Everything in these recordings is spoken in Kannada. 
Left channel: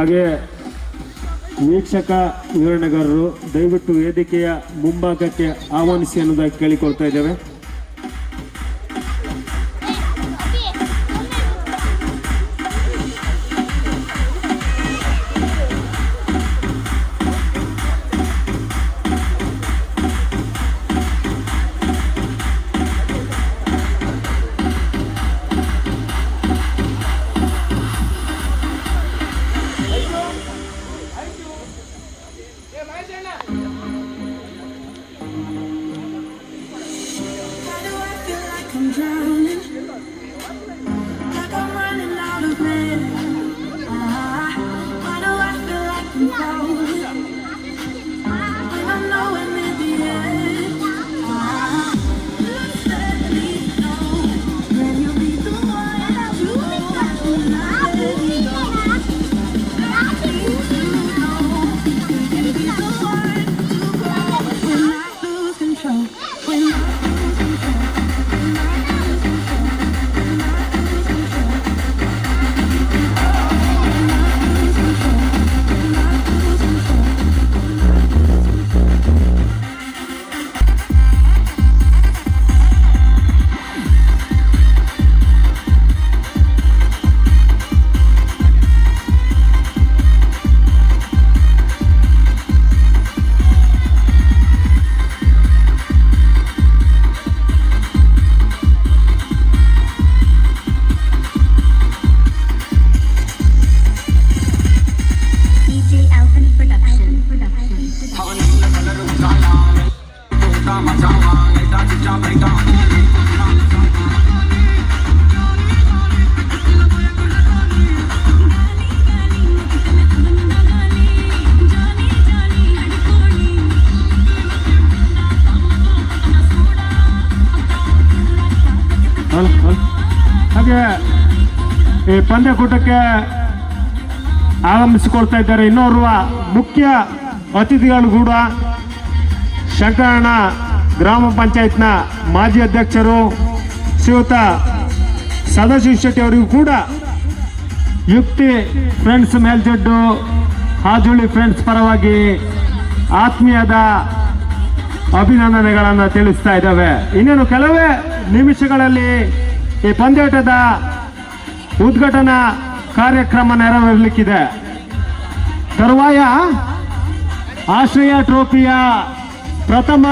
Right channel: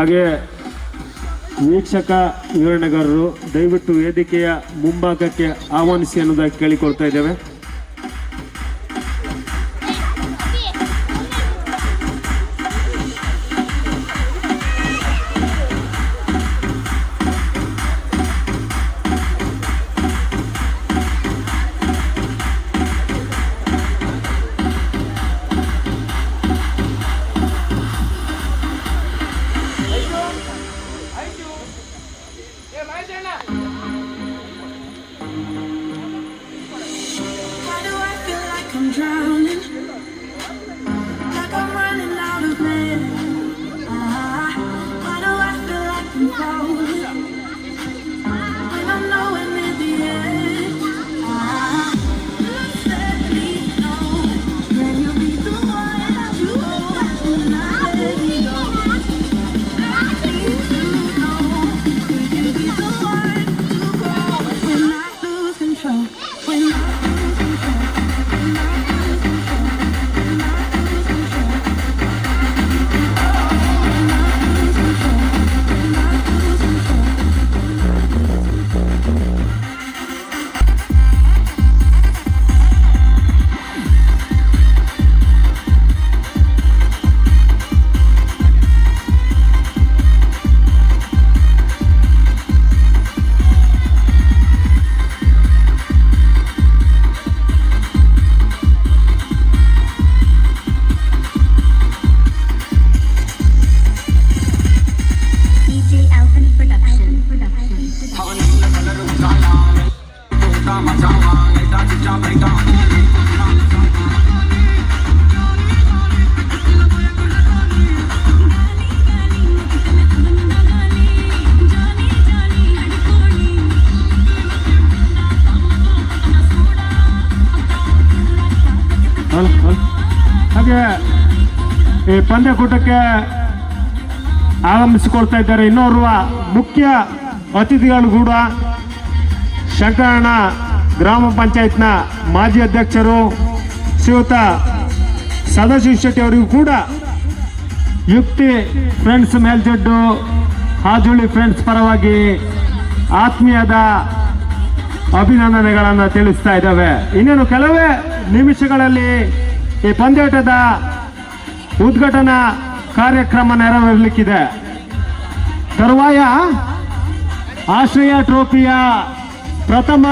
ಹಾಗೆ ವೀಕ್ಷಕ ವಿವರಣೆಗಾರರು ದಯವಿಟ್ಟು ವೇದಿಕೆಯ ಮುಂಭಾಗಕ್ಕೆ ಆಹ್ವಾನಿಸಿ ಅನ್ನೋದಾಗಿ ಕೇಳಿಕೊಳ್ತಾ ಇದ್ದೇವೆ. ಹಾಗೆ ಈ ಪಂದ್ಯಕೂಟಕ್ಕೆ ಆಗಮಿಸಿಕೊಳ್ತಾ ಇದ್ದಾರೆ ಇನ್ನೋರ್ವ ಮುಖ್ಯ ಅತಿಥಿಗಳು ಕೂಡ ಶಂಕರಣ್ಣ ಗ್ರಾಮ ಪಂಚಾಯತ್ನ ಮಾಜಿ ಅಧ್ಯಕ್ಷರು ಶ್ರೀಯುತ ಸದಾಶಿವ ಶೆಟ್ಟಿ ಅವರಿಗೂ ಕೂಡ ಯುಕ್ತಿ ಫ್ರೆಂಡ್ಸ್ ಮೇಲ್ಜಡ್ಡು ಹಾಜುಳಿ ಫ್ರೆಂಡ್ಸ್ ಪರವಾಗಿ ಆತ್ಮೀಯದ ಅಭಿನಂದನೆಗಳನ್ನು ತಿಳಿಸ್ತಾ ಇದ್ದಾವೆ. ಇನ್ನೇನು ಕೆಲವೇ ನಿಮಿಷಗಳಲ್ಲಿ ಈ ಪಂದ್ಯಾಟದ ಉದ್ಘಾಟನಾ ಕಾರ್ಯಕ್ರಮ ನೆರವೇರಲಿಕ್ಕಿದೆ. ತರುವಾಯ ಆಶ್ರಯ ಟ್ರೋಫಿಯ ಪ್ರಥಮ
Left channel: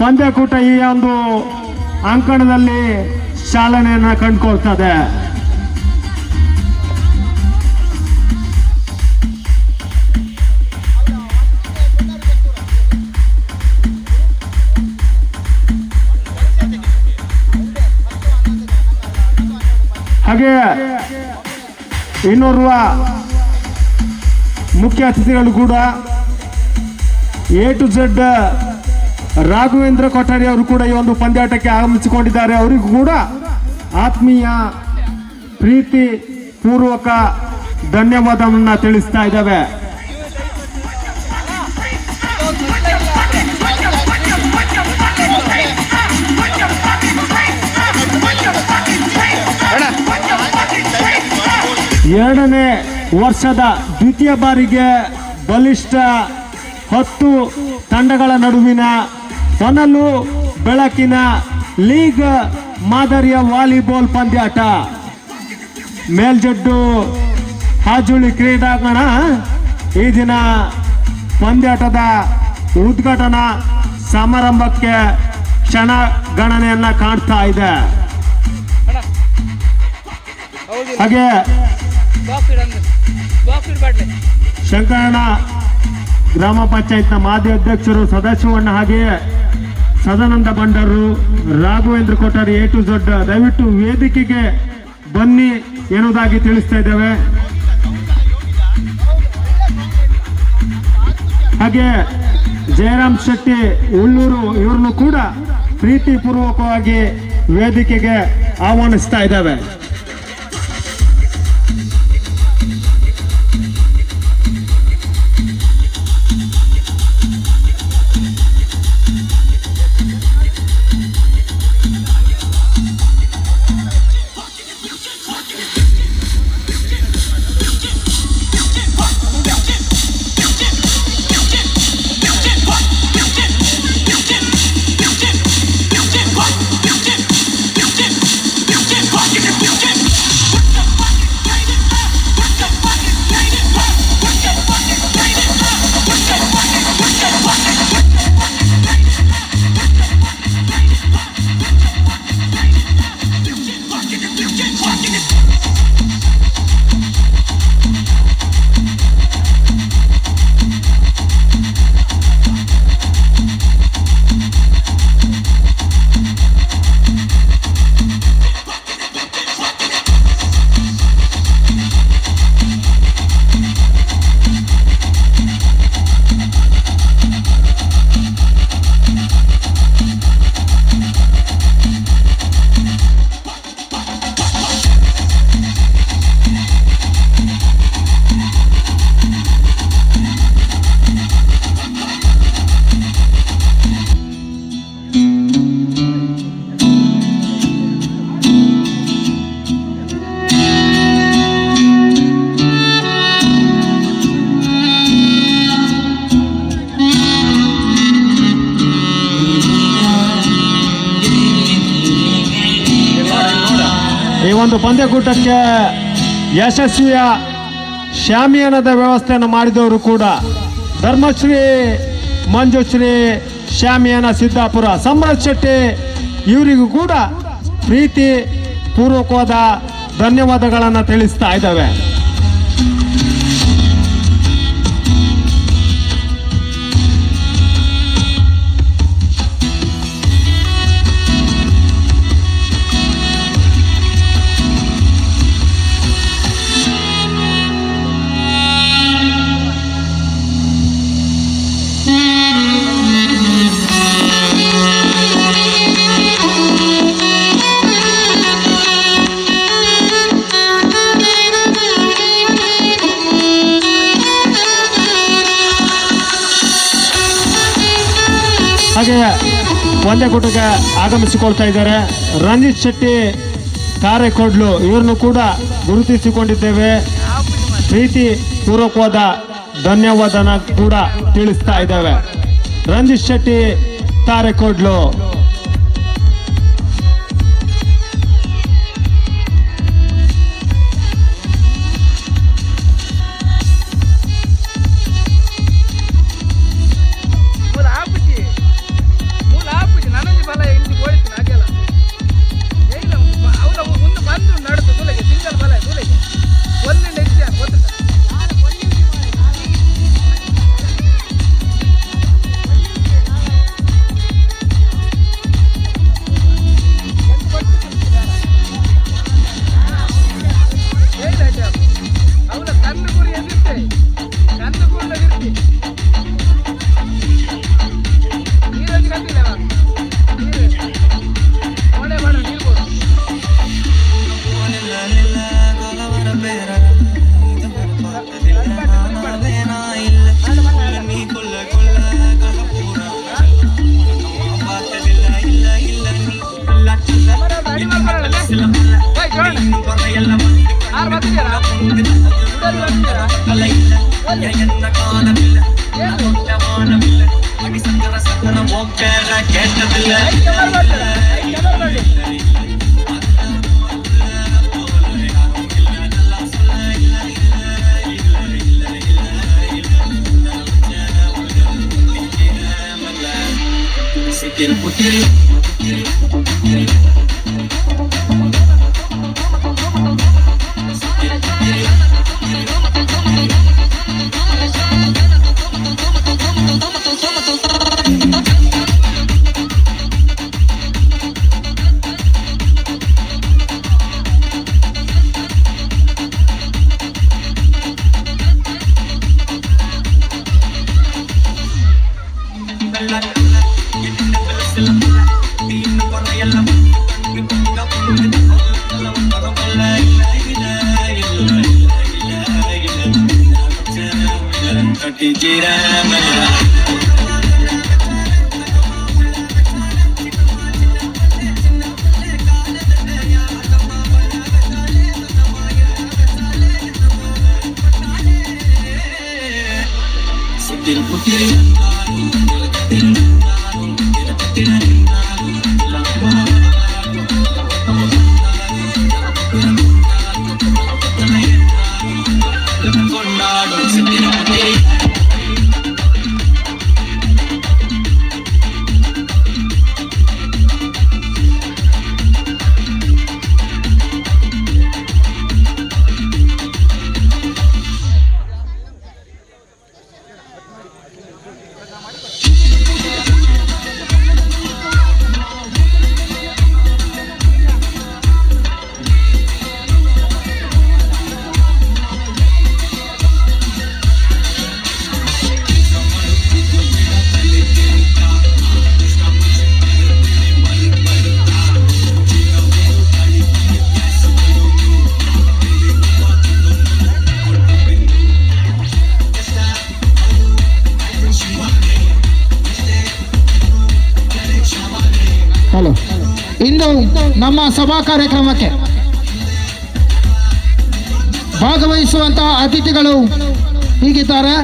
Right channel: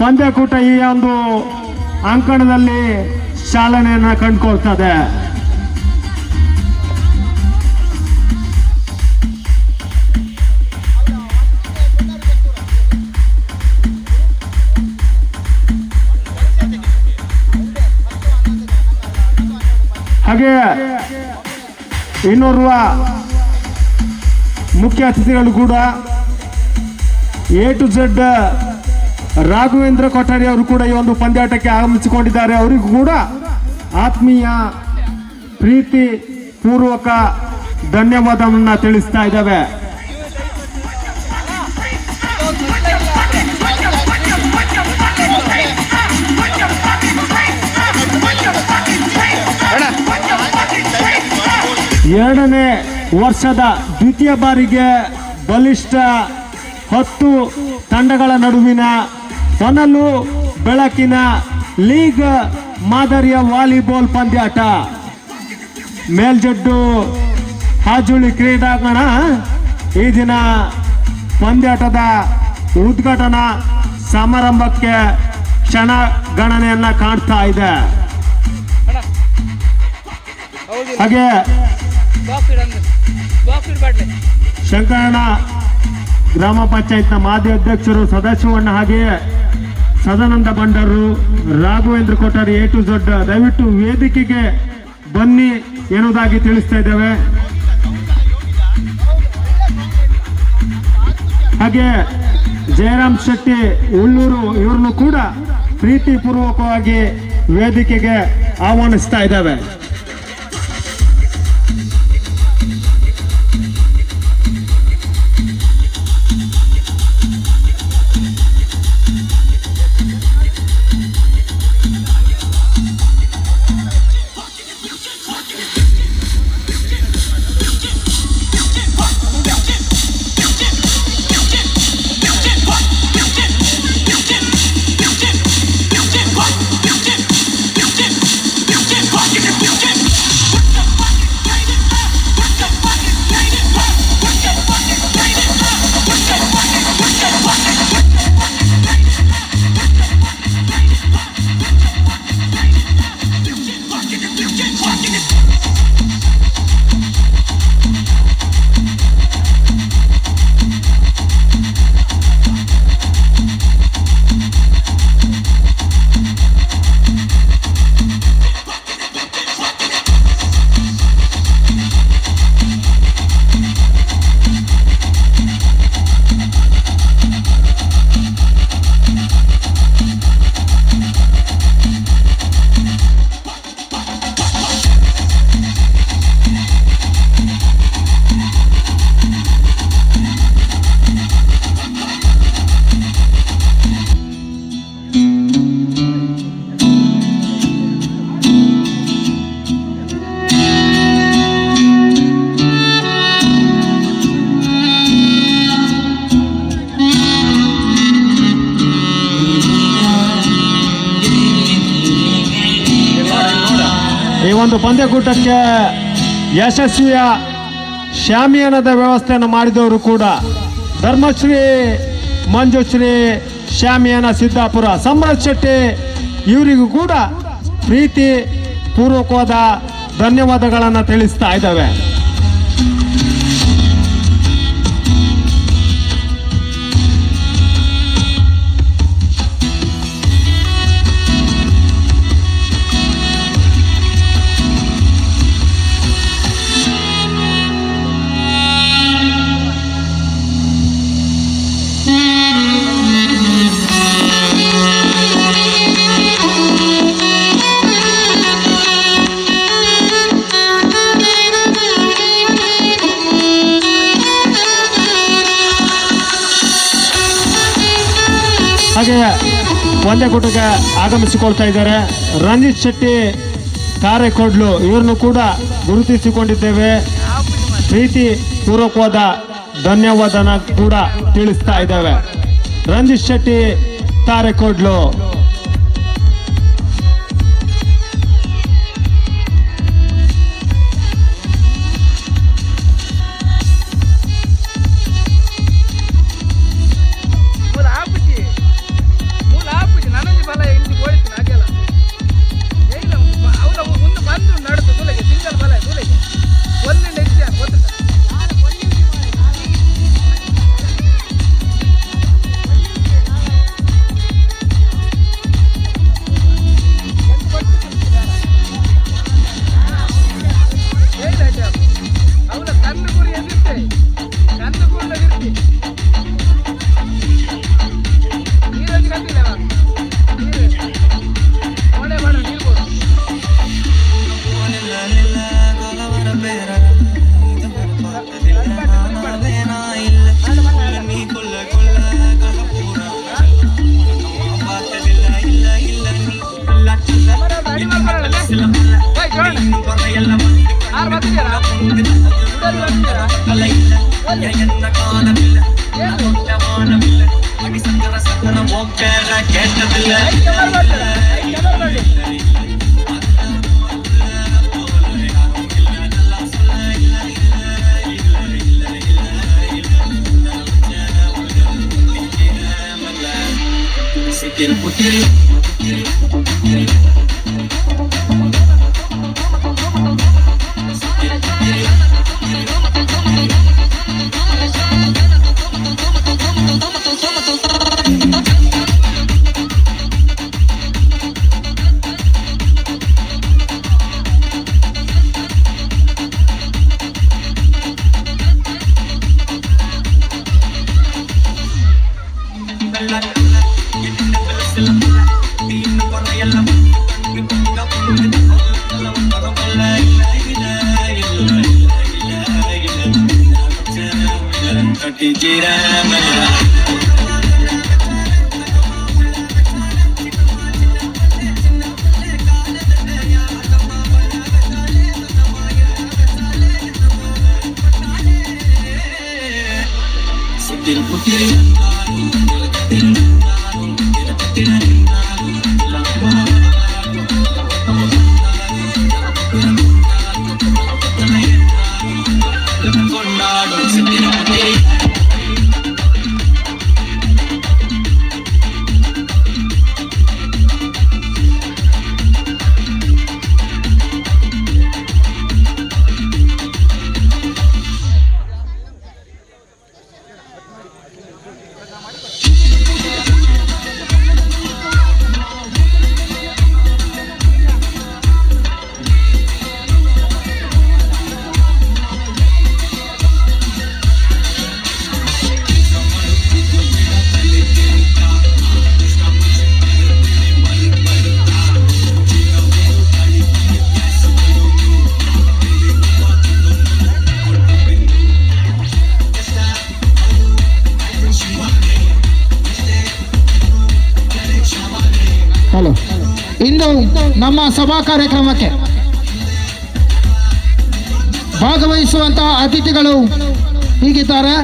ಪಂದ್ಯಕೂಟ ಈ ಒಂದು ಅಂಕಣದಲ್ಲಿ ಚಾಲನೆಯನ್ನು ಕಂಡುಕೊಳ್ತದೆ. ಹಾಗೆ ಇನ್ನೋರ್ವ ಮುಖ್ಯ ಅತಿಥಿಗಳು ಕೂಡ A to Z Raghavendra Kothari ಅವರು ಕೂಡ ಈ ಒಂದು ಪಂದ್ಯಾಟಕ್ಕೆ ಆಗಮಿಸಿಕೊಂಡಿದ್ದಾರೆ. ಅವರಿಗೂ ಕೂಡ ಆತ್ಮೀಯ ಪ್ರೀತಿ ಪೂರ್ವಕ ಧನ್ಯವಾದವನ್ನ ತಿಳಿಸ್ತಾ ಇದ್ದಾವೆ. ಎರಡನೇ ವರ್ಷದ ದ್ವಿತೀಯ ಬಾರಿಗೆ ಬಲಿಷ್ಠ 10 ತಂಡಗಳ ನಡುವಿನ ಹೊನಲು ಬೆಳಕಿನ ಲೀಗ್ ಮಾದರಿಯ ವಾಲಿಬಾಲ್ ಪಂದ್ಯಾಟ ಮೇಲ್ಜಡ್ಡು ಹಾಜುಳಿ ಕ್ರೀಡಾಂಗಣ ಈ ದಿನ ಪಂದ್ಯಾಟದ ಉದ್ಘಾಟನಾ ಸಮಾರಂಭಕ್ಕೆ ಕ್ಷಣ ಗಣನೆಯನ್ನ ಕಾಣ್ತಾ ಇದೆ. ಹಾಗೆ ಶಂಕರಣ್ಣ ಗ್ರಾಮ ಪಂಚಾಯತ್ನ ಮಾಜಿ ಅಧ್ಯಕ್ಷರು ಸದಾಶಿವಣ್ಣ ಹಾಗೆಯೇ Sadananda ಬಂಡರು Raghavendra Kothari A to Z ದಯವಿಟ್ಟು ವೇದಿಕೆಗೆ ಬನ್ನಿ ಎನ್ನುವುದಾಗಿ ತಿಳಿಸ್ತಾ ಇದ್ದೇವೆ. ಹಾಗೆ ಜಯರಾಮ್ ಶೆಟ್ಟಿ ಉಳ್ಳೂರು ಇವರನ್ನು ಕೂಡ ಪ್ರೀತಿಪೂರ್ವಕವಾಗಿ ವೇದಿಕೆಗೆ ಆಹ್ವಾನಿಸ್ತಾ ಇದ್ದಾವೆ. ಈ ಒಂದು ಪಂದ್ಯಕೂಟಕ್ಕೆ ಯಶಸ್ವಿಯ ಶಾಮಿಯಾನದ ವ್ಯವಸ್ಥೆಯನ್ನು ಮಾಡಿದವರು ಕೂಡ ಧರ್ಮಶ್ರೀ ಮಂಜುಶ್ರೀ ಶಾಮಿಯಾನ ಸಿದ್ದಾಪುರ ಸಮ್ರಾಟ್ ಶೆಟ್ಟಿ ಇವರಿಗೂ ಕೂಡ ಪ್ರೀತಿ ಪೂರ್ವಕವಾದ ಧನ್ಯವಾದಗಳನ್ನು ತಿಳಿಸ್ತಾ ಇದ್ದಾವೆ. ಹಾಗೆ ಪಂದ್ಯಕೂಟಕ್ಕೆ ಆಗಮಿಸಿಕೊಳ್ತಾ ಇದ್ದಾರೆ ರಂಜಿತ್ ಶೆಟ್ಟಿ ಕಾರೆಕೊಡ್ಲು, ಇವರನ್ನು ಕೂಡ ಗುರುತಿಸಿಕೊಂಡಿದ್ದೇವೆ. ಪ್ರೀತಿ ಪೂರ್ವಕವಾದ ಧನ್ಯವಾದನ ಕೂಡ ತಿಳಿಸ್ತಾ ಇದ್ದೇವೆ. ರಂಜಿತ್ ಶೆಟ್ಟಿ ಕಾರೆಕೊಡ್ಲು. ಇಂದು ನಮ್ಮ ಸಭಾ ಕಾರ್ಯಕ್ರಮಕ್ಕೆ ಭಾಗವಹಿಸುವಂತಹ ಅತಿಥಿಗಳು ಹೀಗಿದ್ದಾರೆ.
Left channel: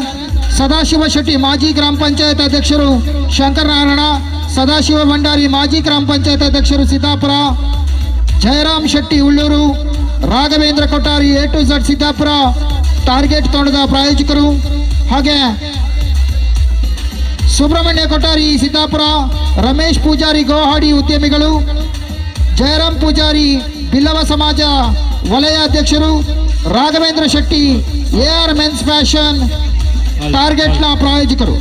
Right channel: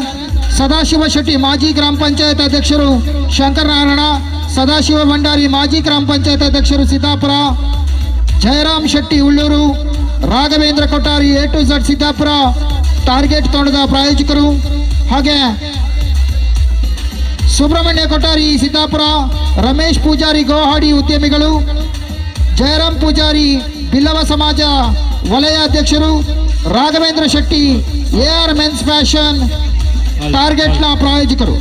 ಸದಾಶಿವ ಶೆಟ್ಟಿ ಮಾಜಿ ಗ್ರಾಮ ಪಂಚಾಯತ್ ಅಧ್ಯಕ್ಷರು ಶಂಕರನಾರಾಯಣ, ಸದಾಶಿವ ಭಂಡಾರಿ ಮಾಜಿ ಗ್ರಾಮ ಪಂಚಾಯತ್ ಅಧ್ಯಕ್ಷರು Siddapura, Jayaram Shetty Ulluru, Raghavendra Kottari A to Z Siddapura target ತಂಡದ ಪ್ರಾಯೋಜಕರು, ಹಾಗೆ ಸುಬ್ರಹ್ಮಣ್ಯ ಕೊಟ್ಟಾರಿ ಸಿದ್ದಾಪುರ, ರಮೇಶ್ ಪೂಜಾರಿ ಗೋಹಾಡಿ ಉದ್ಯಮಿಗಳು, ಜಯರಾಮ್ ಪೂಜಾರಿ ಬಿಲ್ಲವ ಸಮಾಜ ವಲಯ ಅಧ್ಯಕ್ಷರು, Raghavendra Shetty AR men's fashion ಟಾರ್ಗೆಟ್ನ ಪ್ರಾಯೋಜಕರು,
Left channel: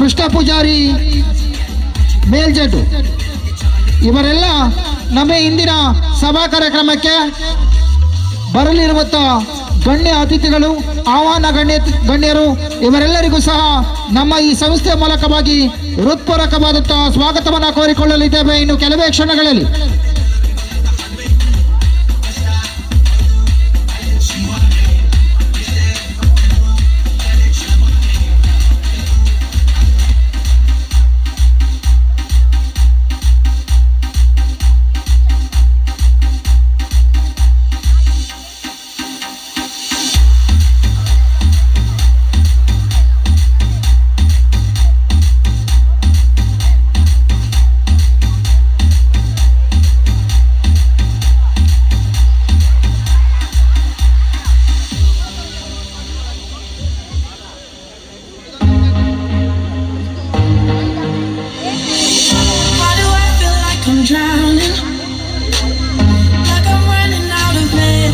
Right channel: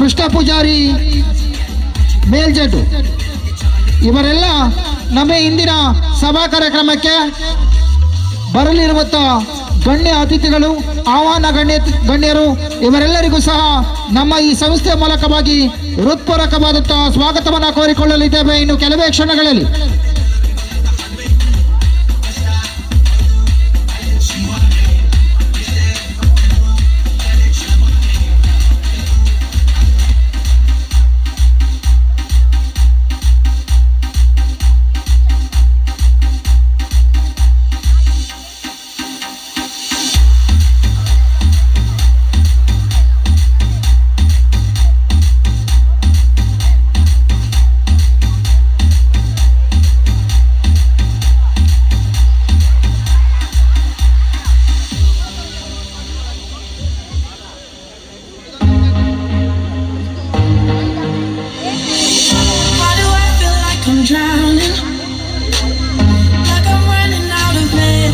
ಕೃಷ್ಣ ಪೂಜಾರಿ ಮೇಲ್ಜಡ್ಡು, ಇವರೆಲ್ಲ ನಮ್ಮ ಇಂದಿನ ಸಭಾ ಕಾರ್ಯಕ್ರಮಕ್ಕೆ ಬರಲಿರುವಂಥ ಗಣ್ಯ ಅತಿಥಿಗಳು, ಆಹ್ವಾನ ಗಣ್ಯರು, ಇವರೆಲ್ಲರಿಗೂ ಸಹ ನಮ್ಮ ಈ ಸಂಸ್ಥೆ ಮೂಲಕವಾಗಿ ಹೃತ್ಪೂರ್ವಕವಾದಂತಹ ಸ್ವಾಗತವನ್ನು ಕೋರಿಕೊಳ್ಳಲಿದ್ದೇವೆ ಇನ್ನು ಕೆಲವೇ ಕ್ಷಣಗಳಲ್ಲಿ. Drowning, like I'm running out of air.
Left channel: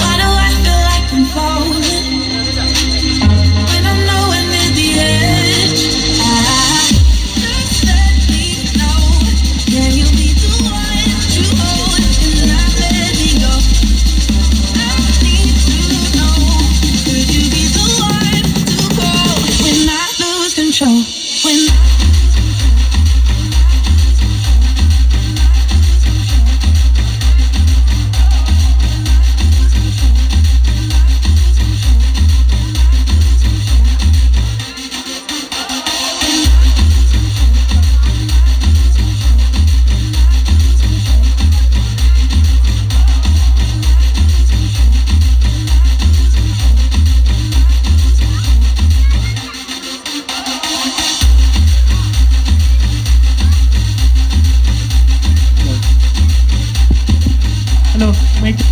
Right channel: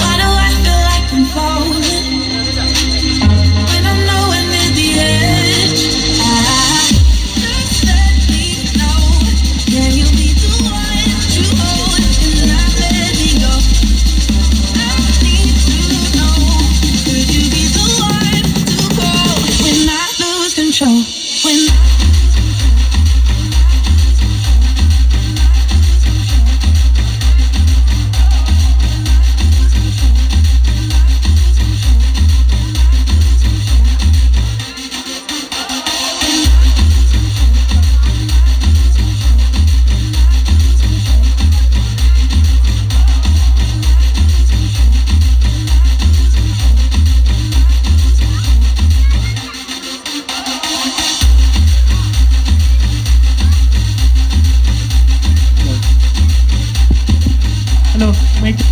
Why do I feel like I'm falling when I'm nowhere near the edge? Just let me know, can you be the one to hold and not let me go? I need to know, could you be the one to go when I lose control? When hello mic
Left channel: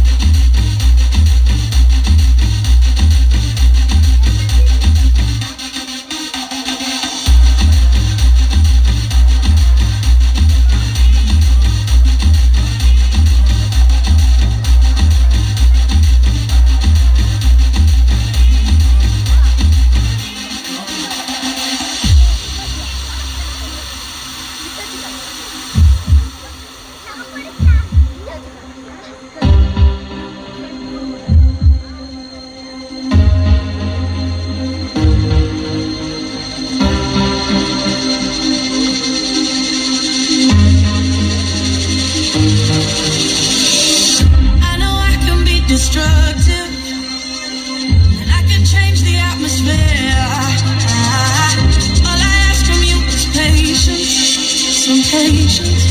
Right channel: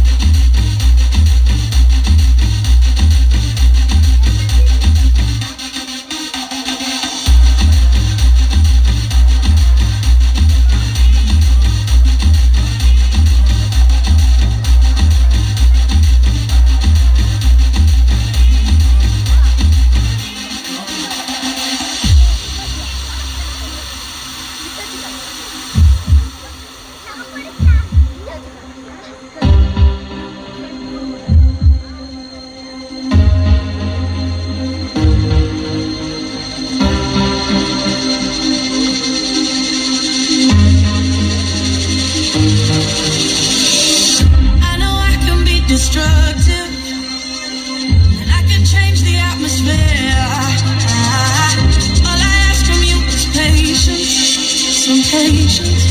destructive, and I can change the atmosphere. All I ask from you is patience, some patience,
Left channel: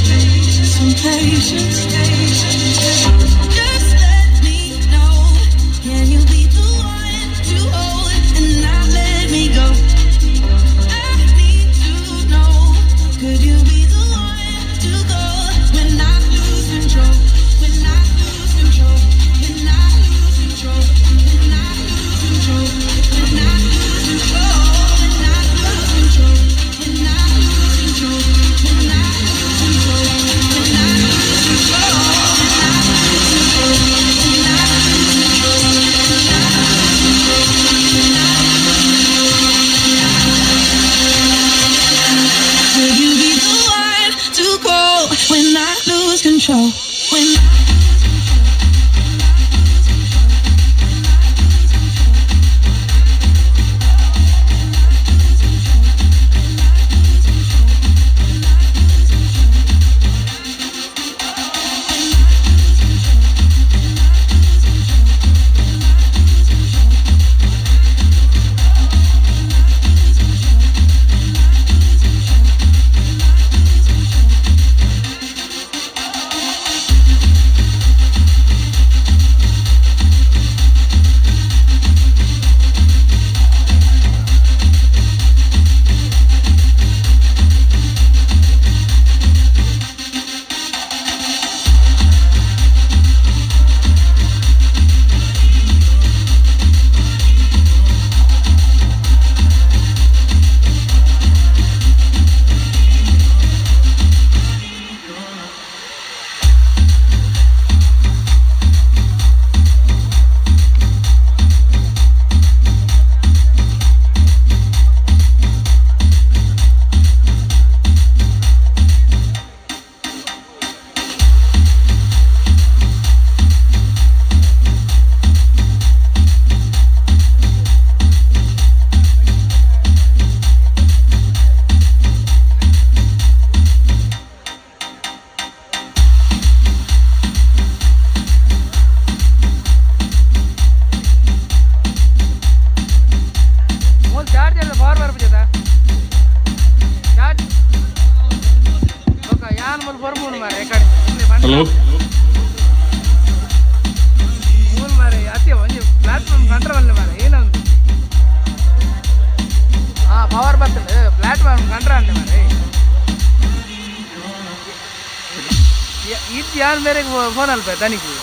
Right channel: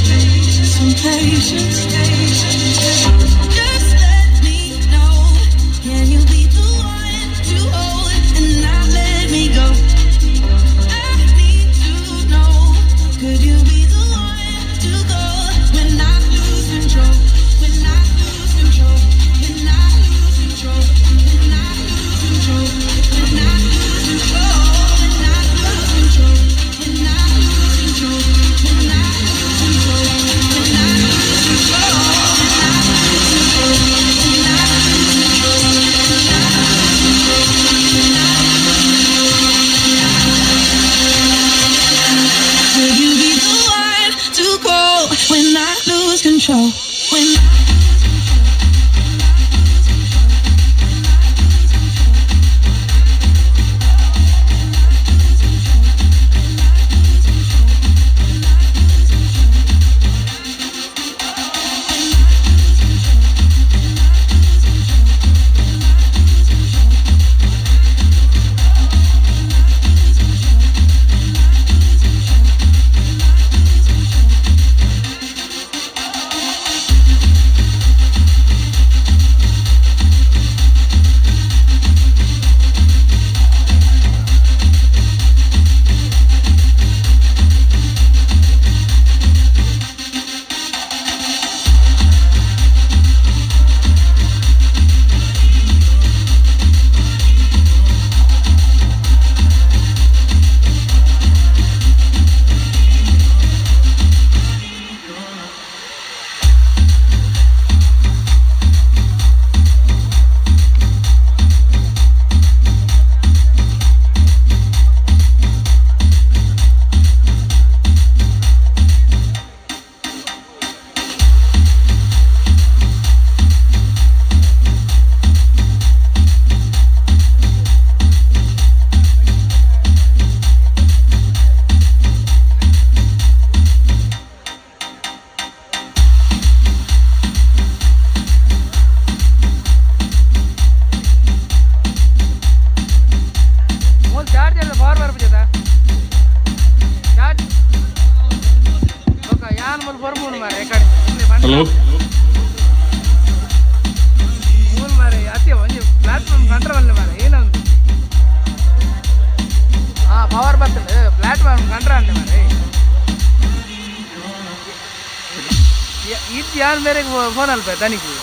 some patience. Just let me know, can you be the one to hold and not let me go? I need to know, could you be the one to go when I lose control? When I lose control. When I lose control, when I lose control, when I lose control, when I lose control, when I lose control, when I lose control, when I lose control, when I lose control, when I lose control, when I lose control. Could you be the one to go when I lose control? When ಬರ್ಬೋದು ಮಾರೆ ಕಡೆ ಹಲೋ ಮೂರು ಮಾರೆ ಅತಿ ಒಂದು ಪ್ಲಾಟ್ಫಾರ್ಮ್ ಕಂಟ್ರವಲ್ಲ ಮಾರೆ ಏನೊಂದು ಪವರ್ ಬರ್ತದೆ ಪ್ಲಾಟ್ಫಾರ್ಮ್ ಕಂಟ್ರ ಅಂದೆ ಮಾರೆ ಇದು ಯಾರು ಬೇರೆ ಫೋನ್ ಅಲ್ಪ ತನಿಖೆ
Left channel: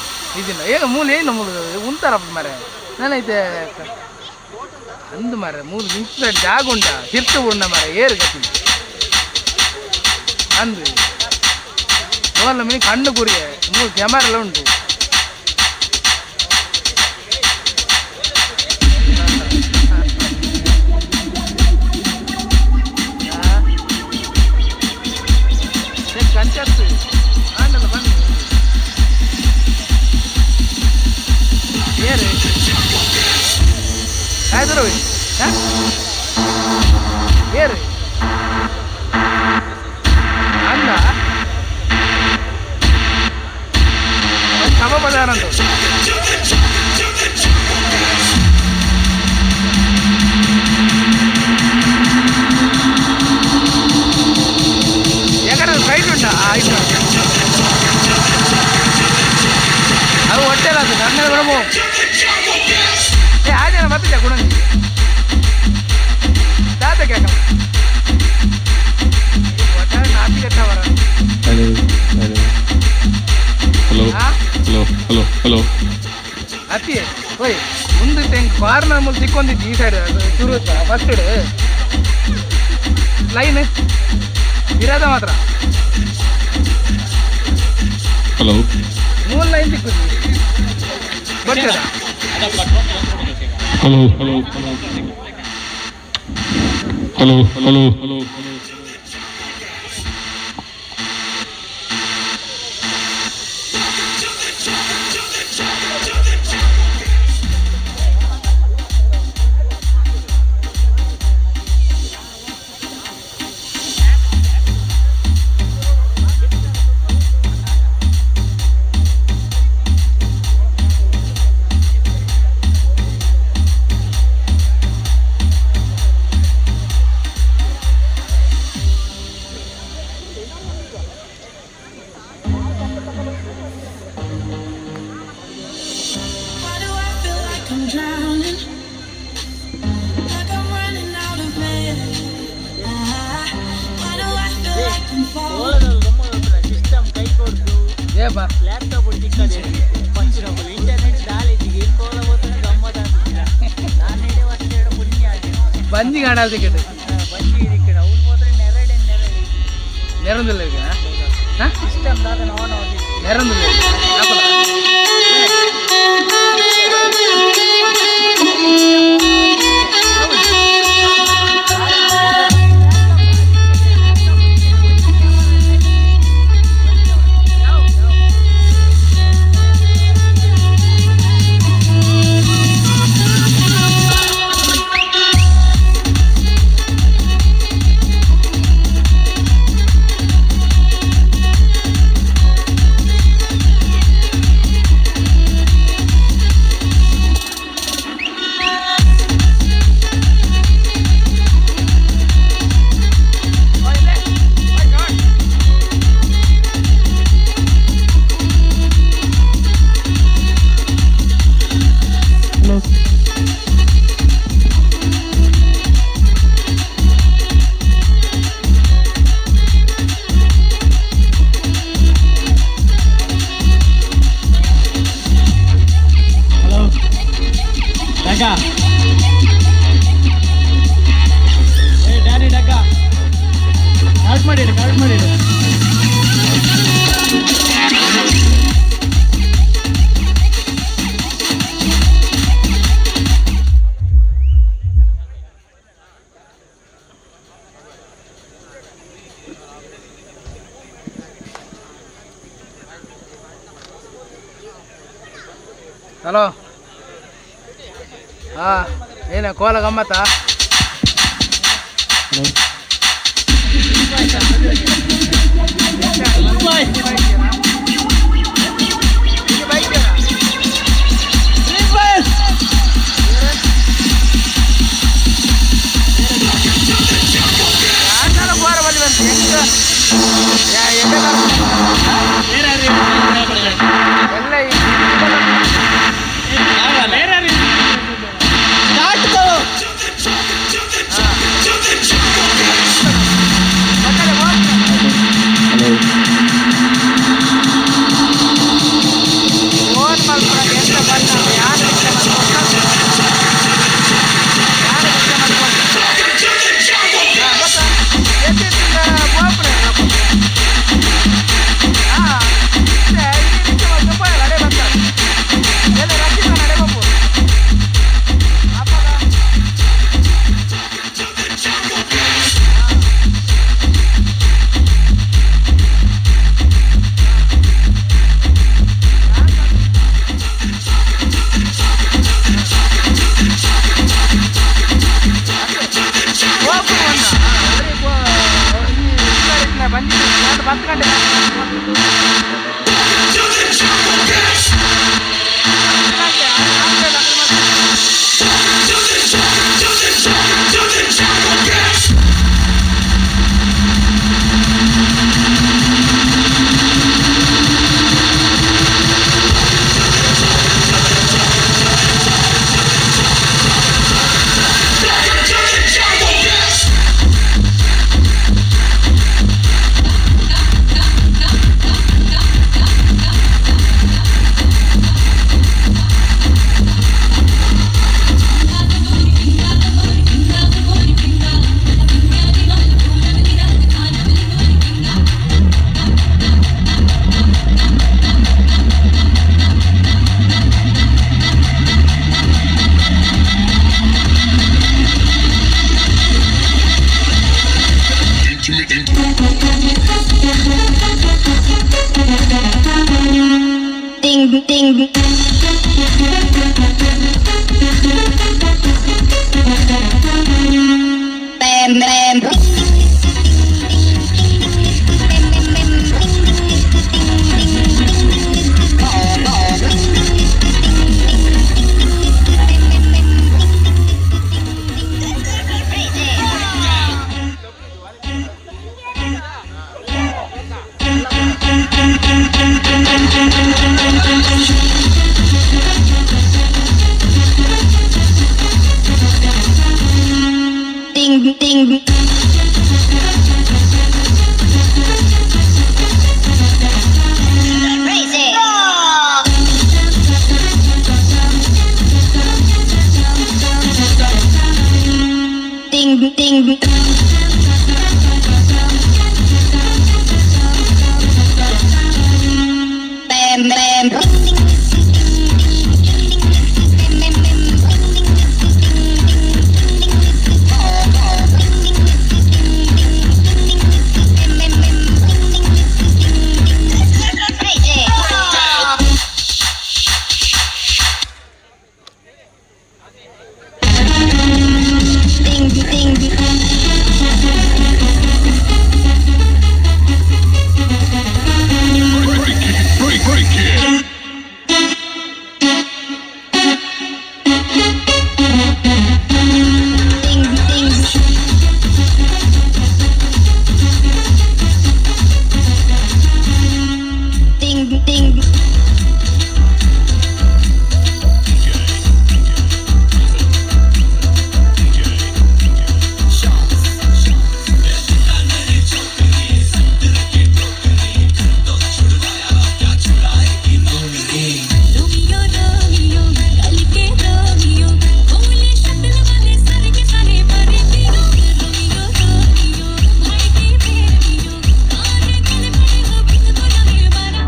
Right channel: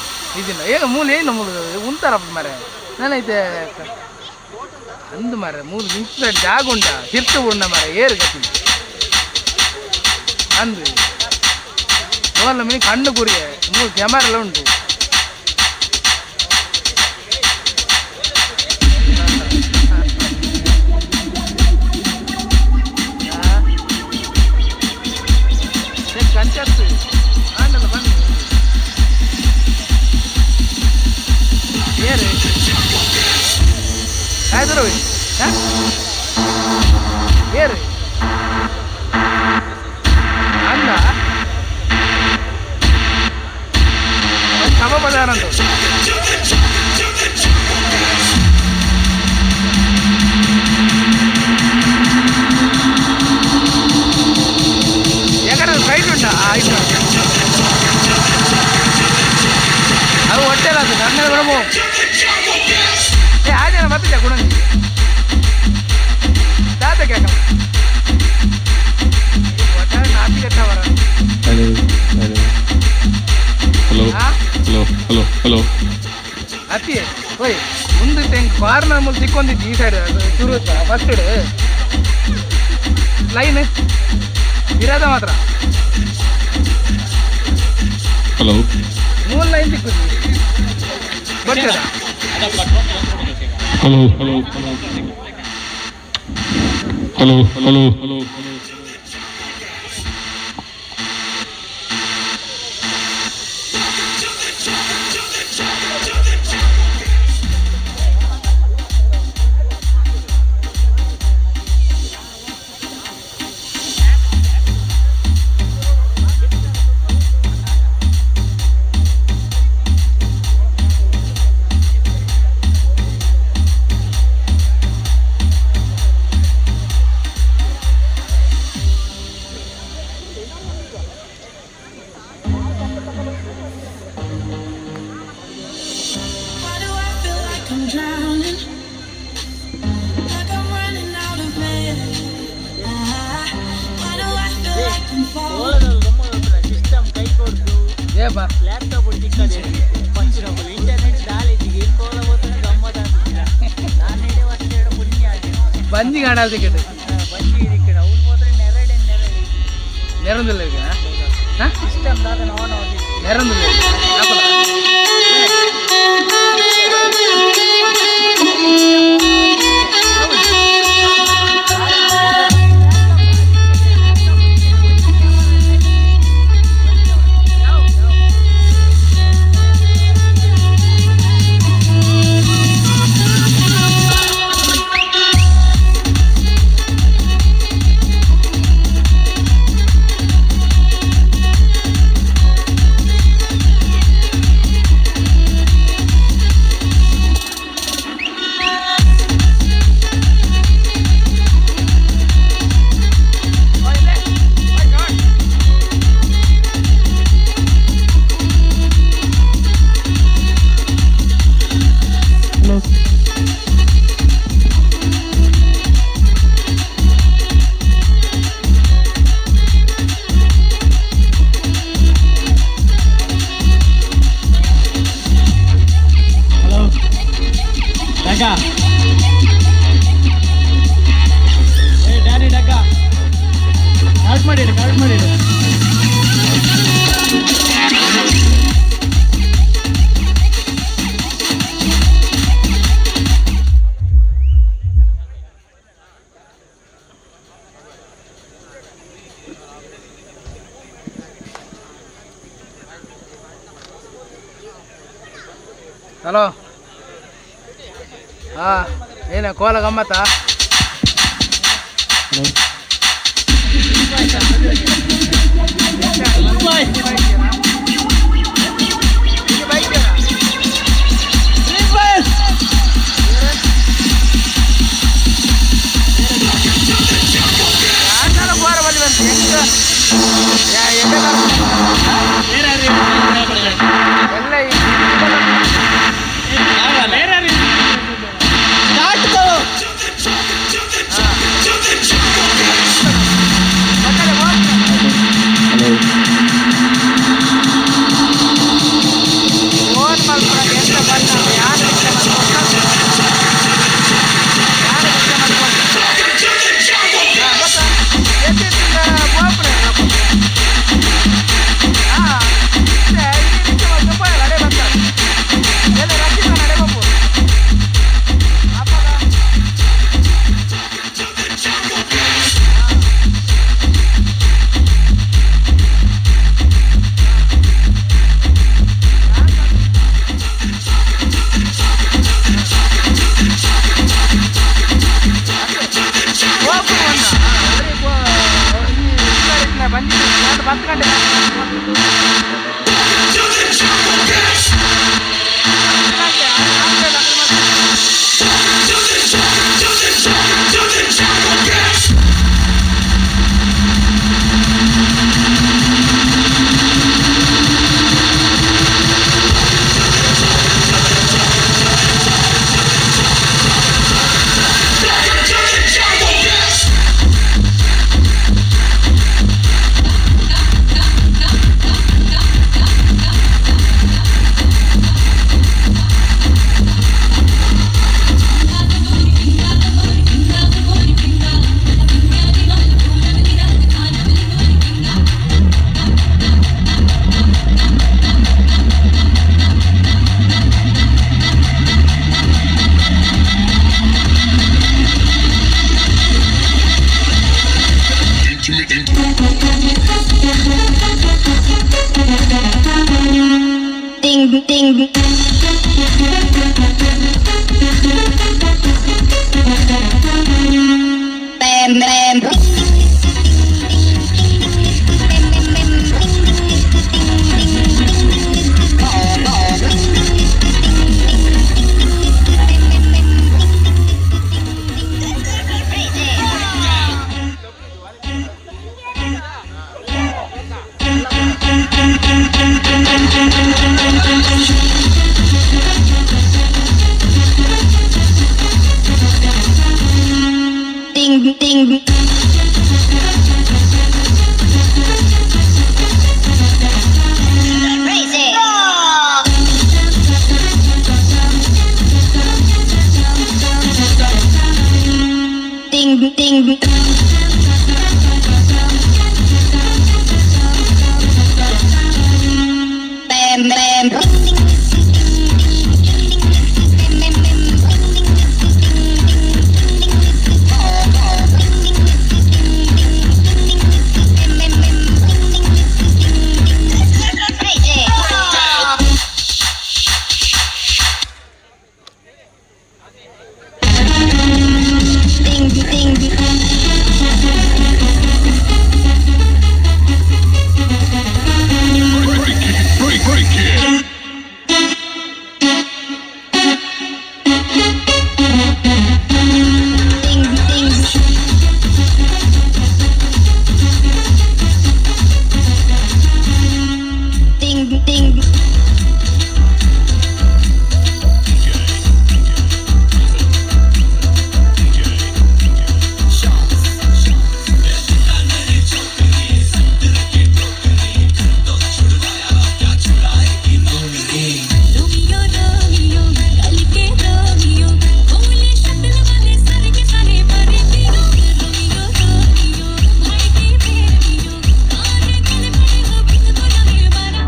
ಇದಿಲ್ಲ ಈಗ ಮೂಲ ಏನು ಮೂಲ ಉಂಟಾರಪ್ಪ ಮಾರೆ ನಾನೈತೆ ಅಂದು ಮಾರೆ ಮೂಲ ನಿಂತ ಜಾಗ ಉಂಟ ತಿರ್ತು ಉಂಡ ಮಾರೆ ಏರು ಗತಿ ಅಂದು ಫೋನ್ ಮೀನು ಕಣ್ಣು ಕುರಿಯ ಮೂರು ಕ್ಯಾಮರಾ ಎಲ್ಲ ಉಂಟು ಕಂಚತ್ತು ಆಂಡಲ್ಲ ಬನ್ನಿ ಏರು ಆಯ್ತು ಏರು ಅಂದ ಸಮ ಬದಾರಂತ ಯಾಕಂದ್ರೆ ಸೈಟ್ ಉಂಟಾ ಆಯ್ತು ಅದು ಹೊಟ್ಟೆಲ್ಲ ಅದು ನನ್ನ ಗುಣಮು ಆ ಜನ ಬರ್ತಿದ್ದೆ ಗುಣಂಜಿ ದಾತ ಕೇಳ ಒಟ್ಟಾರೆ ನಾಪಿ ಕೆಟ್ಟವರ ಹಲೋ ಹಲೋ ಹಲೋ ಹಲೋ ಅತಿ ಓಯ್ ಮುಂದೆ ತೆಂಗ್ ಕಾರ್ನರ್ ಮುಂದೆ ಸಿಕ್ಕೊಂಡಿದ್ದು ಈ ಸೈಡ್ ಶುರು ಫಸ್ಟ್ ಲೈನ್ ಇರೋದ ಮಾತ್ರ ಹಲೋ ಮೂರು ಲೈನ್ ಸಿಕ್ಕುದು ಗೊತ್ತದ hello hello hello hello hello Why do I feel like I'm drowning? Like I'm running out of air. Why do I feel like I'm falling? System ಕೈ ಕೊಡ್ತು ಏಪಾ ಲ್ಯಾಪ್ಟಾಪ್ ಸಿಕ್ಕದೆ ಪಂಚಿನప్పుడు ಇಂಟರ್ನೆಟ್ ದಾಳಿಗೆ ಕೋಲಬೋತನ ಗಮ್ಮತ್ ಆಗ್ತಿಲ್ಲ ನಾನು ಹೇಳಿ ವರ್ಷ ಪುಣ್ಯ ಆಗಿದೆ ಬಂದಿ ಕಾಣಲ್ ಟಿಕೆಟ್ ಬಂದಿ ಇದಕ್ಕೆ ಅವ್ನು ಹೋದ್ರೆ ನೆರಡೆ ನೆರಂದಿಲ್ಲ ಈಗ ಸಿಸ್ಟಮ್ ದಾದ ನೋಡ್ ನೋಡಿ ನೆರಂದಿಲ್ಲ ಡಗ್ಗ ಏ ಡ್ಯಾನಿ ಡಗ್ಗ ಕಾರ್ಡ್ ಮಾಡಿಡು ಹಲೋ ಏನ ಕೋಲ ಗಮ್ಮತ್ತ ಬೋರ ಬಲ್ಲಿ ಬಂತು Ding ding. Bam bam. Ding ding. Crazy. Ding ding. Bam bam. Break it. Ding ding. Romeo Romeo कल के रोमियो भोले शक्ल वाले सर के सारे परे पियो रोमियो रोमियो भाई के बेबियो आने कल खड़े हो बिन तो लगे बारा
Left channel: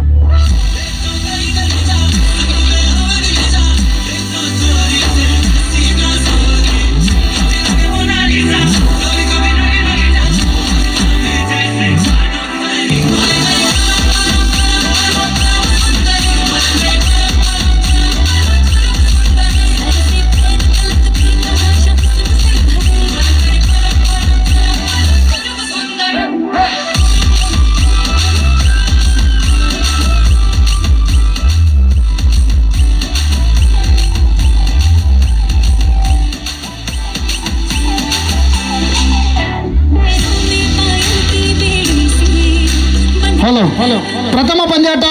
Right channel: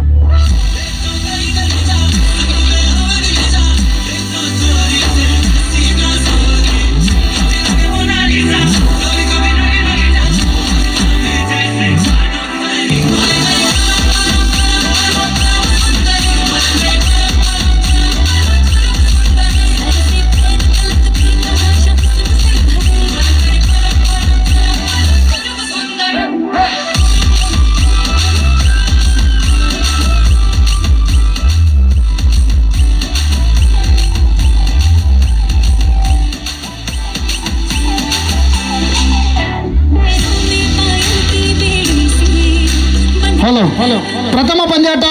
ಹಲೋ ಪ್ರಥಮ ಪಂದ್ಯಾಟ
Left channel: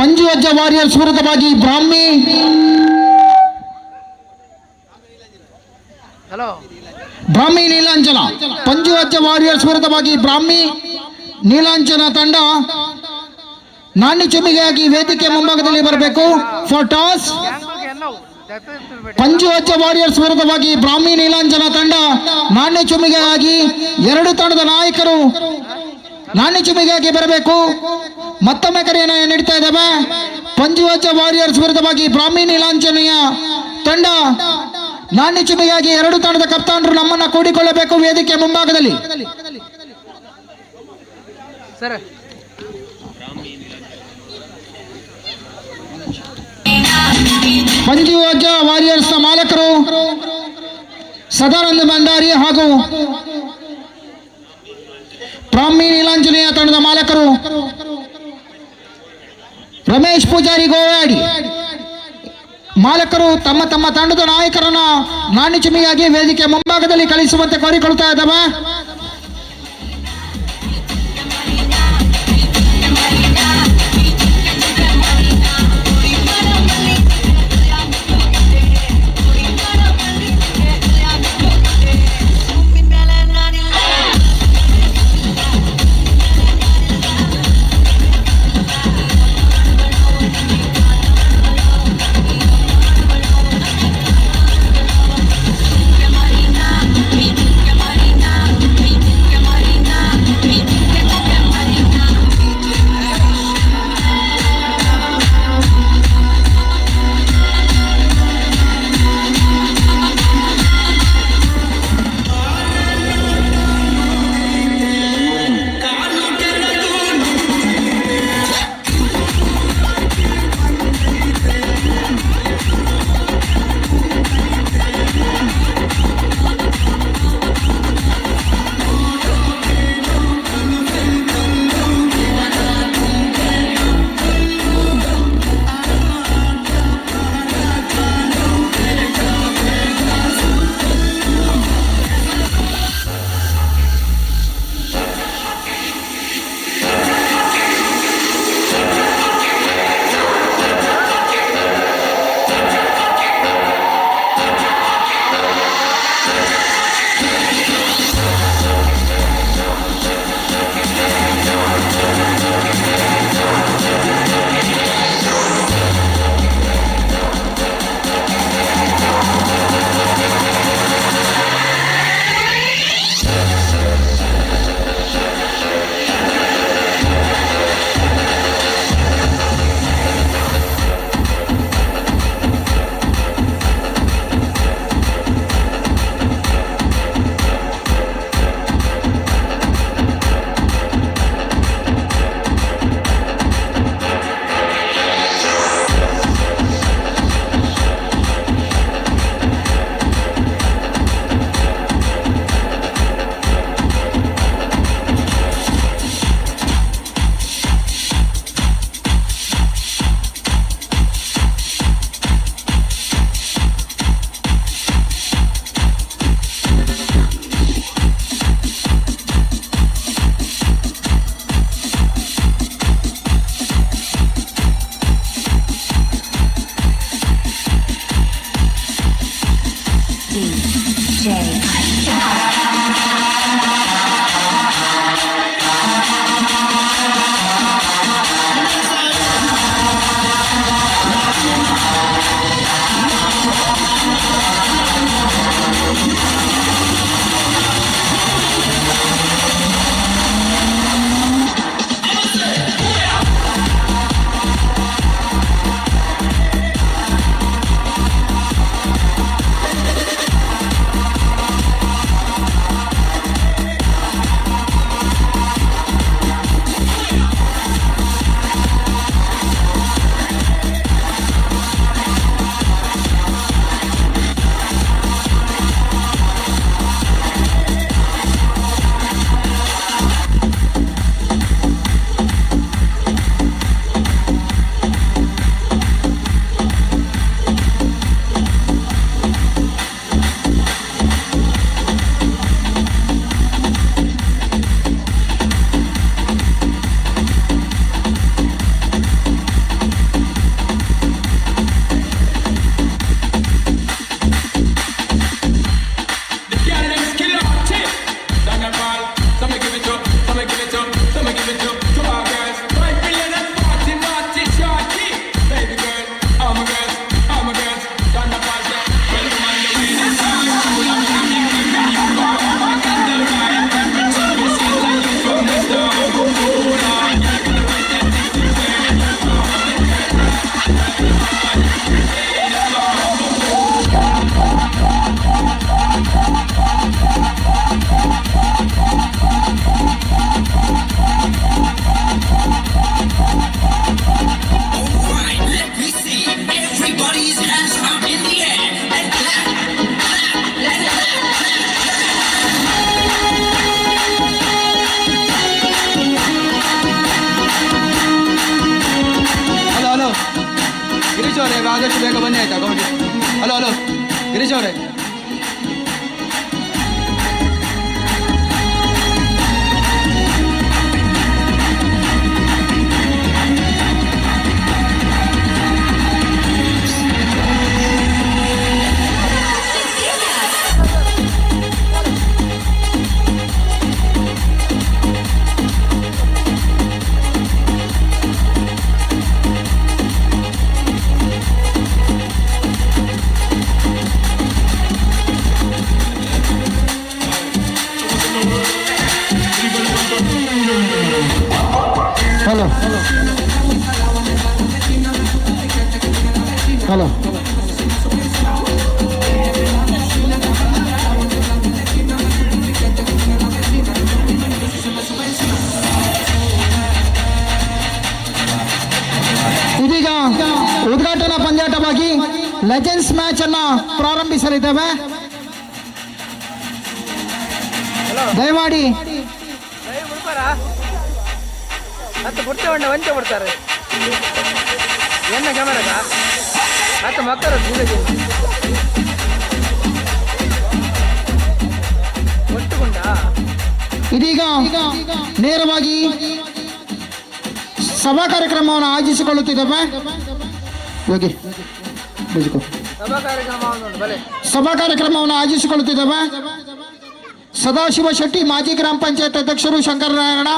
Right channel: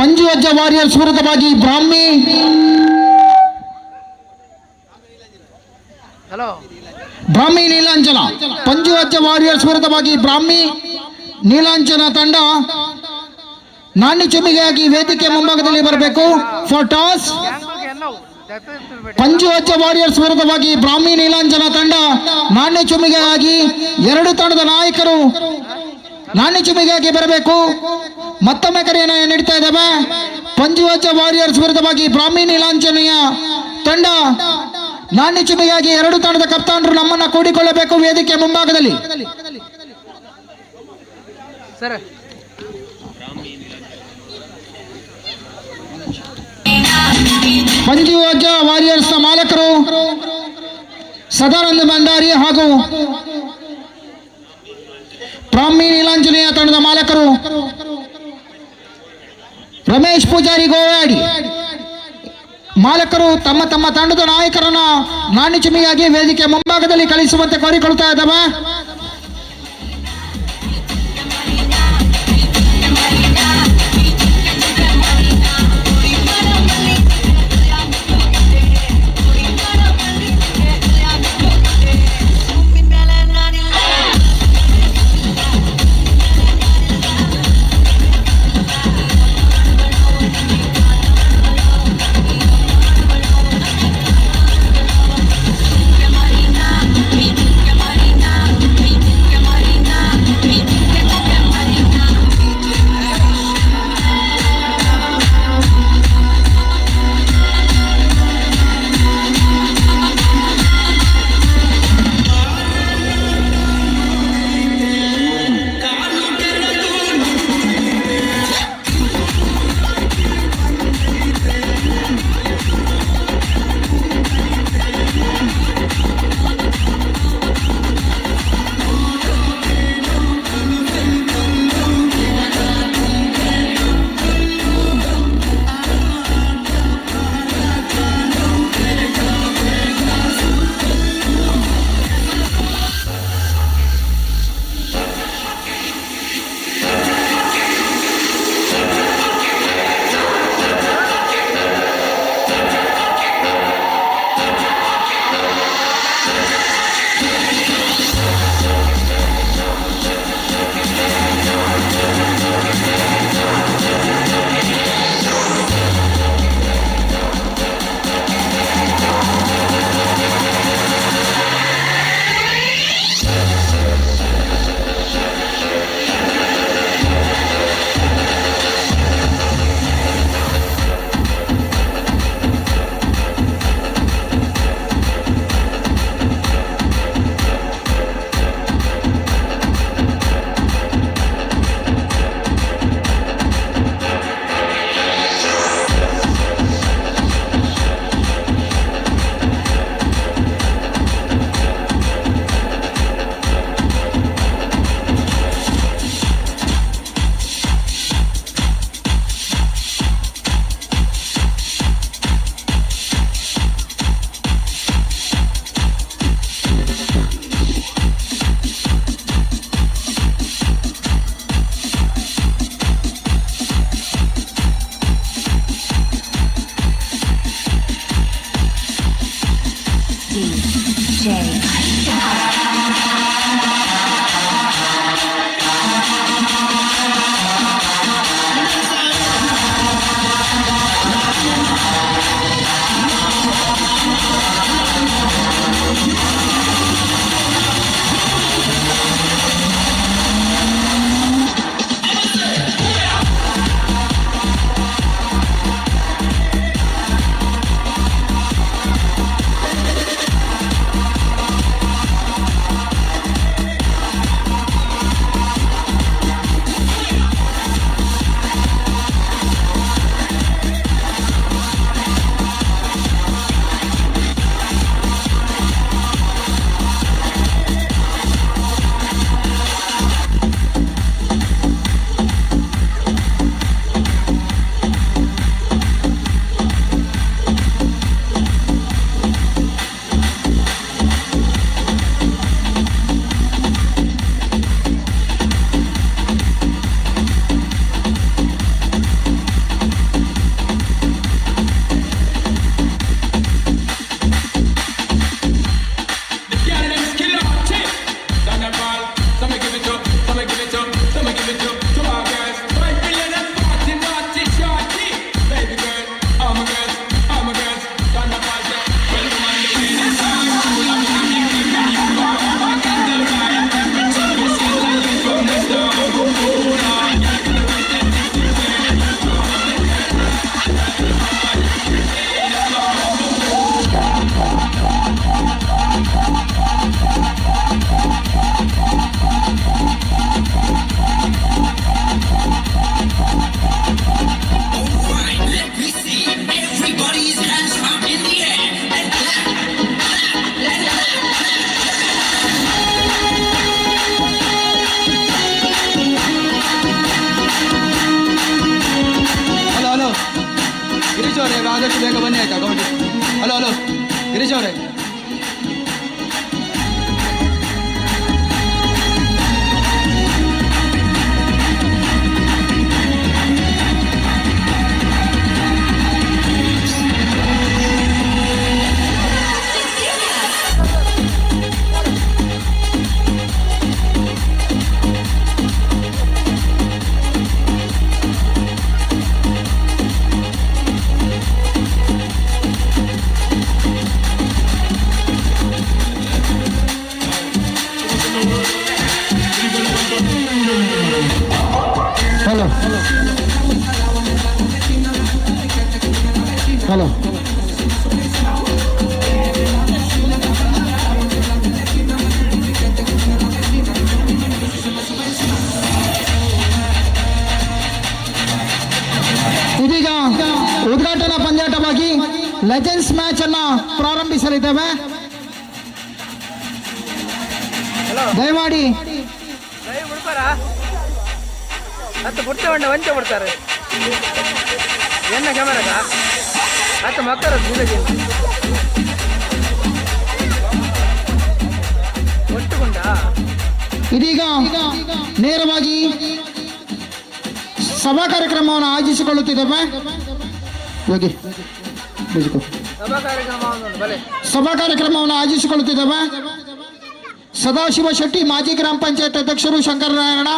ಪಂಜುವಜ್ಜ ವಾರಿಯರ್ಸ್ ವಿರುದ್ಧವಾಗಿ ಬ್ರಾಹ್ಮಿ ಹಲೋ ಬ್ರಾಹ್ಮಿ ನೀಲಾಂಚನ ಪಂಜುವಜ್ಜ ವಾರಿಯರ್ಸ್ ವಿರುದ್ಧವಾಗಿ ಬ್ರಾಹ್ಮಿ ನೀಲಾಂಚನ ತಂಡ ನಾಣ್ಯ ಚುಮಿಗೆಯಾಗಿ ವೇದಿಕೆ ಮುಂಭಾಗದಲ್ಲಿ ಬರಬೇಕು ಫಾರ್ ಟಾಸ್. ಪಂಜುವಜ್ಜ ವಾರಿಯರ್ಸ್ ವಿರುದ್ಧವಾಗಿ ಬ್ರಾಹ್ಮಿ ನೀಲಾಂಚನ ತಂಡ ನಾಣ್ಯ ಚುಮಿಗೆಯಾಗಿ ಎರಡು ತಂಡದ ನಾಯಕರು ನಾಣ್ಯ ಚುಮಿಗೆಯಾಗಿ ಬರಬೇಕು. ಮತ್ತೊಮ್ಮೆ ಕರೆಯನ್ನು ನೀಡ್ತಾ ಇದ್ದೇವೆ. ಪಂಜುವಜ್ಜ ವಾರಿಯರ್ಸ್ ವಿರುದ್ಧವಾಗಿ ಬ್ರಾಹ್ಮಿ ನೀಲಾಂಚನೆಯ ತಂಡ ನಾಣ್ಯ ಚುಮಿಗೆಯಾಗಿ ಎರಡು ತಂಡದ ಕಪ್ತಾನರು ನಮ್ಮನ್ನ ಕೂಡಿಕೊಳ್ಳಬೇಕು ವೇದಿಕೆ ಮುಂಭಾಗದಲ್ಲಿ. ಸರ್ ಪಂಜುವಜ್ಜ ವಾರಿಯರ್ಸ್ ಮಾಲಕರು ಸದಾನಂದ ಭಂಡಾರಿ ಹಾಗೂ ಬ್ರಾಹ್ಮಿ ನೀಲಾಂಜನೇಯ ತಂಡದ ಮಾಲಕರು ರಮೇಶ್ ಪೂಜಾರಿ ಗೋವಾಡಿ. ಮಾಲಕರು ತಮ್ಮ ತಮ್ಮ ತಂಡದ ನಾಯಕರನ್ನ ನಾಣ್ಯ ಚಿಮ್ಮಿಗಾಗಿ ವೇದಿಕೆ ಮುಂಭಾಗದಲ್ಲಿ ಕಳಿಸುವಂತೆ ಕೋರಿಕೊಳ್ತಾ ಇದ್ದಾವೆ. Marina, ಆದಷ್ಟು ಬೇಗ ಬನ್ನಿ ಆಯ್ತಾ ಗೌಡಿ. ಹಲೋ ಹಲೋ ಗಿರೀಶ್ ಅವರೇ, ಹಲೋ ಹಲೋ ಇದೀಗ ಉದ್ಘಾಟನಾ ಪಂದ್ಯಾಟವಾಗಿ ಲೆಜೆಂಡ್ಸ್ ಮ್ಯಾಚ್ ಅನ್ನ ಪ್ರಾರಂಭಿಸಲಿದ್ದೇವೆ. ದಯಮಾಡಿ ಲೈವ್ ಬಿಡ್ತಾರ ಹತ್ತು ಬಿಡ್ತೇವೆ ವಂಚ ಬಿಡ್ತಾರೆ ಎನ್ನ ಕ್ಯಾಮರಾಗ ಹತ್ತು ಮಕ್ಕಳ ಒಟ್ಟುಕೊಂಡ ಇದೀಗ ನೇರವಾಗಿ ಸಭಾ ಕಾರ್ಯಕ್ರಮವನ್ನು ಆಯೋಜಿಸಿಕೊಳ್ಳುತ್ತಿದ್ದೇವೆ. ಯೋಗಿ ಬುಜ್ಕೋ. ಸಭಾ ಕಾರ್ಯಕ್ರಮ ಬಲೆ ಸಭಾ ಕಾರ್ಯಕ್ರಮವನ್ನು ಆಯೋಜಿಸಿಕೊಳ್ಳುತ್ತಿದ್ದೇವೆ. ಸದಾಶಿವ ಶೆಟ್ಟಿ ಮಾಜಿ ಗ್ರಾಮ ಪಂಚಾಯತ್ ಅಧ್ಯಕ್ಷರು ಶಂಕರನಾರಾಯಣ,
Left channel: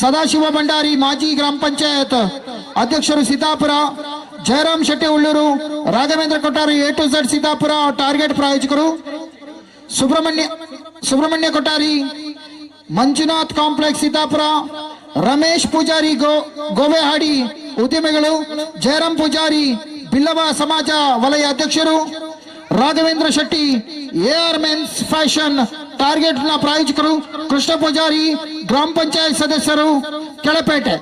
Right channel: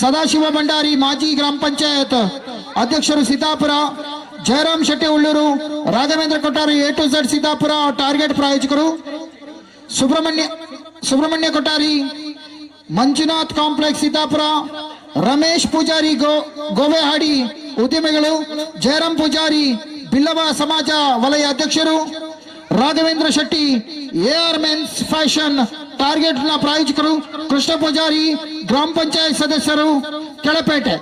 ಸದಾಶಿವ ಭಂಡಾರಿ ಮಾಜಿ ಗ್ರಾಮ ಪಂಚಾಯತ್ ಅಧ್ಯಕ್ಷರು Sitapura, Jayaram Shetty Ulluru, Raghavendra Kottari A to Z Sitapura Target ಪ್ರಾಯೋಜಕರು, ಸುಬ್ರಹ್ಮಣ್ಯ ಕೊಟ್ಟಾರಿ ಮಂಜುನಾಥ್ ಕಾಂಪ್ಲೆಕ್ಸ್ ಸೀತಾಪುರ, ರಮೇಶ್ ಪೂಜಾರಿ ಗೋವೆಹಾಡಿ ಉದ್ಯಮಿಗಳು, ಜಯರಾಮ್ ಪೂಜಾರಿ ಬಿಲ್ಲವ ಸಮಾಜ ವಲಯ ಅಧ್ಯಕ್ಷರು, Raghavendra Shetty AR mens fashion Target ನ ಪ್ರಾಯೋಜಕರು, ಕೃಷ್ಣ ಪೂಜಾರಿ ಗ್ರಾಮ ಪಂಚಾಯತ್ ಸದಸ್ಯರು ಕೆಳಪೇಟೆ.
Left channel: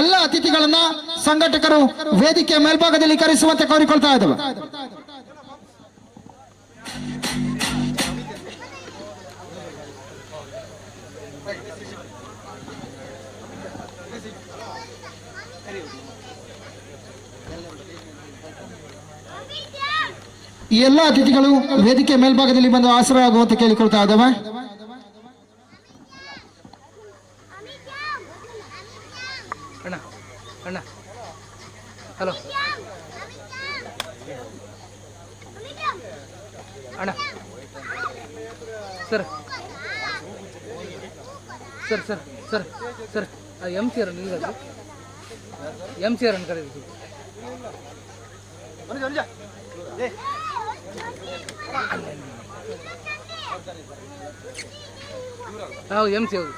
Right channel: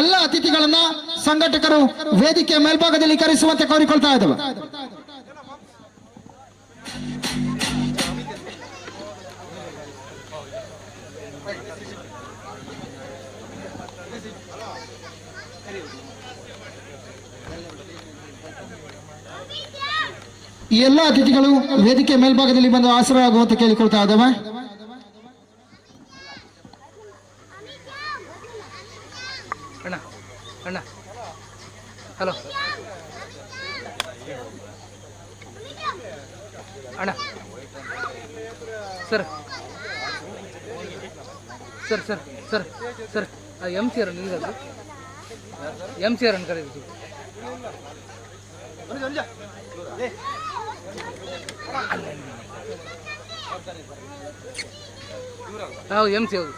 ಎಲ್ಲ ಅತಿಥಿಗಳನ್ನ ಸಂಘಟಕರು ವೇದಿಕೆ ಮೇಲ್ಭಾಗದಲ್ಲಿ ಕರೆಸುವಂತೆ ಕೋರಿಕೊಳ್ತಾ ಇದ್ದೇವೆ. ಈ ಎಲ್ಲ ಅತಿಥಿಗಳು ವೇದಿಕೆ ಮೇಲ್ಭಾಗದಲ್ಲಿ ಬಂದು ಆಸರಾಗುವಂತೆ ಕೇಳಿಕೊಳ್ತಾ ಇದ್ದೇವೆ. ಅಣ್ಣ ಅಣ್ಣ ಹಲೋ ಅಣ್ಣ sir sir sir sir sir MC ಅವರನ್ನು ನಿಲ್ಲದು MC ಅವರನ್ನು ಕರೆದು ಹೌದು MC ಹೌದು.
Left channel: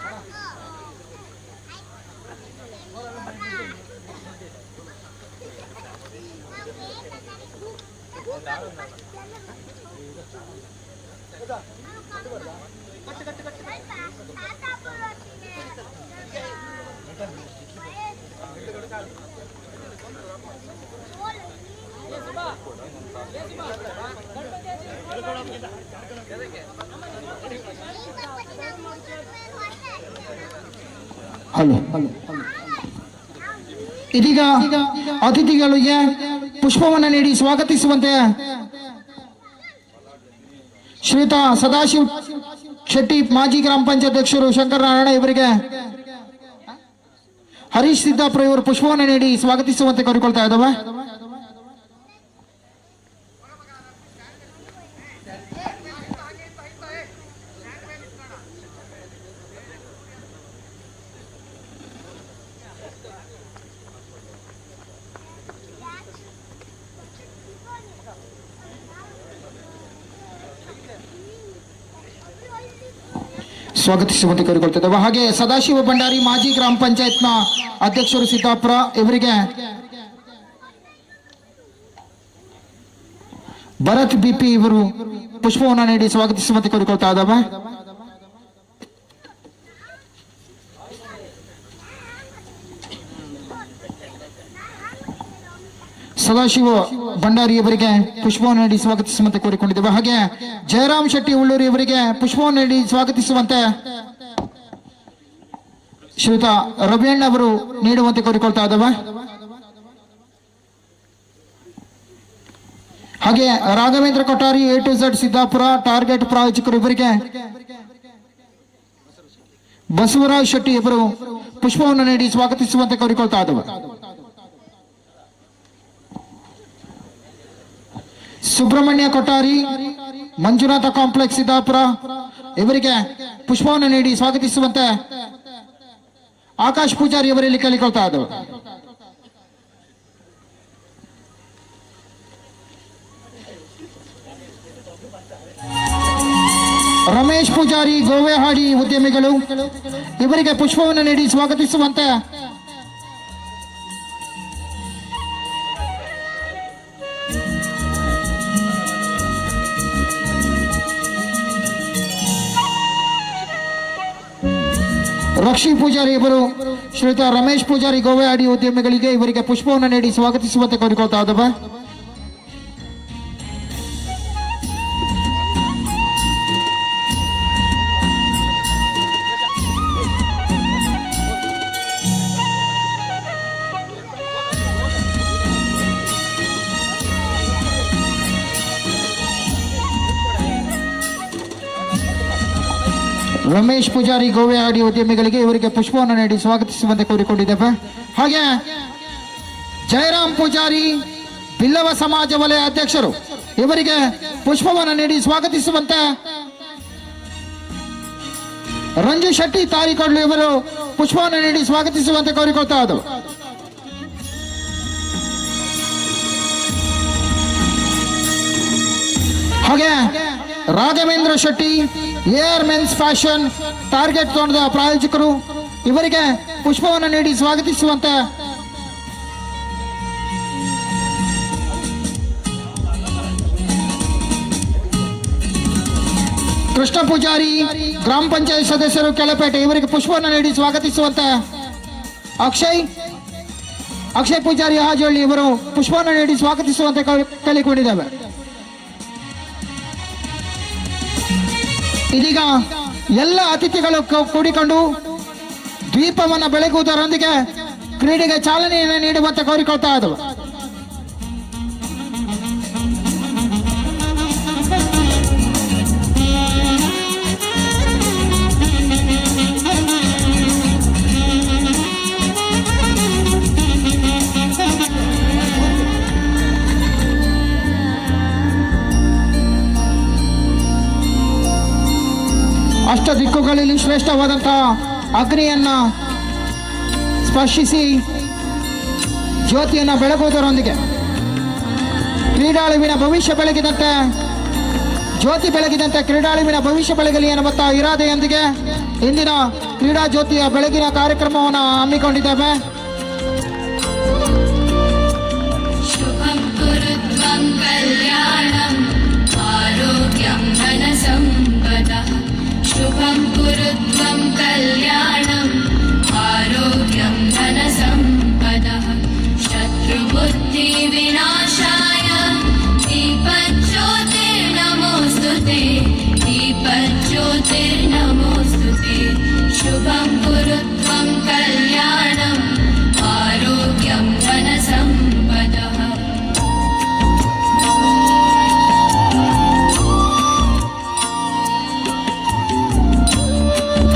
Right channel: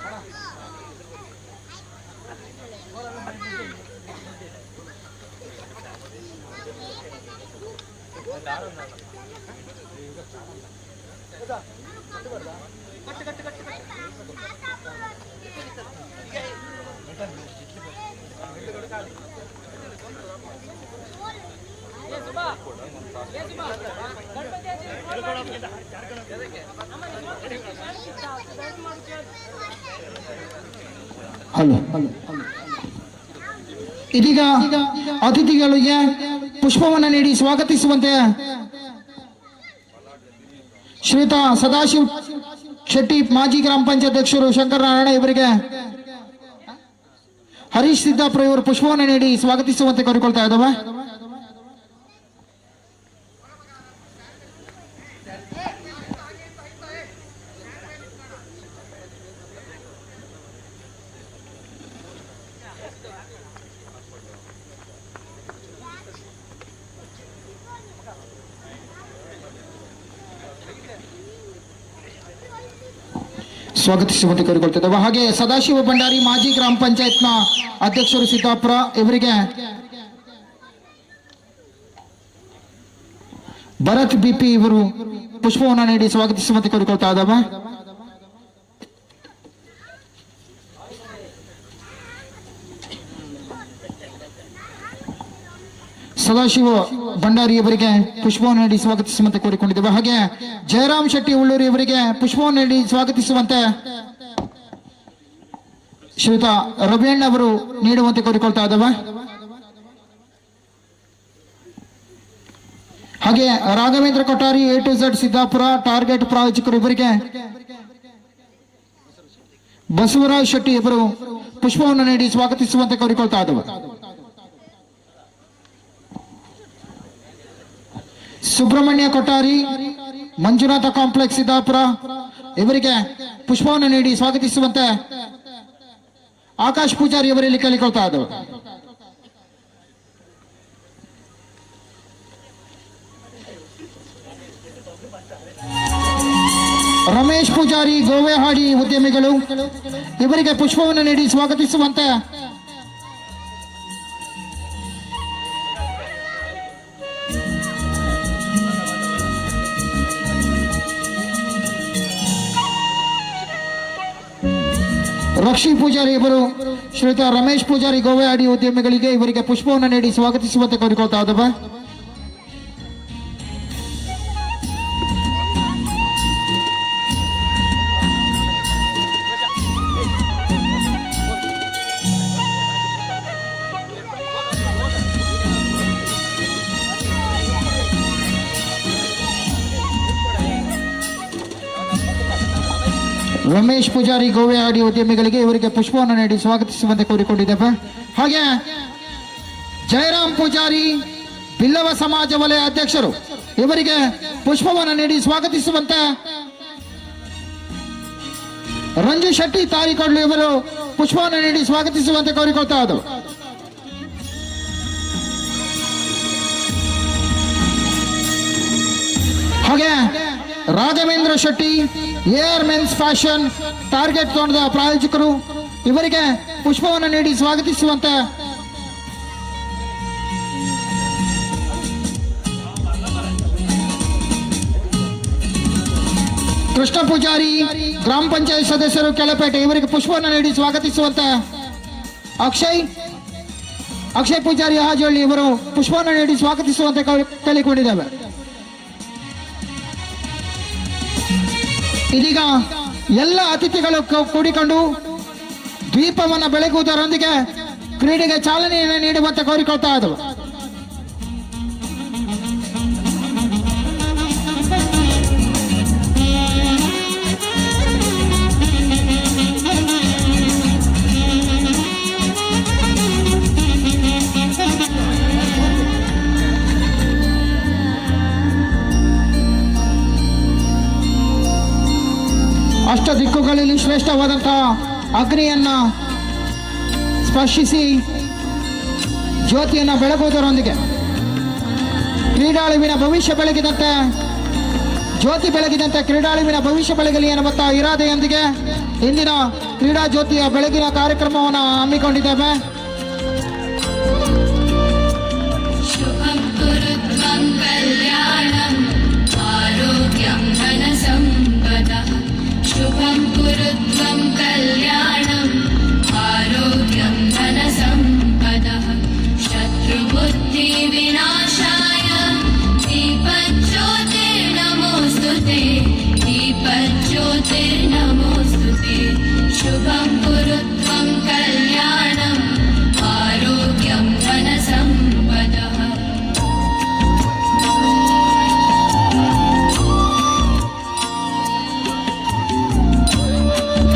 ಹಲೋ ಇದೀಗ ಅತಿಥಿಗಳಿಗೆ ಪುಷ್ಪವನ್ನು ನೀಡಿ ಸ್ವಾಗತಿಸುವಂತೆ ಶ್ರೀಯುತ ಸದಾಶಿವ್ ಶೆಟ್ಟಿ ಮಾಜಿ ಗ್ರಾಮ ಪಂಚಾಯತ್ ಅಧ್ಯಕ್ಷರು ಶಂಕರನಾರಾಯಣ ಇವರಿಗೆ ಹರೀಶ್ ಸಿದ್ದಾಪುರ ಇವರು ಪುಷ್ಪವನ್ನು ನೀಡಿ ಸ್ವಾಗತಿಸುವಂತೆ ಕೋರಿಕೊಳ್ತಾ ಇದ್ದಾವೆ. ಸ್ವಾಗತಿಸುವಂತೆ ಕೋರಿಕೊಳ್ತಿದ್ದೇವೆ. ಹಾಗೆ ಸದಾಶಿವ ಭಂಡಾರಿ ಮಾಜಿ ಗ್ರಾಮ ಪಂಚಾಯತ್ನ ಅಧ್ಯಕ್ಷರು ಸಿದ್ದಾಪುರ ಇವರಿಗೆ ಭರತ್ BP ಇವರು ಪುಷ್ಪವನ್ನು ನೀಡಿ ಸ್ವಾಗತಿಸುವಂತೆ ಕೋರಿಕೊಳ್ತಾ ಇದ್ದಾವೆ. ಸದಾಶಿವ ಭಂಡಾರಿ ಅವರಿಗೆ ಪುಷ್ಪವನ್ನು ನೀಡಿ ಸ್ವಾಗತಿಸುವಂತೆ ಕೋರಿಕೊಂಡಿದ್ದೇವೆ. ಹಾಗೆ ಜಯರಾಮ್ ಶೆಟ್ಟಿ ಉಳ್ಳೂರು ಇವರಿಗೆ ಪುಷ್ಪವನ್ನು ನೀಡಿ ಸ್ವಾಗತಿಸುವಂತೆ ಶ್ರೀಯುತ ರವಿಯಣ್ಣ ಅವರು ನೀಡುವಂತೆ ಕೋರಿಕೊಳ್ತಾ ಇದ್ದೇವೆ. ಹಾಗೆ Raghavendra Kothari A to Z Siddapura Target ಪ್ರಾಯೋಜಕರು ಇವರಿಗೆ ಬಸವರಾಜ್ ಶೆಟ್ಟಿ ಇವರು ಪುಷ್ಪವನ್ನು ನೀಡಿ ಸ್ವಾಗತಿಸುವಂತೆ ಕೋರಿಕೊಳ್ತಾ ಇದ್ದವು. ಸುಬ್ರಹ್ಮಣ್ಯ ಕೊಠಾರಿ ಮಂಜುನಾಥ ಕಾಂಪ್ಲೆಕ್ಸ್ ಸಿದ್ದಾಪುರ ಇವರಿಗೆ ಪುಷ್ಪವನ್ನು ನೀಡಿ ಸ್ವಾಗತಿಸುವಂತೆ ಆಕಾಶ್ ಪೂಜಾರಿ ಅವರಲ್ಲಿ ಕೇಳಿಕೊಳ್ತಾ ಇದ್ದವು. ರಮೇಶ್ ಪೂಜಾರಿ ಗೋವೆಹಾಡಿ ಉದ್ಯಮಿಗಳು ಇವರಿಗೆ ಪುಷ್ಪವನ್ನು ನೀಡಿ ಸ್ವಾಗತಿಸುವಂತೆ ರಕ್ಷಿ ಪೂಜಾರಿ ಇವರು ಶ್ರೀಯುತ ರಮೇಶ್ ಪೂಜಾರಿ ಗೋವೆಹಾಡಿ ಉದ್ಯಮಿಗಳಿಗೆ ಇವರಿಗೆ ಪುಷ್ಪವನ್ನು ನೀಡಿ ಸ್ವಾಗತಿಸುವಂತೆ ಕೋರಿಕೊಳ್ತಾ ಇದ್ದವ. ರಮೇಶ್ ಪೂಜಾರಿ ಗೋವೆಹಾಡಿ ಉದ್ಯಮಿಗಳಿಗೆ ಇವರಿಗೆ ಪುಷ್ಪವನ್ನು ನೀಡಿ ಸ್ವಾಗತಿಸುವಂತೆ ಕೋರಿಕೊಂಡಿದ್ದೇವೆ. ಹಾಗೆ ಜಯರಾಮ್ ಪೂಜಾರಿ ಬಿಲ್ಲವ ಸಮಾಜ ವಲಯ ಅಧ್ಯಕ್ಷರು ಇವರಿಗೆ ಪುಷ್ಪವನ್ನು ನೀಡಿ ಸ್ವಾಗತಿಸುವಂತೆ ರಂಜು ಶೆಟ್ಟಿ ತಾರಿಕೊಡ್ಲು ಇವರು ಪುಷ್ಪವನ್ನು ನೀಡಿ ಸ್ವಾಗತಿಸುವಂತೆ ಕೋರಿಕೊಳ್ತಾ ಇದ್ದವು. ಹಾಗೆ Raghavendra Shetty air men's fashion target ತಂಡದ ಪ್ರಾಯೋಜಕರು ಇವರಿಗೆ ಪುಷ್ಪವನ್ನು ನೀಡಿ ಸ್ವಾಗತಿಸುವಂತೆ ಕೃಷ್ಣ ಪೂಜಾರಿ ಗ್ರಾಮ ಪಂಚಾಯತ್ ಸದಸ್ಯರು ಕೆಳಪೇಟೆ ಇವರಿಗೆ ಪುಷ್ಪವನ್ನು ನೀಡಿ ಸ್ವಾಗತಿಸುವಂತೆ ಅಕ್ಷಯ್ ಪೂಜಾರಿ ಹಾಜಳ್ಳಿ ಇವರು ಪುಷ್ಪವನ್ನು ನೀಡಿ ಸ್ವಾಗತಿಸುವಂತೆ ಕೇಳಿಕೊಂಡಿದ್ದೇವೆ. ಇದೀಗ ಎಲ್ಲ ಅತಿಥಿಗಳು ಕೂಡಿಕೊಂಡು ದ್ವೀಪವನ್ನು ಬೆಳಗುವುದರೊಂದಿಗೆ ಕ್ರೀಡೆಗೆ ಚಾಲನೆಯನ್ನು ನೀಡುವಂತೆ ಕೋರಿಕೊಳ್ತಾ ಇದ್ದವು. ಅಷ್ಟ ದಿಕ್ಕುಗಳಲ್ಲಿ ಶ್ರೇಷ್ಠವಾದಂತಹ ಅಗ್ನಿಯನ್ನ ಸ್ಪರ್ಶಿಸಿ ಜ್ಯೋತಿಯನ್ನು ಬೆಳಗುವುದರೊಂದಿಗೆ ಕ್ರೀಡಾಳುವಿನ ಭವಿಷ್ಯ ಬೆಳಗಿದಂತೆ ಜ್ಯೋತಿ ಬೆಳಗಿದಂತೆ ಕ್ರೀಡಾಳುವಿನ ಭವಿಷ್ಯ ಬೆಳಗಲಿ ಎನ್ನುವಂತ ಇರಾದೆಯೊಂದಿಗೆ ಇಂದಿನ ಕ್ರೀಡಾ ಜ್ಯೋತಿಯ ಬೆಳಗಿನ ಕಾರ್ಯಕ್ರಮವನ್ನು ಹಮ್ಮಿಕೊಂಡಿದ್ದೇವೆ. शुभं कुरुत्वं कल्याणम् आरोग्यं धनसम्पदः शुभं कुरुत्वं कल्याणम् आरोग्यं धनसम्पदः शत्रुबुद्धिविनाशाय दीपज्योतिर्नमोऽस्तुते दीपज्योतिर्नमोऽस्तुते शुभं कुरुत्वं कल्याणम् आरोग्यं धनसम्पदः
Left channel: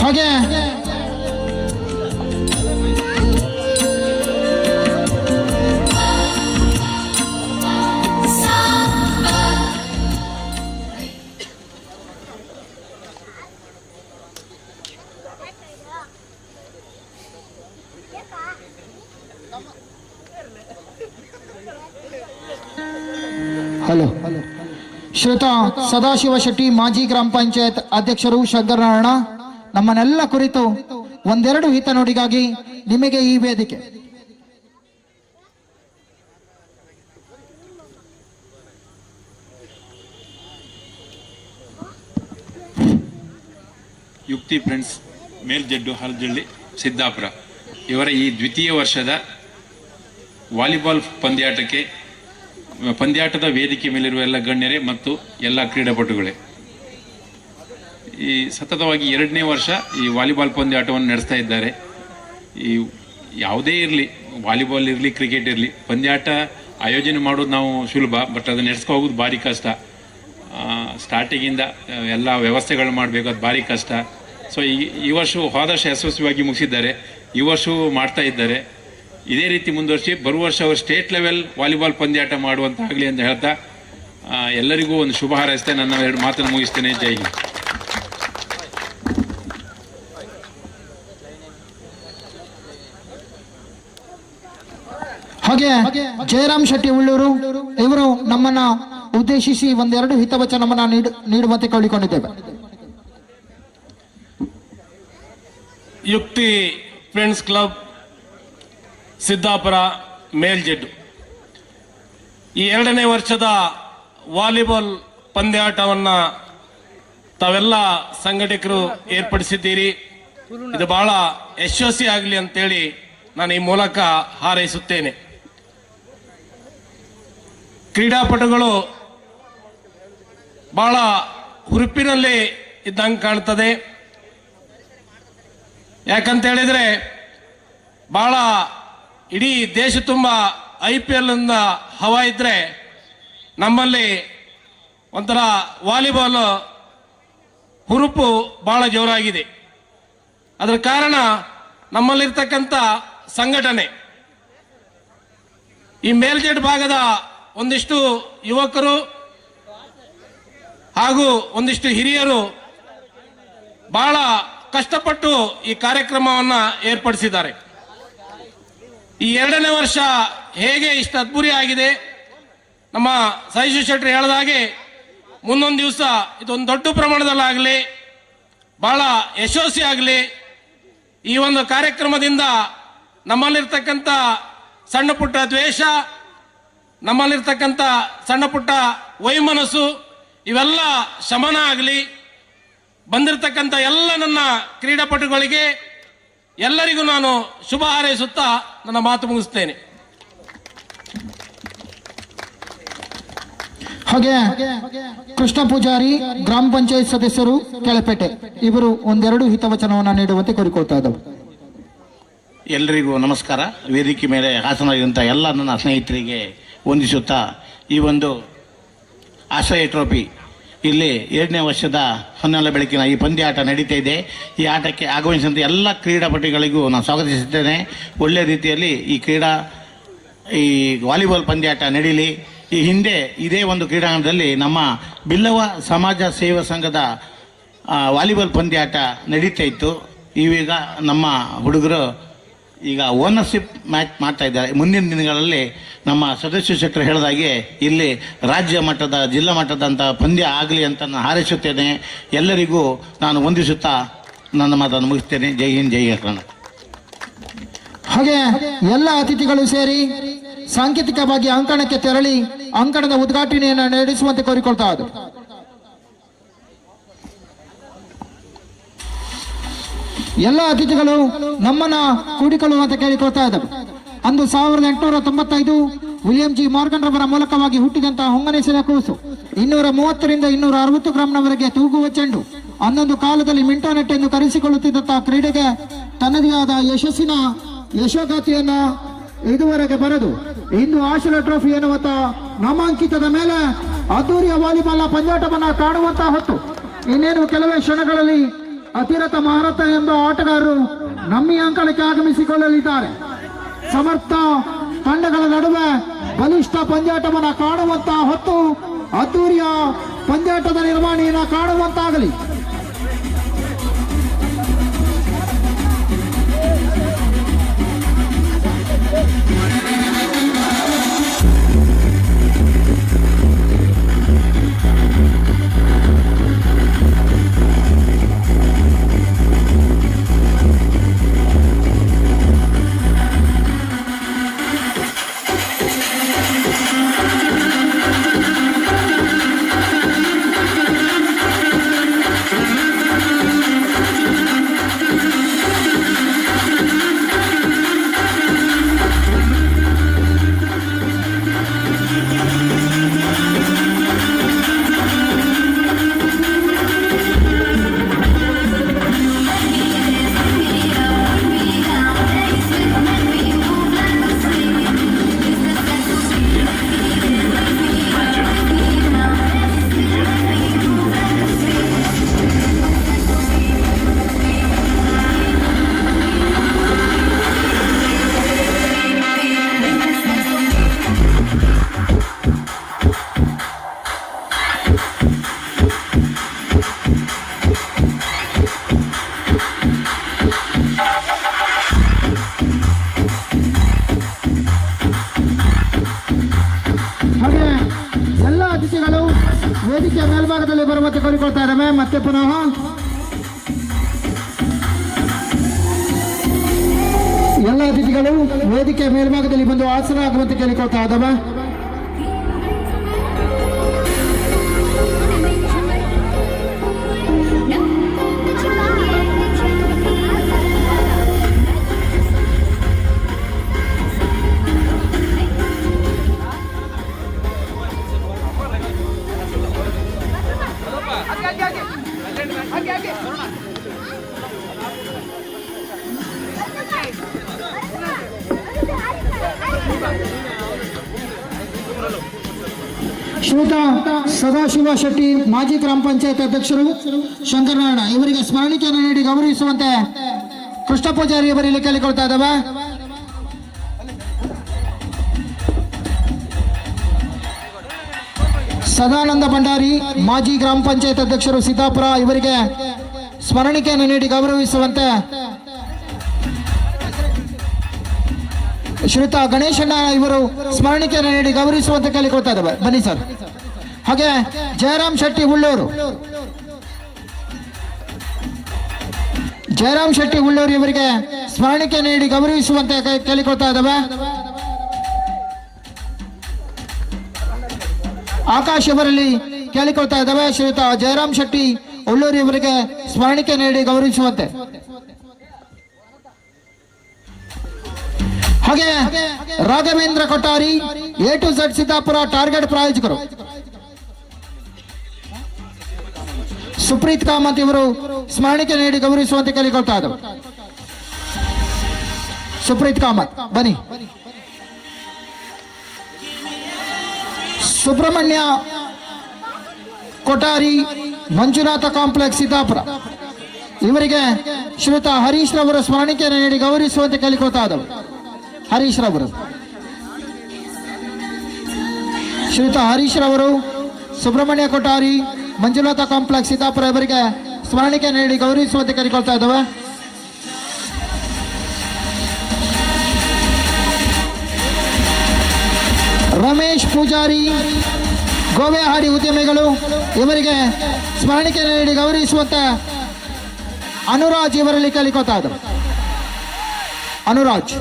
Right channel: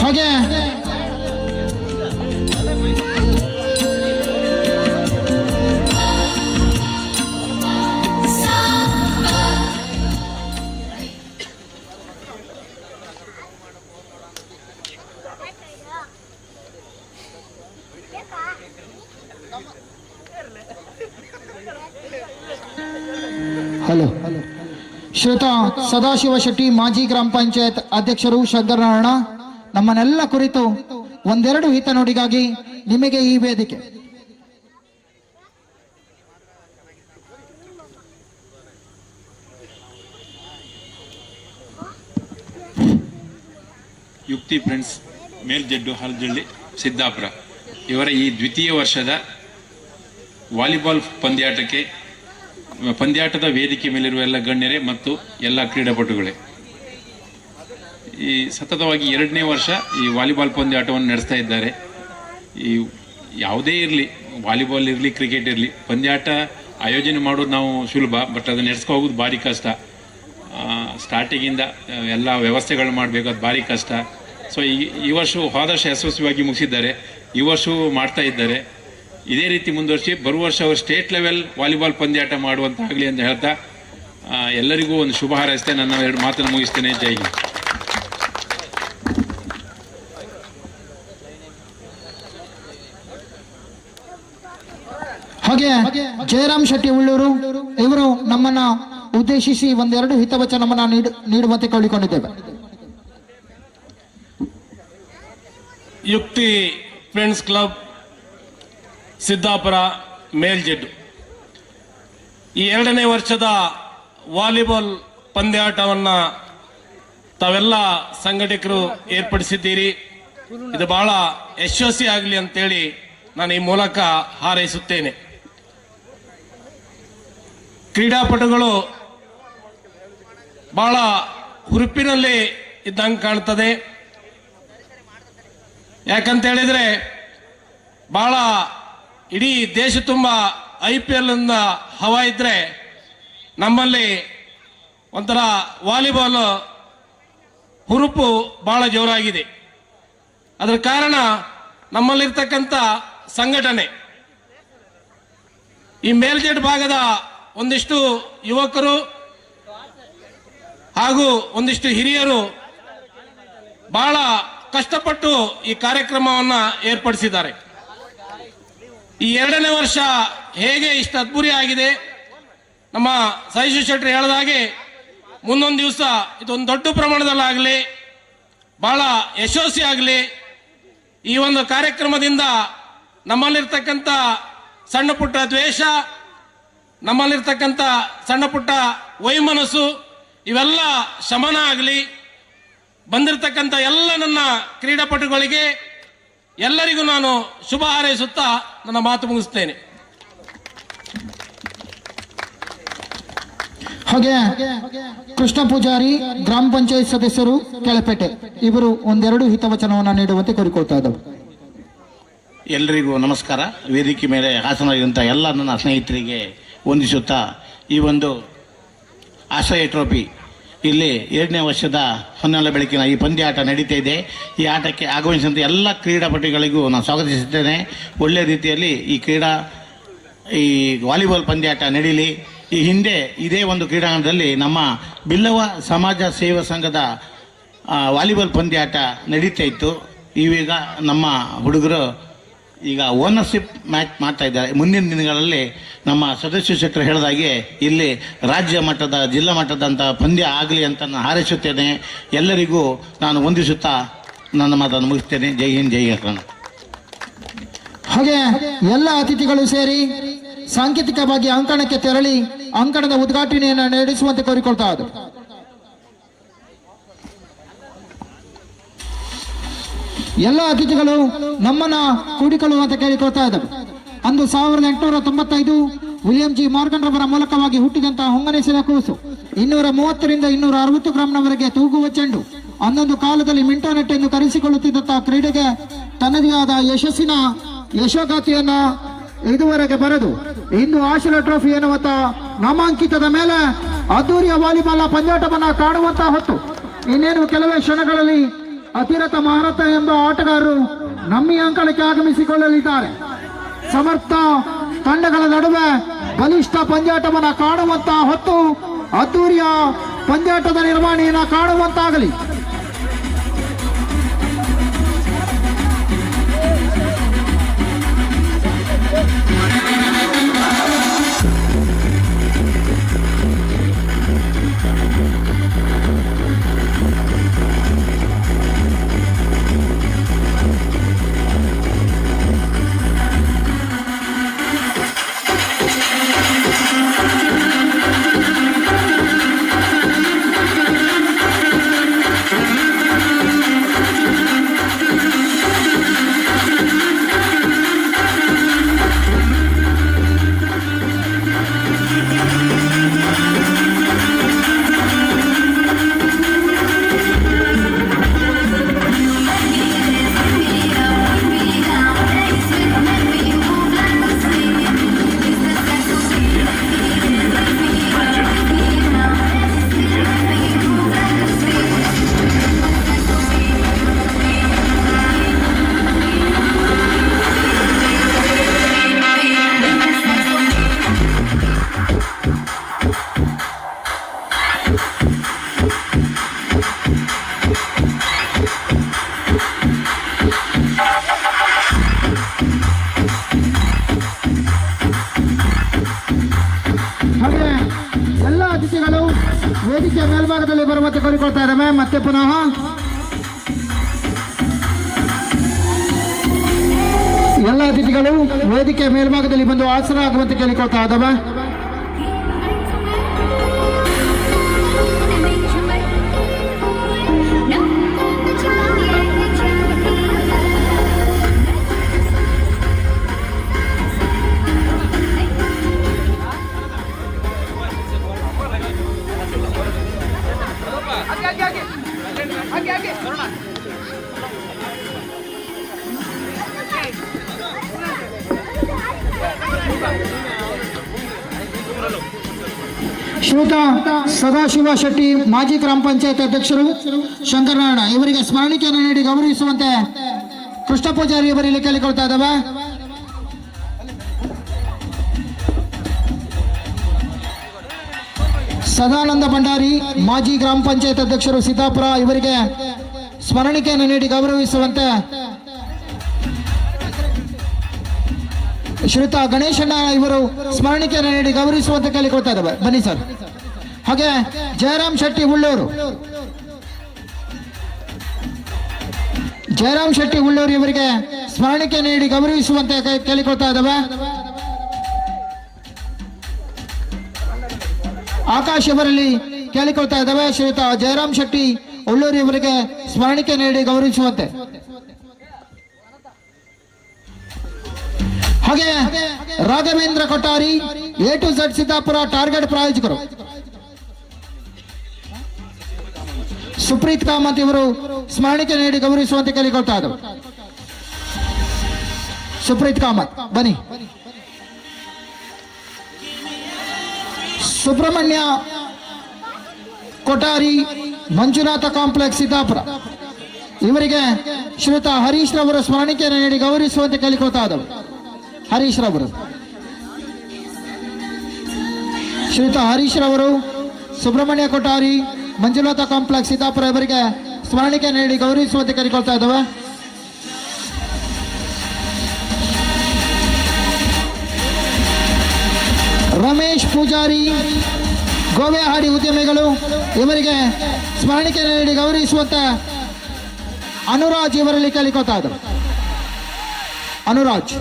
ಹಾಗೆ ಹಲೋ ಶ್ರೀಯುತ ಸದಾಶಿವ ಶೆಟ್ಟಿ ಮಾಜಿ ಗ್ರಾಮ ಪಂಚಾಯತ್ ಅಧ್ಯಕ್ಷರು ಶಂಕರನಾರಾಯಣ ನಮ್ಮನ್ನೆಲ್ಲ ಕುರಿತು ಒಂದೆರಡು ಹಿತನುಡಿಗಾಗಿ ನಿಮಗೆ ಈ ವೇದಿಕೆ. ಯುಕ್ತಿ ಫ್ರೆಂಡ್ಸ್ ಮೇಲ್ಜಡ್ಡು ಹಲ್ಜಳ್ಳಿ ಸಿದ್ದಾಪುರ ಇವರ ಈ ದ್ವಿತೀಯ ವರ್ಷದ ವಾಲಿಬಾಲ್ ಪಂದ್ಯಾಟದ ವೇದಿಕೆ ಮೇಲಿರುವ ಎಲ್ಲ ಗಣ್ಯರೇ ಮತ್ತು ಎಲ್ಲ ಕ್ರೀಡಾಪಟುಗಳೇ, ಈ ಸತತವಾಗಿ 2ನೇ ವರ್ಷ ಈ ವಾಲಿಬಾಲ್ ಪಂದ್ಯಾಟವನ್ನು ನಡೆಸ್ತಾ ಇದ್ದಾರೆ. ಈ ಯಾವುದೇ ಇರಲಿ, ವಾಲಿಬಾಲ್ ಇರಲಿ, ಕ್ರಿಕೆಟ್ ಇರಲಿ, ಪಂದ್ಯಾಟ ಆಯೋಜನೆ ಮಾಡೋದು ನಾವು ಸುಲಭ, ಬಟ್ ಅದನ್ನು ನಡೆಸ್ಕೊ ಹೋಗೋದು ಭಾರಿ ಕಷ್ಟ. ಸ್ಟಾರ್ಟಿಂಗಿಂದ ಎಲ್ಲ ವ್ಯವಸ್ಥೆಗಳು ಮಾಡಬೇಕು, ಅದು ಭಾರಿ ಕಷ್ಟ. ಸೊ ಈ ವರ್ಷ ಹೋದ ವರ್ಷ ಯಶಸ್ವಿಯಾಗಿ ಮುಗಿಸಿದ್ದಾರೆ, ಈ ವರ್ಷವೂ ಮಾಡ್ತಾ ಇದ್ದಾರೆ. ಇದೇ ರೀತಿ ಮುಂದುವರಿಸಿ ಬರುವ ವರ್ಷ ಅವರು ಸ್ಟೇಟ್ ಲೆವೆಲ್ ವಾಲಿಬಾಲ್ ಪಂದ್ಯಾಟ ಮಾಡುವಂತಾಗಲಿ ಅಂತ ಹೇಳ್ತಾ ಎಲ್ಲರಿಗೂ ಒಂದು ಶುಭ ಹಾರೈಸ್ತೇನೆ. ನನ್ನ 2 ಮಾತನ್ನು ಮುಗಿಸ್ತೇನೆ. ಜೈ ಹಿಂದ್. ಹಾಗೆ ಜಯರಾಮ್ ಶೆಟ್ಟಿ ಉಳ್ಳೂರು ಇವರು ನಮ್ಮನ್ನ ಉದ್ದೇಶಿಸಿ ಒಂದೆರಡು ಹಿತವಚನವನ್ನ ನೀಡುವಂತೆ ಕೇಳಿಕೊಂಡಿದ್ದೇವೆ. ಯುಕ್ತಿ ಫ್ರೆಂಡ್ಸ್ ಕ್ಲಬ್ ಸಿದ್ದಾಪುರ ಮೇಲ್ಜೆಡ್ಡು ಈ 2ನೇ ವರ್ಷದ ವಾಲಿಬಾಲ್ ಪಂದ್ಯಾಟವನ್ನು ತಾವೆಲ್ಲ ಸಂಘಟಕರು ಏರ್ಪಡಿಸಿದ್ದೀರಿ. ಇದು ಬಹಳ ಯಶಸ್ವಿ ಆಗಲಿ ಅಂತೇಳಿ ನಾನು ಈ ಮೂಲಕ ಹಾರೈಸುತ್ತೇನೆ. ಕ್ರೀಡಾಪಟುಗಳು ಬಹಳ ಹುರುಪಿನಲ್ಲಿ ಇದ್ದಂಗೆ ಕಾಣ್ತದೆ. ಯಾಕಂತ ಹೇಳಿದ್ರೆ ಬಹಳ ಇಡೀ ದೇಶ ತುಂಬ IPL ಹವಾ ಇದ್ರೆ ನಮ್ಮಲ್ಲಿ ಒಂಥರ ವಾಲಿಬಾಲ್ ಹುರುಪು ಬಹಳ ಜೋರಾಗಿದೆ. ಅದರ ಕಾರಣ ನಮ್ಮಲ್ಲಿರ್ತಕ್ಕಂಥ ಸಂಘಟನೆ, ಈ ಮೇಲ್ಜೆಡ್ ಭಾಗದ ಒಂದಿಷ್ಟು ಯುವಕರು ಹಾಗೂ ಒಂದಿಷ್ಟು ಹಿರಿಯರು ಬಹಳ ಕಷ್ಟಪಟ್ಟು ಈ ಕಾರ್ಯಕ್ರಮವನ್ನು ಏರ್ಪಡಿಸಿದ್ದಾರೆ. ಈ 2ನೇ ವರ್ಷ ಹೇಗೆ ಇಷ್ಟು ಅದ್ಭುತ ಆಗಿದೆ, ನಮ್ಮ ಸಹಿಶು ಶೆಟ್ಟಿ ಹೇಳಿದ ಹಾಗೆ ಮುಂದೊಂದು ದಿವಸ ಇದೊಂದು ದೊಡ್ಡ ಪ್ರಮಾಣದಲ್ಲಾಗಲಿ, ಬಹಳ ಯಶಸ್ವಿ ಆಗಲಿ. ಈ ಒಂದು ಕಾರ್ಯಕ್ರಮದಿಂದ ನಮ್ಮಲ್ಲಿರ್ತಕ್ಕಂಥ ಸಣ್ಣ ಪುಟ್ಟ ದ್ವೇಷ, ನಮ್ಮಲ್ಲಿರ್ತಕ್ಕಂಥ ಸಣ್ಣ ಪುಟ್ಟ ವೈಮನಸ್ಸು ಇವೆಲ್ಲ ಶಮನ ಆಗಲಿ. ಬಂದಿರತಕ್ಕಂಥ ಎಲ್ಲ ನನ್ನ ಕ್ರೀಡಾಪಟುಗಳಿಗೆ ಎಲ್ಲರಿಗೂ ನಾನು ಶುಭ ಹಾರೈಸುತ್ತಾ ನನ್ನ ಮಾತು ಮುಗಿಸ್ತೇನೆ. ಹಾಗೆ ಕೃಷ್ಣ ಪೂಜಾರಿ ಗ್ರಾಮ ಪಂಚಾಯತ್ ಸದಸ್ಯರು ಕೆಳಪೇಟೆ ಇವರು ಒಂದೆರಡು ಹಿತವಚನವನ್ನು ನೀಡುವಂತೆ ಕೋರಿಕೊಳ್ತಾ ಇದ್ದಾರೆ. ಎಲ್ಲರಿಗೂ ನಮಸ್ಕಾರ. ವೇದಿಕೆ ಮೇಲೆ ಹಾಸನಾಗಿರುವಂಥ ಎಲ್ಲ ನನ್ನ ಸ್ನೇಹಿತರಿಗೆ ವಂದಿಸುತ್ತಾ ಈ ಒಂದು ಆಶ್ರಯ ಟ್ರೋಫಿ ಇಲ್ಲಿ 2ನೇ ವರ್ಷದ ಹೊನ್ನಾಳ ಬೆಳಕಿನ ಈ ಪಂದ್ಯಾಟ ನಡೀತಾ ಇದೆ. ಈ ಆಟಕ್ಕೆ ಆಗಮಿಸಿದಂಥ ಎಲ್ಲ ಕ್ರೀಡಾಪಟುಗಳಿಗೂ ನಾನು ಸ್ವಾಗತಿಸುತ್ತೇನೆ. ಒಳ್ಳೆಯ ರೀತಿಯಲ್ಲಿ ಈ ವಾಲಿಬಾಲ್ ಪಂದ್ಯಾಟ ನಡೀಲಿ. ಈ ಹಿಂದೆ ಇದೇ ಒಂದು ಕ್ರೀಡಾಂಗಣದಲ್ಲಿ ನಮ್ಮ ಬಿಲ್ಲವ ಸಮಾಜ ಸೇವಾ ಸಂಘದ ವಾಲಿಬಾಲ್ ಪಂದ್ಯಾಟ ನಡೀತಾ ಇತ್ತು. ಈಗ ನಮ್ಮ ಹುಡುಗರು ಈಗ ಓನರ್ಶಿಪ್ ಮ್ಯಾಚ್ ಮಾಡ್ತಾ ಇದ್ದಾರೆ. ಮುಂದಿನ ದಿನಗಳಲ್ಲಿ ನಮ್ಮ ಸದಸ್ಯ ಶೆಟ್ಟರು ಹೇಳಿದಾಗೆ ಇಲ್ಲಿ ರಾಜ್ಯ ಮಟ್ಟದ ಜಿಲ್ಲಾ ಮಟ್ಟದಂಥ ಪಂದ್ಯ ಆಗಲಿ ಅಂತ ನಾನು ಹಾರೈಸುತ್ತೇನೆ. ಎಲ್ಲರಿಗೂ ನಾನು ವಂದಿಸುತ್ತಾ ನನ್ನ ಮಾತನ್ನು ಮುಗಿಸ್ತೇನೆ. ಜೈ ಹಿಂದ್, ಜೈ ಕರ್ನಾಟಕ. ಹಾಗೆ ಎಲ್ಲ ಅತಿಥಿಗಳು ಸೇರಿ ಸಾಂಕೇತಿಕವಾಗಿ ಅಂಕಣಕ್ಕೆ ತೆರಳಿ ಅಂಕಣದ ಉದ್ಘಾಟನೆಯನ್ನು ನಡೆಸುವಂತೆ ಕೋರಿಕೊಳ್ತಾ ಇದ್ದಾರೆ. ಎಲ್ಲ ಅತಿಥಿಗಳು ನಮ್ಮನ್ನ ಕೂಡಿಕೊಳ್ಳುವಂತೆ ಕೇಳಿಕೊಳ್ತಾ ಇದ್ದಾರೆ. ಅಂದು 1895 ವಿಲಿಯಂ ಜಿ ಮಾರ್ಗನ್ ರವರ ಮೂಲಕವಾಗಿ ಹುಟ್ಟಿದಂತಹ ಹೊಂಗನೆಸೆದ ಕೂಸು 230ರಿಂದ 260 ಗ್ರಾಂನವರೆಗೆ ತೂಗುವ ಚೆಂಡು. ಅಂದೊಂದು ಕಾಲದಲ್ಲಿ ಮಿಂಟಾನೆಟ್ ಎಂದು ಕರೆಸಿಕೊಳ್ಳುತ್ತಿದ್ದಂತಹ ಕ್ರೀಡೆಗೆ ತನ್ನದೇ ಆದ ಯಶೋಗಾತಿಯನ್ನ ಇದುವರೆಗೆ ಬರೆದು ಇಂದು ಆಶೀರ್ವಾದ ಟ್ರೋಫಿ ಎನ್ನುವಂತ ನಾಮಾಂಕಿತದ ಮೇಲೆ ಅದ್ದೂರಿಯ ವಾಲಿಬಾಲ್ ಪಂದ್ಯಾಟವನ್ನ ಕಾಣುವಂತಹ ಹೊತ್ತು ಇನ್ನೇನು ಕೆಲವೇ ಕ್ಷಣಗಳಲ್ಲಿ ಅತಿರಥ ಮಹಾರಥ ಎಂಬ ಆಟಗಾರರು ನಮ್ಮ ಅಂಕಣಕ್ಕೆ ಆಗಮಿಸಿಕೊಳ್ಳಲಿದ್ದಾರೆ. ಸಮರ್ಥ ತಂಡಗಳ ನಡುವೆ ಬಲಿಷ್ಠ ಪಂದ್ಯಾಟವನ್ನ ಕಾಣುವಂತಹ ಹೊತ್ತು ಅದ್ದೂರಿಯ ಪಂದ್ಯಾಟದ ನಿರ್ವಹಣೆಯನ್ನು ಕಾಣುವಂತಾಗಲಿ. ವೇದಿಕೆ ಮೇಲ್ಭಾಗದಲ್ಲಿ ಬರುವಂತೆ ಕೋರಿಕೊಳ್ತಾ ಇದ್ದಾವೆ. ಮತ್ತೆ ಪುನಃ ಎಲ್ಲ ಅತಿಥಿಗಳು ವೇದಿಕೆ ಮೇಲ್ಭಾಗದಲ್ಲಿ ಬಂದು ಆಸನ ಆಗುವಂತೆ ಕೇಳಿಕೊಳ್ತಾ ಇದ್ದಾವೆ. ಶ್ರೀಯುತ ಸದಾಶಿವ ಶೆಟ್ಟಿ ಮಾಜಿ ಗ್ರಾಮ ಪಂಚಾಯತ್ ಅಧ್ಯಕ್ಷರು ಶಂಕರನಾರಾಯಣ ಇವರಿಗೆ ಸ್ಮರಣಿಕೆಯನ್ನು ನೀಡಿ ಗೌರವಿಸುವಂತೆ ಕೃಷ್ಣ ಪೂಜಾರಿ ಅವರಲ್ಲಿ ಕೇಳಿಕೊಳ್ತಾ ಇದ್ದಾವೆ. ಸದಾನಂದ ಭಂಡಾರಿ ಮಾಜಿ ಗ್ರಾಮ ಪಂಚಾಯತ್ ಅಧ್ಯಕ್ಷರು ಸಿದ್ದಾಪುರ ಇವರಿಗೆ ಸ್ಮರಣಿಕೆಯನ್ನು ನೀಡಿ ಗೌರವಿಸುವಂತೆ ಶ್ರೀಯುತ ಗಣೇಶಣ್ಣ ಇವರು ಸ್ಮರಣಿಕೆಯನ್ನು ನೀಡಿ ಗೌರವಿಸುವಂತೆ ಕೇಳಿಕೊಳ್ತಾ ಇದ್ದಾವೆ. ಬನ್ನಿ ಸರ್. ಹಾಗೆ ಜಯರಾಮ್ ಶೆಟ್ಟಿ ಉಳ್ಳೂರು ಇವರಿಗೆ ಸ್ಮರಣಿಕೆ ನೀಡಿ ಗೌರವಿಸುವಂತೆ ಕೇಳಿಕೊಳ್ತಾ ಇದ್ದಾವೆ. ಆಕಾಶ್ ಇವರಲ್ಲಿ ಕೇಳಿಕೊಳ್ತಾ ಇದ್ದಾವೆ. ಶ್ರೀಯುತ ಜಯರಾಮ್ ಶೆಟ್ಟಿ ಉಳ್ಳೂರು ಇವರಿಗೆ ಸ್ಮರಣಿಕೆ ನೀಡಿ ಗೌರವಿಸುವಂತೆ. ಹಾಗೆ Raghavendra Kottari A to Z Siddapura Target ಪ್ರಾಯೋಜಕರು. ಸುಪ್ರೀತ್ ಕಾಮತ್ ಇವರು ಸ್ಮರಣಿಕೆ ನೀಡಿ ಗೌರವಿಸುವಂತೆ ಕೇಳಿಕೊಳ್ತಾ ಇದ್ದಾರೆ. ಸುಪ್ರೀತ್ ಕಾಮತ್ ಬನ್ನಿ. ಸುಬ್ರಹ್ಮಣ್ಯ ಕೊಠಾರಿ ಮಂಜುನಾಥ ಕಾಂಪ್ಲೆಕ್ಸ್ ಸಿದ್ದಾಪುರ ಇವರಿಗೆ ಶ್ರೀಯುತ ಹರೀಶ್ ರವರು ಸ್ಮರಣಿಕೆಯನ್ನು ನೀಡಿ ಗೌರವಿಸುವಂತೆ ಕೇಳಿಕೊಳ್ತಾ ಇದ್ದಾರೆ. ಹರೀಶ್ ರವರು ಶ್ರೀಯುತ ಹರೀಶ್ ರವರು ಸುಬ್ರಹ್ಮಣ್ಯ ಕೊಠಾರಿ ಮಂಜುನಾಥ ಕಾಂಪ್ಲೆಕ್ಸ್ ಸಿದ್ದಾಪುರ ಇವರಿಗೆ ಸ್ಮರಣಿಕೆ ನೀಡಿ ಗೌರವಿಸುವಂತೆ ಕೇಳಿಕೊಳ್ತಾ ಇದ್ದಾವೆ. ರಮೇಶ್ ಪೂಜಾರಿ ಗೋವೆಹಾಡಿ ಉದ್ಯಮಿಗಳು ಇವರಿಗೆ ಸ್ಮರಣಿಕೆ ನೀಡಿ ಗೌರವಿಸುವಂತೆ ಅನುರಾಜ್ ಇವರಲ್ಲಿ ಕೇಳಿಕೊಳ್ತಾ ಇದ್ದಾರೆ. ಅನುರಾಜ್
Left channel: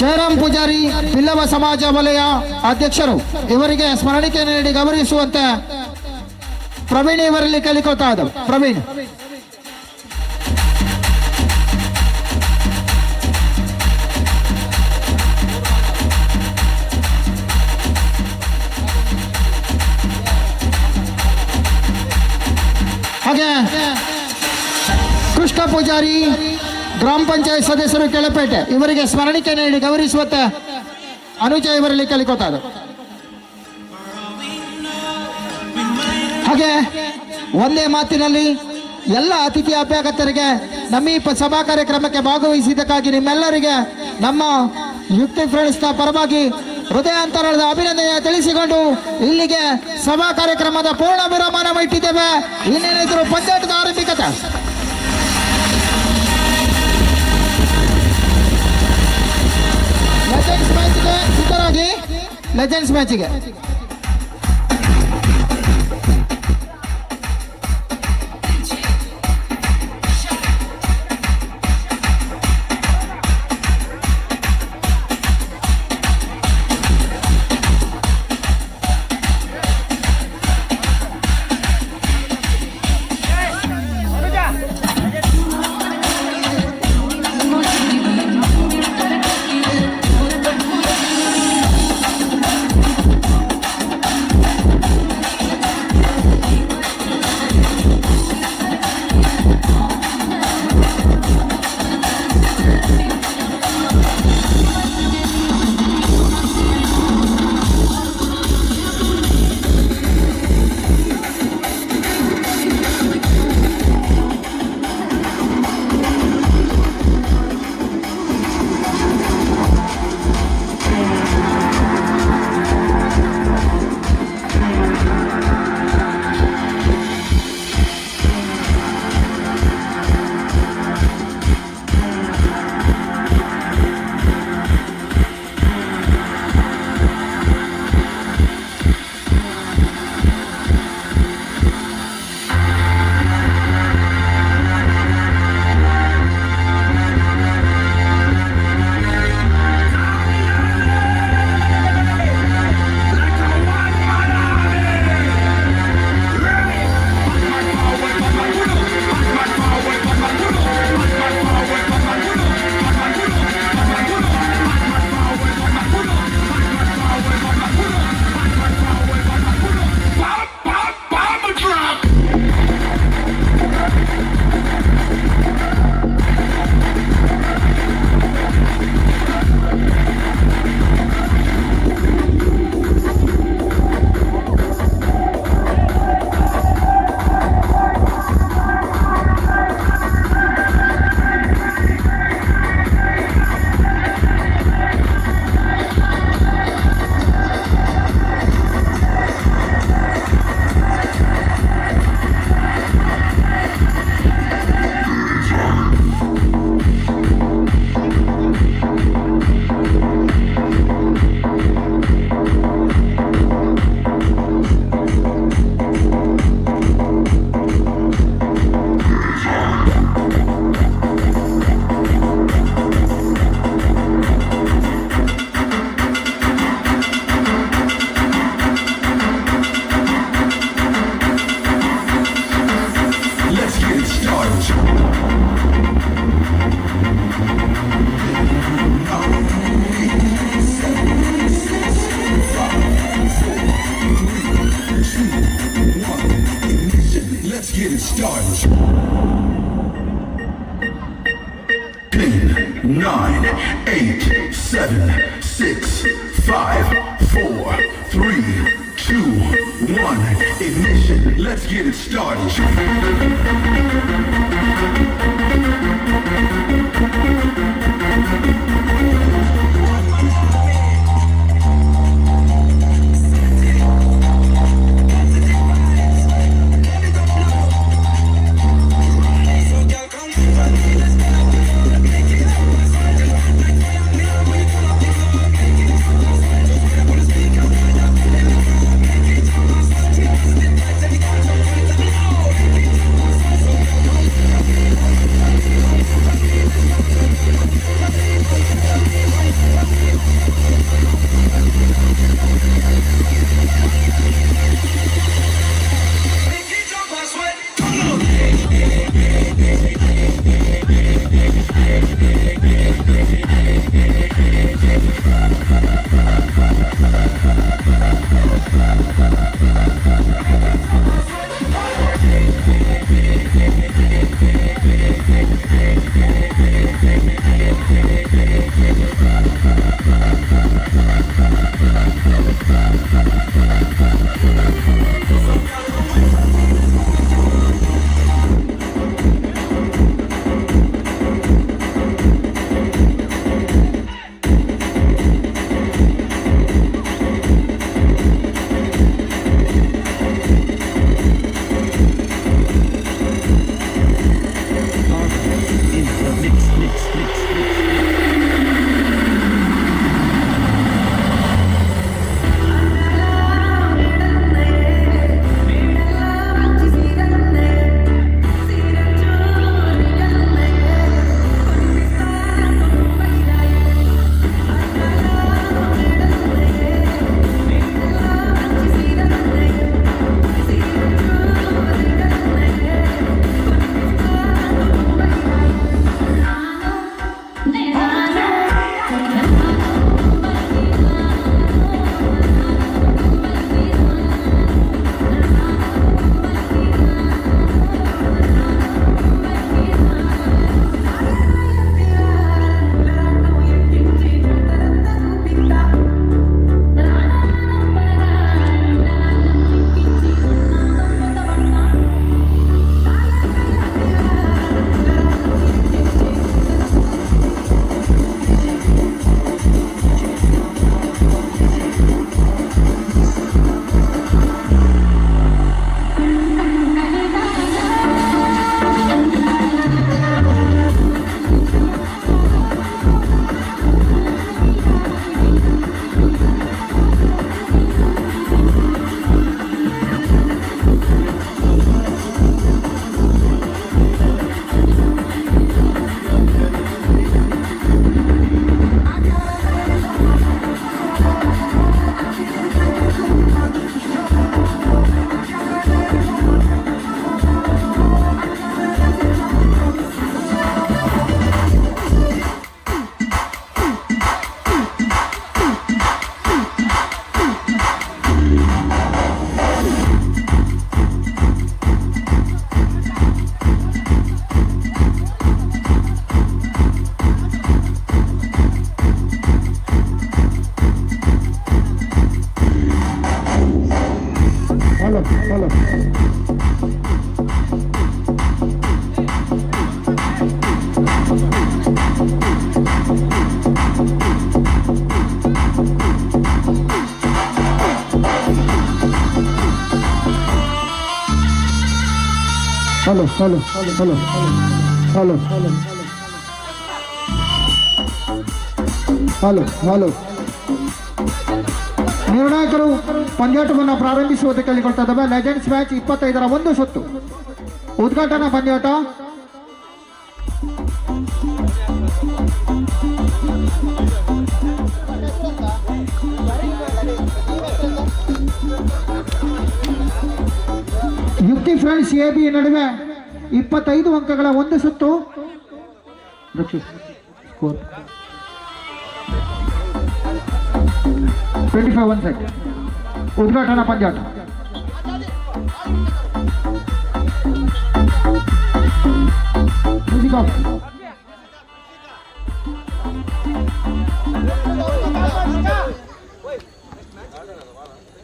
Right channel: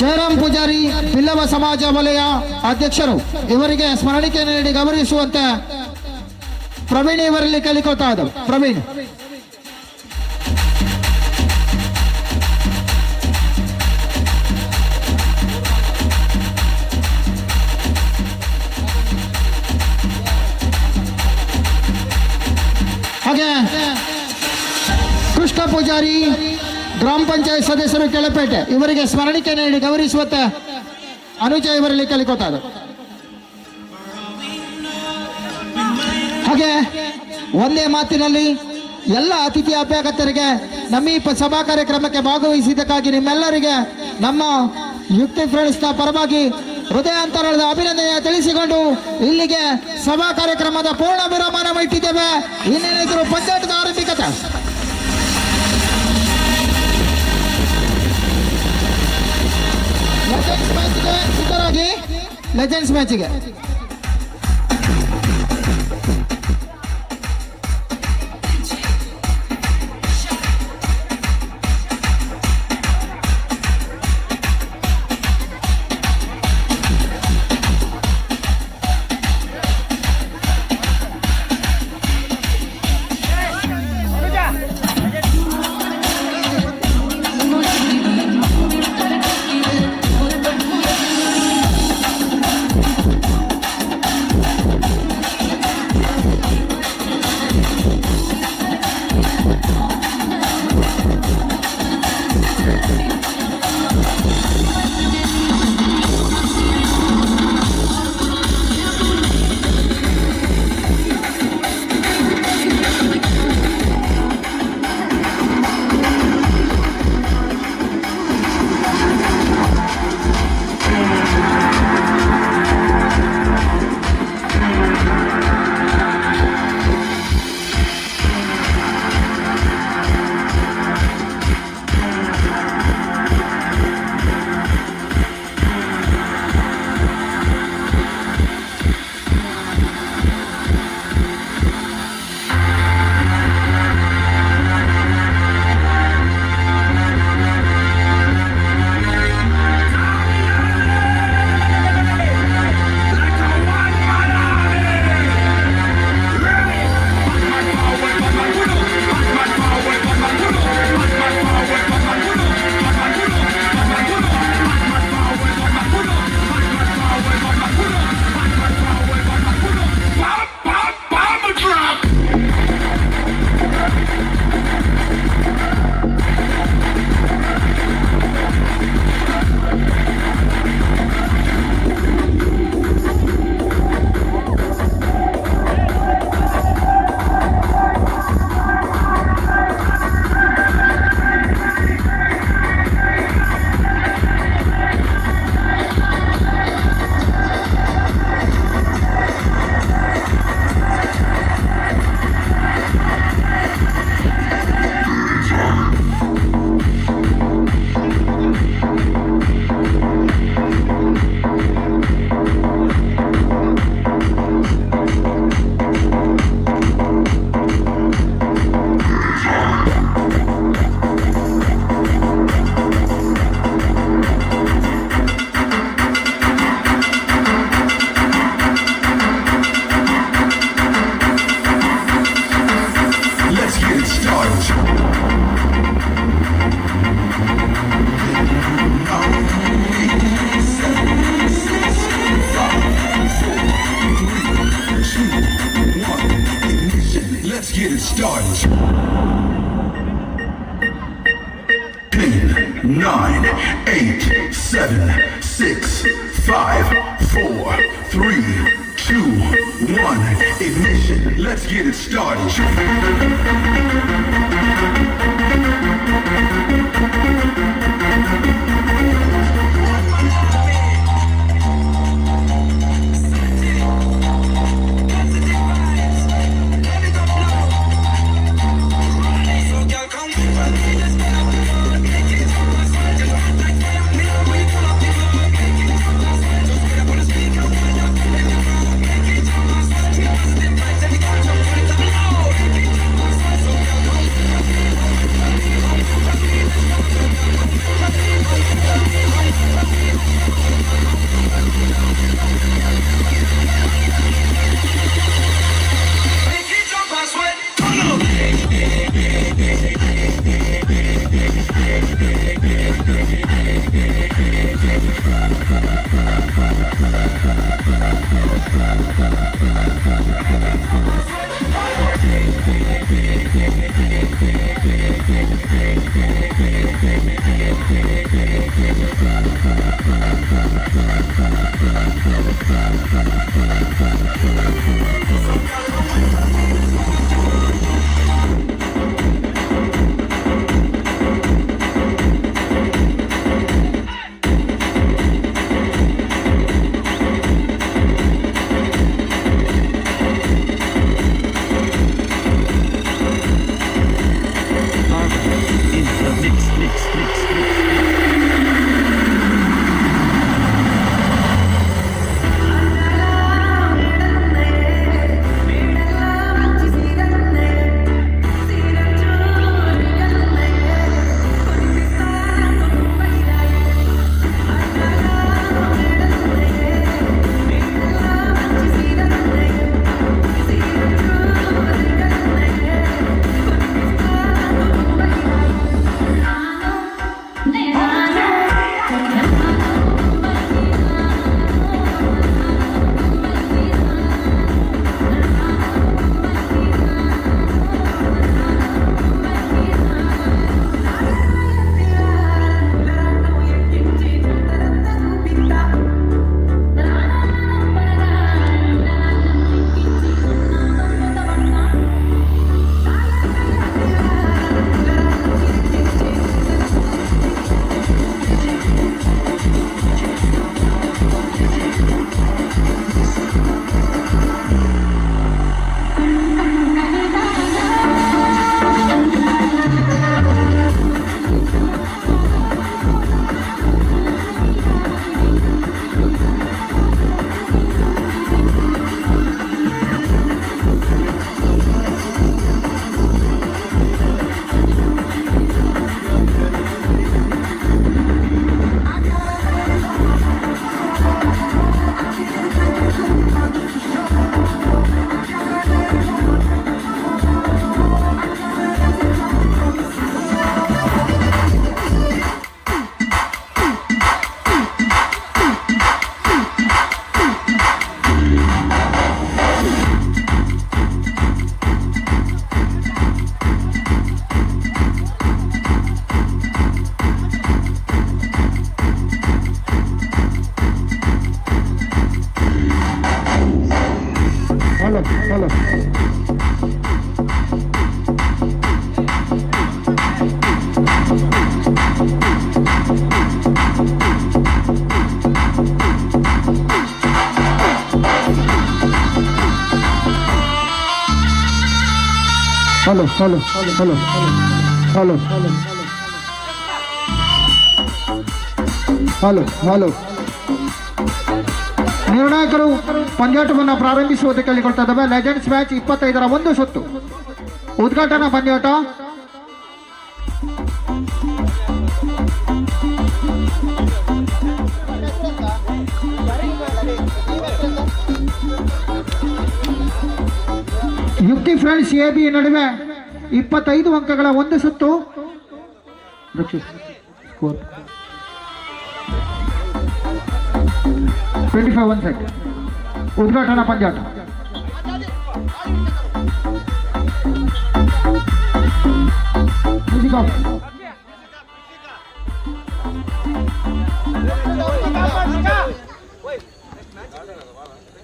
ಜಯರಾಮ್ ಪೂಜಾರಿ ಬಿಲ್ಲವ ಸಮಾಜ ವಲಯ ಅಧ್ಯಕ್ಷರು ಇವರಿಗೆ ಸ್ಮರಣಿಕೆ ನೀಡಿ ಗೌರವಿಸುವಂತೆ ಪ್ರವೀಣ್ ಇವರಲ್ಲಿ ಕೇಳಿಕೊಳ್ತಾ ಇದ್ದಾರೆ. ಪ್ರವೀಣ್ ಹಾಗೆ ಕೃಷ್ಣ ಪೂಜಾರಿ ಗ್ರಾಮ ಪಂಚಾಯತ್ ಸದಸ್ಯರು ಕೆಳಪೇಟೆ ಇವರಿಗೆ ಸ್ಮರಣಿಕೆ ನೀಡಿ ಗೌರವಿಸುವಂತೆ ಅನುಜ ಇವರಲ್ಲಿ ಕೇಳಿಕೊಳ್ತಾ ಇದ್ದಾರೆ. ಹಾಗೆ ಒಂದೇ ಮಾತಿನಲ್ಲಿ ಎಲ್ಲ ಅತಿಥಿ ಅಭ್ಯಾಗತರಿಗೆ ನಮ್ಮ ಈ ಸಭಾ ಕಾರ್ಯಕ್ರಮಕ್ಕೆ ಭಾಗವಹಿಸಿದ್ದಕ್ಕಾಗಿ ನಿಮ್ಮೆಲ್ಲರಿಗೆ ನಮ್ಮ ಯುಕ್ತಿ ಫ್ರೆಂಡ್ಸ್ನ ಪರವಾಗಿ ಹೃದಯಾಂತರದ ಅಭಿನಂದನೆ ತಿಳಿಸಿಕೊಂಡು ಇಲ್ಲಿಗೆ ಸಭಾ ಕಾರ್ಯಕ್ರಮದ ಪೂರ್ಣ ವಿರಾಮನ ಇಟ್ಟಿದ್ದೇವೆ. ಇನ್ನೇನಿದ್ರು ಪಂಚಾಯತ್ನ ಆರಂಭಿಕತೆ. ಲೆಜೆಂಡ್ಸ್ ಮ್ಯಾಚ್ಗೆ ಸಿದ್ಧರಾಗಿ. ಲೆಜೆಂಡ್ಸ್ ಮ್ಯಾಚ್ಗೆ let's get it started. 10, 9, 8, 7, 6, 5, 4, 3, 2, 1, ignition. Let's get it started. Hello hello hello hello hello hello ನಿರ್ಣಾಯಕರು ಪಂದ್ಯಾಟವನ್ನು ಪ್ರಾರಂಭಿಸುವುದಕ್ಕೆ ಕೇಳಿಕೊಳ್ತಾ ಇದ್ದಾವೆ. ಲೆಜೆಂಡ್ಸ್ ಮ್ಯಾಚ್ 25ರ ಒಂದು ಸುತ್ತು ಉದ್ಘಾಟನಾ ಪಂದ್ಯಾಟ. ಯುಕ್ತಿ ಫ್ರೆಂಡ್ಸ್ ಎ ಬಿ ನಡುವೆ 25 ಅಂಕಗಳ ಒಂದು ಸುತ್ತು. 25 1 ಸೆಟ್ ಉದ್ಘಾಟನಾ ಪಂದ್ಯಾಟ.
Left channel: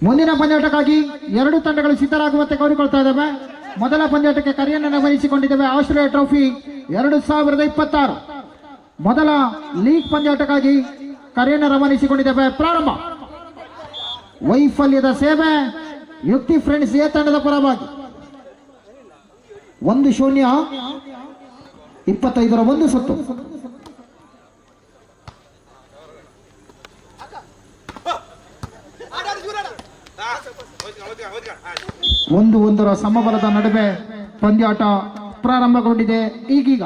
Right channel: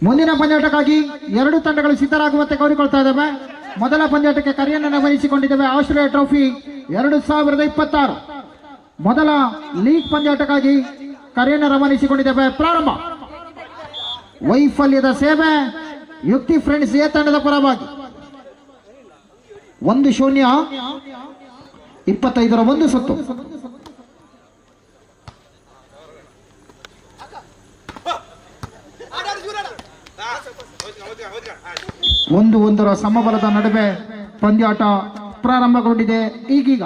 ಮುಂದಿನ ಪಂದ್ಯಾಟಕ್ಕಾಗಿ ಎರಡು ತಂಡಗಳು ಸಿದ್ಧರಾಗುವಂತೆ ಕೋರಿಕೊಳ್ತಾ ಇದ್ದಾವೆ. ಮೊದಲ ಪಂದ್ಯಾಟಕ್ಕೆ ಕರೆಯನ್ನು ಗಮನಿಸಿಕೊಂಡಿದ್ದೇವೆ. ಆಸ್ಟ್ರೇಲಿಯಾ ಟ್ರೋಫಿ 2026 ಮೊದಲ ಲೀಗ್ ಪಂದ್ಯಾಟಕ್ಕಾಗಿ ಕರೆಯನ್ನು ರವಾನಿಸಿಕೊಂಡಿದ್ದೇವೆ. ಪ್ರಾರಂಭ. ವೈಫಲ್ಯದ ಸೇವೆ ಯುಕ್ತಿ ಫ್ರೆಂಡ್ಸ್ ಎ ತಂಡದ ಪರವಾಗಿ 1-0 25ರ 1 ಸುತ್ತು. ಒಂದರ ಸಮಬಲದ ನಡುವೆ ಪಂದ್ಯಾಟ ಪ್ರಾರಂಭಗೊಂಡಿದೆ. ಈಗೀಗ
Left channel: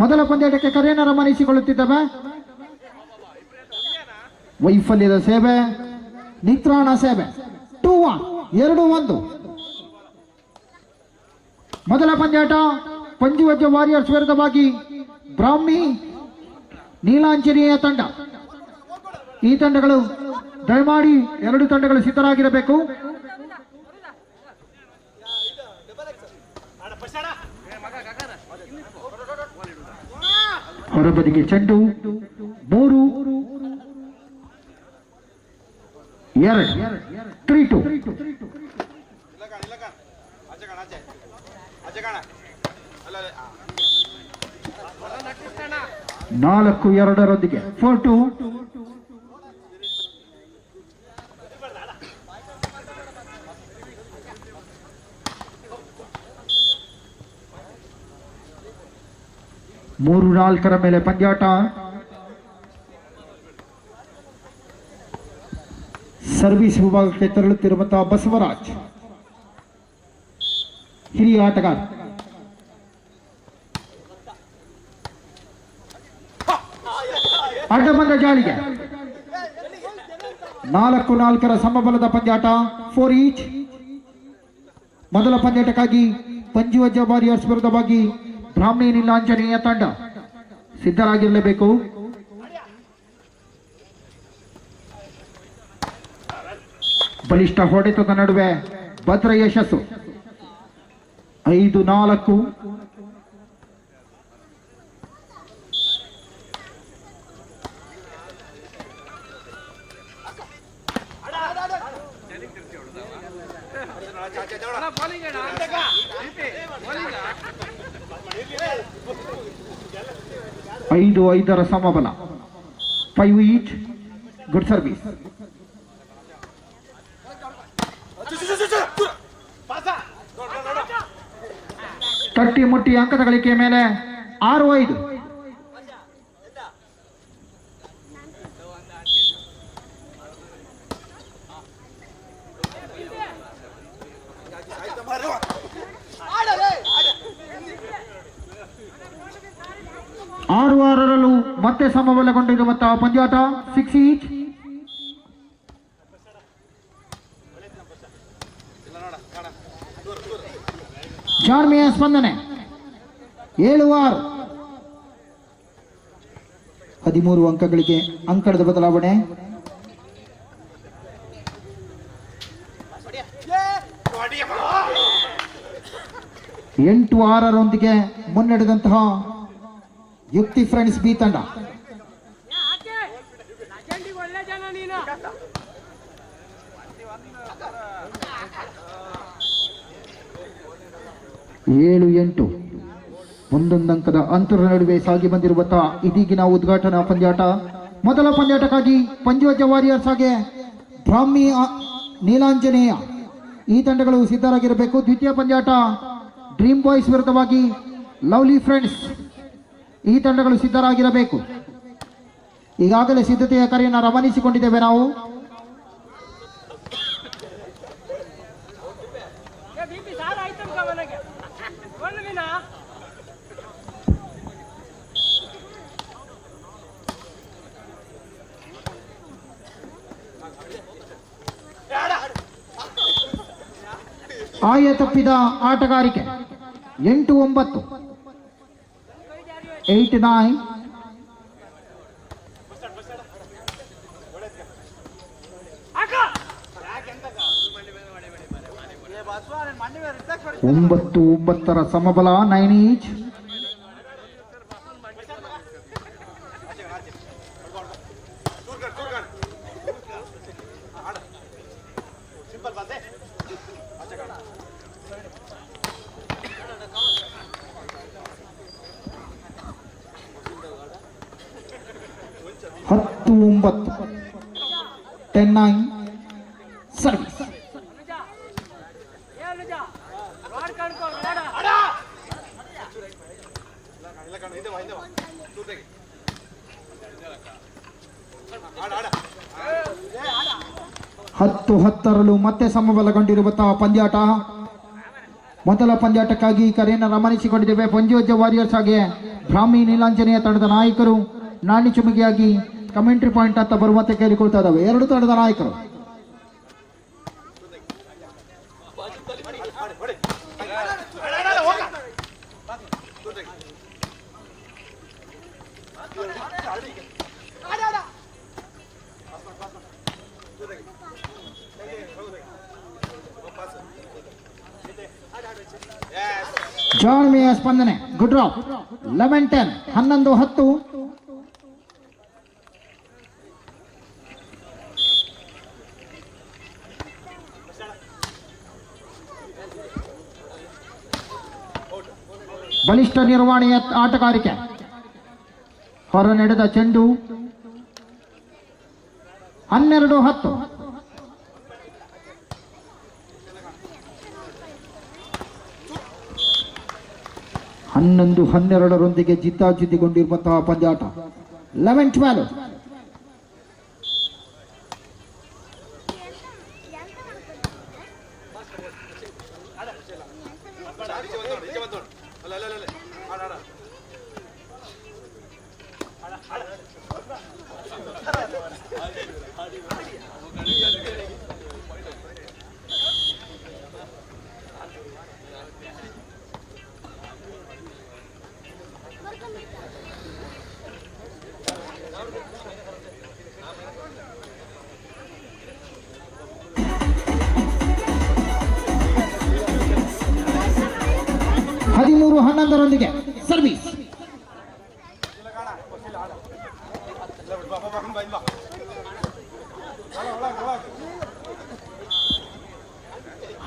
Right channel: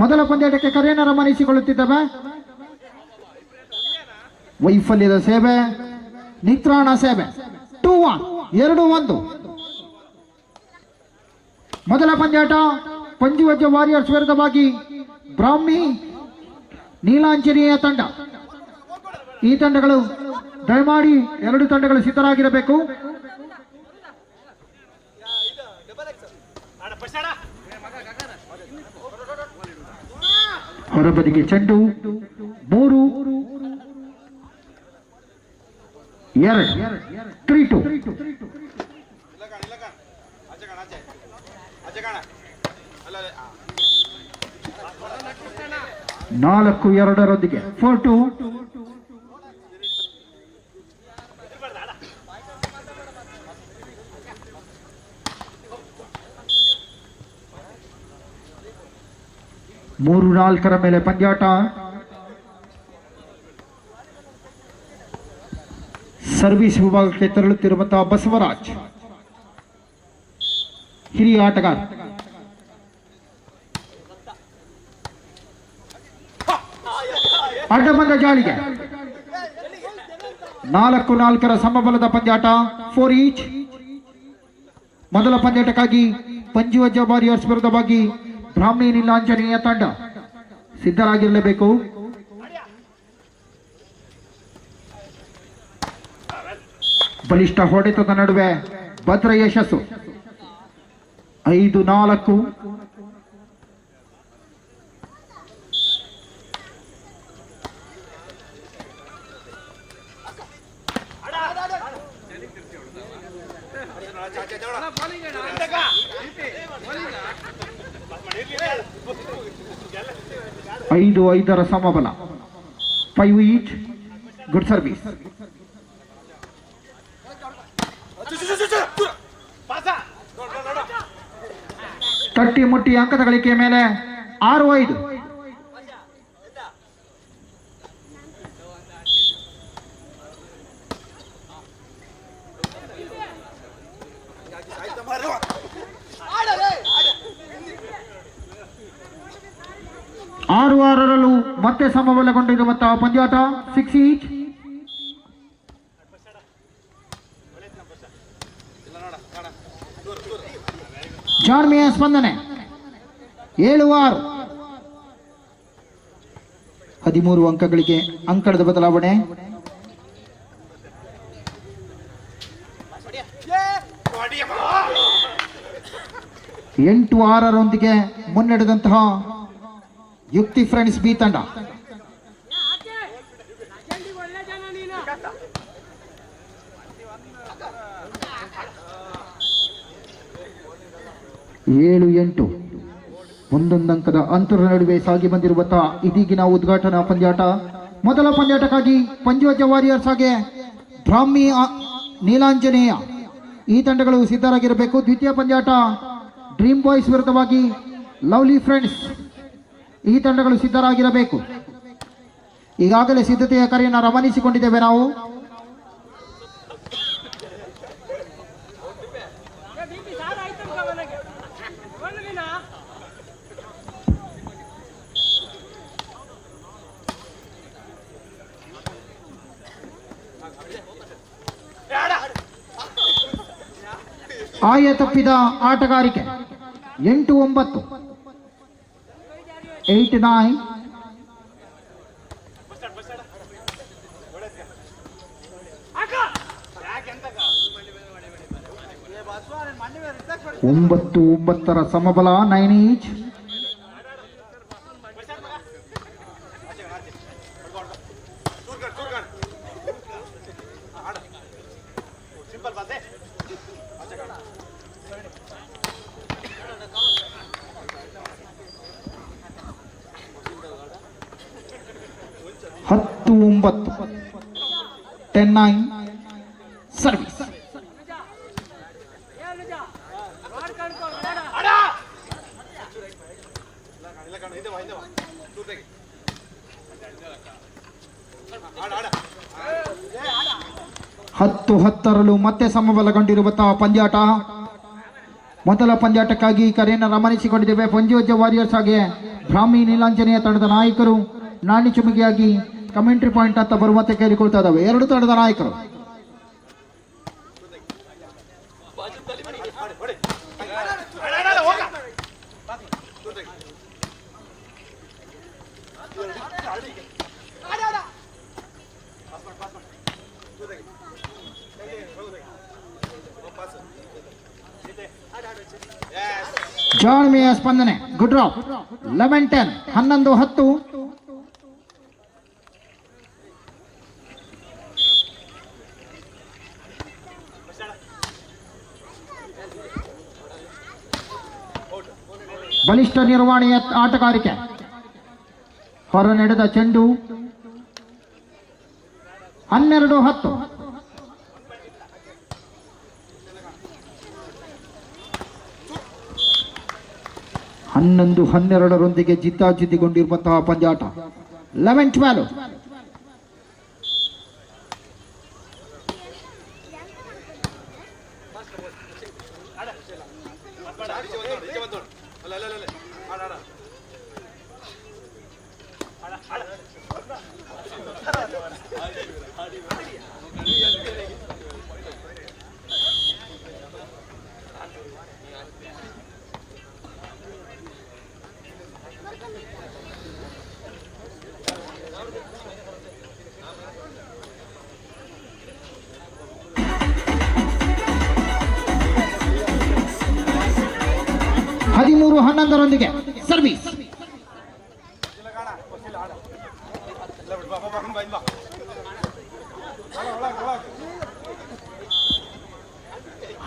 ಮೊದಲ ಪಂದ್ಯಾಟಕ್ಕೆ ಕರೆಯನ್ನು ರವಾನಿಸಿಕೊಳ್ಳುತ್ತಿದ್ದೇವೆ. ವೈಫಲ್ಯದ ಸೇವೆ ನಿತ್ರಾಣ ಸೇವೆ 2-1 2-1. ಮೊದಲ ಪಂದ್ಯಾಟ ಪಂಜುವಜ್ಜ ವಾರಿಯರ್ಸ್ ವಿರುದ್ಧವಾಗಿ ಬ್ರಾಹ್ಮಿ ನೀಲಾಂಜನೇಯ ತಂಡ. ಈ ತಂಡಗಳು ದಯಮಾಡಿ ಎರಡು ತಂಡಗಳು ಸಿದ್ಧರಾಗಿರಬೇಕು. ಹೊರಬದಿಗೆ ಚೆಂಡು 3-2 3-2. 4-2 4-2. ಮೂರು 4ರ ಮೇಲೆ ಪಂದ್ಯಾಟ. ಸರ್ವಿಸ್ ವಿಭಾಗಕ್ಕೆ ತೆರಳುತ್ತಿರುವಂತಹ ಬಸವರಾಜ್ ಹಿರಿಯ ಆಟಗಾರ. ಅಡ್ಡಬಂದ ಜಾಳಿಗೆ 4-4ರ ಸಮಬಲದ ಪಂದ್ಯಾಟ 4 ಈಚ್. ಮೊದಲ ಪಂದ್ಯಾಟಕ್ಕಾಗಿ ಪಂಜುವಜ್ಜ ವಾರಿಯರ್ಸ್ ವಿರುದ್ಧವಾಗಿ ಬ್ರಾಹ್ಮಿ ನೀಲಾಂಜನೇಯ ತಂಡ ಸಿದ್ಧರಾಗಿರಲೇಬೇಕು. ಬಲಿಷ್ಠ ಹೊಡೆತದ ನಡುವೆ ಭದ್ರ ಯಶಸ್ಸು 5-4. ಐದು 5ರ ಸಮಬಲ 5 ಈಚ್. Good service. ತಟ್ಟಿ ಮುಟ್ಟಿ ಅಂಕದ ಗಳಿಕೆಯ ಮೇಲೆ 6-5. ಆರು 6ರಲ್ಲೂ ಮತ್ತೆ ಸಮಬಲಗೊಂಡಿರುವಂತಹ ಪಂದ್ಯಾಟ 6 ಈಚ್. ಜಾರ್ಮಿಯ ಸ್ಪಂದನೆ 7-6. 13 ಅಂಕಗಳಿಗೆ ಅಂಕಣದ ಬದಲಾವಣೆ. ಎಂಟು 6ರೊಂದಿಗೆ ಮುನ್ನಡೆದಂತಹ ಯುಕ್ತಿ ಫ್ರೆಂಡ್ಸ್ ಬಿ ತಂಡ. ಏಳು 8 ಒಂದೊಂದು ಅಂಕದ ಅಂತರ ನಡುವೆ ಸಾಗಿ ಬಂದಿರುವಂತಹ ಇದೀಗಿನ ಉದ್ಘಾಟನಾ ಪಂದ್ಯಾಟ. ಮೊದಲ ಪಂದ್ಯಾಟಕ್ಕಾಗಿ ಪಂಜುವಜ್ಜ ವಾರಿಯರ್ಸ್ ಹಾಗೆ ಬ್ರಾಹ್ಮಿ ನೀಲಾಂಜನೇಯ ಈ ತಂಡಗಳು ಸಿದ್ಧರಾಗಿರಬೇಕು. ದ್ವಿತೀಯ ಪಂದ್ಯಾಟ ಡ್ರೀಮ್ ಬಾಯ್ಸ್ ವಿರುದ್ಧವಾಗಿ ಲವ್ಲಿ ಫ್ರೆಂಡ್ಸ್ ಈ ತಂಡಗಳು ಸಿದ್ಧರಾಗಿರಬೇಕು. ಈಗಾಗಲೇ ಸಿದ್ಧತೆಯ ಕರೆಯನ್ನು ರವಾನಿಸಿಕೊಂಡಿದ್ದೇವೆ ನಾವು. ಆಯ ತಪ್ಪಿದ ಆಟಗಾರಿಕೆ 8-9 8-9. ಒಂಬತ್ತು 9ರ ಸಮಬಲ 9 ಈಚ್. 10-9, 10-9 ಸರ್ವಿಸ್. ಹತ್ತು ಹತ್ತರಲ್ಲೂ ಮತ್ತೆ ಸಮಬಲಗೊಂಡಿರುವಂತಹ ಪಂದ್ಯಾಟ. ಮೊದಲ ಪಂದ್ಯಾಟಕ್ಕಾಗಿ ಕರೆಯನ್ನು ರಮಣಿಸಿಕೊಂಡಿದ್ದೇವೆ. ಪಂಜೋಜ ವಾರಿಯರ್ಸ್ ಹಾಗೆ ಬ್ರಾಹ್ಮಿ ನೀಲಾಂಜನೇಯ ತಂಡದ ನಾಯಕರು ನಾಣ್ಯ ಚುಮುಕಿಯಾಗಿ ಕಮೆಂಟ್ರಿ ಪಾಯಿಂಟ್ ಅಂತ ಬರುವಂತೆ ಕೇಳಿಕೊಳ್ತಾ ಇದ್ದಾವೆ ಎರಡು ತಂಡದ ನಾಯಕರು. ಜಾಣ್ಮೆಯ ಸ್ಪಂದನೆ. Good drop. 11-10, 11-10. ಬಲಿಷ್ಠ ನಿರ್ವಹಣೆಯ ಆಟಗಾರಿಕೆ. ಹೊರ ನಡೆದ ಚೆಂಡು. 12-10. ಹನ್ನೊಂದು 12ರೊಂದಿಗೆ ಜಿದ್ದಾಜಿದ್ದಿಗೊಂಡಿರುವಂತಹ ಪಂದ್ಯಾಟ. 11-12. ಹದಿಮೂರು 11ರೊಂದಿಗೆ ಸರ್ವಿಸ್.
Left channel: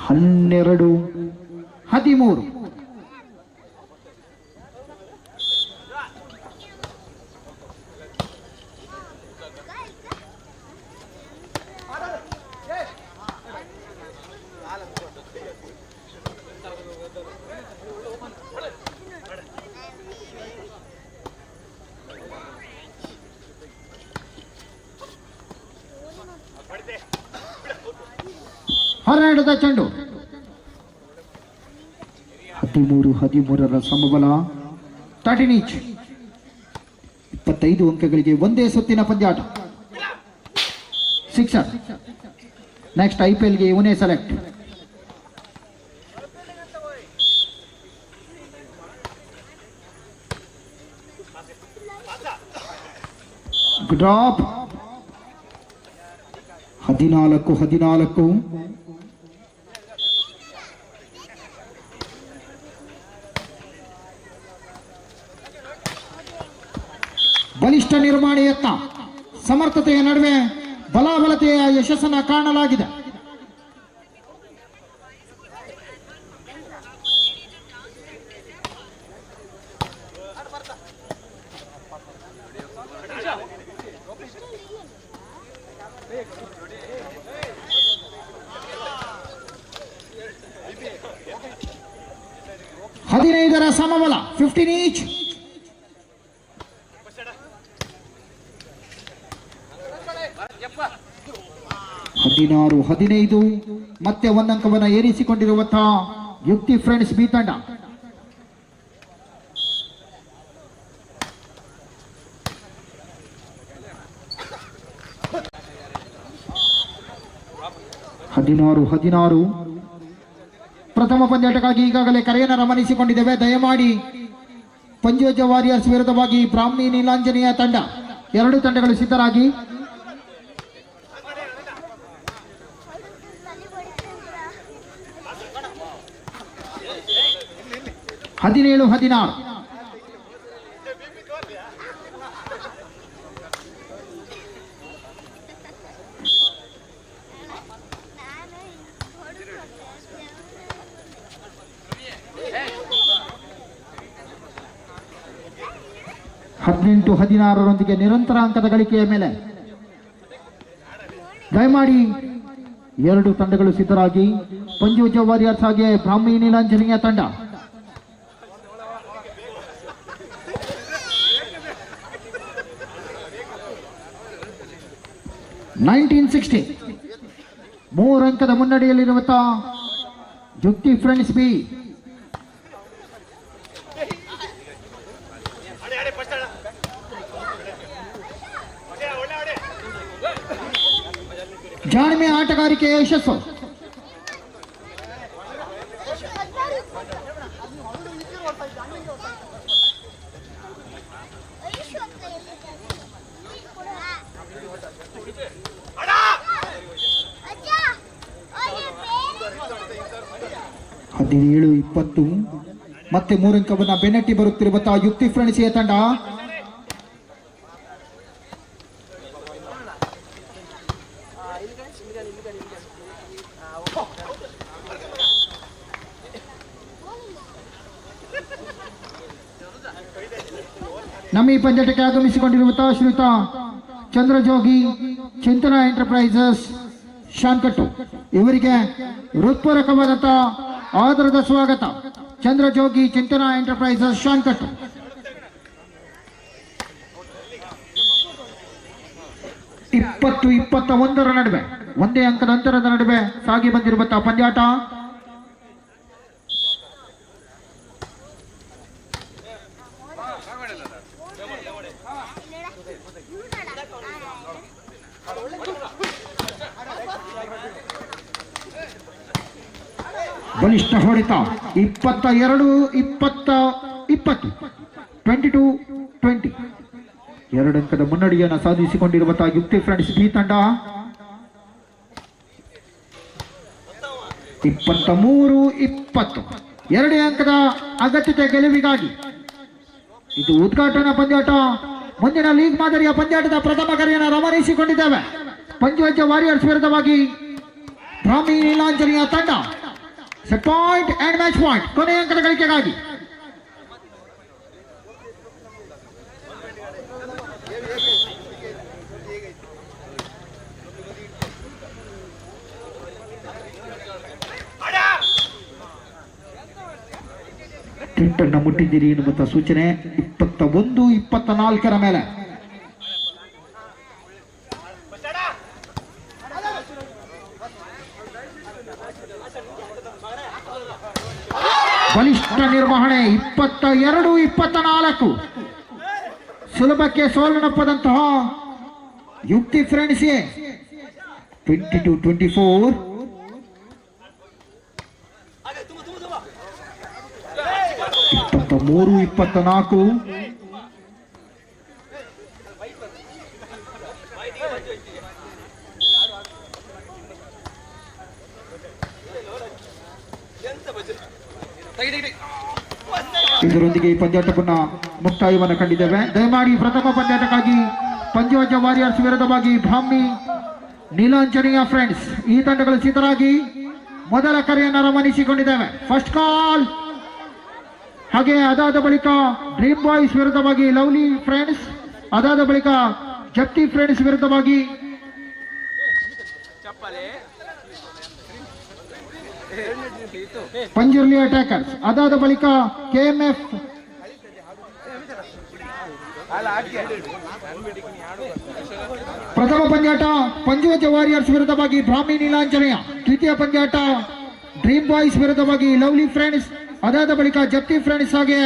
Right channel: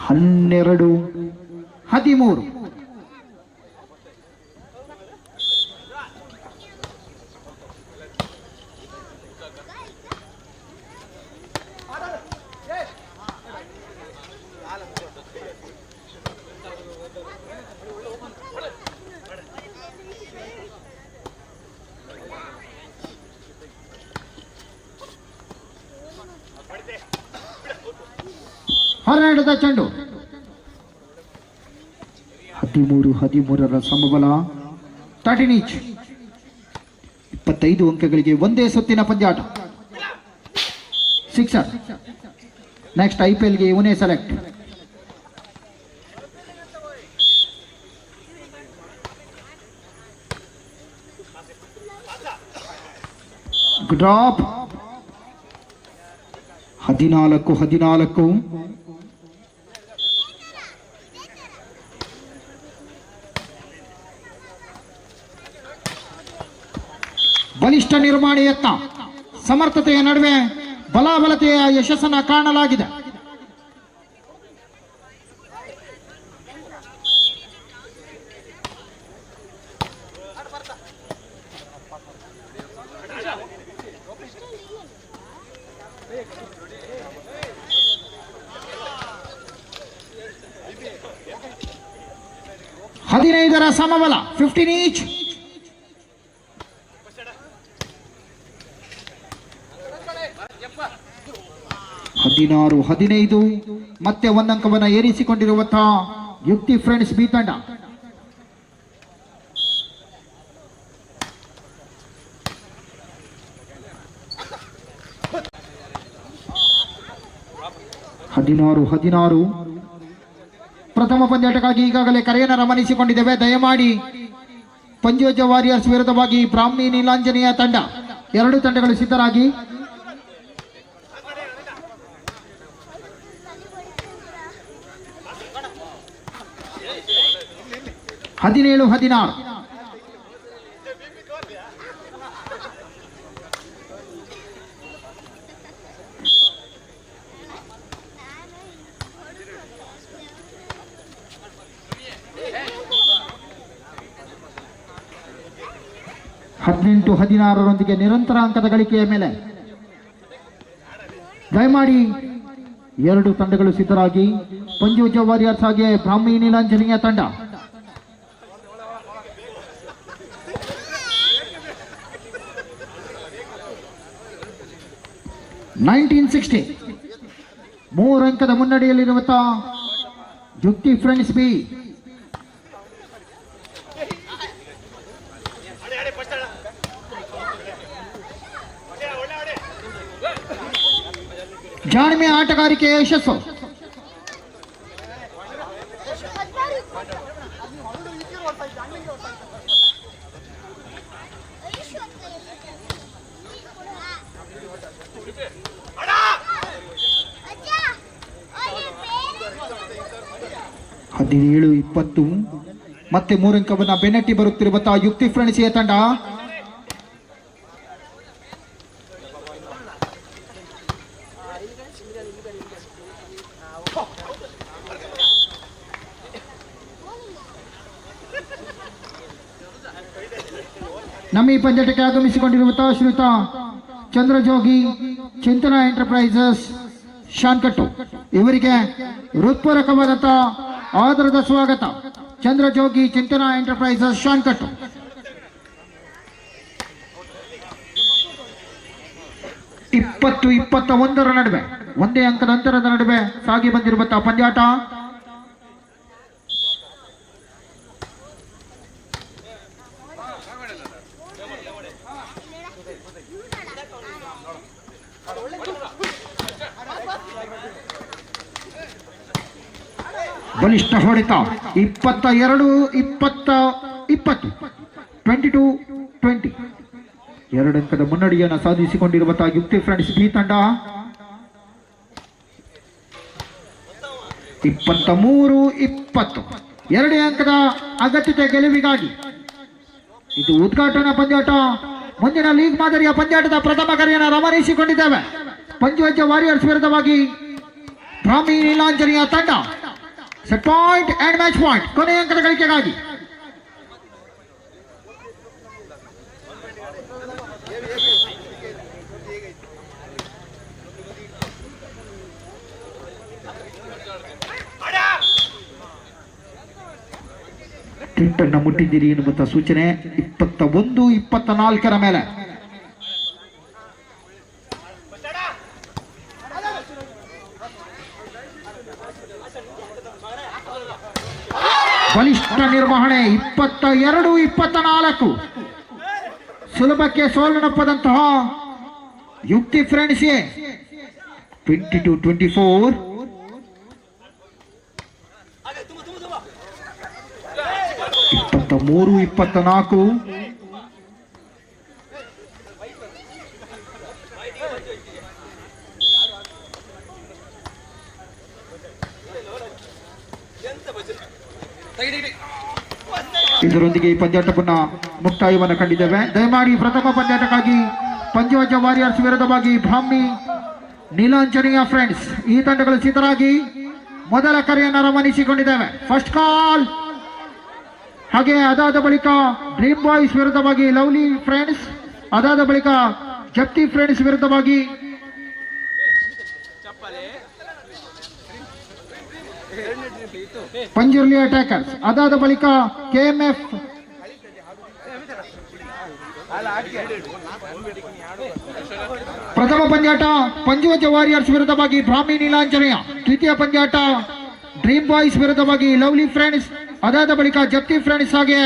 ಹನ್ನೆರಡು 13. ಹೊರನಡೆದ ಚೆಂಡು. 13-13ರ ಸಮಬಲ. 13 ಈಚ್. 25 ಅಂಕಗಳಿಗೆ ಒಂದೇ ಸುತ್ತಿನ ಪಂದ್ಯಾಟ. ಸಿಕ್ಸರ್. ನೆಕ್ಸ್ಟ್ IPLಗೆ ಇವನೇ ಸೆಲೆಕ್ಟ್. ಡ್ರಾಪ್. 14-14. ಬಲಿಷ್ಠ ನಿರ್ಮಾಣ ಯತ್ನ. ಸಮರ್ಥತೆಯ ನಡುವೆ ಬಲಾಬಲತೆಯ ಯಶಸ್ಸನ್ನು ಕಾಣಲಾಗಿದೆ. ಹದಿನೈದರ ಸಮಬಲ. 15 ಈಚ್. 16-15. ಮತ್ತೆ ಒಂದಂಕವನ್ನು ಏರಿಸಿಕೊಂಡಿರುವಂತಹ ಯುಕ್ತಿ ಫ್ರೆಂಡ್ಸ್ ಬಿ ತಂಡ. ಹದಿನಾರು. ಪ್ರಥಮ ಪಂದ್ಯಾಟಕ್ಕಾಗಿ ಈಗಾಗಲೇ ಕರೆಯನ್ನು ರಮಣಿಸಿಕೊಂಡಿದ್ದೇವೆ. ದಯಮಾಡಿ ಪಂಜೋಜ ವಾರಿಯರ್ಸ್ ವಿರುದ್ಧವಾಗಿ ಬ್ರಾಹ್ಮಿ ನೀಲಾಂಜನೇಯ ತಂಡ ಎರಡು ತಂಡಗಳು ಸಿದ್ಧರಾಗಿ. 17-16. ಹದಿನೆಂಟು 16ರೊಂದಿಗೆ ನಿರಂತರ ಅಂಕದ ಗಳಿಕೆಯ ಮೇಲೆ ದಯಮಾಡಿ ಎರಡು ತಂಡಗಳು ಸಿದ್ಧರಾಗಿ. ಪಂಚವಜ್ರ ವಾರಿಯರ್ಸ್ ಹಾಗೆ ಬ್ರಾಹ್ಮಿ ನೀಲಾಂಜನೇಯ ತಂಡ. $1960 3 ಅಂಕದ ಮುನ್ನಡೆಯಲ್ಲಿರುವಂತಹ ಯುಕ್ತಿ ಫ್ರೆಂಡ್ಸ್ ಬಿ. ಜಾಣ್ಮೆ ಆಟಗಾರಿಕೆಯ ಯಶಸ್ಸು. ಹದಿನೇಳು 20 ಮತ್ತೆ 3 ಅಂಕವನ್ನ ಬೆನ್ನಟ್ಟಿ ಬರುತ್ತಿರುವಂತಹ ಯುಕ್ತಿ ಫ್ರೆಂಡ್ಸ್ ಎ ತಂಡ. ನಮ್ಮ ಈ ಪಂದ್ಯಕ್ಕೆ ಆಗಮಿಸಿಕೊಂಡಿರುವಂತಹ ಶ್ರೀಯುತ ಚಂದ್ರಜೋಗಿ ಚಿಂತನಾ ಎಂಟರ್ಪ್ರೈಸಸ್ ಶಾನ್ಕಟ್ಟು ಇವರಿಗೆ ಹೃತ್ಪೂರ್ವಕವಾದಂತಹ ಆದರದ ಸ್ವಾಗತ. ಚಂದ್ರಜೋಗಿ ಚಿಂತನಾ ಎಂಟರ್ಪ್ರೈಸಸ್ ಶಾನ್ಕಟ್ಟು. ಇಪ್ಪತ್ತು 21 ನಡುವೆ ಒಂದೇ ಅಂಕದ ಅಂತರದ ನಡುವೆ ಸಾಗಿ ಬಂದಿರುವಂತಹ ಪಂದ್ಯಾಟ. ಬಲಿಷ್ಠ ಹೊಡೆತ 22-20 22-20 2 ಅಂಕದ ಮುನ್ನಡೆಯನ್ನು ಸಾಧಿಸಿಕೊಂಡಿರುವಂತಹ ಯುಕ್ತಿ ಫ್ರೆಂಡ್ಸ್ ಬಿ ತಂಡ. 23-20 2 ಅಂಕದ ಅಗತ್ಯತೆ ಗೆಲುವಿಗಾಗಿ ಇದು ಉದ್ಘಾಟನಾ ಪಂದ್ಯಾಟ. ಮುಂದಿನ ಲೀಗ್ ಮಾದರಿಯ ಪಂದ್ಯಾಟದ ಪ್ರಥಮ ಕರೆಯನ್ನು ರವಾನಿಸಿಕೊಂಡಿದ್ದೇವೆ. ಪಂಚವಜ್ರ ವಾರಿಯರ್ಸ್ ವಿರುದ್ಧವಾಗಿ ಬ್ರಾಹ್ಮಿ ನೀಲಾಂಜನೇಯ ತಂಡ. Set point and match point ಕೊನೆಯ ಅಂಕದ ಗಳಿಕೆಗಾಗಿ. ಟ್ವಿಟ್ಟನ್ನು ಮುಟ್ಟಿದ್ದೀರಿ ಎನ್ನುವಂತ ಸೂಚನೆ. 21-24 ಮೇಲೆ ಬಲಿಷ್ಠ ನಿರ್ವಹಣೆ. 22-24 ಸುಲಭಕ್ಕೆ ಸೋಲನಪ್ಪದಂತಹ ಯುಕ್ತಿ ಫ್ರೆಂಡ್ಸ್ 22-24 23-24 ಇದರೊಂದಿಗೆ ಈ ಪಂದ್ಯಾಟವನ್ನು ಮುಕ್ತಾಯವನ್ನು ಕಂಡಿದ್ದೇವೆ. ದಯಮಾಡಿ ಪ್ರಥಮ ಪಂದ್ಯಾಟಕ್ಕಾಗಿ ಪಂಚವಜ್ರ ವಾರಿಯರ್ಸ್ ವಿರುದ್ಧವಾಗಿ ಬ್ರಾಹ್ಮಿ ನೀಲಾಂಜನೇಯ ಫ್ರೆಂಡ್ಸ್ ಈ ತಂಡಗಳು ಸಿದ್ಧರಾಗಿ ಮೊದಲ ಕರೆಯನ್ನು ರವಾನಿಸಿಕೊಂಡಿದ್ದೇವೆ. First call. ಹಾಗೆ ಅದಾದ ಬಳಿಕ ಡ್ರೀಮ್ ಬಾಯ್ಸ್ ವಿರುದ್ಧವಾಗಿ ಲವ್ಲಿ ಫ್ರೆಂಡ್ಸ್, ಅದಾದ ಬಳಿಕ ಜಪ್ತಿ ಫ್ರೆಂಡ್ಸ್ ವಿರುದ್ಧವಾಗಿ ಪಂಜುರ್ಲಿ ಅಟ್ಯಾಕರ್ಸ್, ಅದಾದ ಬಳಿಕ KMF ಪ್ರಥಮ ಪಂದ್ಯಾಟ ಪಂಚವಜ್ರ ವಾರಿಯರ್ಸ್ ವಿರುದ್ಧವಾಗಿ ಬ್ರಾಹ್ಮಿ ನೀಲಾಂಜನೇಯ, ದ್ವಿತೀಯ ಪಂದ್ಯಾಟ ಡ್ರೀಮ್ ಬಾಯ್ಸ್ ವಿರುದ್ಧವಾಗಿ ಲವ್ಲಿ ಫ್ರೆಂಡ್ಸ್, ಅದಾದ ಬಳಿಕ ಜಪ್ತಿ ಫ್ರೆಂಡ್ಸ್ ಹಾಗೆ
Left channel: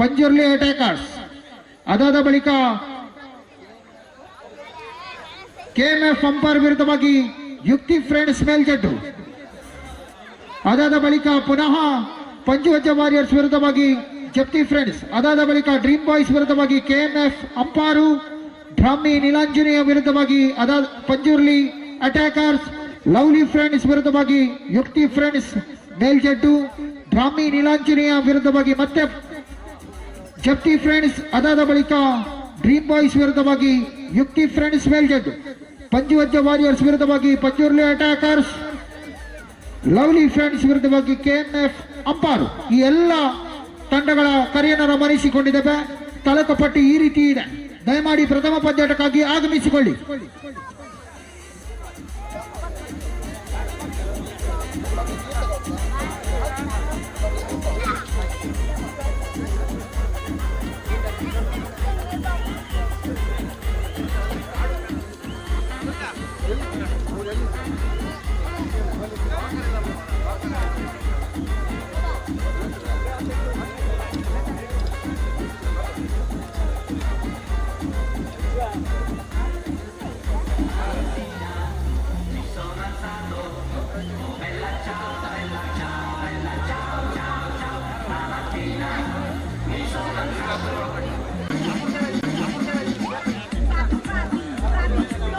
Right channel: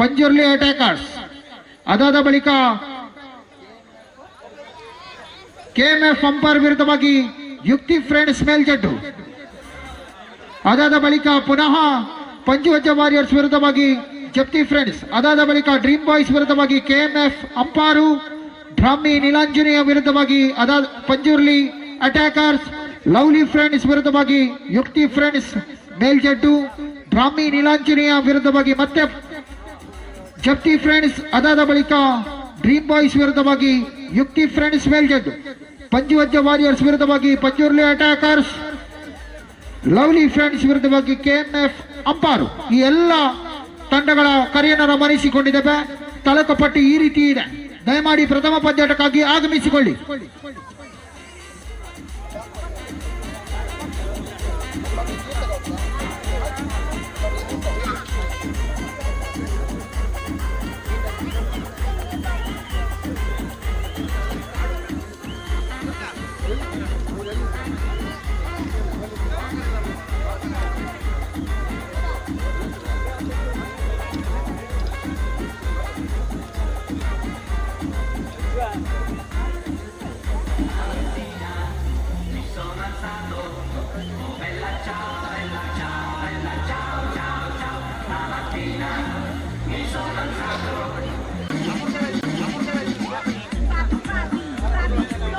ಪಂಜುರ್ಲಿ ಅಟ್ಯಾಕರ್ಸ್, ಅದಾದ ಬಳಿಕ KMF ಅಂಪೈರ್ ವಿರುದ್ಧವಾಗಿ ಯುಕ್ತಿ ಫ್ರೆಂಡ್ಸ್ ಮೇಲ್ಜಡ್ಡು, ಅದಾದ ಬಳಿಕ ಪುನಃ ಪಂಚವಜ್ರ ವಾರಿಯರ್ಸ್ ವಿರುದ್ಧವಾಗಿ ಜಪ್ತಿ ಫ್ರೆಂಡ್ಸ್, ಅದಾದ ಬಳಿಕ ಡ್ರೀಮ್ ಬಾಯ್ಸ್ ವಿರುದ್ಧವಾಗಿ KMF ಅಂಪಾರು, ಬ್ರಾಹ್ಮಿ ನೀಲಾಂಜನೇಯ ವಿರುದ್ಧವಾಗಿ ಅದಾದ ಪಂಜುರ್ಲಿ ಅಟ್ಯಾಕರ್ಸ್, ಲವ್ಲಿ ಫ್ರೆಂಡ್ಸ್ ವಿರುದ್ಧವಾಗಿ ಯುಕ್ತಿ ಫ್ರೆಂಡ್ಸ್ ಮೇಲ್ಜಡ್ಡು, ಬ್ರಾಹ್ಮಿ ನೀಲಾಂಜನೇಯ ವಿರುದ್ಧವಾಗಿ ಮತ್ತೆ ಜಪ್ತಿ ಫ್ರೆಂಡ್ಸ್, ಅದಾದ ಬಳಿಕ ಡ್ರೀಮ್ ಬಾಯ್ಸ್ ವಿರುದ್ಧವಾಗಿ ಯುಕ್ತಿ ಫ್ರೆಂಡ್ಸ್ ಮೇಲ್ಜಡ್ಡು, ಪಂಚವಜ್ರ ವಾರಿಯರ್ಸ್ ವಿರುದ್ಧವಾಗಿ ಪಂಜುರ್ಲಿ ಅಟ್ಯಾಕರ್ಸ್, ಲವ್ಲಿ ಫ್ರೆಂಡ್ಸ್ ವಿರುದ್ಧವಾಗಿ KMF ಅಂಪಾರು. ಈ ಎಲ್ಲ ತಂಡಗಳ ಕರೆಯನ್ನು ರವಾನಿಸಿಕೊಂಡಿದ್ದೇವೆ. ತಾಲೂಕು ಪಟ್ಟಿ ಈ ರೀತಿ ಇದೆ. ದಯಮಾಡಿ ಪ್ರಥಮ ಪಂದ್ಯಾಟಕ್ಕಾಗಿ ಆಗಮಿಸಿಕೊಳ್ಳಿ.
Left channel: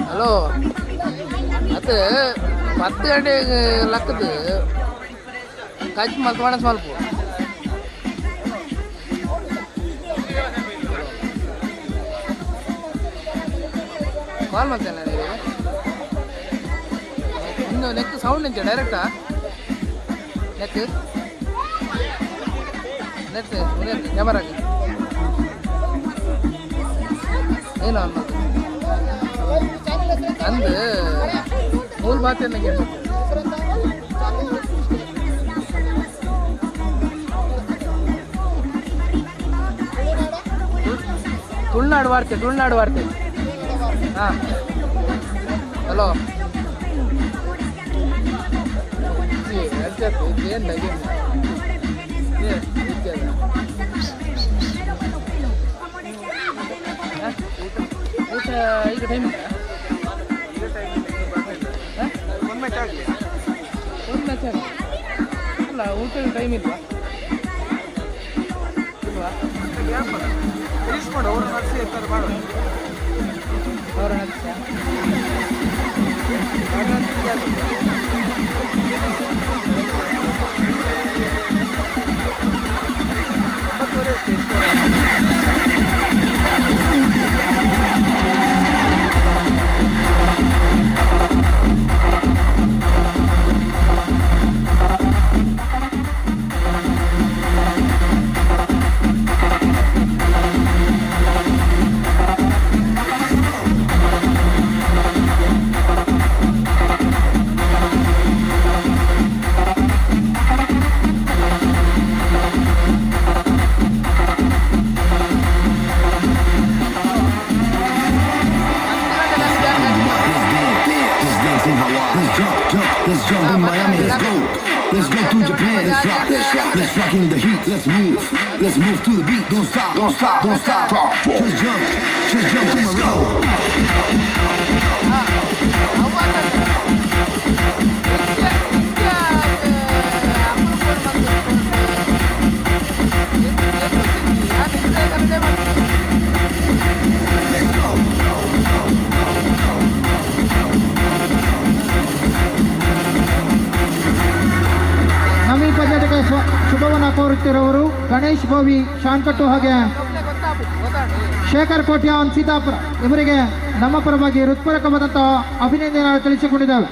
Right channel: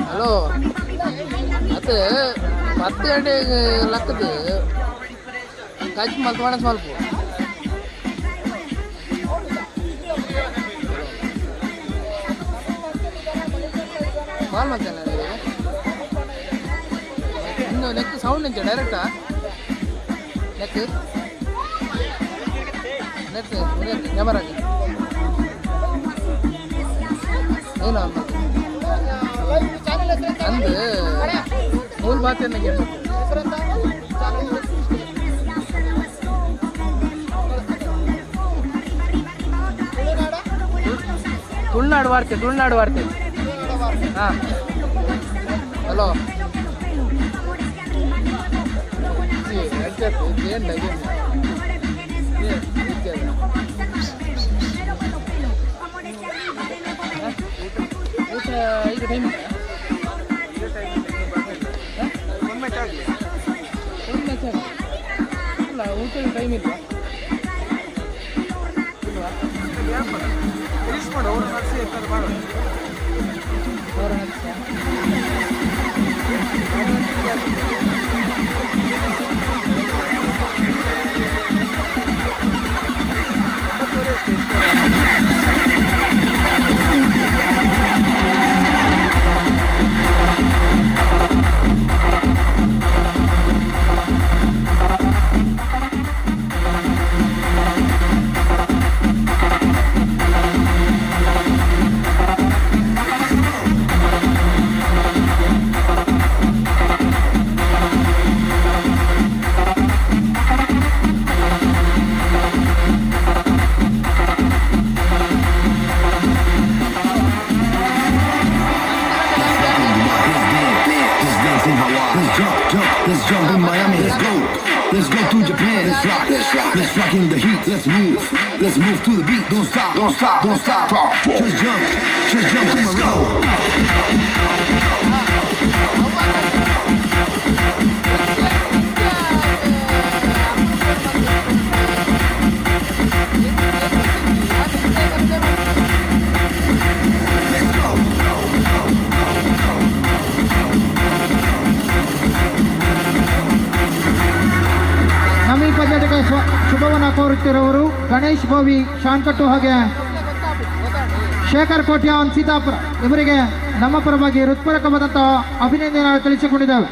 ಹಲೋ ಅದು 10 ಗಂಟೆಗೆ ಲೆಕ್ಕದು ಕಚ್ಚಿ ಮಲ್ತು ಮಾಡಸ್ ಮಲ್ಪು ಕಾಲ್ ಮಾಡ್ತೇನೆ ಇನ್ನು ನೆಕ್ ಸೌಂಡ್ ಇಂಚ ಡೈರೆಕ್ಟಾ ನೆಕ್ ನೆಟ್ ಕ್ಯಾಮರಾಗೆ ಏನು ಅನ್ನೋದು ಅಂದು ಮೂಲ ಬಾತ್ ಏನಕ್ಕೆ ತುಳುನಾಡು ವಾರ್ತೆ ಹಾಂ ಹಲೋ ಏನು ಊಟ ಈಗ ಟೈಮ್ ಒಂದು ಮ್ಯಾಚ್ ಆಗಲಿ ಅಲ್ಲ ಊಟದ ಟೈಮ್ ಇಲ್ವಾ ತಿಳಿಸ್ಕೊಂಡು ಅವ್ರ ನಡೆಸಿ ಇರ್ತಾರೆ ಮಾಡೋದು ಅವರ Let's jump in Miami, let's go. Let's go to Japan, let's rock in the heat, let's move to the beat, don't stop, just jump to my road. ಸಮೀಪಕ್ಕೆ ಶುಭವನ್ನ ಕೋರುತ್ತಿರುವವರು ಗಣೇಶ್ ಬೋವಿ ಶಾನ್ಕಟ್ಟು ಹಾಗೆ ಶೇಖರ್ ಕೋಟ್ಯಾನ್ ಸೀತಾಪುರ ಇವರಿಗೆ ನಮ್ಮ ಪರವಾಗಿ ಹೃತ್ಪೂರ್ವಕವಾದಂತಹ ಅಭಿನಂದನೆ ತಿಳಿಸಿಕೊಂಡಿದ್ದೇವೆ.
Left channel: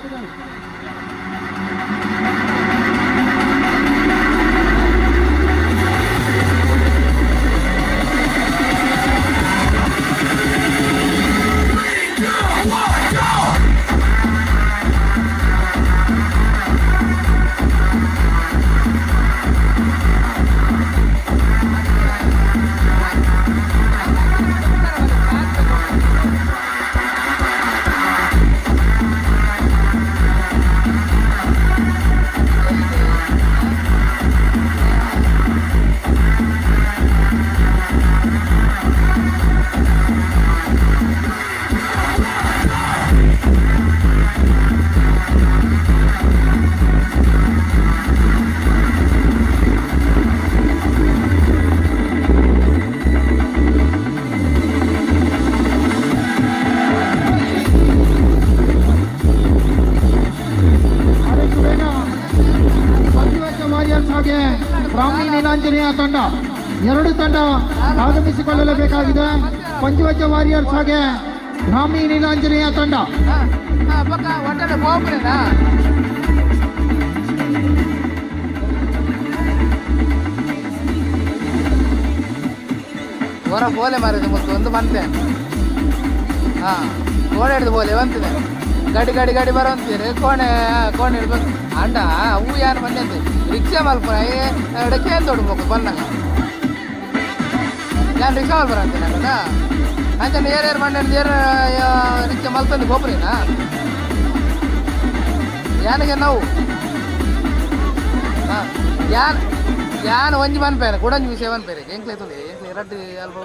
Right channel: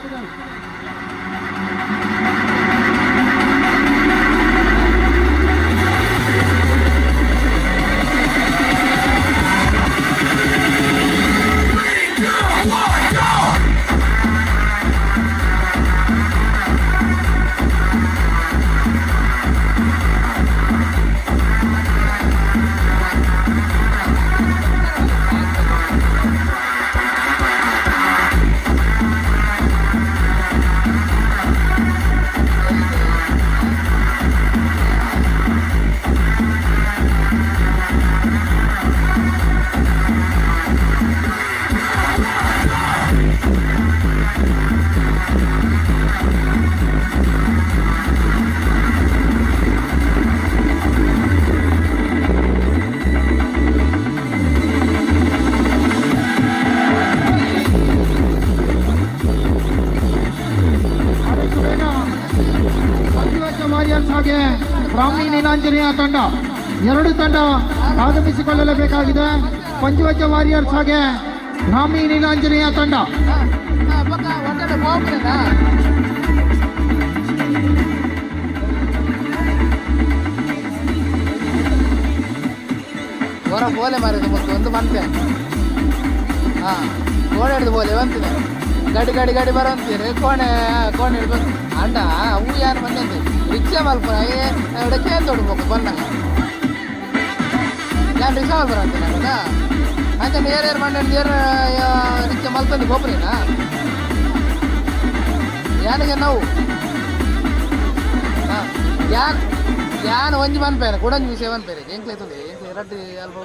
ಹಾಗೆ ಬ್ರಾಹ್ಮಿ ನೀಲಾಂಜನೇಯ ತಂಡ ಎರಡು ತಂಡ ಆಗಮಿಸಿಕೊಳ್ಳಲೇಬೇಕಾಗಿದೆ. ಪಂಚವಜ್ರ ವಾರಿಯರ್ಸ್ ಹಾಗೆ ಬ್ರಾಹ್ಮಿ ನೀಲಾಂಜನೇಯ ತಂಡ ಹೊರ ಬೋಲೆ ಮಾರಿದ ಒಂದು ಬಂತೆ ಹಾಂ ಓಡಾಡಿದ ಬೋಲೆ ಬಂತಿದೆ ಗಾಡಿ ಗಾಡಿ ಗಾಡಿ ಬರೋ ಅಂತೀರಿ ಕೋಣೆ ಇಡ್ಬೇಕು ಅಂಡ ಅವು ಯಾರು ಬಂದೆ ಅಂತ ರಿಕ್ಷಾ ಮಲ್ಪ ಎಡಕ್ಕೆ ಅಂತ ಹೊಡ್ಬೇಕು ಬಂದಾಗ ಯಾರು ರಿಕ್ಷಾ ಮಲ್ ಬರ ಅಂತೀನಿ ನನಗ ಅಂಚನೆ ಏರು ಬಂಡ ರಿಕ್ಷಾ ಮಲ್ತಂದು ಹೋಗ್ರೇನಾ ಯಾನಿಗೆ ನಾವು ಹಾಂ ಯಾನ್ ಒಂಜಿ ಮನ್ಪೇನೆ ಕೊಡಂಜಿ ವಿಷಯ ಮನ್ಪೇರೆ ಎಂಕ್ಲೆ ತುಲೆ ಎಂಕ್ಲೆ ರಡ್ಡಿ ಅಲ್ಪ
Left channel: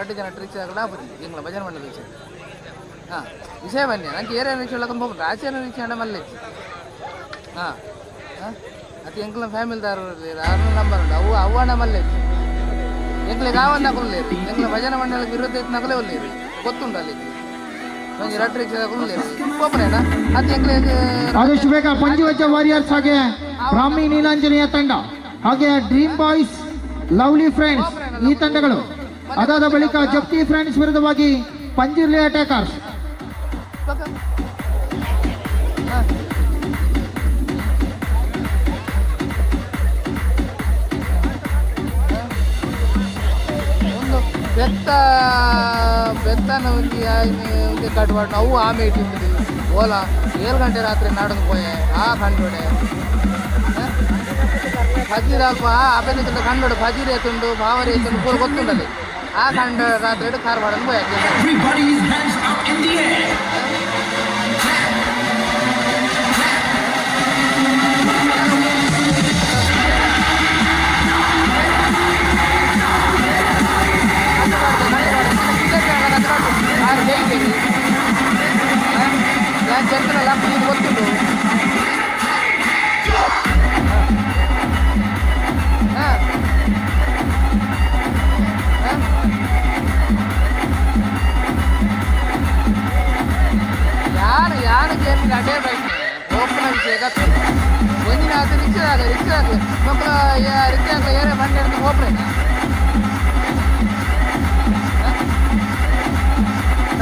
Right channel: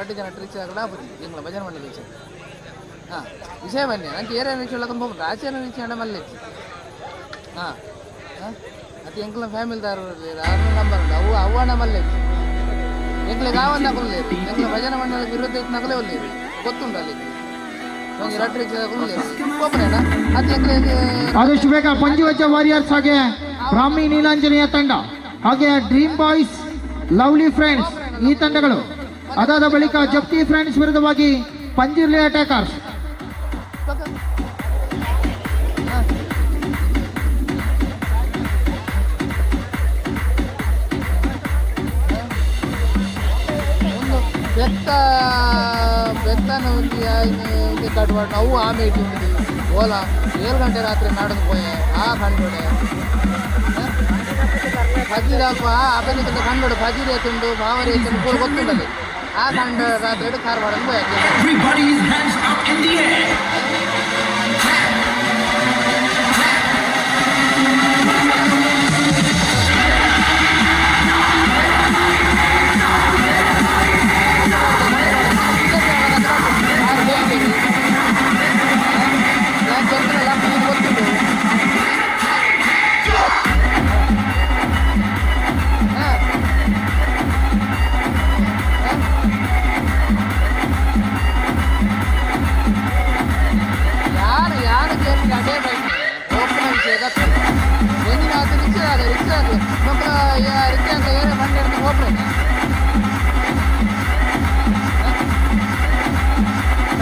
ರಡ್ಡಿ ಜನ ರಿಕ್ಷಾ ಆಪದಿ ಎಂಕ್ಲ ಭಜನೆ ಮಂಡಲ ವಿಷಯ ಹಾಂ ವಿಷಯ ಬನ್ನಿ ನಂಗೆ ಏರಿಯಾ ರಿಕ್ಷಾ ಹೇಳಕೊಂಡು ಹೋಗ್ಬಿಟ್ಟು ಆಚೆನ ರಿಕ್ಷಾ ಹಣ ಮಲ್ಲೆ ಹಾಂ ಹಾಂ ಅದು ಎಂಕ್ಲ ಫ್ಯಾಮಿಲಿದಾರು ಆರು ನಂಬರ್ ಉಂಟು ಅವು ಅವಣ ಮಲ್ಲೆ ಎಂಕ್ಲೆ ಗಾವನ್ನ ಕೊಲ್ಲೇರು ಎಂಕ್ಲ ಭಜನೆ ಮಂಡಲಕ್ಕೆ ವಿರುದ್ಧ ಇತ್ತು ನಗಲೇ ಒಲ್ಲೇರು ಗೊತ್ತುಂಟು ಅಲ್ಲಿ ನಂಗೆ ರಡ್ಡಿ ರಿಕ್ಷಾ ಕೊಲ್ಲೇರು ಹೋಗ್ರೇನಾ ಅದು ಎಂಕ್ಲೆ ಆದಷ್ಟು ಬೇಗ ಪಂಚವಜ್ರ ವಾರಿಯರ್ಸ್ ಹಾಗೆ ಬ್ರಾಹ್ಮಿ ನೀಲಾಂಜನೇಯ ತಂಡ ಹಾಗೆ ಡ್ರೀಮ್ ಬಾಯ್ಸ್ ಲವ್ಲಿ ಫ್ರೆಂಡ್ಸ್ ಈ ತಂಡಗಳು ಅದಾದ ಬಳಿಕ ಜಪ್ತಿ ಫ್ರೆಂಡ್ಸ್ ವಿರುದ್ಧವಾಗಿ ಪಂಜಿರ್ಲಿ ಅಟ್ಯಾಕರ್ಸ್. ಒಂದು ಬೆತ್ತನ ಒಂದು ಕಟ್ಬಾರ್ದು ಅವು ಆಮೆ ಇಟ್ಟಿದ್ದೀವಿ ಓಲ 7 ಗಂಟೆ ರಾತ್ರಿ ನಾಡೋದು ಪೋಯೆ ಆ ಕಂಡುಡೆ ಫಜೀರ್ ಅಲ್ಪ ಅಪೆನಿಂದ ಕಂಡು ಫಜೀರ್ ಎತ್ತುಂಡು ಬಾವರಿ ಎತ್ತುಂಡು ಪೂರ ಗೊತ್ತುಂಡಲ್ಲಿ ಆ ಕಂಡು ರಾತ್ರಿ ಕಾರ್ವಾಡ ಪೋಯ ಚಂದ್ರಲ್ಲ ಗೊತ್ತುಂಟು ಅಡ್ಡೇ ಬೈಕ್ ಓಪನ ವಿಷಯ ಒಂದಿನ ಅದು ರಿಕ್ಷಾ ಮಕ್ಕಳು ರಿಕ್ಷಾ ಏನೇ ಬಂಡಿ ಅಂತ ಓಪನ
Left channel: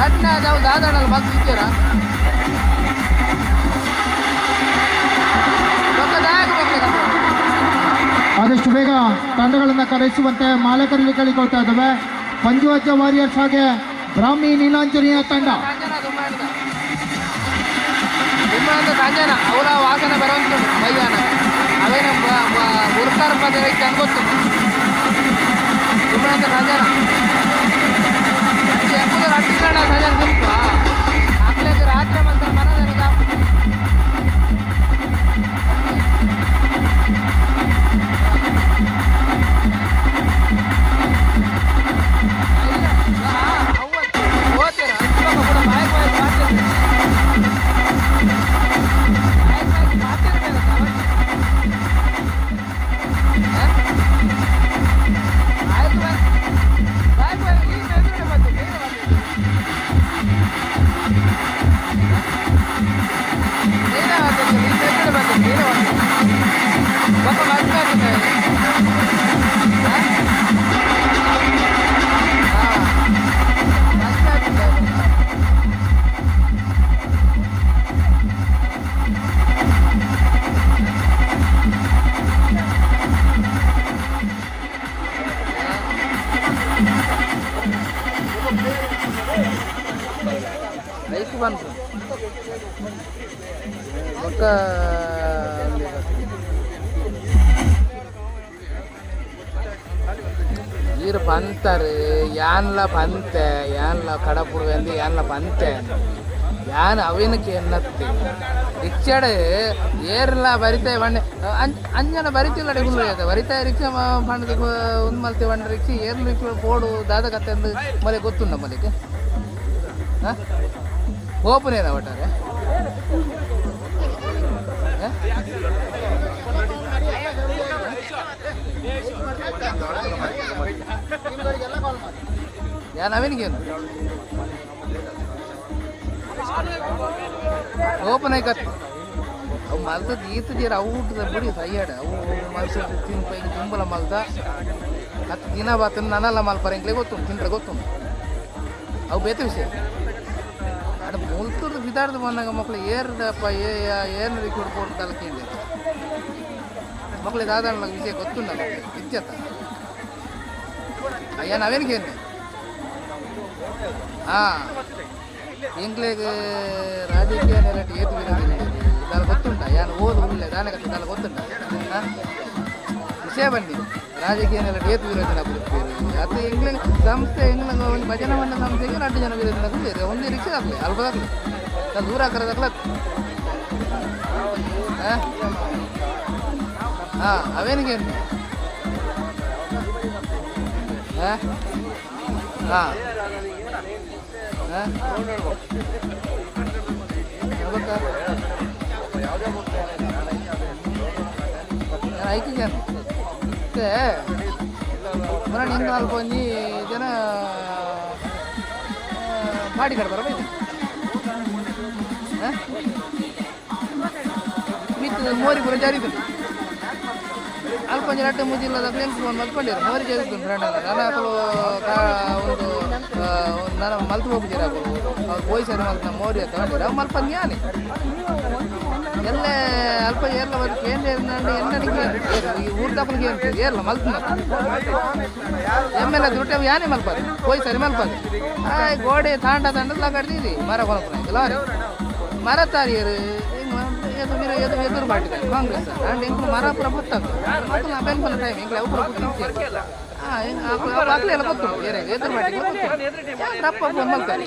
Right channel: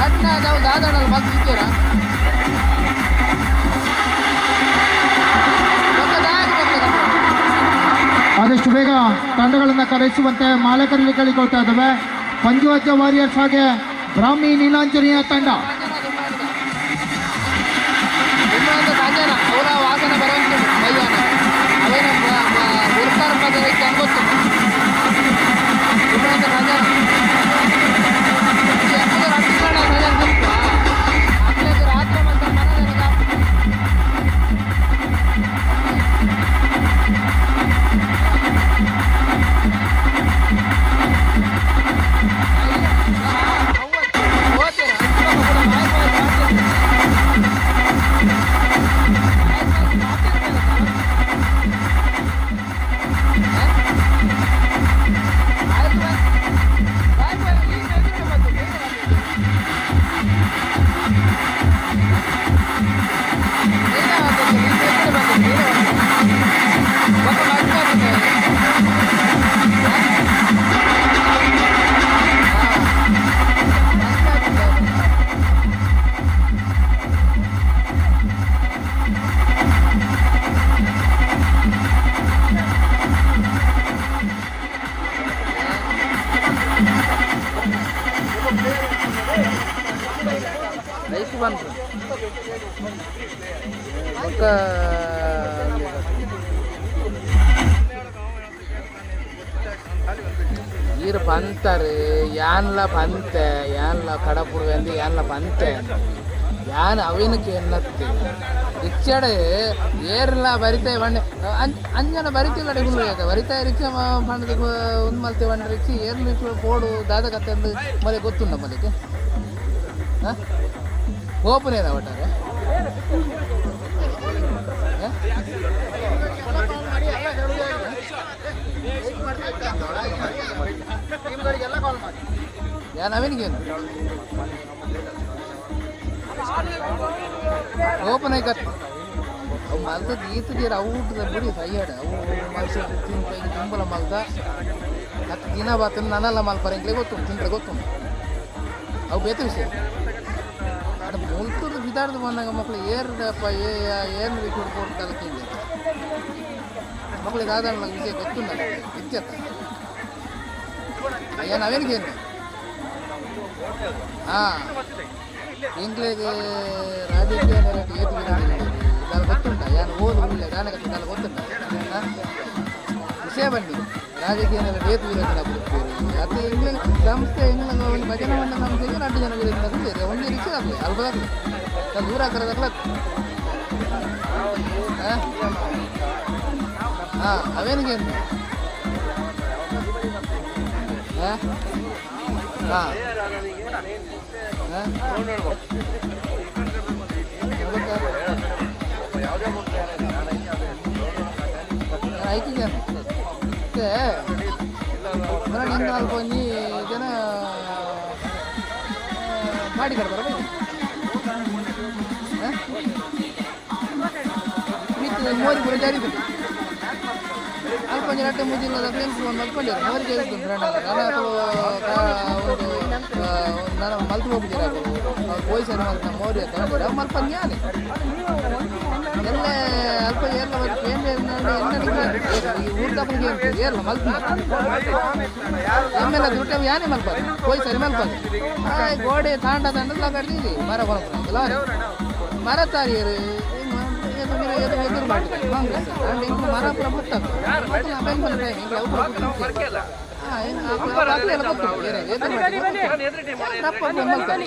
ರಟ್ನ ನಾವು ದಾದಾಡಲ್ಲಿ ಬಂದು ಇದ್ದೀರ ಆದಷ್ಟು ಬೇಗ ತಂಡಗಳನ್ನು ಕರೆಸುವಂತೆ ಮಾಲಕರಲ್ಲಿ ಕೇಳಿಕೊಳ್ತಾ ಇದ್ದಾವೆ. ಪಂಚವಜ್ರ ವಾರಿಯರ್ಸ್ ಹಾಗೆ ಬ್ರಾಹ್ಮಿ ನೀಲಾಂಜನೇಯ ತಂಡ ಸಂಜಾನ ಅವರ ವಾಸನ ಬರುವಂತ ಮೈದಾನ ಅವೇನು ಗುರುತಾರ ಪದ ಅನ್ಗೊತ್ತು ಸಂಜಾನ ರಟ್ಟಿಗಣ ಸಂಜಾನ ಸ್ವಲ್ಪ ಆಗ್ಲೇ ರಾತ್ರಿ ಮತ್ತೆ ಮನದಾಗ ಲೈಫ್ ಬಂತು ಒಕ್ಕ ಈರು ಬಂತಾರೆ ಯಾನ್ಲ ಬಂತೆ ಯಾನ್ಲ ಕಡಪುಡುವೆ ಅಂದು ಯಾನ್ಲ ಬಂತೆ ಯಾನ್ ಅವಿನಕ್ಕೆ ಎನ್ನತ್ತೆ ರಿಕ್ಷಾಡೆ ಏರ್ಲ ಬರಿತಾ ಬಂಡೆ ಅಂಜನ ಬರಿತಿಲ್ಲ ಡಿಗುಲ್ ಬರಿತಾ ರಿಕ್ಷಾ ಬಂಡದ ಒಂದು ಮಲ್ತೆ ಬಂಡ ರಿಕ್ಷಾ ಏರ್ಲ ರಿಕ್ಷಾ ಪೋಡು ದಾದ ಕತ್ತೆ ಅಂದು ಮಲೆ ಗೊತ್ತುಂಡ ಮಲೆಗೆ ಹಾಂ ಓಪನೇನ ಒಟ್ಟಾರೆ ಯಾ ನವೀನಿಗೇನು ಓಪನ್ ಆಯ್ಕತ್ತು ಅವು ಮಲ್ತದ್ದು ಈತದೀರ ಅವು ಊಟದ ಬಿಡಿ ಸೈಯಾಡ ಅವು ಮಲ್ಸಿದ್ದು ತಿನ್ಪೈಗೆ ತುಂಬಲ ಮಲ್ತ 10 ದಿನ ಬಾತನ್ನು ನನ್ನೆಲ್ಲ ಮಲ್ಪರಂಗ್ಲೇ ಗೊತ್ತುಂಟು ತಿಂದ್ರೆ ಗೊತ್ತುಂಟು ಅವು ಬೇತ ವಿಷಯ ಅದು ಮುಲ್ತದ್ದು ಬಿದಾಡ್ದು ಬಂದಾಗ ಮಕ್ಕಳು ಏರ್ದಪ್ಪ ಏನು ರೀತಿ ಹುಡ್ಕೊಂಡು ತಲಕಿಂದ ಮಕ್ಕಳಿಗೆ ಆದ ವಿಷಯ ಗೊತ್ತುಂಟಲ್ಲ ಇಚ್ಚತ್ತ ಅಯ್ಯ ನಾವೇನಿಗೇನು ಹಾಂ ಎಂಕ್ಲೆಗೆ ರಾಜಕೀಯ ನೆಲೆಟ್ಟು ಏತುಗಿರೋದಿಲ್ಲ ಇದೆಲ್ಲ ಗೊತ್ತುಂಟ ಯಾನು ಓದು ಒಳ್ಳೆ ದಾನಗತ್ತೆ ಇದೆಲ್ಲ ಗೊತ್ತುಂಟ ವಿಷಯ ಬನ್ನಿ ರಾಜಕೀಯ ನೆಲೆಟ್ಟು ಏತುಗಿರೋದಿಲ್ಲ ಕೊಡ್ತೀರಿ ಅದು ಎಂಗ್ಲೆ ಸಂಸ್ಥೆ ಎಂಗ್ಲ ಒಂದು ಭಜನೆ ಮಂಡ ಸಂಸ್ಥೆಗೆ 2 ಜನ ವಿರೋಧ ಬೇರೆ ಒಂದೇ ರಿಕ್ಷೆ ಆಗಲಿ ಅಲ್ಪದಾಗಲಿ ಅದು ದೂರ ಹಾಕರೋದಾಗಲ ಹಾಂ ಅವೇನಿಗೆ ಹಾಂ ಹಾಂ ಐಕಿಗೆ ಮತ್ತೆ ಮರಣ ಇನ್ನು ಅಲ್ಪ ಒಂಜಿ ಜನ ಮಾಡಿ ಕಡ್ತಾರ ಮಿತ್ತದ ಮೋರಿ ಪೂರ ಜಾರಿತದೆ ಅಲ್ಪ ಒಂಜಿ 2 ಮುಜಿಲ್ಲದ ಫ್ರೆಂಡ್ಸ್ ಒಂದು ಮಲ್ಕೊಂಡಿರು ಮೋರಿ ಜಾರಿತು ನಾನು ಒಂದು ನಾನು ಮಲ್ತು ಹೋಗಿದ್ದೀರ ಅವ್ರು ಪೊಯ್ಸರು ಅಂತ ಮೋರಿ ಅಂತ ಹೇಳಿದ್ರು ಅವು ಮಲ್ಪ ಜ್ಞಾನಿ ಎಲ್ಲ ಅಲ್ಪ ಎಲ್ಲ ಏನು ಈ ಊಟಪ್ಪನಿಗೆ ಏನು ಏರ್ಲ ಮಲ್ಪ ಎಮ್ಮೆಲ್ಲ ದುಡ್ಡು ಯಾನೇ ಮಲ್ಪದು ಪೊಯ್ಸರಿ ಮಲ್ಪದು ಗೋಡೆ ತಾಂಡ ತಂಡಲ್ಲ ಕಡ್ದಿದ್ರಿ ಮರ ಕೊನಪುರ ಮರ ತಾರಿಯರು ಎದುರು ಮಾಡಿದ್ದಾರೆ ಕಾಂಗ್ರೆಸ್ ಅಂಡ್ ಇಂಕ್ಲು ಮರ ಪುರ ಪುಟ್ಟದು ನಾ ಬೆಂಬಲ ಟೈಮ್ ಇಂಕ್ಲು ಅವು ಪುರ ಪುಟ್ಟ ಎಲ್ಲ ಗೊತ್ತು ಎದುರು ಮಾಡಿ ತಪ್ಪ ಮಲ್ತಾರೆ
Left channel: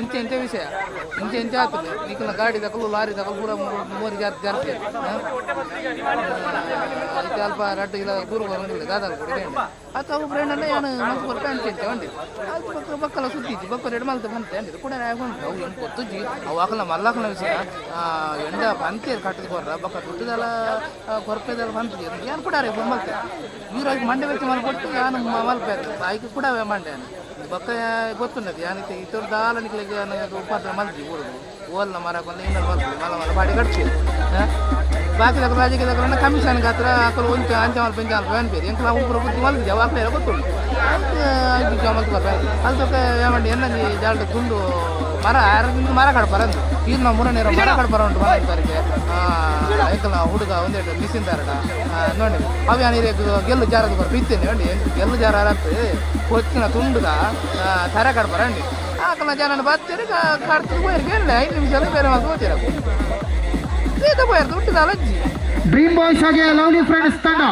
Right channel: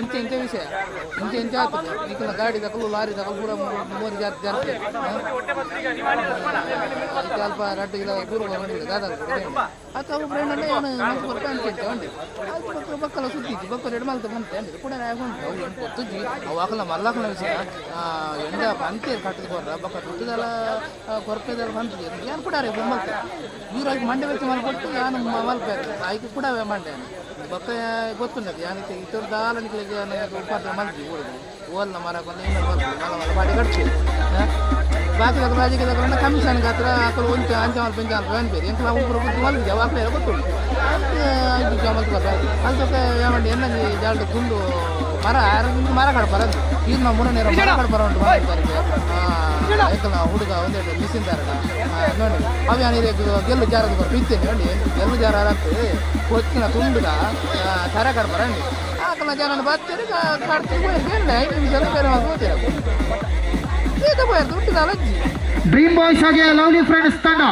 ಇಂಚೆ ವಿಷಯ ಇಂಚೆ ಆಗ್ತದೆ ಈಗಿನ ಗಾಡಿ ತಗೊಳ್ಳು ಲಾರಿ ತಗೊಳ್ಳು ಪೂರ 3 ಜಾಸ್ತಿ ಅದಕ್ಕೆ ಅಲ್ಪ 2 ಕಿಲೋ ದೂರ ಬಂದಿಲ್ಲ ಗಾದ ಅಥವಾ ಅವು ಫ್ರೆಂಡಲ್ಲೇ ಏನು ಮಲ್ತು ಬರ್ತಾ ಅಂಚೆ ಒಂಡಿ ಅದು ಬಕ್ಕಲ ಸುತ್ತಿದ್ದು ಬಕ್ಕ 2 ಮಲ್ತು ಬಂತೆ ಅಂದಿದ್ದು ಕೂಡ ಉಂಟು ಅವು ಏನು ಗೊತ್ತಿದ್ವಿ ಅವು ಹಾಕಲ್ಲ ಮಲ್ಲಾಕಲ ವಿಷಯ ಎಂಡ ಬಂತೆ ಕಟ್ಟದ ಕೊರ್ರ ಬಕ್ಕ ದುಡ್ಡದೆಲ್ಲ ಕೊರಪೆದೆಲ್ಲ ಬಂತಿದೆ ಏನು ಕೂಡ ಮಲ್ತೆ ಇವ್ರಾಗಿ ಮಂಡೆ ವೆಚ್ಚ ಮಲ್ಕೊಟ್ಟು ನಾನು ಮಲ್ಪೇರು ಆಯ್ಕೆ ಕೂಡ ಮಂಡೆ ಬಕ್ಕ ಗೊತ್ತುಂಟದು ಯಾನಿಗೆ ಇತರ ದಾಲನಿಗಳಿಗೆ ಉಪಾತ್ರ ಮಲ್ತಿ ಊರಿಗೆ ಓಲ್ನ ಮರಕೊಂದು ಇನ್ನೊಂದು ಮಲ್ತಿ ಮಲ ಮಾಡಿ ಕಟ್ತೀವಿ ಬಾಕಿ ತಕ್ಕ ರಾಜಕೀಯ ತಗೊಂಡ ಕಮಿಷನ್ಗೆ ಹತ್ರ ಹಾಕಲು ಒಂದು ಅಂಚಮಲ್ ಪಂಚಾಲ್ ಅನ್ಬೇರಿ ಎಂಕ ನಾವು ಪೂರ ಬುದ್ಧಿ ಮಲ್ತಿದ್ದೆ ಅವು ಹಾಕ್ಲೇ ಗೊತ್ತುಂಟು ಮಲ್ತು ಬರ್ತಾರೆ ಅದಕ್ಕೆ ಏಮಂಡಿ ಎನ್ನಂಜಿ ಜಾಲ್ದ ತುಂಡು ಮರ ಕಡ್ಪಾರ ಅಂತ ಈಗ ನಾವು ಮುರನೇರ ಮರ ಕಡ್ಪಾರ ಉಂಟು ಮಾಡ್ತಾರಿಗೆ ಐಕಲ್ಲ ಹುಡುಗ ಒಂದೆರಡು ಮಿಸ್ಸಿಂದಾರಡ ನೋಡಿ ಅವು ನೀರು ಗೆಲ್ಲು ಜಾರದ ಬರ್ ಬಿತ್ತೇನೆ ನೋಡಿ ಗೆಲ್ಲು ಜಾರ ಆಗ್ತದೆ ಕೊಚ್ಚಿನ ತುಂಡುಗ ತರ ಕಡ್ಪಾರ ಅಂಡಿ ಹಾಕಲ್ಲ ಜನ ಬರ್ತೀರಿ ಕಡ್ತೀರಿ ಹೋಯ್ರಿ ಬೇರೆ 5 ನಿಮಿಷ ಬೇರೆ ಮಾತು ಹೋಗ್ತೀರ ಈತ ಹೋಯ್ತು ಹುಟ್ಟಿದ ಅಜ್ಜಿ ಡ್ರೀಮ್ ಬಾಯ್ಸ್ ಹಾಗೆ ಲವ್ಲಿ ಫ್ರೆಂಡ್ಸ್ ತಂಡ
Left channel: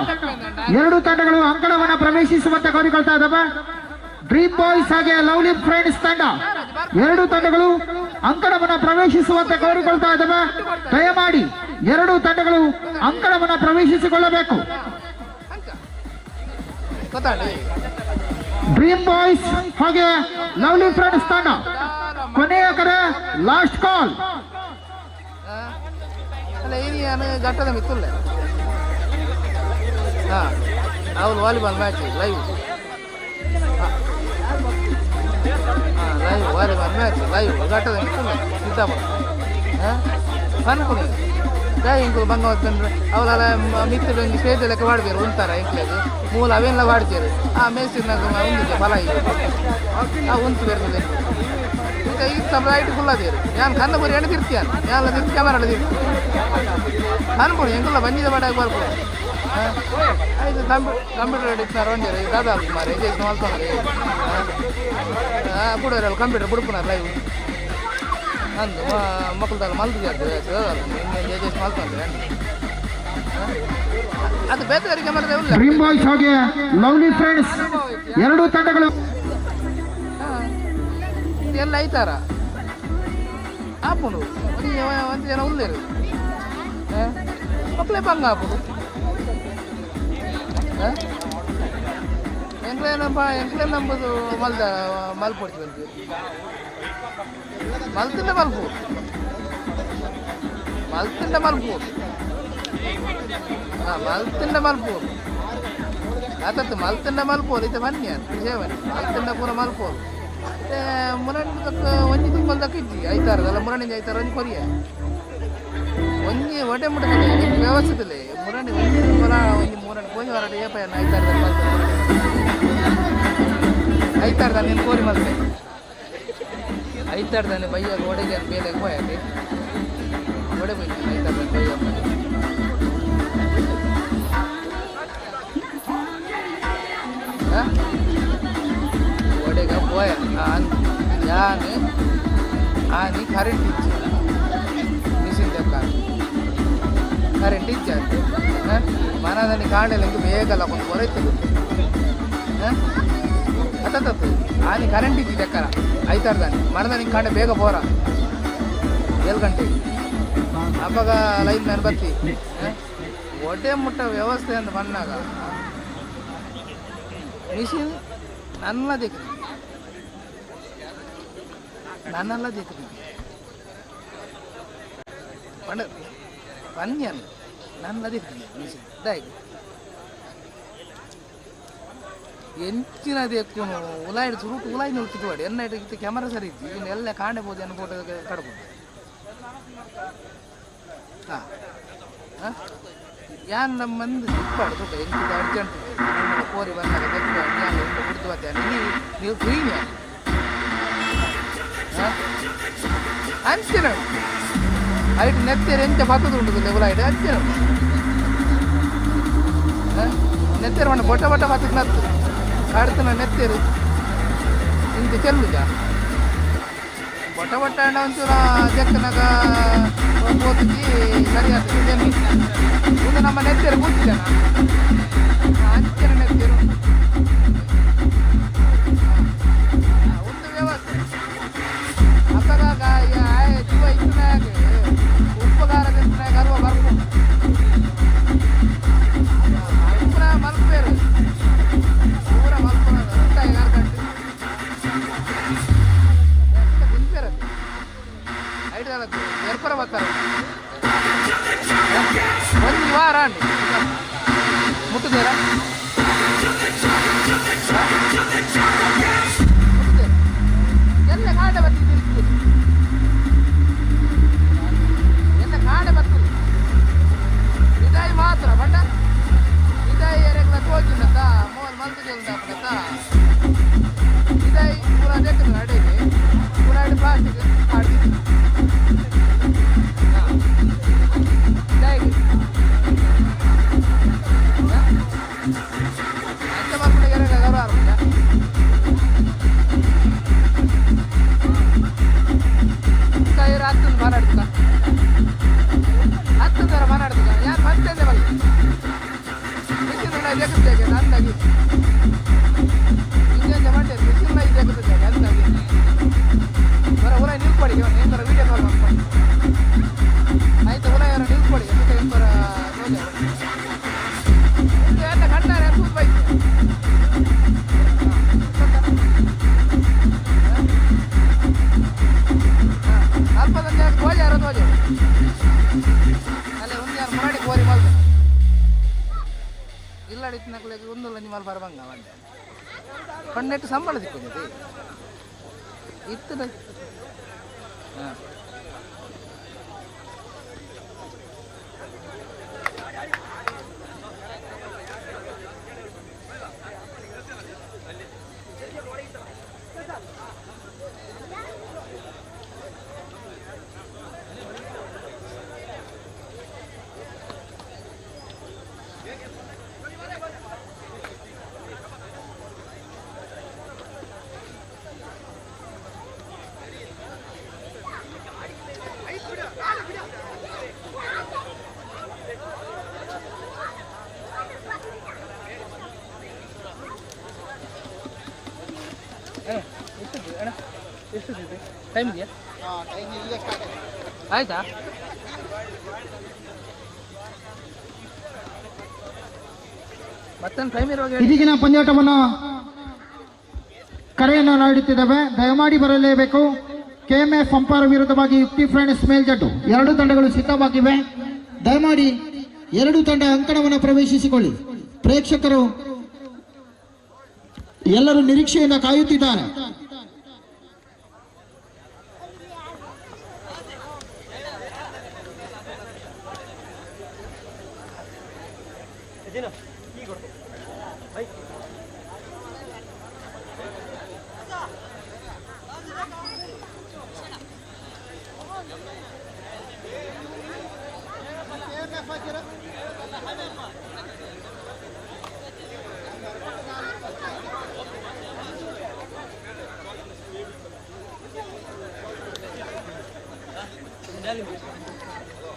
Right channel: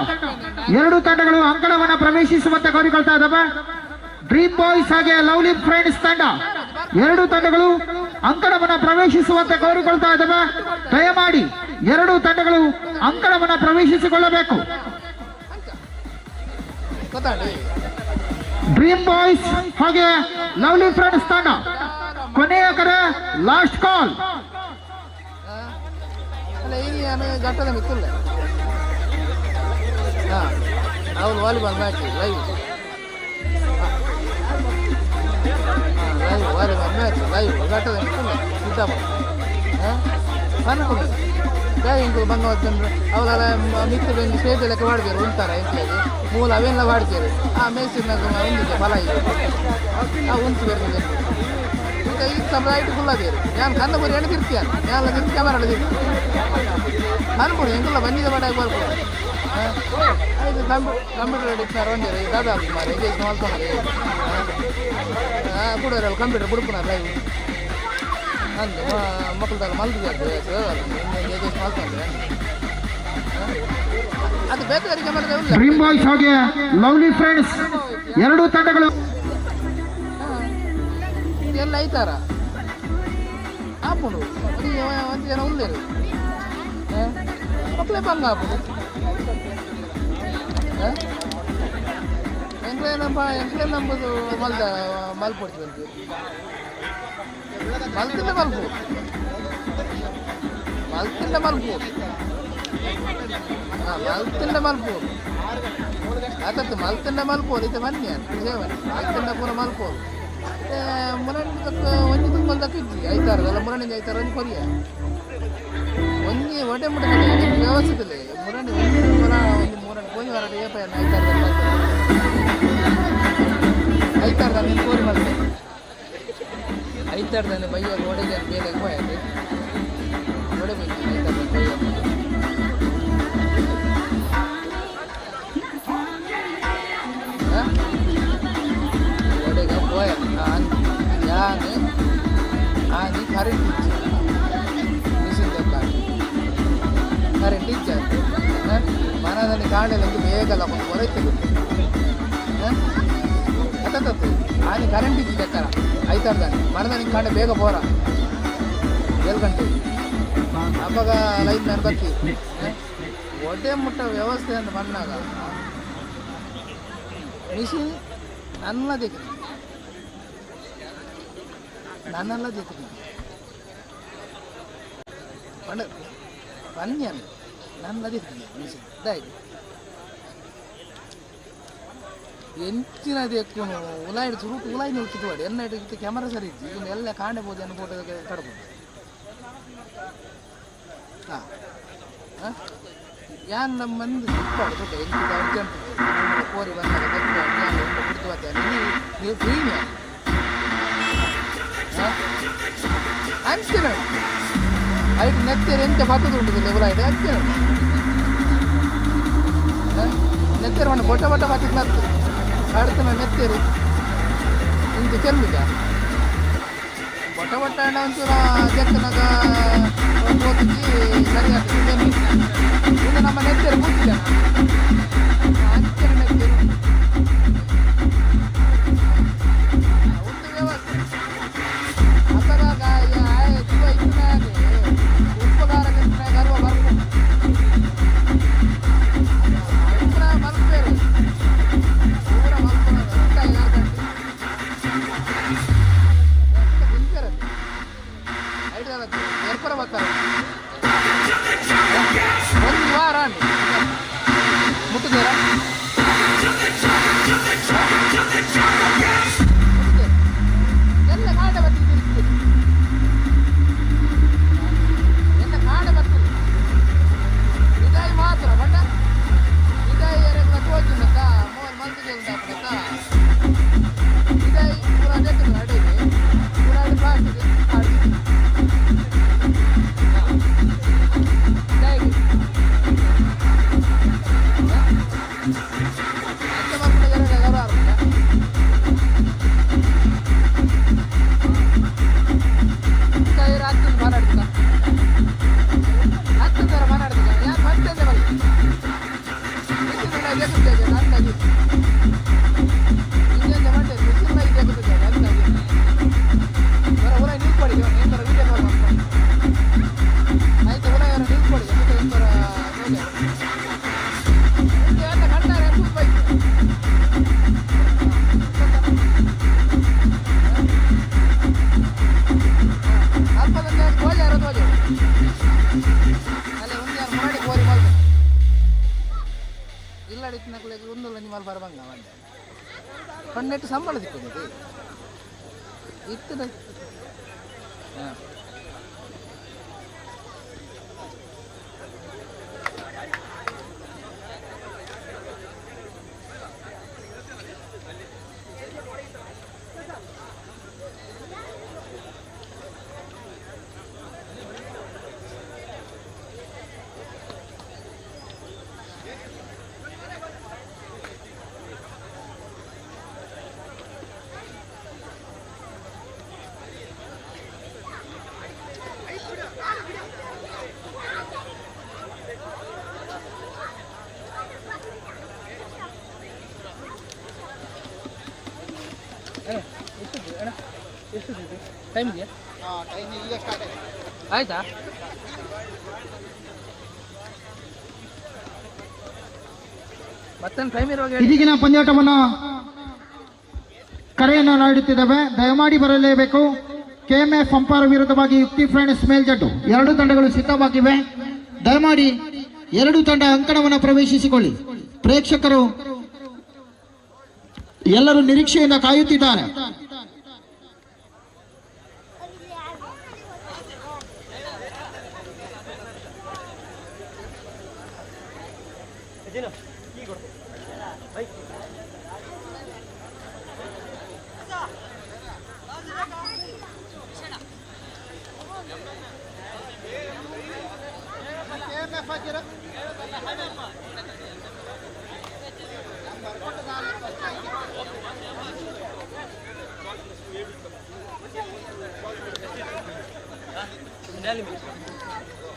2 ತಂಡಗಳು ಅಂಕಣವನ್ನ ಪ್ರವೇಶಿಸುವಂತೆ ಕೋರಿಕೊಳ್ತಾ ಇದ್ದಾವೆ. ಡ್ರೀಮ್ ಬಾಯ್ಸ್ ಹಾಗೆ ಲವ್ಲಿ ಫ್ರೆಂಡ್ಸ್ ತಂಡ 2 ತಂಡಗಳು ಅಂಕಣವನ್ನ ಪ್ರವೇಶಿಸುವಂತೆ ಕೋರಿಕೊಳ್ತಾ ಇದ್ದಾವೆ. ದಯಮಾಡಿ 2 ತಂಡಗಳು ಅಂಕಣವನ್ನ ಪ್ರವೇಶಿಸಿಕೊಳ್ಳಬೇಕು. ಡ್ರೀಮ್ ಬಾಯ್ಸ್ ಹಾಗೆ ಲವ್ಲಿ ಫ್ರೆಂಡ್ಸ್ ತಂಡ ಕೊನೆಯ ಕರೆ ಲಾಸ್ಟ್ ಕಾಲ್. ಘಟ್ಟದ ಮಿತ್ತುಲ್ಲ ಅವ್ರು volleyball match live volleyball match live ಘಟ್ಟದ ಮಿತ್ತುಲ್ಲ ಸಿದ್ದಾಪುರ ಅನ್ಕೊಂಡು ಇಂಕು ಬಂಗವತ್ತಂದ್ರೆ ಅವರೆಲ್ಲ ಮಿತ್ತರು ಒಂದು ಸ್ಟೇಜ್ ಲೆಕ್ಕ ಮಾಡ್ತಾರೆ ಉಂಟಾರ ಇಂಕ್ಲೇದು ಮೂಲ ಅವೆಲ್ಲ ಮಾಡ್ತಾರೆ ಆ ಮೇಸಿನಾಗ ಒಂದಿದೆ ಫಲ ಇದೆ ಉಂಟು ಬರ್ತದೆ ಈಗ ಈಗ ಸ್ವಲ್ಪ ಲೈಟ್ ಫುಲ್ ಅದೇರು ನಾನು ಕನ್ನ ಬರೀ ಎಣ್ಣೆ ತಿರ್ತೀಯಾನು ಯಾನೆಲ್ಲ ತಿರ್ತಿ ಕ್ಯಾಮರಾ ತಿರ್ತಿ ಅನ್ಬೋದು ಹೆಂಗೆಲ್ಲ ಬಂದಿದೆ ಮಾಡಾಗಿ ಬರ್ಬೋದು ಆಯ್ತು ಕಂಪ್ಯೂಟರ್ ಹಿಡಿತಾರೆ ಒಂದೇ ದಾದಾ ಮಾರೆ ಎಜೇಷನ್ ಮಾಡ್ಕೊಂಡ್ರೆ ಕೂಡೋರೆಲ್ಲ ಕಂಪ್ಯೂಟರ್ ಬಿಡ್ಕೊನಾರ ಲೈವ್ ಅಂದು ಮಕ್ಕಳದಲ್ಲ ಮಲ್ತಿದ್ದೆ ಎಜೇಷನ್ ಮಾಡ್ಕೊಂಡ್ರೆ ಅದು ಬೇರೆಯವರಿಗೆ ಮಾಡಿದ್ರೆ ಇಲ್ಲ. ಡ್ರೀಮ್ ಬಾಯ್ಸ್ ಹಾಗೆ ಲವ್ಲಿ ಫ್ರೆಂಡ್ಸ್ 2 ತಂಡಗಳು ಎಲ್ಲ ಐತಾರ ಹಾಕೊಂಡು ಒಂದು ಜನ ಉಳ್ಳೇರು ಮಕ್ಕಳೇ ಬಂಗ ಹಾಪುದು ಎಂಕ್ಲೆ ನಂಬುದು ಮಲ್ಪೊಡ್ತೀವಿ ಅಂತ ಮಲ್ತಿಂದ ಮಲ್ಪು ಮಲ್ತಿಂದ ಮಲ್ಪು ಆತತ್ತು ಮಲ್ತಿಂದ ಮಲ್ಪೋರು ಇತ್ತೆ ಬನ್ನಿ ಅಂತ ಸೇವನೆ ಮಲ್ತಿಂದ ಪೂರ ಮಲ್ಪೋರು ಮುರಣಿ ಒಂಜಿ ತುಂಬಲ್ ದಕ್ಕ ಇಜ್ಜಿ ಐತಾರದಲ್ಲ ಮುರಣಿಂದ ಐತಾರ ಒಂಜಿ ಕೊರಿಯ ಒಂಜಿ ಹೊಟ್ಟೆ ಮುಟ್ಟ ವ್ಯವಸ್ಥಿತ ಮುರಣಿ ಒಂಜಿ ಮುರಣಿ ಕೋರಿ ಹೊರಟ ಏಪಯ್ಯ ಐತಾರದ ನೀನು ಕೋರಿ ಮಾಡ್ತೆ ಐತಾರ್ದಾನೆ ಬಯ್ಯ ಒಡೆಗೆ ಬೇಲೆ ಹೋಯದೆ ಒಡೆ ಬೈತಿ ಐತಾರ್ದ ಬಯ್ಯ ಒಡೆಗ ಹೋಯ ಯಾನೆ ಮನದಲ್ಲಿ ಕಾಣಲಿಲ್ಲ ಇಂದು ಬೇಗಲ್ಲ ಒಂದು ಹೊರೈತದೆ ಅತ್ತತ್ತು ಆನೆ ಕರೆಂಟ್ ಇದ್ದಿದೆ ಅಕ್ಕರ ಆಯ್ತಾಡ್ದಾನೆ ಮರದಲ್ಲಿ ಕಾಣೆ ಬೇಗ ಬೋರ 7 ಗಂಟೆ ಅವಾಗ ಲೈನ್ ಮ್ಯಾನ್ ಬರ್ತಿ ಒಡ್ಡೆ ಮುಟ್ಟ ವ್ಯವಸ್ಥೆ ಅಂತ ಬಂದಾಗ ಮಿಷಿನ್ ನನ್ನಲ್ಲ ದೇಖ್ರಿ ಪನ್ಯನ್ ನನ್ನಲ್ಲ ದೇಖ್ರಿ ಮಿಷಿನ್ ಇದಾಯ್ತು ಎಂಚಿನ ದೇಕು ಉಲಾಯಿಡ್ ಸುರುಟು ಉಲಾಯಿ ನಿಲ್ತಿದ್ದು ಮಾಡಿ ಎನ್ನ ಇಟ್ಟು ಕ್ಯಾಮರಾ ಸರಿ ಇತ್ತು ಇದನ್ನ ಎಲ್ಲ ಕಾಣಬಹುದು ಅನ್ನೋ ಫೋಟೋ ಕಡ್ಬೋದು ಹಾಂ ಯಾನ್ ನಮ್ಮ ಮಂದಿ ಸಿಕ್ಪಾಡು ದೊಡ್ಡ ಎಂಚಿದ ಅರ್ಜೆಂಟ್ ಕೋರಿ ಬಂದಾಗ ಬಿಡ್ತು ನೀವು ಫ್ರೀನೇ ಅಂಚೆ ನೋಡಿ ಐಟು ನೆತ್ತೇರು ಎಂಚ ಬತ್ತದು ಉಂಟು ಉಲಾಯಿಡ್ ಅಂಚೆ ನೋಡಿ ನೆತ್ತೇರು ಮಣ್ಣು ಬೊಟ್ಟ ಬತ್ತಕ್ಕೆ ನತ್ತು ಕಾಡ್ತನ ನೆತ್ತೇರು ಇಂಚೆ ಚೆಲ್ಲುದ ಬೊಟ್ಟ ಅಣ್ಣ ಒಂಚೂರ ಜಕ್ಕನಾಗ ಓದಿಸಿ ಸರಿ ಆಗ್ತದೆ ಇದು ನಮ್ಮ ನೆತ್ತೇರು ಕೂತಿದ್ದಾನ ಅಂಚೆನ ನೆತ್ತೇರು ಒಂದು ವ್ಯವಸ್ಥೆ ಅಪಗಾಗ ಜೀವ ಇನ್ನಾಗೆ ಉಪಕಾರ ತಿಂತಾಗ ಅರುವ ಬರ್ಕು ಪೂರ ಮಲ್ಪೇರು ಪೂರ ಮಲ್ಪನ ರೊಟ್ಟಾಗಿ ಹಾಕಂಡು ತಿಂಪೇರದು ಐಟು ಏರ್ಪರ ಬರ್ತಾರೆ ಒಂದು ವಾರ ಮುಟ್ಟಿದ್ದೀರಾ ಎಲ್ಲ ಕಾಡೆ ಬರ್ತಿದ್ದೀರಿ ಎಲ್ಲ ಕಾಡೆ ಬರ್ತೀರಿ ಇದಾಯಿ ಮಾತ್ರ ಬಣ್ಣ ಇದಾಯಿ ಎರಗಲ ತೋಚಿಂದ ಮೂವಲ್ ಮಂದಿಗೆ ಉಂಟಾಪಡತ್ತ ಇದಾಯಿ ಪೂರ ಜಗತ್ತು ಅಡಿಗೆ ಪೂರ ಪ್ಲಾಸ್ಟಿಕ್ ಆಡಿ ಇದಾಯಿ ಅಂಚೆ ಮಕ್ಕಳಿಗೆ ಎರಗಲ ಆರಂಭ ಹತ್ತು ಮಾತಾಡ್ತೀಗ ಹತ್ತು ಥರ ಮಾತಾಡ್ತೀಗ ಯಾರು ಮತ್ತೆ ಬರಲಿ ಮಿಷಿನ್ ಜಗುತ್ತದೆ ಅಂದಾಗಿ ಇಂಜನ್ ಮಾಡಿ ಮಿಷಿನ್ ಜಗುತ್ತದೆ ಅಂದಾಗಿ ಬರ ಊರ ನಿಲ್ಕೊಡಿ ಏನು ಬರ ವೀಡಿಯೋ ಕಾಲ್ ಮಾಡ್ಕೊಂಡು ಆಯ್ತು ಊರ ಯಾರು ನಿಲ್ಕೊಡಿ ಏನು ಬರ ನೋಡಿದೆ ಎಲ್ಲ ಕಟ್ಟಾರೆ ಸೂಪ್ ಬೈಕ್ ಅಲ್ಪದಲ್ಲಿ ಕೋಳಿ ಯಾರು ತೋಜು ಅಲ್ಲೇ ಒಂದು ಯಾರು ಮುರಾಡಿ ಕೋರಿ ಮಾಡ್ಬೇಕು ಇಲ್ಲ ನಕ್ಲಿಗೆ ಒಂದು ನಿಮ್ಮಲ್ಲಿ ಬರಬಂಗ ಮಂಡೆ ಕಣ್ಣೆಟ್ಟು ಸಂಬಳ ಸಿಕ್ಕಿದೆ ಇತ್ತು ಹಾಂ ಎಷ್ಟಿದೆ ಟೈಮ್ ಇದೆಯಾ ಆಯ್ತಾ ಮತ್ತೊಂದು ಟೈಮ್ ಇರುವಾಗ ಇದೀಗಿನ ಪಂದ್ಯಾಟವನ್ನು ಕರೆಯನ್ನು ನೀಡುತ್ತಿದ್ದಾವೆ. ದಯಮಾಡಿ ಬರಲೇಬೇಕು. ಕೆಎಂಎಫ್ ಅಂಪೈರ್ ವಿರುದ್ಧವಾಗಿ ಯುಕ್ತಿ ಫ್ರೆಂಡ್ಸ್ ಮೇಲ್ಜಟ್ಟು 2 ತಂಡಗಳು ಸಿದ್ಧವಾಗಿವೆ. ದಯಮಾಡಿ 2 ತಂಡ ಅಂಕಣವನ್ನು ಪ್ರವೇಶಿಸಿಕೊಳ್ಳಿ. ಪ್ರೇಕ್ಷಕರು ಎಲ್ಲರೂ ನಿರೀಕ್ಷೆಯಿಂದ ಕಾಯುತ್ತಿದ್ದಾರೆ.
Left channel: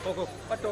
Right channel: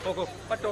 ಹೋಗು ಪಟ್ಟು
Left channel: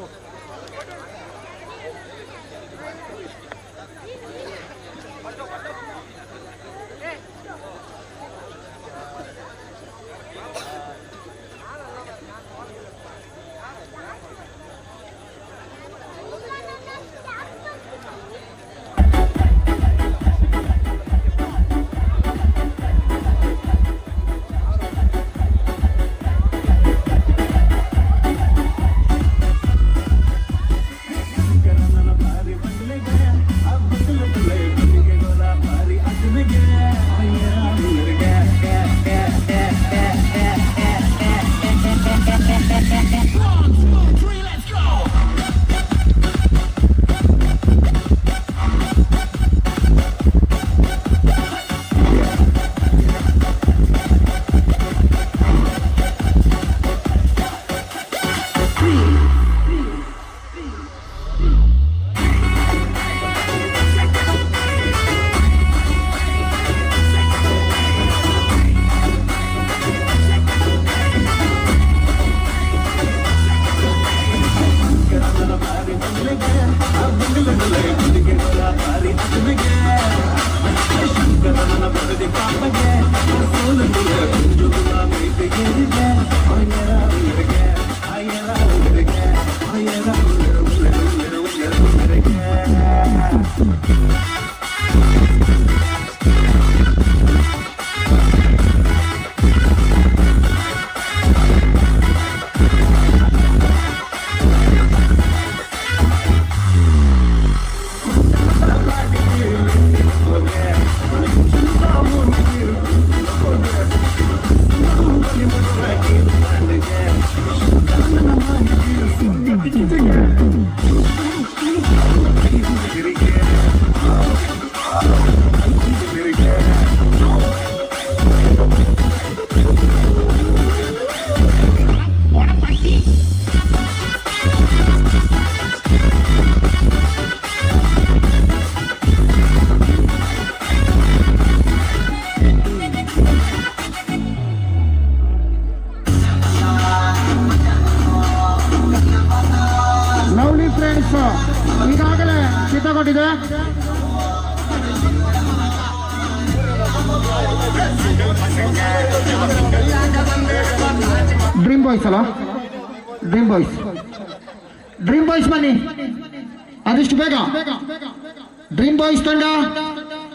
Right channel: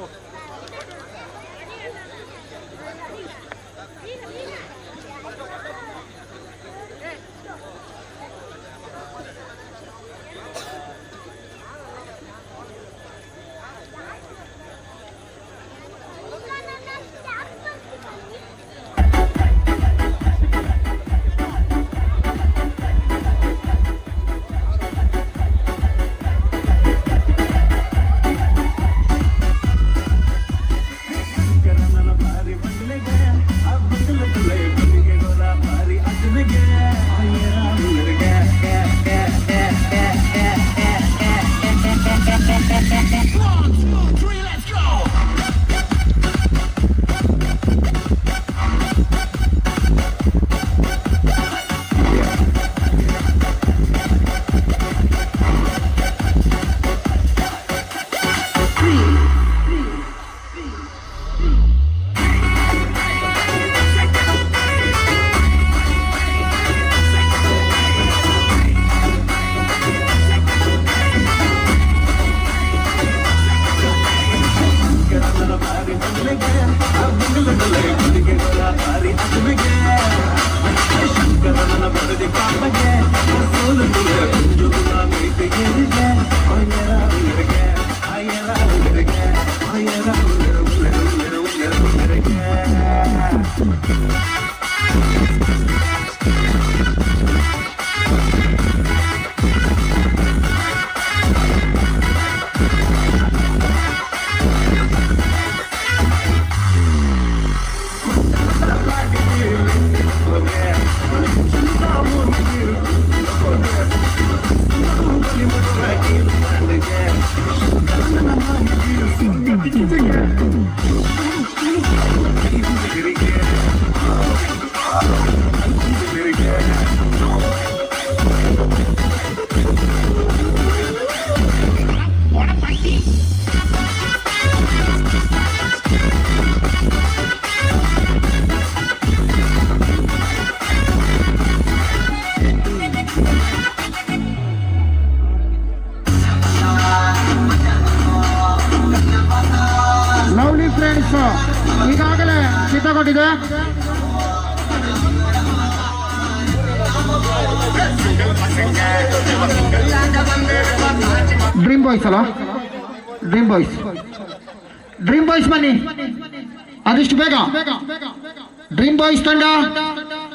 ತಗೊಂಡಿದೆ. ಡ್ರೀಮ್ ಬಾಯ್ಸ್ ಅಲ್ಲ, ಡ್ರೀಮ್ ಬಾಯ್ಸ್, ಡ್ರೀಮ್ ಬಾಯ್ಸ್ ಬನ್ನಿ ಆದಷ್ಟು ಬೇಗ. ಡ್ರೀಮ್ ಬಾಯ್ಸ್ ತಂಡ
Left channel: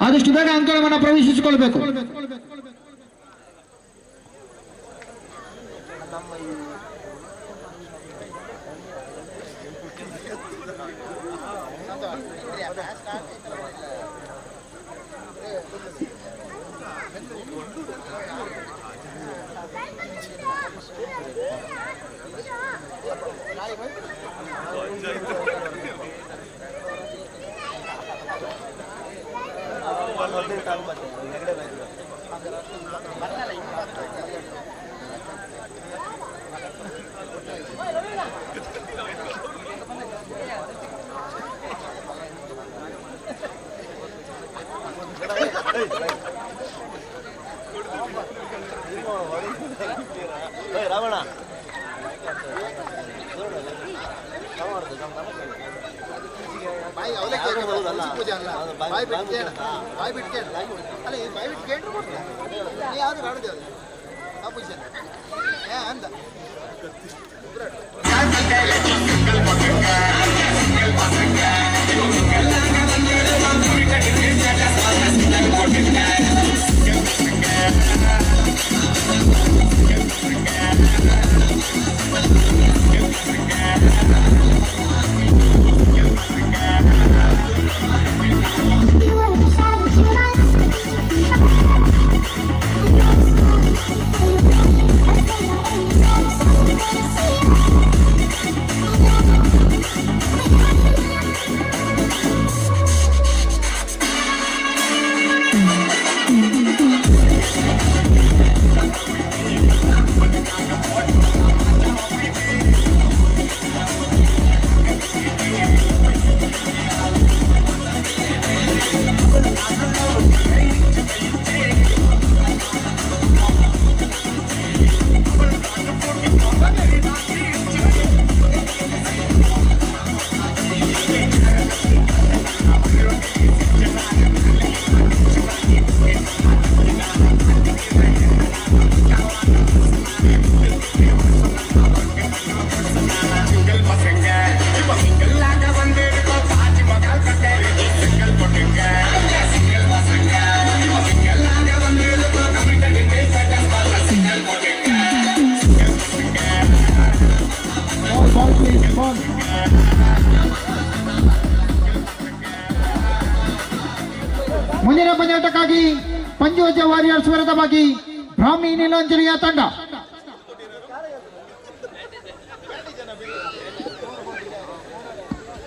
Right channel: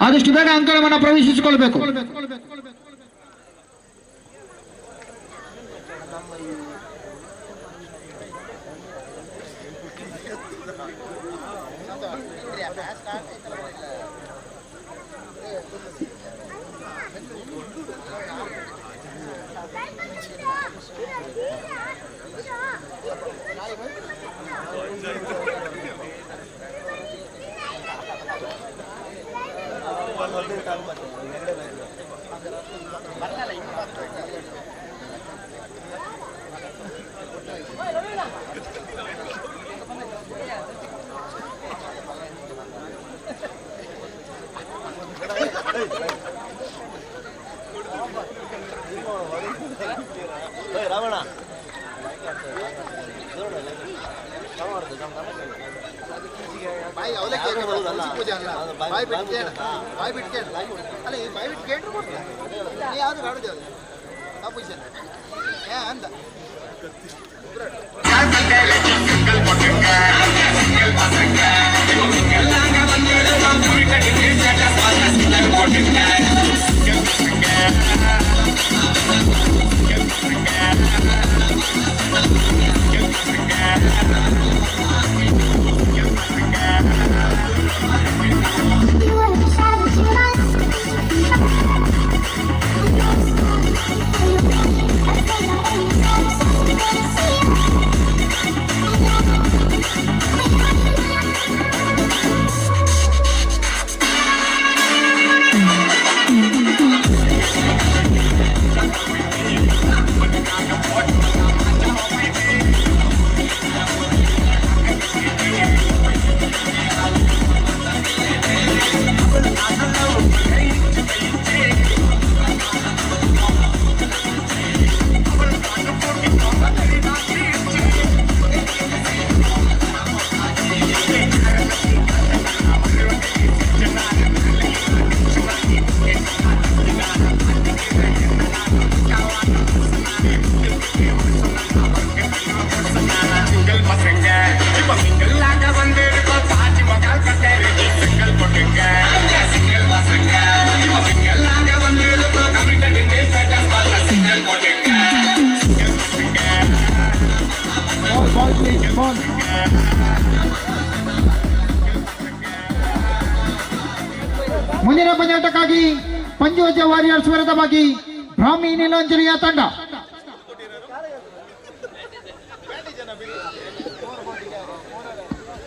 ಆದಷ್ಟು ಬೇಗ ಅಂಕಣವನ್ನು ಪ್ರವೇಶಿಸಿಕೊಳ್ಬೇಕು. ಮುಂದಿನ ಪಂದ್ಯಾಟಕ್ಕಾಗಿ ಪಂಚವಜ್ರ ವಾರಿಯರ್ಸ್ ವಿರುದ್ಧವಾಗಿ ಬ್ರಾಹ್ಮಿ ನೀಲಾಂಜಲಿಯ ತಂಡ.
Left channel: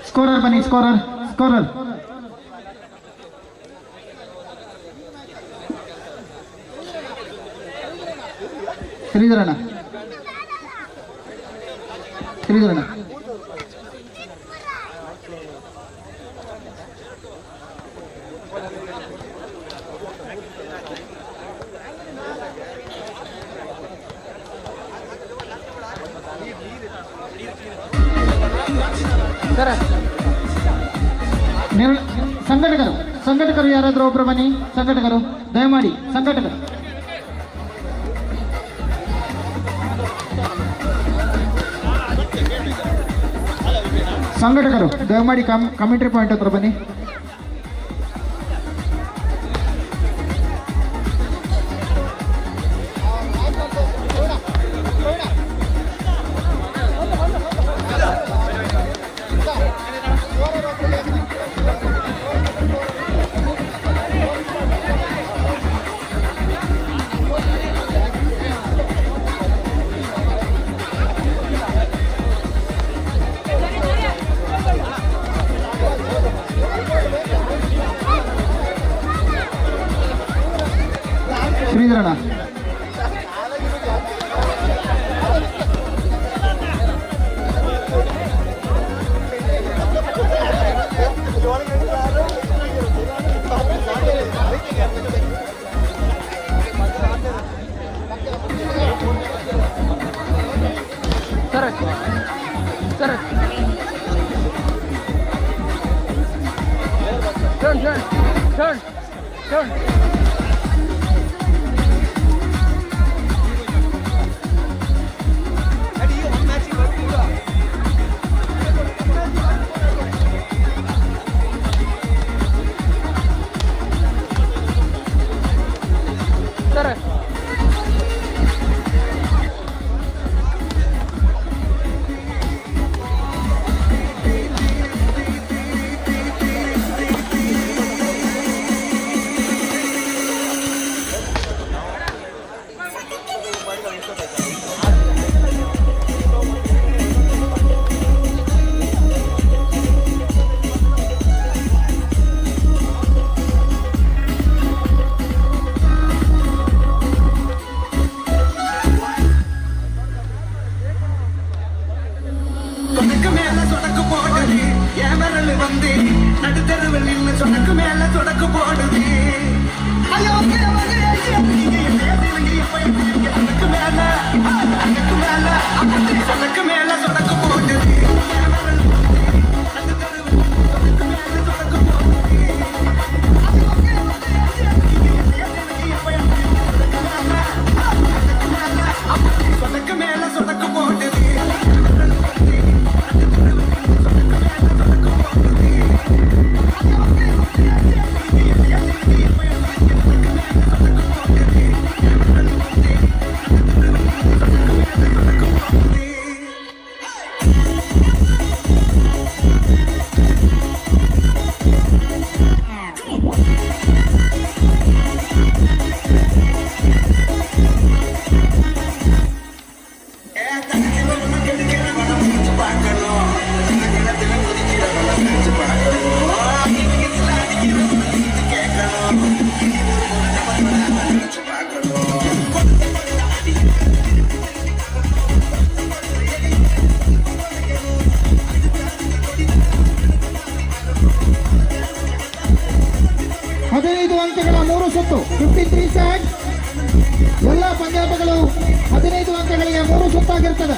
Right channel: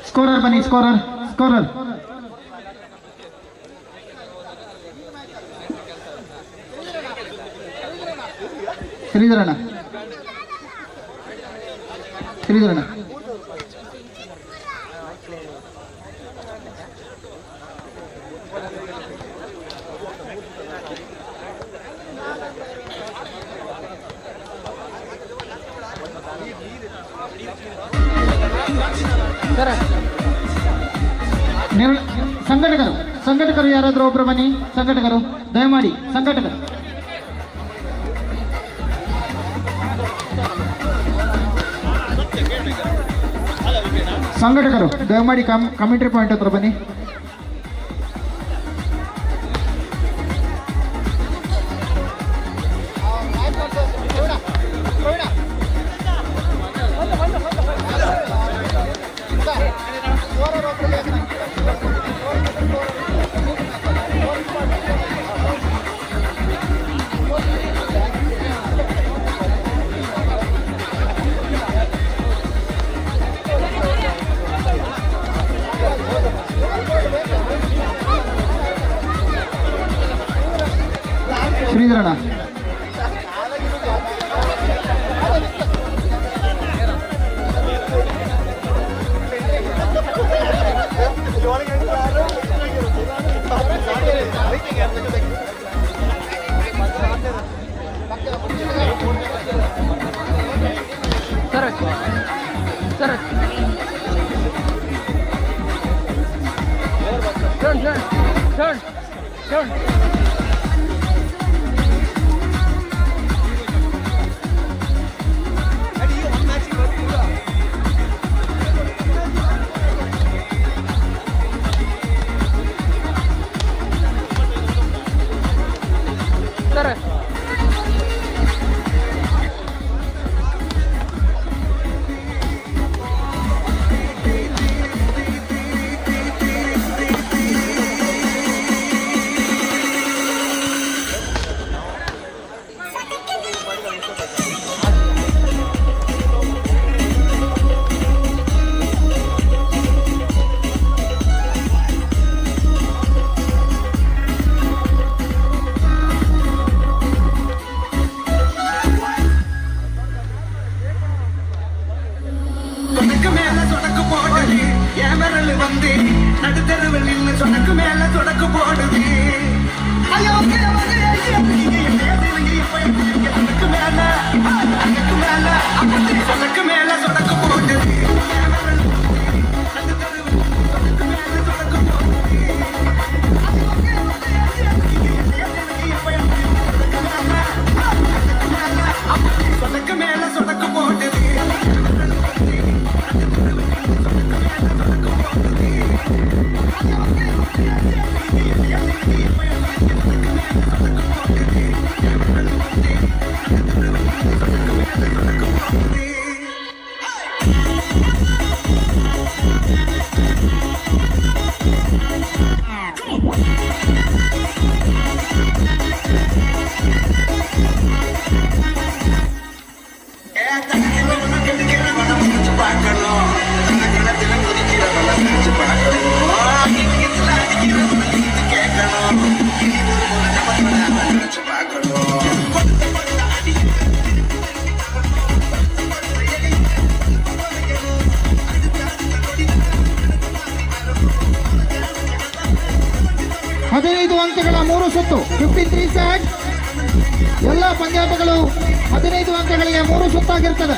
ಸ್ಕೋರರ್ ಬನ್ನಿ, ಸ್ಕೋರರ್ ಸ್ಕೋರರ್ ಶ್ರೀಧರಣ್ಣ, ಶ್ರೀಧರಣ್ಣ ಸಂಘಟಕರು, ಸಂಘಟಕರು ಯಾರಾದ್ರೂ ಒಬ್ರು ಬನ್ನಿ. ಸಂಘಟಕರು ದಯಮಾಡಿ, ಸಂಘಟಕರು ಸಂಘಟಕರು ದಯಮಾಡಿ ಕಮೆಂಟ್ರಿ ಪಾಯಿಂಟ್ ಹತ್ರ ಬನ್ನಿ. ಶ್ರೀಧರಣ್ಣ Turn. சொடக்கு மேல சொடக்கு போடுது என் விரல் வந்து நடுத்தருவில் நின்று சொடக்கு மேல சொடக்கு போடுது ஐயோ சொடக்கு மேல சொடக்கு மேல சொடக்கு போடுது என் விரல் நடுத்தருவில் சொடக்கு மேல சொடக்கு போடுது சொடக்கு மேல சொடக்கு போடுது ಹದಿನೈದು ಅಂಕಗಳ 3 ಸುತ್ತು 53 ಸೆಕೆಂಡ್ಸ್. ಎಲ್ಲ ಪಂದ್ಯಾಟಗಳು 15 ಅಂಕಗಳಿಗೆ 3 ಸುತ್ತಾಗಿರ್ತದೆ.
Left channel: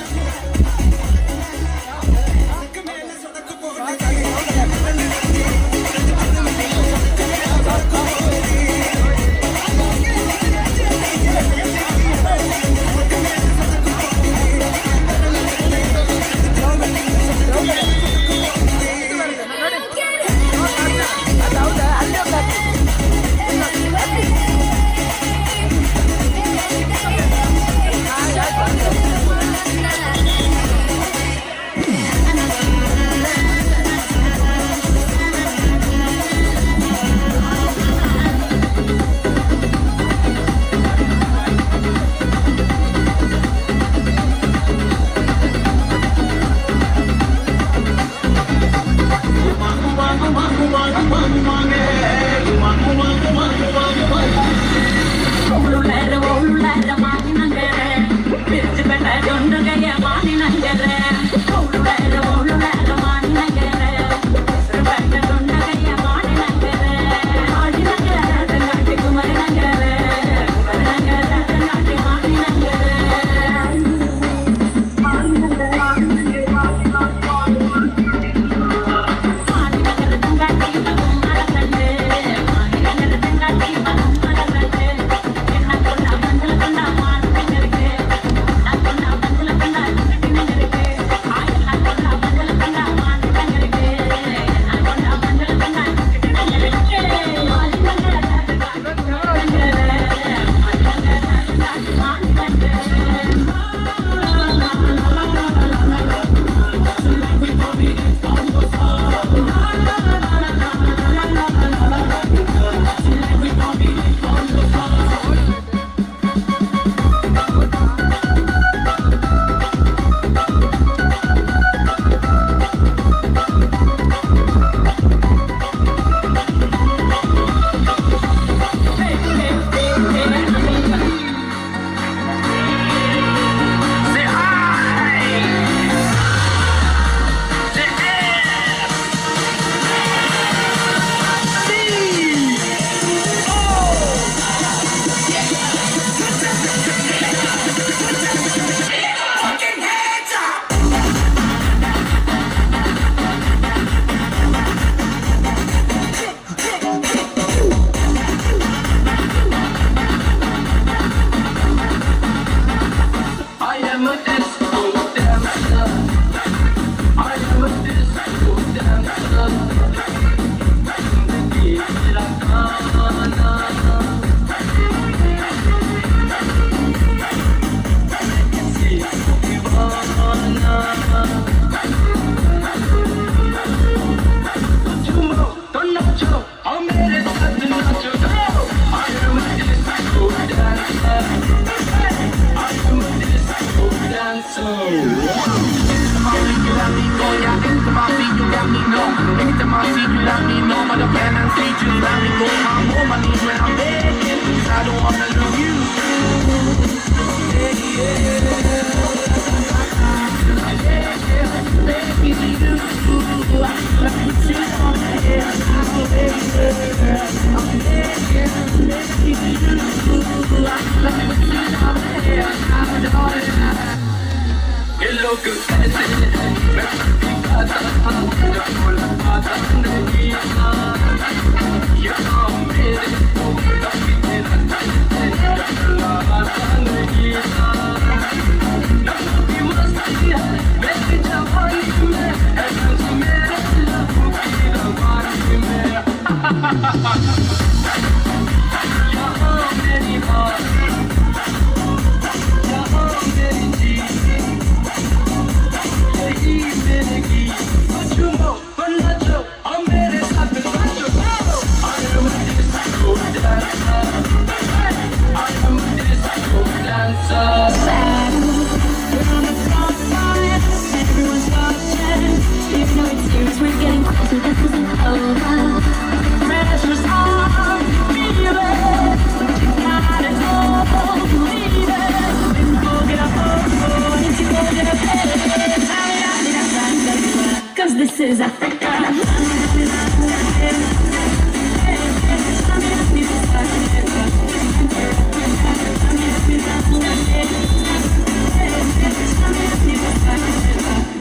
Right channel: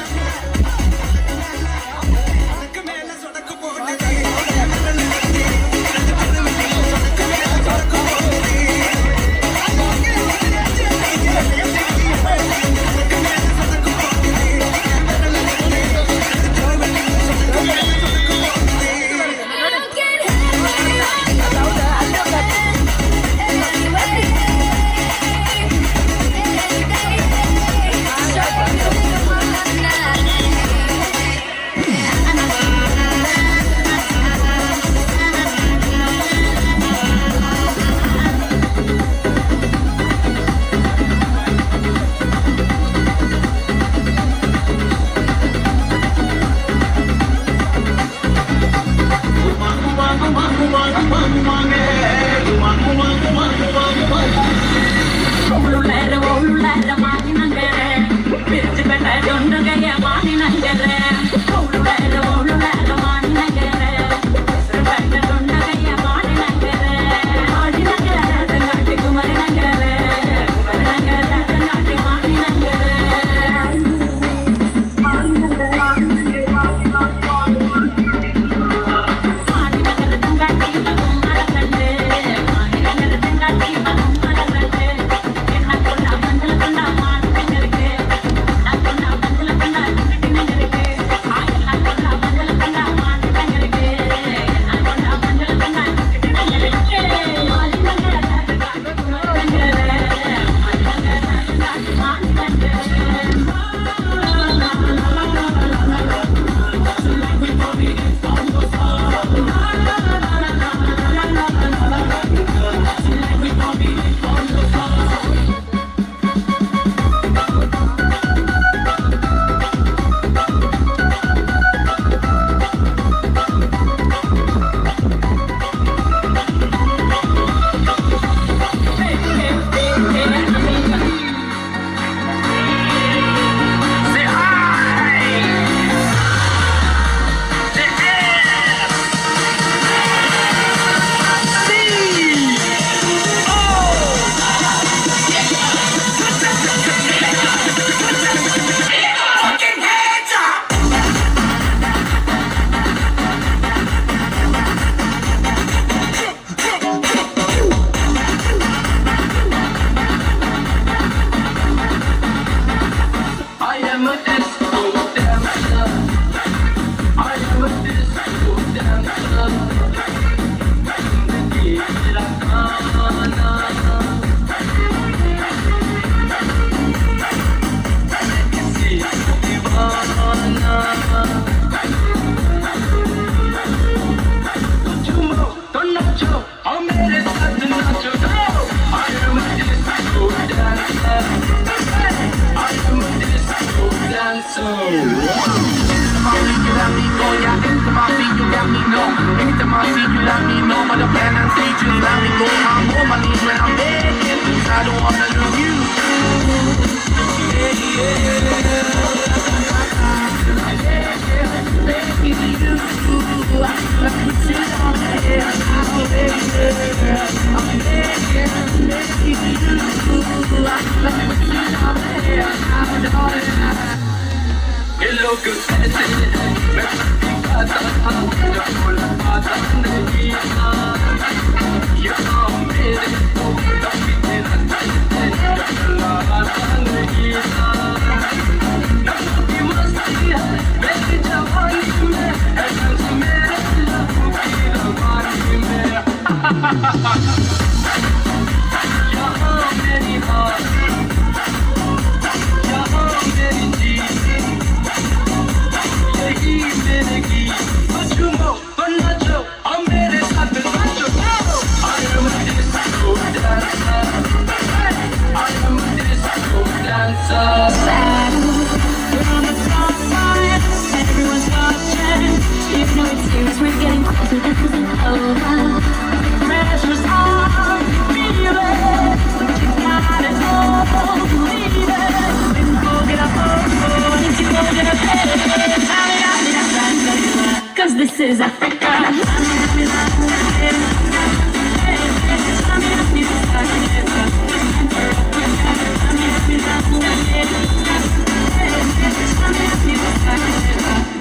Cause this is Africa.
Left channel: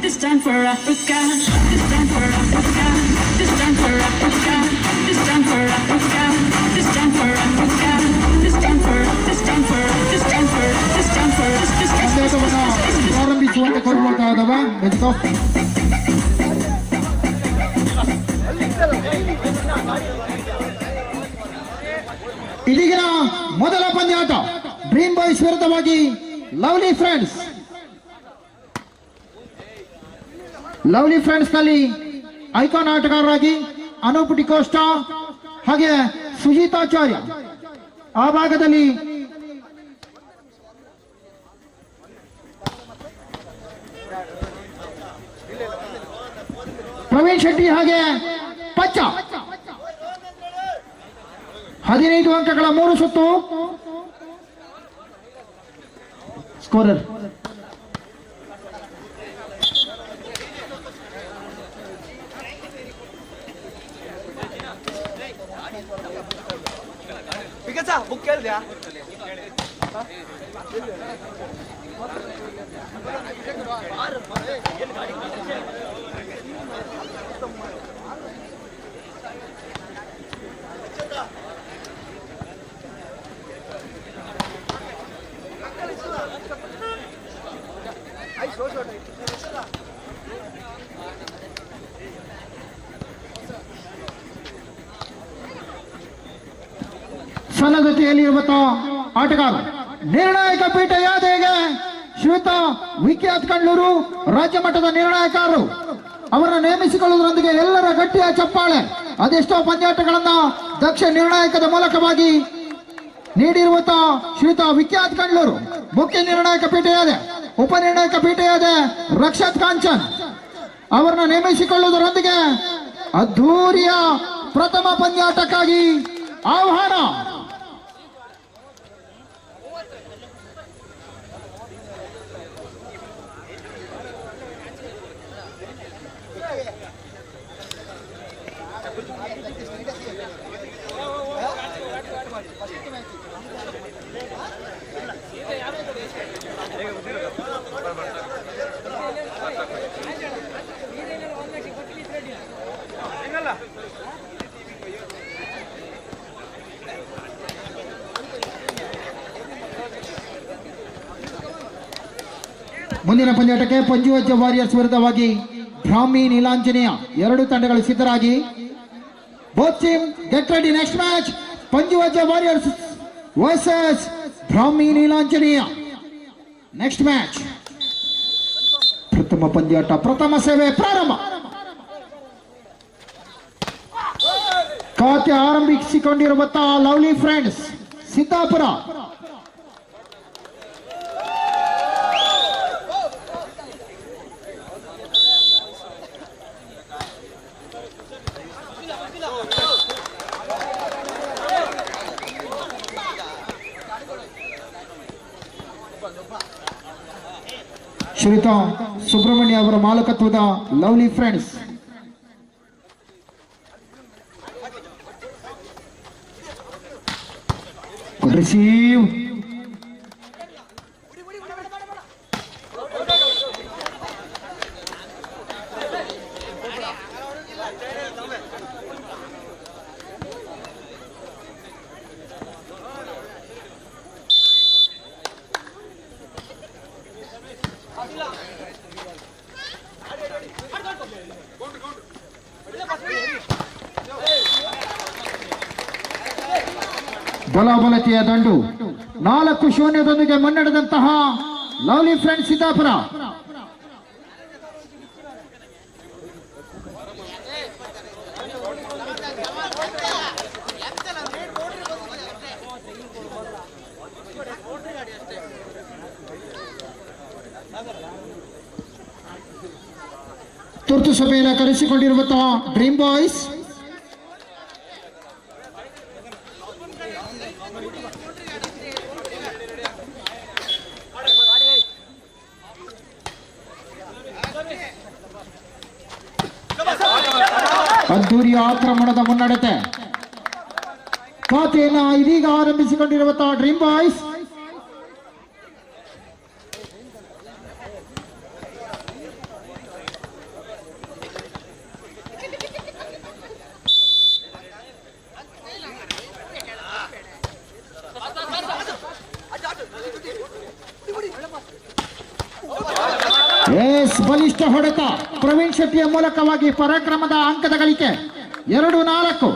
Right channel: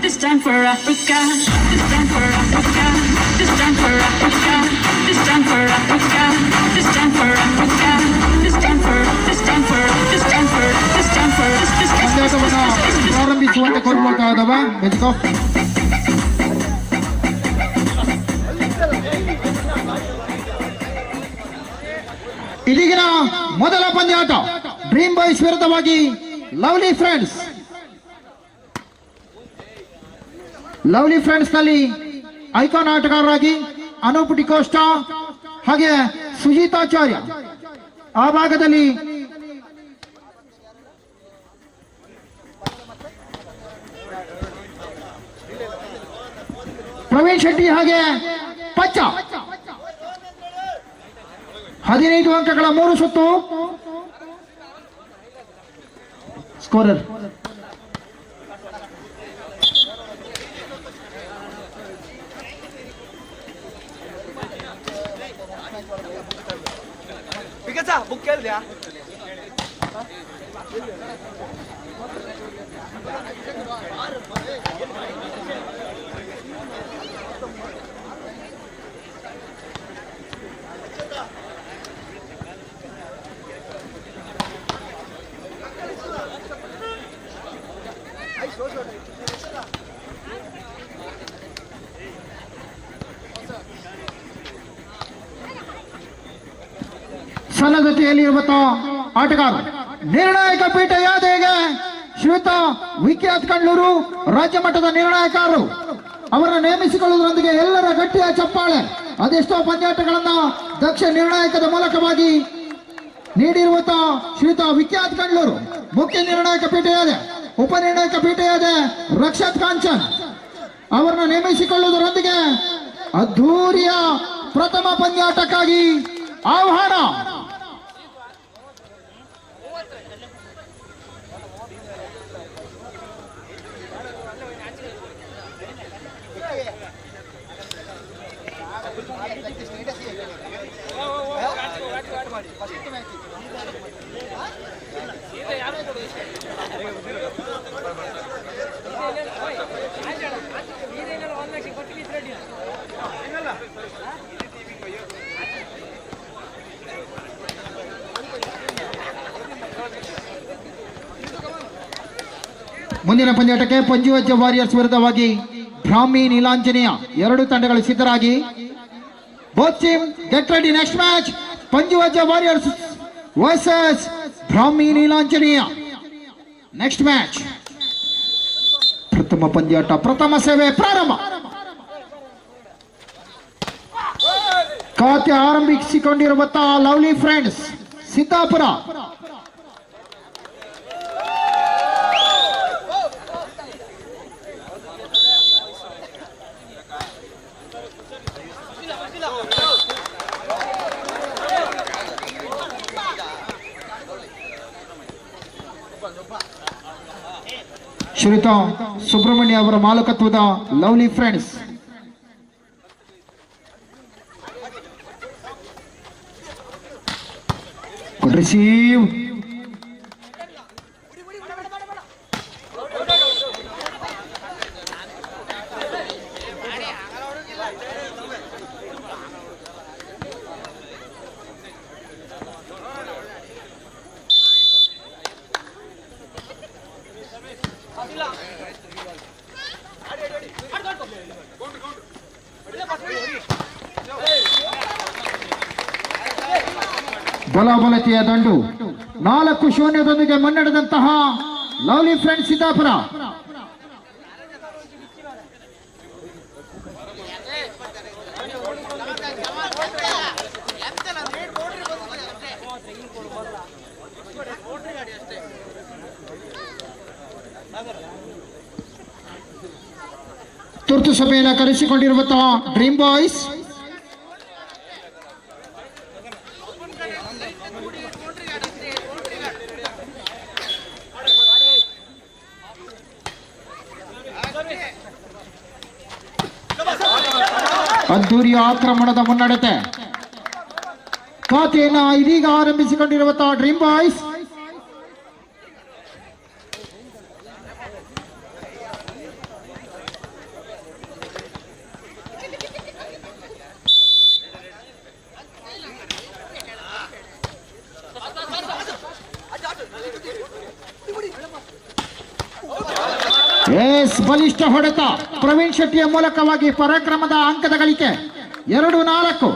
This time for Africa. This time for Africa. This time for Africa. This time for Africa. This time for Africa. This time for. This time for. This time for. This time for. This time ಪಂದ್ಯಾಟವನ್ನು ಪ್ರಾರಂಭಿಸುವಂತೆ ಕೋರಿಕೊಳ್ತಾ ಇದ್ದಾವೆ ಮೆಜಿಕೋ. ಇದೀಗಿನ ಮೊದಲ ಪಂದ್ಯಾಟ ಡ್ರೀಮ್ ಬಾಯ್ಸ್ ವಿರುದ್ಧವಾಗಿ ಲವ್ಲಿ ಫ್ರೆಂಡ್ಸ್. ಲವ್ಲಿ ಫ್ರೆಂಡ್ಸ್ ನಲ್ಲಿ ಐಕಾನ್ ಆಟಗಾರರಾಗಿ ಅನೂಪ್ ಡಿಕೋಸ್ಟಾ ಹಾಗೆ ಸುಜೀತಾಚಾರ್ಯ, ಆ ಭಾಗದಲ್ಲಿ ಪ್ರವೀಣ್ ಶೆಟ್ಟಿ ಹಾಗೆ ಪಚ್ಚ. 15 ಅಂಕಗಳ 3 ಸುತ್ತು. Scorer book ಕೇಳಿದ್ಯಾ? ಸನ್ನದ್ಧತೆಯಲ್ಲಿರುವ ಆಟಗಾರ ನಿರ್ಣಾಯಕ ಪೀಠ ಯಾದೆಗೆ ಶ್ವೇತಾ ವಿಖ್ಯಾತ್ ಕಂಡ್ಲೂರು ರಾಜ್ಯ ಮಟ್ಟದ ನಿರ್ಣಾಯಕರು ಅವರನ್ನು ನೇಮಿಸಿಕೊಳ್ಳುವುದರೊಂದಿಗೆ ಎಲ್ಲರ ಗಟ್ಟಿಯ ಚಪ್ಪಾಳೆ. ಅದೆಷ್ಟೋ ಪಂದ್ಯಾಟಗಳನ್ನ ದಕ್ಷ ನಿರ್ಣಾಯಕದ ಮೂಲಕವಾಗಿ ನೀಡಿರುವ ಶ್ವೇತಾ ವಿಖ್ಯಾತ್ ಕಂಡ್ಲೂರು ಮುಖ್ಯ ನಿರ್ಣಾಯಕ ಪೀಠ ಯಾದೆ, ಉಪನಿರ್ಣಾಯಕ ಪೀಠ ಯಾದೆ ರಕ್ಷತ್ ಕಾಂಚನ್ ಅವರನ್ನು ನೇಮಿಸಿಕೊಳ್ಳುವುದರೊಂದಿಗೆ ಅದ್ಧೂರಿಯ ಪ್ರಥಮ ಪಂದ್ಯಾಟಕ್ಕಾಗಿ ಆಹ್ವಾನ. ಮುಂದಿನ ಪಂದ್ಯಾಟಕ್ಕೆ ಪಂಜುವಜ್ಜ ವಾರಿಯರ್ಸ್ ವಿರುದ್ಧವಾಗಿ ಬ್ರಾಹ್ಮಿ ನೀಲಾಂಜನೇಯ ಎರಡು ತಂಡಗಳು ಸಿದ್ಧರಾಗಿ. Both team get ready. Next match Panjuvajja warriors versus Brahmi Neelanjaneya. Next match ಪ್ರಥಮ ಪಂದ್ಯಾಟ, ಪ್ರಥಮ ಸೇವೆ ಪ್ರಾರಂಭ. ಖಾತೆ ಆರಂಭಿಸಿಕೊಂಡಿರುವಂತಹ ಲವ್ಲಿ ಫ್ರೆಂಡ್ಸ್ ಸಿದ್ದಾಪುರ ಶ್ರೀಯುತ ಸುಬ್ರಹ್ಮಣ್ಯ ಅವರ ಮಾಲಕತ್ವದ ಲವ್ಲಿ ಫ್ರೆಂಡ್ಸ್. ರಿಸೀವ್. ಬಲಾಬಲತೆಯ ದಂಡು 4-0 ಮುನ್ನಡೆದಂತಹ ಲವ್ಲಿ ಫ್ರೆಂಡ್ಸ್ ಸಿದ್ದಾಪುರ. ತುರ್ತು ಸಭೆಯನ್ನು ಕರೆಸಿಕೊಂಡಿರುವಂತಹ ಡ್ರೀಮ್ ಬಾಯ್ಸ್. ಅದ್ದೂರಿಯ ಆಕ್ರಮಣದ ಮುನ್ನಡೆತೆ ಖಾತೆಯನ್ನು ಇದೀಗ ಆರಂಭಿಸಿಕೊಂಡಿರುವಂತಹ ಡ್ರೀಮ್ ಬಾಯ್ಸ್. ಬಲಿಷ್ಠ ಹೊಡೆತ ಪ್ರವೀಣ್ ಶೆಟ್ಟಿಯ ಮೂಲಕವಾಗಿ ಪರಾಕ್ರಮದ ಅಂಕದ ಗಳಿಕೆ 2-4.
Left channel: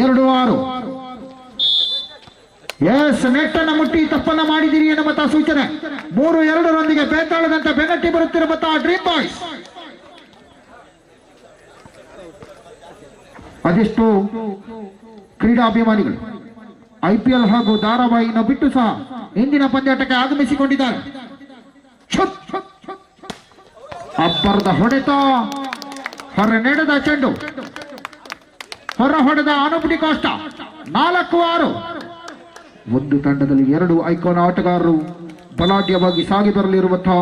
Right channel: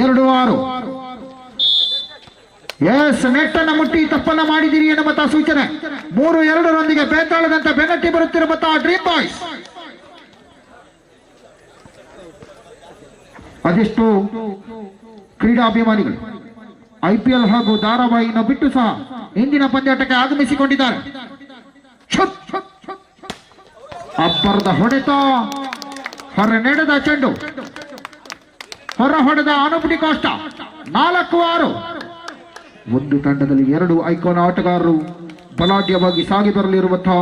ಎರಡು 6. ಎಸ್, ನೆಟ್ಟನ್ನು ಮುಟ್ಟಿ ತಪ್ಪನ್ನ ಮಾಡಿದಿರಿ ಎನ್ನುವಂತಹ ಸೂಚನೆ. 3-2 ಬೇತಾಳದಂತೆ ಬೆನ್ನಟ್ಟಿ ಬರುತ್ತಿರುವಂತಹ ಡ್ರೀಮ್ ಬಾಯ್ಸ್. ಅದೆಷ್ಟು ಕ್ರೀಡಾಭಿಮಾನಿಗಳು IPL ಹಾಗೂ ಧಾರಾವಾಹಿಯನ್ನು ಬಿಟ್ಟು ಸಹ ಇಂದಿನ ಪಂದ್ಯಾಟಕ್ಕೆ ಆಗಮಿಸಿಕೊಂಡಿದ್ದಾರೆ. ಅಬ್ಬರದ ಹೊಡೆತ, ಹೊರ ನಡೆದ ಚೆಂಡು, ಹೊರ ಹೊಡೆದ ಅನುಪಟಿ ಕಾಷ್ಟ. 4-6. ಒಂದು ತಂಡದಲ್ಲಿ 2 ಐಕಾನ್ ಆಟಗಾರರು ಬಲಾಢ್ಯವಾಗಿ ಸಾಗಿ ಬರಲಿರುವಂತಹ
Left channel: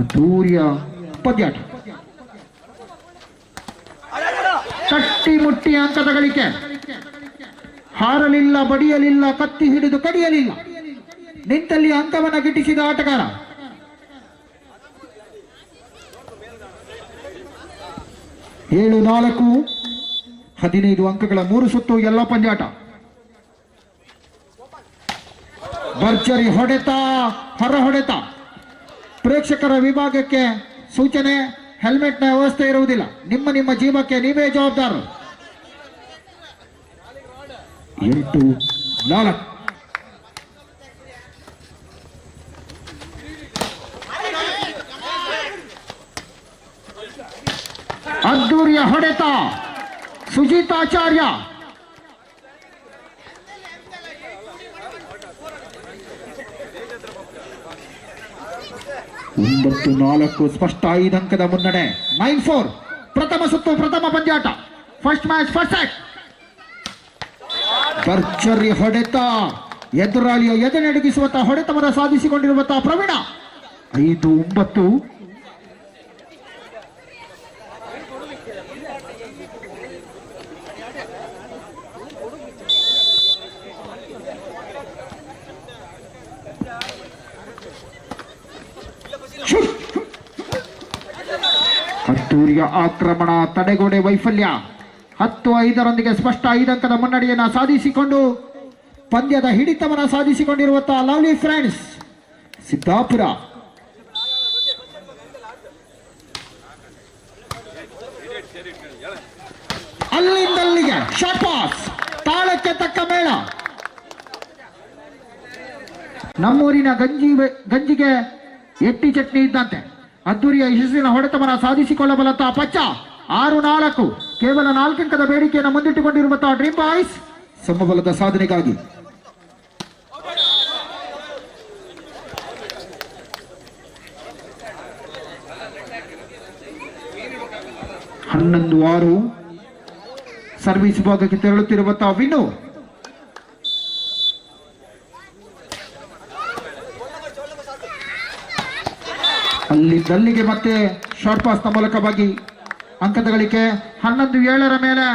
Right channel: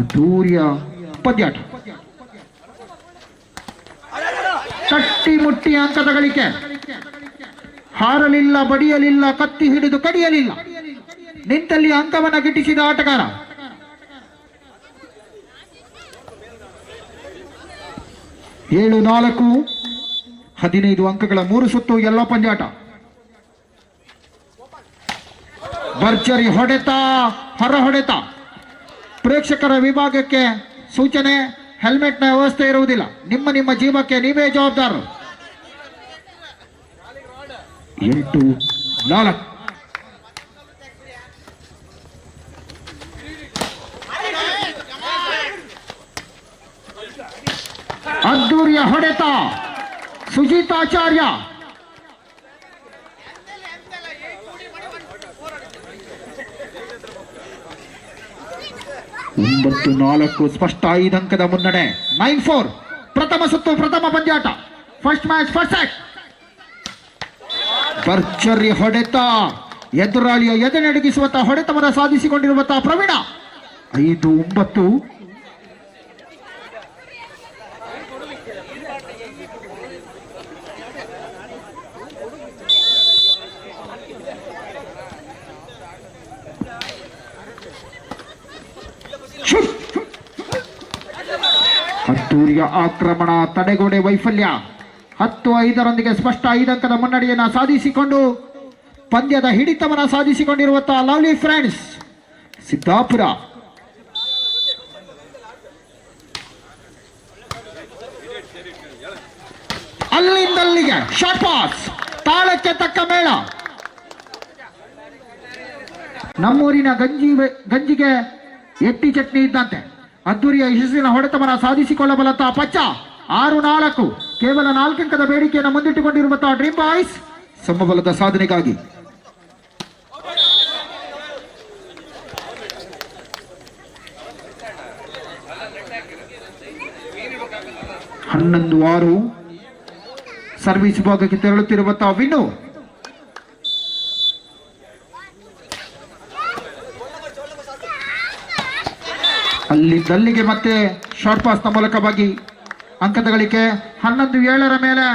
ಅದ್ದೂರಿಯ ಪಂದ್ಯಾಟ. ತಟ್ಟಿ ಮುಟ್ಟಿ ಅಂಕದ ಗಳಿಕೆ. ಹಾರಲಿಲ್ಲ, ಬಡಿಯಲಿಲ್ಲ, ಕತ್ತಿ ಹಿಡಿದು ಕಡಿಯಲಿಲ್ಲ, ನಿಂತಲ್ಲಿ ಅಂಕವನ್ನು ಗಿಟ್ಟಿಸಿದ ಆಟಗಾರ. ಏಳು 4 15 ಅಂಕಗಳ 3 ಸುತ್ತು ಎಲ್ಲ ಪಂದ್ಯಾಟ. ಭರ್ಜರಿ ಹೊಡೆತ, ಹೊರ ಹೊಡೆತ. ಪ್ರೇಕ್ಷಕರ ವಿಭಾಗಕ್ಕೆ ಸೂಚನೆ, ಹೆಲ್ಮೆಟ್ನ ವ್ಯವಸ್ಥೆ ಇರುವುದಿಲ್ಲ. ನಿಮ್ಮ ಜೀವಕ್ಕೆ ನೀವೇ ಜವಾಬ್ದಾರರು. 8-4. ಅದ್ದೂರಿಯ ಹೊಡೆತ ಸುಜಿತಾಚಾರ್ಯ. 9-4 ಸ್ಪಷ್ಟ 5 ಅಂಕದ ಮುನ್ನಡೆ. 9-4 ಪ್ರಥಮ ಸುತ್ತು, ಪ್ರಥಮ ಪಂದ್ಯಾಟ. First match, first set. ಭರ್ಜರಿ ಹೊಡೆತ, ಎದುರಾಳಿಯ ಎದೆ ನಡುಗಿಸುವಂತಹ ಹೊಡೆತವನ್ನು ಸಾಧಿಸಿಕೊಂಡಿರುವಂತಹ ಪ್ರವೀಣ. 5-9. ಅದ್ದೂರಿಯ ಆಕ್ರಮಣ, ತಡೆಗೋಡೆ ವೈಫಲ್ಯ. 10-5 ಸ್ಪಷ್ಟ 5 ಅಂಕದ ಮುನ್ನಡೆಯನ್ನು ಸಾಧಿಸಿಕೊಂಡು ಪಂದ್ಯದ ಹಿಡಿತವನ್ನು ಸಾಧಿಸಿಕೊಂಡಿರುವಂತಹ ಲವ್ಲಿ ಫ್ರೆಂಡ್ಸ್ ಸಿದ್ದಾಪುರ. ಅಲ್ಲಿಂದಲ್ಲಿಗೆ ಶಾರ್ಟ್ ಪಾಸ್, ತಾಳಕ್ಕೆ ತಕ್ಕ ಮೇಳ. ನಮ್ಮೂರಿನ ಗಂಜಿಗೆ ಎಟ್ಟಿ ಚಟ್ನಿ ಇದ್ದಂತೆ ಅದ್ದೂರಿಯ ಯಶಸ್ಸಿನ ಹೊಡೆತವನ್ನು ಸಾಧಿಸಿಕೊಳ್ಳಬಲ್ಲಂತಹ ಪಚ್ಚ 6-4 ಕೇವಲ 4 ಅಂಕದ ಬೇಡಿಕೆಯನ್ನು ಮುಂದಿಟ್ಟುಕೊಂಡಿರುವಂತಹ ಡ್ರೀಮ್ ಬಾಯ್ಸ್ ಸಮಬಲದ ಸಾಧನೆಗಾಗಿ 11-6 ಸರ್ವಿಸ್ ವಿಭಾಗಕ್ಕೆ ತೆರಳುತ್ತಿರುವಂತಹ ವಿನ್ನು. ಅಲ್ಲಿಗೆ ಮತ್ತೆ ಶಾರ್ಟ್ ಪಾಸ್ ನ ಮೂಲಕವಾಗಿ ಅಂಕದ ಗಳಿಕೆ 11-7 ಮೇಲೆ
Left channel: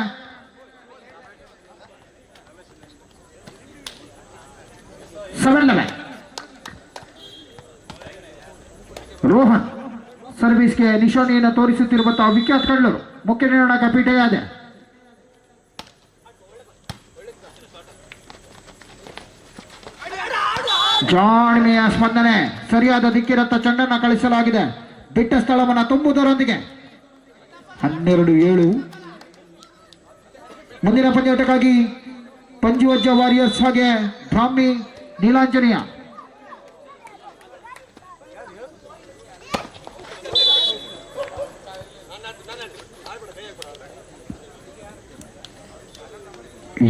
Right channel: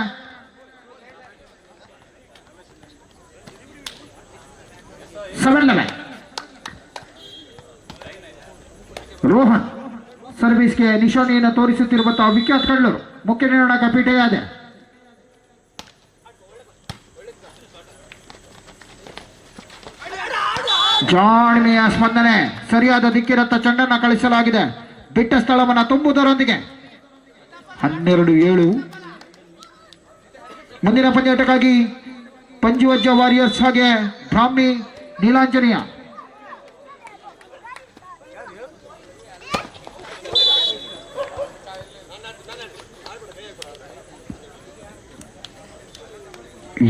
ರೋಹನ್ ಸರ್ವಿಸ್ಗೆ ನಿಶಾನೆಯನ್ನು ತೋರಿಸುತ್ತಿರುವಂತಹ ವಿಖ್ಯಾತ್ ಕಳ್ಳರು ಮುಖ್ಯ ನಿರ್ಣಾಯಕ ಪೀಠೆಯಾದೆ. ಜಾಣ್ಮೆಯ ಸ್ಪಂದನೆ, ಸರಿಯಾದ ದಿಕ್ಕಿರತ್ತ ಚೆಂಡನ್ನು ಕಳಿಸಲಾಗಿದೆ. ಬಿಟ್ಟ ಸ್ಥಳವನ್ನು ತುಂಬುವುದರೊಂದಿಗೆ 12-7 ಮುಂದಿನ ಪಂದ್ಯಾಟಕ್ಕಾಗಿ ಪಂಜುವಜ್ಜ ವಾರಿಯರ್ಸ್ ಹಾಗೆ ಬ್ರಾಹ್ಮಿ ನೀಲಾಂಜನೇಯ.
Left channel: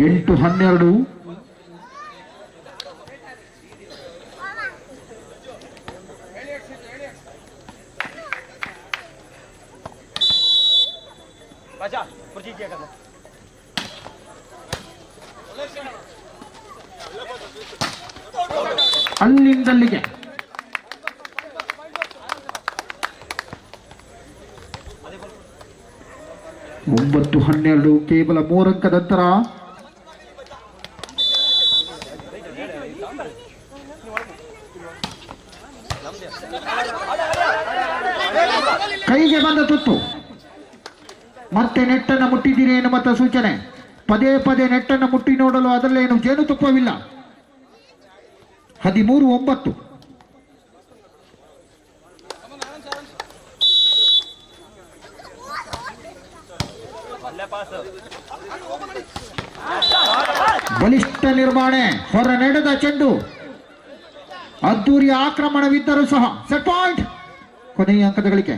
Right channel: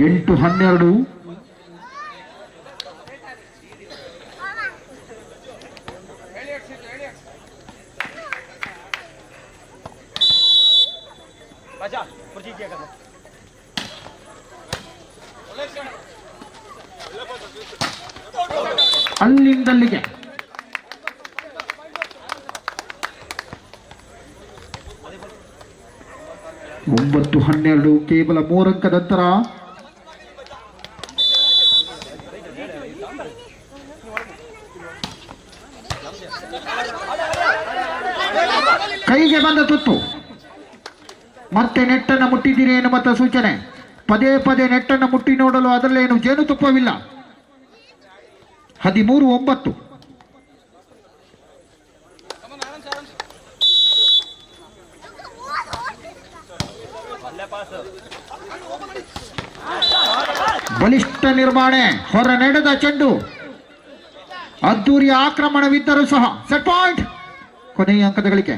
ಎಂಟು 12 ಅಲ್ಲಿಂದಲ್ಲಿಗೆ 9-12 ಕೇವಲ 3 ಅಂಕದ ಅಂತರ. ಕೈಗೆ ಬಂದ ತುತ್ತು, ಮತ್ತೆ ನೆಟ್ಟನ್ನು ಮುಟ್ಟಿದ್ದೀರಿ ಎನ್ನುವಂತ ಸೂಚನೆ. ಪದೇ ಪದೇ ನೆಟ್ಟನ್ನು ಮುಟ್ಟಿ ನೋಡಲು ಅದರಲ್ಲೇನು ಜೇನುತುಪ್ಪವಿಲ್ಲ. 13-9 ಬಲಿಷ್ಠ ನಿರ್ವಹಣೆ, ಹೊರ ನಡೆದ ಚೆಂಡು, ಅದ್ದೂರಿಯ ಆಕ್ರಮಣವಿದ್ದರೂ ಸಹ ಸೆಟ್ ಪಾಯಿಂಟ್. ಕೊನೆಯ ಅಂಕದ ಗಳಿಕೆ.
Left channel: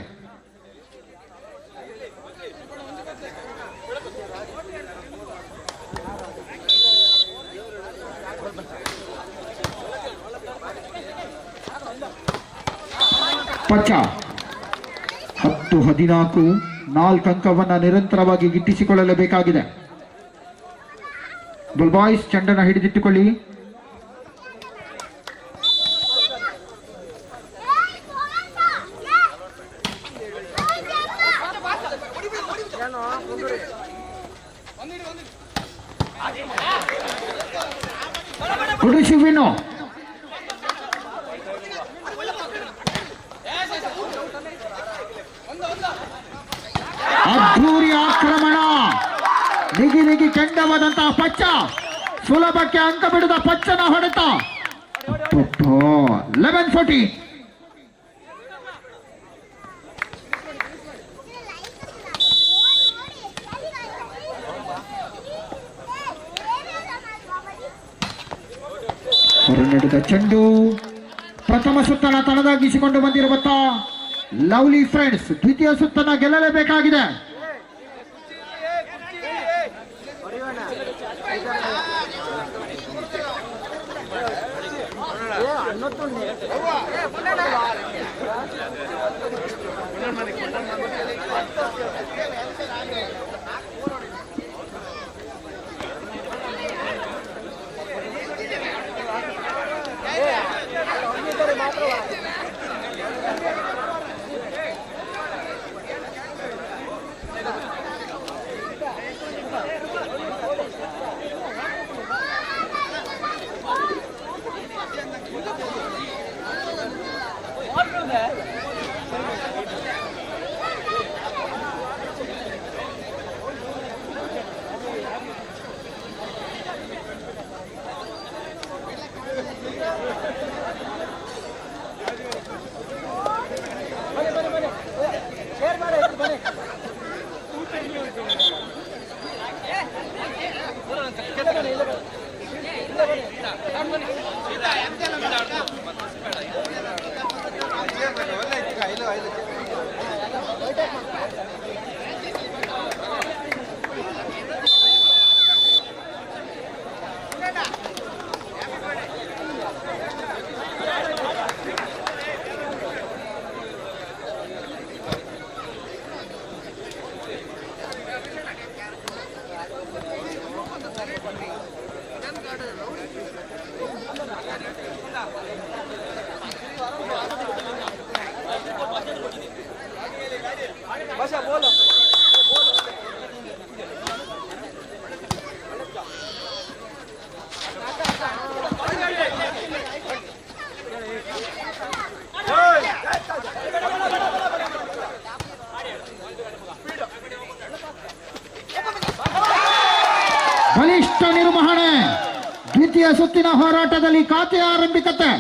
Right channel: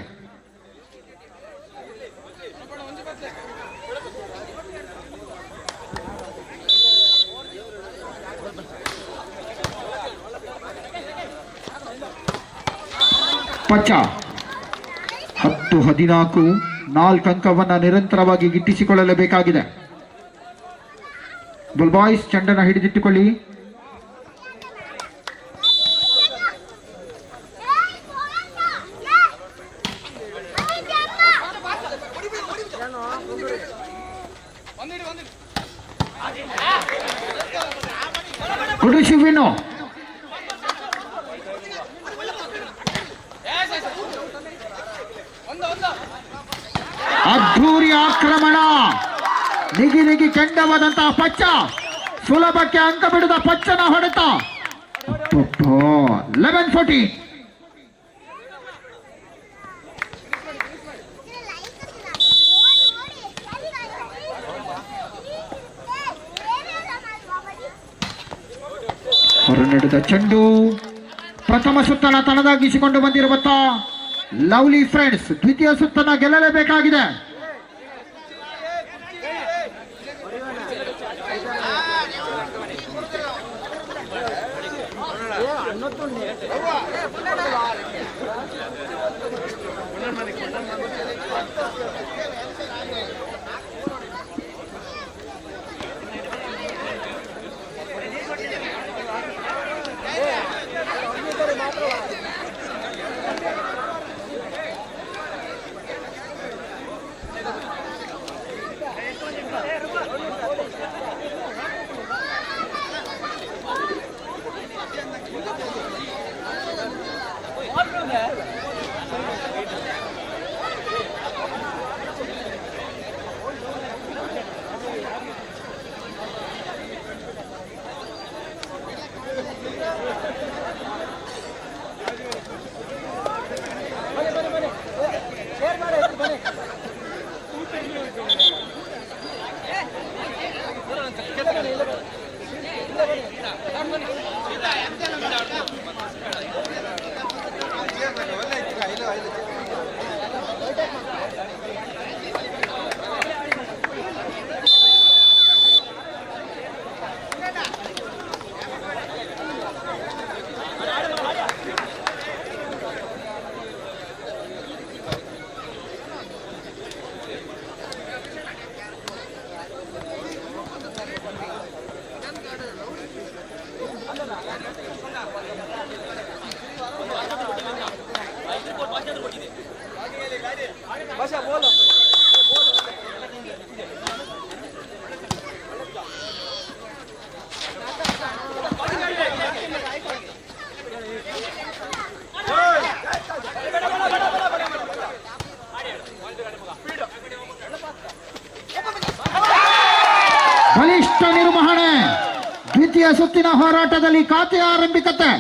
ಪಚ್ಚ 10-14 4 ಅಂಕವನ್ನು ನಿರಂತರವಾಗಿ ಗಿಟ್ಟಿಸಿಕೊಳ್ಳಲೇಬೇಕಾಗಿದೆ. ಬುಲ್ ಬಾಯ್ಸ್ ಚೆಂಡನ್ನು ಹಿಡಿದಿಟ್ಟುಕೊಳ್ಳಿ. ಗುಡುಶಿವಿನು ಅದ್ಧೂರಿ ಆಕ್ರಮಣ, ನಿಗಿ ಕೆಂಡವಾದಂತಹ ಪಚ್ಚ, ಸುಲಭಕ್ಕೆ ಅಂಕ ಬಿಡದ ಪಚ್ಚನ ಹೊಡೆತ. 11-14 ಹೊರ ನಡೆದ ಚೆಂಡು. ಪ್ರಥಮ ಸುತ್ತನ ತನದಾಗಿಸಿಕೊಂಡು ಬಂದಿರುವಂತಹ ಲವ್ಲಿ ಫ್ರೆಂಡ್ಸ್ ದ್ವಿತೀಯ ಸುತ್ತನ ಗೆಲ್ಲಲೇಬೇಕಾಗಿದೆ. ನಿರ್ವಹಣೆ. ದ್ವಿತೀಯ ಸುತ್ತಿನ ಹೋರಾಟದಲ್ಲಿ ಖಾತೆ ಆರಂಭಿಕತೆ.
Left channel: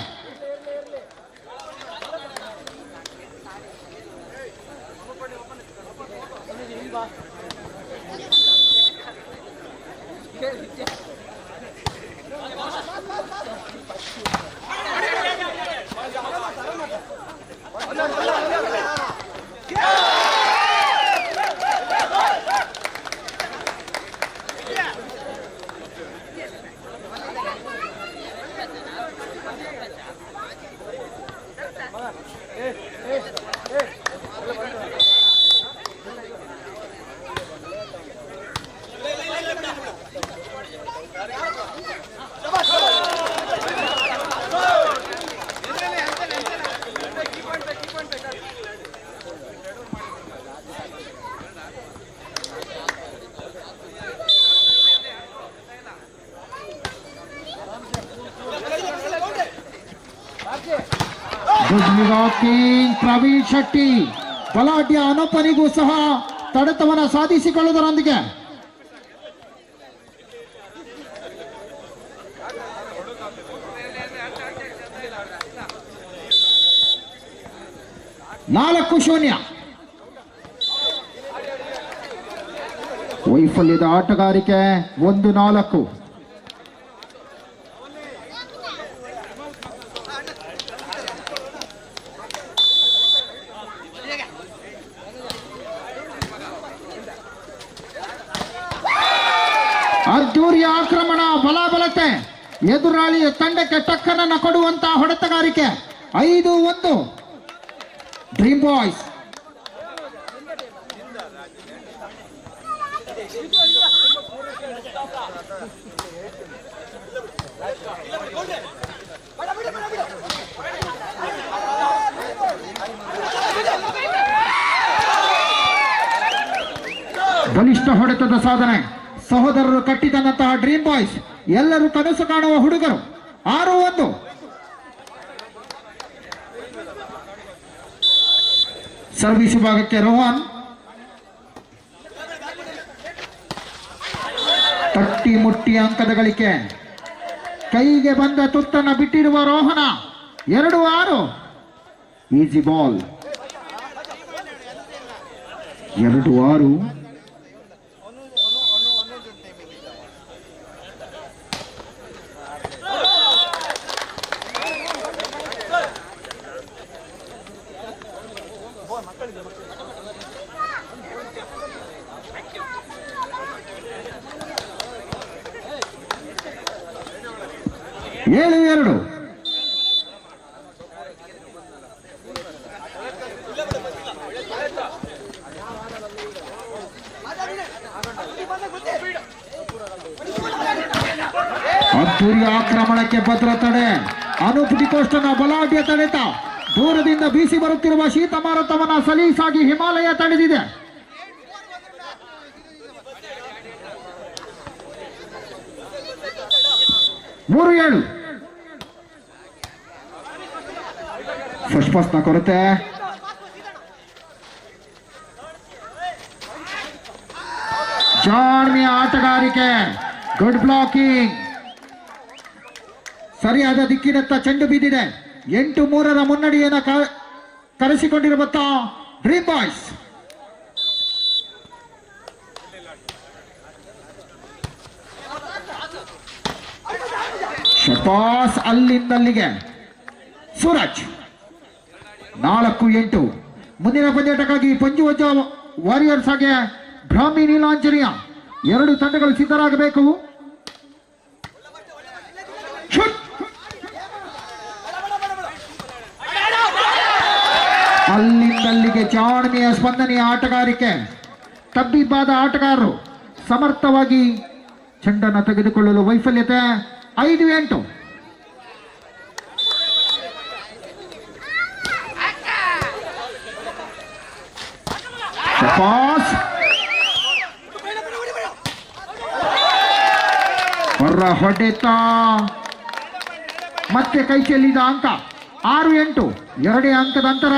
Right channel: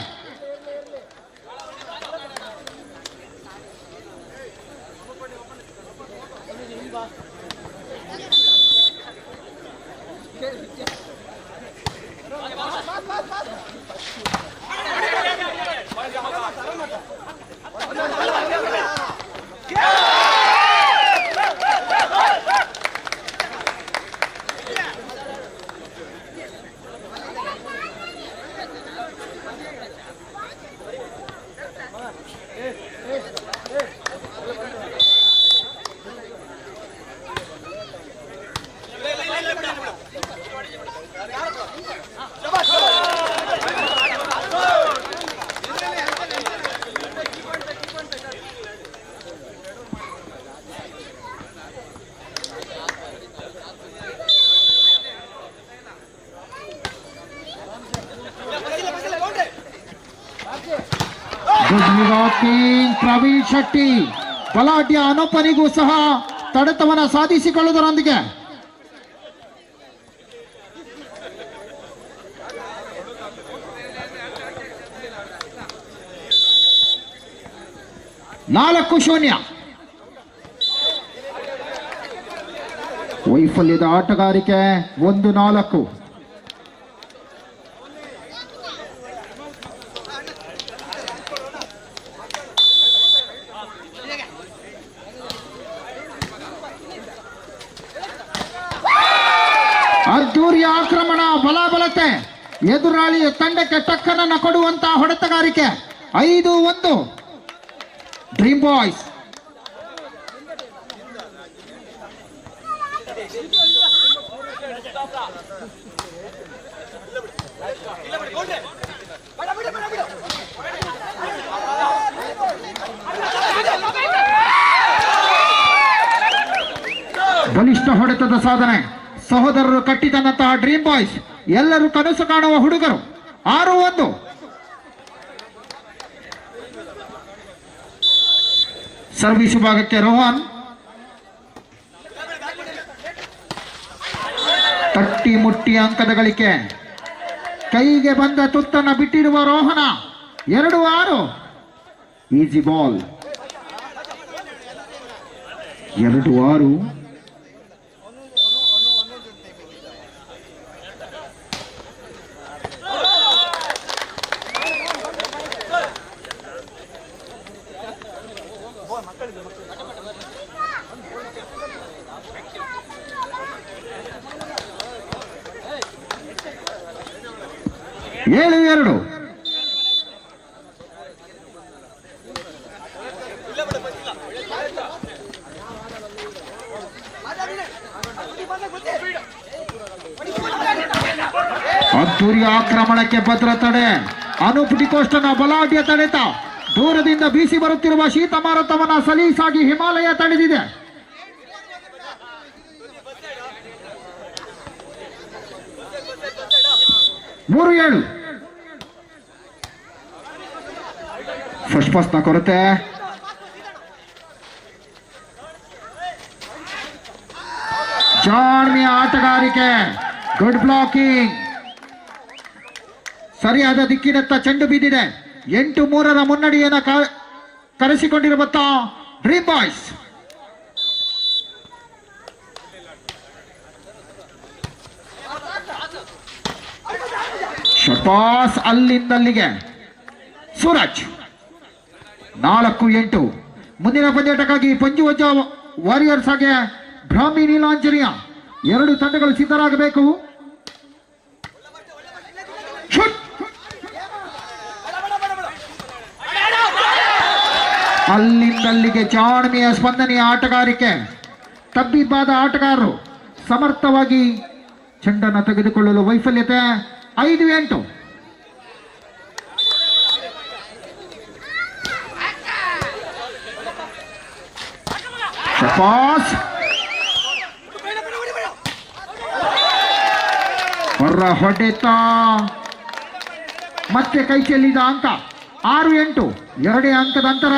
ಪ್ರವೀಣ್ ಶೆಟ್ಟಿ ಬಲಾಢ್ಯ ಅನುಪನಿಗೂ ಸಹ ತಡೆತವನ ಸಾಧಿಸಿಕೊಳ್ಳುವುದರೊಂದಿಗೆ ನಾಲ್ಕು ಶೂನ್ಯ. ವೈಫಲ್ಯದ ಆಟಗಾರಿಕೆ 1-4. ಅದ್ದೂರಿಯ ಆಕ್ರಮಣ, ಬಲಾಬಲತೆ, ಎದುರಾಳಿಯ ತಂಡಕ್ಕೆ ಟಕ್ಕರನ್ನು ಕೊಡುವಂತಹ ಹೊಡೆತಗಾರಿಕೆ. 5-1 ಡ್ರೀಮ್ ಬಾಯ್ಸ್. ಬಲಿಷ್ಠ ಹೊಡೆತದ ಸಾಧನೆ. ಸಹೋದರರು ಕಟ್ಟಿದಂತಹ ಡ್ರೀಮ್ ಬಾಯ್ಸ್ ಎಲ್ಲರೂ ಕನಸು ಕಾಣುವ ಹುಡುಗರು. 6-1 ಸರ್ವಿಸ್ ವಿಭಾಗಕ್ಕೆ ರೋಹನ್. ತಟ್ಟಿ ಮುಟ್ಟಿ ಅಂಕದ ಗಳಿಕೆ. ಕೈಗೆ ಬಂದ ತುತ್ತನ್ನು ಬಿಟ್ಟಿರುವ ರೋಹನ. 2-6 easy ball. 2-6 7-2 ಅದ್ದೂರಿ ಆಕ್ರಮಣಕ್ಕೆ ಭದ್ರ ತಡೆ. ಅನೂಪ್ ಡಿಕೋಸ್ಟನ ಬಲಾಢ್ಯ ತಡೆತ. ದೂರದಿಂದ ಬೀಸಿ ಬರುತ್ತಿರುವ ಶೀತ ಮಾರುತವನ್ನ ಸಲೀಸಾಗಿ ಹಿಮಾಲಯ ತಡೆದಿದೆ. ಮೂರು 7 ಫಸ್ಟ್ ಪಾಸ್ನ ಕೊರತೆ. ಜಾಣ್ಮೆಯ ಆಟಗಾರಿಕೆ. Good blocking. ಸರಿಯಾದ ದಿಕ್ಕಿನತ್ತ ಚೆಂಡು ಬಿದ್ದಿದೆ. 8-3 ಮುನ್ನಡೆಯನ್ನು ಕರೆಸಿಕೊಂಡಿರುವಂತ ಡ್ರೀಮ್ ಬಾಯ್ಸ್. ಶಪಾಸ್ ಅಲ್ಲಿಂದಲ್ಲಿಗೆ. ಸೂರಜ್ 4-8. ಮುಂದಿನ ಪಂದ್ಯಾಟಕ್ಕಾಗಿ ಪಂಜುವಜ್ಜ ವಾರಿಯರ್ಸ್ ಹಾಗೆ ಬ್ರಾಹ್ಮಿ ನೀಲಾಂಜನೇಯ 2 ತಂಡಗಳು ಸಿದ್ಧರಾಗಬೇಕು. ಅಲ್ಲಿಂದಲ್ಲಿಗೆ ಜಾಣ್ಮೆಯ ಸ್ಪಂದನೆಯ ಆಟಗಾರಿಕೆ. ತಬ್ಬಿಬ್ಬಾದ ಆಟಗಾರರು ಸಮರ್ಥವಾಗಿ ಚೆಂಡನ್ನು ತೆಗೆದುಕೊಳ್ಳಲು ವೈಫಲ್ಯತೆ. 5-8 ಶಪಾಸ್ ಹೊರ ಹೊಡೆತ. ಮತ್ತೆ ಕೈ ಚೆಲ್ಲಿದ ಅಂಕ. 6-8 2 ಅಂಕದ ಅಂತರ.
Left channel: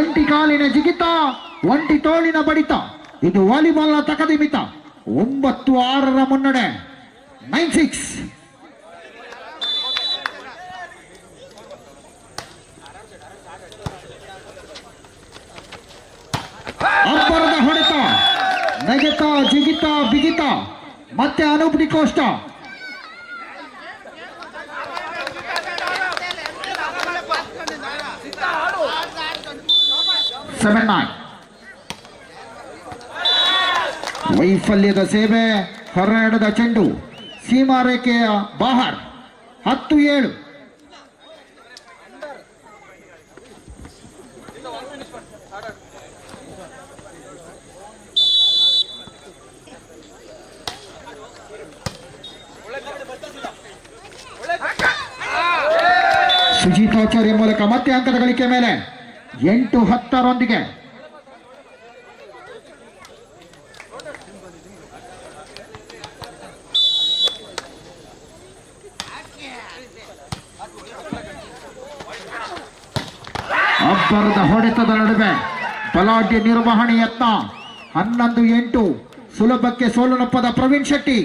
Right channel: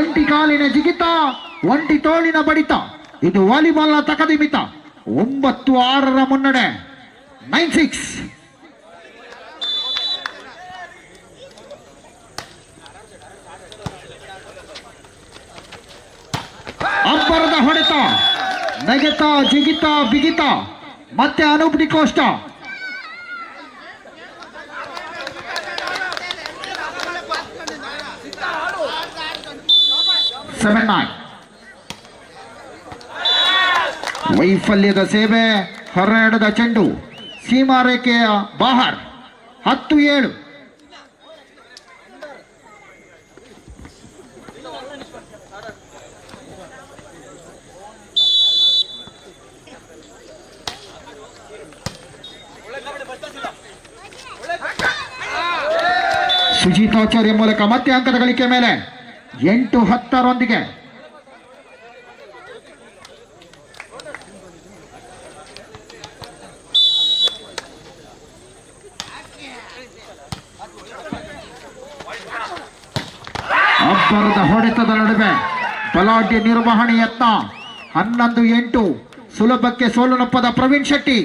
ಜಂಟಿ ಕಾಲಿನ ಜಿಗಿತ, ಒಂಟಿ ತೋಳಿನ ಬಡಿತ. ಇದು ವಾಲಿಬಾಲ್ನ ತಕದಿಮಿತ. 9-6 ಮುನ್ನಡೆ. 9-6. ಅಬ್ಬರದ ಹೊಡೆತ, ನೆಗೆತ, ಜಿಗಿತ, ಬಿಗಿತ. ಮತ್ತೆ ಅನೂಪ್ ಡಿಕೋಸ್ಟ. 7-9. ವೈಫಲ್ಯದ ಸೇವೆ, ಹೊರಡದ ಚೆಂಡು, ಸೀಮಾರೇಖೆಯ ಬಾಹರ್. 10-7. ಸುಜಿತಾಚಾರ್ಯ ಮೂಲಕ ಮತ್ತೆ ಅಂಕದ ಗಳಿಕೆ ಮೇಲೆ 8-10 ಅಬ್ಬರದ ಹೊಡೆತದ ನಡುವೆ ಬಲಾಢ್ಯ ನಿರ್ವಹಣೆ ಯತ್ನ. 11-8. ಸುಲಭಕ್ಕೆ ಸೋಲುನಪ್ಪದ ಪ್ರವೀಣ್ ಶೆಟ್ಟಿ.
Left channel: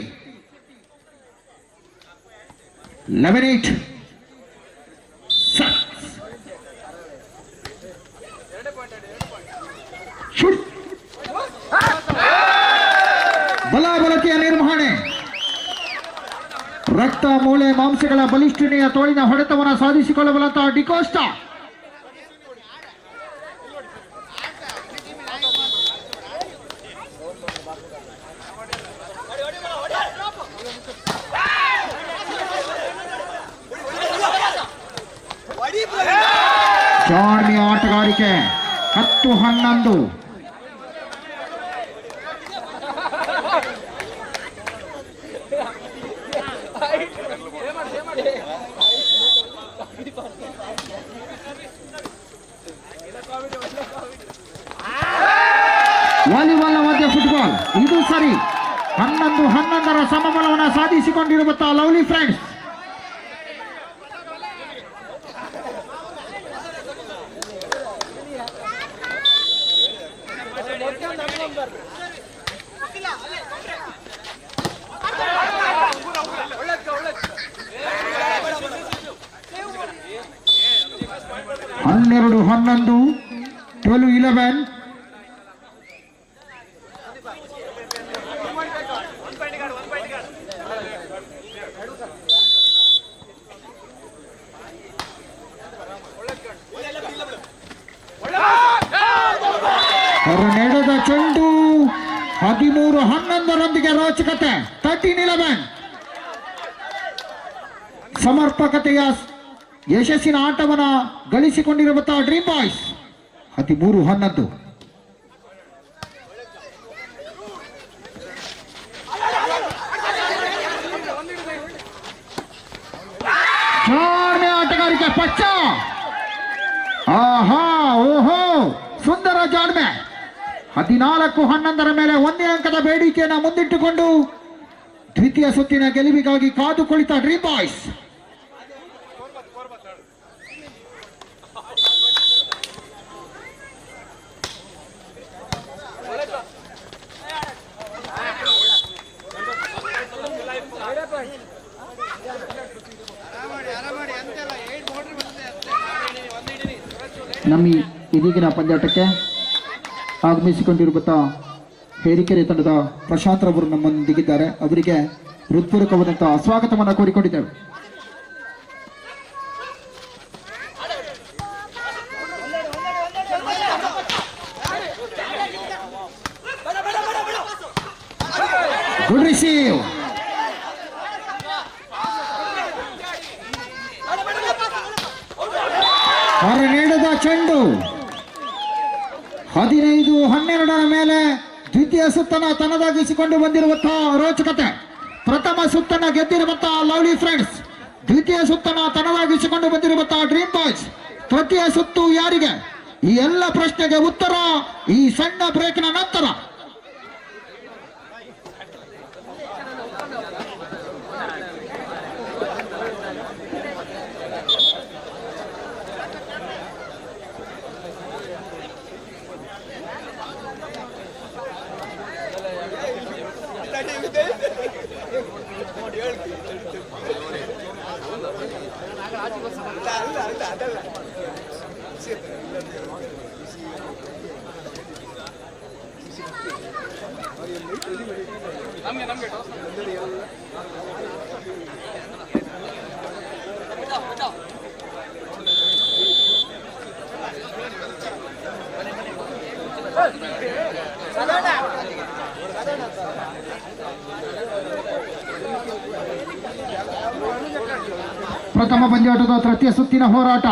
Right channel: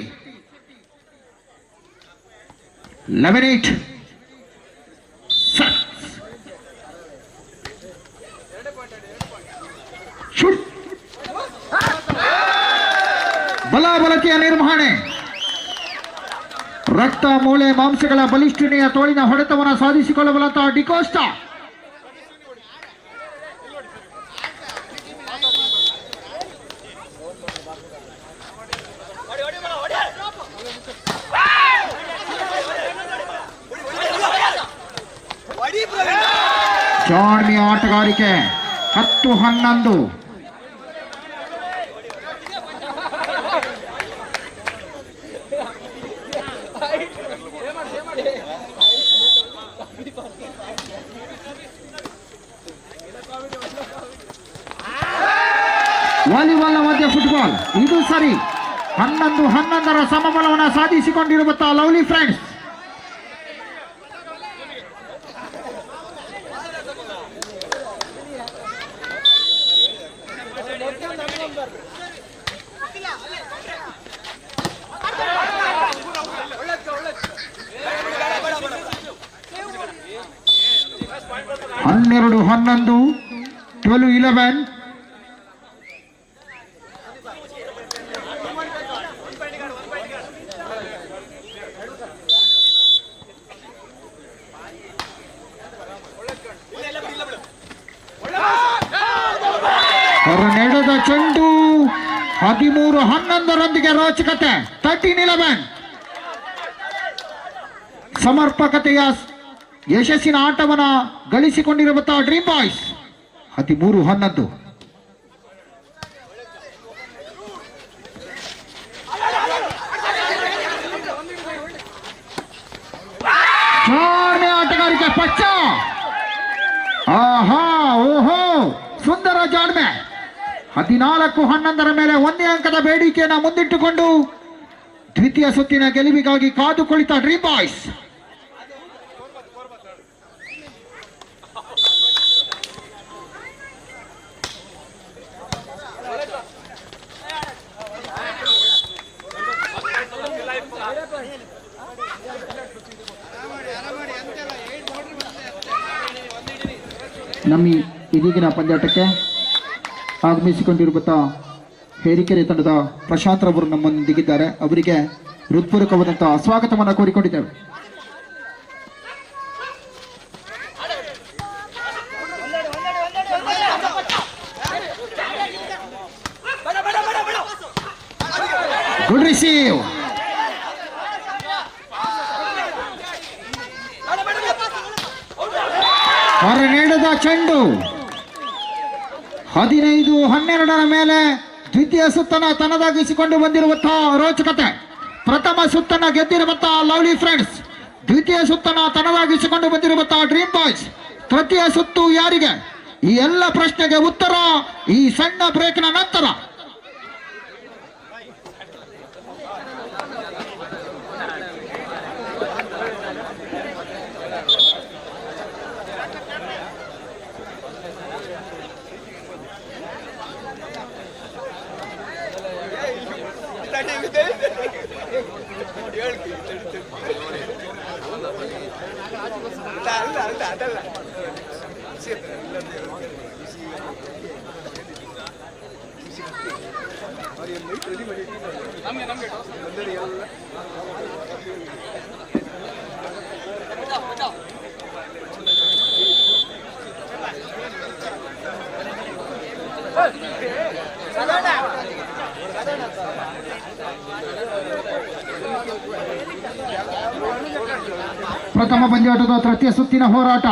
11-8. ಬಲಾಬಲತೆಯ ನಿರ್ವಹಣೆ. ರಕ್ತ, ಮೂಳೆ, ಮಾಂಸಗಳ ಬಲಿಷ್ಠನೆಯ ತೋಳಿನ ಹೊಡೆತವನ್ನು ಸಾಧಿಸಿಕೊಳ್ಳಬಲ್ಲಂತಹ ಡಿಕೋಸ್ಟ. ಜಾಣ್ಮೆಯ ಆಟಗಾರಿಕೆ. 10-11. ವಾಲಿಬಾಲ್ನ ಮಧ್ಯೆ ಫುಟ್ಬಾಲ್. ಇದು ಸರಿ. 11-11 ಸಮಬಲವನ್ನು ಸಾಧಿಸಿಕೊಂಡಿರುವಂತಹ ಲವ್ಲಿ ಫ್ರೆಂಡ್ಸ್. ಹನ್ನೆರಡು 11, 12-11. ಹೊರನೆಡೆದ ಚೆಂಡು. 13-11 ರೋಚಕತೆ. 13-11. ಸಮರ್ಪಕತೆಯ ಯಶಸ್ಸಿನ ಆಟವನ್ನು ಗಳಿಸಿಕೊಂಡಿರುವಂತಹ ಡ್ರೀಮ್ ಬಾಯ್ಸ್. 13-11. ಜಾಣ್ಮೆ ಆಟಗಾರಿಕೆ ಪಚ್ಚ. ಆಹಾ, ಓಹೋ, ಸುಂದರ ಜಾಣ್ಮೆ. 14-11 ಮೇಲೆ 1 ಅಂಕದ ಬೇಡಿಕೆಯನ್ನು ಮುಂದಿಟ್ಟುಕೊಂಡು ದ್ವಿತೀಯ ಸುತ್ತಿನ ಗೆಲುವಿಗಾಗಿ ಕಾದು ಕುಳಿತ ಡ್ರೀಮ್ ಬಾಯ್ಸ್. ನಮ್ಮ ಇದೀಗಿನ ಪಂದ್ಯಾಟಕ್ಕೆ ಆಗಮಿಸಿಕೊಂಡಿರುವಂಥ ಹೇರಿಕೆರೆ ತಂಡದ ಪ್ರಶಾಂತ್ ರವರು ನಮ್ಮೊಂದಿಗಿದ್ದಾರೆ. ಅವರಿಗೆ ಹೃತ್ಪೂರ್ವಕವಾದಂತಹ ಸ್ವಾಗತವನ್ನು ಕೋರಿಕೊಂಡಿದ್ದೇವೆ. Good receive. ಹೊರನೀಡದ ಚೆಂಡು. 15-12 ಮೇಲೆ ದ್ವಿತೀಯ ಸುತ್ತನ್ನು ತನ್ನದಾಗಿಸಿಕೊಂಡು ಬಂದಿರುವಂತಹ ರೋಚಕತೆ. ಪ್ರಥಮ ಸುತ್ತನ್ನು ಗೆದ್ದಿರುವಂತಹ ಲವ್ಲಿ ಫ್ರೆಂಡ್ಸ್. ದ್ವಿತೀಯ ಸುತ್ತನ್ನು ತನ್ನದಾಗಿಸಿಕೊಂಡು ಬಂದಿರುವಂತಹ ಡ್ರೀಮ್ ಬಾಯ್ಸ್. ತೃತೀಯ ಸುತ್ತು ಯಾರಿಗೆ? ಈ ಎಲ್ಲ ಪ್ರಶ್ನೆಗೆ ಉತ್ತರ ಈ ಸಣ್ಣ ಬ್ರೇಕ್ನ ನಂತರ. ಪ್ರಥಮ ಪಂದ್ಯಾಟದ ತೃತೀಯ ಸುತ್ತಿನ ಹೋರಾಟ.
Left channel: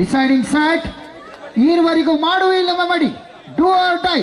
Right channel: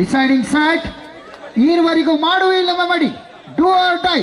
Deciding set. ಈವರೆಗೂ ಮಾಡುವಿಲ್ಲವ ಮಾಡಿ, ಡೂ ಆರ್ ಡೈ.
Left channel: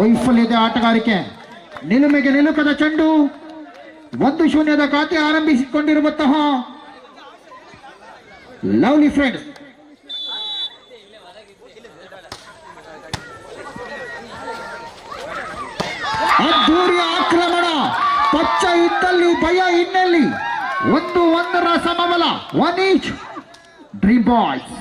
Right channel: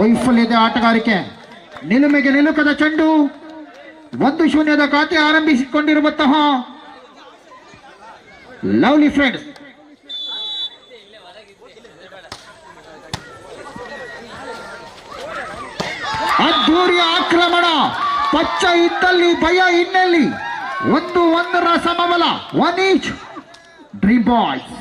ವೈಫಲ್ಯದ ಆಟಗಾರಿಕೆ. ನಿಲುಮೆಗೆ ನಿಲುಕದ ಚೆಂಡು. 1-0 ಖಾತೆ ಆರಂಭಿಸಿಕೊಂಡಿರುವಂತಹ ಲವ್ಲಿ ಫ್ರೆಂಡ್ಸ್. ಅದ್ದೂರಿ ಆಕ್ರಮಣ. ಪಚ್ಚ ಇದ್ದಲ್ಲಿ ಭಯ ಇನ್ನೆಲ್ಲಿ. 1-1 ಸಮಬಲ. 1 each. Dream boys.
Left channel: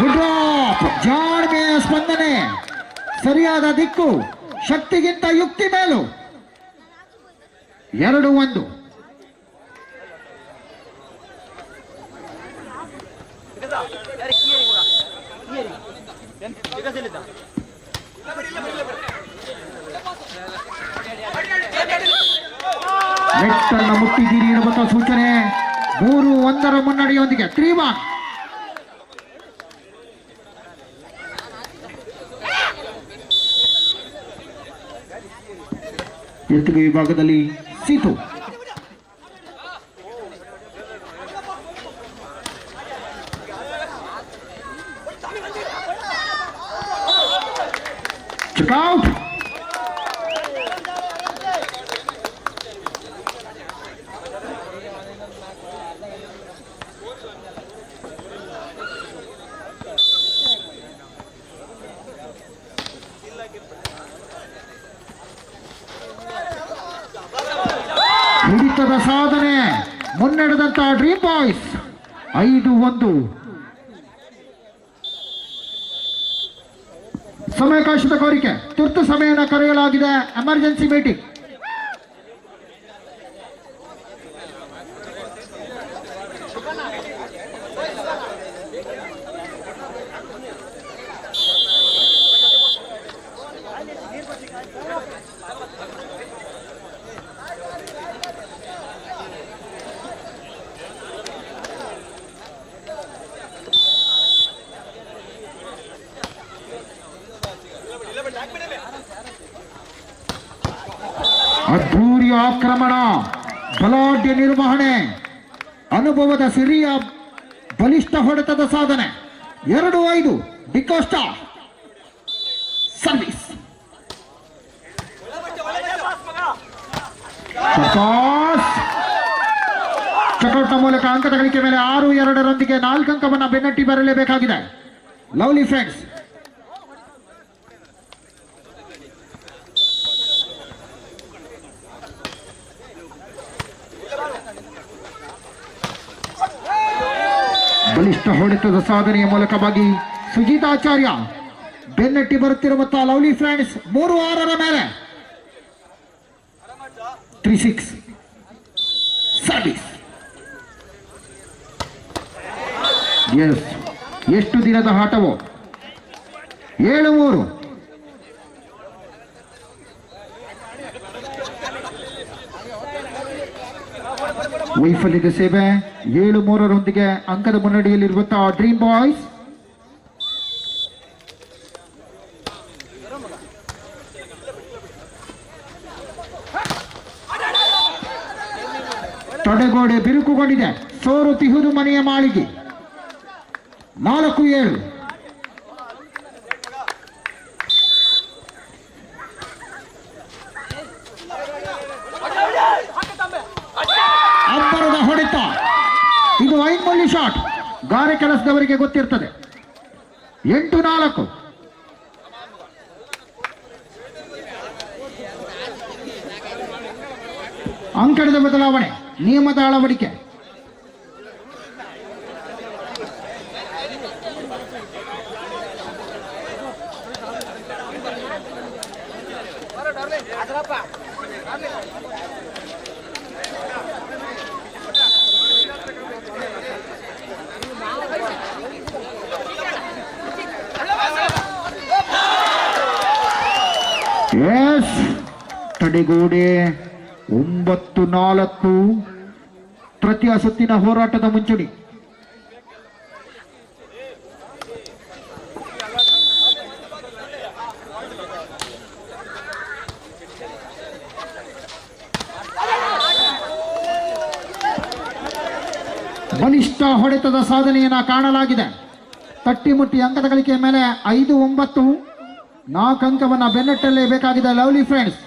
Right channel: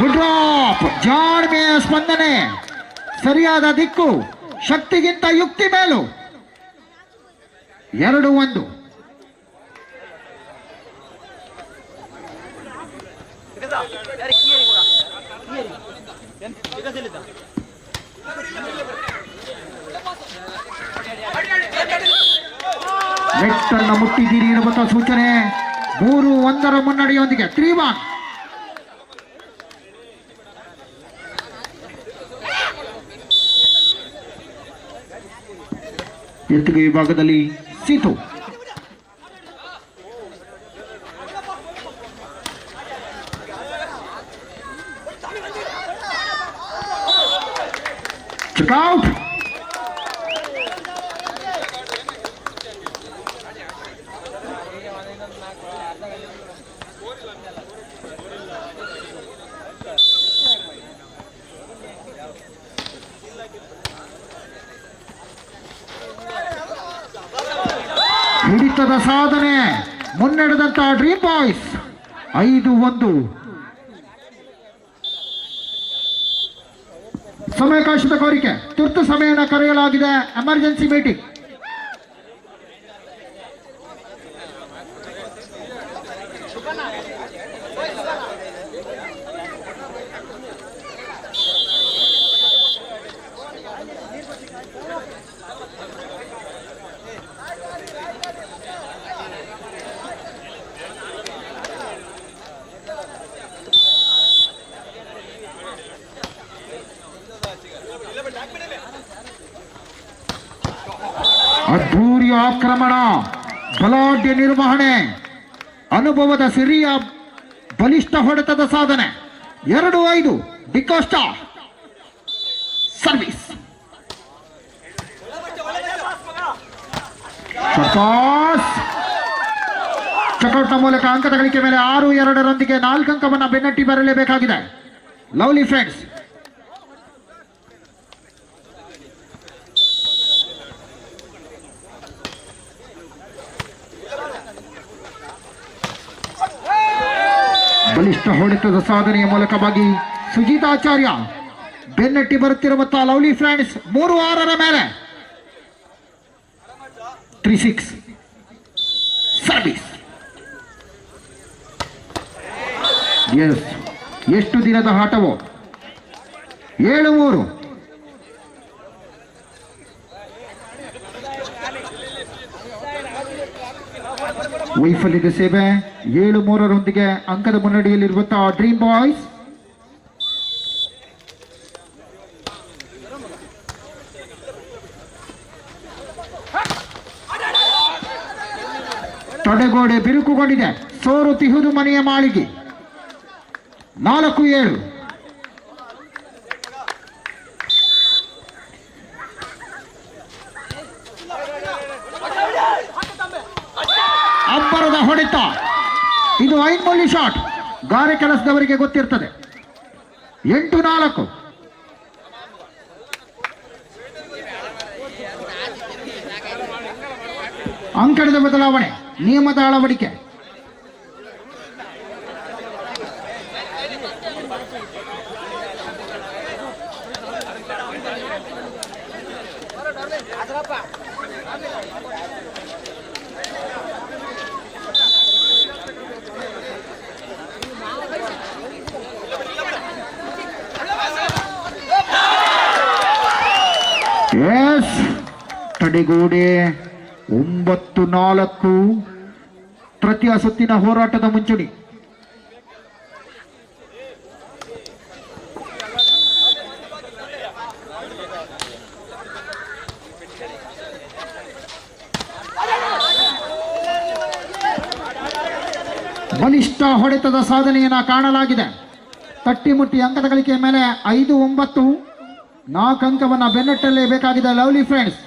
Good drop. ಜಾಣ್ಮೆಯ ಸ್ಪಂದನೆ. ಸರಿಯಾದ ದಿಕ್ಕು. ಶಕ್ತಿಗಿಂತ ಯುಕ್ತಿ ಮೇಲು. 2-1. ನೆಟ್ಟನ್ನ ಮುಟ್ಟಿದ್ದೀರಿ ಎನ್ನುವಂತಹ ಸೂಚನೆ. 3-1 ಮುನ್ನಡೆಯೊಂದಿಗೆ 3-1. ಎತ್ತುಗೆ ವಿಭಾಗದಲ್ಲಿ ಸೀತು. ಚೆಕ್ಔಟ್. ಹಿಡಿತದ ಸಾಧನೆ. ಮುನ್ನಡೆದಂತಹ ಡ್ರೀಮ್ ಬಾಯ್ಸ್. 5-1. ಸಮಯಾವಕಾಶದ ಕೋರಿಕೆ. ತುರ್ತು ಸಮಯನ ಕರೆಯಲಾಗಿದೆ. Emergency meeting. ಅದ್ಭೂರಿ ಆಕ್ರಮಣ. ಬಲಾಢ್ಯ ನಿರ್ವಹಣೆ. ಅನುಭವದ ಸಿರಿಯ ಬಲಿಷ್ಠ ಹೊಡೆತದ ಸಾಧನೆ. 2-5. ಡಿಕೋಸ್ಟಾ ಸರ್ವಿಸ್. ಚಕೌಟ್ನ ಮೂಲಕ ಅಂಕದ ಗಳಿಕೆ ಮೇಲೆ 6-2 4 ಅಂಕವನ್ನು ಬೆನ್ನಟ್ಟಿ ಬರಲೇಬೇಕಾಗಿದೆ ಲವ್ಲಿ ಫ್ರೆಂಡ್ಸ್. ಬಲಿಷ್ಠ ಹೊಡೆತದ ಸಾಧನೆಯ ಮೂಲಕವಾಗಿ ಸುಜಿತಾಚಾರ್ಯ ಬೆನ್ನಟ್ಟಿ ಬರುತ್ತಿರುವಂತಹ ಲವ್ಲಿ ಫ್ರೆಂಡ್ಸ್ 3-6 ಮೇಲೆ 3-6 ಸರ್ವಿಸ್. ಎಸ್, ಎಷ್ಟು ದಿನದ ಆಟವೋ. 7-3. ವೈಫಲ್ಯದ ಸೇವೆ 7-3 ಅಂಕದ ಮುನ್ನಡೆಯಲ್ಲಿರುವಂತಹ ಡ್ರೀಮ್ ಬಾಯ್ಸ್. ತಡೆಗೋಡೆ ಬಿರುಕುಗೊಂಡಿದೆ. ಸೋರು ತಿಹುದು ಮನೆಯ ಮಾಳಿಗೆ 4-7. ಅಬ್ಬರದ ಹೊಡೆತ. ಇದು ಐನ್ಮೊಳ್ಳಿ ಶಾಟ್. ಗಾರೆ ಕೆಲಸದವರಿಗೆ ಗೊತ್ತಿರ್ತದೆ. 8-4. ಅಂಕಣದ ಬದಲಾವಣೆ, ನಿಯಮದ ಅಳವಡಿಕೆ. ಎಸ್, ತಡೆಗೋಡೆ 9-4. ತೃತೀಯ ಸುತ್ತಿನ ಹೋರಾಟದ ಮುಂಚೂಣಿ. ಬಲಿಷ್ಠ ಹೊಡೆತದ ಸಾಧನೆಯನ್ನ ಕಾಣಲಾಗಿದೆ. ತಟ್ಟಿಮುಟ್ಟಿ ಅಂಕದ ಗಳಿಕೆಯ ಮೇಲೆ 5-9. 4 ಅಂಕವನ್ನ ಬೆನ್ನಟ್ಟಲೇಬೇಕಾಗಿದೆ ಲವ್ಲಿ ಫ್ರೆಂಡ್ಸ್.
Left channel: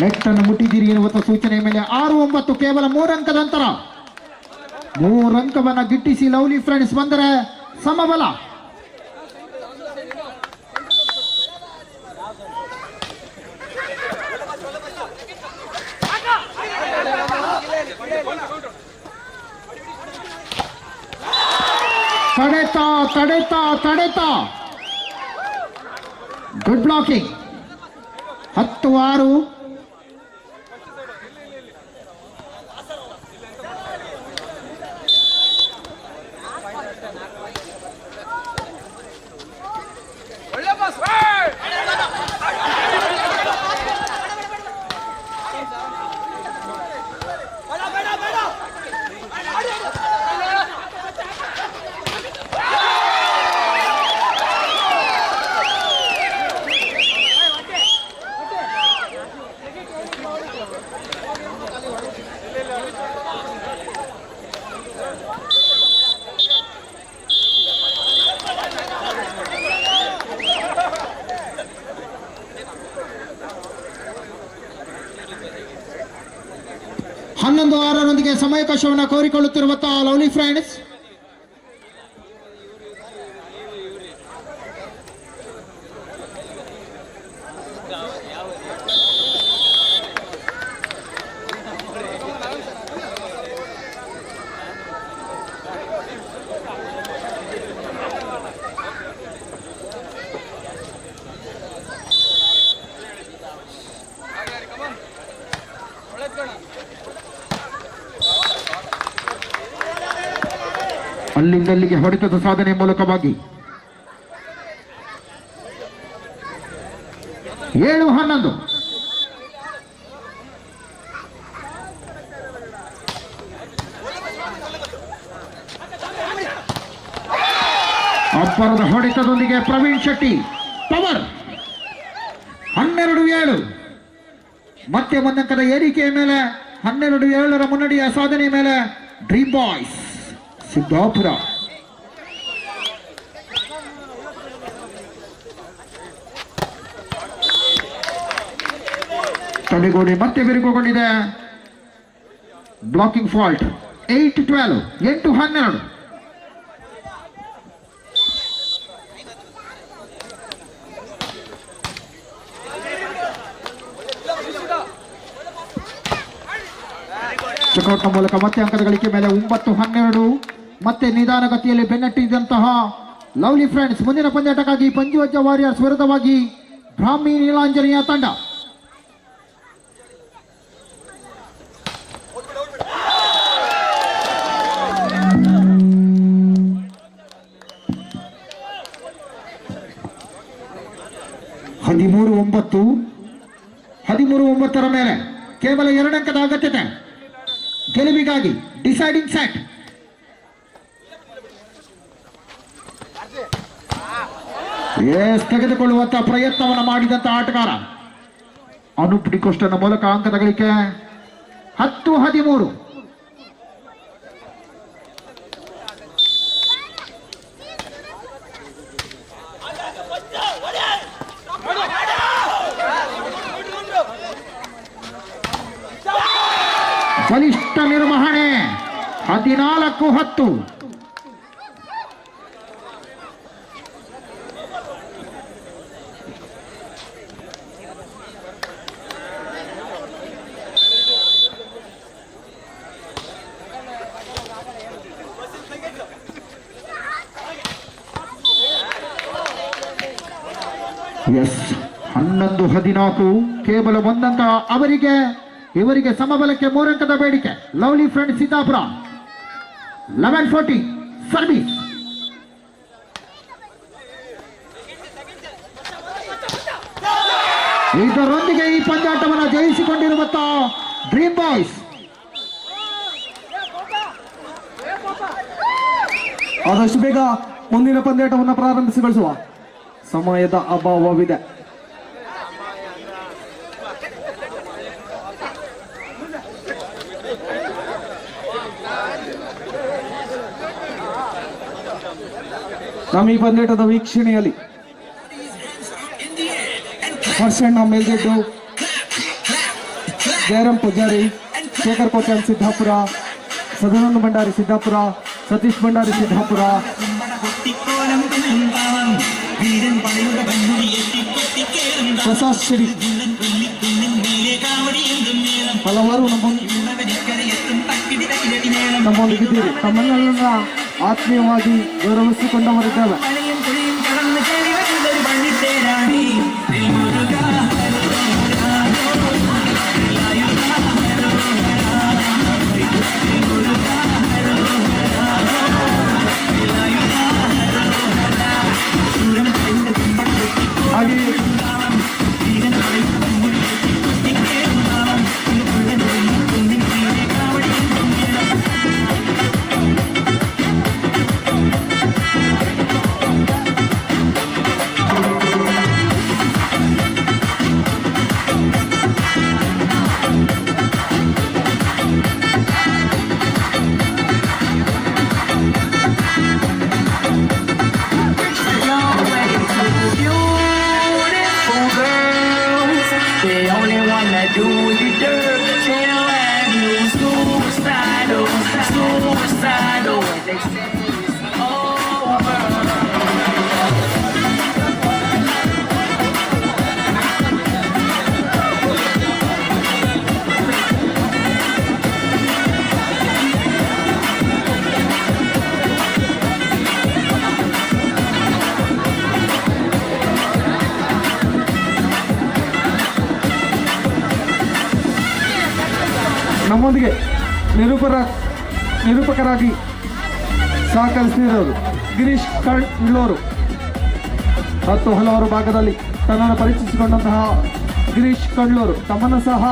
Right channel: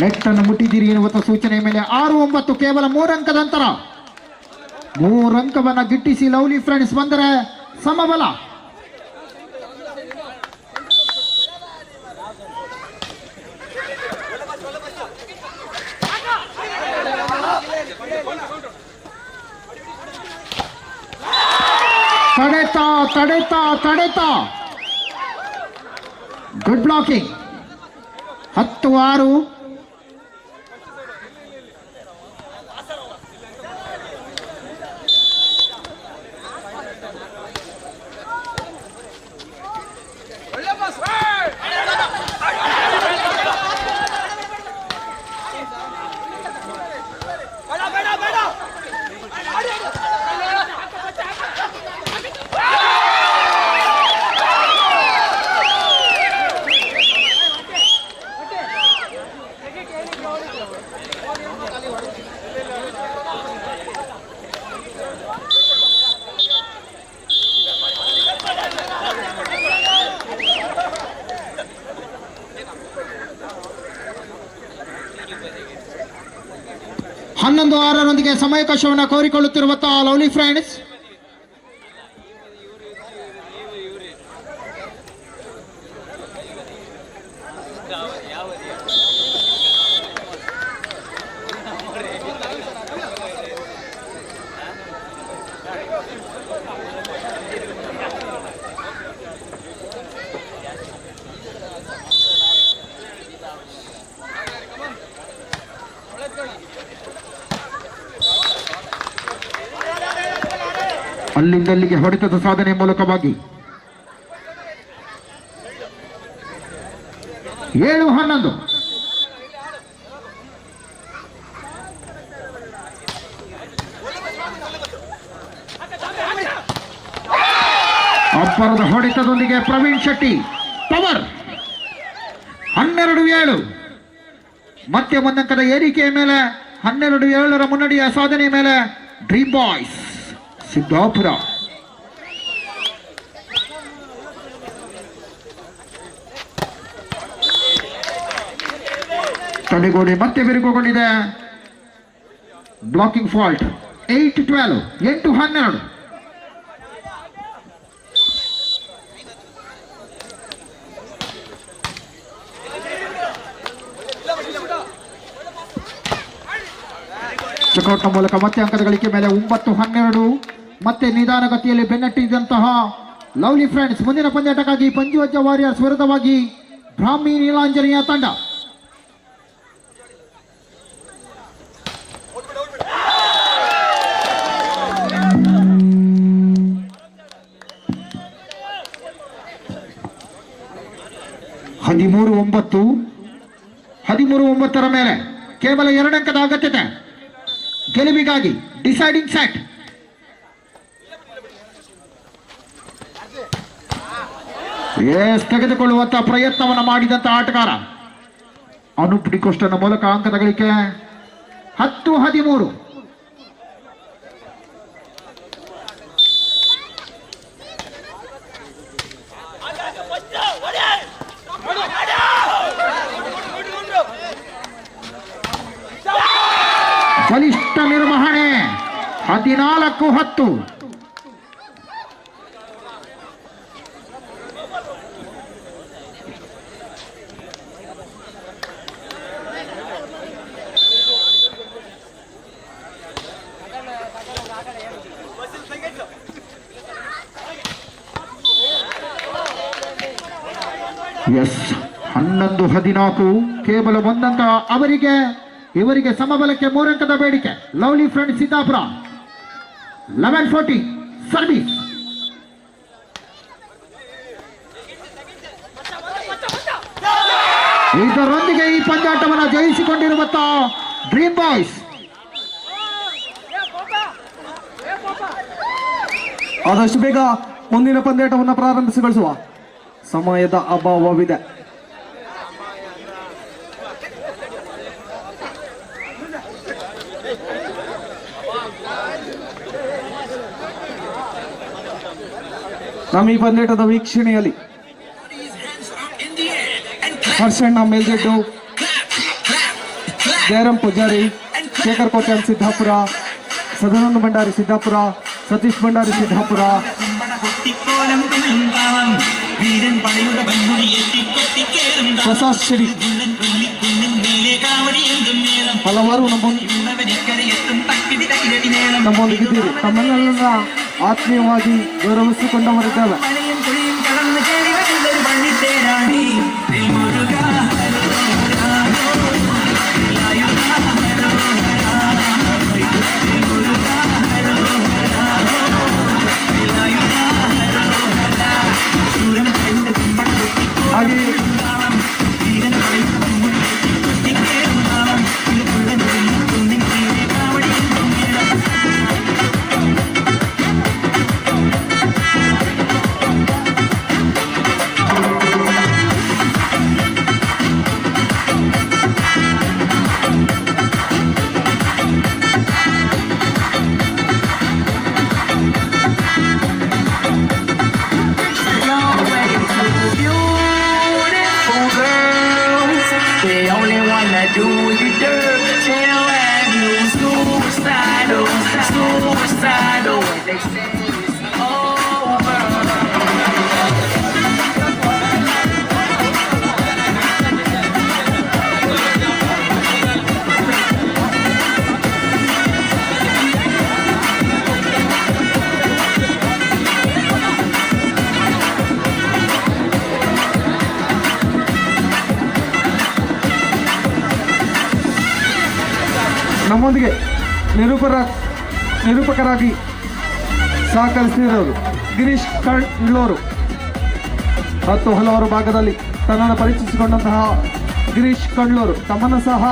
ನೆಟ್ ಅನ್ನು ಮುಟ್ಟಿದ್ದೀರಿ ಎನ್ನುವಂತ ಸೂಚನೆಯ ಮೇಲೆ 6-9, ಕೇವಲ 3 ಅಂಕದ ಅಂತರ. 3 ಅಂಕವನ್ನ ಗಿಟ್ಟಿಸಿ ಲವ್ಲಿ ಫ್ರೆಂಡ್ಸ್ ಬಂದರೆ ಸಮಬಲ. ತಡೆತ ಗುಡ್ ಬ್ಲಾಕಿಂಗ್. 10-6. ಹನ್ನೊಂದು 6 ಸಮಯಾವಕಾಶವನ್ನು ಕೋರಿಕೊಳ್ಳುತ್ತಿರುವಂತಹ ಲವ್ಲಿ ಫ್ರೆಂಡ್ಸ್. ಅಲ್ಲಿಂದಲ್ಲಿಗೆ ಹೊಡೆತದ ಸಾಧನೆ ಮೂಲಕವಾಗಿ 7-11. ಅಬ್ಬರದ ಹೊಡೆತದೊಂದಿಗೆ ಪ್ರವೀಣ್ ಶೆಟ್ಟಿ ಪವರ್. 12-7. ಮತ್ತೆ ಒಂದಂಕದ ಏರಿಕೆಯ ಮೇಲೆ 12-7 ಮುನ್ನಡೆಯ ಸಾಧನೆಯ ಮೇಲೆ ಡ್ರೀಮ್ ಬಾಯ್ಸ್ ಸಿದ್ದಾಪುರ. ತಡೆಗೋಡೆ ಮತ್ತೆ ಬಿರುಕುಗೊಂಡಿದೆ. Blocking fault. 8-12. 8-12. ಚೆಕ್ಔಟ್ನ ಮೂಲಕ ಮತ್ತೆ ಅಂಕದ ಗಳಿಕೆ ಮೇಲೆ 9-12. ಮತ್ತೆ ನಿಧಾನಗತಿಯಲ್ಲಿ ಬೆನ್ನಟ್ಟಿದಂತಹ ಲವ್ಲಿ ಫ್ರೆಂಡ್ಸ್ ಮುಂದಿನ ಪಂದ್ಯಾಟಕ್ಕಾಗಿ ಪಂಜುವಜ್ಜ ವಾರಿಯರ್ಸ್ ವಿರುದ್ಧವಾಗಿ ಬ್ರಾಹ್ಮಿ ನೀಲಾಂಜನೇಯ ತಂಡ. 13-9 13-9 ಮೇಲೆ ಕೇವಲ 2 ಅಂಕದ ಅಗತ್ಯತೆ ಗೆಲುವಿಗಾಗಿ ಡಿಸೈಡಿಂಗ್ ಸೆಟ್. ತೆಗೆದುಕೊಳ್ಳುವಂತ ಪ್ರಯತ್ನವನ್ನು ಮಾಡಿದಂತ ಆಟಗಾರ ಅನೂಪ್ ಡಿಕೋಸ್ಟನ ಮೂಲಕ ಅಂಕದ ಗಳಿಕೆ 10-13. ಬಲಿಷ್ಠ ನಿರ್ವಹಣೆ 14-10. ಎಸ್ 11-14 ಕೇವಲ 1 ಅಂಕ ಅವರಿಗೆ. ಇವರಿಗೆ ಸಮಬಲಕ್ಕೆ 3 ಅಂಕದ ಬೇಡಿಕೆ. Lovely friend Siddapura 11-14 service. ಇದರೊಂದಿಗೆ ಈ ಪಂದ್ಯಾಟವನ್ನು ಜಯಿಸಿಕೊಂಡಿರುವಂತ ಡ್ರೀಮ್ ಬಾಯ್ಸ್ ಆದಷ್ಟು ಬೇಗ ಮುಂದಿನ ಪಂದ್ಯಾಟವನ್ನು ಪ್ರಾರಂಭಿಸಿಗೊಳಿಸುವ ಸಮಯದ ಅಭಾವವಿದೆ. ನಮ್ಮ ಈ ಪಂದ್ಯಾಟದ ವೀಕ್ಷಣೆಯಲ್ಲಿ ಹರ್ಷಣ್ಣ ಮೇಲ್ಗೆಡ್ಡು, ಜಯರಾಮ್ ಪೂಜಾರಿ, ಶೇಖರ್ ಕೋಟ್ಯಾನ್ ಸಿದ್ದಾಪುರ, ಸದಾನಂದ ಭಂಡಾರಿ ಸಿದ್ದಾಪುರ, ಸತೀಶ್ ಭಂಡಾರಿ ಸಿದ್ದಾಪುರ, ಪ್ರಸಾದ್ ಶಿರಿ ಹಲವಾರು ನಮ್ಮೊಂದಿಗಿದ್ದೀರಿ. ತಮ್ಮನ್ನೆಲ್ಲ ಆತ್ಮೀಯವಾಗಿ ಗೌರವಿಸಿಕೊಂಡವರಿದ್ದೇವೆ. ಹಾಗೆ ನಮ್ಮೊಂದಿಗೆ ನಿರೂಪಕರಾಗಿ ಸಹಕರಿಸಿದವರು ಗಿರೀಶ್ ಕಳ್ಳೂರು ಮತ್ತು ಹಲವಾರು ಭಾಗದಲ್ಲಿ ತನ್ನನ್ನು ಪರಿಚಯಿಸಿಕೊಂಡಂತಹ ಗಿರೀಶ್ ಕಳ್ಳೂರು ತಮ್ಮನ್ನು ಸಹ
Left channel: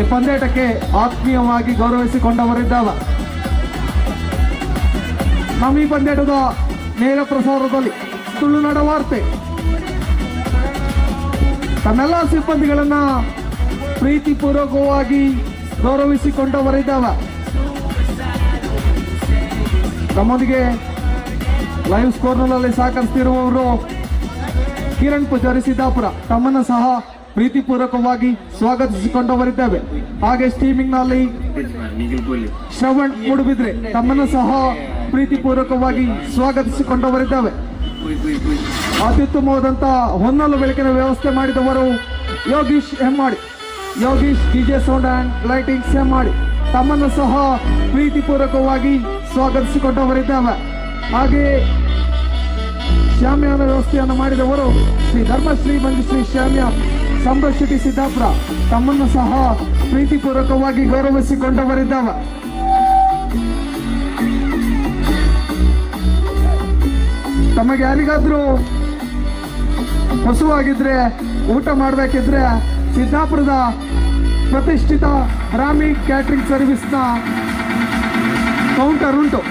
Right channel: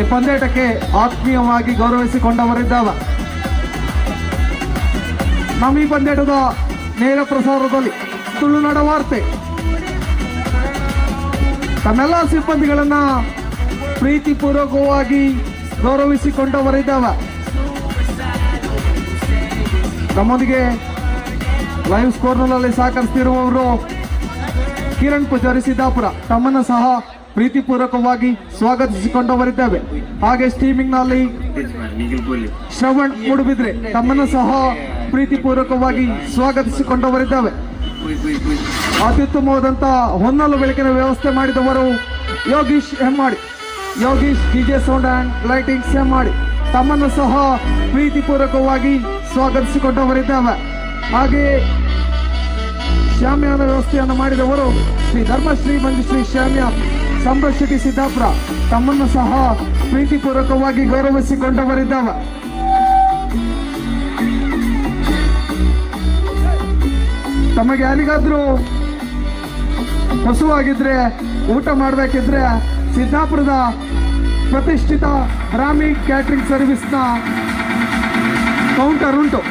ಈ ಪಂದ್ಯಾಟಕ್ಕೆ ಆತ್ಮೀಯವಾಗಿ ಗೌರವಿಸಿಕೊಂಡವರಿದ್ದಾವ. ನಮ್ಮ ಈ ಪಂದ್ಯಾಟದ ನೇರ ಪ್ರಸಾರದಲ್ಲಿ ತುಳುನಾಡ ವಾರ್ತೆ ತಮ್ಮೆಲ್ಲ ಸಿಬ್ಬಂದಿಗಳನ್ನ ಪ್ರೀತಿಪೂರ್ವಕವಾಗಿ ಗೌರವಿಸಿಕೊಂಡವರಿದ್ದಾವ. ನಮ್ಮೊಂದಿಗೆ ಲೈವ್ ಸ್ಕೋರ್ನಲ್ಲಿ ಸಹಕರಿಸುತ್ತಿರುವವರು ಕಿರಣ್ ಪೂಜಾರಿ ಸಿದ್ದಾಪುರ ತಮ್ಮನ್ನು ಸಹ ಪ್ರೀತಿಪೂರ್ವಕವಾಗಿ ಸ್ವಾಗತಿಸಿಕೊಂಡವರಿದ್ದೇವೆ. ಹಾಗೆ ಸ್ಟ್ರೀಮಿಂಗ್ನಲ್ಲಿ ಶ್ರವಣ್ ಮೂಡುಬಿದ್ರೆ ತಮ್ಮನ್ನು ಸಹ ಪ್ರೀತಿಪೂರ್ವಕವಾಗಿ ಸ್ವಾಗತಿಸಿಕೊಂಡವರಿದ್ದೇವೆ. ಅತ್ಯುತ್ತಮವಾದಂಥ ಹೊನ್ನಲು ಬೆಳಕಿನ ವ್ಯವಸ್ಥೆ ಮಾಡಿದವರು Yogish Hemmadi, Yogish DJ sound and lightings Hemmadi ತಮ್ಮನ್ನು ಸಹ ಪ್ರೀತಿಪೂರ್ವಕವಾಗಿ ಸ್ವಾಗತಿಸಿಕೊಂಡವರಿದ್ದೇವೆ. ಹಾಗೆಯೇ ಶಾಮ್ಯಾನ ವ್ಯವಸ್ಥೆಯನ್ನು ಮಾಡಿದವರು ಶ್ರೀ ಧರ್ಮಶ್ರೀ ಮಂಜುಶ್ರೀ ಶಾಮ್ಯ ಸಂರಕ್ಷಿತಿ ಸಿದ್ದಾಪುರ ತಮ್ಮನ್ನು ಸಹ ಪ್ರೀತಿಪೂರ್ವಕವಾಗಿ ಗೌರವಿಸಿಕೊಂಡವರಿದ್ದಾವೆ. ತಮಗೆ ಯಾರಿಗಾದ್ರೂ ಹಸುವಾಗಿದ್ರೆ ಊಟ ಮಾಡಬೇಕಿದ್ರೆ ಸಿದ್ದಾಪುರದ ಪ್ರತಿಷ್ಠಿತ ಬ್ರಾಹ್ಮಿ ಕ್ಯಾಟ್ರಿಂಗ್ ಸರ್ವಿಸ್ನ ಕೌಂಟರ್ ಉಂಟು.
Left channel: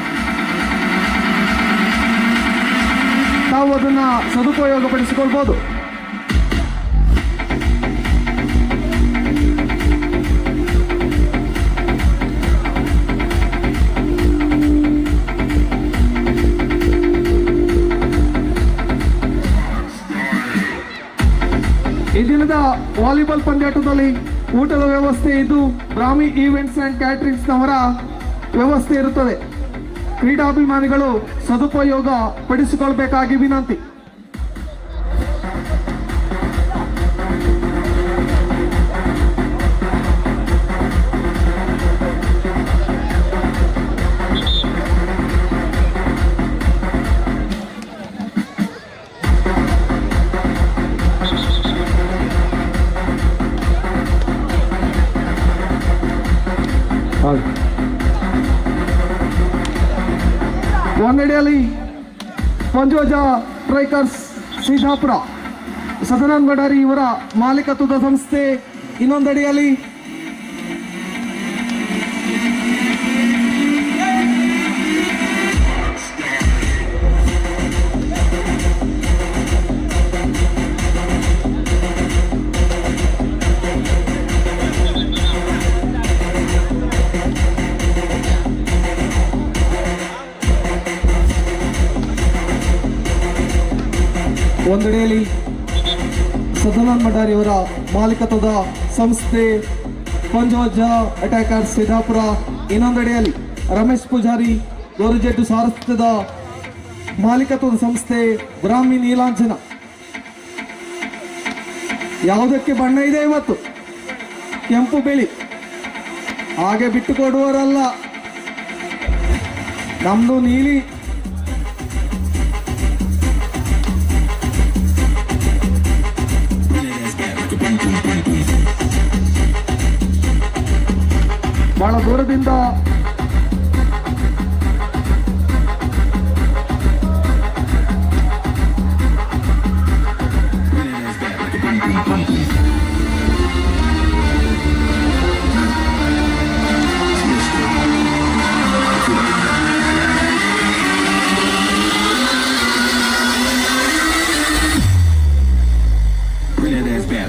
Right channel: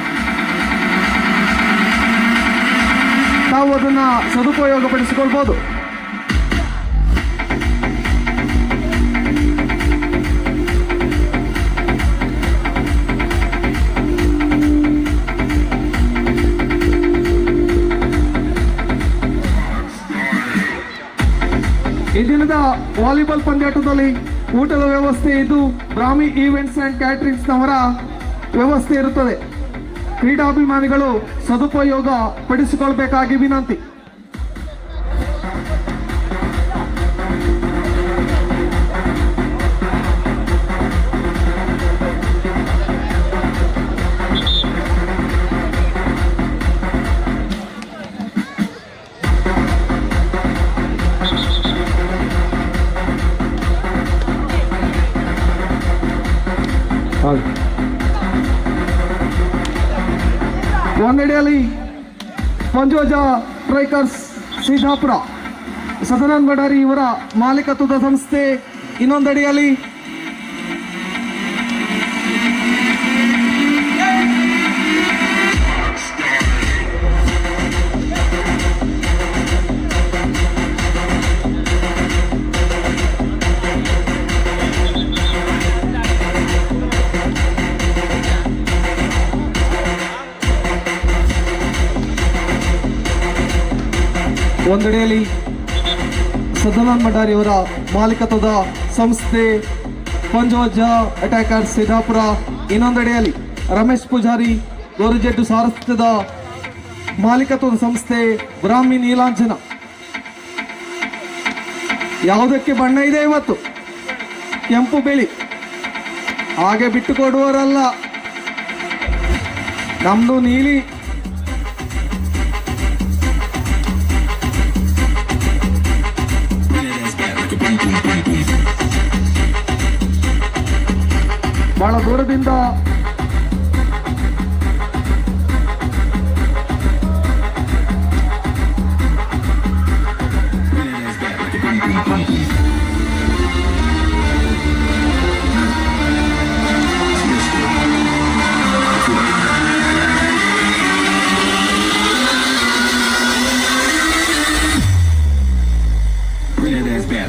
ನಾವು ಅದನ್ನ ಸದುಪಯೋಗ ಪಡಿಸಿಕೊಳ್ಬೋದು. ಈ ದಿನದ ವಾಲಿಬಾಲ್ ಪಂದ್ಯಾಟದಲ್ಲಿ ಊಟದ ವ್ಯವಸ್ಥೆ ಇದು ಬ್ರಾಹ್ಮಿ ಈವೆಂಟ್ಸ್ ಅಂಡ್ ಕ್ಯಾಟರಿಂಗ್ಸ್ ನವರ ವ್ಯವಸ್ಥೆ ಇರುತ್ತದೆ. ಕ್ರೀಡಾಭಿಮಾನಿಗಳು ಸದುಪಯೋಗ ಪಡಿಸಿಕೊಳ್ಬೇಕಾಗಿ ವಿನಂತಿ. ಒಂದೆಡೆಯಲ್ಲಿ ಪಂಜೋಜ ಸ್ಟ್ರೈಕರ್ಸ್ ಸಿದ್ದಾಪುರ ಸದಾನಂದ ಬಡಾರಿ ಇವರ ಮಾಲೀಕತ್ವದ ಸಂಸ್ಥೆ, ಇನ್ನೊಂದೆಡೆಯಲ್ಲಿ ಸದಾನಂದ ಬಡಾರಿ ಅವರ ಮಾಲೀಕತ್ವದ ಸಂಸ್ಥೆ ಪಂಜೋಜ ಅಟ್ಯಾಕರ್ಸ್ ಸಿದ್ದಾಪುರ, ಇನ್ನೊಂದೆಡೆಯಲ್ಲಿ ರಮೇಶ್ ಪೂಜಾರಿ ಗೋರಿಜೆಡ್ಡು ಸಾರಥ್ಯದ ಮಾಲೀಕತ್ವದ ಸಂಸ್ಥೆ ಬ್ರಾಹ್ಮಿ ನೀಲಾಂಜನ. ಯಾವುದಕ್ಕೆ ಬಣ್ಣ ಇದೆ ಇವತ್ತು? ಕೆಂಪು ಬಿಳಿ. ಹಾಗೆ ಬಿಟ್ಟುಕೊಡುವವರಲ್ಲ, ನಮ್ದು ನೀಲಿ. ಬಹಳ ದೂರದಿಂದ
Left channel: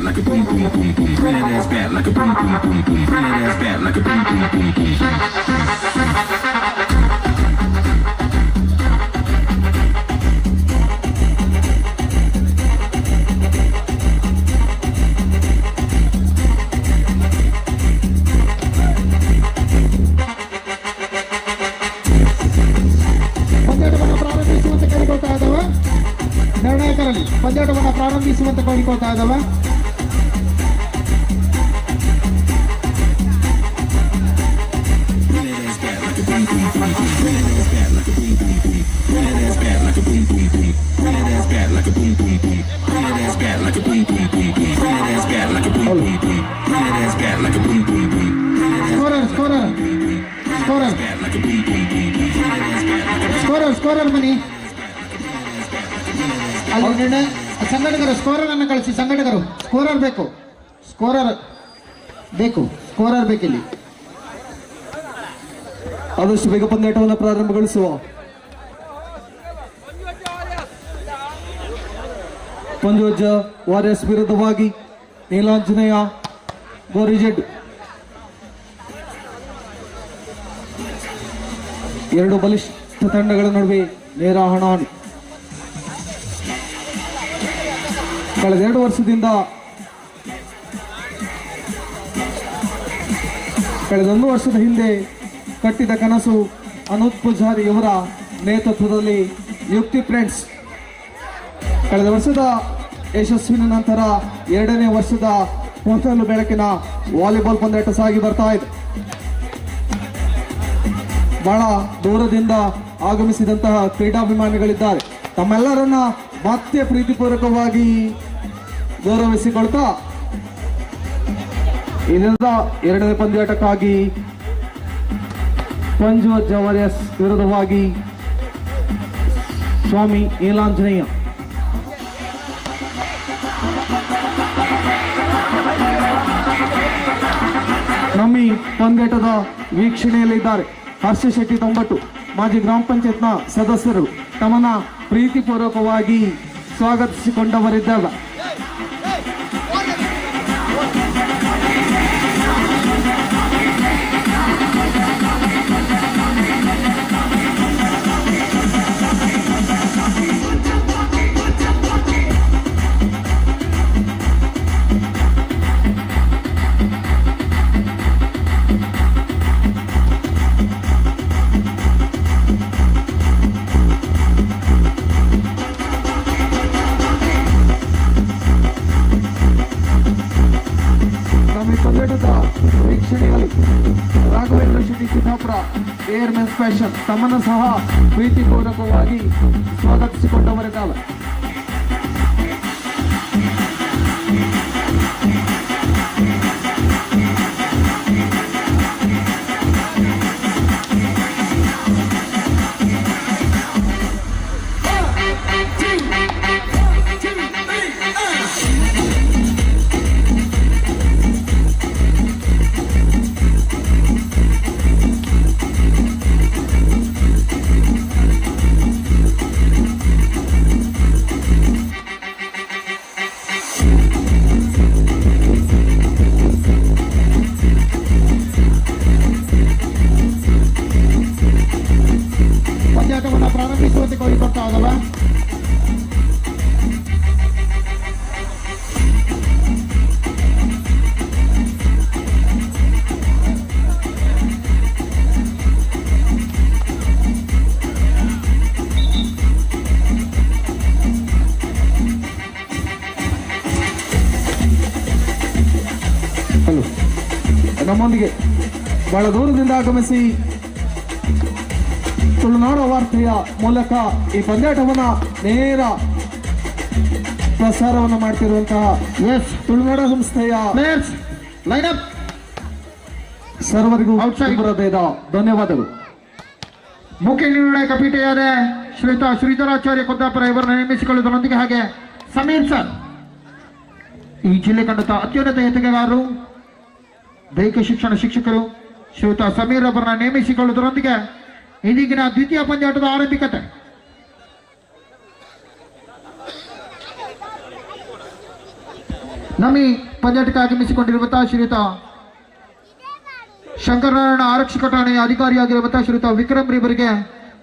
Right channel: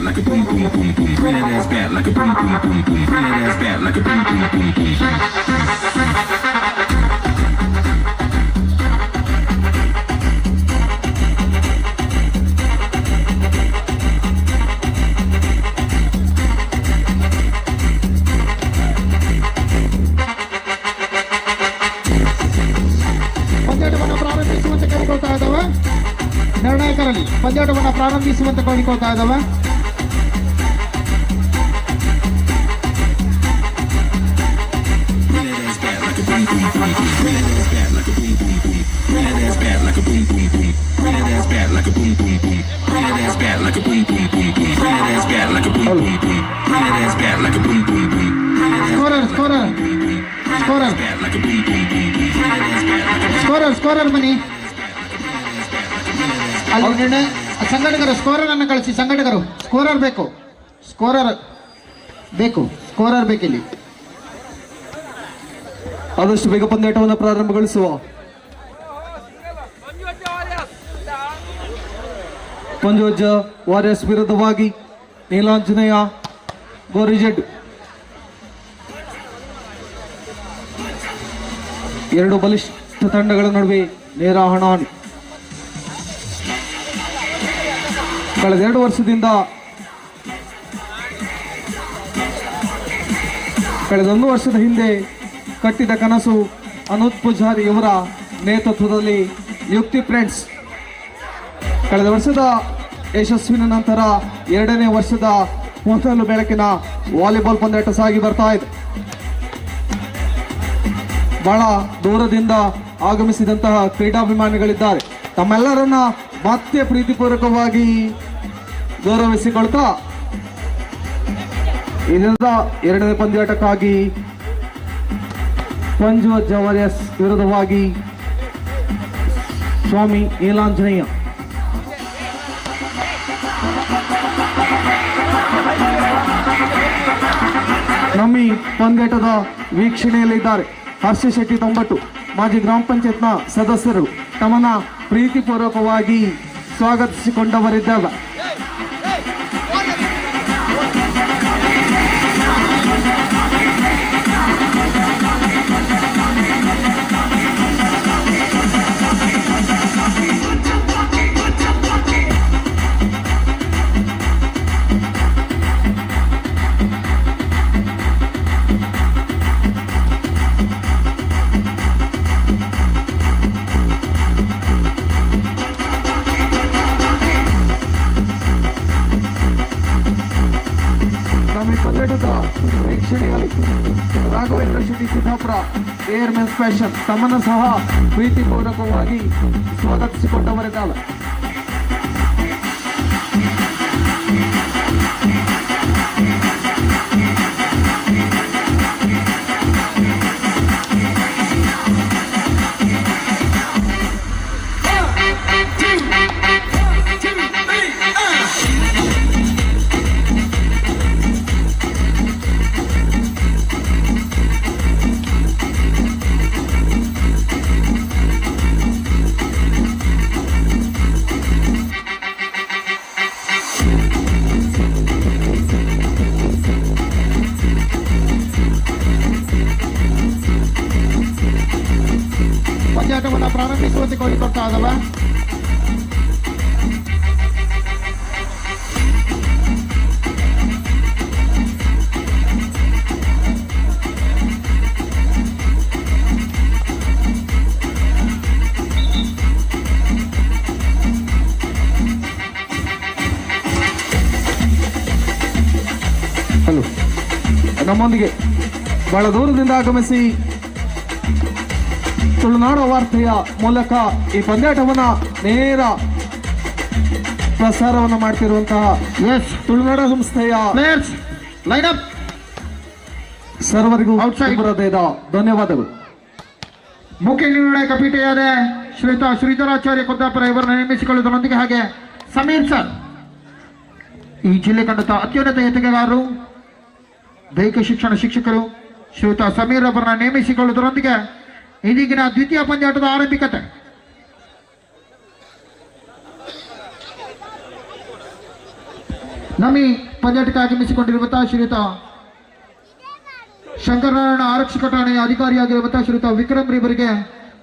like a boom boom boom boom. Bring that ass back like a boom boom boom boom. Bring that ass back like a boom boom boom boom. ಪಂದ್ಯಾಟವನ್ನು ಪ್ರಾರಂಭಿಸುವಂತೆ ಕೇಳಿಕೊಳ್ತಾ ಇದ್ದಾವೆ. ನಿರ್ಣಾಯಕರಲ್ಲಿ ಪಂದ್ಯಾಟವನ್ನು ಪ್ರಾರಂಭಿಸುವಂತೆ ಕೇಳಿಕೊಳ್ತಾ ಇದ್ದಾವೆ. ಸ್ಕೋರರ್ ಬನ್ನಿ. ಅಲ್ಲಿ ನಿರ್ಣಯ ಸಂಘಟಕರು ಸ್ಕೋರರ್ ಅನ್ನು ಕಳಿಸಿ. ಸಂಘಟಕರು ಸ್ಕೋರರ್ ಬೇಕು, ಸ್ಕೋರರ್ ಬೇಕಿಲ್ಲಿ. ಆದಷ್ಟು ಬೇಗ ಪಂದ್ಯಾಟವನ್ನು ಪ್ರಾರಂಭಗೊಳಿಸುವ. ಪಂಜೋಜ ವಾರಿಯರ್ಸ್ ವಿರುದ್ಧವಾಗಿ ನೀಲಾಂಜನೇಯ ಗೋರಿಜೆಡ್ ಎರಡು ಬಲಿಷ್ಠ ತಂಡಗಳ ನಡುವೆ ನೇರ ಹಣಾಹಣಿ. ಕಳೆದ 2 ವರ್ಷದಿಂದ ಕಳೆದ 1 ವರ್ಷದ ಹಿಂದೆ ಕಟ್ಟಿದ ಕನಸು ಅನೂಪ್ ಪೂಜಾರಿ ಅವರ ನೇತೃತ್ವದಲ್ಲಿ ಯುಕ್ತಿ ಫ್ರೆಂಡ್ಸ್ ಕಳೆದ ವರ್ಷದ ಯಶಸ್ವಿನ ನಂತರ 2ನೇ ವರ್ಷದ ಮೊದಲು ಬೆಳಕಿನ ವಾಲಿಬಾಲ್ ಪಂದ್ಯಾಟ ಸಾಗಿ ಬರ್ತಾ ಇದೆ. ಬಹಳ ದೂರದಿಂದ ಆಗಮಿಸಿದಂತಹ ಕ್ರೀಡಾಭಿಮಾನಿಗಳಿದ್ದಾರೆ. ತಮ್ಮೆಲ್ಲರನ್ನ ಮತ್ತೆ ಪ್ರೀತಿಪೂರ್ವಕವಾಗಿ ಗೌರವಿಸಿಕೊಳ್ತಾ ಇದರಿಂದ 2ನೇ ಪಂದ್ಯಾಟಕ್ಕಾಗಿ ಪಂಜೋಜ ವಾರಿಯರ್ಸ್ ವಿರುದ್ಧವಾಗಿ ಸ್ವಾಮಿ ನೀಲಾಂಜನೇಯ ನಮ್ಮ ಈ ಪಂದ್ಯಾಟದ ವೀಕ್ಷಣೆಯಲ್ಲಿದ್ದಾರೆ ಹರ್ಷ ಶೆಟ್ಟಿ ತೊಂಬಟ್ಟು ಮಾಜಿ ಗ್ರಾಮ ಪಂಚಾಯತ್ನ ಸದಸ್ಯರು ತಮ್ಮನ್ನ ಪ್ರೀತಿಪೂರ್ವಕವಾಗಿ ಸ್ವಾಗತಿಸಿಕೊಂಡವರಿದ್ದಾರೆ. ಪಂದ್ಯಾಟದ ವೀಕ್ಷಣೆಯಲ್ಲಿ ರಾಘವೇಂದ್ರ ಶೆಟ್ಟಿ ಸಿದ್ದಾಪುರ ಏರ್ಮೆನ್ ಸ್ಪೆಷಲ್ ತಮ್ಮನ್ನು ಸಹ ಪ್ರೀತಿಪೂರ್ವಕವಾಗಿ ಸ್ವಾಗತಿಸಿಕೊಂಡವರಿದ್ದಾರೆ. ಪಂದ್ಯಾಟವನ್ನು ಪ್ರಾರಂಭಿಸುವಂತೆ ಕೋರಿಕೊಳ್ತಾ ಇದ್ದಾವೆ. ಹಲೋ, ನಮ್ಮೊಂದಿಗೆ ಬಹಳ ದೂರದಿಂದ ಆಗಮಿಸಿ ತುಳುನಾಡು ವಾರ್ತೆಯ ಮೂಲಕ ಈ ಪಂದ್ಯಾಟವನ್ನ ನೇರ ಪ್ರಸಾರವನ್ನು ಮಾಡ್ತಿರುವಂತಹ ತುಳುನಾಡು ಸಂಸ್ಥೆಯ ಲೈನ್ ಅಪ್ ಸರ್ವರಿಗೂ ಹೃದಯದ ಧನ್ಯವಾದಗಳು. ಮುಖ್ಯ ನಿರ್ಣಾಯಕ ಪೀಠೆಯಾದ ಶ್ರೀಯುತ ಶ್ರೀಧರಾಚಾರ್ಯ ಕುಂದಾಪುರ ಇವರನ್ನು ನೇಮಿಸಿಕೊಳ್ಳುವುದರೊಂದಿಗೆ ಹಾಗೆ ಸಮೀರ್ ಸರ್ ಈ ಜಿಲ್ಲೆ ಕಂಡಂತ ಅತ್ಯುನ್ನತ ಎತ್ತುಗಾರರು ದೈಹಿಕ ಶಿಕ್ಷಣ ಶಿಕ್ಷಕರು ಶ್ರೀಯುತ ಸಮೀರ್ ಅವರನ್ನ ನೇಮಿಸಿಕೊಳ್ಳುವುದರೊಂದಿಗೆ ಇದೀಗಿನ ದ್ವಿತೀಯ ಪಂದ್ಯಾಟದ ಆರಂಭಿಕತೆ. ನಮ್ಮ ಈ ಪಂದ್ಯಾಟಕ್ಕೆ ಆಗಮಿಸಿಕೊಂಡಿರುವಂತಹ ಶ್ರೀಯುತ ಶಂಕರನಾರಾಯಣ ಆರಕ್ಷಕ ಠಾಣೆಯ ಅಧಿಕಾರಿಯಾಗಿರುವಂತಹ ಶ್ರೀಯುತ ವಿಕ್ರಮ್ ಇವರಿಗೆ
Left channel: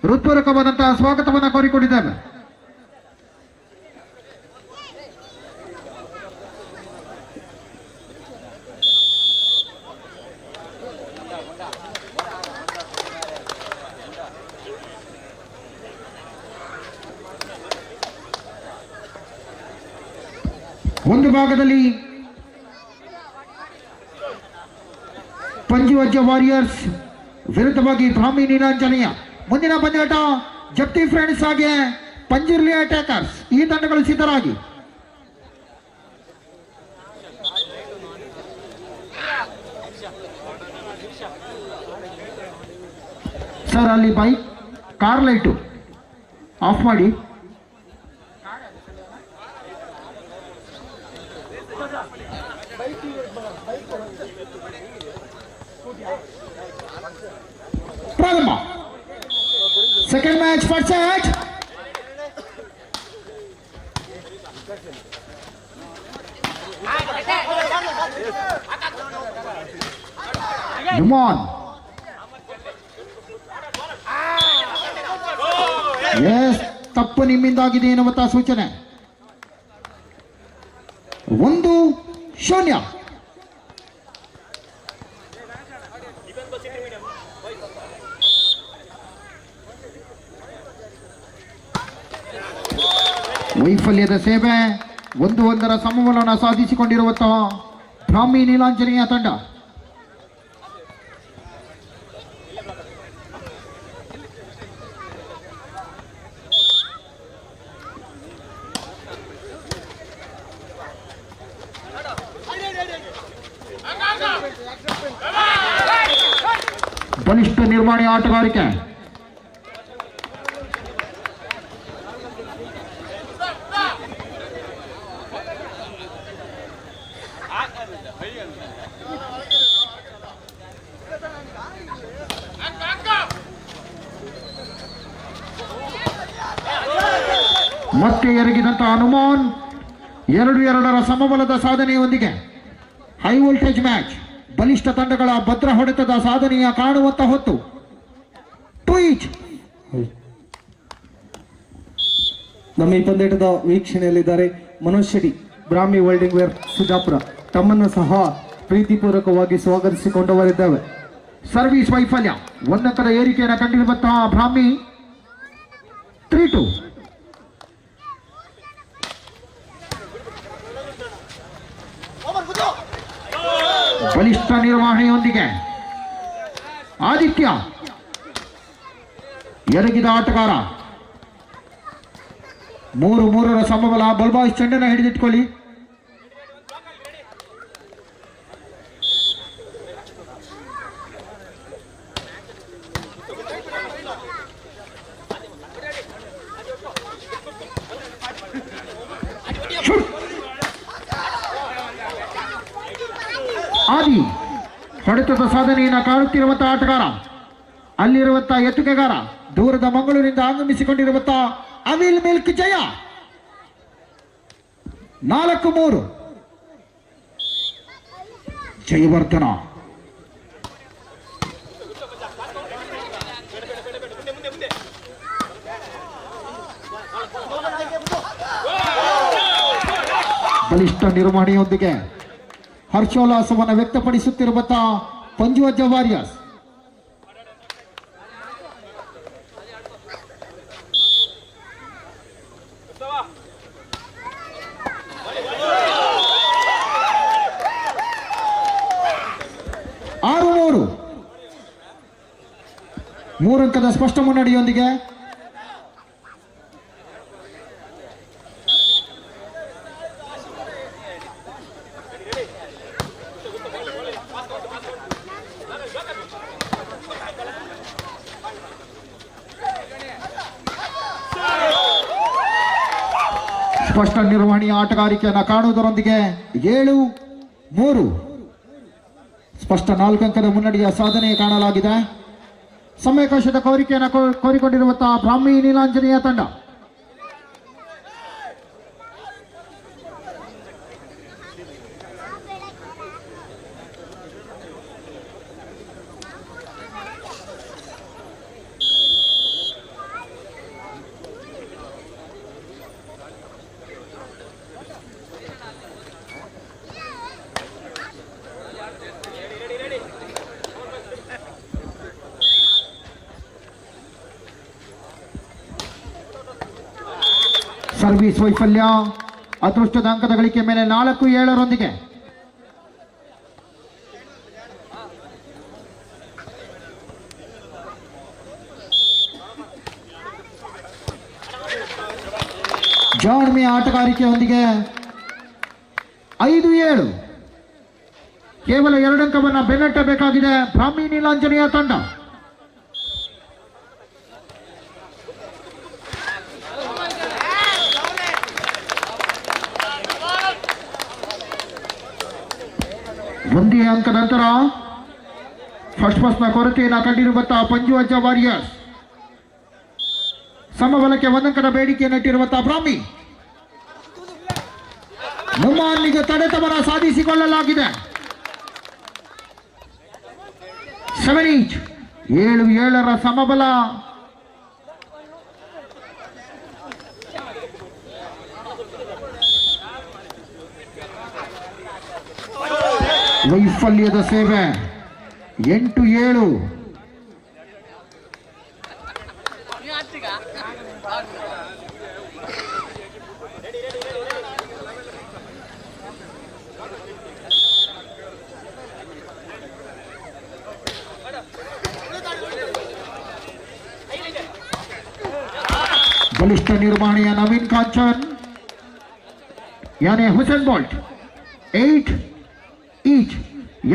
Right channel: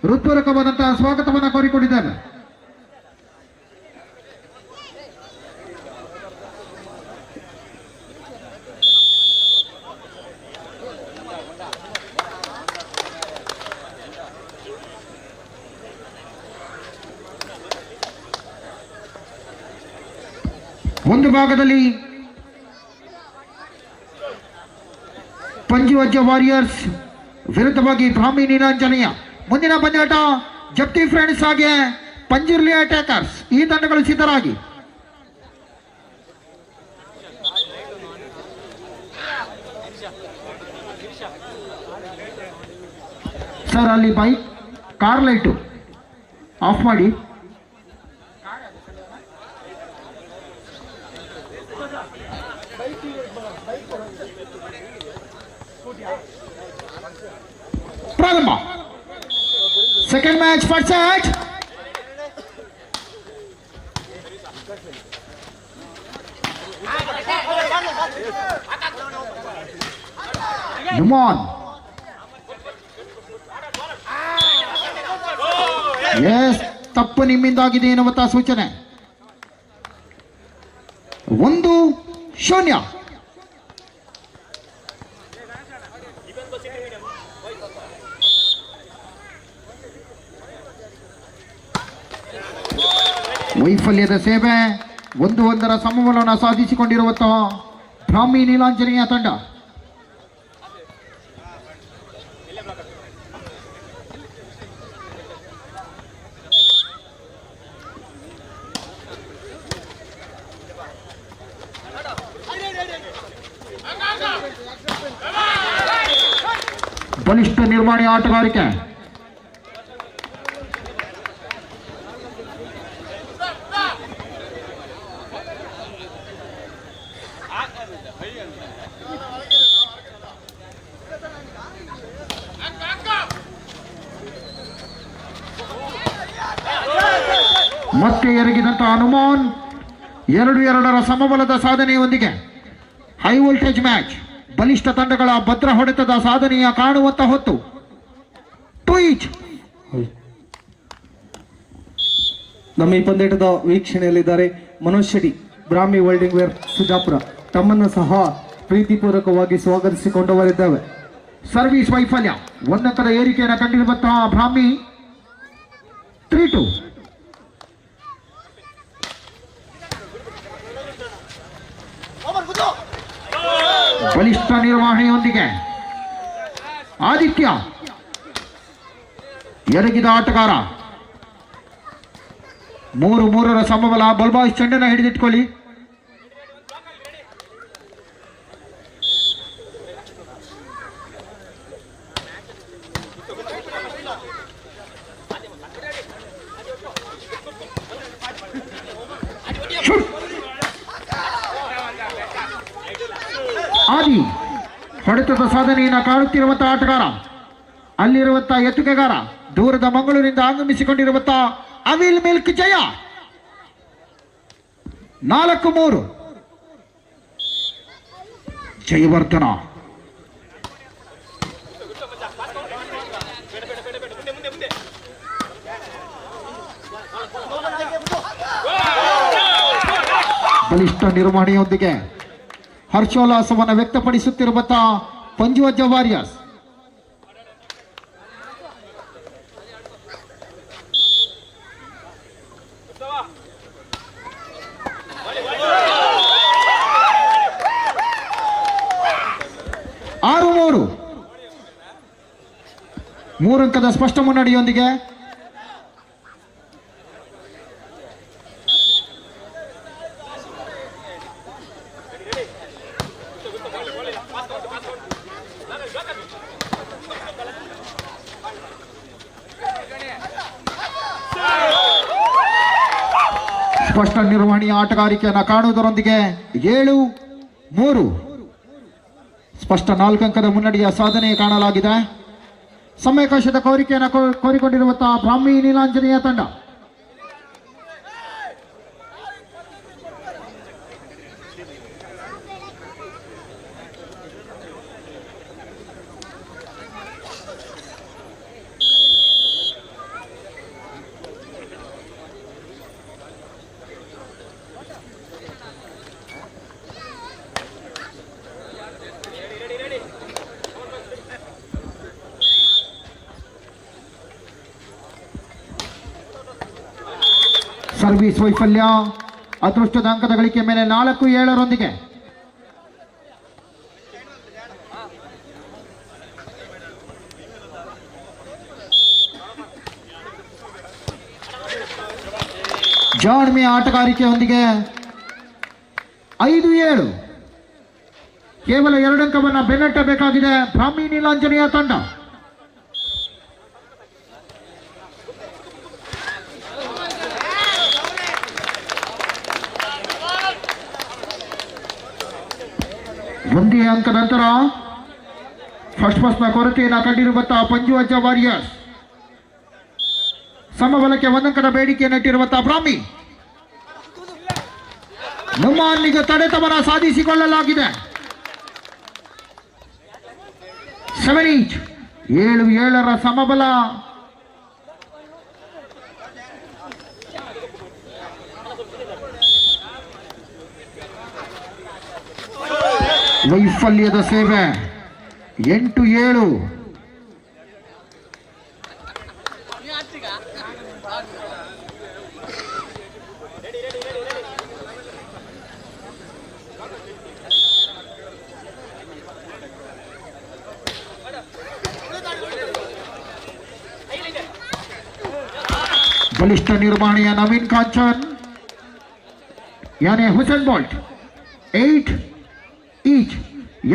ಹೃತ್ಪೂರ್ವಕವಾದಂತಹ ಸ್ವಾಗತವನ್ನು ಕೋರಿಕೊಂಡಿದ್ದೇವೆ. ಒಂದು ಭಾಗದಲ್ಲಿ ಪಂಜುವಜ್ಜ ವಾರಿಯರ್ಸ್ ವಿರುದ್ಧವಾಗಿ ಬ್ರಾಹ್ಮಿ ನೀಲಾಂಜನೇಯ. ಮುಂದಿನ ಪಂದ್ಯಾಟ ಜಪ್ತಿ ಫ್ರೆಂಡ್ಸ್ ಹಾಗೆ ಪಂಜುರ್ಲಿ ಅಟ್ಯಾಕರ್ಸ್. ಈ ತಂಡಗಳು ಸಿದ್ಧರಾಗಿ. ಸರ್ ಅಲ್ಲಿ ಬೈಕ್ ಕಾರ್ ಲೈಟು ಆಫ್ ಮಾಡಿ. ಪ್ರಾರಂಭ. Second match first set. ಯುಮಾನ್ ತಪ್ಪು ನಿಮ್ಮಿಂದಾಗಿದೆ ಎನ್ನುವಂತಹ ಸೂಚನೆ. 1-0. ವೈಫಲ್ಯದ ಸೇವೆ 1-1 ಸಮಬಲವನ್ನು ಸಾಧಿಸಿಕೊಂಡಿರುವಂತಹ ಬ್ರಾಹ್ಮಿ ನೀಲಾಂಜನೇಯ ತಂಡ. ಬಲಿಷ್ಠ ನಿರ್ವಹಣೆ ಆಟಗಾರಿಕೆ. ಮತ್ತೆ ಎರಗಿದಂತ ಹನುಮಾನ್ 2-2ರ ಸಮಬಲದ ಸಾಧನೆಯೊಂದಿಗೆ ಹೈ ವೋಲ್ಟೇಜ್ ಮ್ಯಾಚ್, ಬಲಿಷ್ಠ ತಂಡಗಳ ಭದ್ರ ಹೊಡೆತದ ಸಾಧನೆಯ ಕಾಣುವಂತ ಹೊತ್ತು. ಟ್ವೀಟ್ ನಮ್ಮ ಈ ಪಂದ್ಯಾಟದ ವೀಕ್ಷಣೆಯಲ್ಲಿದ್ದಾರೆ ಮನೋಜ್ ಶೆಟ್ಟಿ, ಬ್ರಾಹ್ಮಿ ವೆಲ್ಡಿಂಗ್ ವೇರ್ ಸುಜಾಪುರ. ತಮ್ಮನ್ನು ಸಹ ಪ್ರೀತಿಪೂರ್ವಕವಾಗಿ ಸ್ವಾಗತಿಸಿಕೊಂಡವರಿದ್ದೇವೆ. ಸರ್ವಿಸ್ ವೈಫಲ್ಯ, 1 ಅಂಕದ ಏರಿಕೆಯನ್ನು ಕಂಡಿರುವಂತಹ ಬ್ರಾಹ್ಮಿ 3-2. ಬಲಿಷ್ಠ ನಿರ್ವಹಣೆಯೊಂದಿಗೆ ಆದಿತ್ಯ ಎರಗಿದ ಆಟಗಾರ 3-3ರ ಸಮಬಲ. ಬಲ್ಬಾಯ್ಸ್ ಚೆಂಡನ್ನು ಹಿಡಿದಿಟ್ಕೊಳ್ಳಿ. ಆದಿ ಹೊಡೆತದ ಸಾಧನೆಯನ್ನು ಕಾಣುತ್ತಿರುವಂತಹ ಆಟಗಾರ, ಅಲ್ಲಿರುವಂತಹ ಎತ್ತುಗೆಗಾರ, ದೂರದ ಮಂಗಳೂರಿನಿಂದ ಆಗಮಿಸಿಕೊಂಡಿರುವಂತಹ ಅವಿಲ್ ಮಿಲ್ಕ್ ಜಯ. 4-3 ಜಯವರ್ಧನ. ಬಲಿಷ್ಠ ನಿರ್ವಹಣೆಯೊಂದಿಗೆ ಹರ್ಷೋಲ್ಲಾಸವನ್ನು ವ್ಯಕ್ತಪಡಿಸುತ್ತಿರುವಂತಹ ಪಂಜುವಜ್ಜ ವಾರಿಯರ್ಸ್. ಮೂರು ಅಂಕದ ಸ್ಪಷ್ಟ ಮುನ್ನಡೆಯೊಂದಿಗೆ ಸ್ಪಷ್ಟ ನಿರ್ವಹಣೆಯ ಆಟಗಾರಿಕೆಯನ್ನು ಕಾಣುವುದರೊಂದಿಗೆ 7-3 ಸ್ಪಷ್ಟ 4 ಅಂಕದ ಮುನ್ನಡೆಯ ಸಾಧನೆ ಕಾಣಲಾಗಿದೆ. ಸಮಯಾವಕಾಶದ ಕೋರಿಕೆಯನ್ನು ಕೋರಿಕೊಂಡಿರುವಂತಹ ಬ್ರಾಹ್ಮಿ ನೀಲಾಂಜನೇಯ ತಂಡ. ಸರ್ವಿಸ್ ವೈಫಲ್ಯ, ಅದೃಷ್ಟದ ಅಂಕದ ಗಳಿಕೆ ಮೇಲೆ 4-7ರೊಂದಿಗೆ ಜಾಣ್ಮೆಯ ಆಟಗಾರಿಕೆಯೊಂದಿಗೆ 5-7 ಕೇವಲ 2 ಅಂಕವನ್ನು ಬೆನ್ನಟ್ಟಬೇಕಾಗಿದೆ ಬ್ರಾಹ್ಮಿ ನೀಲಾಂಜನೇಯ ತಂಡ. ಒಂದೇ ಅಂಕದ ನಂತರ ಫಸ್ಟ್ ಪಾಸ್ನ ಕೊರತೆಯನ್ನು ಕಂಡಿರುವಂತಹ ಪಂಜುವಜ್ಜ ವಾರಿಯರ್ಸ್. ಸಮಬಲಕ್ಕೆ 1 ಅಂಕದ ಬೇಡಿಕೆಯನ್ನು ಇಟ್ಟಿರುವಂತಹ ಬ್ರಾಹ್ಮಿ. ನುಮಾನ್ನಿಗೆ ತಡೆತವನ ಸಾಧಿಸಿಕೊಳ್ಳಲಾಗಿದೆ. 7-8 7-7ರ ಸಮಬಲ. ವೈಫಲ್ಯದ ಸೇವೆ 8-7 ಬಲಿಷ್ಠ ನಿರ್ವಹಣೆಯ ನವೀನ್ ಕಾಂಚನ್ ಯಾನೆ ಹುಸೇನ್ ಬೋಲ್ಟ್. 8-8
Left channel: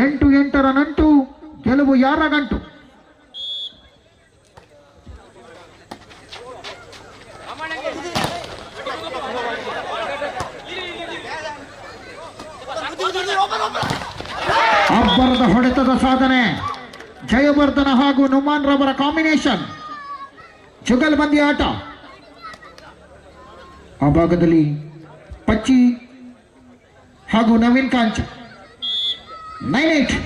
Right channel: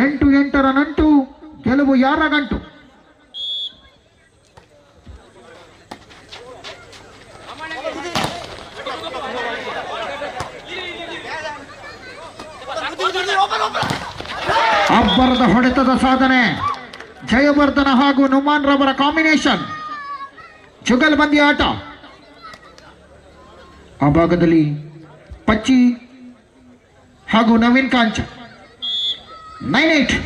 8-8ರ ನಂಟು, ಗೆಲುವು ಯಾರ ಗಂಟು. ಅಬ್ಬರದ ಹೊಡೆತದ ಸಾಧನೆ, ಜಯವರ್ಧನ ಹಾಗೂ ನುಮಾನ್ ರವರ ಕಾಂಬಿನೇಷನ್. ಜುಗಲ್ಬಂದಿ ಆಟ. ಆ ಭಾಗದಲ್ಲಿ ಪಚ್ಚಿ ಹಾಗೂ ನವೀನ್ ಕಾಂಚ್ 9-8.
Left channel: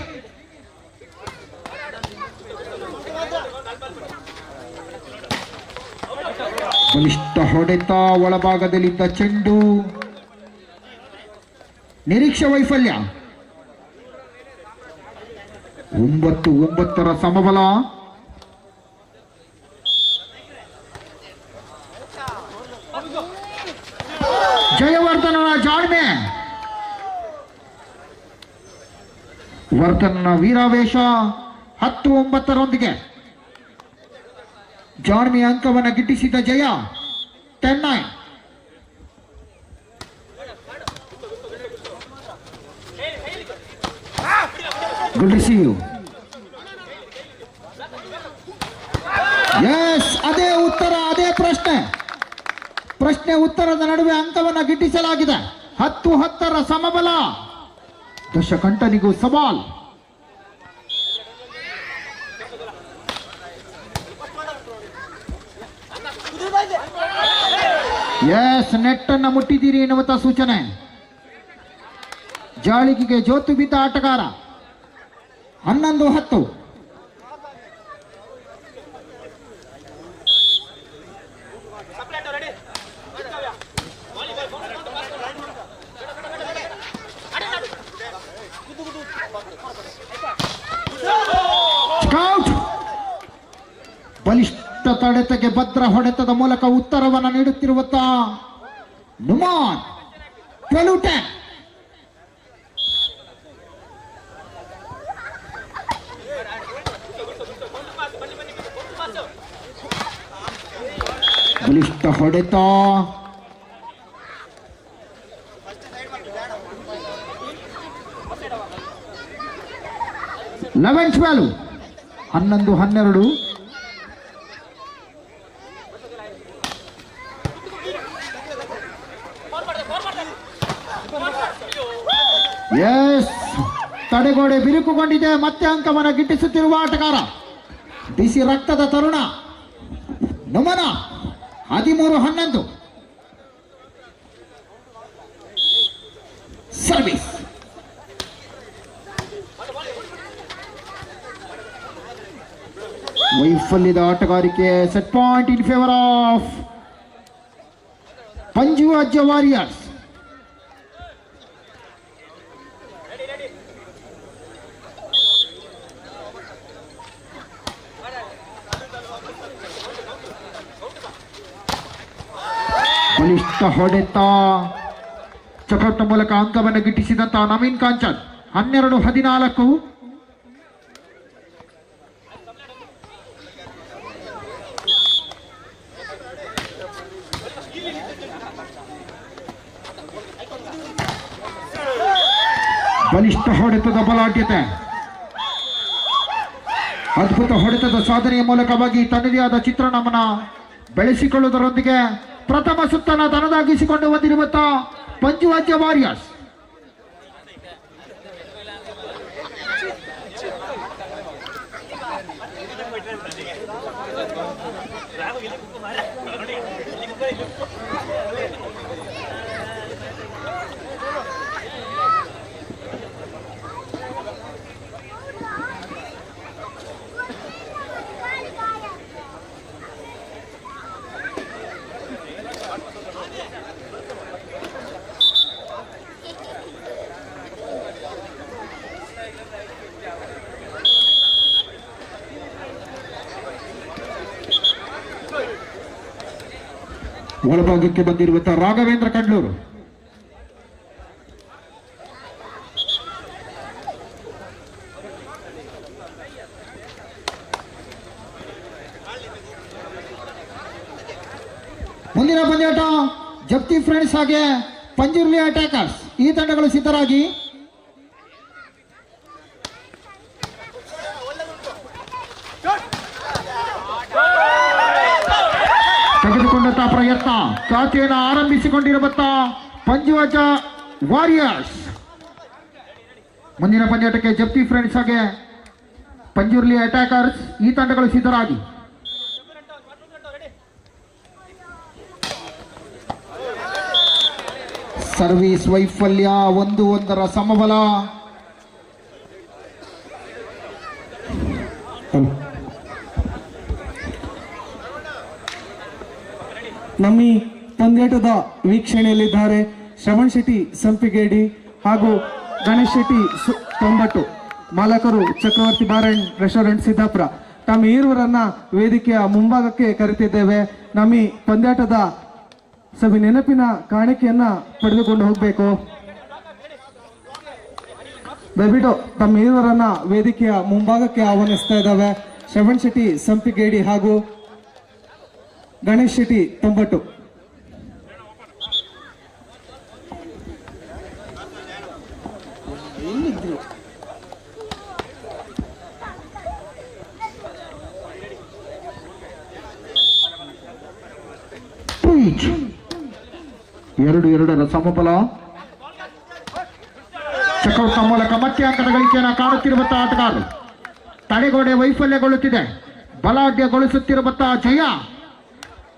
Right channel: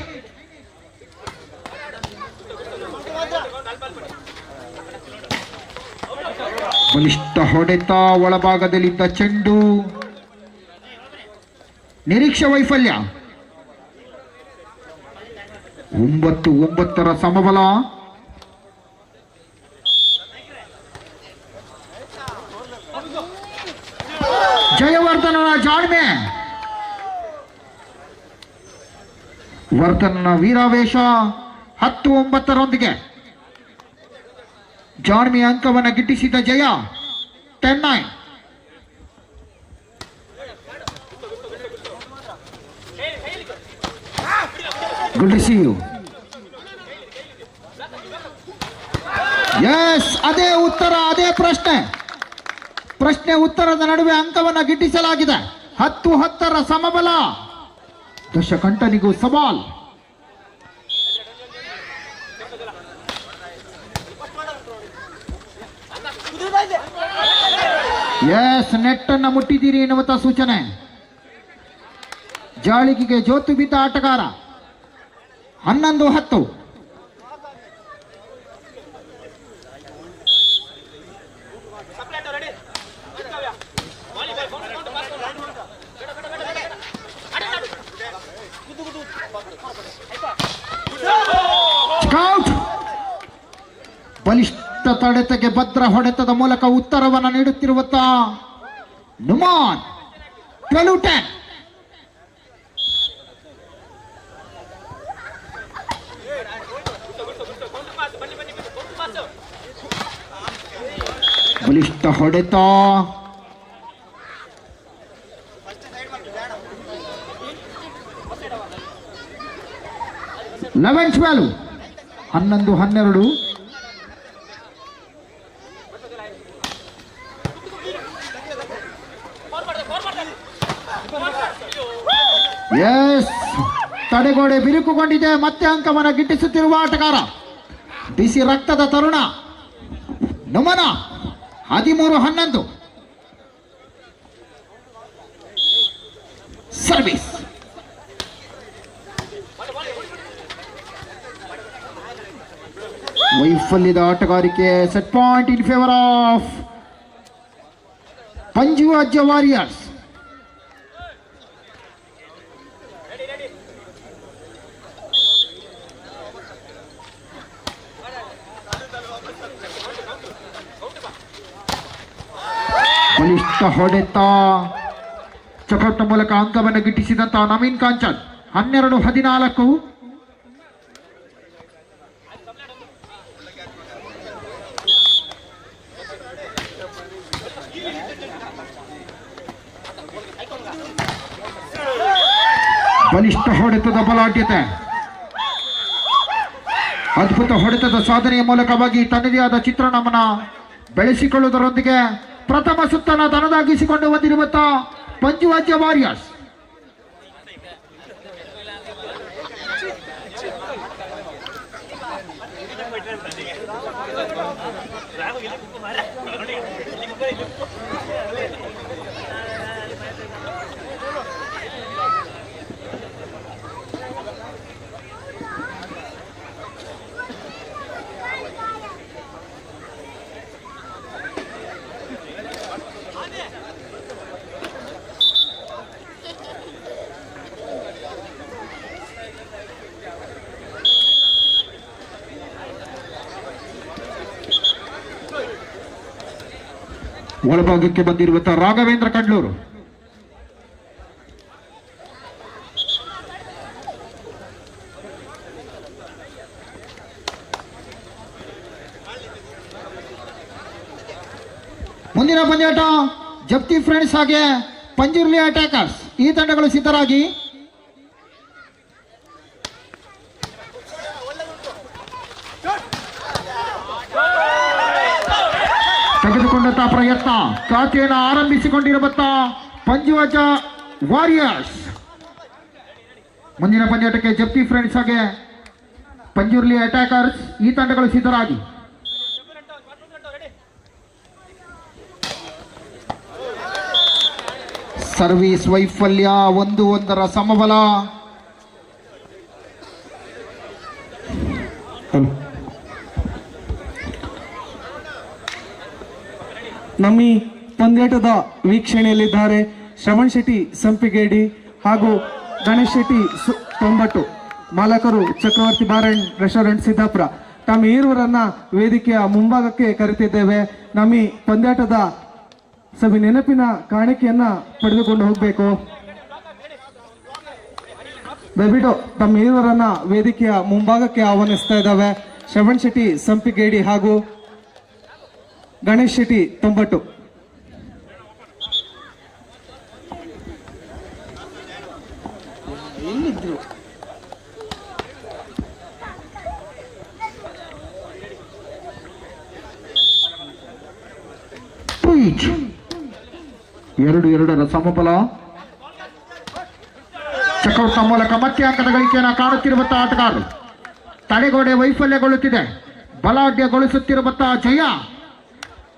ಬಲಿಷ್ಠ ಹೊಡೆತ, ಒಳಭಾಗದಲ್ಲಿದ್ದ ಚೆಂಡು, ನಿರೀಕ್ಷೆ ವೈಫಲ್ಯ. 9-9 ಸಮಬಲ. ಜಯವರ್ಧನನ ಜಾಣ್ಮೆ, ವರ್ಧನನ ವೀರಾವೇಶ. 10-9 ಜಾಣ್ಮೆಯ ಅಂಕವನ್ನು ಗಿಟ್ಟಿಸಿದ ಜಯ 10-9. Good receive. ಎಸ್, ಅದೇ ಉತ್ತರ, ಅದೇ ಪ್ರಶ್ನೆ ಉತ್ತರದ ನಡುವೆ ಅಂಕವನ್ನು ಗಿಟ್ಟಿಸಲಾಗಿದೆ. 10-10 ಸಮಬಲ. ದಶಕಂಠನಿಗೂ ಸವಾಲ್. ಎಸ್, ನೆಟ್ ಅನ್ನು ಮುಟ್ಟಿದ್ದೀರಿ ಎನ್ನುವಂತ ಸೂಚನೆ. ಜಾಳಿಗೆಗೆ ಜೋತು ಬಿದ್ದ ಆಟಗಾರ. 11-10. ಸ್ಕೌಟ್ ಬಲಿಷ್ಠ ತಡೆತಕ್ಕೆ ಭದ್ರ ಹೊಡೆತದ ಮೂಲಕ ಉತ್ತರವನ್ನು ನೀಡುತ್ತಿರುವಂತ ನುಮಾನ್. 12-10. ಬಲಿಷ್ಠ ಹೊಡೆತ, 11-12. 11-12. ಎಸ್, ತಡೆಗೋಡೆ ಬಿರುಕುಗೊಂಡಿದೆ. ಮತ್ತೆ ಅಂಕವನ್ನು ಗಿಟ್ಟಿಸುತ್ತಿರುವ ಆಟಗಾರ ಬಿಸಿ ರಕ್ತದ ತರುಣ ನಮನ. 13-11. ಸರ್ವಿಸ್. ವೈಫಲ್ಯದ ಆಟಗಾರಿಕೆ. Set point in favour of Panju Ajja warriors. ಬಲಿಷ್ಠ ಹೊಡೆತ, ಚಕೌಟ್ನ ಮೂಲಕ ಅಂಕವನ್ನು ಗಿಟ್ಟಿಸಿದಂತಹ ನವೀನ್ ಕಾಂಚನ್. 12-14. ಬಲಿಷ್ಠ ಹೊಡೆತದ ಬಲಾಢ್ಯತೆ, ಅದ್ಭುತ ಹೊಡೆತದ ಸಾಧನೆಯ ಮೂಲಕವಾಗಿ ತನ್ನದೇ ಆದ ಚಿತ್ರಣವನ್ನು ಬೆಳೆಸಿಕೊಳ್ಳುವುದರೊಂದಿಗೆ ಪ್ರಥಮ ಸುತ್ತನ್ನು ತನ್ನದಾಗಿಸಿಕೊಂಡು ಬಂದಿರುವಂತಹ ಪಂಜು ಅಜ್ಜ ವಾರಿಯರ್ಸ್. ಒಳಭಾಗಕ್ಕೆ ಬಂದಿರುವಂತಹ ರಾಘವೇಂದ್ರ ಕಂಡ್ಲೂರು. ಮುಂದಿನ ಪಂದ್ಯಾಟ ಜಪ್ತಿ ಫ್ರೆಂಡ್ಸ್ ಹಾಗೆ ಪಂಜುರ್ಲಿ ಅಟ್ಯಾಕರ್ಸ್. ಈ ತಂಡಗಳು ಸಿದ್ಧರಾಗಿ. ತೆಗೆದುಕೊಂಡಂತಹ ಪ್ರಯತ್ನ, ಖಾತೆಯನ್ನು ಆರಂಭಿಸಿಕೊಂಡಿರುವಂತಹ ಪಂಜು ಅಜ್ಜ ವಾರಿಯರ್ಸ್. ಮುಂದಿನ ಪಂದ್ಯಾಟಕ್ಕೆ ಜಪ್ತಿ ಫ್ರೆಂಡ್ಸ್ ಹಾಗೆ ಪಂಜುರ್ಲಿ ಅಟ್ಯಾಕರ್ಸ್. ಈ ತಂಡಗಳು ಸಿದ್ಧರಾಗಿ. ಸರ್ವಿಸ್ ವೈಫಲ್ಯ 1-1 ಸಮಬಲ. ನಮ್ಮ ಈ ಪಂದ್ಯಾಟದ ವೀಕ್ಷಣೆಯಲ್ಲಿದ್ದಾರೆ ಶ್ರವಣ್ ಶೆಟ್ಟಿ ಸಂಪಿಗೇಡಿ ಹಾಗೂ ಗಣೇಶ್ ಶೆಟ್ಟಿ ತೊಂಬಟ್ಟು, ಮಾಲಕರು ಚಕ್ರವರ್ತಿ ಬಾರ್ ಅಂಡ್ ರೆಸ್ಟೋರೆಂಟ್ ಸಿದ್ದಾಪುರ. ತಮ್ಮ ಈರುವರನ್ನ ವೇದಿಕೆಯ ಮುಂಭಾಗಕ್ಕೆ ಕರೆತಿದ್ದೇವೆ. ನಮ್ಮ ಈ ಪಂದ್ಯಾಟದ ಸಭೆ ನೆನಪಿನ ಕಾಣಿಕೆಯನ್ನ ಪಡೆದುಕೊಂಡು ಹೋಗಬೇಕು. ದಯವಿಟ್ಟು ತಮ್ಮ ಈರುವರನ್ನ ವೇದಿಕೆಯ ಮುಂಭಾಗಕ್ಕೆ ಆಹ್ವಾನಿಸ್ತಾ ಇದ್ದಾವೆ ಶ್ರವಣ್ ಶೆಟ್ಟಿ ಸಂಪಿಗೇಡಿ ಹಾಗೂ ಗಣೇಶ್ ಶೆಟ್ಟಿ ತೊಂಬಟ್ಟು. ಎರಡು ಎರಡರ ಸಮಬಲ. ಚಕ್ರವರ್ತಿ ಮೂಲಕ ಮತ್ತೆ ಅಂಕದ ಗಳಿಕೆಯನ್ನು ಕಾಣುತ್ತಿರುವಂತಹ ಆಟಗಾರರು. ತಡೆಗೋಡೆ ವೈಫಲ್ಯಗೊಳ್ಳುತ್ತಿದೆ, ಬಲಾಢ್ಯಗೊಳಿಸುತ್ತಿರುವಂತಹ ಜಯ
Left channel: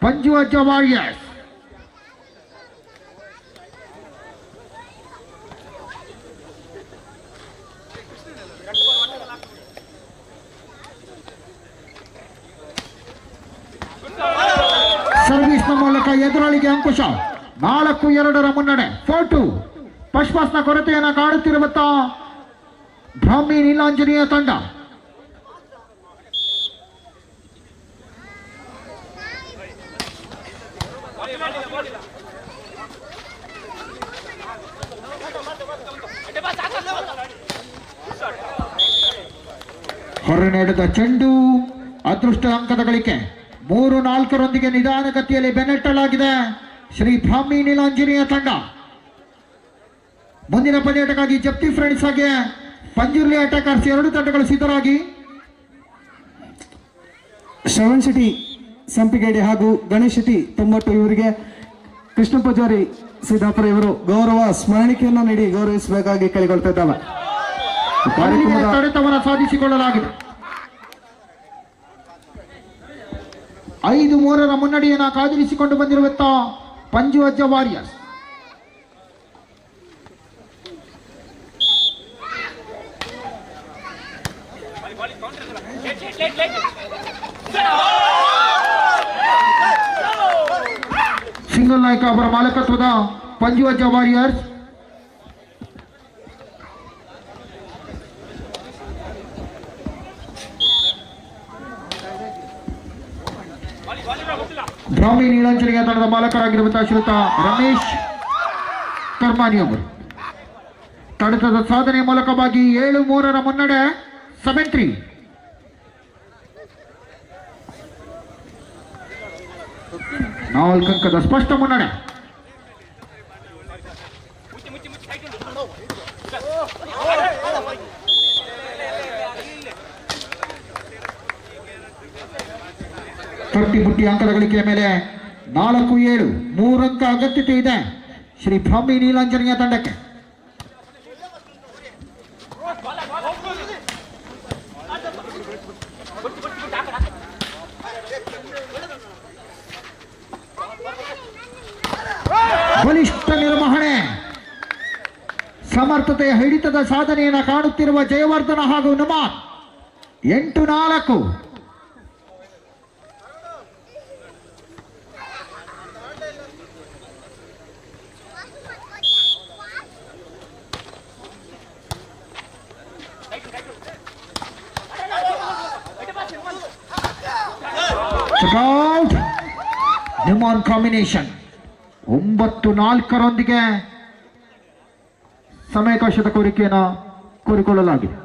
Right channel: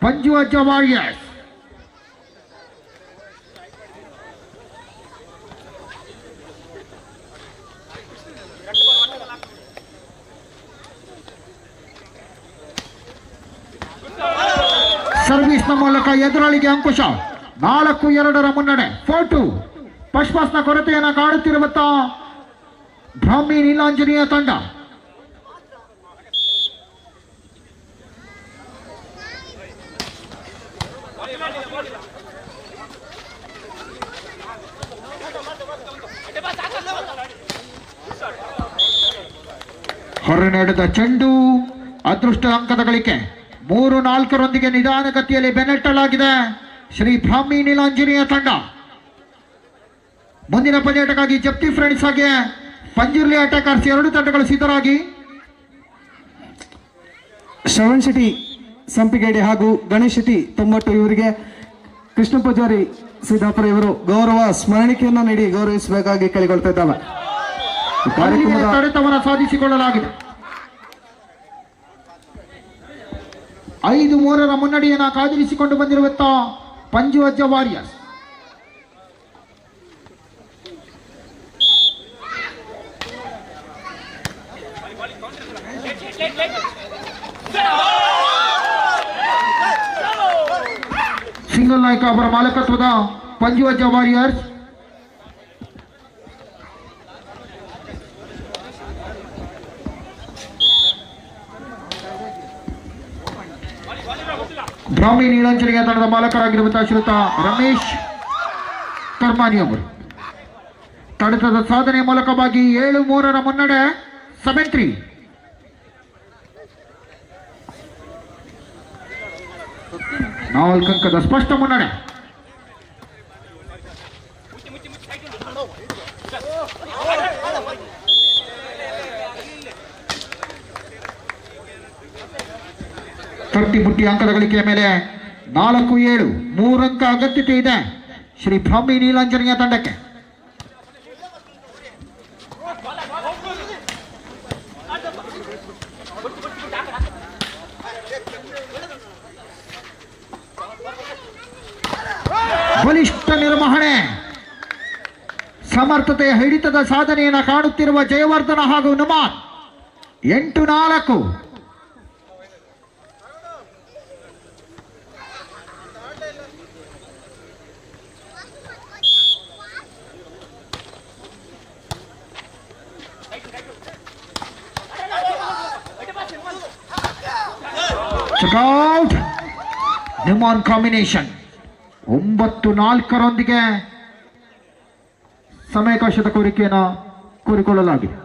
ಪಂಜುವಜ್ಜ ವಾರಿಯರ್ಸ್. ಸರ್ವಿಸ್ನ ಮೂಲಕ ಎದುರಾಳಿಗೆ ಅಂಕುಶ. 4-2 ಮುನ್ನಡೆ. 4-2. ಪಶ್ಪಾಸ್ನ ಕೊರತೆಯನ್ನು ಕಾಡುತ್ತಿರುವಂತಹ ಬ್ರಾಹ್ಮಿ ನೀಲಾಂಜನೇಯ ತಂಡ. ಹೊರನಡೆದ ಚೆಂಡು ಅದೃಷ್ಟ ಅಂಕದ ಗಳಿಕೆ. 3-4 ನಿಧಾನಗತಿಯಲ್ಲಿ ಬೆನ್ನಟ್ಟಲಾಗಿದೆ ಶ್ರೀ ಬ್ರಾಹ್ಮಿ ನೀಲಾಂಜನೇಯ ತಂಡ. ಮುಂದಿನ ಪಂದ್ಯಾಟಕ್ಕಾಗಿ ಜಪ್ತಿ ಫ್ರೆಂಡ್ಸ್ ಹಾಗೆ ಪಂಜುರ್ಲಿ ಅಟ್ಯಾಕರ್ಸ್ 2 ತಂಡಗಳು ಸಿದ್ಧರಾಗಿ. ಶ್ರವಣ್ ಶೆಟ್ಟಿ ಸಂಪಿಗೇಡಿ ಹಾಗೂ ಗಣೇಶ್ ಶೆಟ್ಟಿ ತೊಂಬಟ್ಟು ಇವರಿಗೆ ಕೃಷ್ಣ ಪೂಜಾರಿ ಸಿದ್ದಾಪುರ ಇವರು ಗೌರವ ಸ್ಮರಣಿಕೆಯನ್ನ ನೀಡಿ ಗೌರವಿಸಬೇಕಾಗಿ ಕೇಳಿಕೊಳ್ತಾ ಇದ್ದಾವೆ. ಕಾರ್ಯಕ್ರಮದ ತಡೆತವನ್ನು ಸಾಧಿಸಿಕೊಳ್ಳಲಾಗಿದೆ. 5-3 ಮುನ್ನಡೆಯನ್ನು ಕಾದಿರಿಸಿಕೊಂಡು ಬಂದಿರುವಂತಹ ಪಂಜುವಜ್ಜ ವಾರಿಯರ್ಸ್. ಸಿಂಗಲ್ ನಾಯಕ ಅವರ ಮಾಲಕತ್ವದ ಪಂಜುವಜ್ಜ ವಾರಿಯರ್ಸ್. ಬ್ರಾಹ್ಮಿ ನೀಲಾಂಜನೇಯ ತಂಡದ ಮಾಲಕರಾಗಿರುವಂತಹ ಶ್ರೀಯುತ ರಮೇಶ್ ಕರ್ಮಾನಿ ಅವರು ತಡೆತದ ಸಾಧನೆ ಮೂಲಕವಾಗಿ 7-3 ಮುನ್ನಡೆ. 7-3. ನಾಲ್ಕು ಅಂಕದ ಸ್ಪಷ್ಟ ಮುನ್ನಡೆ. ತರ್ಟಿ ಅಂಕದ ಗಳಿಕೆಯ ಮೇಲೆ 4-7. 3 ಅಂಕ ಅಗತ್ಯತೆ ಇದೆ ಶ್ರೀ ಬ್ರಾಹ್ಮಿ ನೀಲಾಂಜನೇಯ ತಂಡಕ್ಕೆ. ಬಲಿಷ್ಠ ನಿರ್ವಹಣೆ, ಸಮರ್ಥತೆಯ ಹಿಡಿತದ ಸಾಧನೆಯನ್ನು ಕಾಣುತ್ತಿರುವ ಜಯವರ್ಧನ ಹಾಗೂ ನುಮಾನ್. 8-4. ಚೆಕ್ಔಟ್. ನುಮಾನ್ ಕಾಂಬಿನೇಷನ್ 9-4 ಸಮಯಾವಕಾಶದ ಕೋರಿಕೆಯನ್ನು ಕೋರಿಕೊಳ್ಳಲಾಗಿದೆ.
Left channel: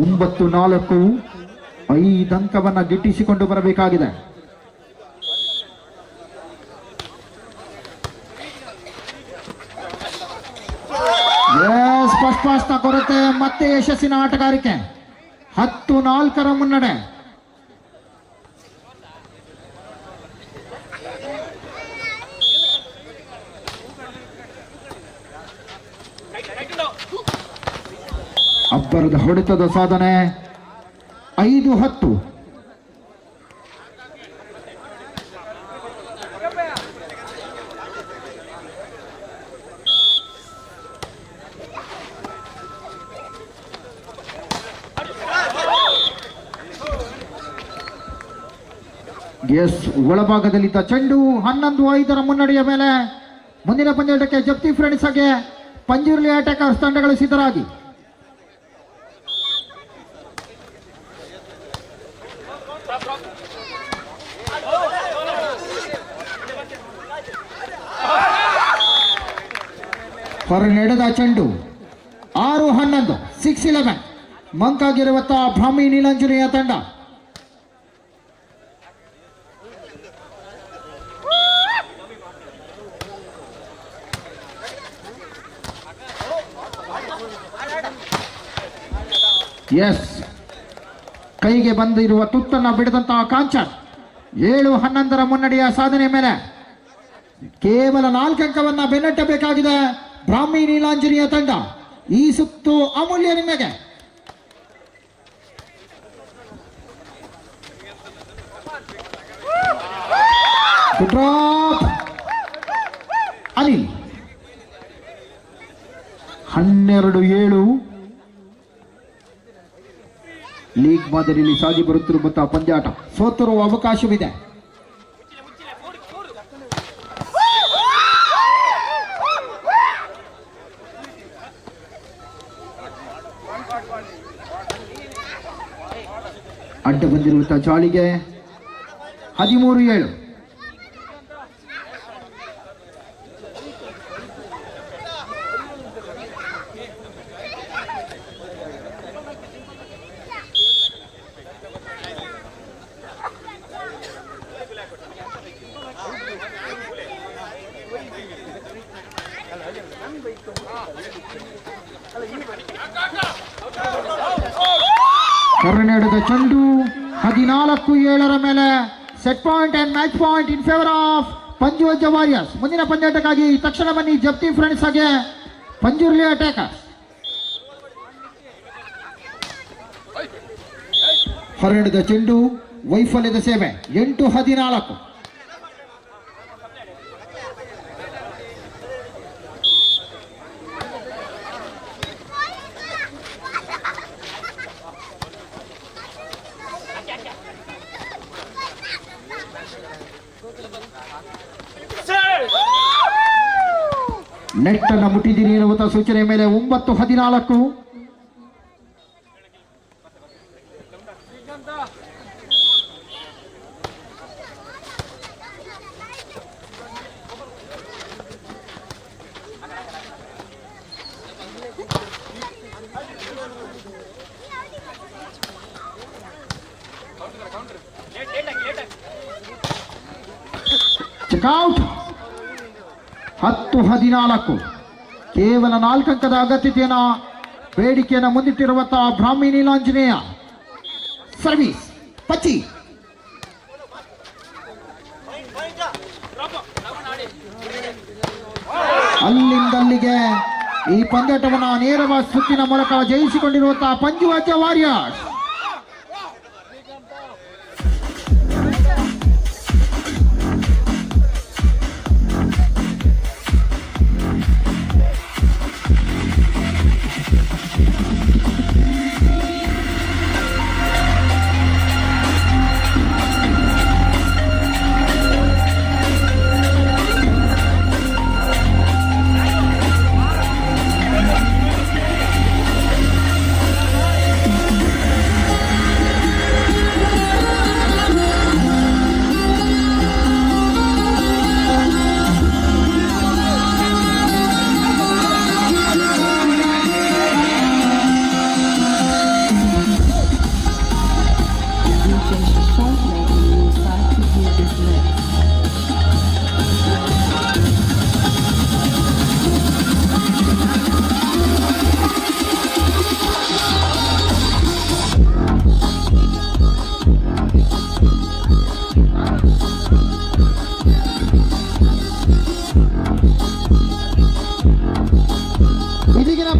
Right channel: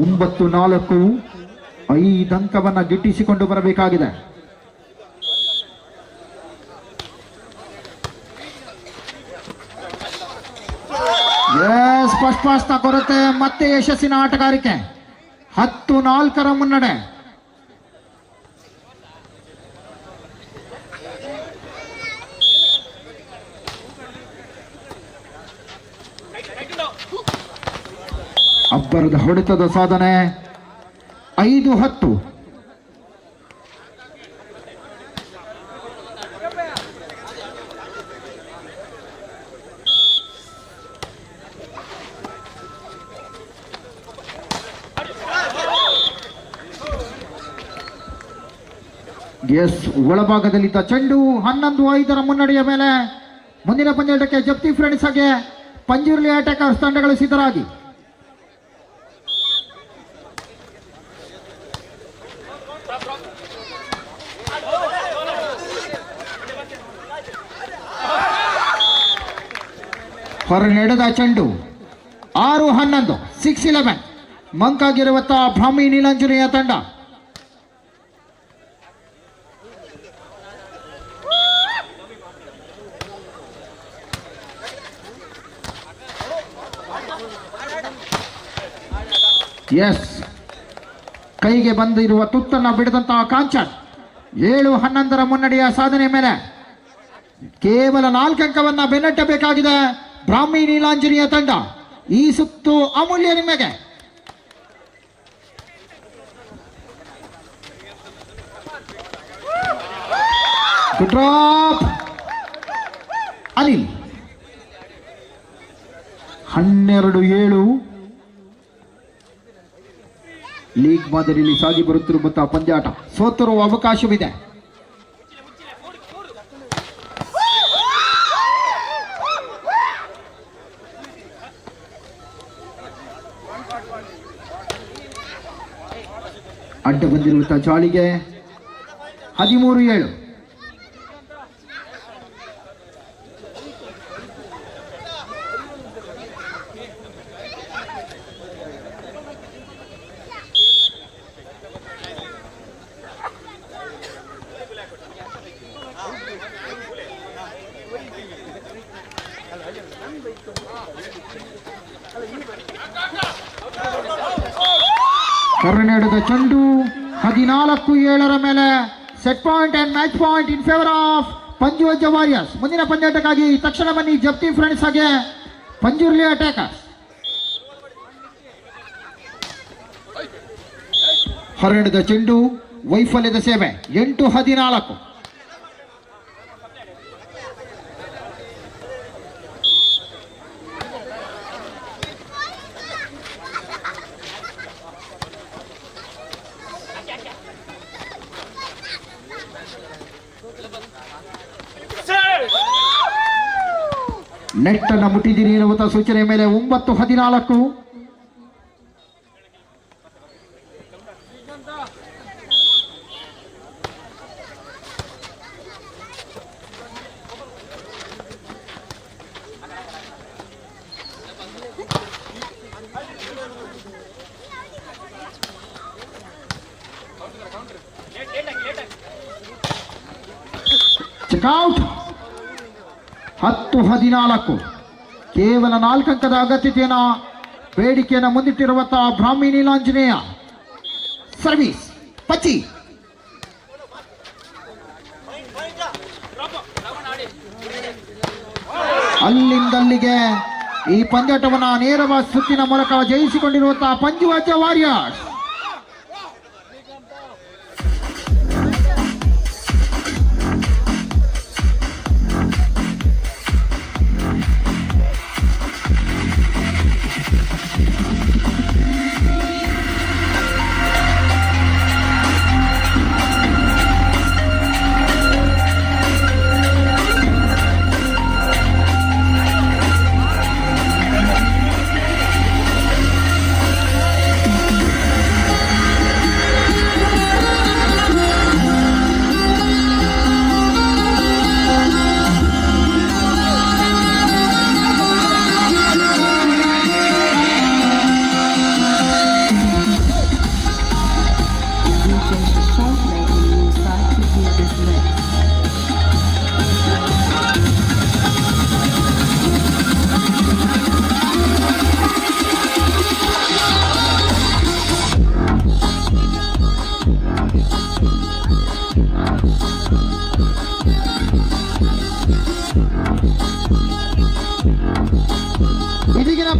ಒಂಬತ್ತು 4 5 ಅಂಕವನ್ನು ಗಿಟ್ಟಿಸಿಕೊಂಡು ಬರಬೇಕಾಗಿದೆ. ಫಸ್ಟ್ ಪಾಸ್ನ ಕೊರತೆ ಮತ್ತೆ ಯಶಸ್ಸಿನ ಆಟಗಾರಿಕೆ 10-4 ಮುನ್ನಡೆ. ಅಬ್ಬರದ ಹೊಡೆತದ ಸಾಧನೆ 5-10. ಎಸ್ ಒಳಭಾಗದಲ್ಲಿದ್ದ ಚೆಂಡು 11-5 ಮುನ್ನಡೆಯ ಮೇಲೆ ಮುಂದಿನ ಪಂದ್ಯಾಟಕ್ಕೆ ಜಪ್ತಿ ಫ್ರೆಂಡ್ಸ್ ಹಾಗೆ ಪಂಜುರ್ಲಿ ಅಟ್ಯಾಕರ್ಸ್ ತಂಡಗಳು ಸಿದ್ಧರಾಗಿ. ಹೊರ ನಡೆದ ಚೆಂಡು 6-11 6-11 ಮಂಕಾಗಿರುವತ್ತ ಬ್ರಾಹ್ಮಿ ನೀಲಾಂಜನೇಯ ತಂಡ. ಎಸ್ ಕೈಗೆ ಬಂದಿರುವ ತುತ್ತನ್ನು ಬಿಡದಂತಹ ಕಾಂಚನ್ 7-11 ಮುನ್ನಡೆಯ ಸಾಧನೆ ಮೇಲೆ ಕೇವಲ 4 ಅಂಕವನ್ನ ಬೆನ್ನಟ್ಟಬೇಕಾಗಿದೆ ಬ್ರಾಹ್ಮಿ ನೀಲಾಂಜನೇಯ ತಂಡ. ಈ ಸುತ್ತು ಅಮೂಲ್ಯ ನಿಮಗೆ. ಡ್ರಾಪ್ ಅನಿಲ್ 12-7 ಲೀಗ್ ಮಾದರಿಯಲ್ಲಿ ಸಾಗಿ ಬರುತ್ತಿರುವಂತಹ ಪಂದ್ಯಾಟ ಸೋತಿರುವ ಅವಕಾಶವಿದೆ. ಅಡ್ಡ ಬಂದಿರುವಂತಹ ಚಾಳಿಗೆ 13-7. ಕರ್ನಾಟಕದ ಚೆಂಡು 14-7 ಮೇಲೆ set point and match point in favour of Panjuvajja warriors. ಮುಂದಿನ ಪಂದ್ಯಾಟಕ್ಕಾಗಿ ತಕ್ಷಣ ಬನ್ನಿ ಜಪ್ತಿ ಫ್ರೆಂಡ್ಸ್ ಹಾಗೆ ಪಂಜುರ್ಲಿ ಅಟ್ಯಾಕರ್ಸ್. ಹೊರಡಿದ ಚೆಂಡು ವೈಫಲ್ಯದ ಸೇವೆ 8-14. ನೆಟ್ ಅನ್ನು ಮುಟ್ಟಿದ್ದೀರಿ ಎನ್ನುವಂತ ಸೂಚನೆ ಮೇಲೆ 9-14. ಚೆಕ್ಔಟ್ 10-14. ಕೇವಲ 4 ಅಂಕದ ಅಗತ್ಯತೆಯನ್ನ ಬೇಡಿಕೆಯನ್ನು ಮುಂದಿಟ್ಟಿರುವಂತಹ ಬ್ರಾಹ್ಮಿ ನೀಲಾಂಜನೇಯ. ಸರ್ವಿಸ್ ಪಚ್ಚಿ ಅಲ್ಲಿಂದಲ್ಲಿಗೆ ಈ ಪಂದ್ಯಾಟವನ್ನು ನೇರವಾದ ಸುತ್ತಿನ ಮೂಲಕ ಜಯಿಸಿಕೊಂಡಿರುವಂತಹ ಪಂಜುವಜ್ಜ ವಾರಿಯರ್ಸ್.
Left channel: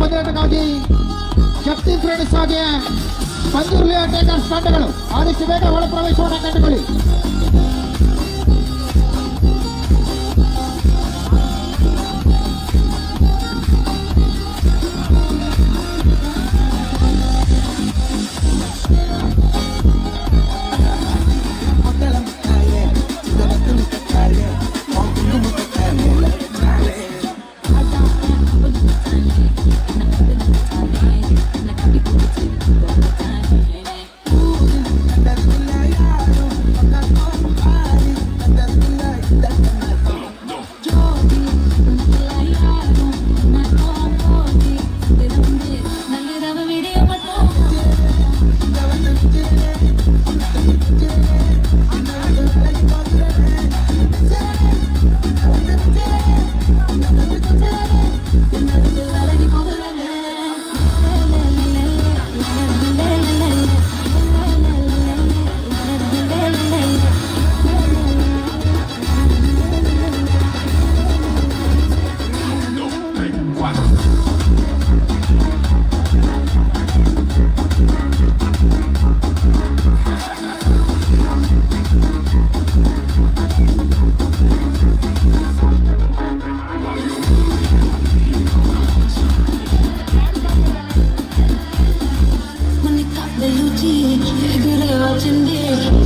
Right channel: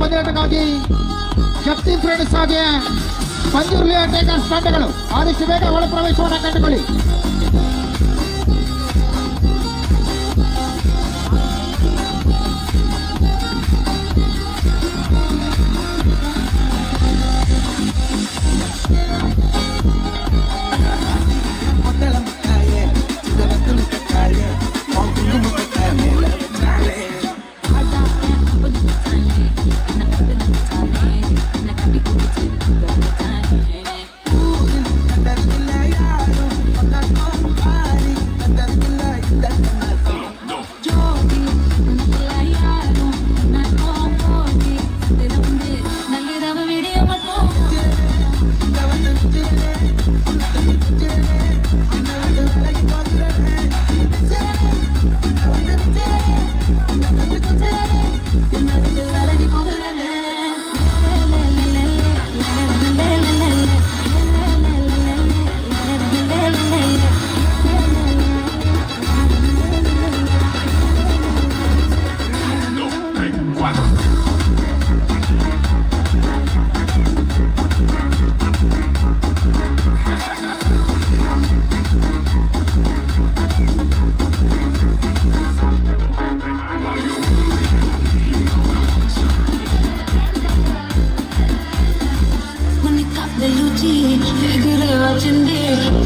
ಪಂದ್ಯಾಟಕ್ಕಾಗಿ ಶಕ್ತಿ ಫ್ರೆಂಡ್ಸ್ ಹಾಗೆ ಪಂಜುರ್ಲಿ ಟೇಕರ್ಸ್ ತಂಡಗಳು ಆದಷ್ಟು ಬೇಗ ಒಳ ಪ್ರವೇಶವನ್ನು ಕಂಡುಕೊಳ್ಳಿ.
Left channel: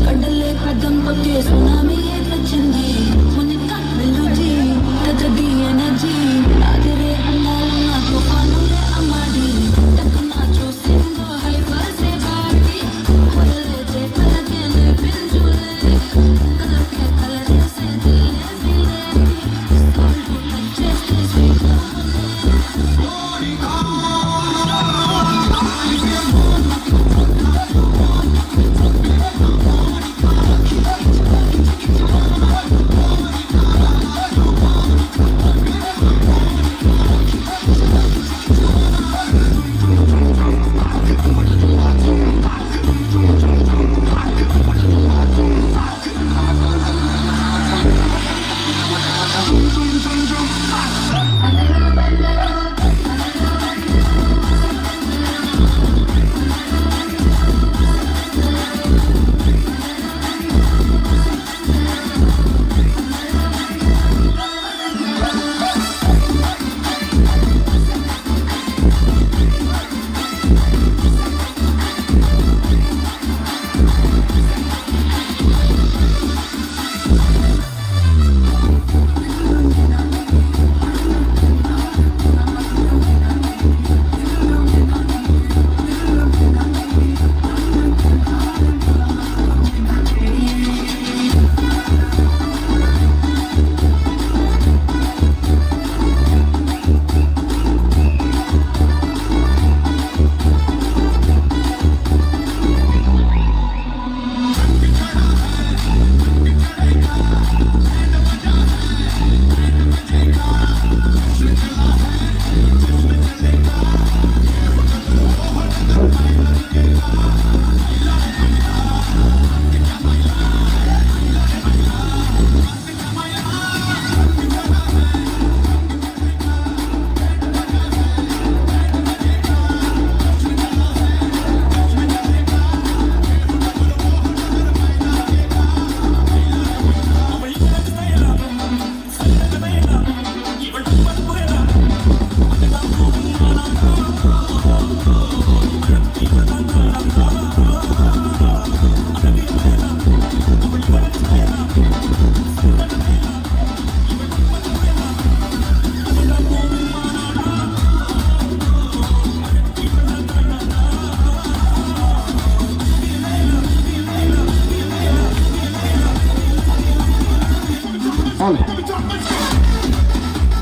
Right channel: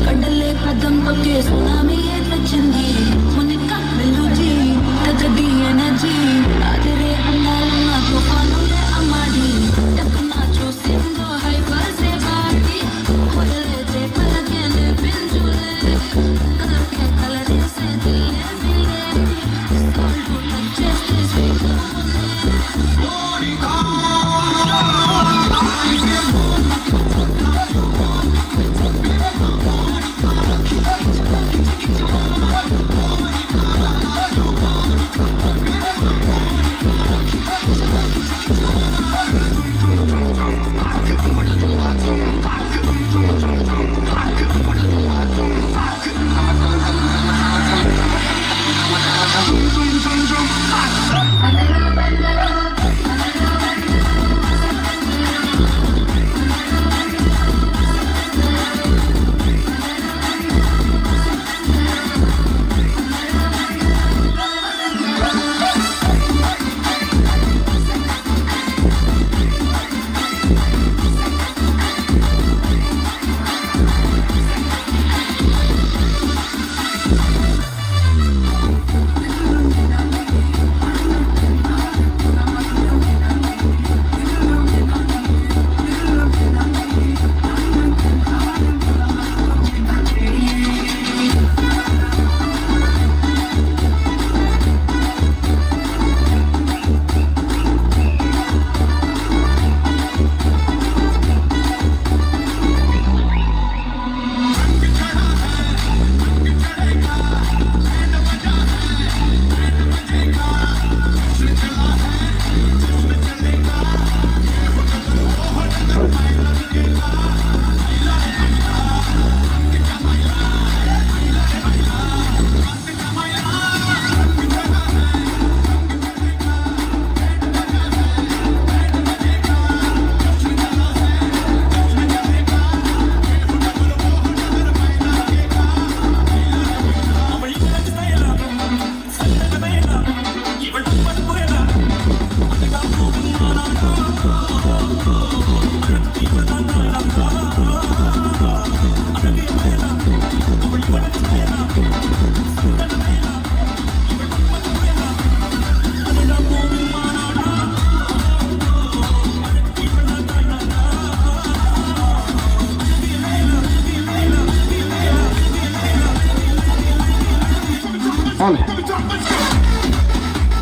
కడలే కదం పక్కే సునామీ వచ్చింది మునిక వెలుజీ తగది ఎనర్జీ అదిరే అన్నాలన్న తుఫానులే అమ్మాడి టక్కున చూసిందో హైపర్సే బాటి ಹೊರಲೇತೆ ಪಲಕೆನೆ ಪಿಂಜುಲೆ ಕದಕ್ಕೆ ಕಲರೇಸೆ ದಿಲ್ಲೆ ಬಿಲೆ ಸಾಲ್ಟು ಟಚ್ಚೆಸ್ತೆ ಸ್ವೀಟ್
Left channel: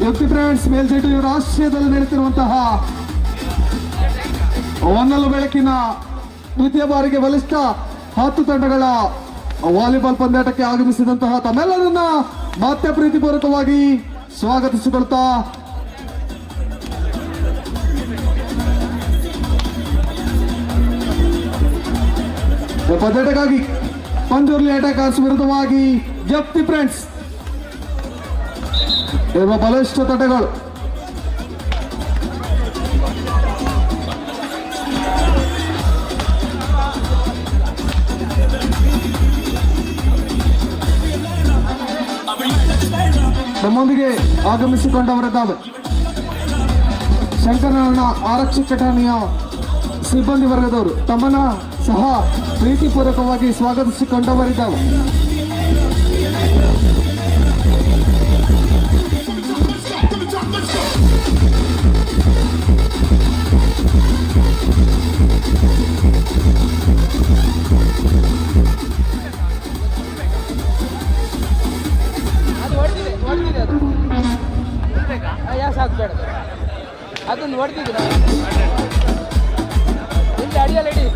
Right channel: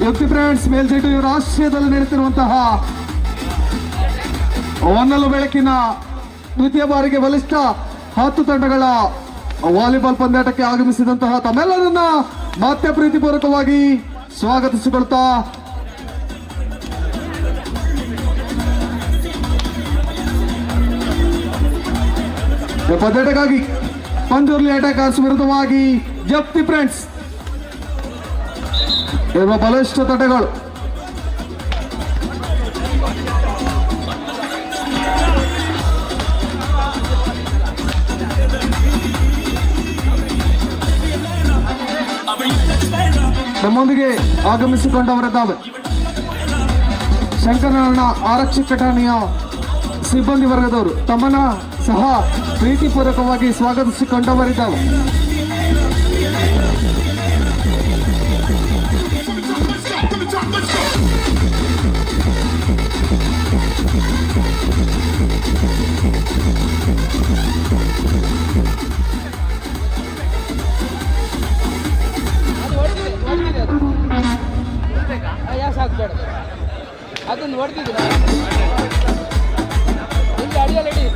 ಯುಕ್ತಿ ಫ್ರೆಂಡ್ಸ್ ಮೇಲ್ಸೆಟು ರಾಷ್ಟ್ರೀಯದಲ್ಲಿ ನಡೆಯುತ್ತಿರುವಂತಹ ಹೊನ್ನಲು ಬೆಳಕಿನ ದ್ವಿತೀಯ ಬಾರಿಗೆ ಬಲಿಷ್ಠ 10 ತಂಡಗಳ ವಾಲಿಬಾಲ್ ಪಂದ್ಯಾಟಕ್ಕೆ ಆಗಮಿಸಿದಂತಹ ತಮ್ಮೆಲ್ಲರನ್ನ ಮತ್ತೆ ಪ್ರೀತಿಪೂರ್ವಕವಾಗಿ ಸ್ವಾಗತಿಸಿಕೊಳ್ತಾ ಪಂದ್ಯಾಟಕ್ಕಾಗಿ ಪಂಜುರ್ಲಿ ಅಟ್ಯಾಕರ್ಸ್ ವಿರುದ್ಧವಾಗಿ ಜಪ್ತಿ ಫ್ರೆಂಡ್ಸ್ ಇರುವ ಬಲಿಷ್ಠ ತಂಡಗಳು ನಮ್ಮೊಂದಿಗೆ ಆಗಮಿಸಿಕೊಂಡವರಿದ್ದಾವೆ. ಶಂಕರನಾರಾಯಣ ಆರಕ್ಷಕ ಠಾಣೆಯ ಸಿಬ್ಬಂದಿ ವರ್ಗದವರು ತಮ್ಮನ್ನ ಸಹ ಪ್ರೀತಿಪೂರ್ವಕವಾಗಿ ಸ್ವಾಗತಿಸಿಕೊಂಡವರಿದ್ದಾವೆ. ಅದು ಹೊಡೆದಿದೆ ಅದು ಯಾಕೆ ಸಾಕು ಬೇಡ ಅದೊಂದು ಹೊಡೆದಿದ್ದೀರ ಇಲ್ಲಿ ಅಡಿಯಲ್ಲಿ ಇಡಿ.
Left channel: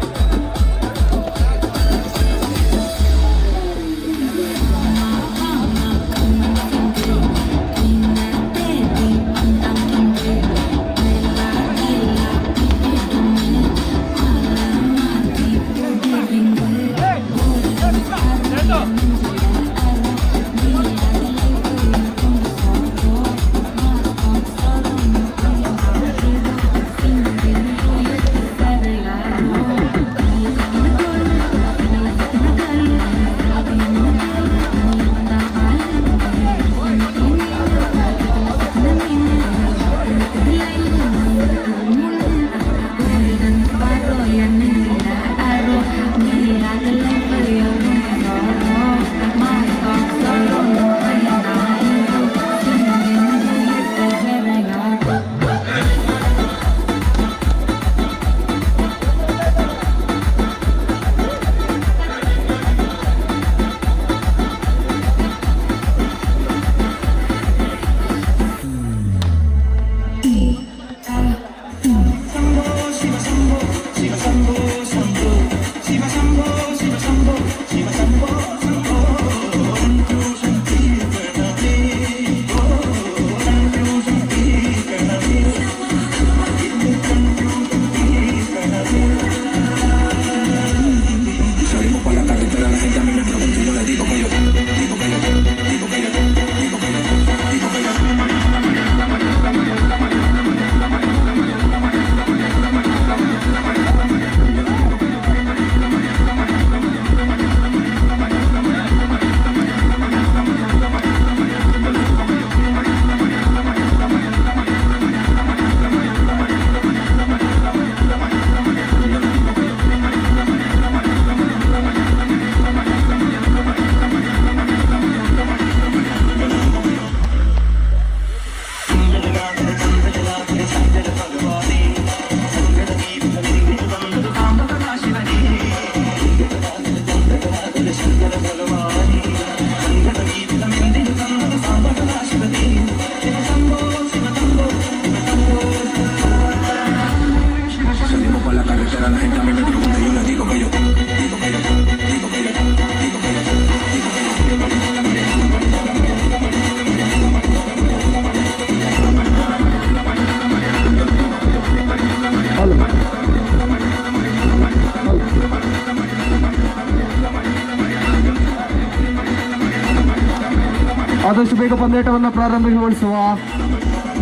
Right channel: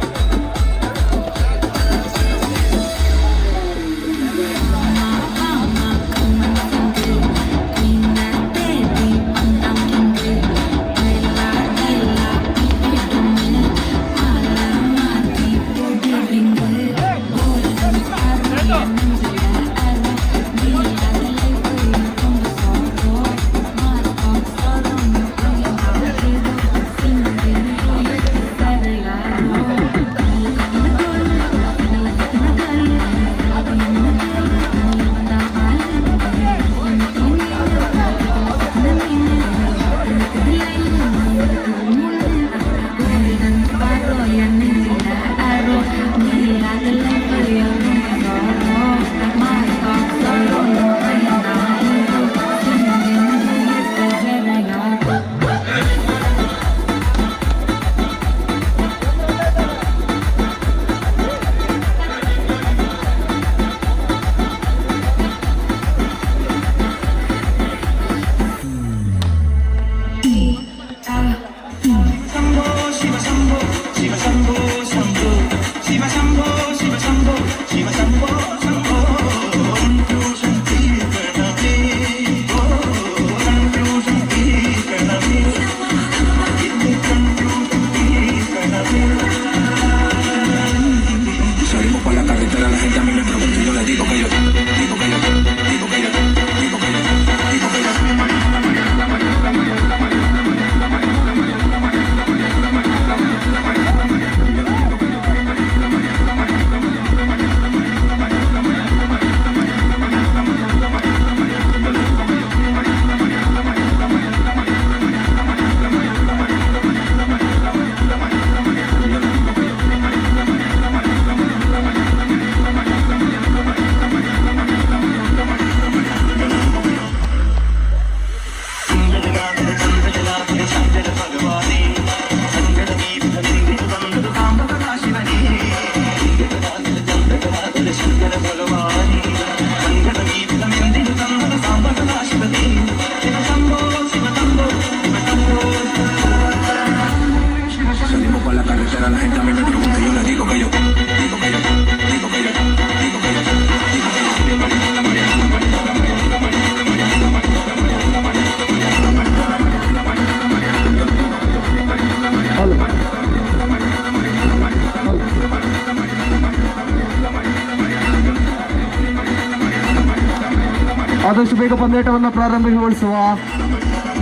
ಆದಷ್ಟು ಬೇಗ ಪಂದ್ಯಾಟವನ್ನು ಪ್ರಾರಂಭಗೊಳಿಸುವ.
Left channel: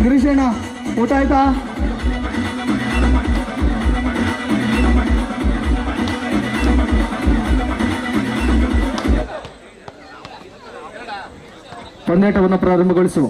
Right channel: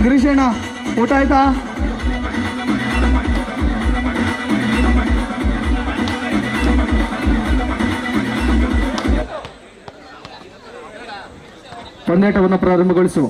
ಗಿರೀಶಣ್ಣ, ಊಟ ಆಯ್ತಾ? ಪಂದ್ಯಾಟವನ್ನು ಪ್ರಾರಂಭಗೊಳಿಸುವ.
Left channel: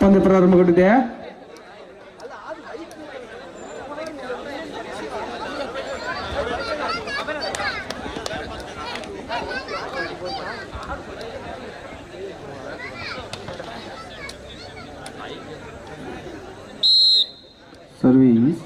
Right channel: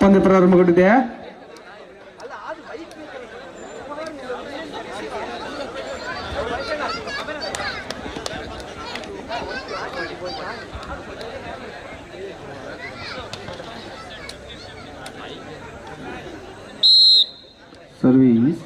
ಪಂದ್ಯ ಪ್ರಾರಂಭಗೊಂಡಿದೆ. ಸರ್ವೀಸ್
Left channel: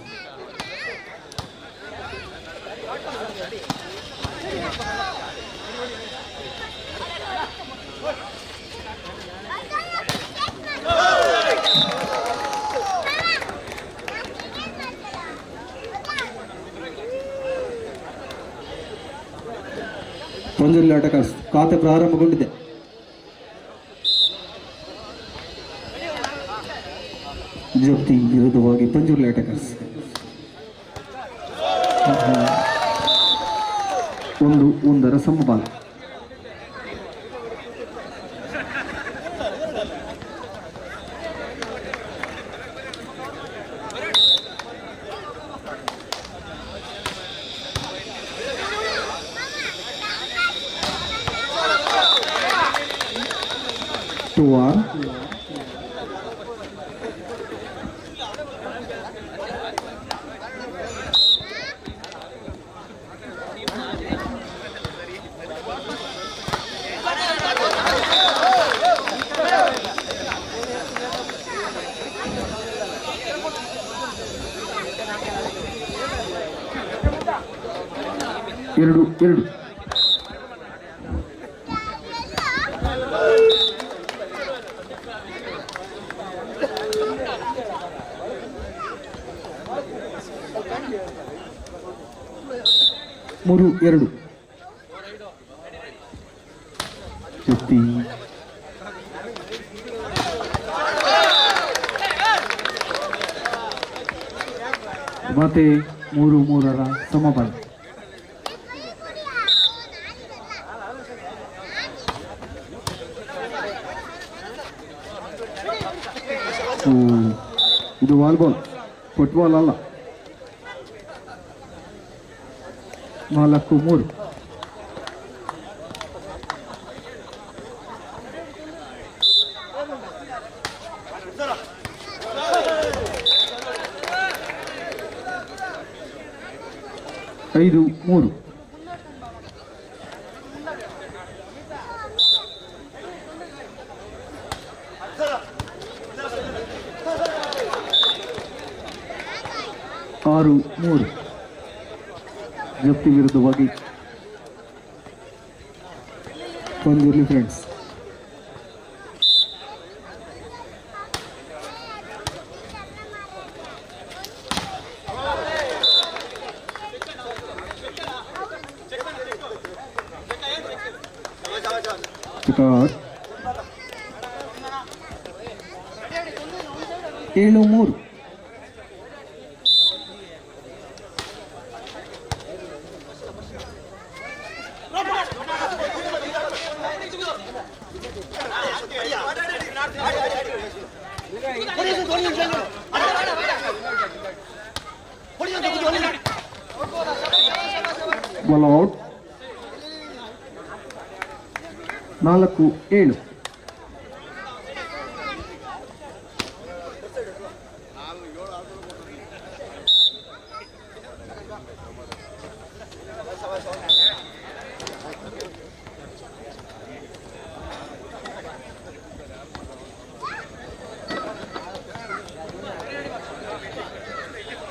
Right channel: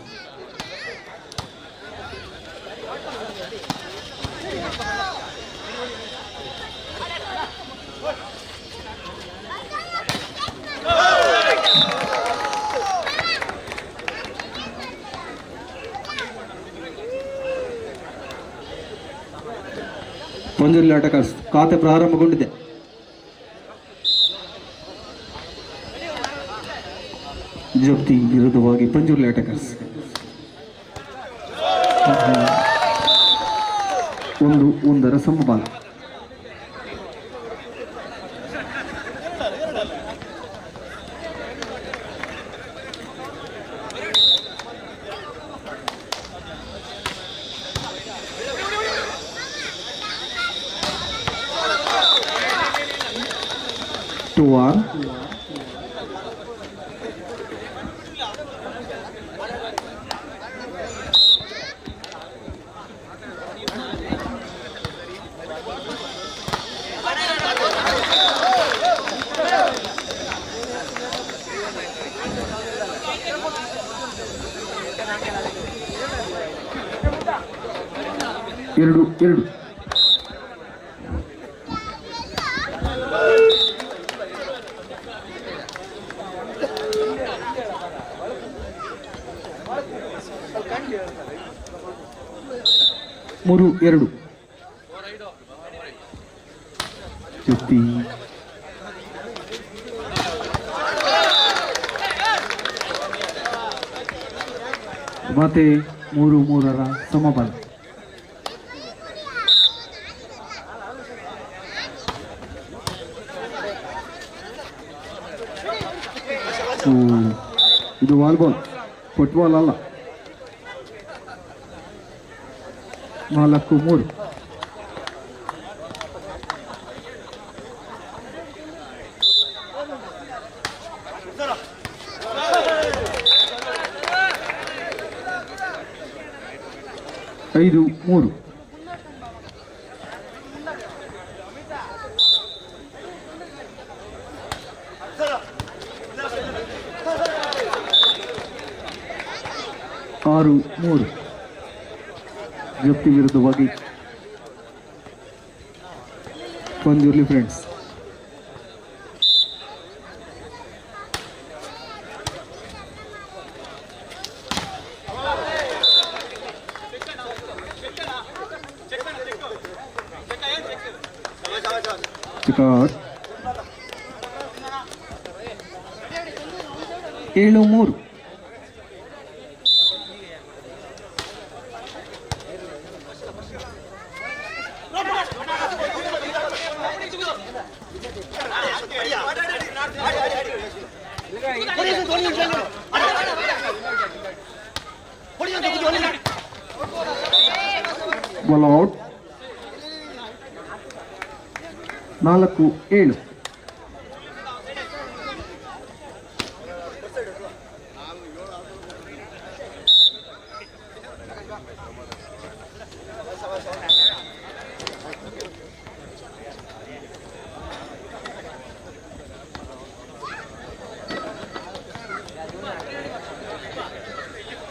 ಪಂಜುರ್ಲಿ ಆಟಗಾರ್ಸ್ ಖಾತೆ ಪ್ರಾರಂಭಗೊಂಡಿದೆ. ಜಪ್ತಿ ವಿರುದ್ಧವಾಗಿ ಪಂಜುರ್ಲಿ ಆಟಗಾರ್ಸ್ 1-1 ಸಮಬಲ. ಟುವಾರ್ 2-2. ಮೂರು 2. ಜೊತೆ ಮತ್ತೆ 3-3 ಸಮಬಲ. ಇದು ವಾಲ್ಬಾಲ್, ಫುಟ್ಬಾಲ್ ಅಲ್ಲ. 4-3. ಐದು 3. ಆರು 3. ಜಪ್ತಿ ವಿರುದ್ಧವಾಗಿ ಪಂಜುರ್ಲಿ ಫ್ರೆಂಡ್ಸ್. ಚಿಕಾರ್ 7-3. Ball out. 4-7.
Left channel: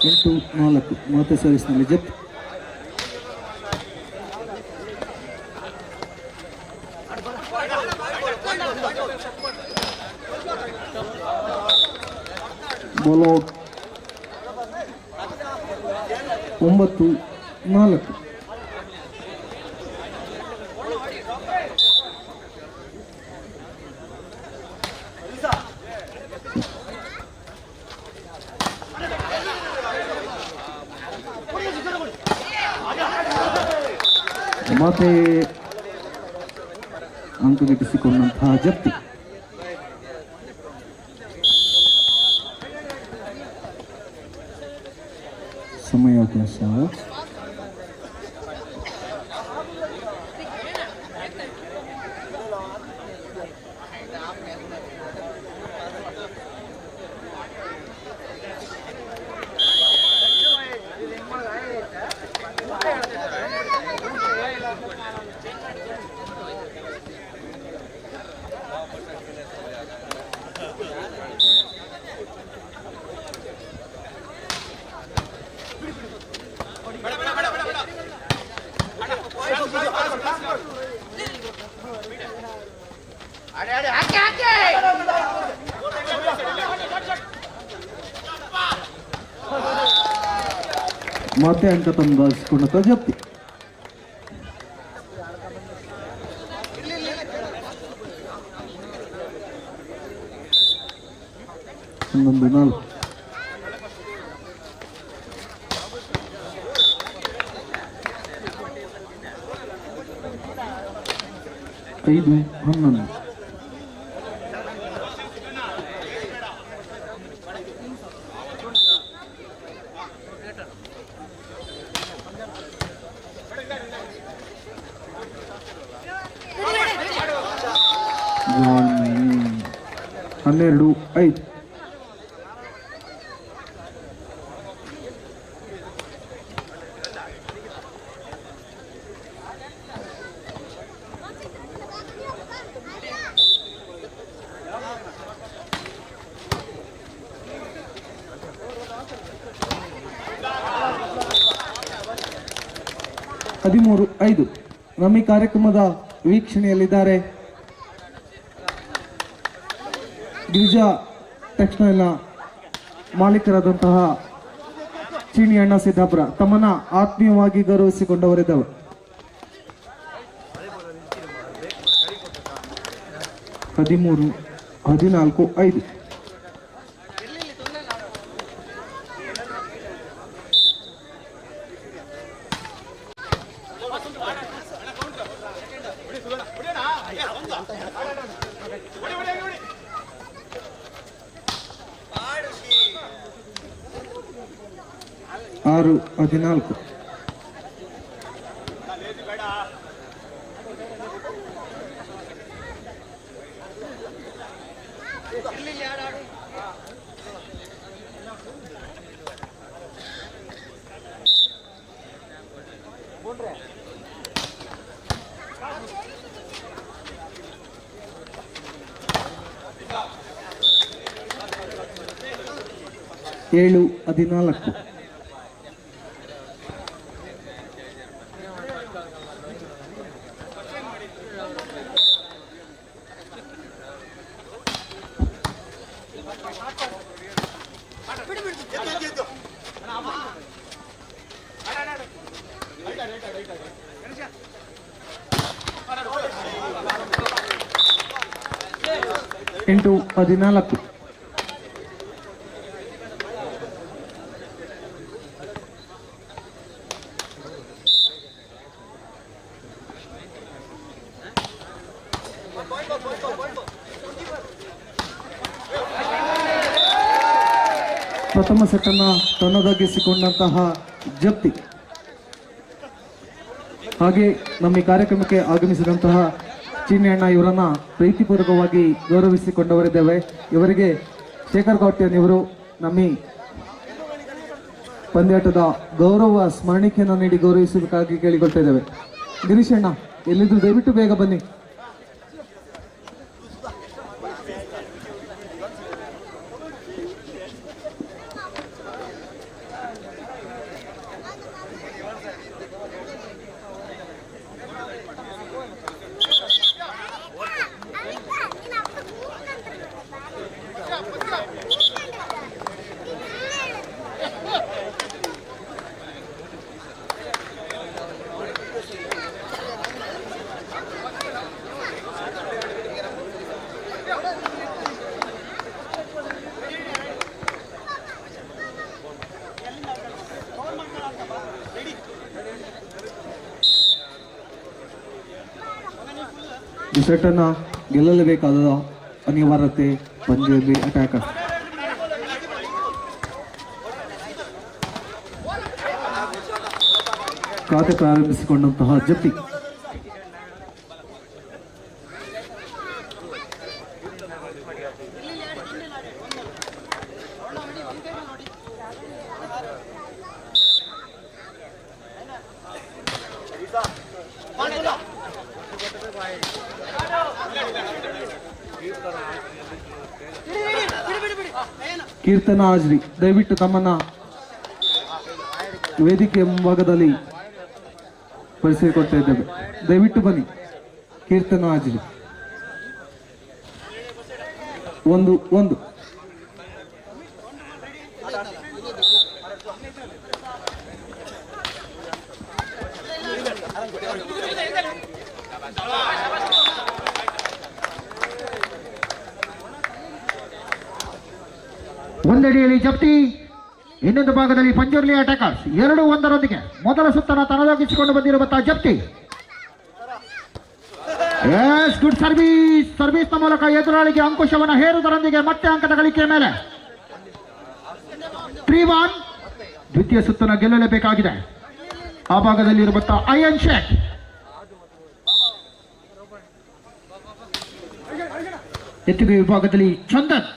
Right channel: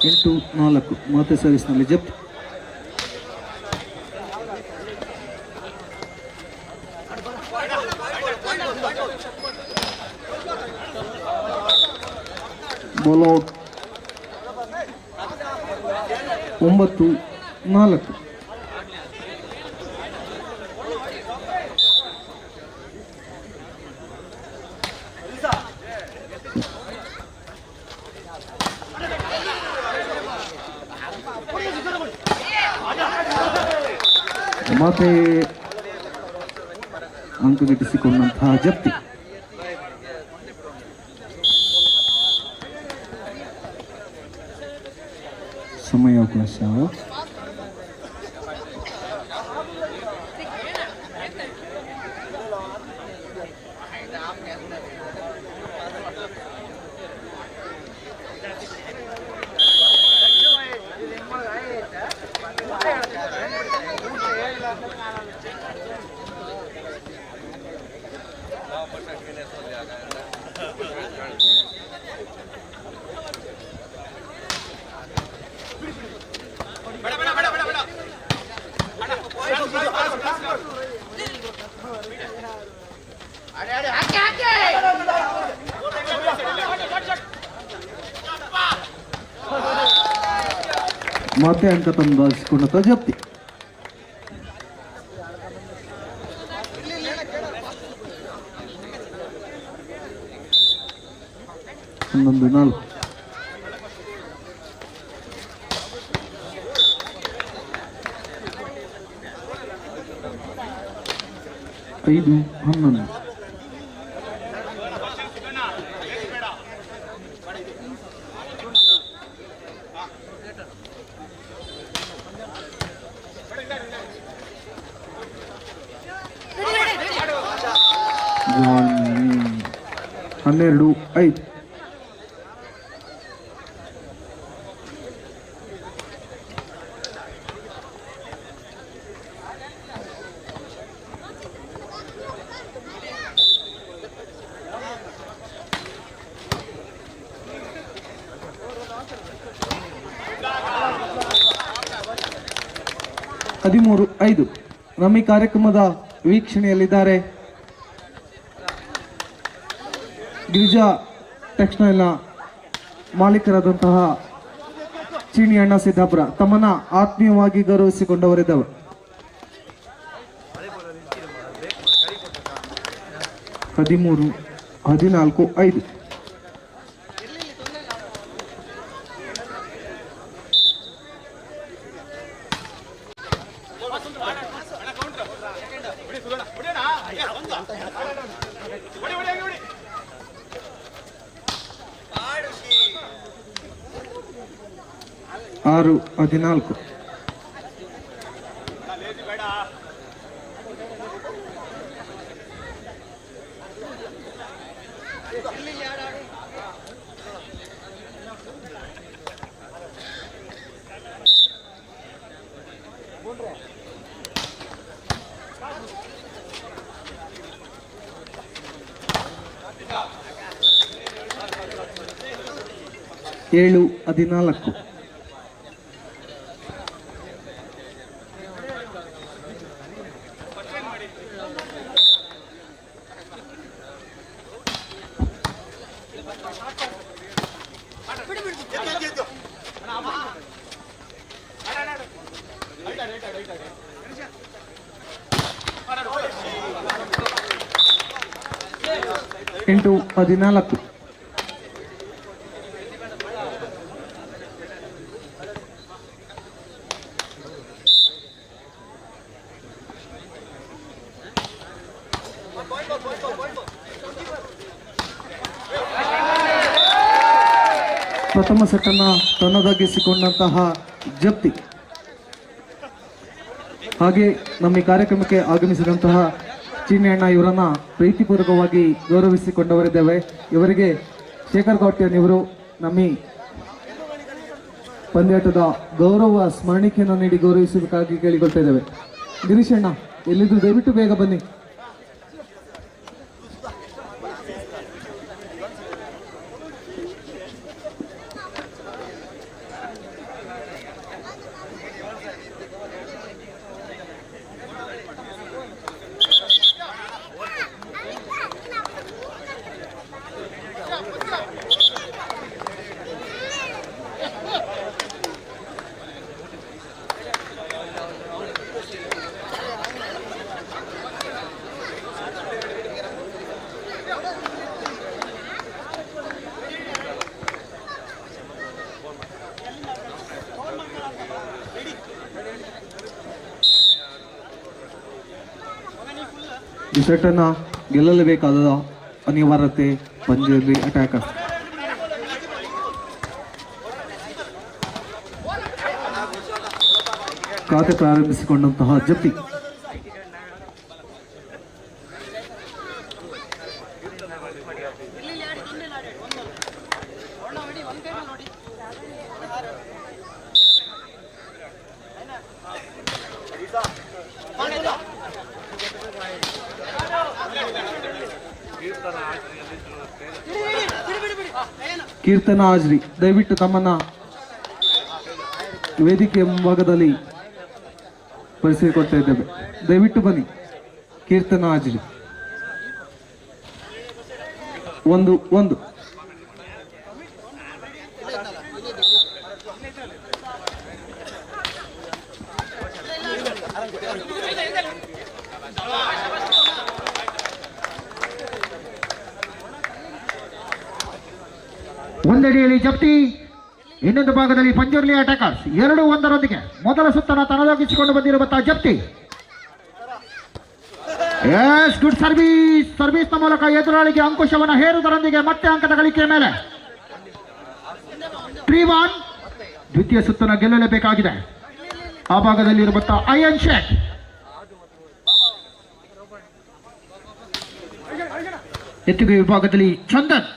ಎಂಟು 4. ಮತ್ತೆ ಸರ್ವಿಸ್ನಲ್ಲಿ ಜಪ್ತಿ. Ball out. 9-4. ಮತ್ತೆ ಅಂಕ ಗಿಟ್ಟಿಸಿಕೊಂಡಂತಹ ಜಪ್ತಿ. ಸಮಯಾವಕಾಶ. ಮತ್ತೆ ಅಂಕ ತಂದಾಯಿಸಿಕೊಂಡಂತ ಜಪ್ತಿ. ಹನ್ನೊಂದು 4. ಐದು 11. ಜಾನ್ 12 5. ಹದಿಮೂರು 5. ನಮ್ಮ ಈ ಕಾರ್ಯಕ್ರಮದ ವೀಕ್ಷಣೆಯಲ್ಲಿದ್ದಾರೆ ಗಿರಿಜಾ ಟೆಕ್ಸ್ಟೈಲ್ನ ಮಾಲೀಕರಾದಂತಹ ಚೀನಿ ಅಣ್ಣ ಸಿದ್ದಾಪುರ. ತಮ್ಮನ್ನ ಆತ್ಮೀಯವಾಗಿ ಗೌರವಿಸಿಕೊಂಡವರಿದ್ದಾವೆ. 13 14 5. ಆರು 14. ಏಳು 14. ಎಂಟು 14. ಪ್ರಥಮ ಸೆಟ್ಟನ್ನು ತನ್ನದಾಗಿಸಿಕೊಂಡಂತಹ ಜಪ್ತಿ. ಹಾಗೆ ನಮ್ಮ ಈ ಕಾರ್ಯಕ್ರಮಕ್ಕೆ ಆಗಮಿಸಿದಂತಹ ಚೀನಿ ಅಣ್ಣ ಇವರನ್ನ ಪ್ರೀತಿಪೂರ್ವಕವಾಗಿ ಗೌರವಿಸಿಕೊಂಡವರಿದ್ದೇವೆ. ಇವರಿಗೆ ಶೇಖರ್ ಗೌಟ್ಯನ್ ಇವರು ನಮ್ಮ ಈ ಪಂದ್ಯಾಟದ ಗೌರವ ಸ್ಮರಣಿಕೆಯನ್ನು ನೀಡಿ ಗೌರವಿಸಬೇಕಾಗಿ ಕೇಳಿಕೊಳ್ತಾ ಇದ್ದೇವೆ. ಗಿರೀಶ್ ಅಣ್ಣ ಎಲ್ಲಿದ್ದು ದಯವಿಟ್ಟು ಬೇಗ ಬನ್ನಿ. ಈ ಸೆಟ್ಟನ್ನು ಗೆಲ್ಲಲೇಬೇಕಾದ ಅನಿವಾರ್ಯತೆ ಪಂದ್ಯದಲ್ಲಿ ಅಟ್ಯಾಕರ್. ಖಾತೆ ಪ್ರಾರಂಭಿಸಿಕೊಂಡಂತಹ ಜಪ್ಪಿ. ಕೀರ್ತನ ಹಾಜ್ರಿ ದಯವಿಟ್ಟು ತಮ್ಮನ್ನ ವೇದಿಕೆ ಮುಂಭಾಗದಲ್ಲಿ ಪರಿಚಯಿಸಿಕೊಡ್ತಾ ಇದ್ದೇವೆ. ದಯವಿಟ್ಟು ಬನ್ನಿ. ಕೀರ್ತನ ಹಾಜ್ರಿ 1-1. ಒಂದೆಡೆಯಲ್ಲಿ ಜಪ್ತಿ, ಇನ್ನೊಂದು ಭಾಗದಲ್ಲಿ ಪಂಜುರ್ಲಿ ಅಟ್ಯಾಕರ್ಸ್ 2-1 ಮೊದಲ ಸುತ್ತನ ತನ್ನದಾಗಿಸಿಕೊಂಡು ಬಂದಿರುವಂತಹ ಜಪ್ತಿ. ಎಸ್, ಗುಡ್ ಸರ್ವಿಸ್ನ ಮೂಲಕ ಎದುರಾಳಿಗೆ ಅಂಕುಶವನ್ನು ಹೇರುವುದರೊಂದಿಗೆ ಮತ್ತೆ ಅಂಕದ ಗಳಿಕೆಯ ಮೇಲೆ 3-1 ದ್ವಿತೀಯ ಸುತ್ತನ್ನು ಗೆಲ್ಲಲೇಬೇಕಾಗಿದೆ. ಆ ಭಾಗದಲ್ಲಿ ಇರುವಂತಹ ಅಯನ್ ಶೇಖ್, ಎತ್ತುಗೆ ವಿಭಾಗದಲ್ಲಿ ಚಂದನ್,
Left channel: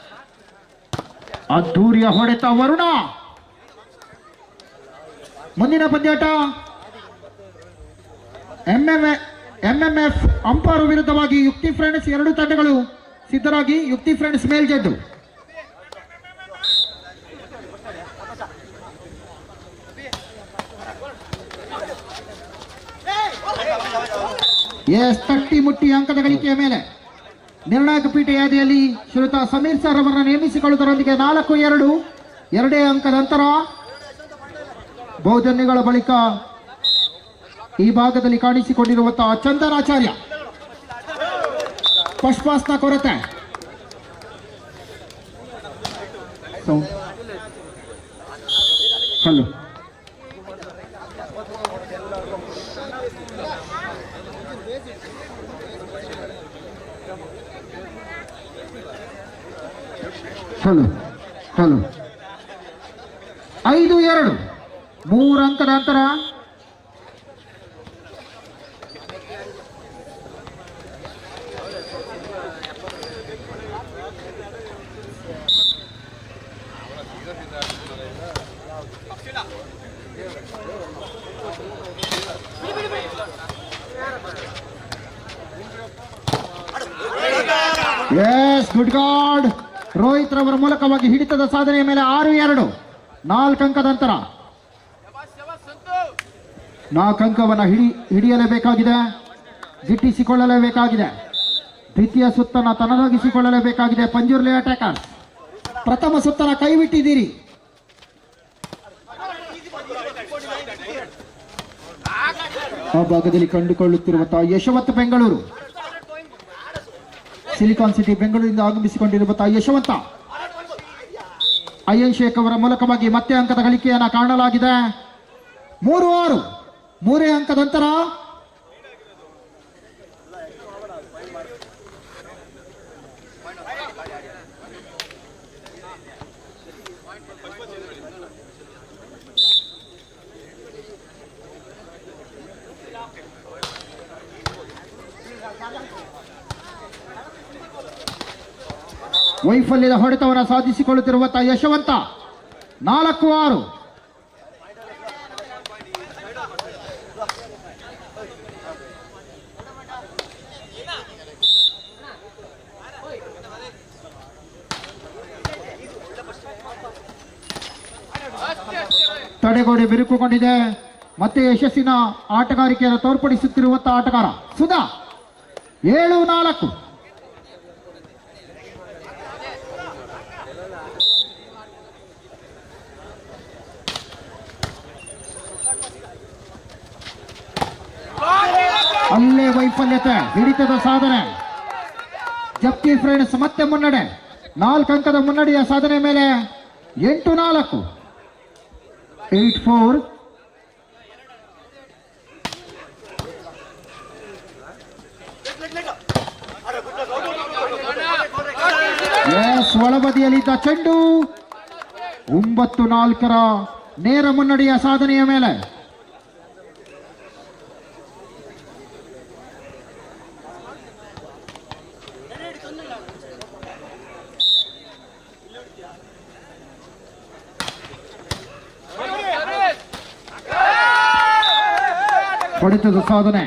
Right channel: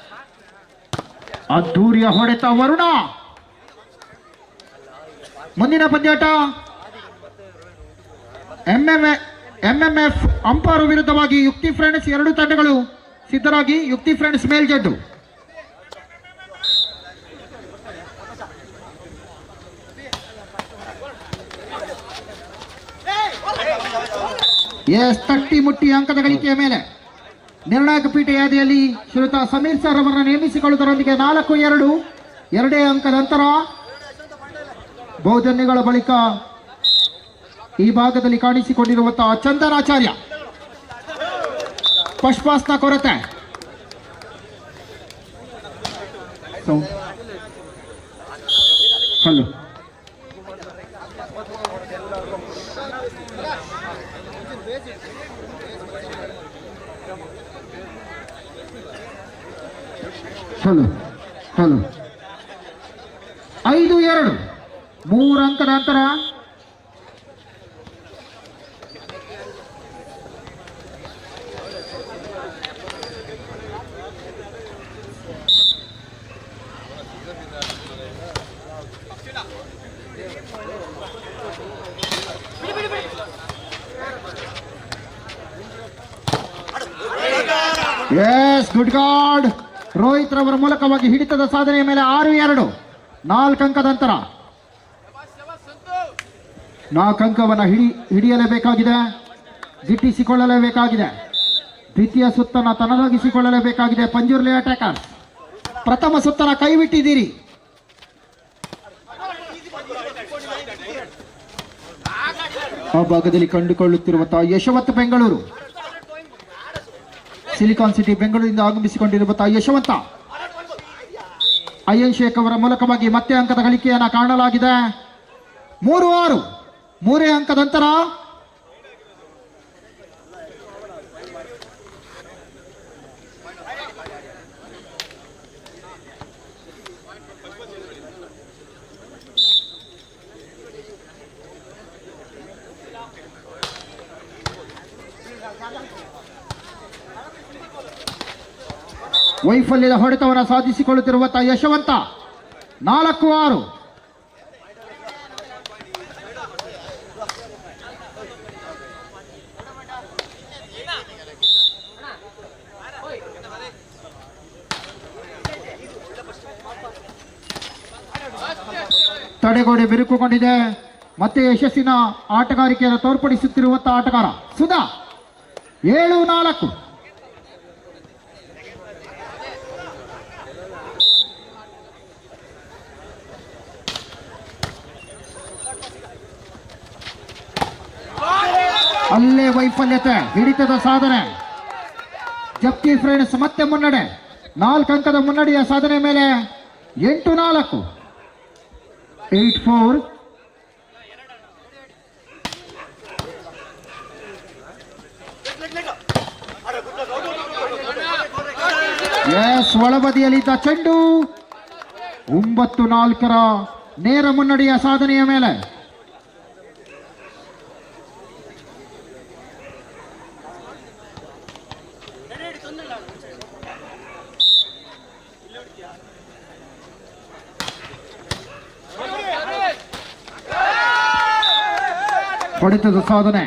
ಅದ್ದೂರಿಯ ಹೊಡೆತ ವರುಣ. ಮುಂದಿನ ಪಂದ್ಯಾಟ ಎಂಎಂಎಫ್ ಅಂಪೈರ್ ವಿರುದ್ಧವಾಗಿ ಯುಕ್ತಿ ಫ್ರೆಂಡ್ಸ್. 2 ತಂಡಗಳು ಸಿದ್ಧರಾಗಿ. ಯುಕ್ತಿ ಫ್ರೆಂಡ್ಸ್ ಮೇಲ್ಜಡ್ಡು. ಎಸ್, ತಟ್ಟಿ ಮುಟ್ಟಿ ಅಂಕದ ಗಳಿಕೆಯ ಮೇಲೆ ನಿರ್ಣಾಯಕ ಪೀಠ ಯಾದಿಯಲ್ಲಿ ಶ್ರೀಯುತ ಸಮೀರ್ ಸರ್ ಅವರನ್ನು ನೇಮಿಸಿಕೊಳ್ಳುವುದರೊಂದಿಗೆ 4-2 2 ಅಂಕದ ಅಂತರ. ಬಹುಧನ್ಯಗಳ ಬಳಿಕ ಈ ಭಾಗದಲ್ಲಿ ಕಾಣಿಸಿಕೊಂಡಿರುವಂತಹ ಚಂದನಾಚಾರ್ಯ. ಪಶ್ಪಾಸ್ನ ಕೊರತೆ. ಹಲೋ, ಹಲೋ ಹಲೋ 5-2 3 ಅಂಕದ ಅಂತರ. S, good god. ರೋಹಿತ್ ರವರ ಮೂಲಕವಾಗಿ ಹಿಡಿತದ ಸಾಧನೆಯ ಮೇಲೆ 6-2 4 ಅಂಕದ ಅಂತರ. 4 ಅಂಕವನ್ನು ಹಿಡಿಯಲೇಬೇಕಾಗಿದೆ, ಗಿಟ್ಟಿಸಿಕೊಳ್ಳಲೇಬೇಕಾಗಿದೆ. ದ್ವಿತೀಯ ಸುತ್ತನ್ನು ತನ್ನದಾಗಿಸಿಕೊಳ್ಳಲೇಬೇಕಾಗಿದೆ. ಪಂಜುರ್ಲಿ ಅಟ್ಯಾಕರ್ಸ್ ಪ್ರಥಮ ಸುತ್ತನ ಕೈಬಿಟ್ಟಿದ್ದೀರಿ. ಆ ಭಾಗದಲ್ಲಿ ಕಂಡುಕೊಳ್ಳುತ್ತಿರುವಂತಹ ಯಶವಂತ ಬೆಂಗಳೂರು, ಸಿಲಿಕಾನ್ ಸಿಟಿ ಬೆಂಗಳೂರಿನಿಂದ ಆಗಮಿಸಿಕೊಂಡಿರುವಂತಹ ಯಶವಂತ. ಅಯನ್ ಶೇಖ್ ಅವರ ಮೂಲಕವಾಗಿ ಮತ್ತೆ ಅಂಕದ ಗಳಿಕೆಯನ್ನು ಕಾಣಲಾಗಿದೆ. 3-6 3 ಅಂಕದ ಅಂತರ. ವೈಫಲ್ಯದ ಹೊಡೆತವನ್ನು ಸಾಧಿಸಿಕೊಳ್ಳುತ್ತಿರುವಂತಹ ಯಶವಂತ 4-6. ತಡೆಗೋಡೆ ಬಿರುಕುಗೊಂಡಿದೆ. ಮತ್ತೆ ಯಶಸ್ಸಿನ ಆಟಗಾರಿಕೆಯನ್ನು ತೋರ್ಪಡಿಸುತ್ತಿರುವಂತಹ ಆಟಗಾರ ಸುಧಾ. 7-4 ಅಲ್ಲೇ ವೈಫಲ್ಯತೆ, ಹಿಡಿತದ ಸಾಧನೆ. ಜಪ್ತಿ ಫ್ರೆಂಡ್ಸ್ ಮತ್ತೆ ಮುನ್ನಡೆ. 4 ಅಂಕದ ಮುನ್ನಡೆಯ ಸಾಧನೆ ಮೇಲೆ 8-4 8-4. ಎಸ್, ಒಳಬದಿಯಲ್ಲಿದ್ದ ಚೆಂಡು 9-4 ನೇರ ಮುನ್ನಡೆಯ ಸಾಧನೆಯ ಮೇಲೆ. ಹೊಡೆತದ ಸಾಧನೆ.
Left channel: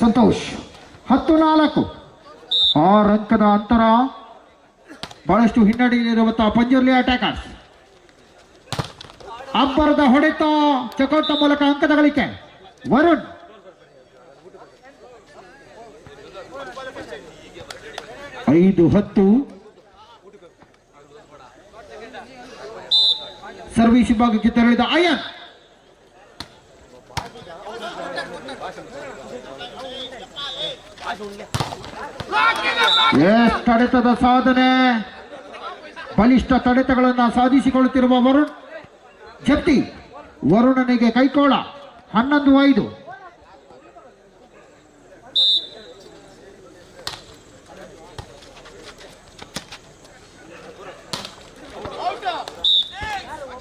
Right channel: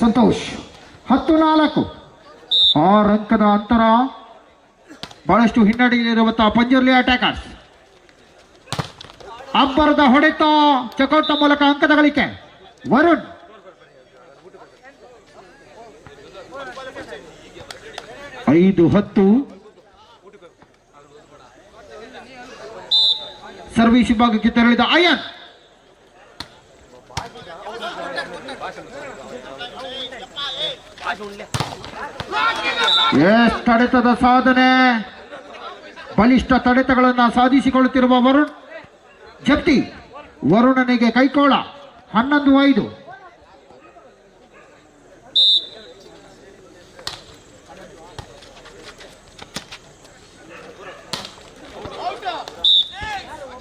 ಸಂತೋಷ್ 10-4 6 ಅಂಕದ ಅಂತರ. ಬಹಳಷ್ಟು ಹಿನ್ನಡೆಯಲ್ಲಿರುವಂತಹ ಪಂಜುರ್ಲಿ ಅಟ್ಯಾಕರ್ಸ್. ಅಬ್ಬರದ ಹೊಡೆತ, ಚಕೌಟ್ನ ಮೂಲಕ ಅಂಕದ ಗಳಿಕೆ. ವರುಣ್ 5-10 ಸರ್ವಿಸ್ ವಿಭಾಗಕ್ಕೆ ತೆರಳಿದ ಅಯನ್ ತಡೆತದ ಸಾಧನೆ, ಬಲಿಷ್ಠ ತಡೆತಗಳನ್ನು ಸಾಧಿಸಿಕೊಳ್ಳುತ್ತಿರುವ ವರುಣ್ ಜಪ್ತಿ. ವರುಣನಿಗೆ ಕೈಕೋಳ 11-5.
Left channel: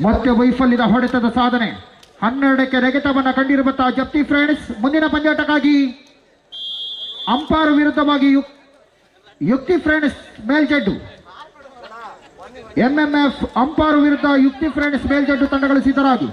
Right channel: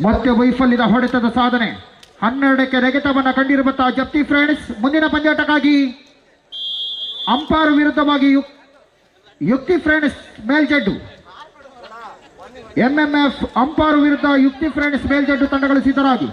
ಮತ್ತೆ ವೈಫಲ್ಯದ ಹೊಡೆತದ ಸಾಧನೆ, 12ಕ್ಕೆ ನೆಗೆತವನ್ನು ಕಂಡಿರುವಂತಹ ಜಪ್ತಿ ಫ್ರೆಂಡ್ಸ್. ಮುಂದಿನ ಪಂದ್ಯಾಟಕ್ಕಾಗಿ ಅಂಪೈರ್ ವಿರುದ್ಧವಾಗಿ ಯುಕ್ತಿ ಫ್ರೆಂಡ್ಸ್ ಮೇಲ್ಜಡ್ಡು. ಎಂಎಂಎಫ್ ಅಂಪೈರ್ ವಿರುದ್ಧ ಯುಕ್ತಿ ಫ್ರೆಂಡ್ಸ್ ಮೇಲ್ಜಡ್ಡು ತಂಡಗಳು ಸಿದ್ಧರಾಗಿ.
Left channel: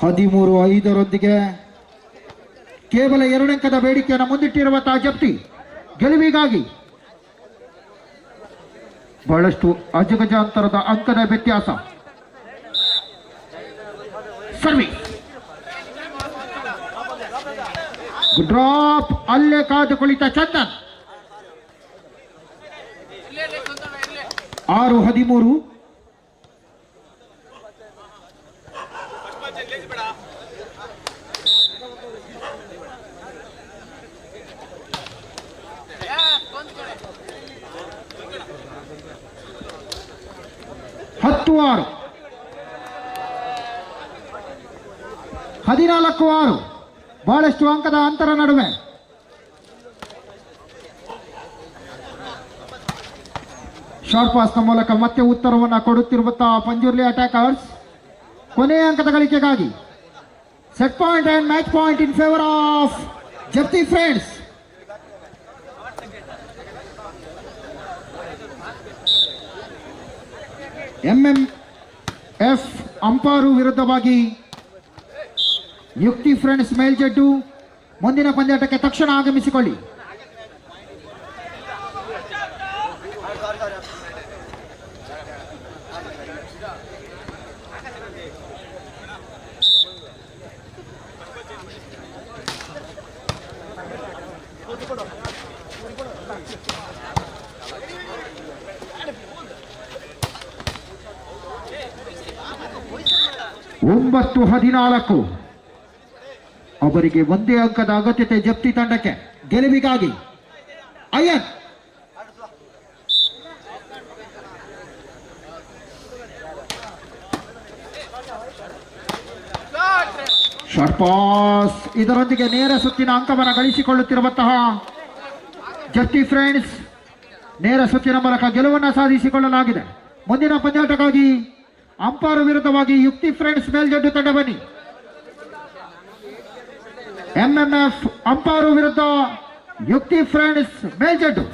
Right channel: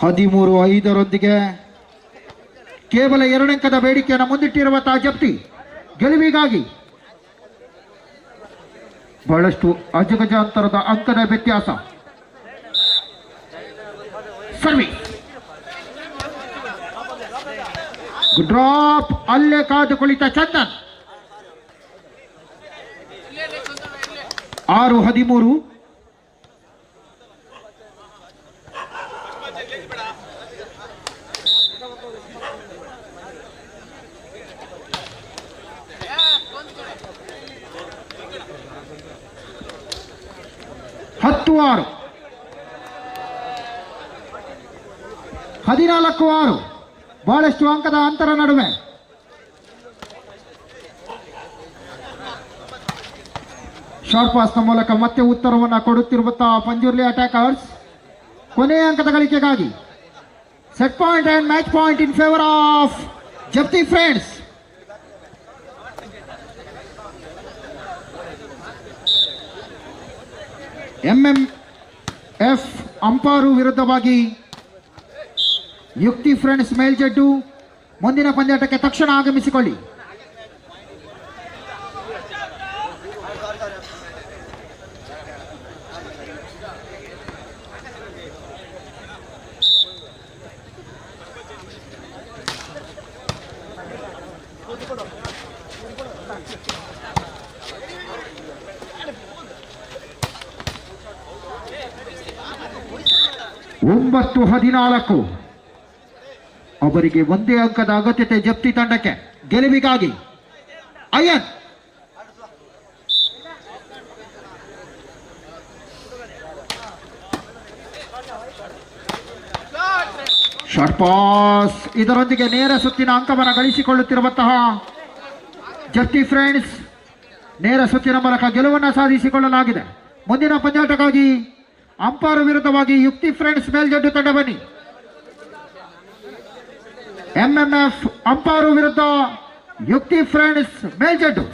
ಹದಿಮೂರು 5 ಕೇವಲ 2 ಅಂಕದ ಬೇಡಿಕೆಯನ್ನು ಮುಂದಿಟ್ಟಿರುವಂತಹ ಜಪ್ತಿ ಗೆಲುವಿಗಾಗಿ ಬಹಳಷ್ಟು ಅಜಗಜಾಂತರದ ಅಂಕದ ವ್ಯತ್ಯಾಸ. ಸರ್ವಿಸ್ ಡ್ರಾಪ್, ಅಲ್ಲೇ ಕಾದು ಕುಳಿತ ಚಂದನ್. 6-13. ಹತ್ತು 6, 14-6. ಬಹಳಷ್ಟು ಅಂಕದ ಅಂತರ ನಡುವೆ ಶಾರ್ಟ್ ಪಾಸ್ನ ಮೂಲಕ ಮತ್ತೆ ಉತ್ತರವನ್ನು ಕೊಡುತ್ತಿರುವಂತಹ ಪಂಜುರ್ಲಿ ಅಟ್ಯಾಕರ್ಸ್. ಕೊನೆಯ ಅಂಕದ ಗಳಿಕೆಗಾಗಿ set point and match point in favour of Japti friends. MMF umpire ವಿರುದ್ಧವಾಗಿ ಯುಕ್ತಿ ಫ್ರೆಂಡ್ಸ್ ಮೇಲ್ಜಡ್ಡು. ಮುಂದಿನ ಪಂದ್ಯಾಟಕ್ಕೆ ತಕ್ಷಣ ಆಗಮಿಸಿಕೊಳ್ಳಿ. ಒಂಬತ್ತು 14. ಅವರಿಗೆ ಒಂದೇ ಅಂಕದ ಅಗತ್ಯತೆ ಜಪ್ತಿ ತಂಡಕ್ಕೆ ಗೆಲುವಿಗಾಗಿ. ಅಯನ್ ಶಾರ್ಟ್ ಪಾಸ್, ಇದರೊಂದಿಗೆ ನೇರ ಸುತ್ತಿನ ಅಂಕವನ್ನು ಗಳಿಸಿಕೊಳ್ಳುತ್ತಿರುವಂತಹ ಜಪ್ತಿ ಫ್ರೆಂಡ್ಸ್ ನೇರ ಸುತ್ತಿನ ಮೂಲಕ ಗೆಲುವನ್ನು ಸಾಧಿಸಿಕೊಳ್ಳಲಾಗಿದೆ. ಮುಂದಿನ ಪಂದ್ಯಾಟಕ್ಕಾಗಿ ಅಂಪೈರ್ ವಿರುದ್ಧವಾಗಿ ಯುಕ್ತಿ ಫ್ರೆಂಡ್ಸ್ ಮೇಲ್ಜಡ್ಡು ತಂಡ ಬನ್ನಿ. ಎಂಎಂಎಫ್ ಅಂಪೈರ್ ವಿರುದ್ಧ ಯುಕ್ತಿ ಫ್ರೆಂಡ್ಸ್ ಮೇಲ್ಜಡ್ಡು.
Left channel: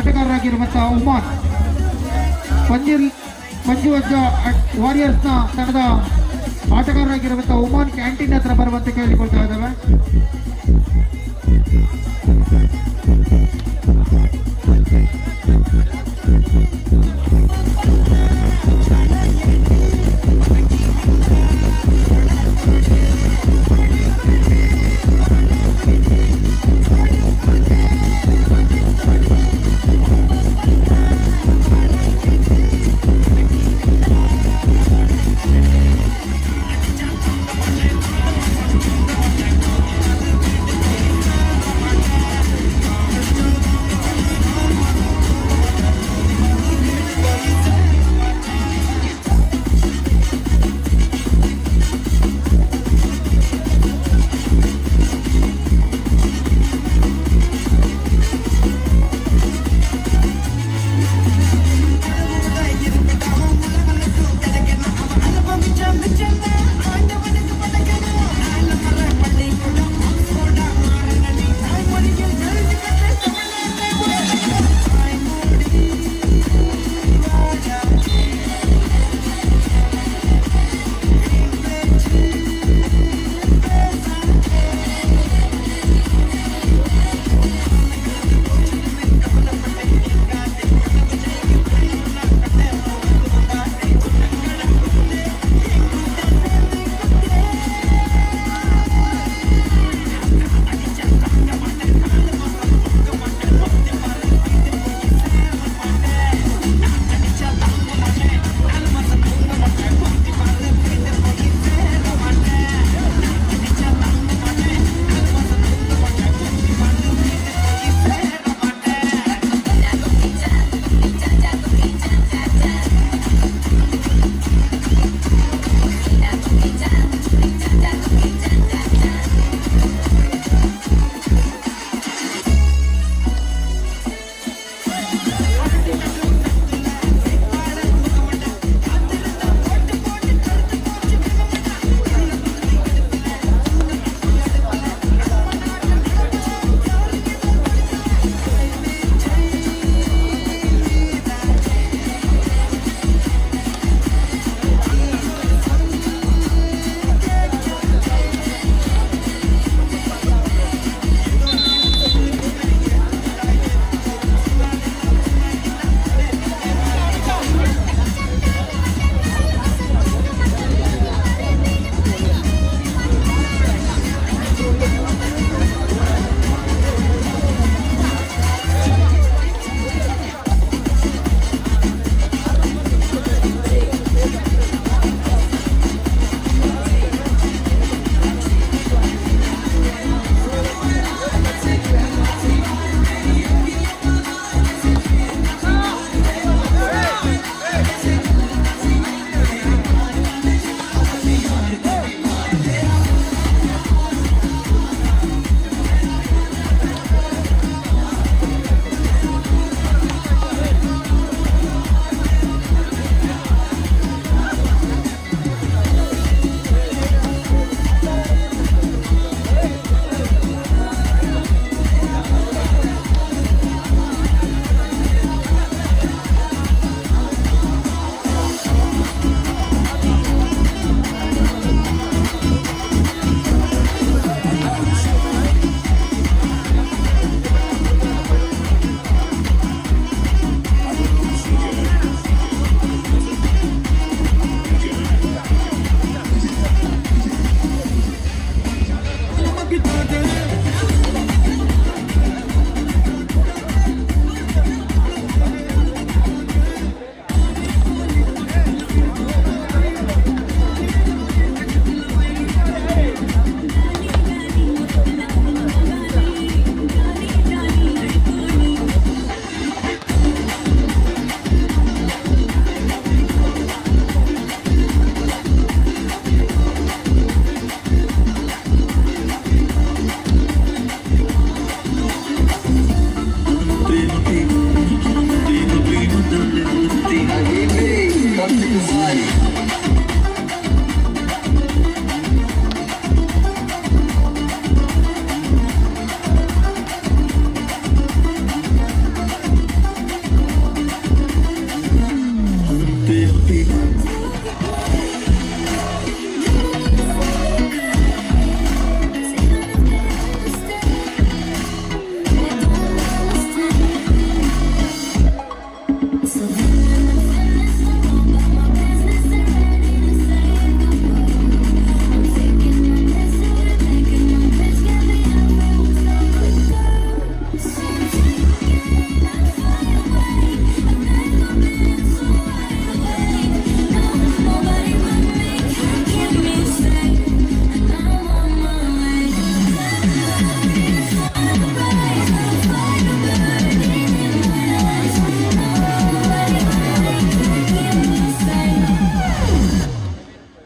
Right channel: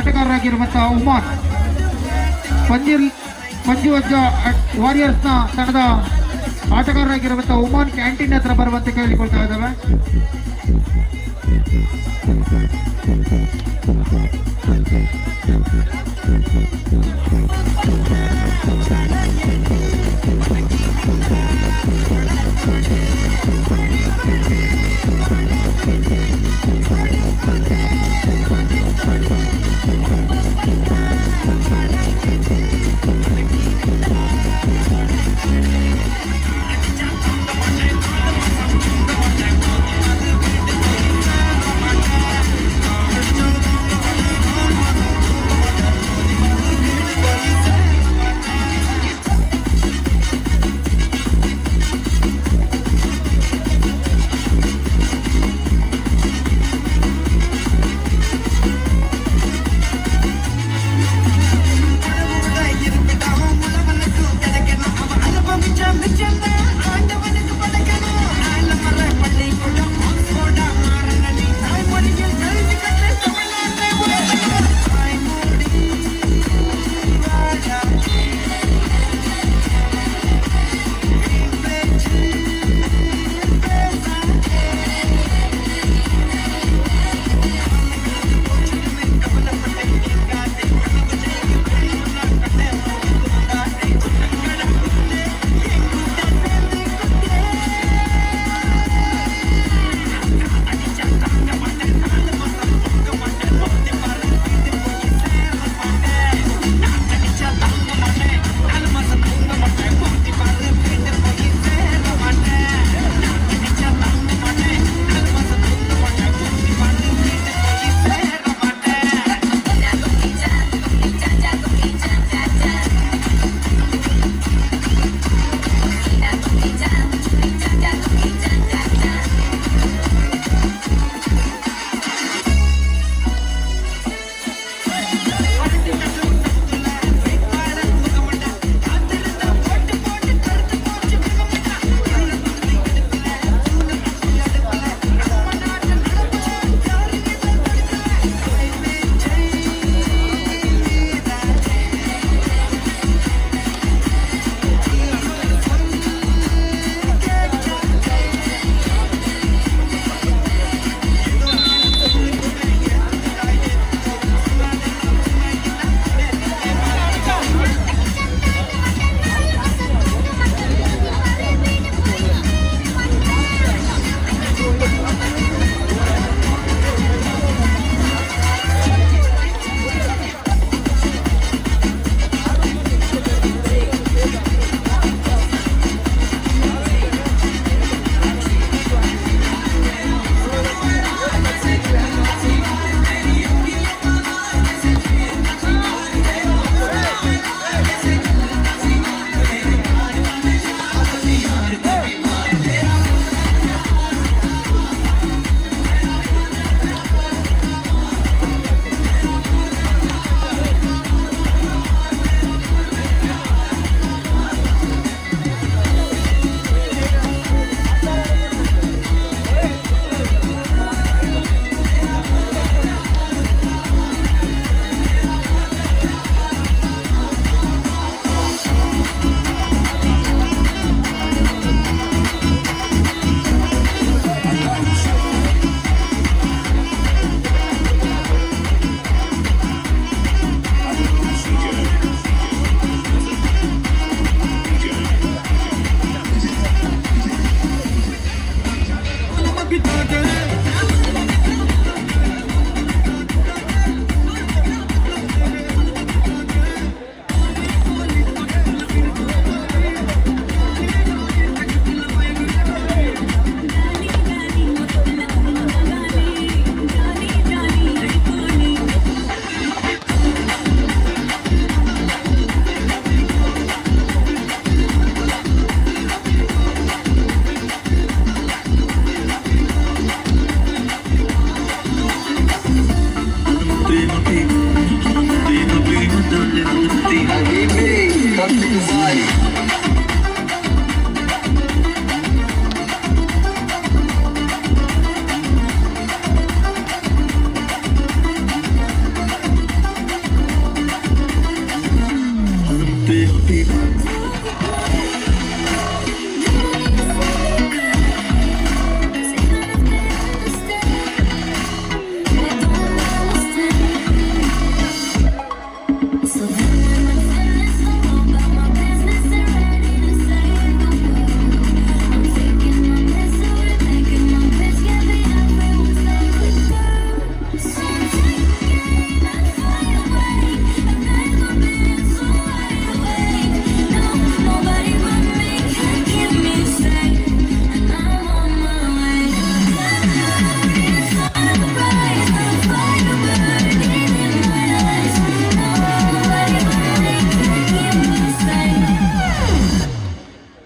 ಆಟಗಾರರಾಗಿರುವಂತಹ ಉಮಾನ್, ಪಂಜುವಜ್ಜ ವಾರಿಯರ್ಸ್ನ ತಂಡದ ಆಟಗಾರರಾಗಿರುವಂತಹ ಉಮಾನ್ ಕ್ಯಾಂಟೀನ್ ಹತ್ರ ಬರುವಂತೆ ಕೇಳಿಕೊಳ್ತಾ ಇದ್ದಾವೆ.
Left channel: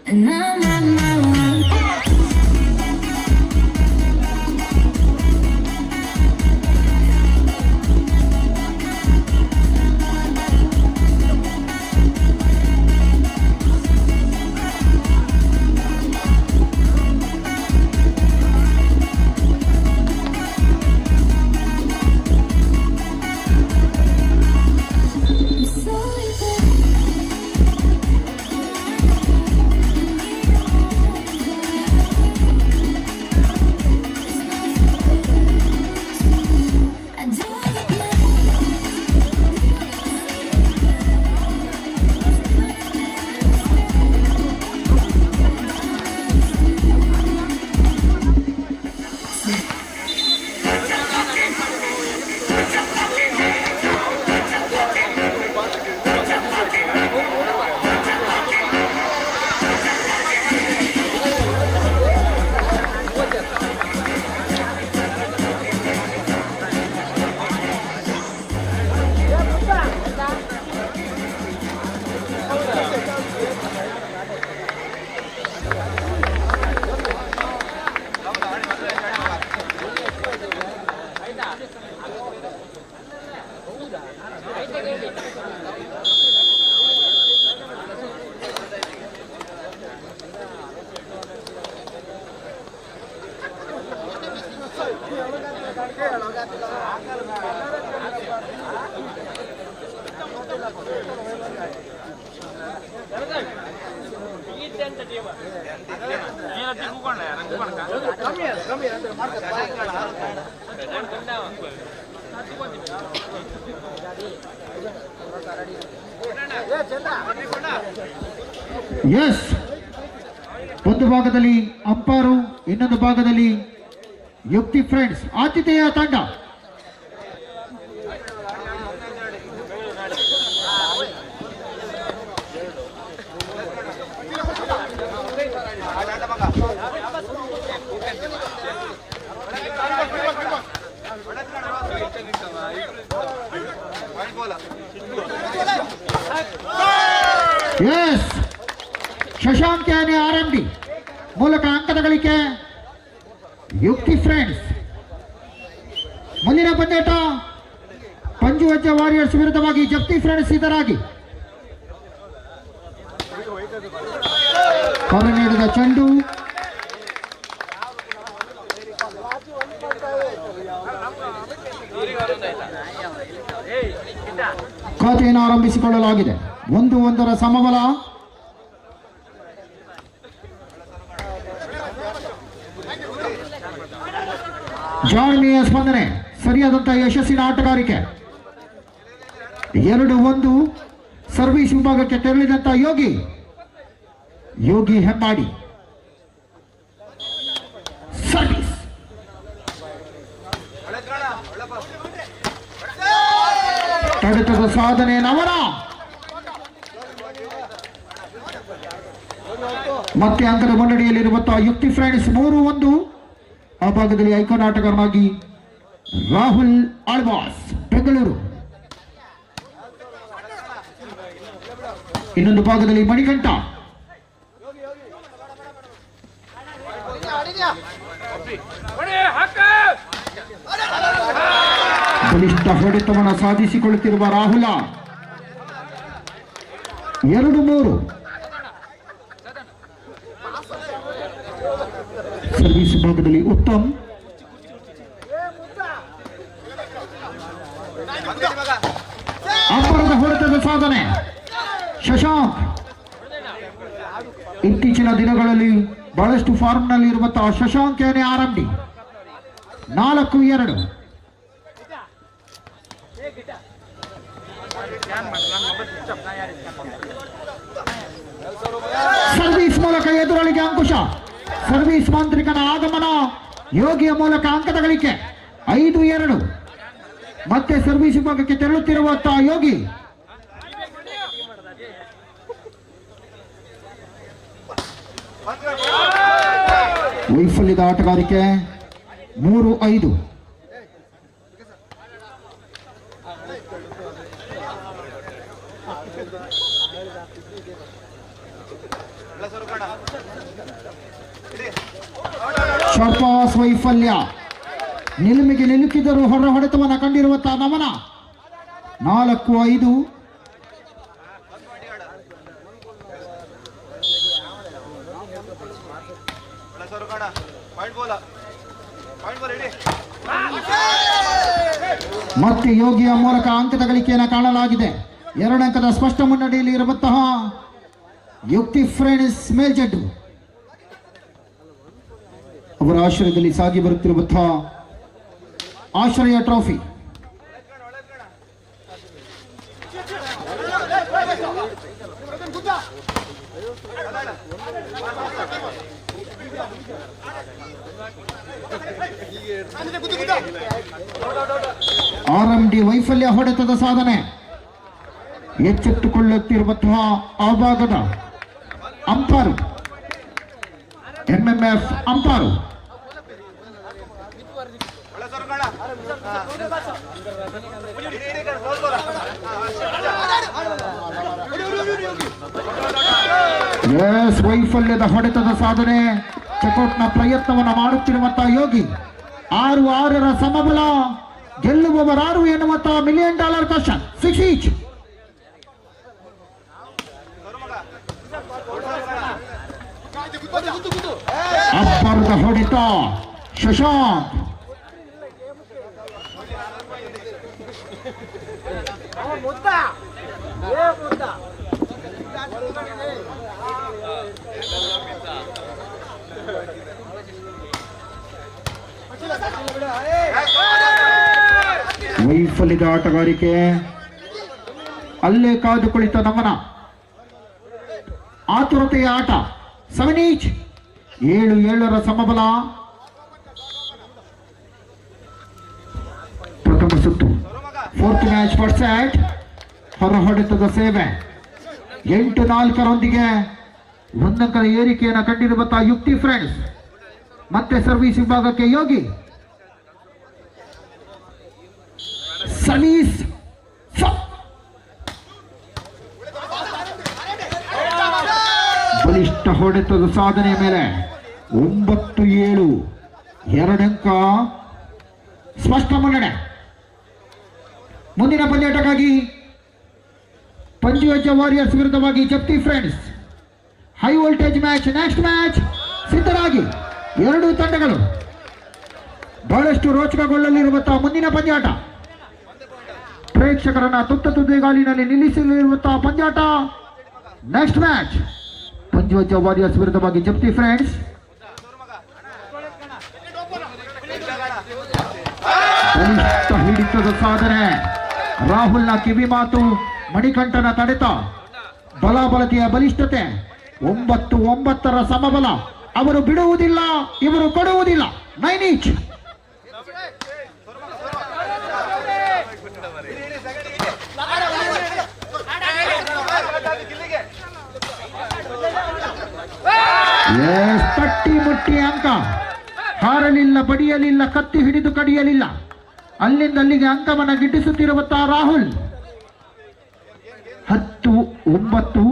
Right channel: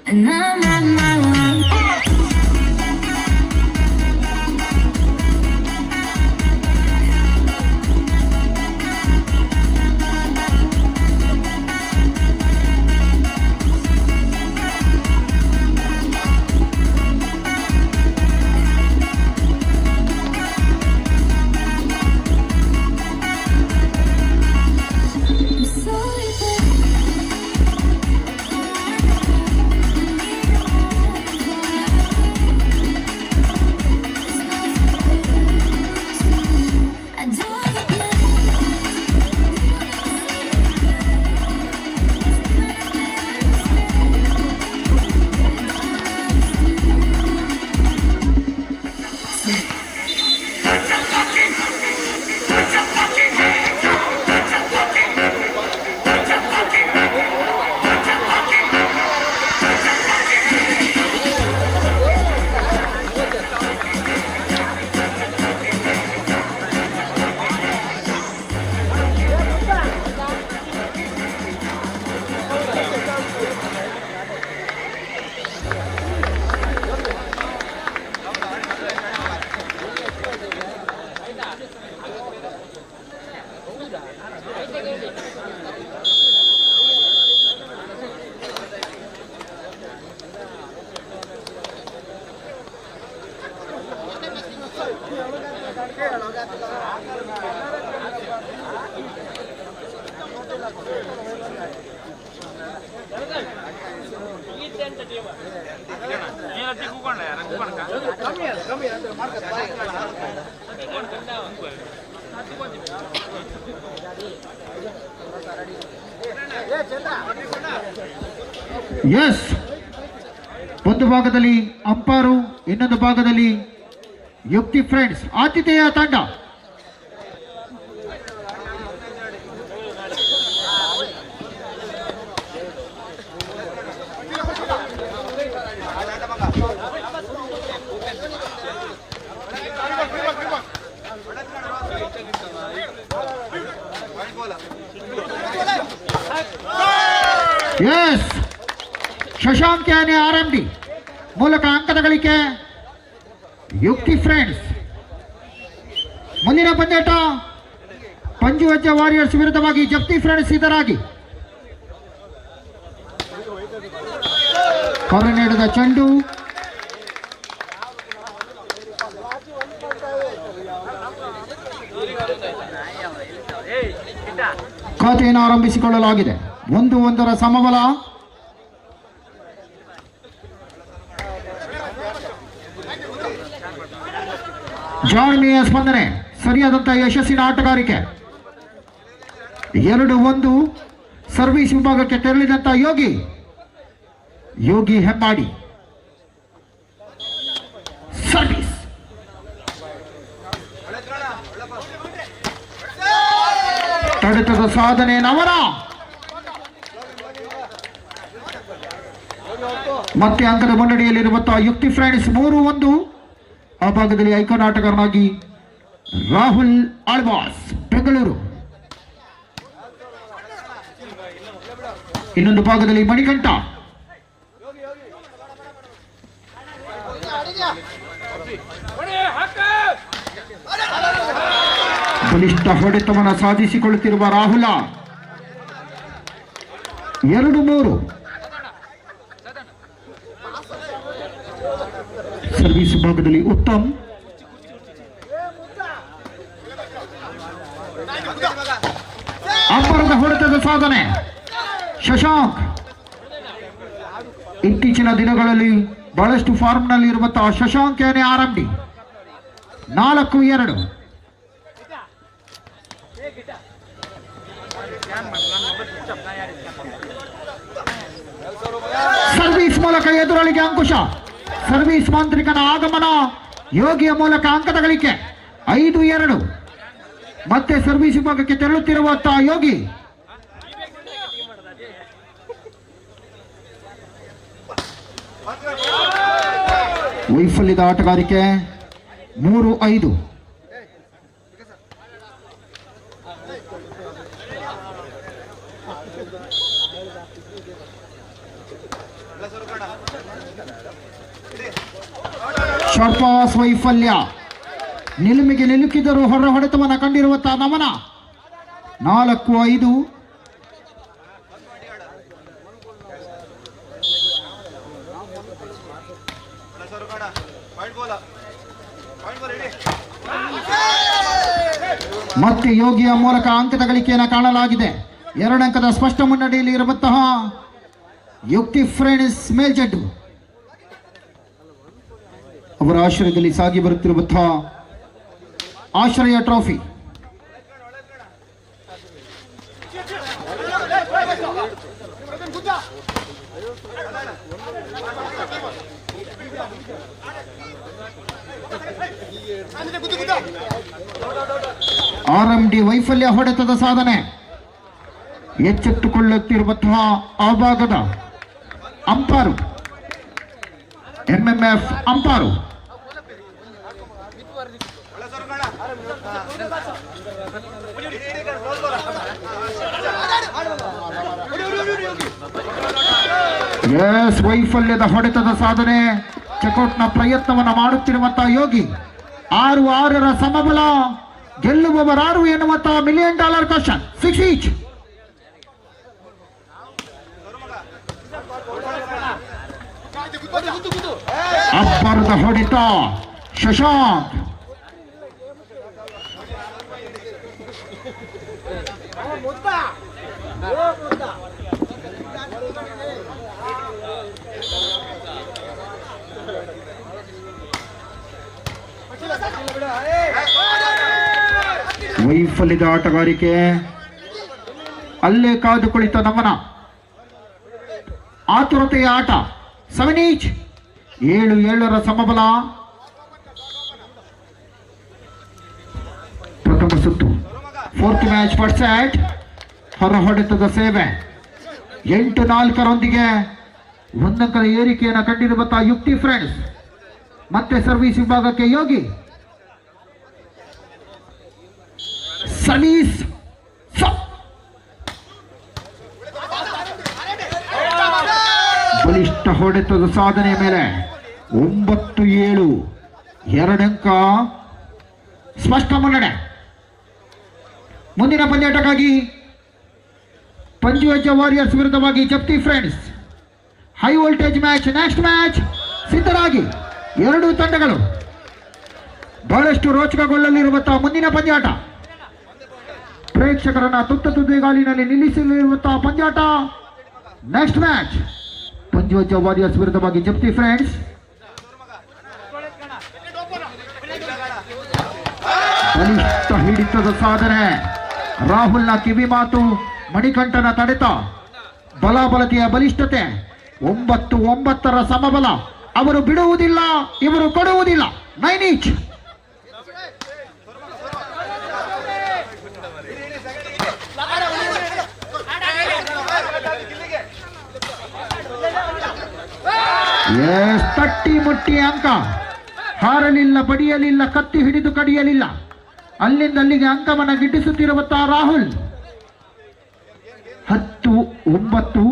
And I'm on my way. I'm sorry, I don't yes, ಒಂದು ಭಾಗದಲ್ಲಿ ಅಂಪಾರು, ಇನ್ನೊಂದು ಭಾಗದಲ್ಲಿ ಯುಕ್ತಿ ಫ್ರೆಂಡ್ಸ್ ಆತಿಥೇಯ ತಂಡ. ಎಸ್, ಶಶಾಂಕ್ ಯಾನೆ ಆರಂಭಿ ಮೂಲಕ ಅಂಕದ ಗಳಿಕೆ ಯುಕ್ತಿ ಫ್ರೆಂಡ್ಸ್. ಮುಂದಿನ ಪಂದ್ಯಾಟ ಪಂಜುವಜ್ಜ ವಾರಿಯರ್ಸ್ ವಿರುದ್ಧವಾಗಿ ಜಪ್ತಿ ಫ್ರೆಂಡ್ಸ್ ಸಿದ್ಧರಾಗಿ. ಹೊರ ನೀಡಿದ ಚೆಂಡು ಖಾತೆಯನ್ನು ಆರಂಭಿಸಿಕೊಳ್ಳಲಾಗಿದೆ. 1-1 ಸಮಬಲ. ಜಾಣ್ಮೆಯ ಸ್ಪಂದನೆ, ಸರಿಯಾದಂತಹ ಯಶಸ್ಸಿನ ಆಟಗಾರಿಕೆ. 2-1 ಸರ್ವಿಸ್ ವಿಭಾಗಕ್ಕೆ ತೆರಳಿದಂತ ಯೋಗಿ ಹೆಮ್ಮಾಡಿ ಸರ್ವಿಸ್. ತಡೆತದ ಸಾಧನೆ ನವರ. ಮತ್ತೆ ಅಂಕದ ಮುನ್ನಡೆಯಲ್ಲಿರುವಂತಹ ಯುಕ್ತಿ ಫ್ರೆಂಡ್ಸ್ 3-1. ಆ ಭಾಗದಲ್ಲಿ ಐಕಾನ್ ಆಟಗಾರನಾಗಿ ರಾಹುಲ್ ಆಳ್ವಾಸ್ ಬೆಂಗಳೂರು. ಇನ್ನೊಂದು ಭಾಗದಲ್ಲಿ ಮಣಿಕಂಠ. ಬಲಿಷ್ಠ ಹೊಡೆತವನ್ನು ಸಾಧಿಸಿಕೊಳ್ಳುತ್ತಿರುವ ರಾಹುಲ. 2-3 ಸರ್ವಿಸ್ ಭಾಗದಲ್ಲಿ ಉತ್ತಮ್. ಅಬ್ಬರದ ಹೊಡೆತದ ಸಾಧನೆ ಶಶಾಂಕ್. ಇತ್ತೀಚಿನ ದಿನಗಳಲ್ಲಿ ಬಹಳಷ್ಟು ಫಾರ್ಮ್ನಲ್ಲಿ ಇರುವಂತಹ ಶಶಾಂಕ್ ಯಾನೆ ಆರಂಭಿ. 4-2 ಸರ್ವಿಸ್ ಮೂಲಕ ಎದುರಳಿಗೆ ಅಂಕುಶ. ಸರ್ವಿಸ್ ಮಾಂತ್ರಿಕನ ಆಗಮನ, ಯೋಗಿಯ ಮೂಲಕ ಅಂಕದ ಗಳಿಕೆ 5-2. ಮತ್ತೆ ಸರ್ವಿಸ್ ವಿಭಾಗಕ್ಕೆ ತೆರಳುತ್ತಿರುವಂತಹ ಯೋಗಿ. ವೈಫಲ್ಯದ ಆಟಗಾರಿಕೆ 3-5. ಶಾರ್ಟ್ ಪಾಸ್ ವೈಫಲ್ಯ. ನಿಲುಮಿಗೆ ನಿಲುಕಿದರೂ ಹೊರ ಹೊಡೆತವನ್ನು ಕಂಡಿರುವಂತಹ ನಮನ. 4-5. ಮತ್ತೆ ಯೋಗಿಯ ಮೂಲಕ ಅಂಕದ ಗಳಿಕೆಯನ್ನು ಕಾಣಲಾಗಿದೆ. 2 ಅಂಕದ ಸ್ಪಷ್ಟ ಮುನ್ನಡೆಯಲ್ಲಿ ಇರುವಂತಹ ಯುಕ್ತಿ ಫ್ರೆಂಡ್ಸ್ ಮೇಲ್ಜಡ್ಡು ಅವರ ಆಶ್ರಯದಲ್ಲಿ ಸಾಗಿ ಬರುತ್ತಿರುವಂತಹ ಆಶ್ರಯ ಟ್ರೋಫಿ. RMD ವೈಫಲ್ಯ ಹೊಡೆತದ ಸಾಧನೆ. ಎಚ್ಚೆತ್ತುಕೊಳ್ಳುತ್ತಿರುವಂತಹ ಆ ಭಾಗದ ಅಂಪಾರು MMF ಅಂಪಾರು. ಎಸ್, ವೈಫಲ್ಯದ ಹೊಡೆತದ ಸಾಧನೆ. ಚೆಕ್ಔಟ್ನ ಪ್ರಯತ್ನವನ್ನು ಮಾಡುತ್ತಿರುವಂತಹ ಯೋಗಿ. 6-6 ಸಮಬಲ. ಗೆಲ್ಲುವವರಾರು ಎನ್ನುವಂತಹ $1 million ಕ್ವಶನ್. 6 ಈಚ್. ಅಬ್ಬರದ ಹೊಡೆತ ಶಶಾಂಕ್. ವೈಫಲ್ಯದ ಆಟಗಾರಿಕೆ. ಅಲ್ಲೇ ಕಾದು ಕುಳಿತ ನಮನ. ಆತುರತೆಯ ಆಟ. 7 ಈಚ್. 7-7 ಸಮಬಲ. ಪ್ರಥಮ ಸುತ್ತು. 4th match first set. ಹೊರ ಹೊಡೆತದ ಸೇವೆ. 8-4 1 ಅಂಕದ ಏರಿಕೆಯನ್ನು ಕಂಡಿರುವಂತಹ ಯುಕ್ತಿ ಫ್ರೆಂಡ್ಸ್. ಮತ್ತೆ ಸರ್ವಿಸ್ ವಿಭಾಗಕ್ಕೆ ಯೋಗಿ. ಸರ್ವಿಸ್ ಬಲಿಷ್ಠ ಹೊಡೆತದ ಸಾಧನೆ ಮೇಲೆ 9-7. 2 ಅಂಕ ಸ್ಪಷ್ಟ ಮುನ್ನಡೆ. ಮುಂದಿನ ಪಂದ್ಯಾಟಕ್ಕಾಗಿ ಪಂಜುವಜ್ಜ ವಾರಿಯರ್ಸ್ ವಿರುದ್ಧವಾಗಿ Japti friends high voltage match. Next match ಸಿದ್ಧರಾಗಿ. 2 ತಂಡಗಳು ಬಹಳಷ್ಟು ರೋಚಕಗೊಳ್ಳಲಿರುವಂತಹ ಮುಂದಿನ ಪಂದ್ಯಾಟ. ಪ್ರೇಕ್ಷಕರನ್ನ ತುದಿಗಾಲಿನಲ್ಲಿ ನಿಲ್ಲಿಸಲಿರುವಂತಹ ಪಂದ್ಯಾಟ. ನೆಕ್ಸ್ಟ್ ಮ್ಯಾಚ್ ಪಂಜುವಜ್ಜ ವಾರಿಯರ್ಸ್ ವಿರುದ್ಧವಾಗಿ ಜಪ್ತಿ ಫ್ರೆಂಡ್ಸ್. ಬಲಿಷ್ಠ ಹಿಡಿತದ ಸಾಧನೆ. ರಾಹುಲ್ನ ಕಿವಿ ಮಾತು, ಮಣಿಕಂಠನ ತಡೆತ, ಬಲಾಬಲತೆಯ ಬಲಿಷ್ಠತೆ. 9-9 ಸಮಬಲ. ಅವರು ಬಿಡುವುದಿಲ್ಲ, ಇವರು ಕೊಡುವುದಿಲ್ಲ. 9 ಈಚ್. ತಟ್ಟಿ ಮುಟ್ಟಿ ಅಂಕ. ಹಾರಲಿಲ್ಲ, ಬಡಿಯಲಿಲ್ಲ, ಕತ್ತಿ ಹಿಡಿದು ಕಡಿಯಲಿಲ್ಲ. ಅಲ್ಲಿಂದ ಅಲ್ಲಿಗೆ ಅಂಕವನ್ನು ಗಿಟ್ಟಿಸುತ್ತಿರುವಂತಹ ರಾಹುಲ್. 10-9.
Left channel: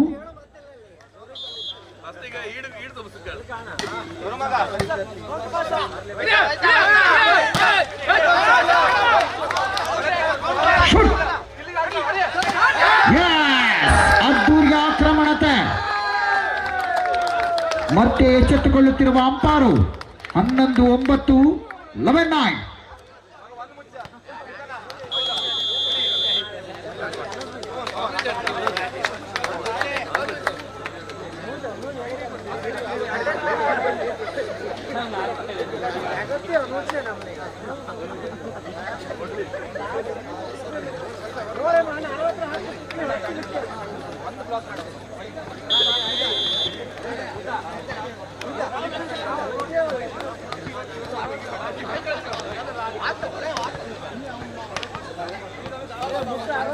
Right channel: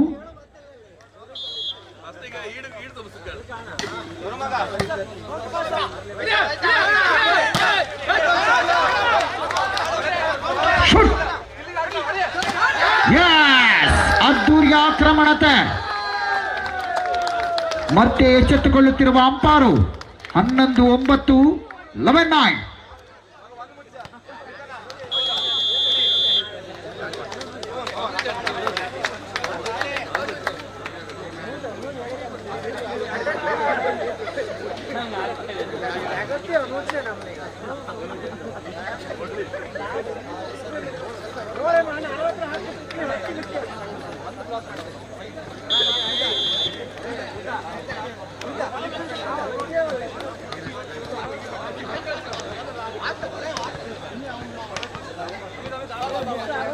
ಅದ್ದೂರಿಯ ಆಕ್ರಮಣತೆ. ಮತ್ತೆ ಎಚ್ಚೆತ್ತುಕೊಳ್ಳುತ್ತಿರುವ ಅಂಪಾರು. 11-9. 11-9.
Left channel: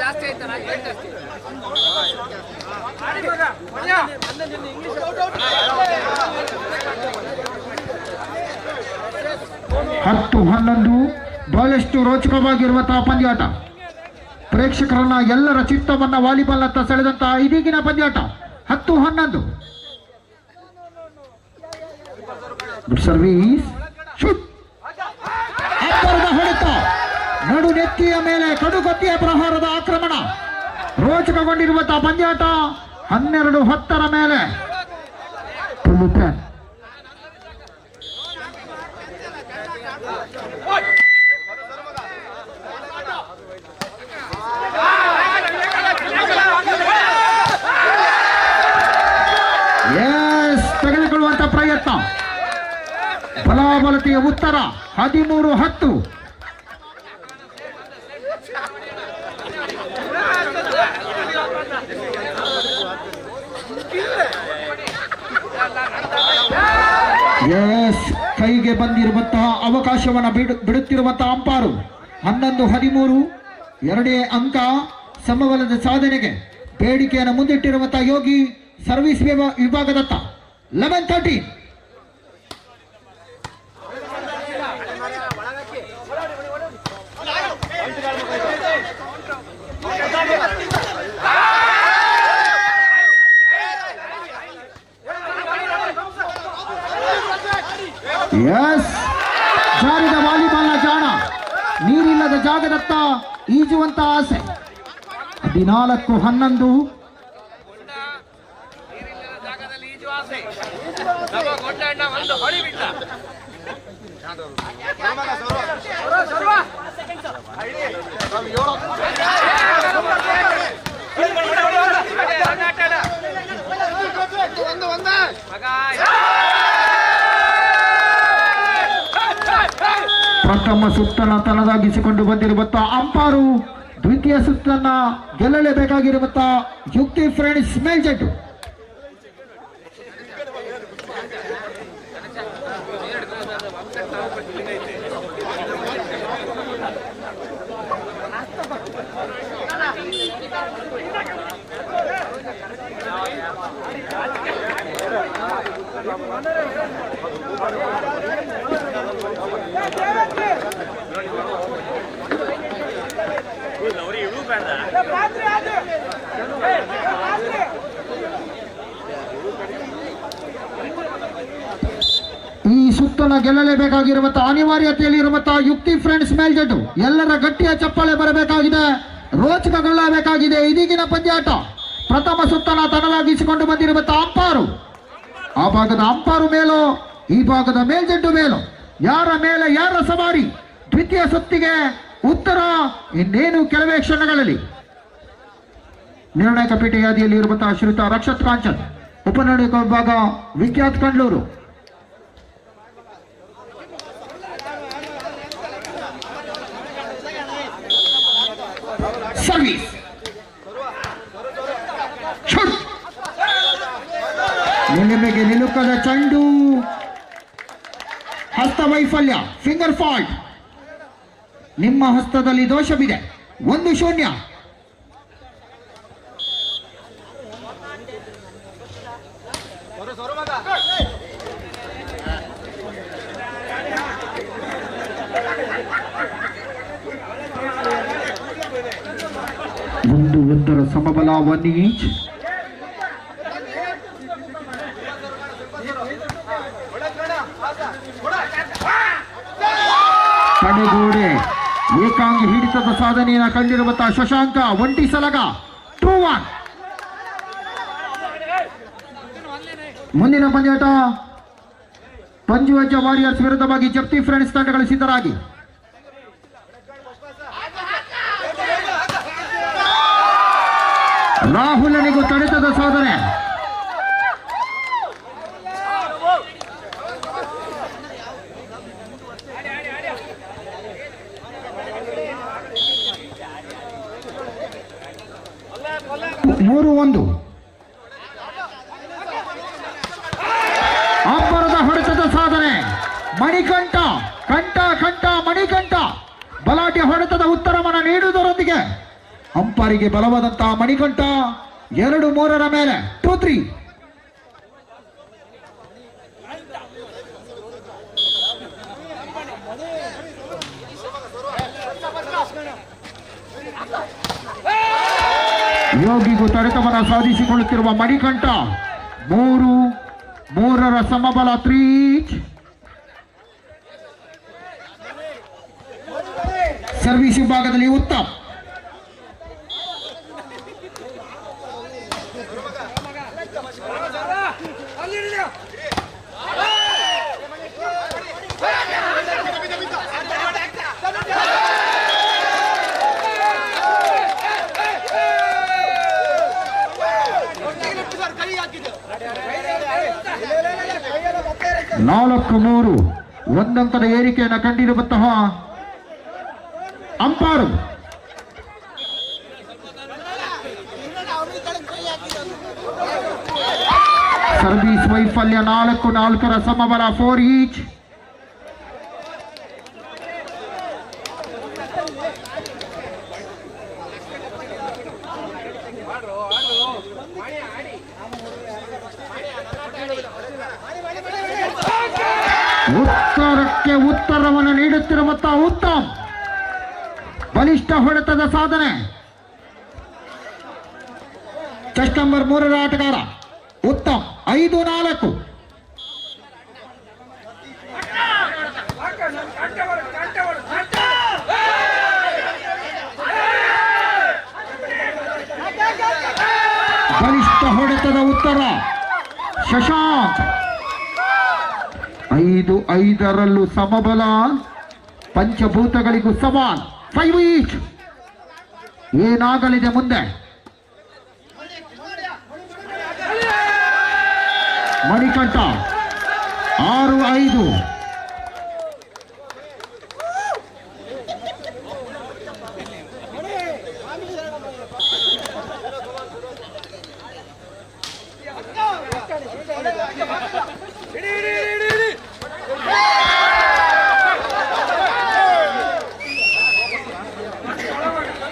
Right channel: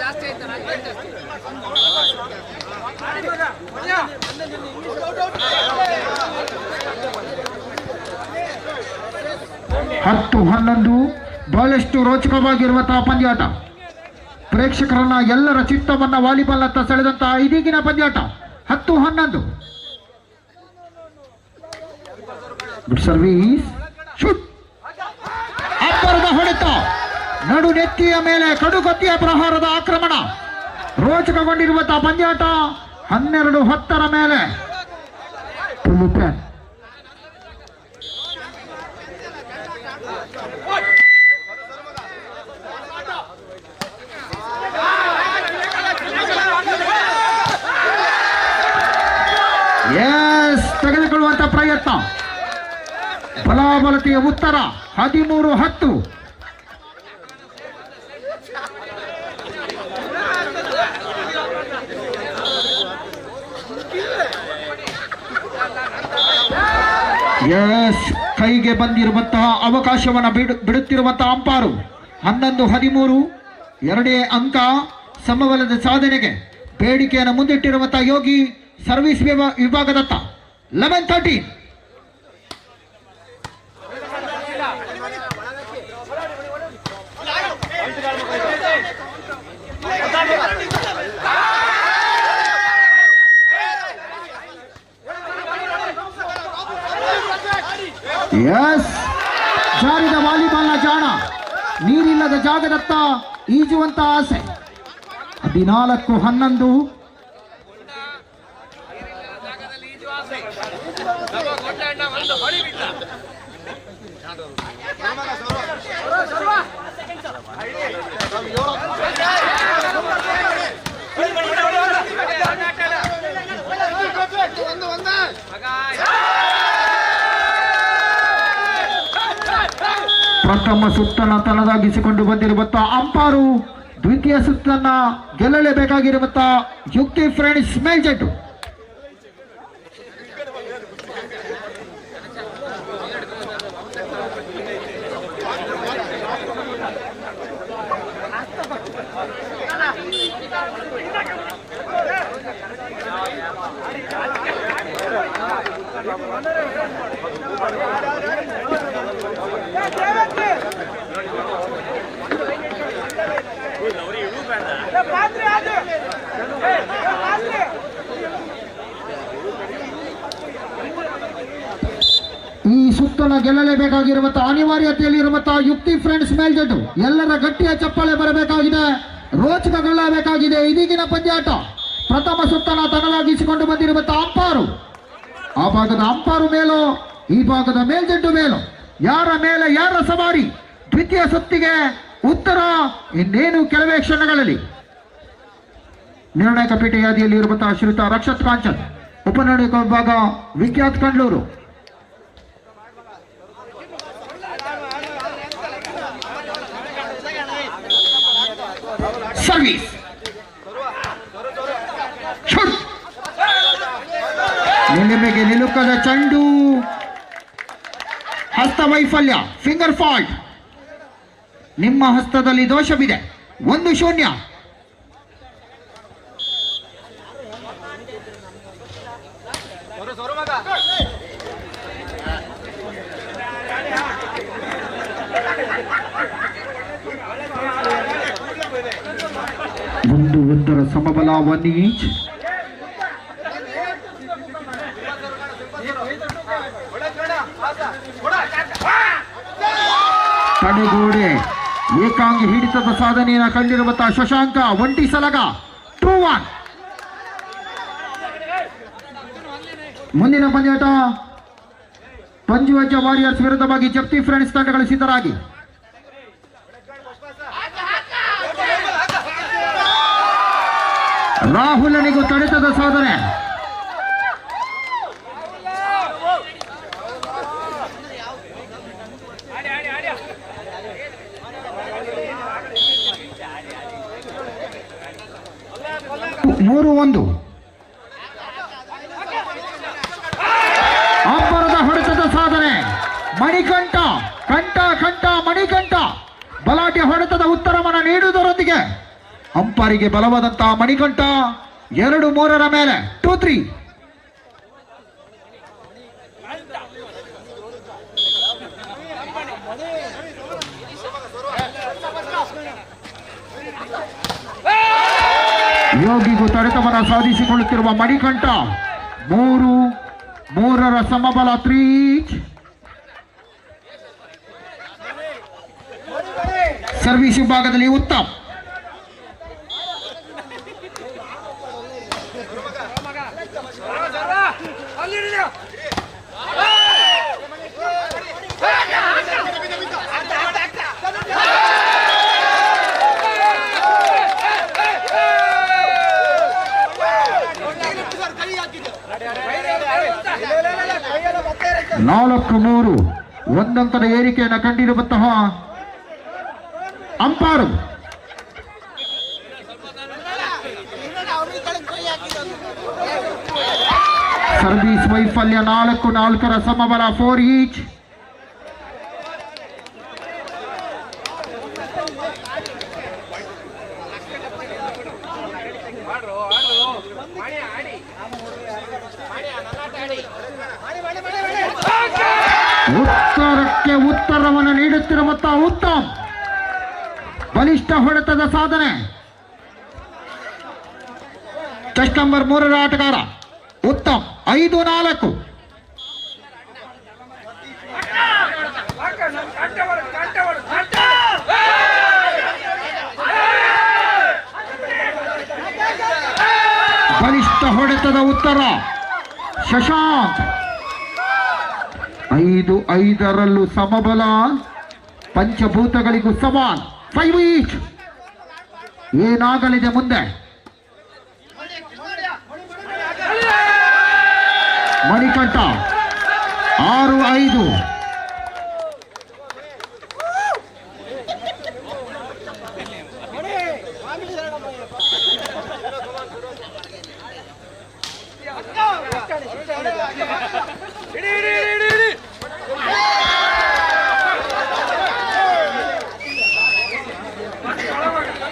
ಜಾಸ್ತಿ ಆಯ್ತಲ್ಲ ಏನ್ ಜಾಸ್ತಿ 10-11 ಬಹಳಷ್ಟು ರೋಚಕವಾಗಿರುವಂತಹ ಪಂದ್ಯಾಟ. ಪ್ರೇಕ್ಷಕರನ್ನ ಎಲ್ಲರ ಚಿತ್ತವನ್ನ ವಾಲಿಬಾಲ್ನತ್ತ ಸೆಳೆದಂತಹ ಇದೀಗಿನ ಪಂದ್ಯಾಟ 10-11. Good service, shoot. ಅಬ್ಬರದ ಹೊಡೆತ, ನಡು ನೆತ್ತಿಯ ಮೇಲೆ ಕಡುಗತ್ತಿಯ ಪ್ರಹಾರದ ಆಕ್ರಮಣ. ರೋಚಕಗೊಂಡಿರುವಂತಹ ಪಂದ್ಯಾಟ 12-10 ಮೇಲೆ. ತೆಗೆದುಕೊಳ್ಳುವಂತ ಪ್ರಯತ್ನ. ಬಲಾಬಲತೆಯ ಉತ್ತರ 13-10. ಕೈಗೆ ಬಂದಿರುವಂತಹ ಅವಕಾಶವನ್ನು ಬಿಡುತ್ತಿರುವಂತಹ ಅಂಪಾರು. 11-13 ಎರಡೇ ಅಂಕ ಸಮಬಲದ ಸಾಧನೆಗೆ ಬೇಡಿಕೆಯನ್ನು ಮುಂದಿಟ್ಟಿರುವಂತಹ ಯೋಗಿ ಸರ್ವಿಸ್ ವಿಭಾಗದತ್ತ 11-13. ಜಾರಿದ ವಾಲಿಬಾಲ್ನ ಜಾಣ, ನೀರಿಲ್ಲದ ಜಾಗದತ್ತ ಈಜುವಂತ ಆಸೆ. 14-11. ಪ್ರಥಮ ಸುತ್ತನ್ನ ತನ್ನದಾಗಿಸಿಕೊಂಡು ಬಂದಿರುವಂತಹ ಅಂಪಾರು ದ್ವಿತೀಯ ಸುತ್ತನ್ನ ಗೆಲ್ಲಲೇಬೇಕಾಗಿರುವಂತಹ ಯುಕ್ತಿ ಫ್ರೆಂಡ್ಸ್ ಮೇಲ್ಜೆಟ್ಟು. ಈ ಸುತ್ತಲ ಗೆಲ್ಲಲೇಬೇಕಾಗಿರುವಂತಹ ಅನಿವಾರ್ಯತೆಯಲ್ಲಿ ಇರುವಂತಹ ಯುಕ್ತಿ ಫ್ರೆಂಡ್ಸ್ ಮೇಲ್ಜೆಟ್ಟು. ಎಲ್ಲರ ಗಟ್ಟಿಯ ಚಪ್ಪಾಳೆ ಬರಬೇಕಾಗಿದೆ, ರೋಚಕಗೊಳ್ಳಬೇಕಾಗಿದೆ ಇದೀಗಿನ ಪಂದ್ಯಾಟ. ಪ್ರಥಮ ಸುತ್ತನ ತನ್ನದಾಗಿಸಿಕೊಂಡು ಬಂದಿರುವಂತಹ ಅಂಪಾರು, ಆ ಭಾಗದ ಅಂಪಾರು ಮೇಲೋ ಈ ಭಾಗದ ಮೇಲ್ಜೆಟ್ಟು ಮೇಲೋ, ಯಾರ ಮೇಲೆ ಯಾರ ಸವಾರಿ? ದ್ವಿತೀಯ ಸುತ್ತಿಗೆ ಉತ್ತರ ಇನ್ನೇನು ಕೆಲವೇ ಕ್ಷಣಗಳಲ್ಲಿ. ನಿರ್ಣಾಯಕ ಪೀಠ ಯಾದಿಯಲ್ಲಿ ಇರುವಂತಹ ಶ್ರೀಯುತ ರಕ್ಷತ್ ಕಾಂಚನ್, ಉಪನಿರ್ಣಾಯಕ ವಿಭಾಗ ವಿಖ್ಯಾತ್ ಕಂಡ್ಲೂರು. ಸರ್ವಿಸ್, ನಿಲುಮೆಗೆ ನಿಲುಕದ ಚೆಂಡು, ಹಸ್ತ ವೈಫಲ್ಯ, ಫಿಂಗರ್ ಫಾಲ್ಟ್. ನಿಮ್ಮ ಹಸ್ತದಲ್ಲಿ ದೋಷವಿದೆ. 1-0. ಒಂದರ ಸಮಬಲ 1 ಇಂಚ್. ತಡೆಗೋಡೆ ಏಕಾಂಗಿ ಹಿಡಿತದ ಸಾಧನೆಯನ್ನು ಕಂಡಿರುವಂತಹ ಶಶಾಂಕ ಒಂಟಿ ಸಲಗ 2-1. ಮುಂದಿನ ಪಂದ್ಯಾಟ ಪಂಜುವಜ್ಜ ವಾರಿಯರ್ಸ್ ವಿರುದ್ಧವಾಗಿ ಜಪ್ತಿ ಫ್ರೆಂಡ್ಸ್ ತಂಡಗಳು ಸಿದ್ಧರಾಗಿ. ರಾಹುಲನಿಗೂ ತಡೆತದ ಸಾಧನೆ. ಮೂರು 1. ಅಬ್ಬರದ ಹೊಡೆತದ ಸಾಧನೆ. ಮಣಿಕಂಠ ಕಂಠ ಮಣಿಕಂಠ ಬಲಾಢ್ಯ ಹೊಡೆತದ ಉತ್ತರವನ್ನು ನೀಡುವುದರೊಂದಿಗೆ ಅಂಪಾರಿಗೆ ಬಲವಾದಂತಹ ಮಣಿಕಂಠ 2-3 ಮೇಲೆ 2-3. ಯೋಗಿಗೂ ತಡೆತವನ್ನು ಸಾಧಿಸಿಕೊಳ್ಳುತ್ತಿರುವ ಮಣಿಕಂಠ 3-3 ಸಮಬಲ 3. ಸರ್ವಿಸ್ ವಿಭಾಗದಲ್ಲಿ ಉತ್ತಮ್. ನಾಲ್ಕು 3 ಒಂದಂಕದ ಏರಿಕೆಯನ್ನು ಕಂಡಿರುವಂತಹ ಅಂಪಾರು. ಸರ್ವಿಸ್ ವೈಫಲ್ಯ 4-4 ಸಮಬಲ 4 ಈಚ್. ಉತ್ತರಕ್ಕೆ ಉತ್ತರವನ್ನು ನೀಡುತ್ತಿರುವಂತಹ ಉತ್ತಮ್. ಬಲಿಷ್ಠ ಹೊಡೆತದ ಸಾಧನೆ. ಚೆಸ್ಟ್ ನಂಬರ್ 3 ಆಟಗಾರ ಉತ್ತಮ್ 5-4. ಬಲಿಷ್ಠ ಹೊಡೆತದ ಉತ್ತರ ಶಶಾಂಕ್. 5-5 ಸಮಬಲ. ಪಂಚಭೂತಗಳಿಗೂ ಸವಾಲ್ 5 ಈಚ್. ಏನಾಗಲಿದೆ ಮುಂದೆ? ಮಣಿಕಂಠ 6-5.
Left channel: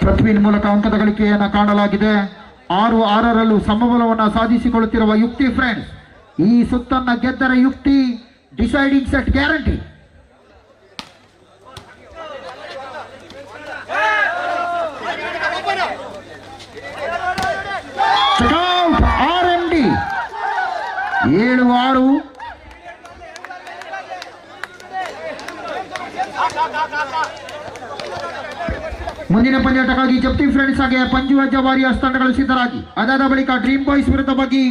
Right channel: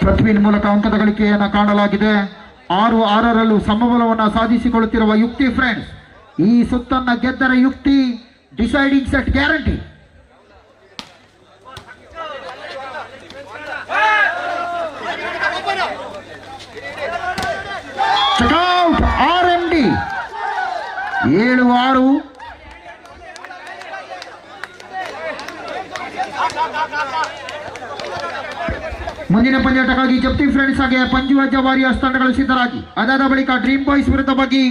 ಪೃಥ್ವಿನ್ ಮೂಲಕ ಅಂಕದ ಗಳಿಕೆಯನ್ನು ಕಾಣಲಾಗಿದೆ. 6-6 ಸಮಬಲವನ್ನು ಸಾಧಿಸಿಕೊಳ್ಳುತ್ತಿರುವ ಯುಕ್ತಿ ಫ್ರೆಂಡ್ಸ್. ಈ ಸುತ್ತನ್ನ ಗೆದ್ದರ ಯುಕ್ತಿ deciding set guarantee. Check out RMD 7-6. ಮುಂದಿನ ಪಂದ್ಯಾಟಕ್ಕಾಗಿ ಜಪ್ತಿ ಫ್ರೆಂಡ್ಸ್ ಹಾಗೆ ಪಂಜುವಜ್ಜ ವಾರಿಯರ್ಸ್ ತಂಡಗಳು ಸಿದ್ಧರಾಗಿ. ಅದಾದ ಬಳಿಕ ಡ್ರೀಮ್ ಬಾಯ್ಸ್ ವಿರುದ್ಧವಾಗಿ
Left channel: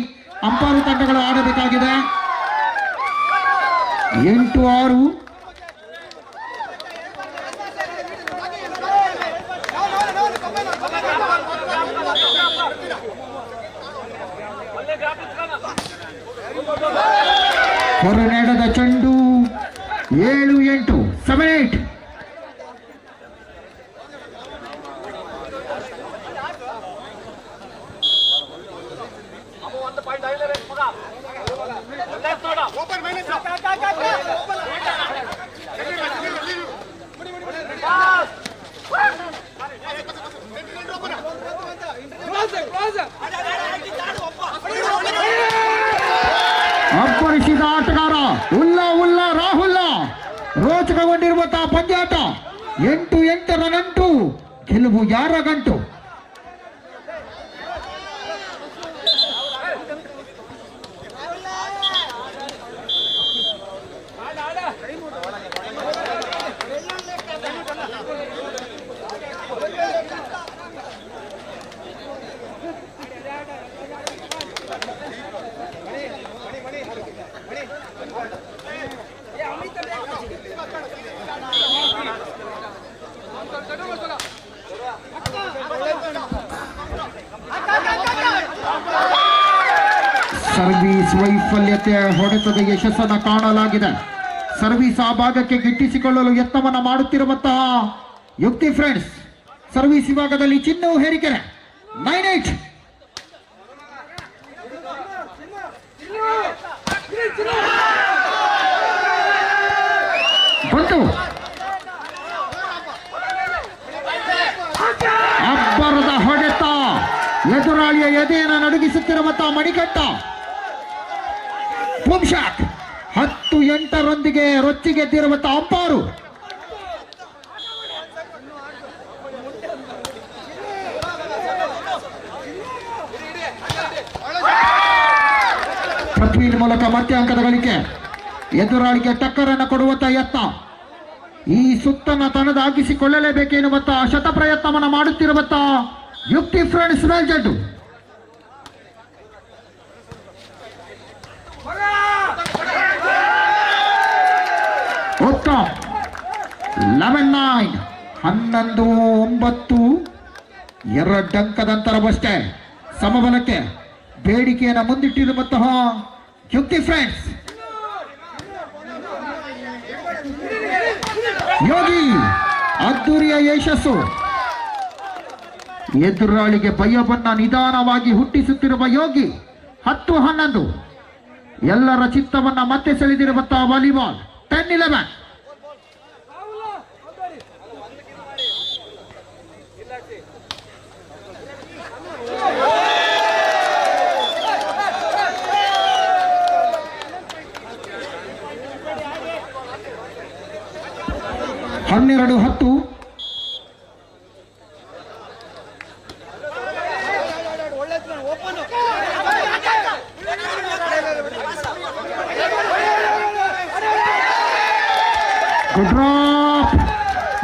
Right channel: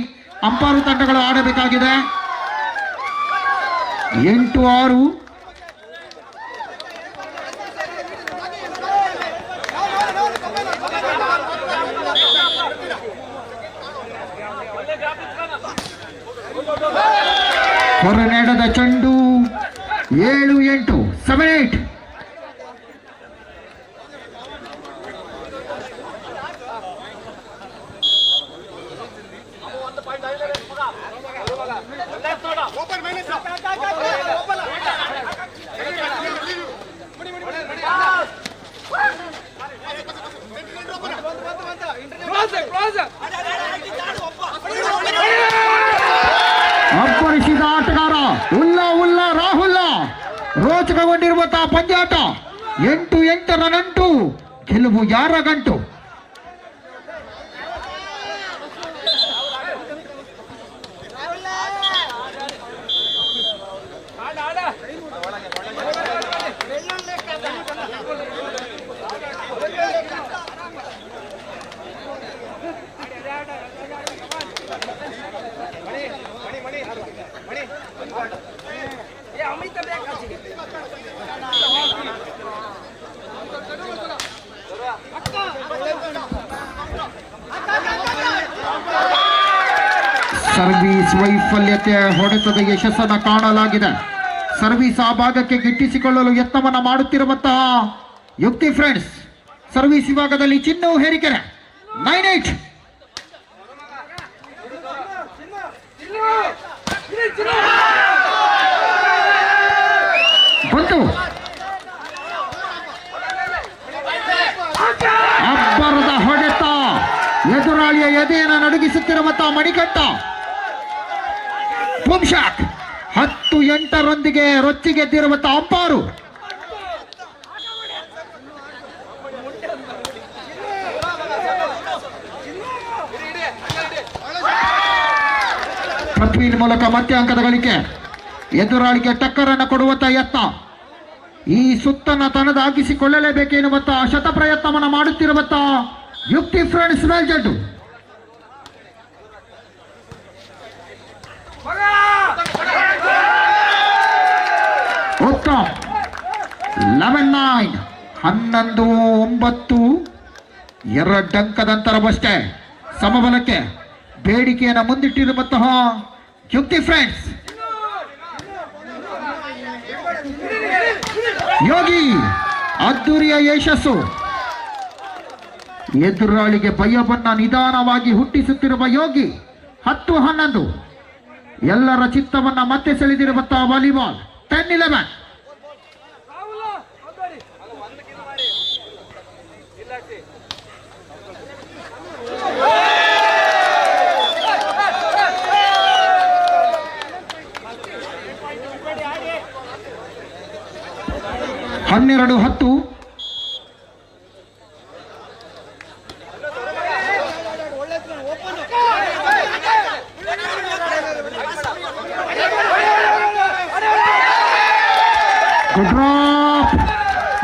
ಅಂಪಾರು ತಂಡಗಳು ಆಡಬೇಕಾಗಿದೆ. 8-6. ಹೊರನಡೆದ ಚೆಂಡು 7-8 7-8. ಅಪ್ಪರಿಸಿದ ಆಟಗಾರ ಉಲ್ಲಾ ರಾಹುಲ್. ರೋಚಕಗೊಂಡಿರುವಂತಹ ಪಂದ್ಯಾಟ. 8-8 ನಂಟು. ಗೆಲುವು ಯಾರ ಗಂಟು? ಸರ್ವೀಸ್ ವೈಫಲ್ಯತೆ ಹೊಡೆತದ ಯಶಸ್ಸನ್ನು ಕಾಣಲಾಗಿದೆ. ಸರ್ವೀಸ್ ಆ ಭಾಗಕ್ಕೆ ಗಿಟ್ಟಿಸಿಕೊಳ್ಳಲು ಯತ್ನವನ್ನು ಮಾಡುತ್ತಿರುವಂತಹ ಯುಕ್ತಿ ಫ್ರೆಂಡ್ಸ್. ಸರ್ವೀಸ್ ವಿಭಾಗದಲ್ಲಿ ಚಿನ್ನು ಹೇರಿಕೆರೆ 9-8. ಬಂತು ಅಬ್ಬರದ ಎದುರಾಳಿಯ ಎದೆಯನ್ನು ನಡುಗಿಸುತ್ತಿರುವಂತಹ ಮಣಿಕಂಠ. ಬೂಮ್ ಶಾಟ್ 10-8 ರೊಚ್ಚಿಗೆದ್ದಿರುವಂತಹ ಅಂಪಾರು. ಪೃಥ್ವಿನ ಮೂಲಕ ಮತ್ತೆ ಅಂಕದ ಗಳಿಕೆ. ಎದುರಾಳಿಗೆ ಟಕ್ಕರ್ ಅನ್ನು ಕೊಡುವಂತಹ ಯತ್ನ. ಈ ಸುತ್ತನ್ನು ತನ್ನದಾಗಿಸಿಕೊಳ್ಳಲೇಬೇಕೆನ್ನುವಂತಹ ಶತ ಪ್ರಯತ್ನವನ್ನು ಮಾಡುತ್ತಿರುವಂತಹ ಯುಕ್ತಿ ಫ್ರೆಂಡ್ಸ್ ಮೇಲ್ಜಡ್ಡು. ಉತ್ತಮ್ 11-9 11-9 2 ಅಂಕದ ಅಂತರವಷ್ಟೇ. ಸಮಬಲಕ್ಕೆ ಬೇಡಿಕೆಯನ್ನು ಮುಂದಿಟ್ಟಿರುವಂತಹ ಯುಕ್ತಿ ಫ್ರೆಂಡ್ಸ್. ಯೋಗಿ ಅದ್ದೂರಿಯ ಯಶಸ್ಸು. ಎದುರಾಳಿಗೆ ಭಯವನ್ನ ನಿಧಾನವಾಗಿ ಹುಟ್ಟಿಸುತ್ತಿರುವ ಯೋಗಿ 10-11 ಎಲ್ಲರ ಚಿತ್ತವನ್ನ ಮತ್ತೆ ಸೆಳೆದಿರುವಂತಹ ವಾಲಿಬಾಲ್ 10-11. ಹನ್ನೆರಡು 10.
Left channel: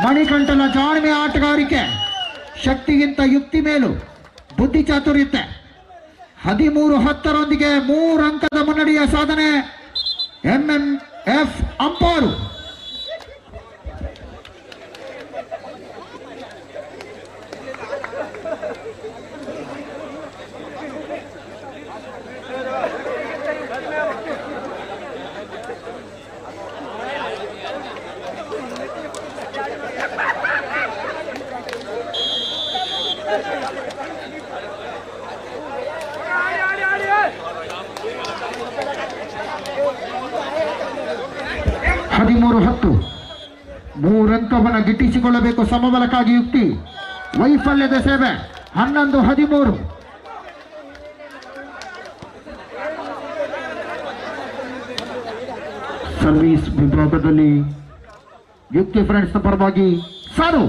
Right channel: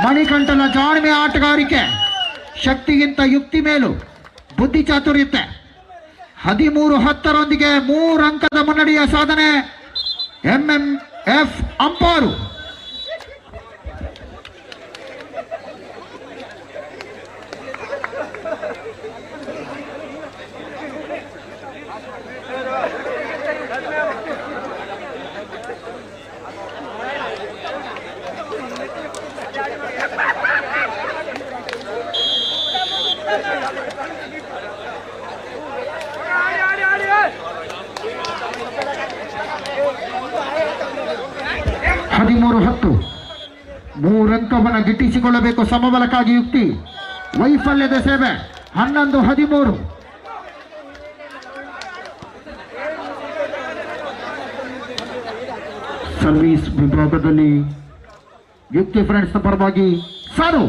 ಮಣಿಕಂಠನ ಜಾಣ್ಮೆ ಆಟಗಾರಿಕೆ, ಶಕ್ತಿಗಿಂತ ಯುಕ್ತಿ ಮೇಲು ಬುದ್ಧಿ ಚಾತುರ್ಯತೆ. 13-10 3 ಅಂಕದ ಮುನ್ನಡೆಯ ಸಾಧನೆ. MMF ಅಂಪಾರು. ಮೂರಂಕವನ್ನು ಗಿಟ್ಟಿಸಿಕೊಳ್ಳಬೇಕು ಸಮಬಲಕ್ಕಾಗಿ ಯುಕ್ತಿ. ವೈಫಲ್ಯದ ಸೇವೆ 11-13. ಸರ್ವಿಸ್ ವಿಭಾಗದಲ್ಲಿ ಯುಕ್ತಿ ಫ್ರೆಂಡ್ಸ್ ಪರವಾಗಿ ಸಾರು.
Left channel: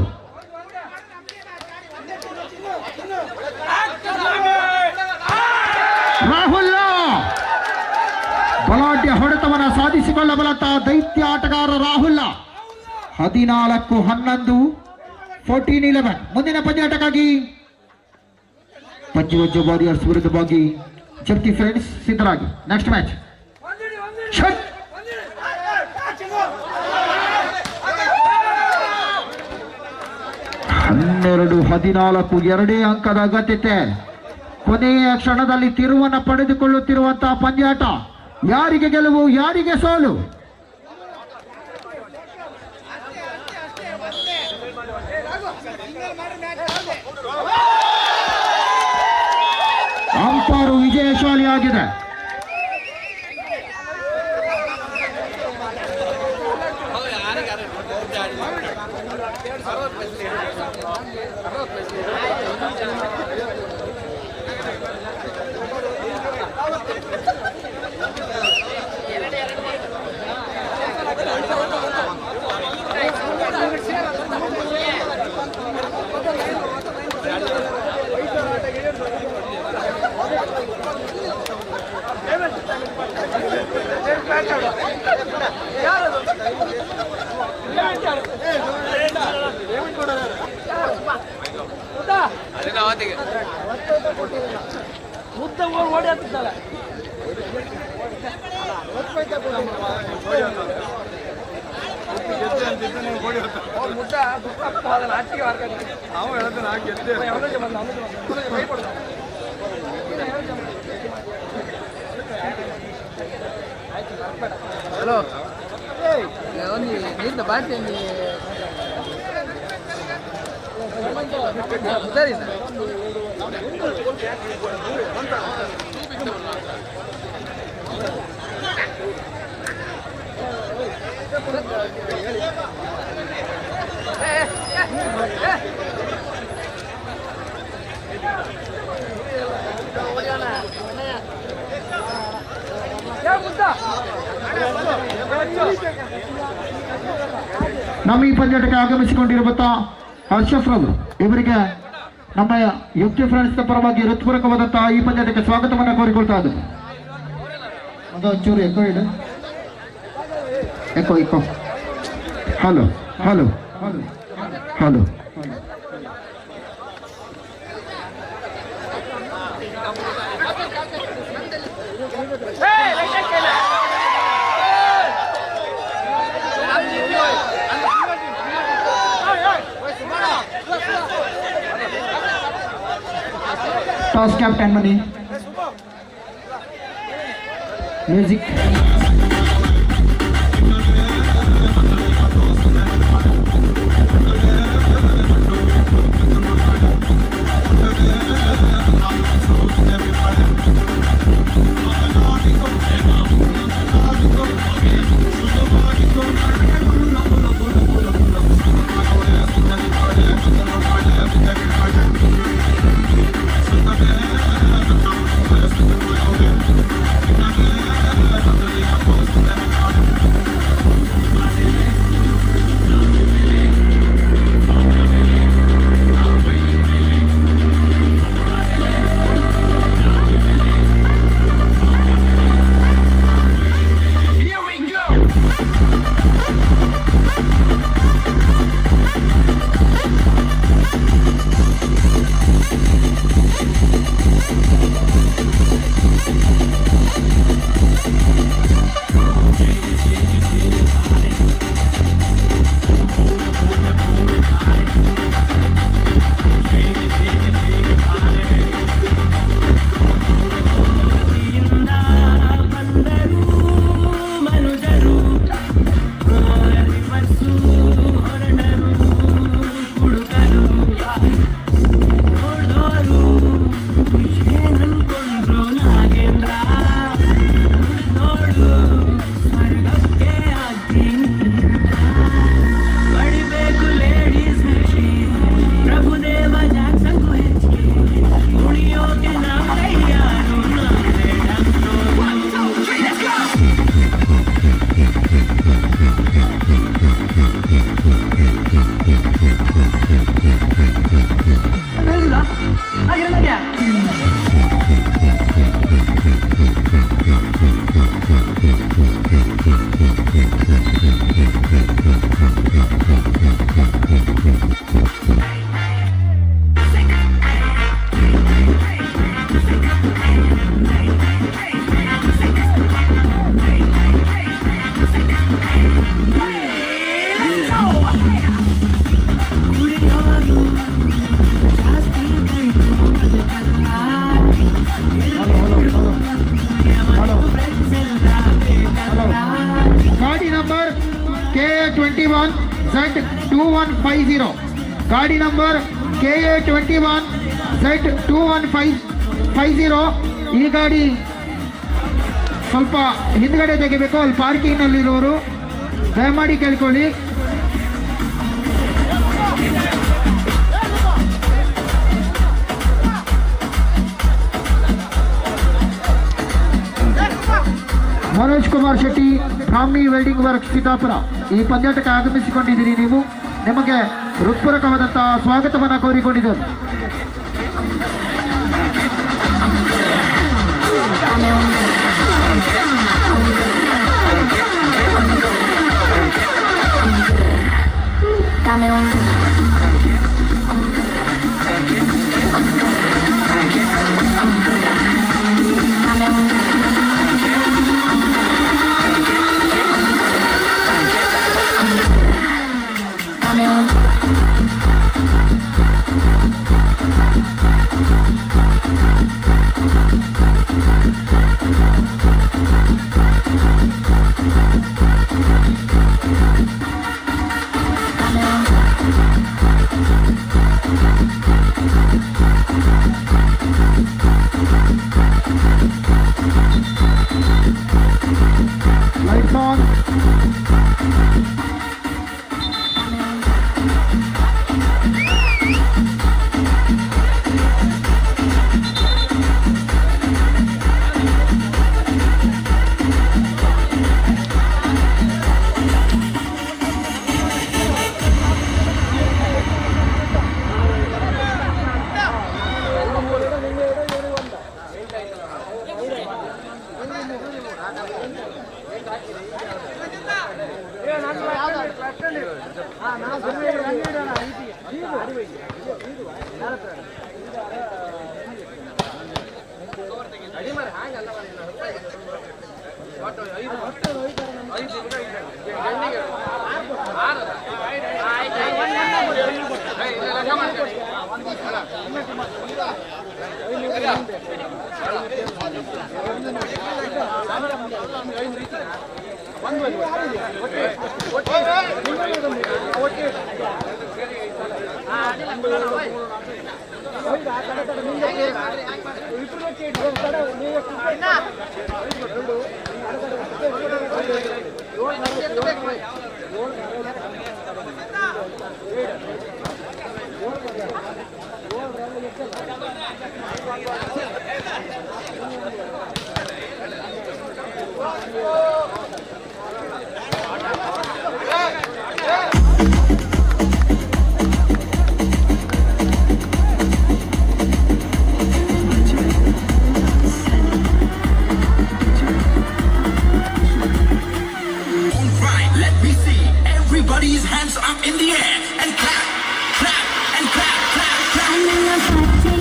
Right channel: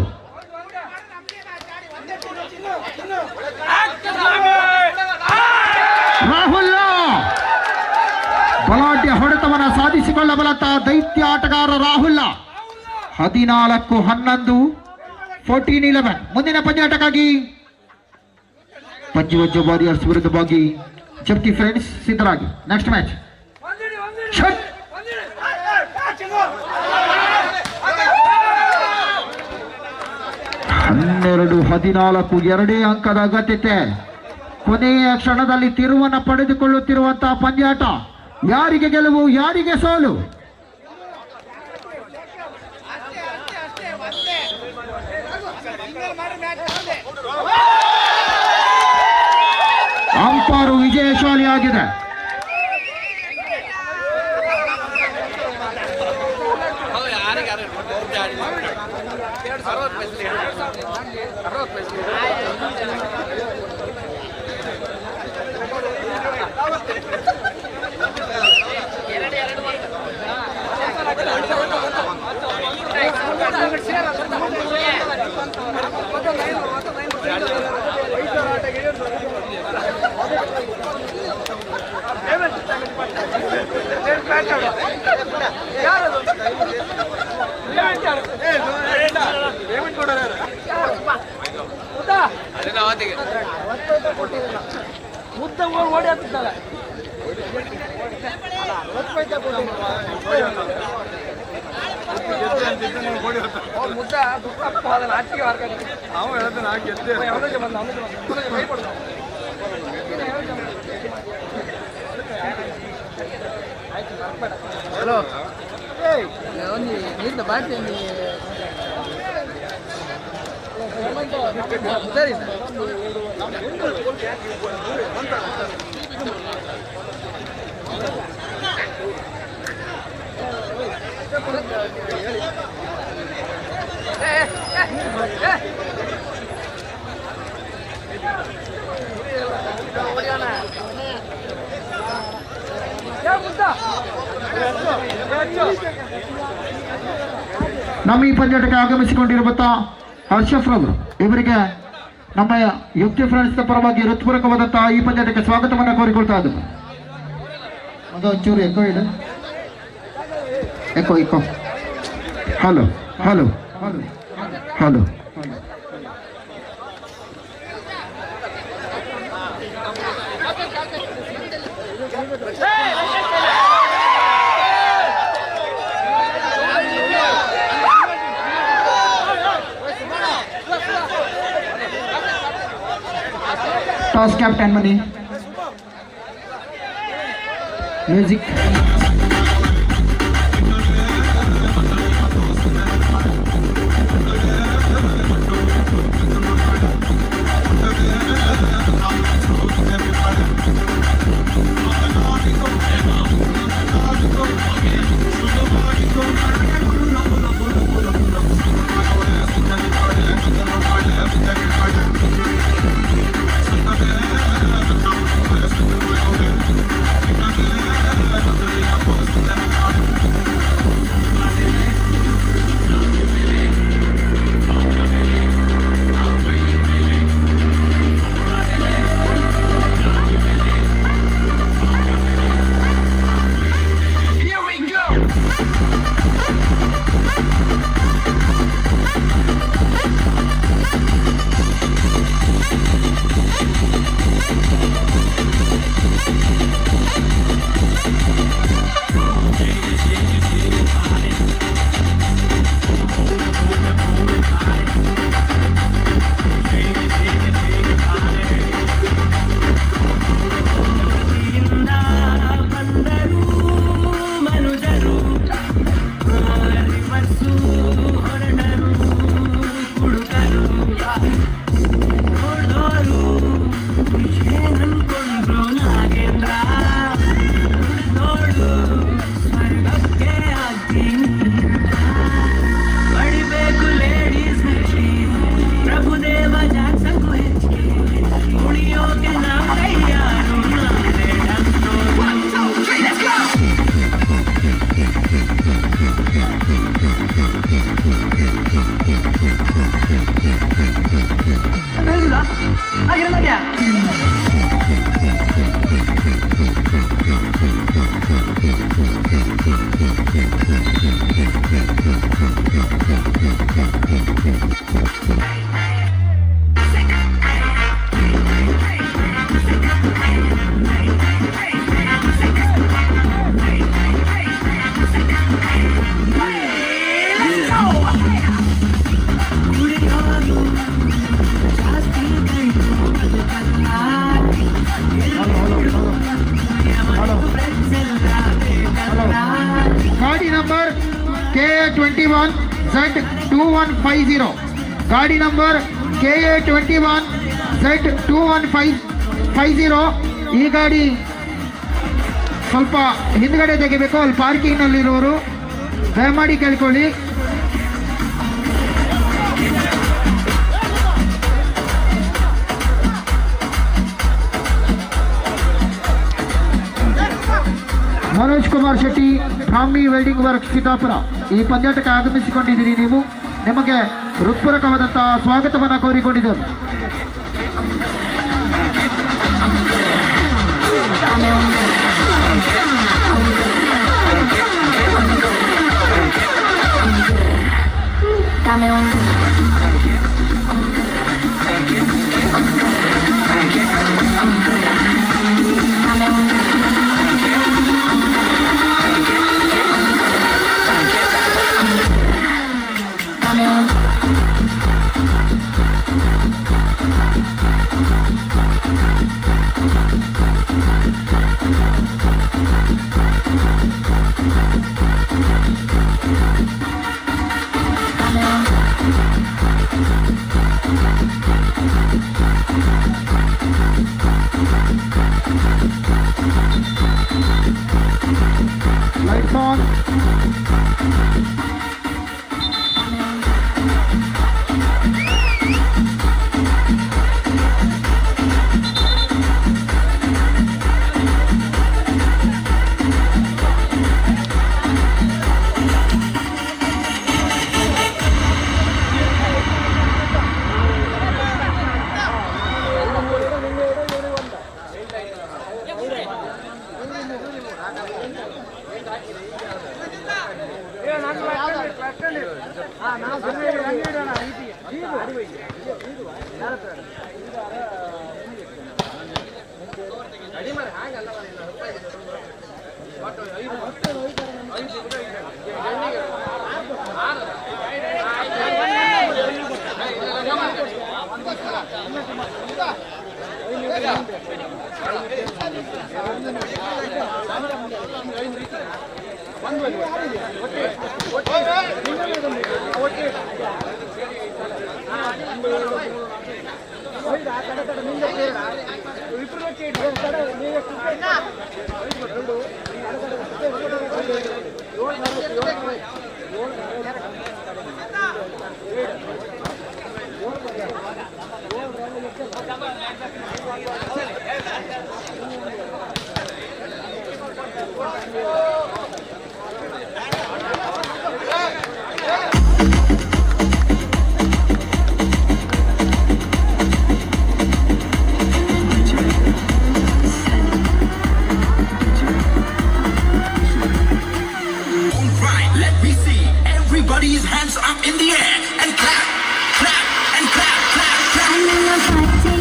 ರಾಹುಲ್ ಬಲಾಢ್ಯ ಹೊಡೆತವನ್ನು ಸಾಧಿಸಿಕೊಳ್ಳಬಲ್ಲಂತಹ ದೈತ್ಯ ಆಟಗಾರ ರಾಹುಲ್. 14-11 14-11. ಮುಂದಿನ ಪಂದ್ಯಾಟಕ್ಕಾಗಿ ಪಂಚವಜ್ಜ ವಾರಿಯರ್ಸ್ ವಿರುದ್ಧವಾಗಿ ಜಪ್ತಿ ಫ್ರೆಂಡ್ಸ್ ಸಿದ್ಧರಾಗಿ. ನೆಕ್ಸ್ಟ್ ಮ್ಯಾಚ್ 12-14 2 ಅಂಕದ ಅಗತ್ಯತೆ. ಕೊನೆಯ ಕ್ಷಣದಲ್ಲಿ ತಿರುವನ್ನು ಪಡೆದುಕೊಳ್ಳುತ್ತಿರುವಂತಹ ಪಂದ್ಯಾಟ. ಯಾರಿಗೆ ಗೆಲುವು, ಯಾರಿಗೆ ಸೋಲು? ಅಂಪಾರು ವಿಜಯಶಾಲಿಯಾಗಿದೆ. ಮುದ್ದ ಓಡಿ ಆಗ್ತಿದ್ದಲ್ಲ ಮುದ್ದ ಆಚಿಗೆ ನಾವು ಹೇಳ್ತೇನೆ ಹಲೋ ಒಂದು ನೀರಿನ ಬಾಟ್ಲಿ ಸರಿ ಸರ್. ನಮ್ಮ ಈ ಪಂದ್ಯಾಟಕ್ಕೆ ಆಗಮಿಸಿಕೊಂಡಿರುವಂತ ಹರ್ಷಫ್ರವರು ಇವರಿಗೆ ನಮ್ಮ ಯುಕ್ತಿ ಫ್ರೆಂಡ್ಸ್ ಪರವಾಗಿ ಹೃತ್ಪೂರ್ವಕವಾದಂತಹ ಈ ಪಂದ್ಯಾಟಕ್ಕೆ ಸ್ವಾಗತವನ್ನು ಕೋರಿಕೊಳ್ತಾ ಇದ್ದು. ಒಂದು ಒಂಚೂರು ಎಕೋ ಇದೆ, echo. Hello hello hello. Toss captain money. Music. KA21 Z2150 ಗಾಡಿ ನಂಬರ್ KA21 Z2150. ಈ ಗಾಡಿ ಸ್ವಲ್ಪ ಹಿಂದ್ಗಡೆ ತೆಗಿಬೇಕು, ಅಲ್ಲಿ ಪಾರ್ಕಿಂಗ್ ನಲ್ಲಿರೋರು ದಯಮಾಡಿ ಕೇಳ್ಕೊಳ್ಳಿ. ಮನೋಜ್ ಕುಮಾರ್ ಶೆಟ್ಟಿ, ಬ್ರಾಹ್ಮಿ ವೆಲ್ಡಿಂಗ್ ವರ್ಕ್ ಸೀತಾಪುರ, ಈ ಪಂದ್ಯಾಟಕ್ಕೆ ಆಗಮಿಸಿಕೊಂಡಿದ್ದೀರಿ. ನೀವು ನಿಮಗೆ ಹೃತ್ಪೂರ್ವಕವಾದಂತಹ ಸ್ವಾಗತವನ್ನು ಕೋರಿಕೊಂಡಿದ್ದೇವೆ. Right, let me see everybody's hands up in the air and clap, clap, and clap, clap, clap.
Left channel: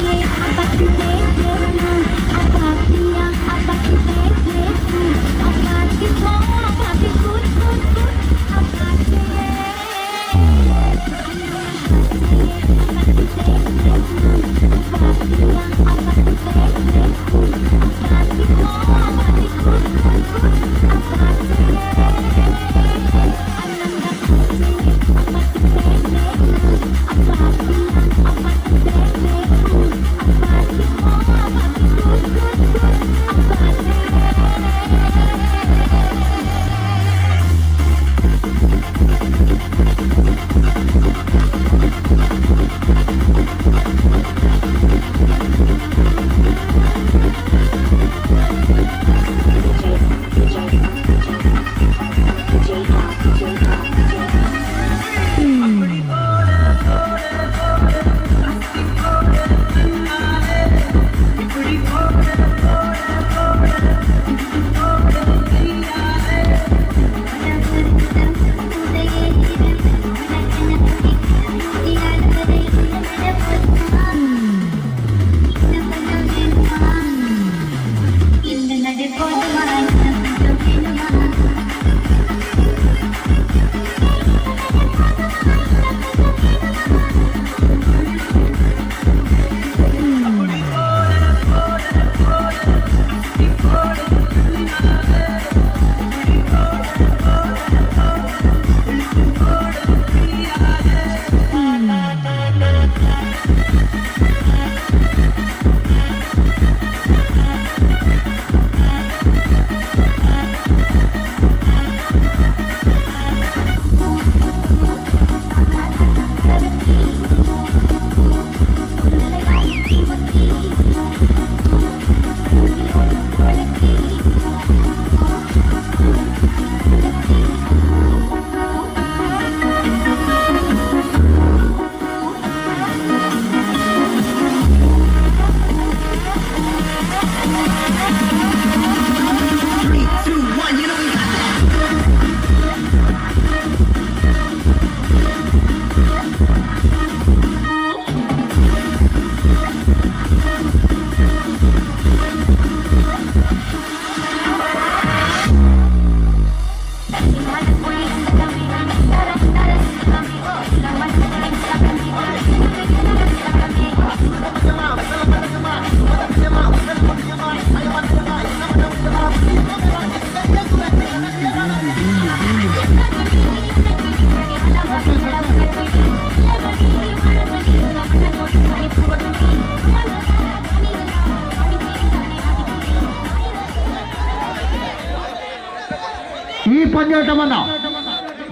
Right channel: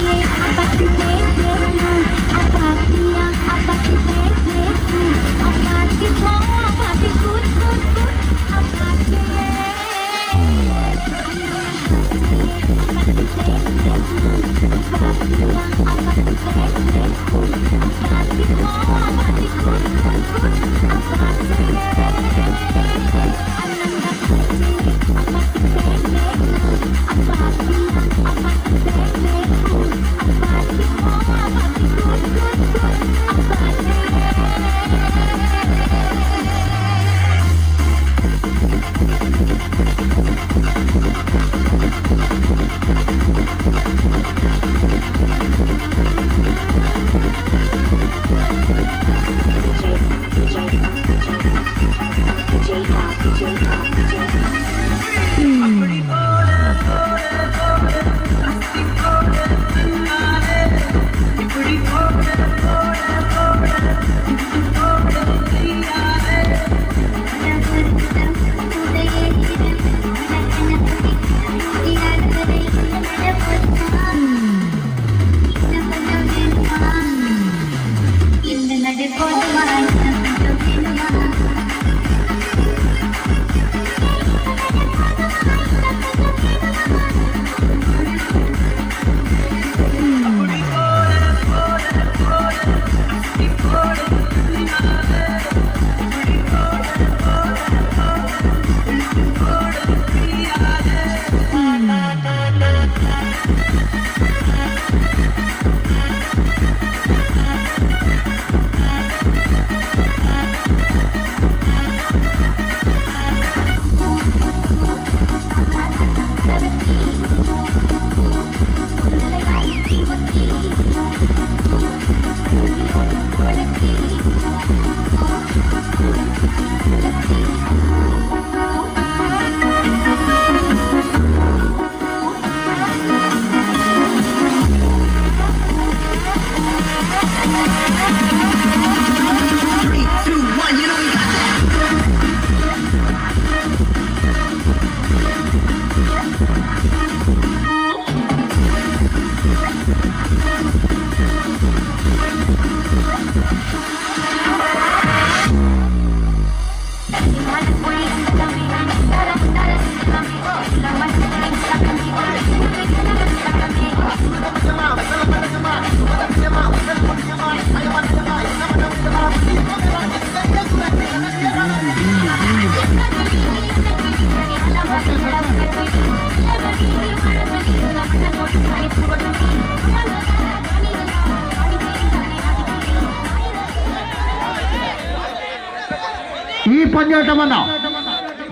ಈ ಪಂದ್ಯಾಟವನ್ನ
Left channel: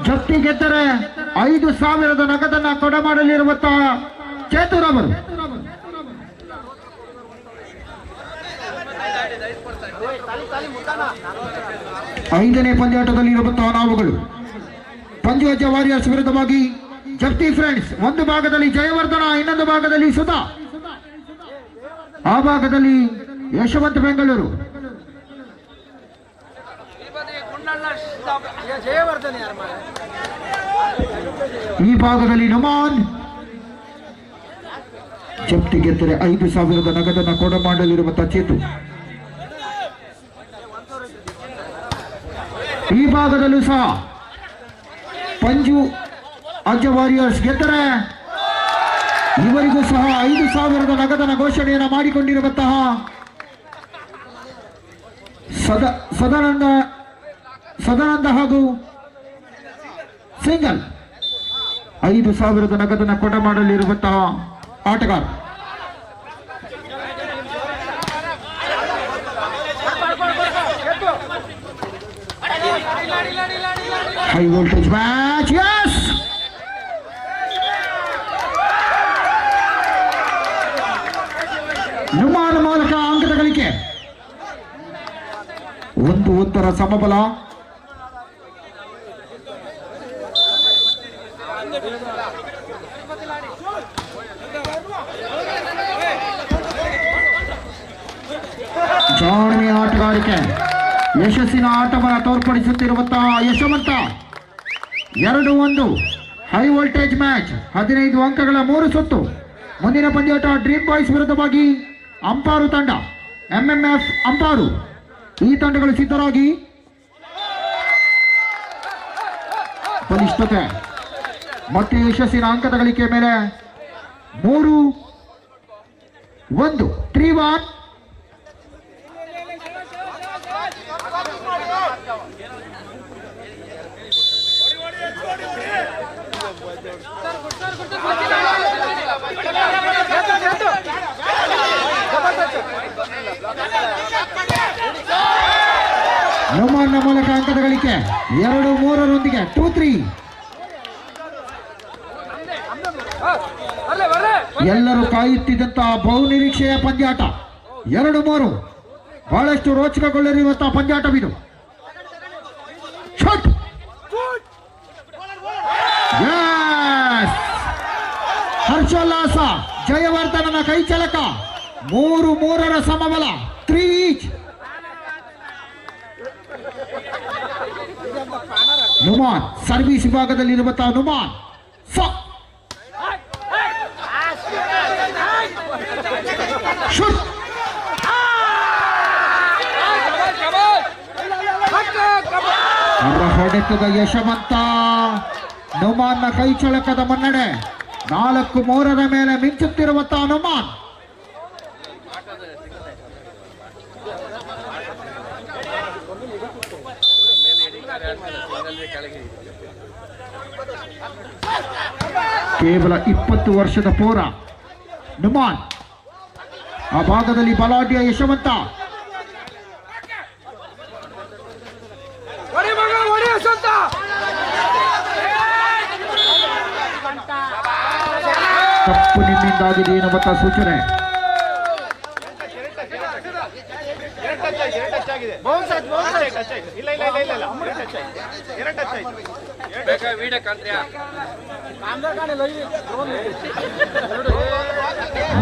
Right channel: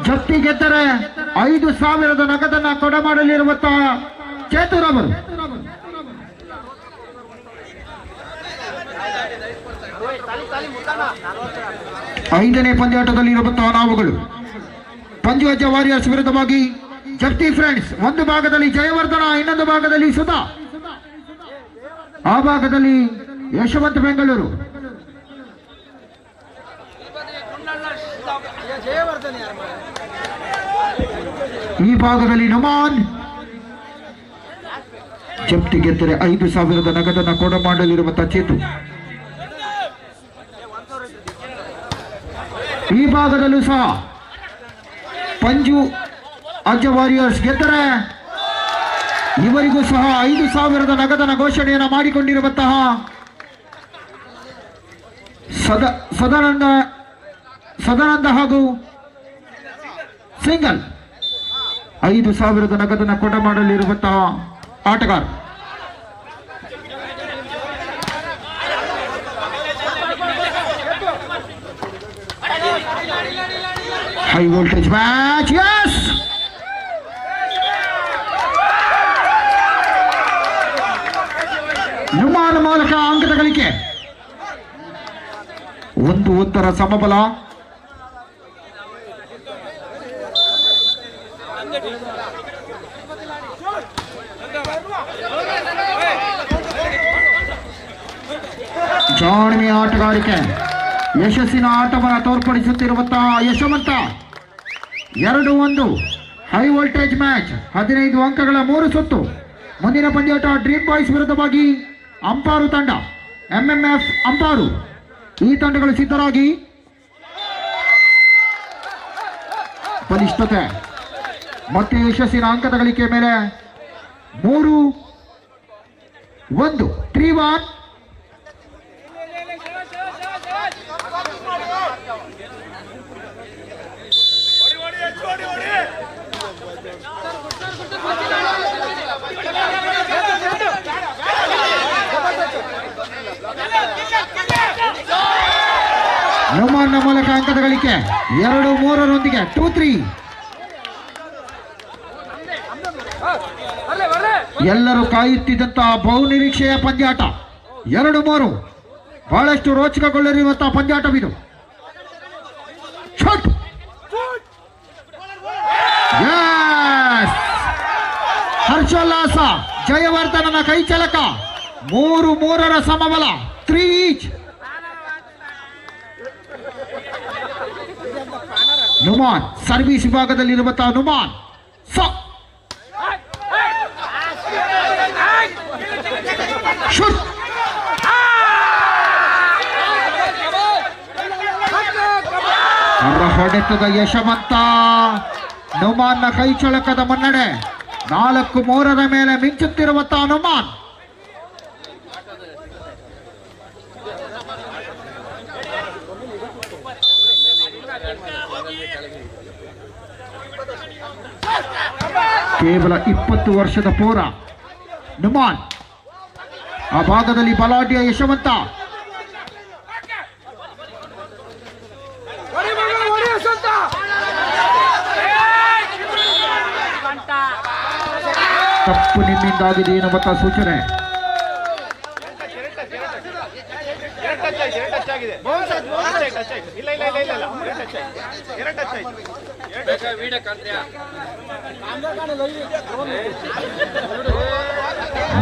ಜಪ್ತಿ ಗೆದ್ದರೆ 5,000 ನಗದನ್ನ ಕೊಡಮಾಡಲಿರುವಂತಹ ಚೇತುರವರು. ಐದನೇ ಪಂದ್ಯಾಟದಲ್ಲಿ ಇರುವಂತಹ ನಾವುಗಳು ಪಂಚವಜ್ರ ವಾರಿಯರ್ಸ್ ವಿರುದ್ಧವಾಗಿ ಜಪ್ತಿ ಫ್ರೆಂಡ್ಸ್. ಒಂದು ಭಾಗದಲ್ಲಿ ಜಯವರ್ಧನ, ಇನ್ನೊಂದು ಭಾಗದಲ್ಲಿ ಸುಧಾ, ಆ ಭಾಗದಲ್ಲಿ ಯಶವಂತ್ ಬೆಂಗಳೂರು. ಈ ಭಾಗದಲ್ಲಿ ನುಮಾನ್, ಜಪ್ತಿ ಗೆದ್ದರೆ 5,000 ನಗದನ್ನು ಕೊಡ ಮಾಡಲಿರುವಂತಹ ಚೇತು. ಈ ಭಾಗದಲ್ಲೂ ಸಹ ಪಂಜು ಅಜ್ಜ ವಾರಿಯರ್ಸ್ ಗೆದ್ದರೆ ಇವರಿಗೂ ಸಹ 5,000 ನಗದನ ಘೋಷಣೆಯನ್ನು ಮಾಡಿಕೊಂಡಿರುವಂತಹ ಸದಾನಂದ ಹಾಗೂ ಸಿಂಗಲ್ 5,000 ನಗದನ ಕೊಡ ಮಾಡಲಿರುವಂತಹ ಆಟಗಾರ. High voltage match. ಯಸ್, ನುಮಾನ್ ಮೂಲಕ ಅಂಕದ ಗಳಿಕೆ. 1-1 ಸಮಬಲ. ಜಾಣ್ಮೆಯ ಆಟಗಾರಿಕೆ, ಯಶಸ್ಸಿನ ಆಟವನ್ನು ತೋರ್ಪಡಿಸುತ್ತಿರುವಂತಹ ಯಶವಂತ. 2-1 high voltage match. 15 ಅಂಕಗಳ 3 ಸುತ್ತು. ಮುಂದಿನ ಪಂದ್ಯಾಟ ಡ್ರೀಮ್ ಬಾಯ್ಸ್ ವಿರುದ್ಧವಾಗಿ ಅಂಪಾರು ತಂಡ, MMF ಅಂಪಾರು. ಈ ತಂಡಗಳು ಸಿದ್ಧರಾಗಿ. ಬಲಿಷ್ಠತೆ ಮತ್ತೆ ಯಶಸ್ಸಿನ ಅಂಕದ ಗಳಿಕೆ ಮೇಲೆ 3-1 3-1. ನುಮಾನ್ನ ಮೂಲಕ ಅಂಕದ ಗಳಿಕೆ 2-3 2-3. ಎಲ್ಲರೂ ಕಾಯುತ್ತಿದ್ದಂತಹ ಬಹುನಿರೀಕ್ಷೆಯ ಪಂದ್ಯಾಟ 2-3. ಬಹಳಷ್ಟು ರೋಚಕಗೊಳ್ಳಲಿರುವಂತಹ ಪಂದ್ಯಾಟವಿದು. ಶಾಟ್. ಹರ್ಷೋಲ್ಲಾಸ. ಜಯವರ್ಧನನ ಕೈಚಳಕ. 3-3 ಸಮಬಲ. 3 ಈಚ್. ನುಮಾನ್ ಸರ್ವಿಸ್ ವಿಭಾಗದಲ್ಲಿರುವಂತಹ ನುಮಾನ್ ಶೂಟ್. ಹೊಡೆತದ ಯಶವಂತ. ನುಮಾನ್ನ ಕೈಚಳಕದ ಮುನ್ನಡೆ 4-3 ಮೇಲೆ ಮಿಂಚುತ್ತಿರುವಂತಹ ನುಮಾನ್. ಕೇವಲ 20 ವರ್ಷದ ಪೋರ ನುಮಾನ್. ಆ ಭಾಗದಲ್ಲಿ ಬಲಾಢ್ಯ ಯಶವಂತ. ತಪ್ಪು ನಿಮ್ಮಿಂದಾಗಿದೆ ಎನ್ನುವಂತ ಸೂಚನೆ.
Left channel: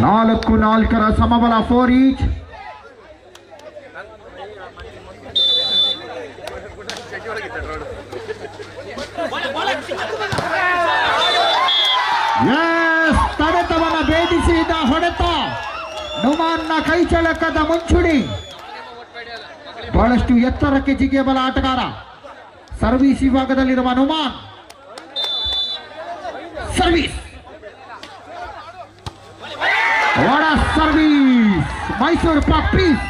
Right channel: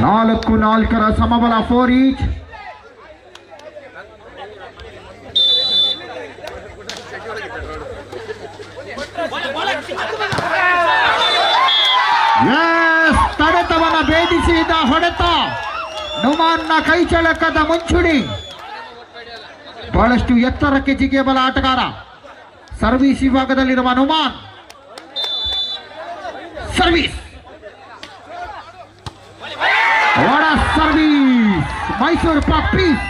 ನಾಲ್ಕು 4 ಸಮಬಲ 4 ಈಚ್. ತಡೆತವನ್ನ ಭೇದಿಸಿದ ಹೊಡೆತ. ನುಮಾನ್ನ ಕೈಚಳಕದ ಮುಂಚೂಣಿ. ಬಹಳಷ್ಟು ಎತ್ತರಕ್ಕೆ ಜಿಗಿಯಬಲ ಆಟಗಾರ. ಸರ್ವಿಸ್ ವಿಭಾಗದಲ್ಲಿರುವ ನುಮಾನ್. ಸರ್ವಿಸ್. ವಡ ಸರ್ವಿಸ್. ಮೈಸೂರು ಪಾಕ್ ಪೀಸ್.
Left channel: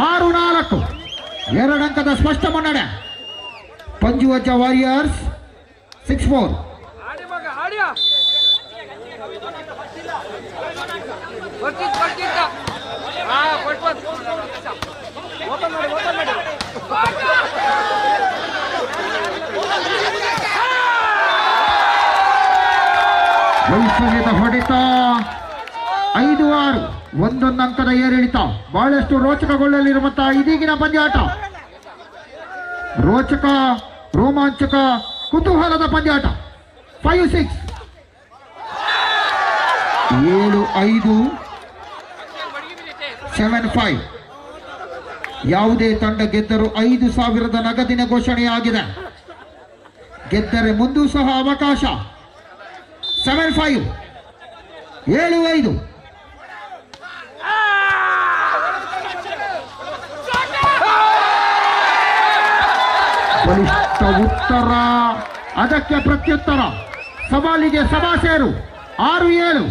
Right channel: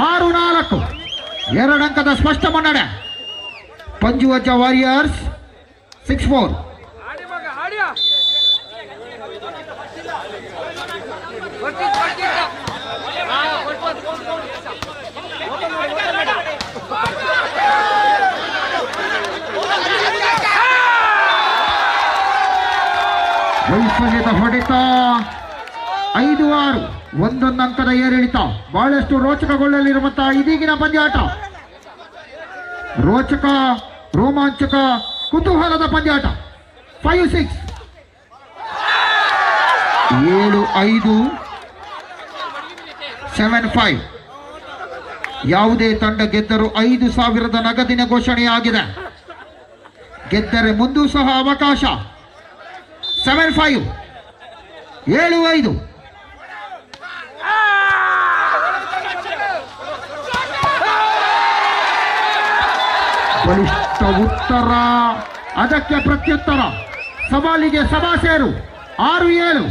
6-4 2 ಅಂಕದ ಸ್ಪಷ್ಟ ಮುನ್ನಡೆ. ಪಂಜುವಜ್ಜ ವಾರಿಯರ್ಸ್ 6-4. ವೈಫಲ್ಯದ ಹೊಡೆತ. 5-6 1 ಅಂಕದ ಏರಿಳಿತ. ಬಹಳಷ್ಟು ರೋಚಕಗೊಳ್ಳಲಿರುವಂತಹ ಇದೀಗಿನ ಪಂದ್ಯಾಟ. ರೋಚಕ, ರೋಮಾಂಚಕ, ಕುತೂಹಲದ ಪಂದ್ಯಾಟ. 5-6 7-5 7-5. ಯಾವುದೇ ತಂಡ ಗೆದ್ದರೂ 5,000 ನಗದಿನ ಘೋಷಣೆಯಾಗಿದೆ. ಗೆದ್ದರೆ ಮುಂದೂ ಸಹ ಅವಕಾಶ. 7-5 7-5. ಬಲಿಷ್ಠ ಉತ್ತರ, ಅದಕ್ಕೆ ಪ್ರತ್ಯುತ್ತರ. ಸವಾಲಿಗೆ ಸಭಾಸೇರು. 6-7.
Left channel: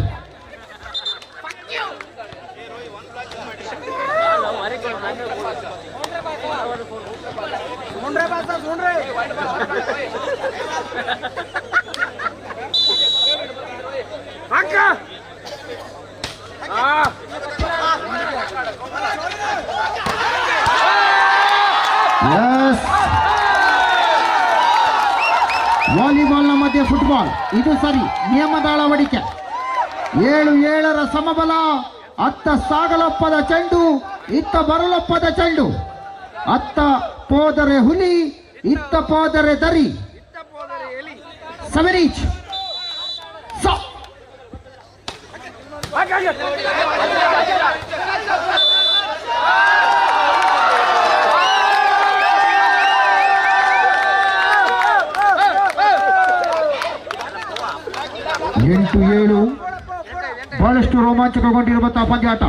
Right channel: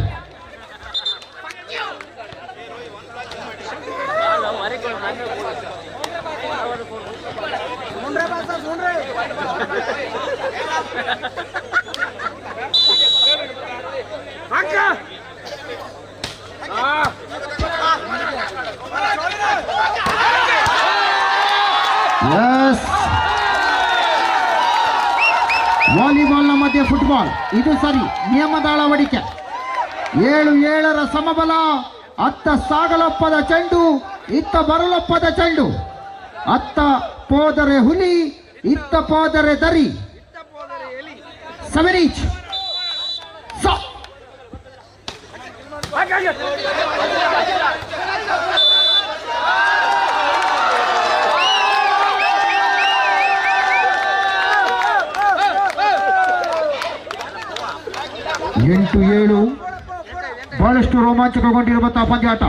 ವಾಲಿಬಾಲ್ನ ಮಧ್ಯೆ ಫುಟ್ಬಾಲ್, ಇದು ಸರಿ. ನಿಯಮದ ಅಳವಡಿಕೆ. 7-7 ಸಮಬಲ. ಅತ್ತ ಸಾಗಲಪ್ಪದ ಚೆಂಡು, ಇತ್ತ ಬರಲಪ್ಪದ ಚೆಂಡು. ಅತ್ತ ಪೋದರೆ ಹುಲಿ, ಇತ್ತ ಪೋದರೆ ದರಿ. 7 each. 8-7. ಬಹಳಷ್ಟು ರೋಮಾಂಚಕಗೊಂಡಿರುವಂತಹ ಪಂದ್ಯಾಟ.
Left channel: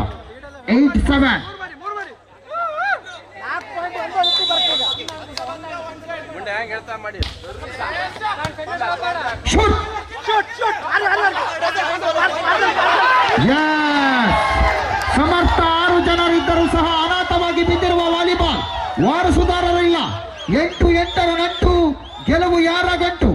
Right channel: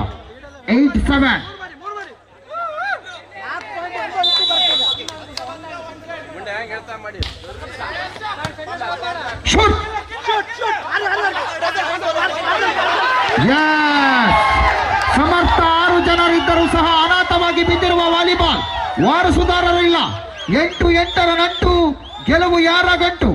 8-7. ಶೂಟ್. ಸಮರ್ಥ 6 ಜನರಿದ್ದರೂ ಸಹ ಅನಾಥವಾಗಿ ಬಿದ್ದಿರುವ ವಾಲಿಬಾಲ್. ವಾರಸುದಾರರಿಲ್ಲ. 8-8 ನಂಟು. ಗೆಲುವು ಯಾರ ಗಂಟು?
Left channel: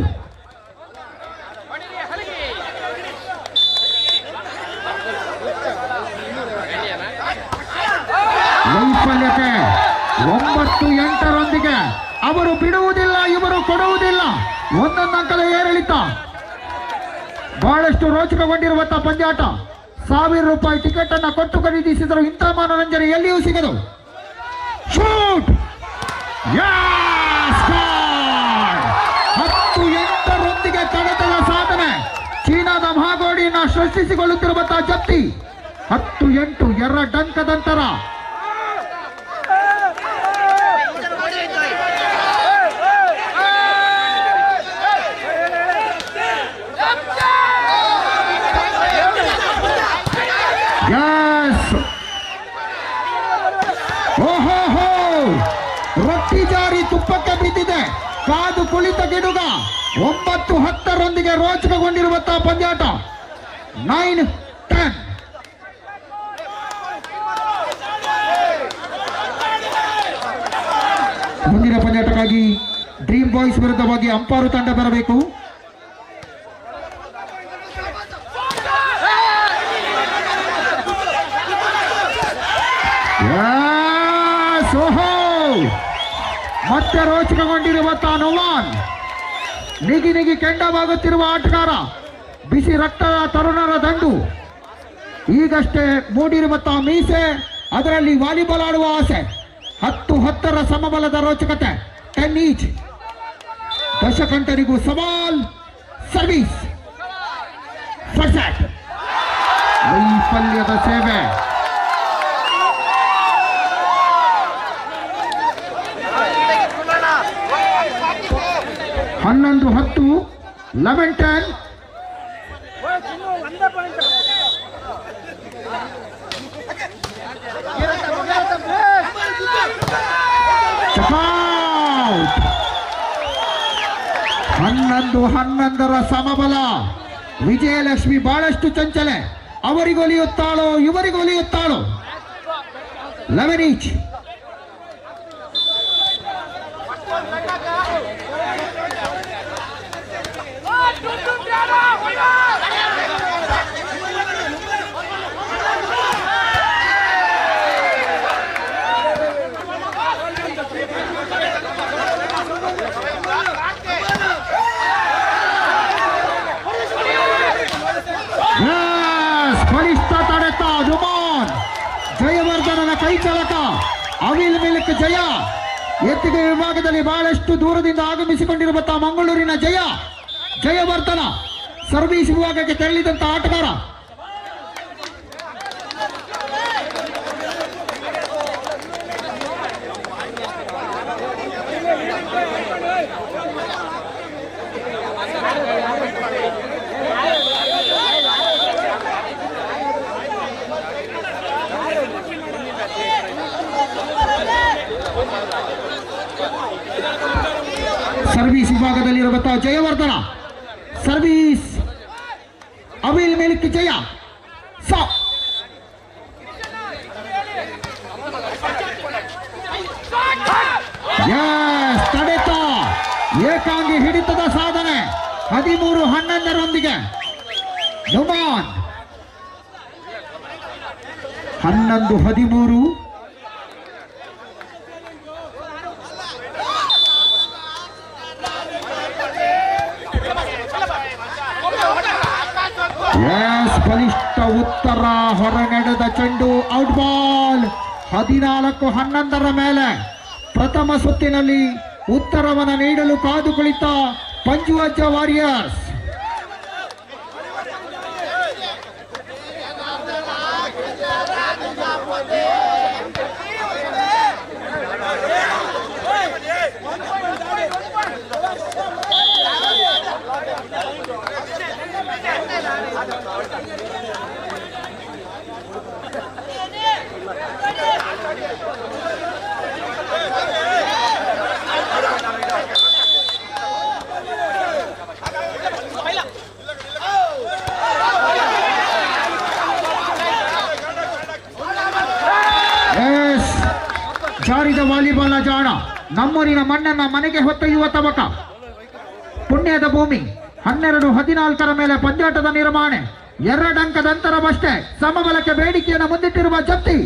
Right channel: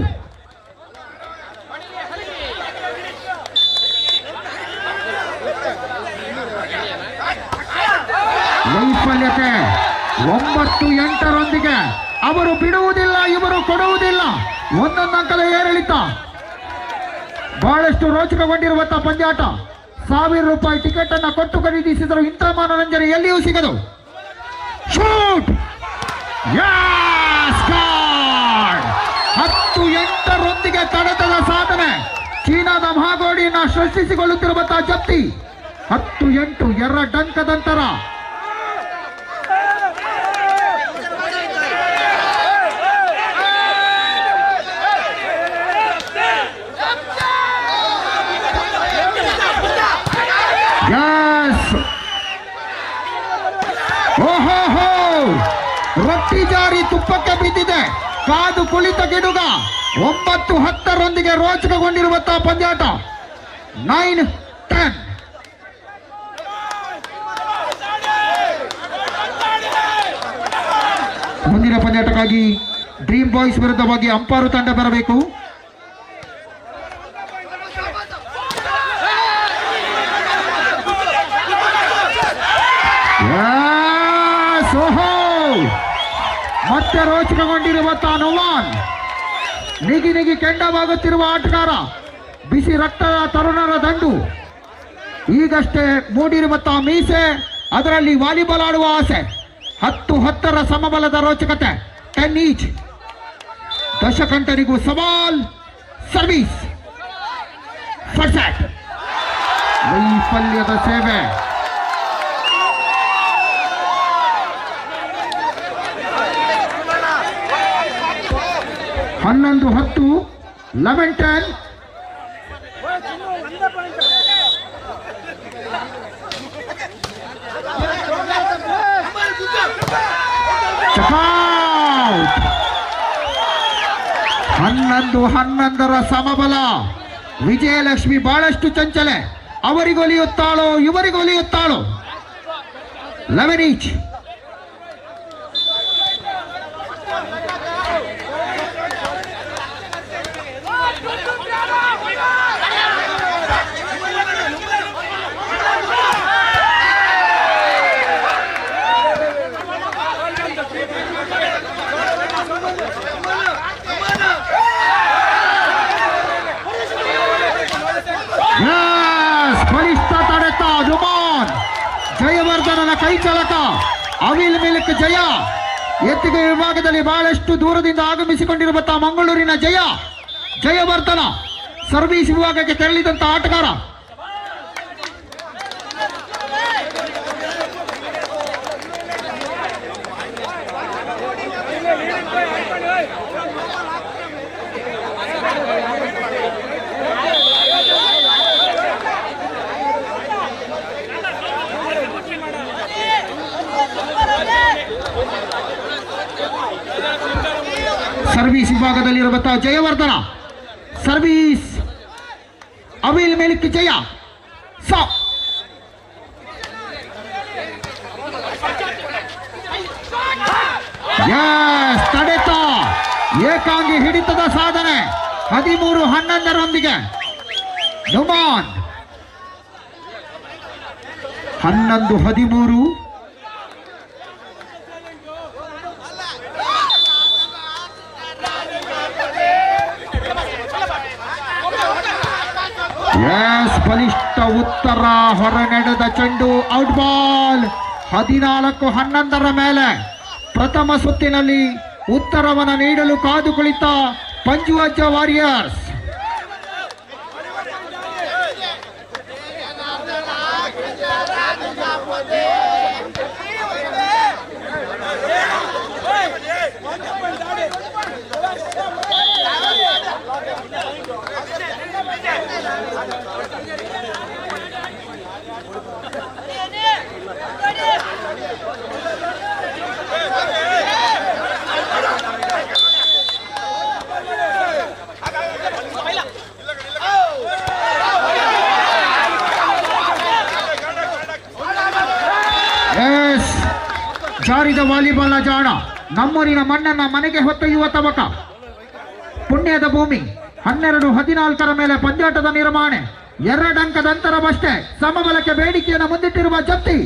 ವೈಫಲ್ಯತೆ. 9-8 ಅವರು ಬಿಡುವುದಿಲ್ಲ, ಇವರು ಕೊಡುವುದಿಲ್ಲ. ಒಂದೊಂದು ಅಂಕದ ಏರಿಳಿತ. ಬಹಳಷ್ಟು ರೋಚಕಗೊಂಡಿರುವಂತಹ ಪಂದ್ಯಾಟ. 1000 ರೂಪಾಯಿ ಟಿಕೆಟ್ ಅನ್ನ ಕೊಟ್ಟು ಖರೀದಿಸಿದರು. ಇಂಥ ಮನೋರಂಜನೆ ಎಲ್ಲಿಯೂ ಸಿಗದು. ಶೂಟ್. 10-8 ತಡೆತದ ಸಾಧನೆ. ಚೀನಾದ ಮಹಾಗೋಡಿಯನ್ನ ಸೃಷ್ಟಿಸಿಕೊಳ್ಳುತ್ತಿರುವಂತಹ ಜಪ್ತಿ. 10-8 2 ಓಹೋ, ರೊಟ್ಟಿ ಜಾರಿ ತುಪ್ಪಕ್ಕೆ ಬಿದ್ದಿದೆ. ಕಾದು ಕುಳಿತ ಗಿಡುಗ. 9-10 ರೋಚಕಗೊಂಡಿರುವಂತಹ ಪಂದ್ಯಾಟ. 9-10. ಮುಂದಿನ ಪಂದ್ಯಾಟಕ್ಕಾಗಿ ಡ್ರೀಮ್ ಬಾಯ್ಸ್ ವಿರುದ್ಧವಾಗಿ ಅಂಪಾರು ತಂಡ ಬರಬೇಕು. ಮತ್ತೆ ರೋಚಕಗೊಂಡಿರುವಂತಹ ನೋವಾನ್. ನಿಗಿ ಕೆಂಡವಾಗುತ್ತಿರುವ ಆಟಗಾರ. ಬಿಸಿ ರಕ್ತದ ತರುಣರ ದಂಡು. ಈಗಷ್ಟೇ ಮೂಡಿರುವಂತಹ ಮೀಸೆ, ಅದರಲ್ಲಿ ವಾಲಿಬಾಲ್ ಆಡುವ ಆಸೆ. 10-10 ಸಮಬಲದ ರೋಚಕತೆ. 10 ಈಚ್. ದಶಕಂಠರಿಗೂ ಸವಾಲ್. ಸರ್ವಿಸ್. ಫರ್ಸೆಟ್. ವೈಫಲ್ಯದ ಸೇವೆ. 11-10. 11-10. Checkout. 11-11 ಸಮಬಲ. ವಿಜಯಲಕ್ಷ್ಮಿ ಬಹಳಷ್ಟು ಚಂಚಲೆ. ಅವರಿಗೊಲಿಯುತ್ತಾಳೋ ಇವರಿಗೊಲಿಯುತ್ತಾಳೋ. 11 ಈಚ್. ಬಲಿಷ್ಠ ತಡೆತ ಜುಮಾನ್. ಜಯವರ್ಧನನ ಕೈ ಚಳಕ. ಅವಿಲ್ ಮಿಲ್ಕ್ ಜಯ. ಎತ್ತಿಗೆ ವಿಭಾಗದಲ್ಲಿ ಬಹಳಷ್ಟು ದೂರದಿಂದ ಆಗಮಿಸಿಕೊಂಡಿರುವಂತಹ ಮಂಗಳೂರಿನ ಜಯವರ್ಧನ ಸರ್ವಿಸ್ ವಿಭಾಗಕ್ಕೆ ತೆರಳಿದಂತ ಆಟಗಾರ. ಭಾಗದಲ್ಲಿರುವಂತಹ ಜಯವರ್ಧನ ಸರ್ವಿಸ್ ಅವಿಲ್ ಮೇಲಿಕ್ಕೆ ಜಯ ಸಾ ತಡೆತ ಏಕಾಂಗಿ ಹಿಡಿತದ ಸಾಧನೆ 13-11 ನುಮಾನ್ 11-13 ಬಲಿಷ್ಠ ಉತ್ತರ ಹೊರ ನಡೆದ ಚೆಂಡು ಔಟ್ ಬಾಲ್ 14-11 ಮೇಲೆ ಪ್ರಥಮ ಸುತ್ತಿನಲ್ಲಿ ಉತ್ತರವನ್ನು ನೀಡಲು ಕಾದು ಕುಳಿತ ಪಂಜುವಜ್ಜ ವಾರಿಯರ್ಸ್. ಜಾರಿದ ವಾಲಿಬಾಲ್ನ ಜಾಣ ನಮ್ಮೂರಿನ ಮಣ್ಣನ್ನ ಮನೆಗೆ ಹೊತ್ತೊಯ್ಯುವ ತವಕ ಪುಣ್ಯದ ಭೂಮಿ 12-14 ಮೇಲೆ ಪಂದ್ಯಾಟದ ನಿರ್ಮಾಣ 2 ಅಂಕದ ಅಂತರವಷ್ಟೇ ಸಮಬಲಕ್ಕೆ ಬೇಡಿಕೆಯನ್ನು ಮುಂದಿಟ್ಟಿರುವ ಜಪ್ತಿ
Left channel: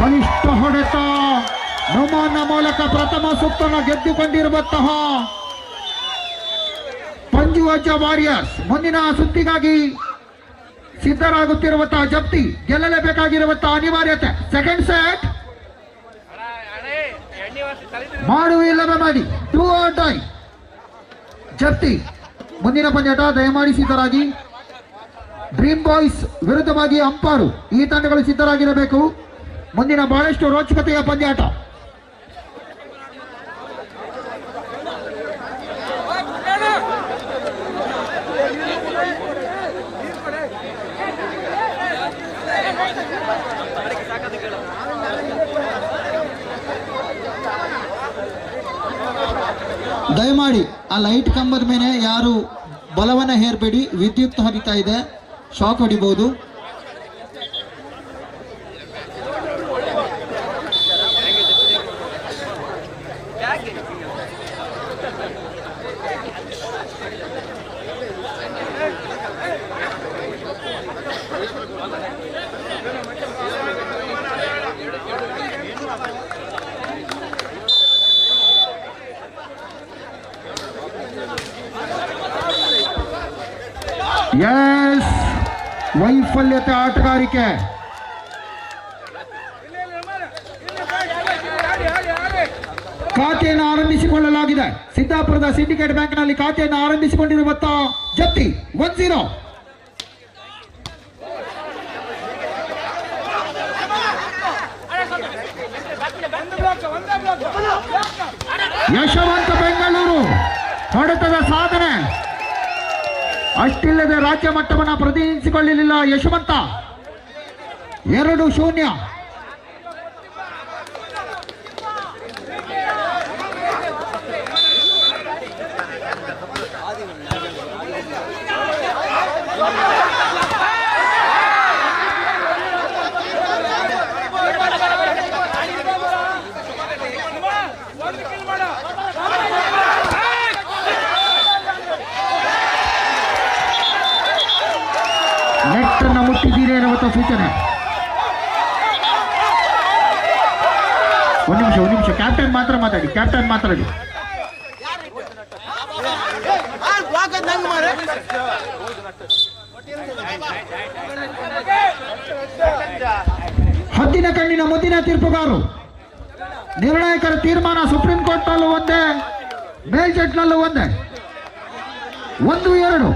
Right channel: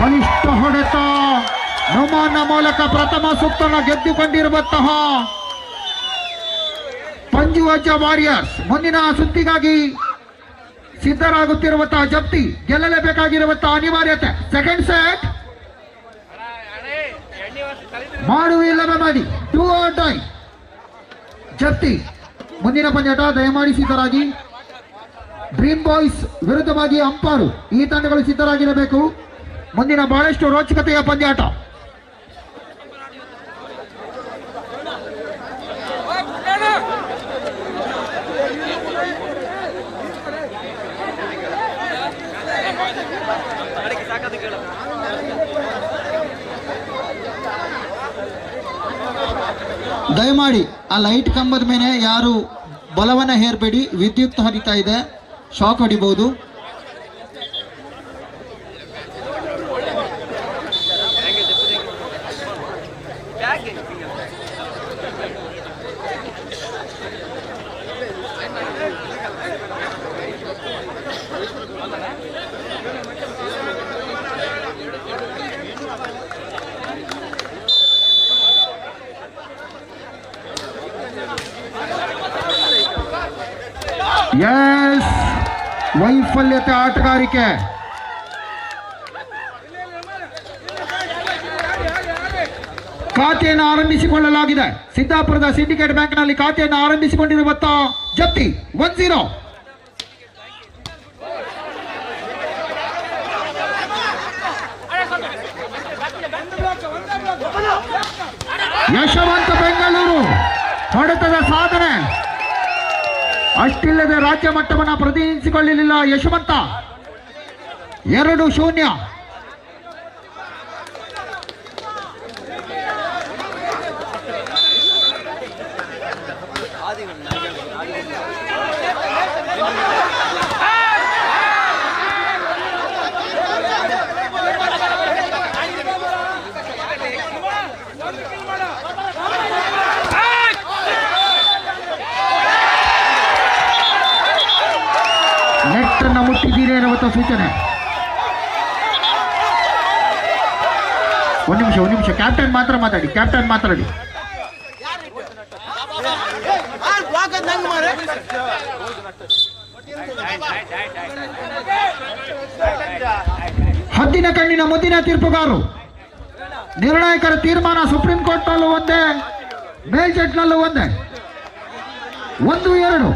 ಬಲಿಷ್ಠ ಹೊಡೆತ ನುಮಾನ್ನ ಮೂಲಕ ಪ್ರಥಮ ಸುತ್ತನ್ನು ಗೆದ್ದುಕೊಂಡಿರುವಂತಹ ಪಂಜುವಜ್ಜ ವಾರಿಯರ್ಸ್ ಮುಂದಿನ ಸುತ್ತಿಗಾಗಿ ಸಿದ್ಧರಾಗುತ್ತಿರುವಂತಹ ಜಪ್ತಿ ಗೆಲ್ಲಲೇಬೇಕಾಗಿರುವಂತಹ ಅನಿವಾರ್ಯತೆ. ಸೆಕೆಂಡ್ ಸೆಟ್ ಮಾಡುವಿಲ್ಲವೇ ಮಾಡಿ 2 or die ಜಪ್ತಿ ಮುಂದಿನ ಪಂದ್ಯಾಟ ದಯಮಾಡಿ ಸಿದ್ಧರಾಗಿ. ಡ್ರೀಮ್ ಬಾಯ್ಸ್ ವಿರುದ್ಧವಾಗಿ ಅಂಪಾರು ಈ ತಂಡಗಳು ಸಿದ್ಧರಾಗಿರಬೇಕು. ಮುಂದಿನ ಬಹಳಷ್ಟು ರೋಚಕತೆಯ ಪಂದ್ಯಾಟ. ದಯಮಾಡಿ ಆ ಲೈಟ್ ಕಂಬದ ಮೇಲೆ ಯಾರು ಬಲವನ್ನ ಹೇರಬೇಡಿ, ವಿದ್ಯುತ್ ಹರಿತಾ ಇದೆ, ಶಾಕ್ ಹೊಡಿಬಹುದು. ಎಸ್ ವೈಫಲ್ಯತೆ ಆಟಗಾರಿಕೆ. ಖಾತೆಯನ್ನು ಆರಂಭಿಸಿಕೊಳ್ಳಲಾಗಿದೆ. ಸಿದ್ದಾಪುರದ ಸಿಂಡಿಕೇಟ್ ಬ್ಯಾಂಕ್ನಲ್ಲಿ ಖಾತೆಯನ್ನು ಆರಂಭಿಸಿಕೊಂಡಿರುವಂತಹ ಜಪ್ತಿ 1-0. ಯಶವಂತ ಬೆಂಗಳೂರು ಹೊಡೆತದ ಸಾಧನೆ ಅಷ್ಟಿಲ್ಲದೆ ರಾಜ್ಯ ಮಟ್ಟವನ್ನು ಪ್ರತಿನಿಧಿಸಿಕೊಳ್ಳಲಿಲ್ಲ ಯಶವಂತ. 2-0. ನೆಟ್ಟನ್ನು ಮುಟ್ಟಿದ್ದೀರಿ ಎನ್ನುವಂಥ ಸೂಚನೆ. ಒಂದು ನಿಮಿಷ ಕ್ಯಾಪ್ಟನ್ ಮಾತ್ರ ಮಾತಾಡಿ. ಹದ್ದಿನ ಕಣ್ಣಿನ ಮುದ್ದಿನ ತೀರ್ಪುಗಾರು. ನಿರ್ಣಾಯಕರ ತೀರ್ಮಾನ ಸುಪ್ರೀಂ ಕೋರ್ಟ್ನಲ್ಲೂ ಒಂದೇ, ಮೇಲ್ಜಡ್ಜ್ನಲ್ಲೂ ಒಂದೇ. 1-2.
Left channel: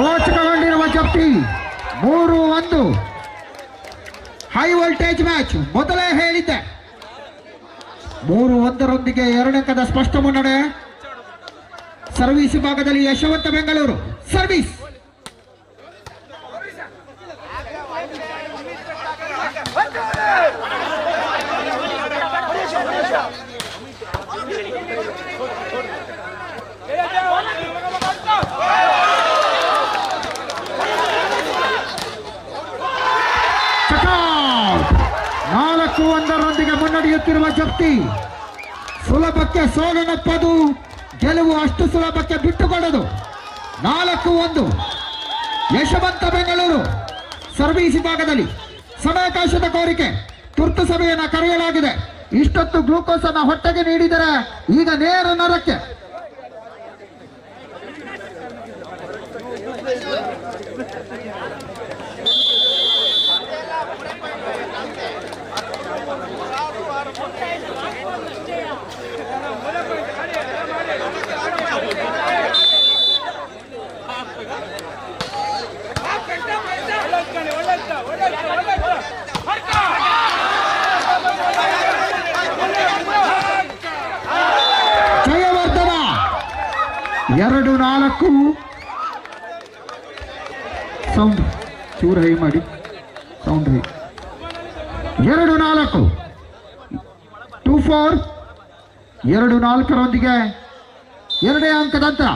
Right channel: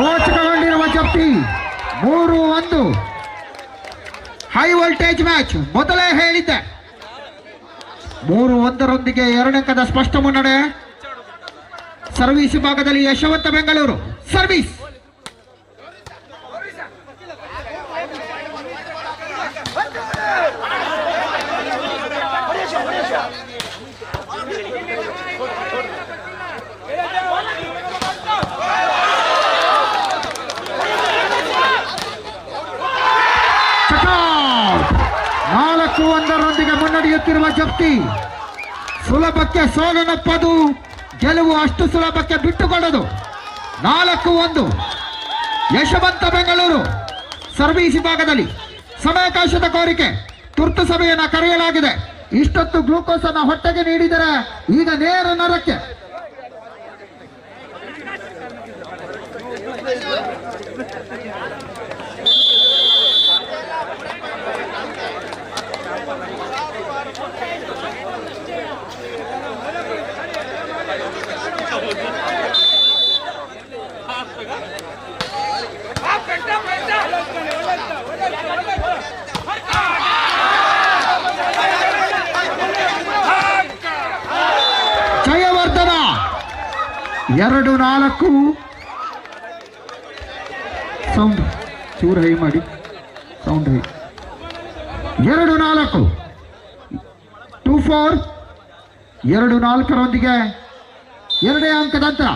ರೋಚಕಗೊಂಡಿರುವ ಜಪ್ತಿ 3-1. ಸ್ಟೇಜ್ ಮ್ಯಾಚ್ ಮೊದಲೇ ಹೇಳಿದ್ದೆ. 3-1 2 ಸ್ಪಷ್ಟ ಮುನ್ನಡೆ. ಸರ್ವಿಸ್ ವಿಭಾಗದಲ್ಲಿ ಯಶವಂತ ಬೆಂಗಳೂರು ಸರ್ವಿಸ್. ಚಕೌಟ್. 4-1 ಮುನ್ನಡೆಯುತ್ತಿರುವ ಜಪ್ತಿ. ಸುಲಭಕ್ಕೆ ಸೋಲನಪ್ಪದು, ಗೆಲುವು ಅಷ್ಟು ಸುಲಭಕ್ಕೆ ಬಿಟ್ಟುಕೊಡದು. 4-1 ಯಶವಂತ ಬೆಂಗಳೂರು ಸರ್ವಿಸ್ ವಿಭಾಗದಲ್ಲಿ. ಸಮಯಾವಕಾಶದ ಕೋರಿಕೆ, ತುರ್ತು ಸಭೆಯನ್ನು ಕರೆಯಲಾಗಿದೆ. ಇಷ್ಟೊತ್ತು ಗ್ಲೂಕೋಸ್ ಅನ್ನು ಹೊಟ್ಟೆಗೆ ನೀಡಿದರೆ ಈಗ ನೇರ ನರಕ್ಕೆ. ಜಯವರ್ಧನ 2-4. ಸೌಂಡ್ ಚೂರು ಹೈ ಮಾಡಿ, ಸೌಂಡ್ ಹೈ. 2-4 2-4. 2-4 2 ಅಂಕದ ಅಂತರ.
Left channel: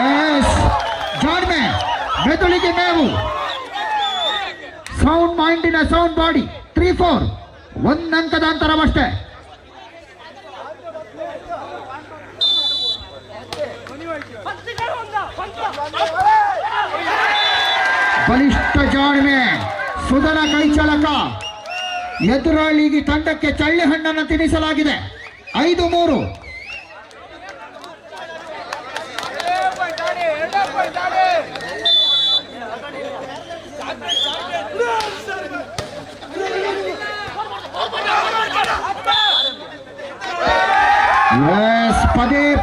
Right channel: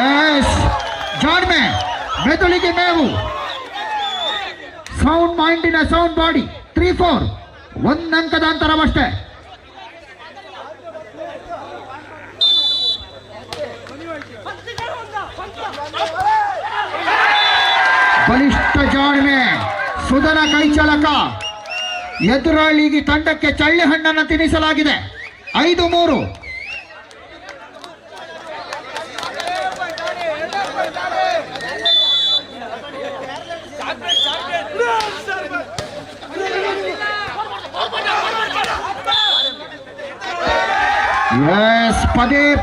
ಎಸ್ ಜಾಣ್ಮೆ, ಮೆದುಳಿಗೆ ಮೇವು, ಸೌಂಡ್ ಮೈಂಡಿನ ಸೌಂಡ್ ಬಾಡಿ. 3-4 1 ಅಂಕದ ಅಂತರವಷ್ಟೇ. ಬಲಿಷ್ಠ ಜಾಣ್ಮೆ, ಸುಧನ ಕೈಚಳಕ. ಎದುರಾಳಿಗೆ ತಂಡಕ್ಕೆ ಚಳ್ಳಿ ಹಣ್ಣನ್ನು ತಿನ್ನಿಸಲಾಗಿದೆ. 5-3. ಎಸ್,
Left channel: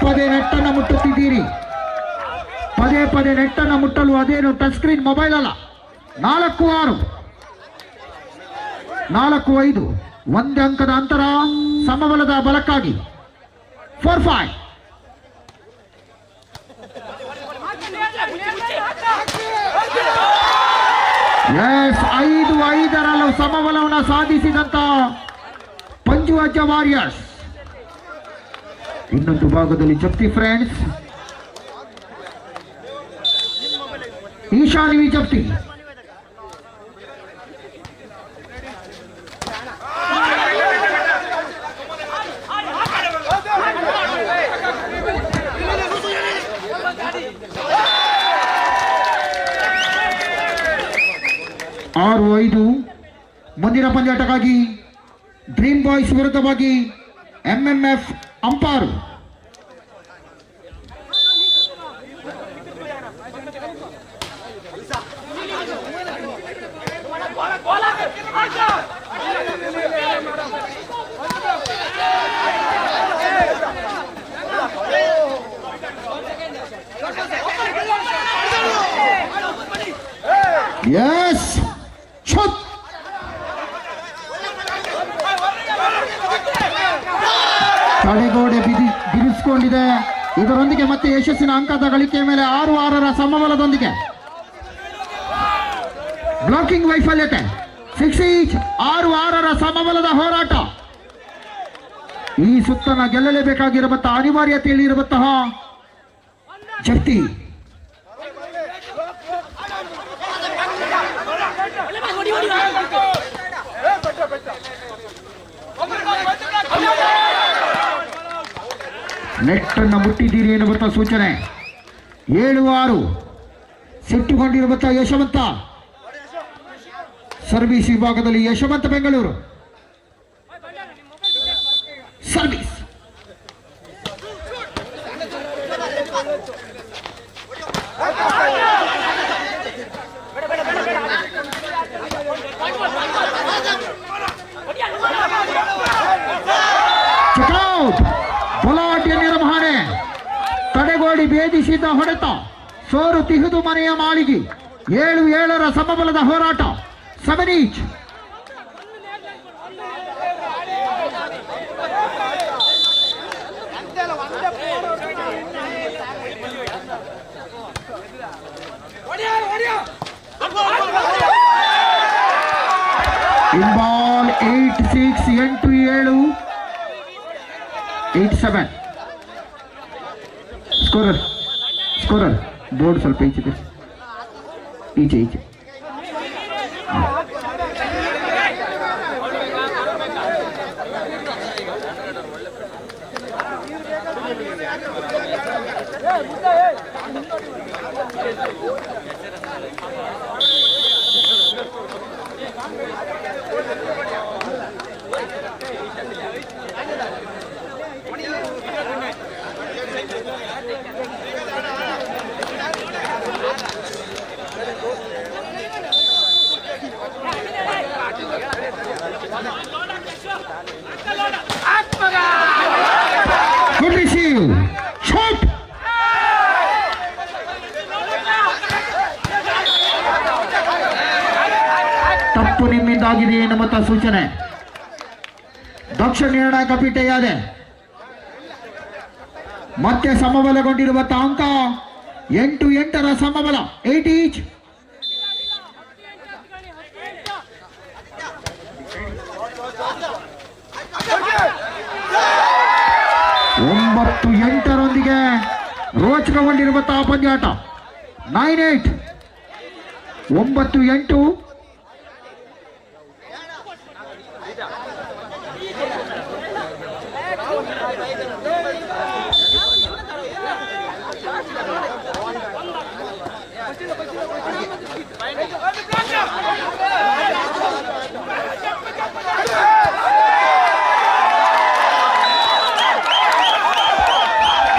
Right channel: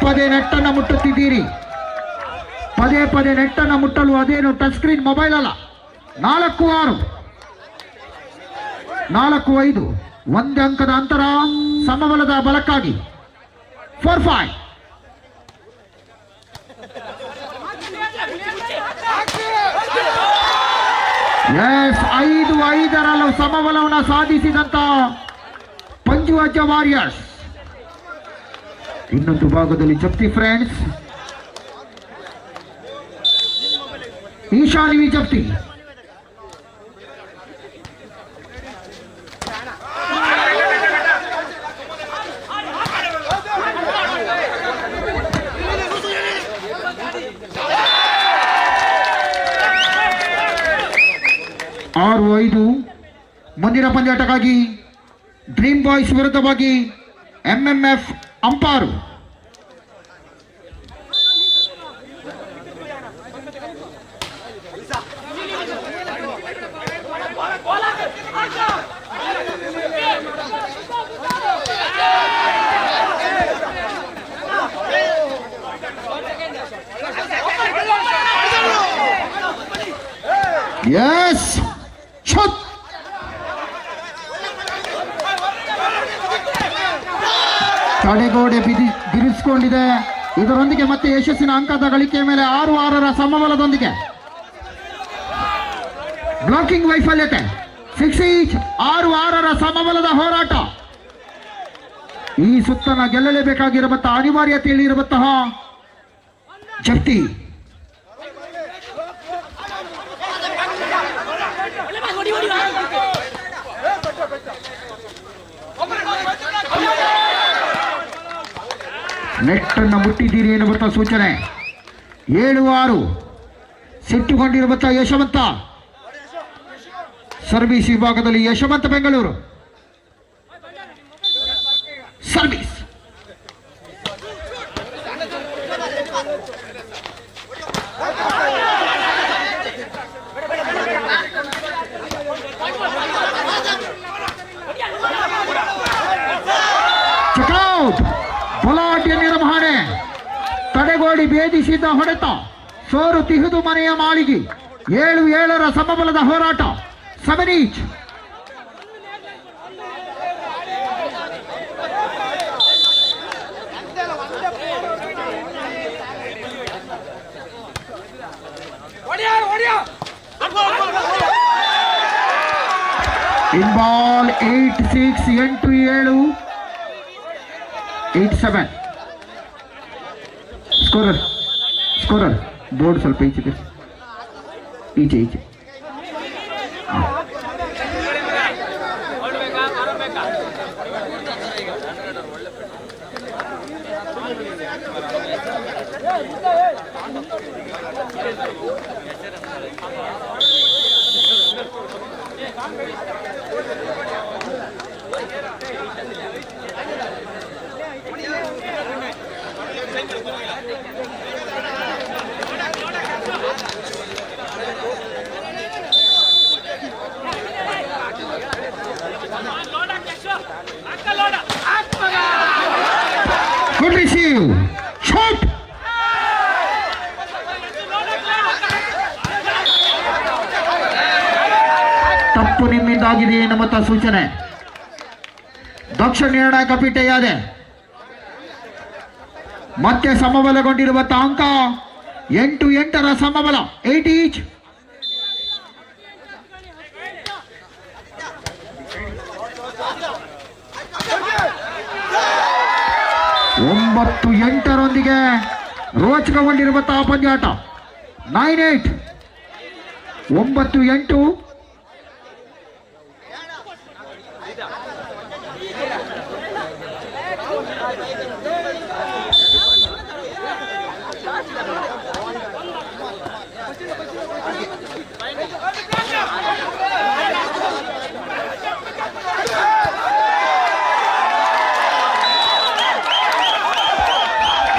ಪದೇ ನೆಟ್ಟನ್ನು ಮುಟ್ಟುತ್ತಿದ್ದೀರಿ. ಪದೇ ನೆಟ್ಟನ್ನು ಮುಟ್ಟಲು ಅದೇನು ಟಚ್ ಸ್ಕ್ರೀನ್ ಮೊಬೈಲ್ ಅಲ್ಲ. 4-6 4-5 1 ಅಂಕದ ಅಂತರ. ಸಮಬಲದ ಬಲಕ್ಕಾಗಿ 4-5. ಎಸ್, 5-5 ಸಮಬಲವನ್ನು ಸಾಧಿಸಿದಂತ ಪಂಜುವಜ್ಜ ವಾರಿಯರ್ಸ್. ಇನ್ನೊಂದು ಭಾಗದಲ್ಲಿ ಜಪ್ತಿ ಫ್ರೆಂಡ್ಸ್. ಈಶಾನ್ವಿ ಜಪ್ತಿ. ಆರು 5 ಮುಂದಿನ ಪಂದ್ಯಾಟಕ್ಕಾಗಿ ಡ್ರೀಮ್ ಬಾಯ್ಸ್ ವಿರುದ್ಧವಾಗಿ MMF ಅಂಪಾರು. Yes, shoot. ತಡೆಗೋಡೆ ಬಿಡಿಸಿಕೊಂಡಿದೆ. ಇದರೊಂದಿಗೆ ಮತ್ತೆ ಯಶಸ್ಸಿನ ಅಂಕದ ಗಳಿಕೆ ಮೇಲೆ 6-6 ಸಮಬಲದೊಂದಿಗೆ ಬ್ಲಾಕಿಂಗ್ ವೈಫಲ್ಯತೆ. 6 ಈಚ್ 6-6 ಸಮಬಲದ ಹೋರಾಟ. ಈ ಸುತ್ತನ ಗೆಲ್ಲಲೇಬೇಕಾಗಿರುವಂತಹ ಅನಿವಾರ್ಯತೆಯಲ್ಲಿರುವಂತಹ ಜಪ್ತಿ. ನೆಟ್ಟನ್ನು ಮುಟ್ಟಿದ್ದೀರಿ ಎನ್ನುವಂಥ ಸೂಚನೆ. 7-6 ಸಿಟ್ಟುಕೊಂಡಿರುವಂತಹ ಯಶವಂತ ಸರ್ವಿಸ್ ವಿಭಾಗದಲ್ಲಿ. ಯಶವಂತ ಬೆಂಗಳೂರು ಸರ್ವಿಸ್. ಚೆಕ್ಔಟ್. ಬಲಾಢ್ಯ ನಿರ್ವಹಣೆ. ತಡೆಗೋಡಿ ಭೇದಿಸಿದ ಹೊಡೆತ, ಸೋರು ತಿಹುದು ಮನೆಯ ಮಾಳಿಗೆ. 7-7ರ ಸಮಬಲದ ಹೋರಾಟ. 7 ಈಚ್. ಇನ್ ಬಾಲ್ 8-6, 8-7, 8-7. ಸ್ಕೋರರ್ ಬೋರ್ಡ್ ಸ್ವಲ್ಪ ಈಚೆ. Good receive. Shot. ತಪ್ಪು ನಿಮ್ಮಿಂದಾಗಿದೆ ಎನ್ನುವಂತ ಸೂಚನೆ. ದಕ್ಷ ನಿರ್ಣಾಯಕ ಪೀಠೆಯಾದೆ. ಮತ್ತೆ ಸಮಬಲಗೊಂಡಿರುವಂತಹ ಅಂಕ 8-8ರ ಸಮಬಲ. 8 ಈಚ್. ಒಂಬತ್ತು 8ರೊಂದಿಗೆ ರೋಚಕಗೊಂಡಿರುವಂತಹ ಪಂದ್ಯಾಟ. 9-8. 9-8.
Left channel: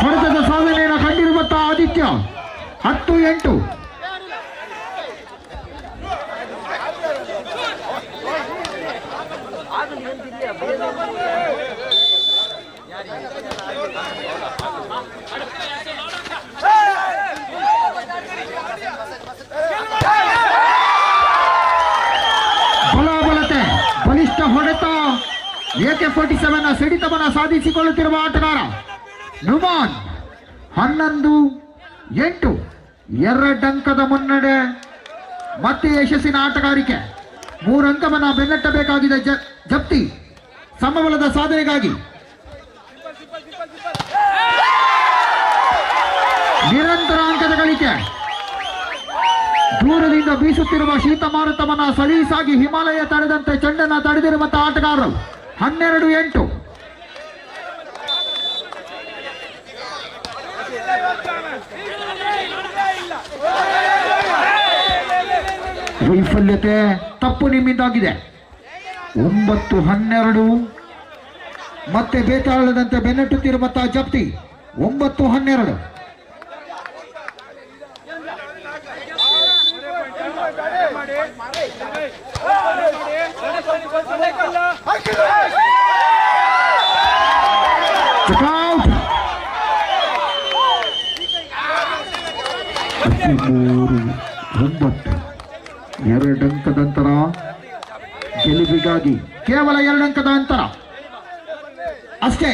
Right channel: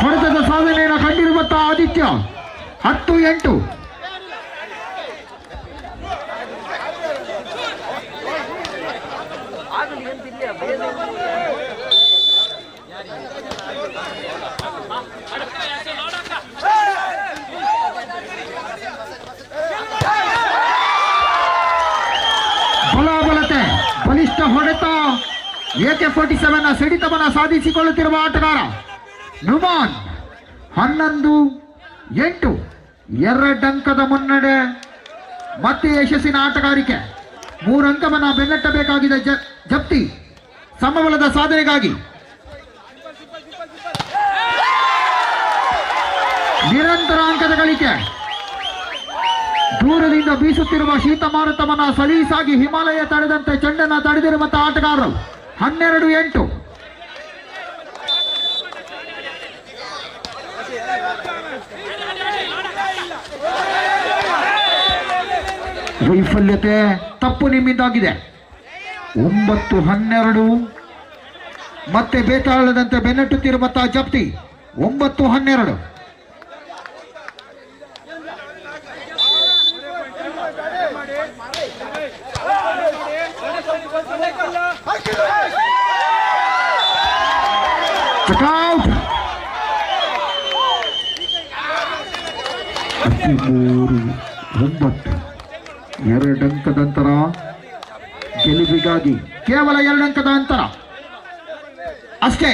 ಹೊಡೆತದ ಸಾಧನೆಯನ್ನು ಕಂಡಿರುವಂತಹ ಆದಿತ್ಯ. 10-8. ಬಲಾಬಲತೆ, ಬಲಿಷ್ಠ ಹೊಡೆತ. AK-47ನ ಸಿಡಿತವನ್ನ ಸಾಧಿಸಿಕೊಳ್ಳುತ್ತಿರುವ ಆಟಗಾರ ನುಮಾನ್. 11-8. 2 ಅಂಕದ ಮುನ್ನಡೆ. ಮತ್ತೆ ಯಶಸ್ಸಿನ ಆಟಗಾರಿಕೆ. 3 ಅಂಕವನ್ನ ಬೆನ್ನಟ್ಟಬೇಕಾಗಿದೆ ಜಪ್ತಿ ಸಮಬಲದ ಸಾಧನೆಗಾಗಿ. ನಿರಂತರ ಅಂಕದ ಗಳಿಕೆ. ದೂರದಿಂದ ಬೀಸುತ್ತಿರುವ ಶೀತ ಮಾರುತವನ್ನ ಸಲೀಸಾಗಿ ಹಿಮಾಲಯ ತಡೆದಂತೆ ಚೆಂಡನ್ನ ತಡೆದಿರುವಂತಹ ಆಟಗಾರರು. 12-8. ವೈಫಲ್ಯತೆ, ತಪ್ಪು ನಿಮ್ಮಿಂದಾಗಿದೆ. 9-12. ಮತ್ತೆ ಬೇತಾಳದಂತೆ ಬೆನ್ನಟ್ಟುತ್ತಿರುವಂತಹ ಜಪ್ತಿ. 9-12. Check-out. 13-9. 2 ಅಂಕದ ಅಂತರ ಗೆಲುವಿಗಾಗಿ. ಕೇವಲ 2 ಅಂಕದ ಅಂತರ ಅಷ್ಟೇ.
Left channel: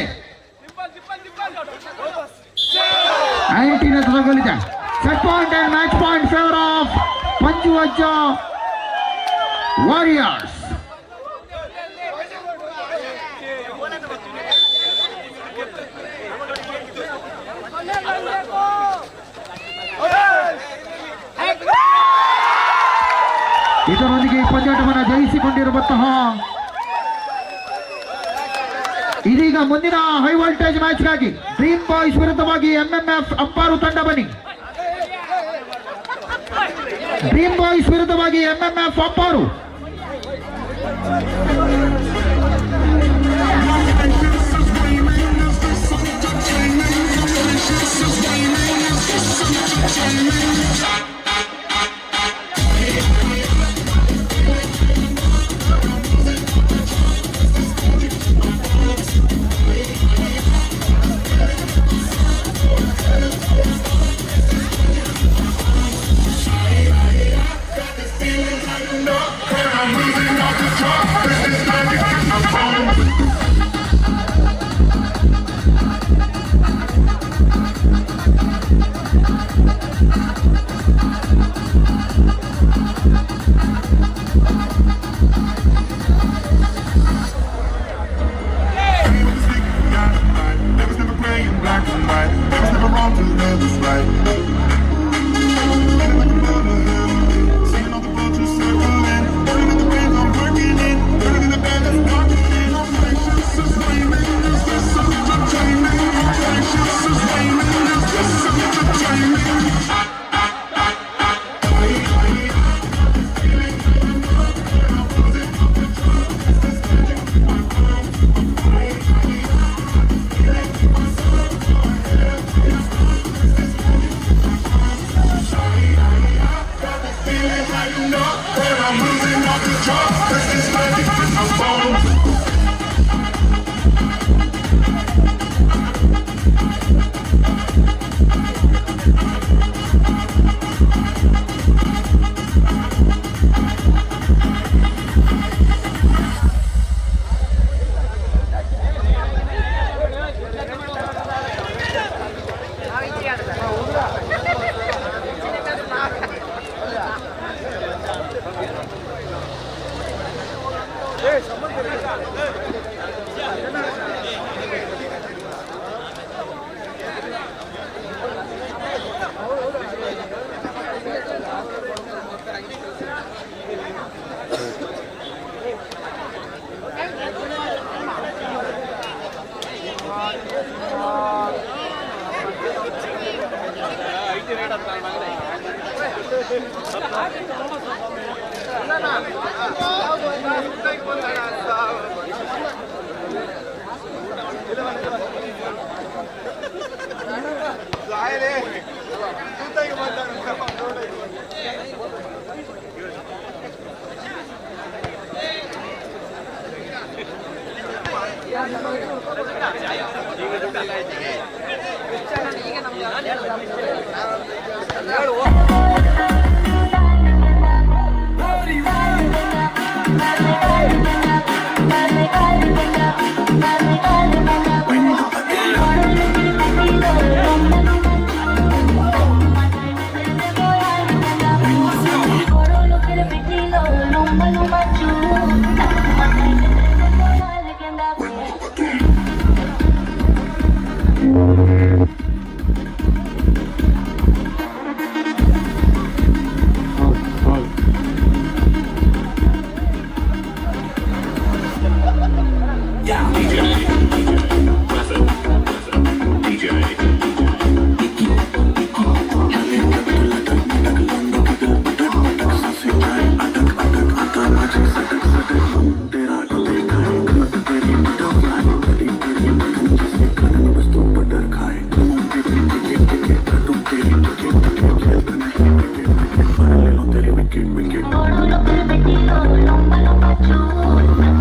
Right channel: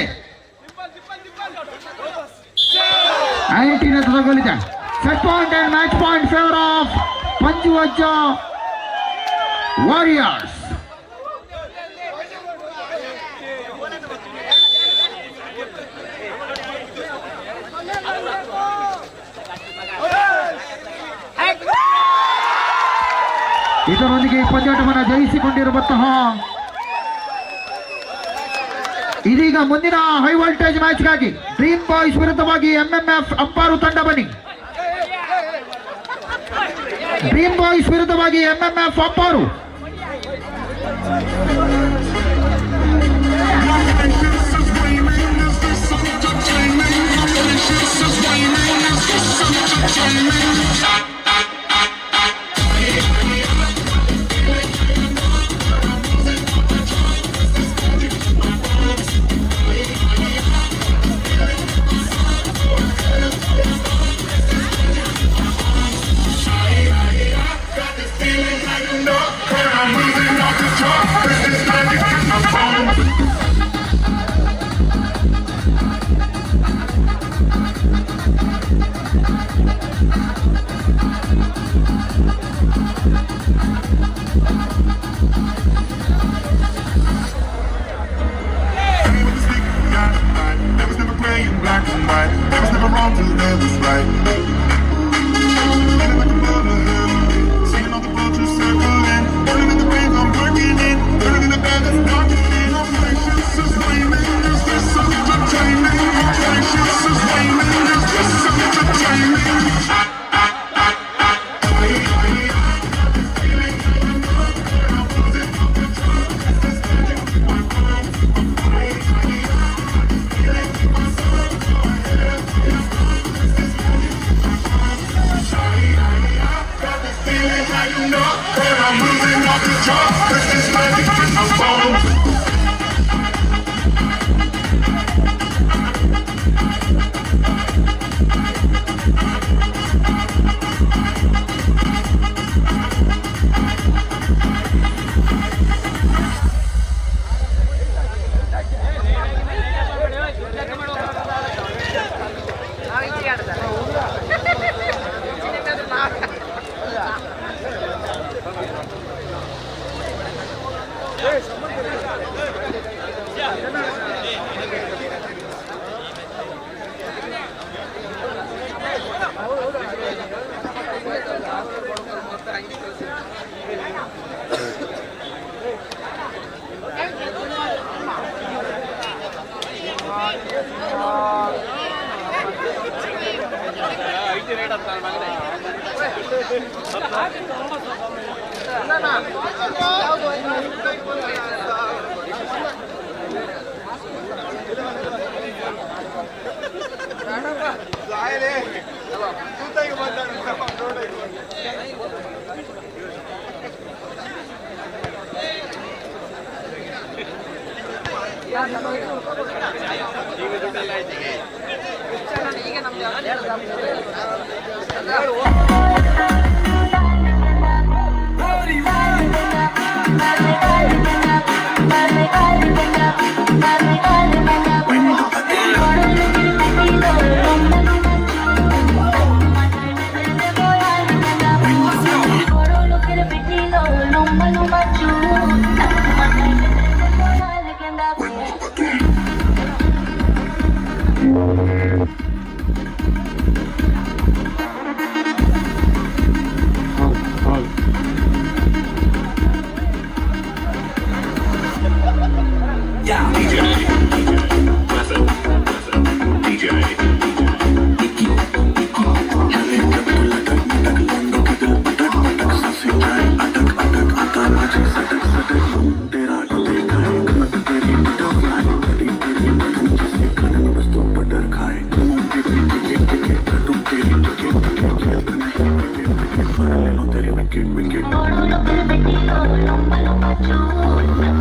19 ತಗೊಳ್ಳಿದೆ. Set point and match point favour of Panchuvajja warriors. ಇದರೊಂದಿಗೆ ಈ ಪಂದ್ಯಾಟವನ್ನು ಜಯಿಸಿಕೊಂಡಿರುವಂತಹ ಇದೀಗ ಮುಂದಿನ ಹೈ ವೋಲ್ಟೇಜ್ ಮ್ಯಾಚ್ಗಾಗಿ ಡ್ರೀಮ್ ಬಾಯ್ಸ್ ವಿರುದ್ಧವಾಗಿ MMF ಅಂಪಾರು ತಂಡ ಬನ್ನಿ. ಡ್ರೀಮ್ ಬಾಯ್ಸ್ ವಿರುದ್ಧವಾಗಿ MMF Amparu. Lumba lumba chula,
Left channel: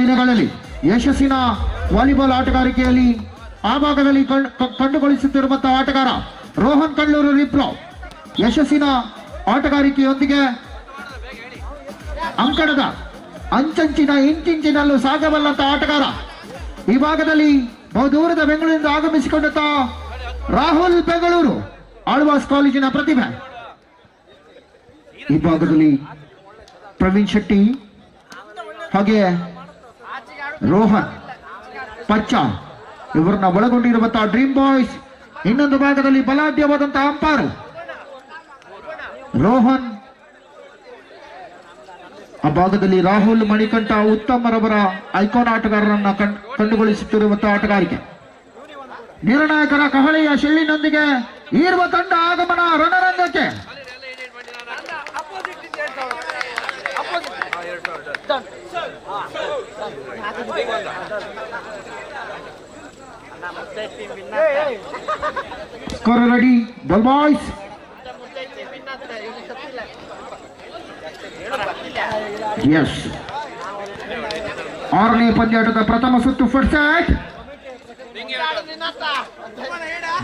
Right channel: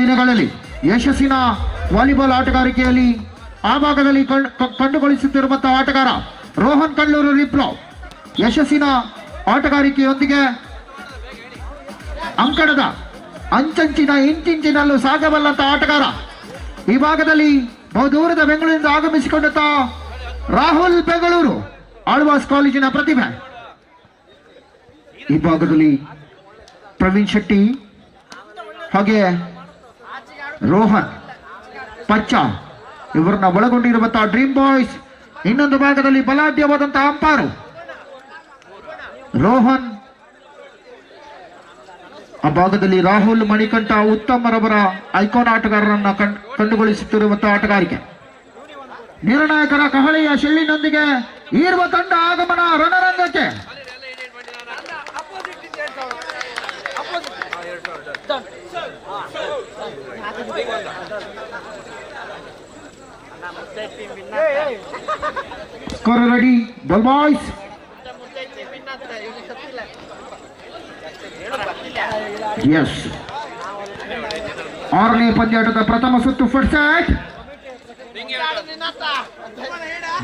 ದಿನಗಳಲ್ಲಿ ಯಶಸ್ಸಿನ ವಾಲಿಬಾಲ್ ಆಟಗಾರಿಕೆಯಲ್ಲಿ ಆ ಭಾಗದಲ್ಲಿ ಕಂಡುಗೊಳಿಸುತ್ತಿರುವಂತಹ ಆಟಗಾರ ರೋಹನ್ ಕಳ್ಳೂರು ರಿಪ್ಲೋ. ಯಶಸ್ಸಿನ ಆಟಗಾರಿಕೆಯೊಂದಿಗೆ ಅಂಕಣದ ಅಂಚಂಚಿನ ಇಂಚಿನಲ್ಲೂ ಸಾಗಬಲ್ಲಂತ ಆಟಗಾರ. ಈ ಭಾಗದಲ್ಲಿ ಬಹುದೂರದ ಬೆಂಗಳೂರಿನಿಂದ ಆಗಮಿಸಿಕೊಂಡಂತ ರಾಹುಲ್ ಬೆಂಗಳೂರು ಆಳ್ವಾಸ್ ಕಾಲೇಜಿನ ಪ್ರತಿಭೆ. ಈ ಭಾಗದಲ್ಲಿ ಪ್ರವೀಣ್ ಶೆಟ್ಟಿ ಹಾಗೆ ರೋಹನ್ ಪಚ್ಚ ಇವರನ್ನ ಒಳಗೊಂಡಿರುವಂತಹ ಡ್ರೀಮ್ ಬಾಯ್ಸ್. ಇನ್ನೊಂದು ಭಾಗದಲ್ಲಿ ಬಲಾಢ್ಯವಾದಂತಹ ಅಂಪಾರು ರೋಹನ್. ಆ ಭಾಗದಲ್ಲಿ ರಾಹುಲ್ ಮಣಿಕಂಠ ಉತ್ತಮರವರ ಐಕಾನ್ ಆಟಗಾರರನ್ನ ಕಂಡುಗೊಳಿಸುತ್ತಿರುವಂತಹ ಆಟಗಾರಿಕೆ. ನಿರ್ಣಾಯಕರ ಕಹಳೆಯ ಶೆಳ್ಳಿನೊಂದಿಗೆ ಈರುವ ತಂಡ ಆಗಮನ ರಣರಂಗಕ್ಕೆ. Score ready ball boys. Yes, 6ನೇ ಪಂದ್ಯಾಟದ ಪ್ರಥಮ ಸುತ್ತು ಫಸ್ಟ್ ಸೆಟ್.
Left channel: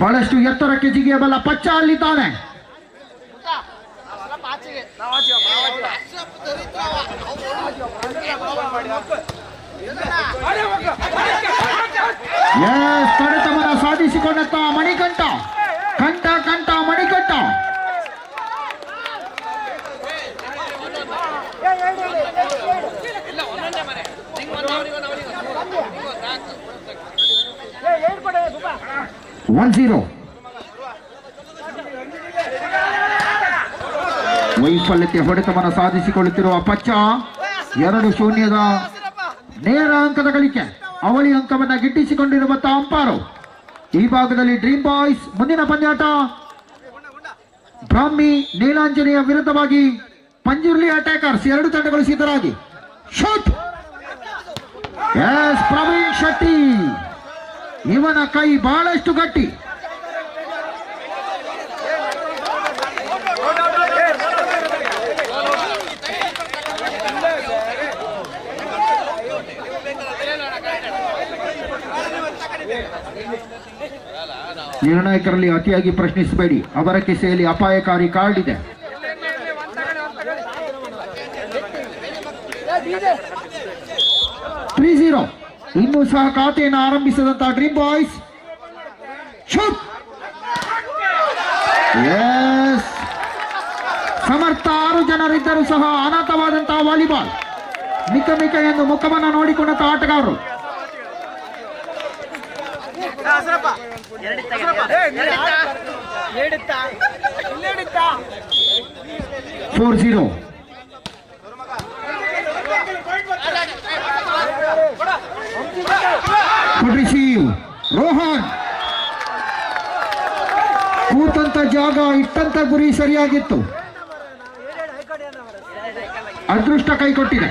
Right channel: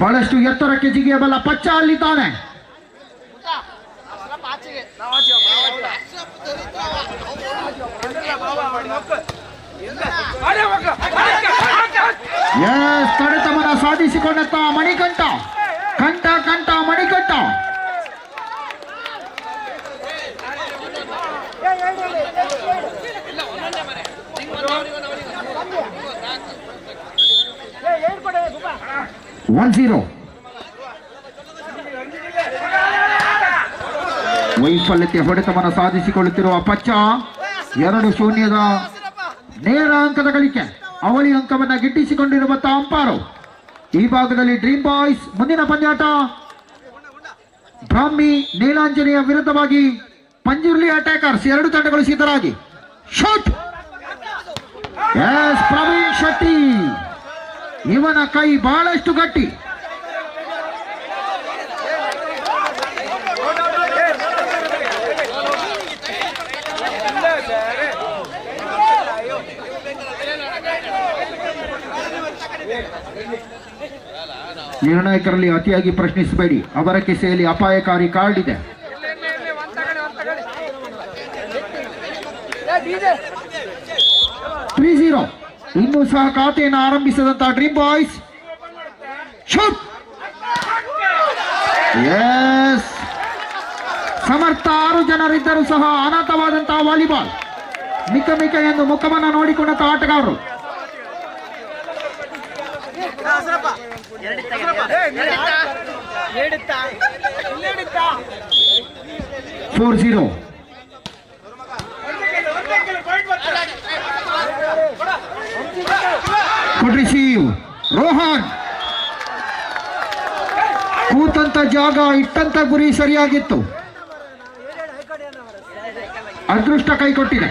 ಬಹಳಷ್ಟು ಎತ್ತರಕ್ಕೆ ಜಿಗಿಯಬಲ್ಲ ಪಚ್ಚ ಅಲ್ಲಿದ್ದಾನೆ. ಎಸ್, ತಡೆತಮನ ಸಾಧಿಸಿಕೊಂಡಂತ ಮಣಿಕಂಠ. ಕಂಠ ಮಣಿಕಂಠ. ಒನ್ 0. ವೈಫಲ್ಯತೆ ಹೊಡೆತವನ್ನು ಸಾಧಿಸಿಕೊಳ್ಳುತ್ತಿರುವ ಪಚ್ಚ 2-0 ನೇರ ಅಂಕದ ಗಳಿಕೆ. ಅವಳಿ ಅಂಕವನ್ನ ಗಿಟ್ಟಿಸಿಕೊಂಡಿರುವಂತಹ ಅಂಪಾರು. ಈ ಭಾಗದಲ್ಲಿ ಡ್ರೀಮ್ ಬಾಯ್ಸ್ ಮುಂದಿನ ಪಂದ್ಯಾಟ ಬ್ರಾಹ್ಮಿ ನೀಲಾಂಜನೇಯ ವಿರುದ್ಧವಾಗಿ ಪಂಜುರ್ಲಿ ಅಟ್ಯಾಕರ್ಸ್. 2 ತಂಡಗಳು ಸಿದ್ಧರಾಗಿ ಶೂಟ್. ಎಸ್, ಪ್ರವೀಣ್ ಶೆಟ್ಟಿ. ಇವನ ಕೈ ಬಹಳಷ್ಟು ಗಟ್ಟಿ. ನಿರ್ಣಾಯಕರಲ್ಲಿ ಅತಿಯಾಗಿ ಪ್ರಶ್ನಿಸಬೇಡಿ, ಅವರ ಕಿಸೆಯಲ್ಲಿ ಅಪಾಯಕಾರಿ ಕಾರ್ಡ್ ಇದೆ. 3-0. ಇನ್ನೂ ಸಹ ಖಾತೆಯನ್ನು ಆರಂಭಿಸಿದಂತಹ ಡ್ರೀಮ್ ಬಾಯ್ಸ್. ಶೂಟ್. ಎಸ್, ಸಮರ್ಥ 6 ಜನರಿದ್ದರೂ ಸಹ ಅನಾಥವಾದಂತಹ ವಾಲಿಬಾಲ್. ಮಿಕ ಎಂದು ಮುಖವನ್ನು ನೋಡಿಕೊಂಡಂತಹ ಆಟಗಾರರು. 4-0. ರಿಸೀವ್ ರೋಹನ್. ಕೂತಂತ ಜಾಗ ಇಟ್ಟಂತ ಗುರಿ ಸರಿಯಾಗಿತ್ತು. ಅದೃಷ್ಟ ಕೈ ಕೊಟ್ಟಿದೆ.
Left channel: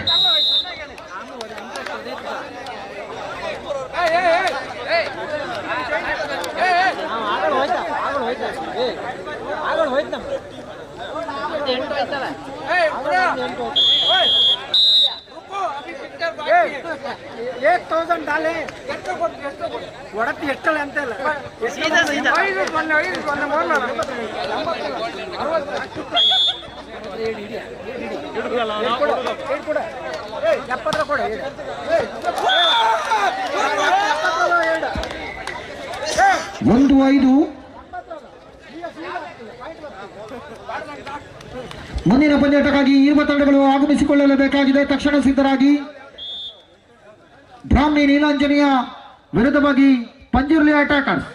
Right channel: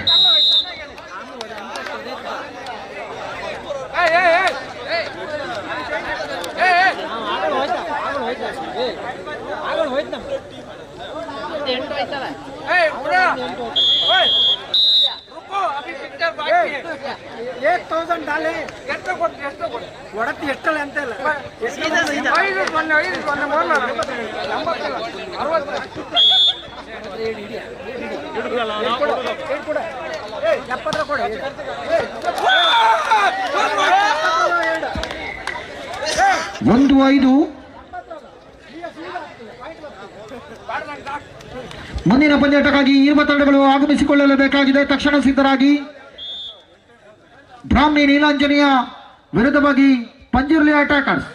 ಎಷ್ಟಲ್ಲ ಅಂತ ಇಲ್ಲ. ಒಂದು 5. ಮುಂದಿನ ಪಂದ್ಯಾಟಕ್ಕಾಗಿ ಇರುವ ತಂಡಗಳು ಆಗಮಿಸಿಕೊಳ್ಳಲೇಬೇಕಾಗಿದೆ. ತಕ್ಷಣ ಸಿದ್ಧರಾಗಿ. ಬ್ರಾಹ್ಮಿ ನೀಲಾಂಜನೇಯ ವಿರುದ್ಧವಾಗಿ ಪಂಜುರ್ಲಿ ಅಟ್ಯಾಕರ್ಸ್.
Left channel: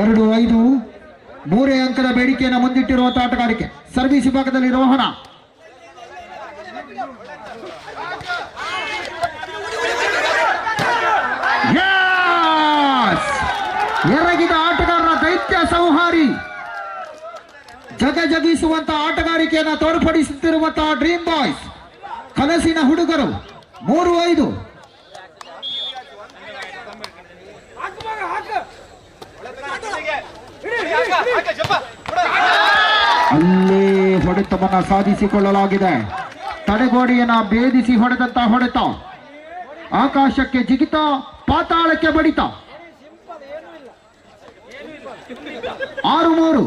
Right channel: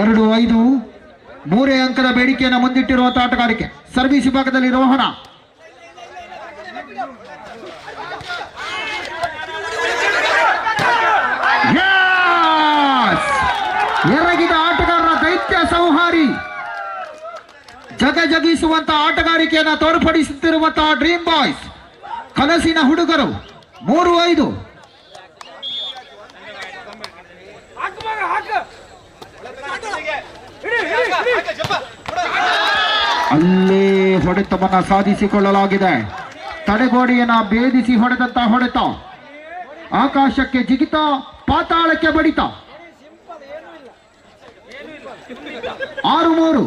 ಎರಡು 5 3 ಅಂಕದ ಬೇಡಿಕೆಯನ್ನು ಮುಂದಿಟ್ಟಿರುವಂತಹ ಆಟಗಾರಿಕೆ. ಸರ್ವಿಸ್ ವಿಭಾಗದಲ್ಲಿ ರೋಹನ. ಎರಗಿದ ಆಟಗಾರರ ದೈತ್ಯ ಸಂಹಾರಿ. ಜಗಿಸುವಂತಹ ಆಟಗಾರಿಕೆಯನ್ನು ತೋರ್ಪಡಿಸುತ್ತಿರುವಂತಹ ಡ್ರೀಮ್ ಬಾಯ್ಸ್. ಕನಸಿನ ಹುಡುಗರು 3-5. ಅಲ್ಲಿ ಹೊಡೆತವನ್ನ ಸಾಧಿಸಿಕೊಳ್ಳಲಾಗಿದೆ. ತಡೆಗೋಡೆಯನ್ನ ಭೇದಿಸಿ ಹೊಡೆದಂತ ಹೊಡೆತ, ಆಕಾಶಕ್ಕೆ ಜಿಗಿತ, ಪಾತಾಳಕ್ಕೆ ಬಡಿತ. 6-3.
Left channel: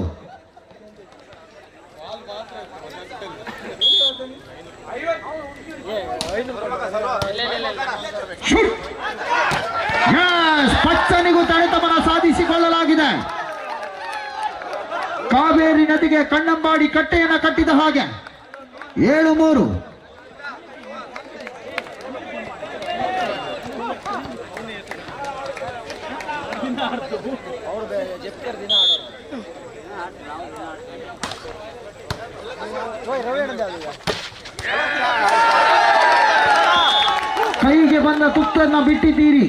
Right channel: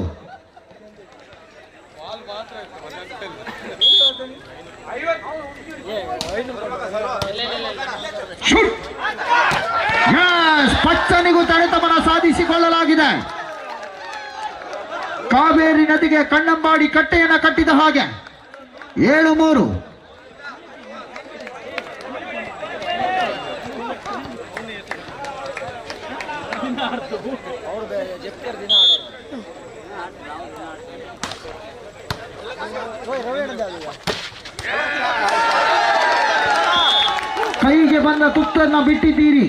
ಪಚ್ಚನಿಗೂ ತಡೆತವನ್ನ ಸಾಧಿಸಿಕೊಳ್ಳಲಾಗಿದೆ. ಕಾವೇರಿ ನದಿಗೆ ಕಣ್ಣಂಬಾಡಿ ಕಟ್ಟೆಯನ್ನ ಕಟ್ಟಿದ ಹಾಗೆ 7-3. ಕೈಗೆ ಬಂದ ತುತ್ತನ್ನ ಬಿಟ್ಟಿದ್ದೀರಿ.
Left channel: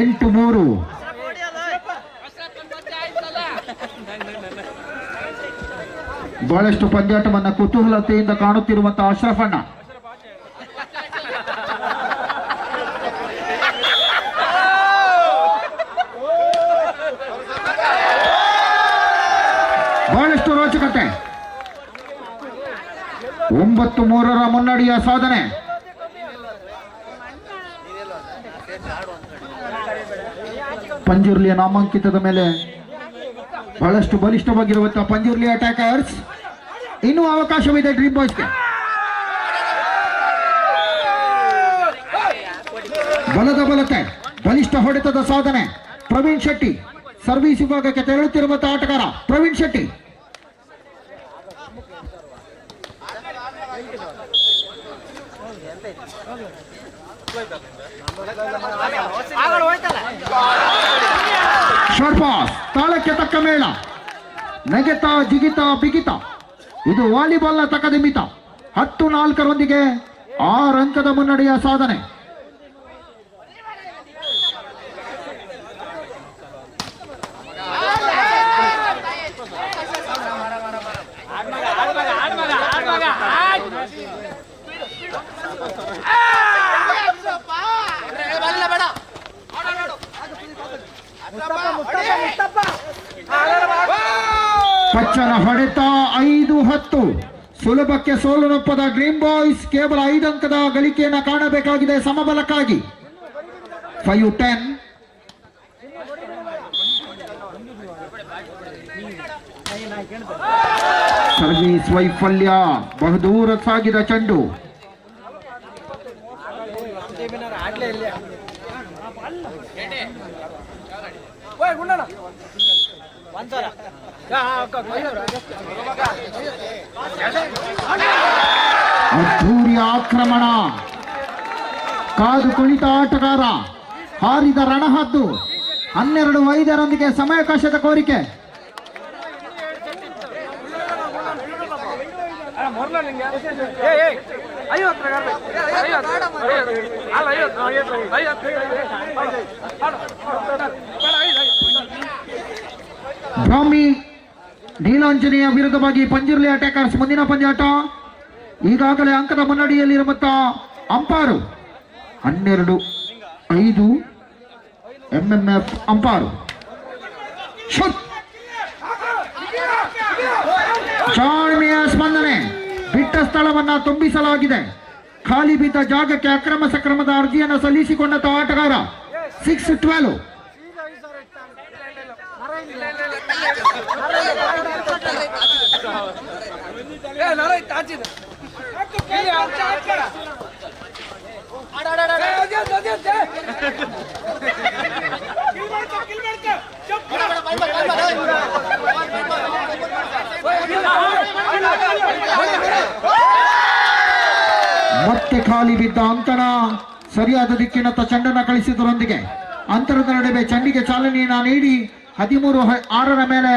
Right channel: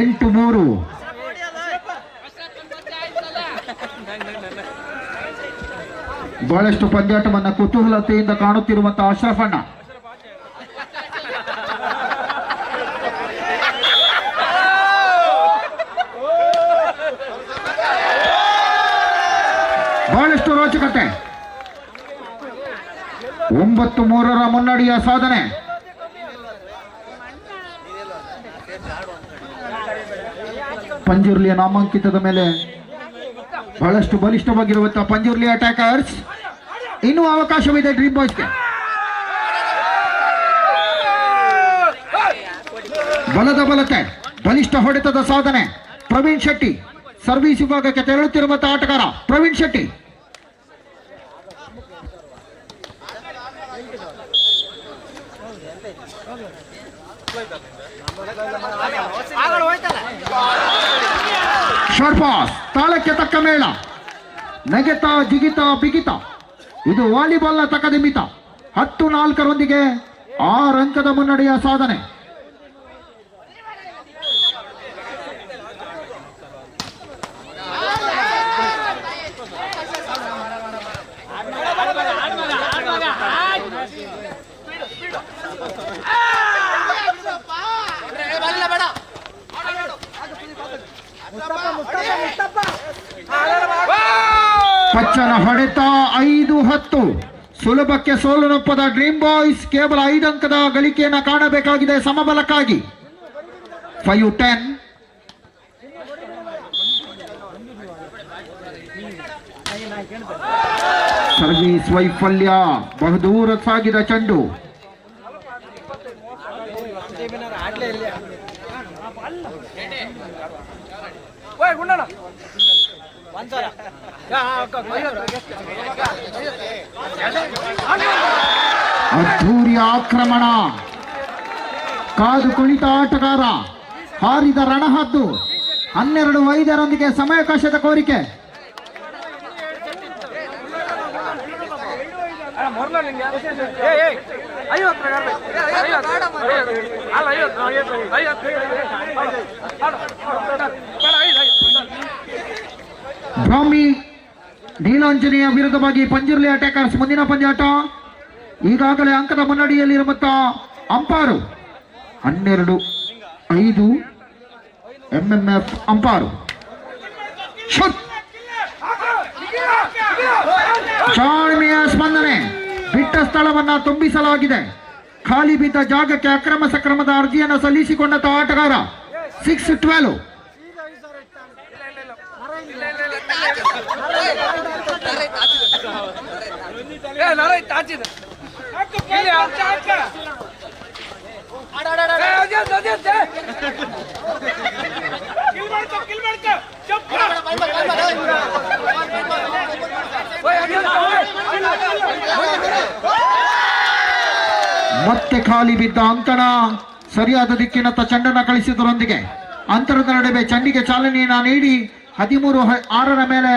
8-3. ಬಹಳಷ್ಟು ಪಂದ್ಯಾಟವನ್ನ ಕುತೂಹಲತೆಯಿಂದ ಕಾಣುತ್ತಿರುವಂತಹ ಅಶ್ರಫಣ್ಣ. ಬಹಳಷ್ಟು ರೋಚಕತೆ. 9-3 ಮುನ್ನಡೆಯ ಸಾಧನೆ. ಪಂಜುರ್ಲಿಯ ನಾಮಾಂಕಿತದ ಮೇಲೆ ಬಹಳಷ್ಟು ಬಲಿಷ್ಠವಾಗಿರುವಂತಹ ಪಂಜುರ್ಲಿ ಅಟ್ಯಾಕರ್ಸ್. ಇನ್ನೂ ಅವಕಾಶವಿದೆ ಡ್ರೀಮ್ ಬಾಯ್ಸ್ಗೆ. ಬಲದ ಬಲತೆ, ಬಲಿಷ್ಠ ಹೊಡೆತದ ಸಾಧನೆ. ಪ್ರವೀಣ್ ಶೆಟ್ಟಿ ಸರ್ವಿಸ್ ವಿಭಾಗಕ್ಕೆ ತೆರಳುತ್ತಿರುವಂತಹ ಆಟಗಾರ ಪ್ರವೀಣ್ ಶೆಟ್ಟಿ. ಶಾರ್ಟ್ ಪಾಸ್, ತಾಳಕ್ಕೆ ತಕ್ಕ ಮೇಳ, ನೆಗೆತ ಜಿಗಿತ ಬಿಗಿತ. ಇದು ವಾಲಿಬಾಲ್ನ ತಕದಿಮಿತ. 10-4 6 ಅಂಕದ ಮುನ್ನಡೆಯ ಸಾಧನೆ. ಪಚ್ಚನ ಹೊಡೆತ 5-10. ಸುಲಭಕ್ಕೆ ಸೋಲನೊಪ್ಪದ ಡ್ರೀಮ್ ಬಾಯ್ಸ್ ಕೇವಲ 5 ಅಂಕದ ಗಳಿಕೆಯನ್ನ ಕಾಣಬೇಕಾಗಿದೆ ಸಮಬಲಕ್ಕಾಗಿ. 5-10. ಸರ್ವೀಸ್ ವೈಫಲ್ಯ, ಬಹುದೂರ ಸಾಗಿದ ಚೆಂಡು. ಅದ್ಧೂರಿಯ ಆಕ್ರಮಣ. ಕಾದು ಕುಳಿತ ಆಟಗಾರ, ಹಾರಿದ ರಣಹದ್ದು. 12-5 ಸಮಯಾವಕಾಶದ ಕೋರಿಕೆ. ಬ್ರಾಹ್ಮಿ ನೀಲಾಂಜನೇಯ ವಿರುದ್ಧವಾಗಿ ಪಂಜುರ್ಲಿ ಅಟ್ಯಾಕರ್ಸ್ ಮುಂದಿನ ಪಂದ್ಯಾಟ. ಈಗಾಗಲೇ ಅಂಕದ ಮುನ್ನಡೆಯಲ್ಲಿರುವಂತಹ ಅಂಪಾರು 12-5 MMF ಅಂಪಾರು. ಜಾಣ್ಮೆಯ ಸ್ಪಂದನೆ. ಬಿಟ್ಟ ಸ್ಥಳವನ್ನ ತುಂಬಿಸಲಾಗಿದೆ. ಖಾಲಿ ಬಿದ್ದ ಜಾಗಕ್ಕೆ ಅಕ್ರಮ ಸಕ್ರಮದ ಅರ್ಜಿಯನ್ನು ಸಲ್ಲಿಸಿಕೊಂಡ ಆಟಗಾರ. 6-12. ಮತ್ತೆ ಖಾಲಿ ಬಿದ್ದ ಅಂಕಣ ಸರಿಯಾದ ದಿಕ್ಕಿನತ್ತ ಚೆಂಡನ್ನು ಕಳಿಸಿದರೊಂದಿಗೆ ಅಂತರದ ನಡುವೆ ಚೆಂಡಿಗೆ ಚಾಲನೆಯನ್ನ ನೀಡಿ 13-6 ಮೇಲೆ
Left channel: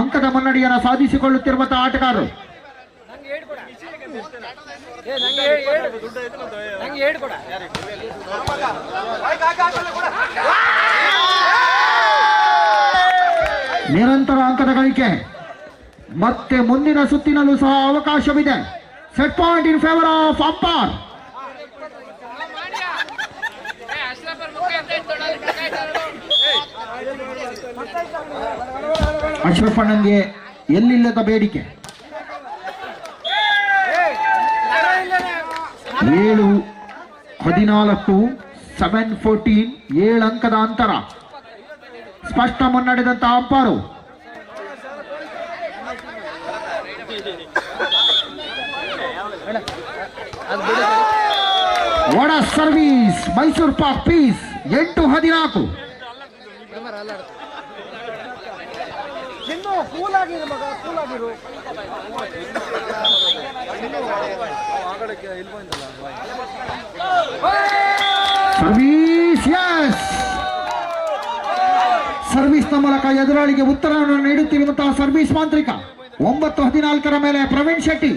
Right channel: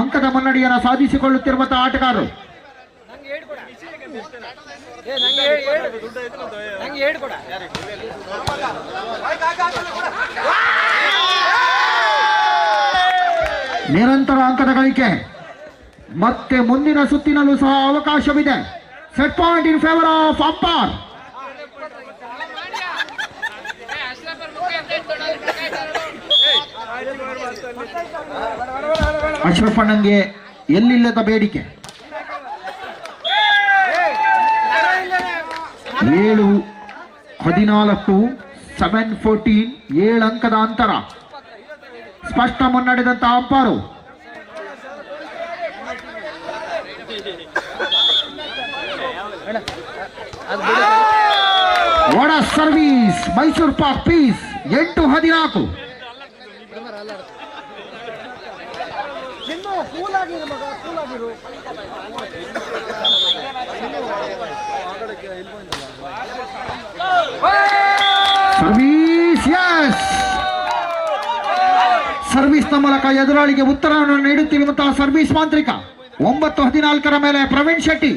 ಅಂಕದ ಮುನ್ನಡೆಯನ್ನು ಸಾಧಿಸಿಕೊಳ್ಳುತ್ತಿರುವಂತಹ ಆಟಗಾರರು. ನಿರಂತರ ಅಂಕದ ಗಳಿಕೆ. ಮತ್ತೆ ಮುಂದಿನ ಸುತ್ತಿನಲ್ಲೂ ಸಹ ಅವಕಾಶವಿದೆ. Set point in favour of umpire. ಅಶ್ರಫಣ್ಣಂಗೆ ಎಲ್ಲಿಲ್ಲದ ಬೇಡಿಕೆ. 7-14 7-14 7 ಅಂಕದ ಅಂತರ. ಸ್ಪಷ್ಟ ಮುನ್ನಡೆದಂತ ಅಂಪಾರು. ಒಡ service Mysore pak piece 8-14. Service yes. ಸರ್ವಿಸ್ನ ಮೂಲಕ ಎದುರಾಳಿಗೆ ಉತ್ತರವನ್ನು ನೀಡುತ್ತಿರುವಂತಹ ಸರ್ವಿಸ್ ಮಾಂತ್ರಿಕ. 9-14 ಮೇಲೆ ಪ್ರವೀಣ್ ಶೆಟ್ಟಿ.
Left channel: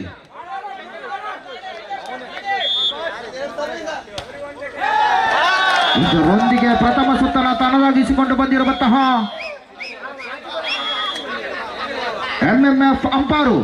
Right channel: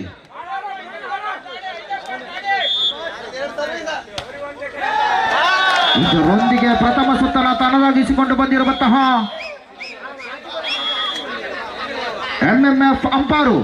ಇದರೊಂದಿಗೆ ಪ್ರಥಮ ಸುತ್ತನ ತನ್ನದಾಗಿಸಿಕೊಂಡು ಬಂದಿರುವಂತಹ MMF ಅಂಪಾರು.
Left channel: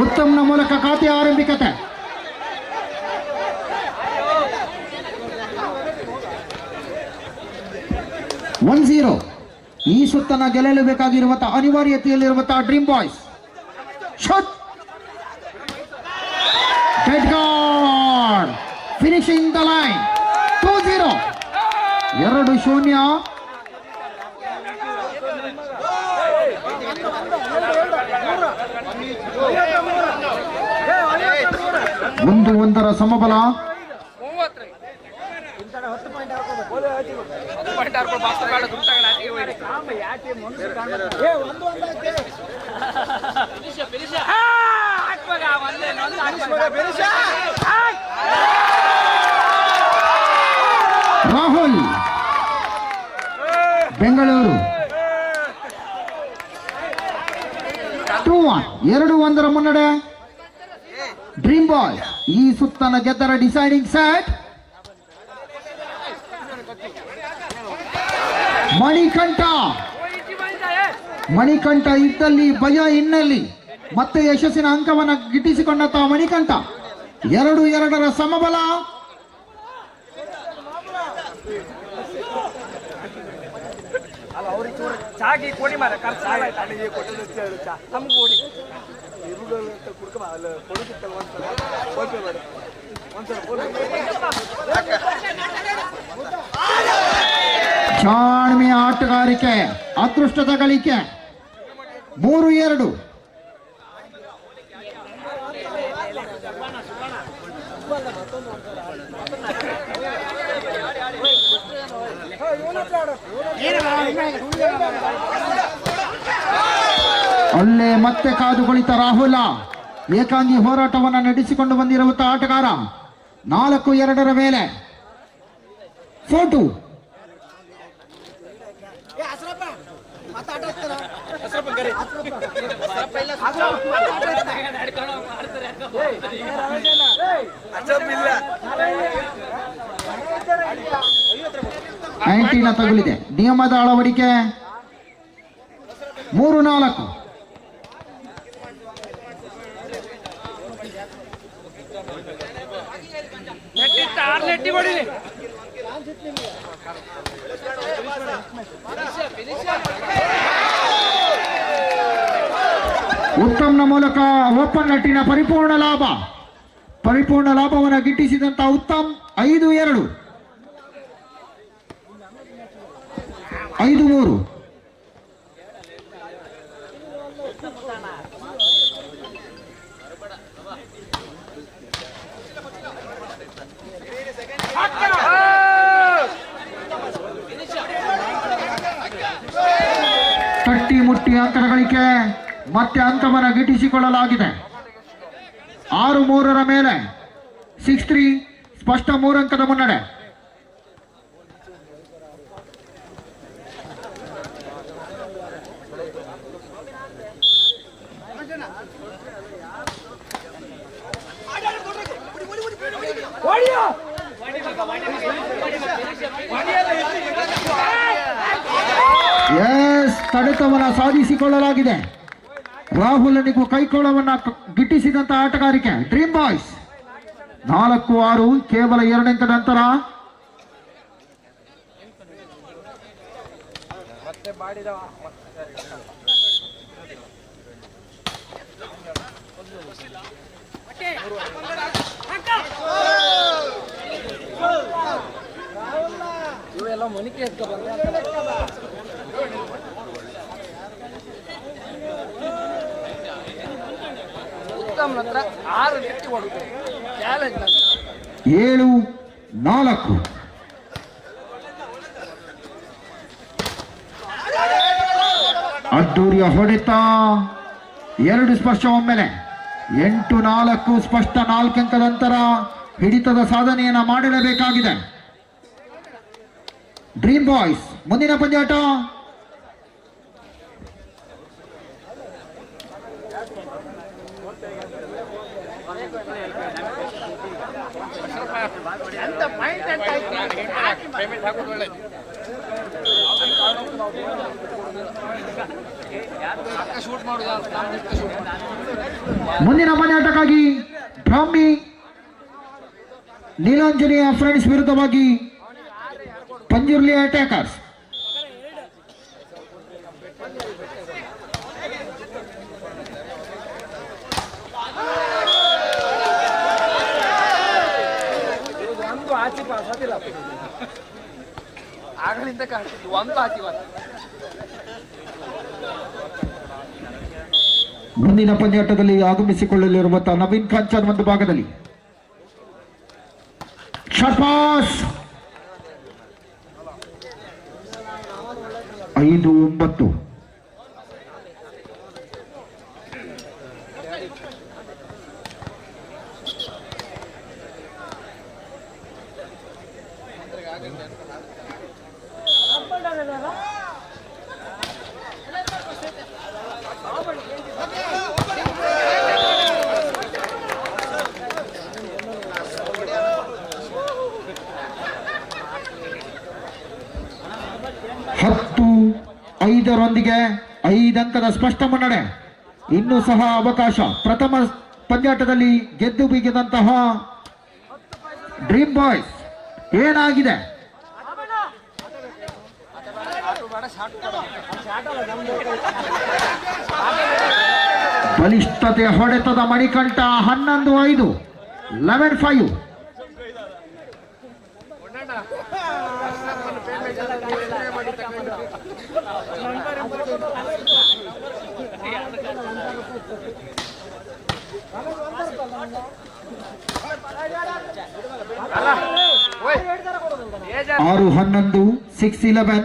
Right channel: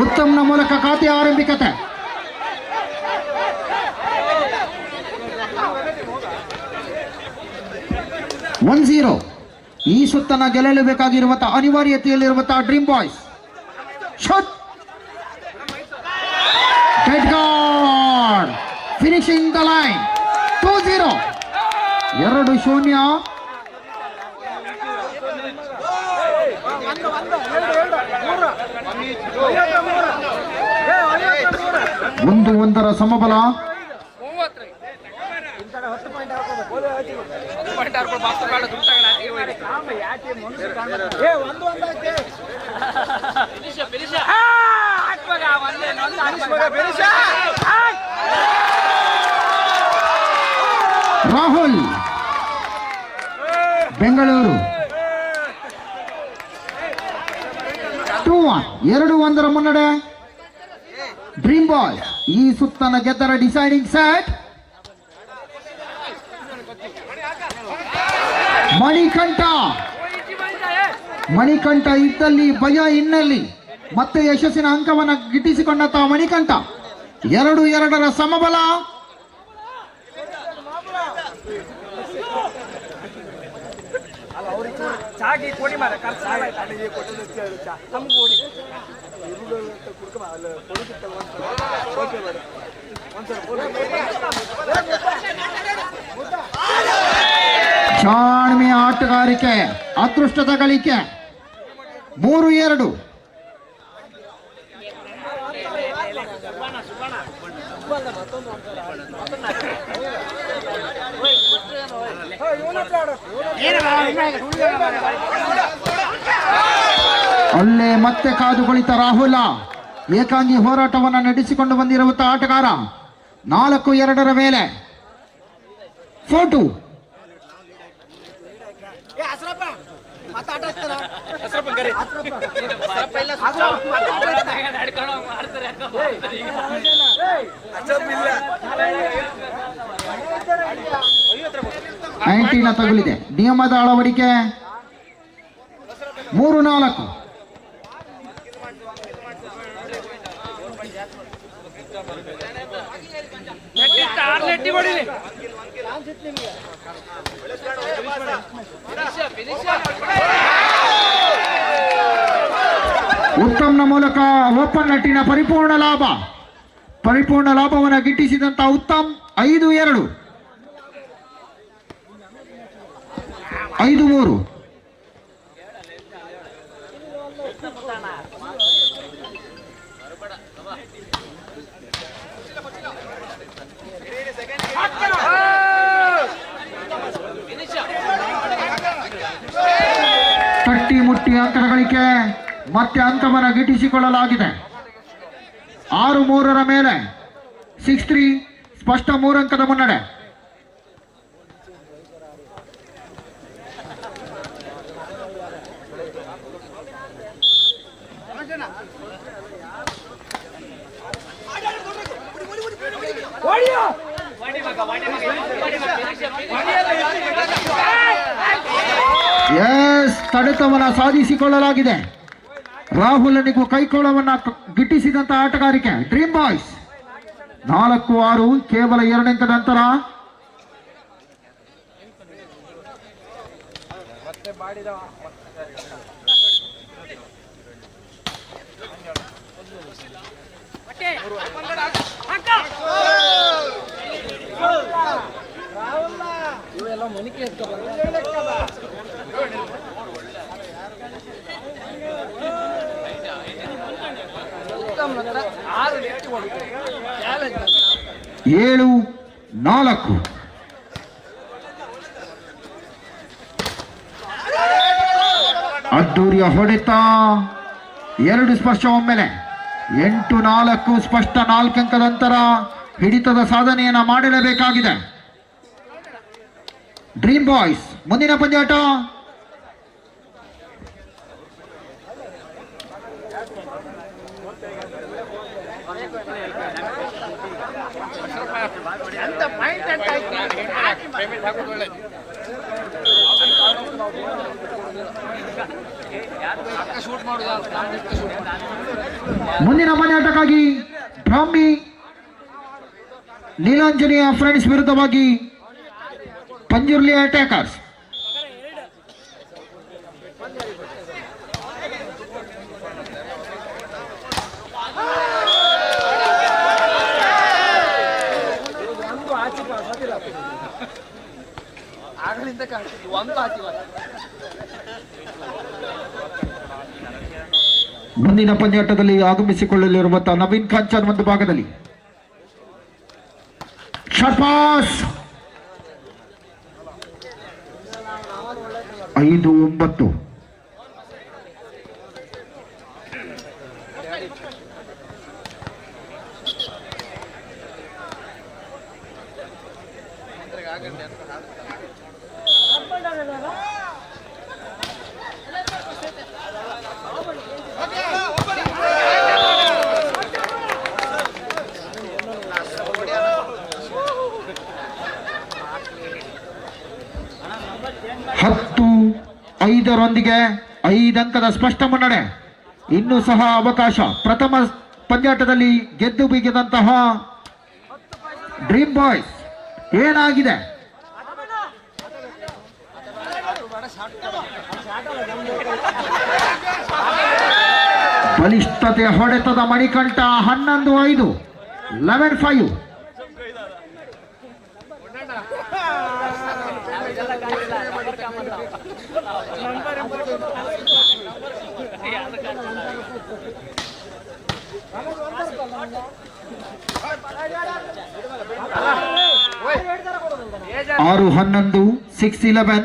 ಉತ್ತಮ್ನ ಮೂಲಕ ಖಾತೆ ಆರಂಭಿಕತೆ. ಈ ಸುತ್ತನ ಗೆಲ್ಲಲು ಬೇಕಾಗಿರುವಂತಹ ಅನಿವಾರ್ಯತೆಯಲ್ಲಿರುವಂತಹ dream boys. Shot dead guard finishing the line. 2-0 2-0. ಒಂದರ ಸಮಬಲ. ರಾಹುಲ್ ಬೆಂಗಳೂರು 2-1 ಮುನ್ನಡೆ. ಡ್ರೀಮ್ ಬಾಯ್ ಈ ಸುತ್ತನ ಗೆದ್ದರ ಡಿಸೈಡಿಂಗ್ ಸೆಟ್. ಮಣಿಕಂಠ ಇದ್ದಲ್ಲಿ ಭಯ ಇನ್ನಲ್ಲಿ. ಮತ್ತೆ ಯಶಸ್ಸಿನ ಅಂಕವನ್ನು ಗಿಟ್ಟಿಸಿಕೊಂಡಂತಹ ಮಣಿಕಂಠ. 2-2 ಸಮಬಲ. ಜಾಣ್ಮೆಯ ಆಟಗಾರಿಕೆ, ಅದೃಷ್ಟದ ಗಳಿಕೆ. 3-2. ಅಲ್ಲೇ ಮತ್ತೆ ಕಾದು ಕುಳಿತ ರಾಹುಲ. ಏಕಾಂಗಿ ಹೋರಾಟವನ್ನು ನಡೆಸಿಕೊಂಡು ಬಂದಿರುವಂತಹ ಆಟಗಾರ. 4-2 ಮೇಲೆ 4-2. ಆಂಟಿನ ತಗುಲಿದೆ. ನಿಯಮದ ಅಳವಡಿಕೆ. 3-4. ಉತ್ತಮ್ನ ಮೂಲಕ ಓಪನ್ ನಟ್ಟಿನ ಪರಿಪೂರ್ಣ ಲಾಭವನ್ನು ಗಿಟ್ಟಿಸಿದಂತ ಉತ್ತಮ್. 5-2. 5-3. ತಟ್ಟಿ ಮುಟ್ಟಿ ಅಂಕದ ಗಳಿಕೆ ಮತ್ತೆ ಅಂಕವನ್ನು ಗಿಟ್ಟಿಸಿಕೊಳ್ಳಲಾಗಿದೆ. 6-3 ಮೇಲೆ 6-3 ಸ್ಪಷ್ಟ 3 ಅಂಕದ ಮುನ್ನಡೆ. ಎಸ್, ತಡೆತವನ್ನ ಸಾಧಿಸಿಕೊಳ್ಳಲಾಗಿದೆ. ರಾಹುಲನಿಗೂ ಕೈಕೋಳವನ್ನ ಗಿಟ್ಟಿಸಿದಂತ ಆಟಗಾರಿಕೆ ಡ್ರೀಮ್ ಬಾಯ್ಸ್. 4-6 ಕೇವಲ 2 ಅಂಕದ ಅಂತರ. ಇವೆಲ್ಲ ಮನಿಕೆ ಉತ್ತಮ್ ಹತ್ರ 6 ನೆಟ್ಟಿ ಹೊಡಿತಾರೆ. ಚಾಲೆಂಜ್ 7-4. ಅದ್ದೂರಿಯ ಹೊಡೆತ 2 ಸ್ಪರ್ಶ ಒಮ್ಮೆಲೆ. 8-4 ಸ್ಪಷ್ಟ 4 ಅಂಕದ ಅಂತರ. ಹಿಡಿತದ ಸಾಧನೆಯನ್ನ ಮಾಡಲೇಬೇಕಾಗಿದೆ ಡ್ರೀಮ್ ಬಾಯ್ಸ್. ಮುಂದಿನ ಪಂದ್ಯಾಟ ಮುಂದಿನ ಪಂದ್ಯಾಟಕ್ಕಾಗಿ ಬ್ರಾಹ್ಮಿ ನೀಲಾಂಜನೇಯ ಫ್ರೆಂಡ್ಸ್ ವಿರುದ್ಧವಾಗಿ ಪಂಜುರ್ಲಿ ಅಟ್ಯಾಕರ್ಸ್. ಆಗಲಿಂದ ಕಾಣ್ತಿದ್ವಿ ಒಂದು ಆಚೆ ಮುಂದಿನ ಪಂದ್ಯಾಟದಲ್ಲಿ ಆಗಮಿಸಿಕೊಳ್ಳಲಿರುವಂತಹ ನವೀನ್ ಕಾಂಚನ್ ಒಂದು ಭಾಗದಲ್ಲಿ. ಶಪಾಸ್ 5-9. ರೊಂದಿಗೆ 5 ಅಂಕದ ಸ್ಪಷ್ಟ ಮುನ್ನಡೆ. ಇನ್ನೂ ಸಹ ಅವಕಾಶ. ಪ್ರಥಮ ಪಂದ್ಯಾಟದಲ್ಲಿ ಗೆದ್ದು ಬೀಗಿದಂತಹ ಡ್ರೀಮ್ ಬಾಯ್ಸ್ ಏನಾಗಿದೆ? ಬಲಿಷ್ಠತೆ ಹೊಡೆತದ ಮಣಿಕಂಠ. 11-5 11-5. ಆರು 11 6-11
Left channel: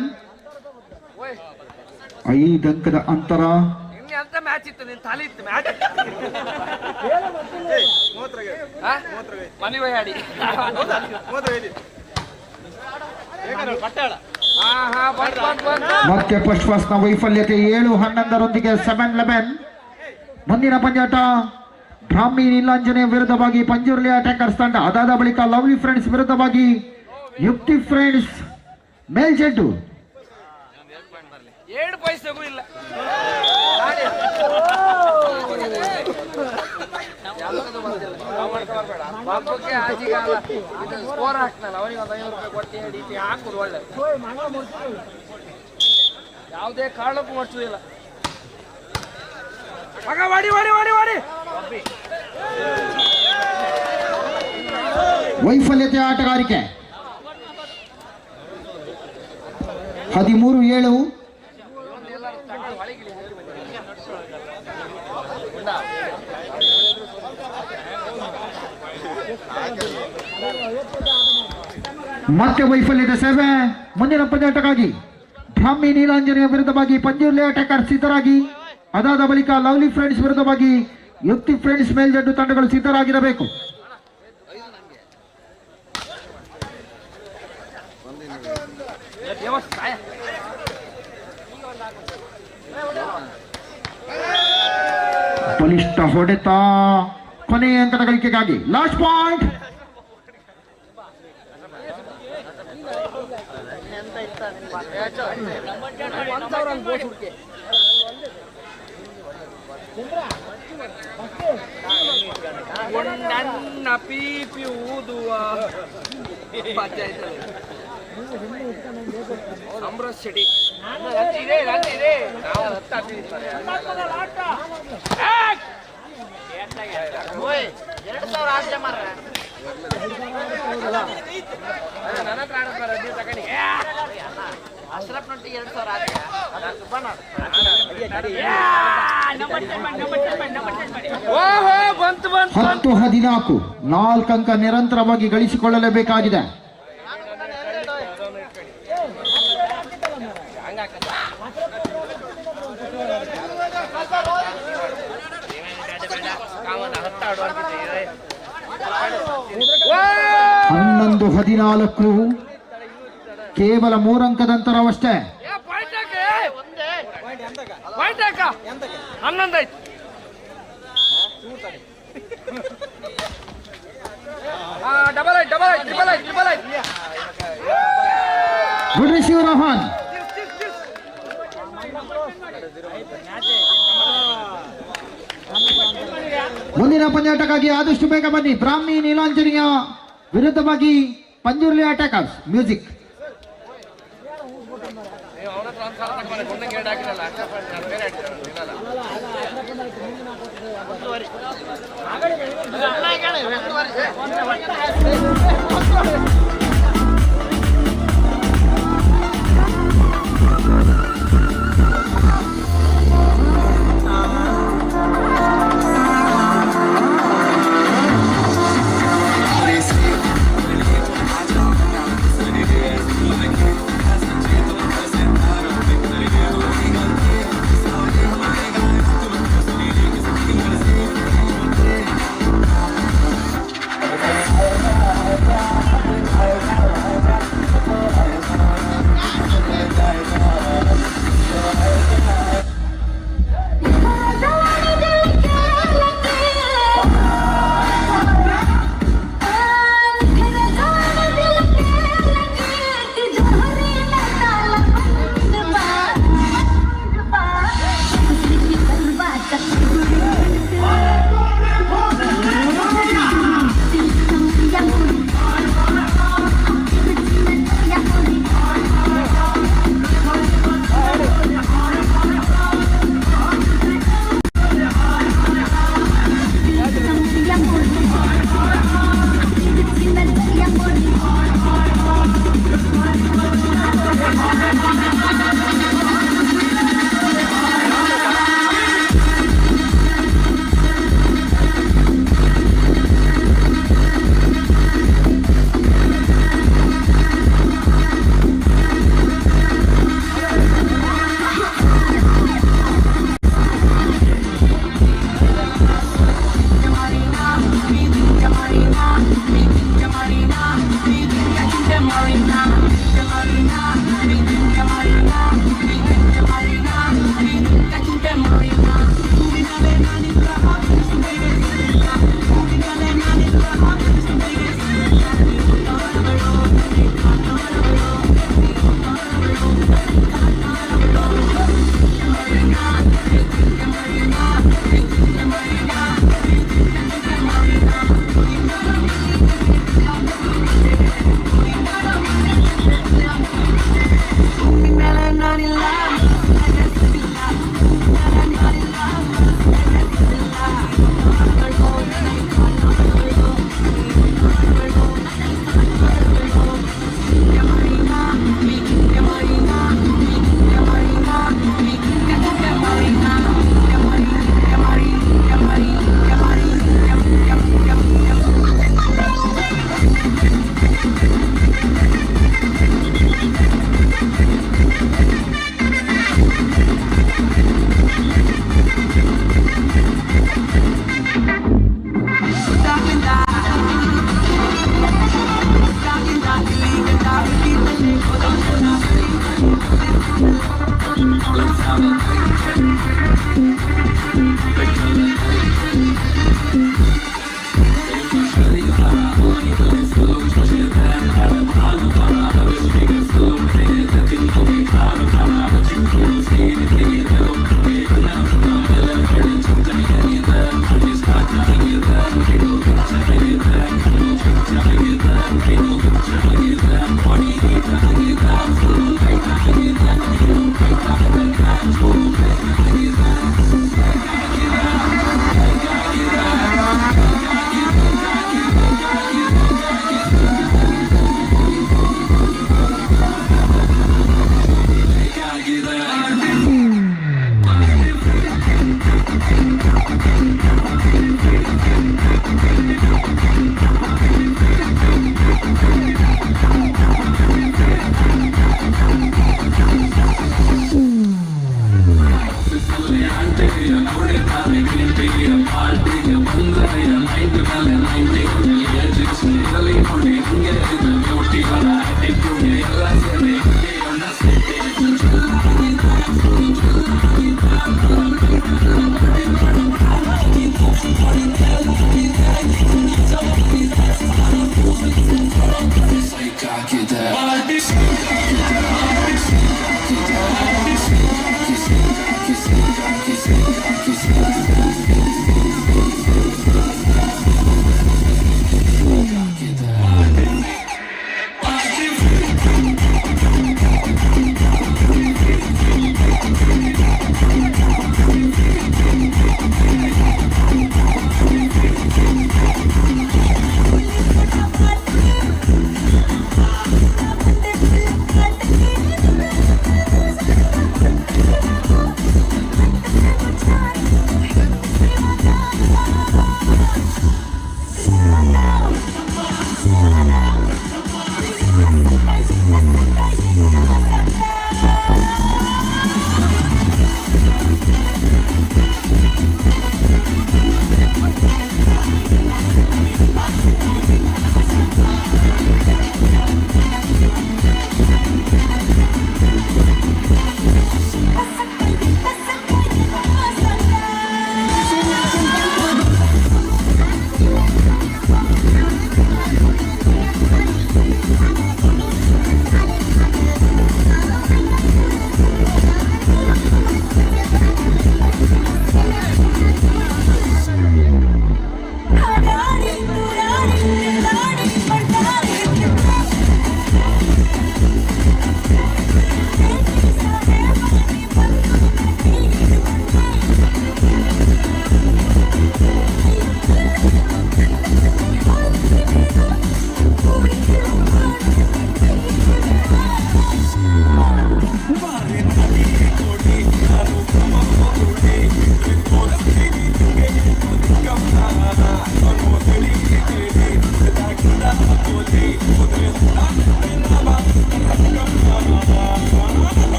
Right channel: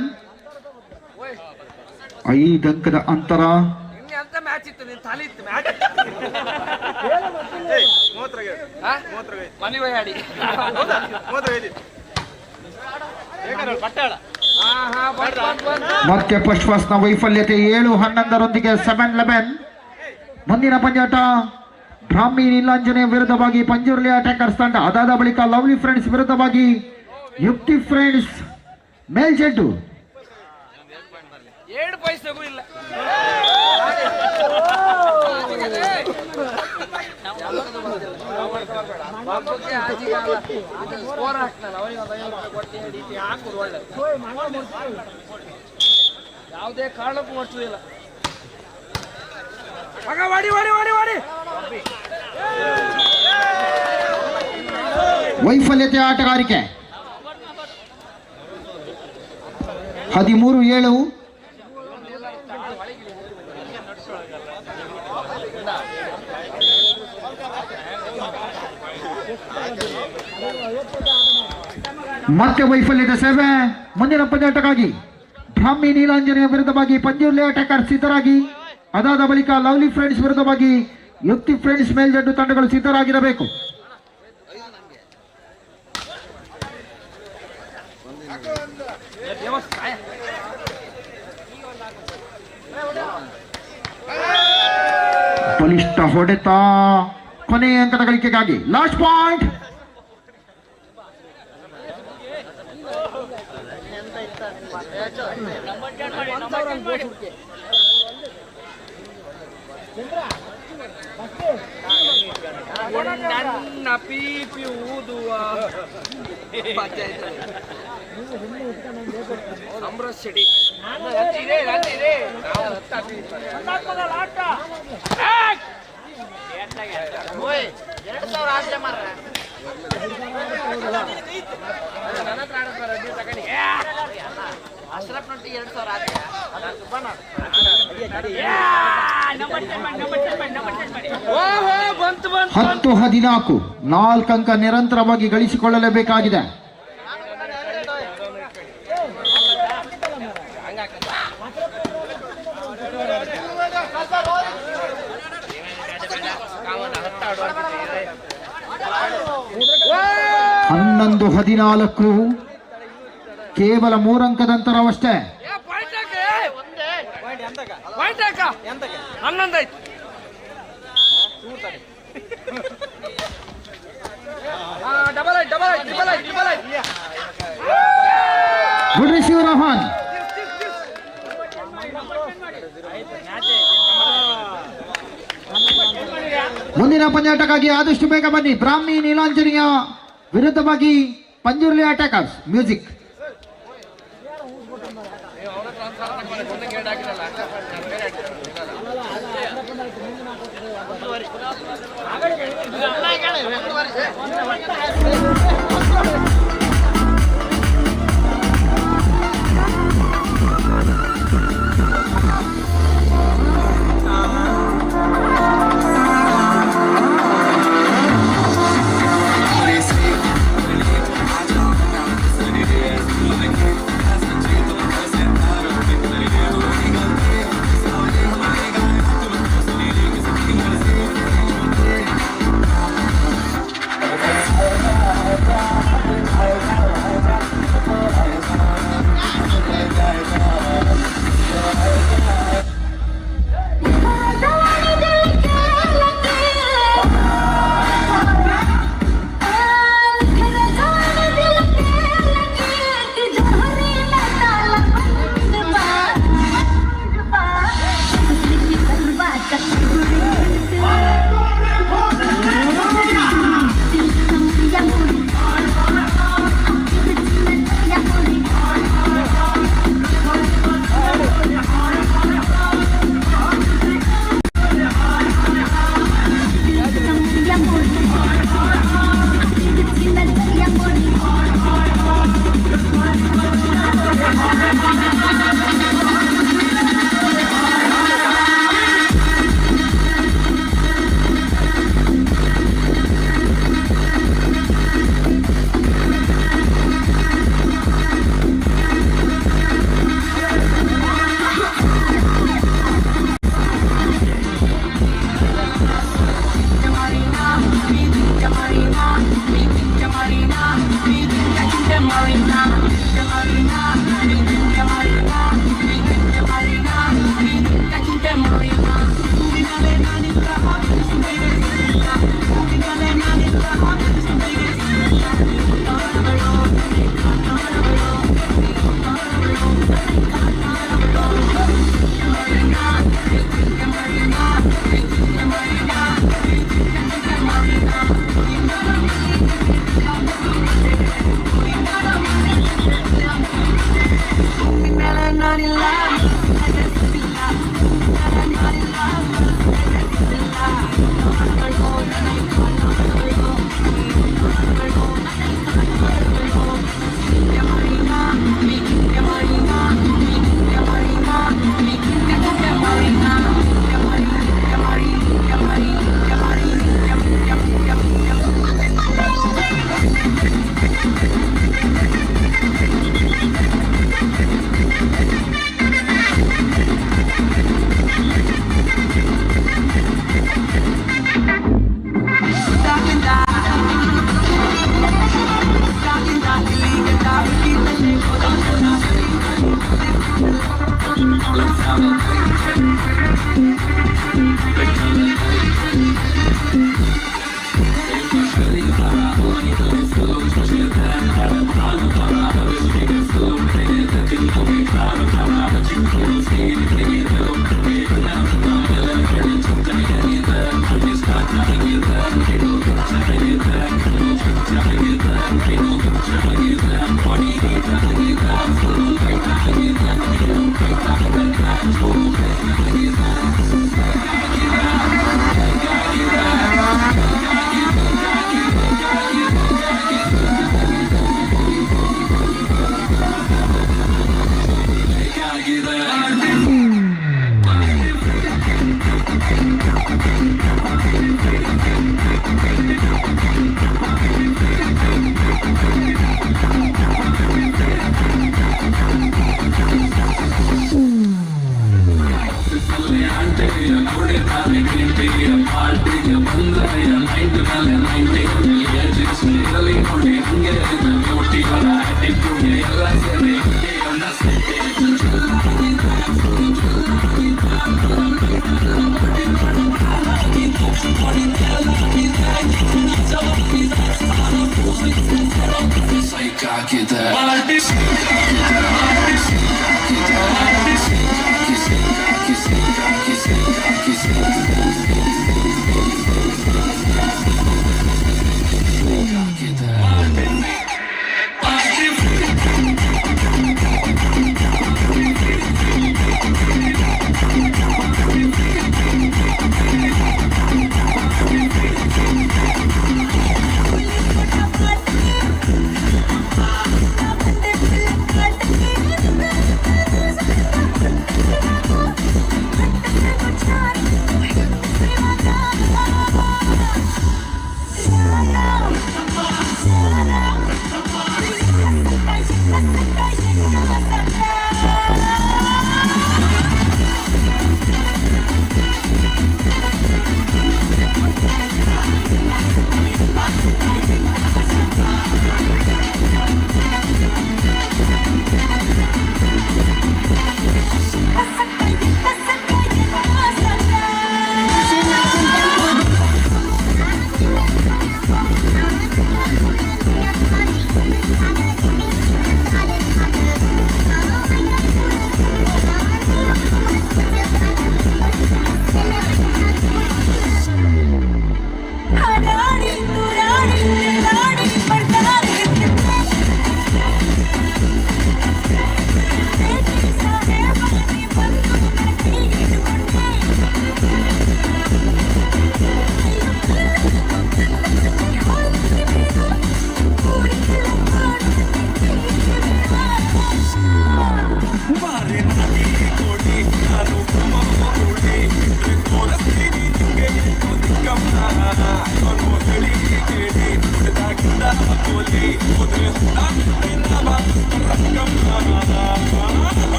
5 ಅಂಕದ ಅಂತರ. ಅಂತ ಮ್ಯಾಚ್ ಇತ್ತು, ನಿನ್ ತಲೆ ಇತ್ತು ಮ್ಯಾಚ್ ಮನಿ ಬಯಾಡಿ ಮತ್ತೆ ಪಶ್ವಾಸ್ನ ವೈಫಲ್ಯತೆ. 7-11 7-11. ಮುಂದಿನ ಪಂದ್ಯಾಟ ಬ್ರಾಹ್ಮಿ ನೀಲಾಂಜನೇಯ ವಿರುದ್ಧವಾಗಿ ಪಂಜುರ್ಲಿ ಅಟ್ಯಾಕರ್ಸ್ ತಂಡ. ಅದಾದ ಬಳಿಕ ಲವ್ಲಿ ಫ್ರೆಂಡ್ಸ್ ವಿರುದ್ಧವಾಗಿ ಯುಕ್ತಿ ಫ್ರೆಂಡ್ಸ್ ಮೇಲ್ಜೆಡ್ಡು. 7 ಪೈಸೆಗೂ ಇಲ್ಲ. ಸ್ಕೋರ್ ಹಾಕ್ತಾನಲ್ಲ ಅವನಿಗೆ ಒಂದು 5 ರೂಪಾಯಿ ಕೊಟ್ಟು ಹೇಳಿ ಹಾಕುದು ಒಳ್ಳೆ. ಯಾವುದೇ ಕಾರಣಕ್ಕೂ ಮಾಡ್ಸೋದಿಲ್ಲ. ಮಗ ವಾಡಿ ವಾಡಿ ವಾಡಿ ವಾಡಿ. ವೈಫಲ್ಯತೆ ಆಟಗಾರಿಕೆ. 13-7. ಮತ್ತೆ ವೈಫಲ್ಯದ ಸೇವೆ. ಮುಂದಿನ ಪಂದ್ಯಾಟಕ್ಕಾಗಿ ಬ್ರಾಹ್ಮಿ ನೀಲಾಂಜನೆಯ ವಿರುದ್ಧವಾಗಿ ಪಂಜುರ್ಲಿ ಅಟ್ಯಾಕರ್ ಸಿದ್ಧರಾಗಿ, ಅದಾದ ಬಳಿಕ ಲವ್ಲಿ ಫ್ರೆಂಡ್ಸ್ ವಿರುದ್ಧವಾಗಿ ಯುಕ್ತಿ ಫ್ರೆಂಡ್ಸ್ ಮೇಲ್ಜಡ್ಡು ತಂಡಗಳು ಸಿದ್ಧರಾಗಿರಬೇಕು. ಬಲಿಷ್ಠ ಹೊಡೆತ, ಕೊನೆಯ ಅಂಕದ ಗಳಿಕೆಗಾಗಿ ಲಾಸ್ಟ್ ಪಾಯಿಂಟ್. ನನ್ನ ಪೀಪಿ ಊದುವ ಅಮೃತ್ ಸಿಡಿ ಬಂತು 10-14 4 ಅಂಕ ನಿರಂತರವಾಗಿ ಗಳಿಸಿಕೊಳ್ಳಲೇಬೇಕಾಗಿದೆ. ಹನ್ನೊಂದು 14 ಕೇವಲ 3 ಅಂಕದ ಅಂತರವಷ್ಟೇ. 11 ಆಯ್ತು. Good receive Rohan. ಮುಂದಿನ ಪಂದ್ಯಾಟಕ್ಕಾಗಿ ಆದಷ್ಟು ಬೇಗ ಬನ್ನಿ. ಬ್ರಾಹ್ಮಿ ನೀಲಾಂಜನಿಯ ವಿರುದ್ಧವಾಗಿ ಪಂಜುರ್ಲಿ ಅಟ್ಯಾಕರ್ಸ್ ಮ್ಯೂಸಿಕ್.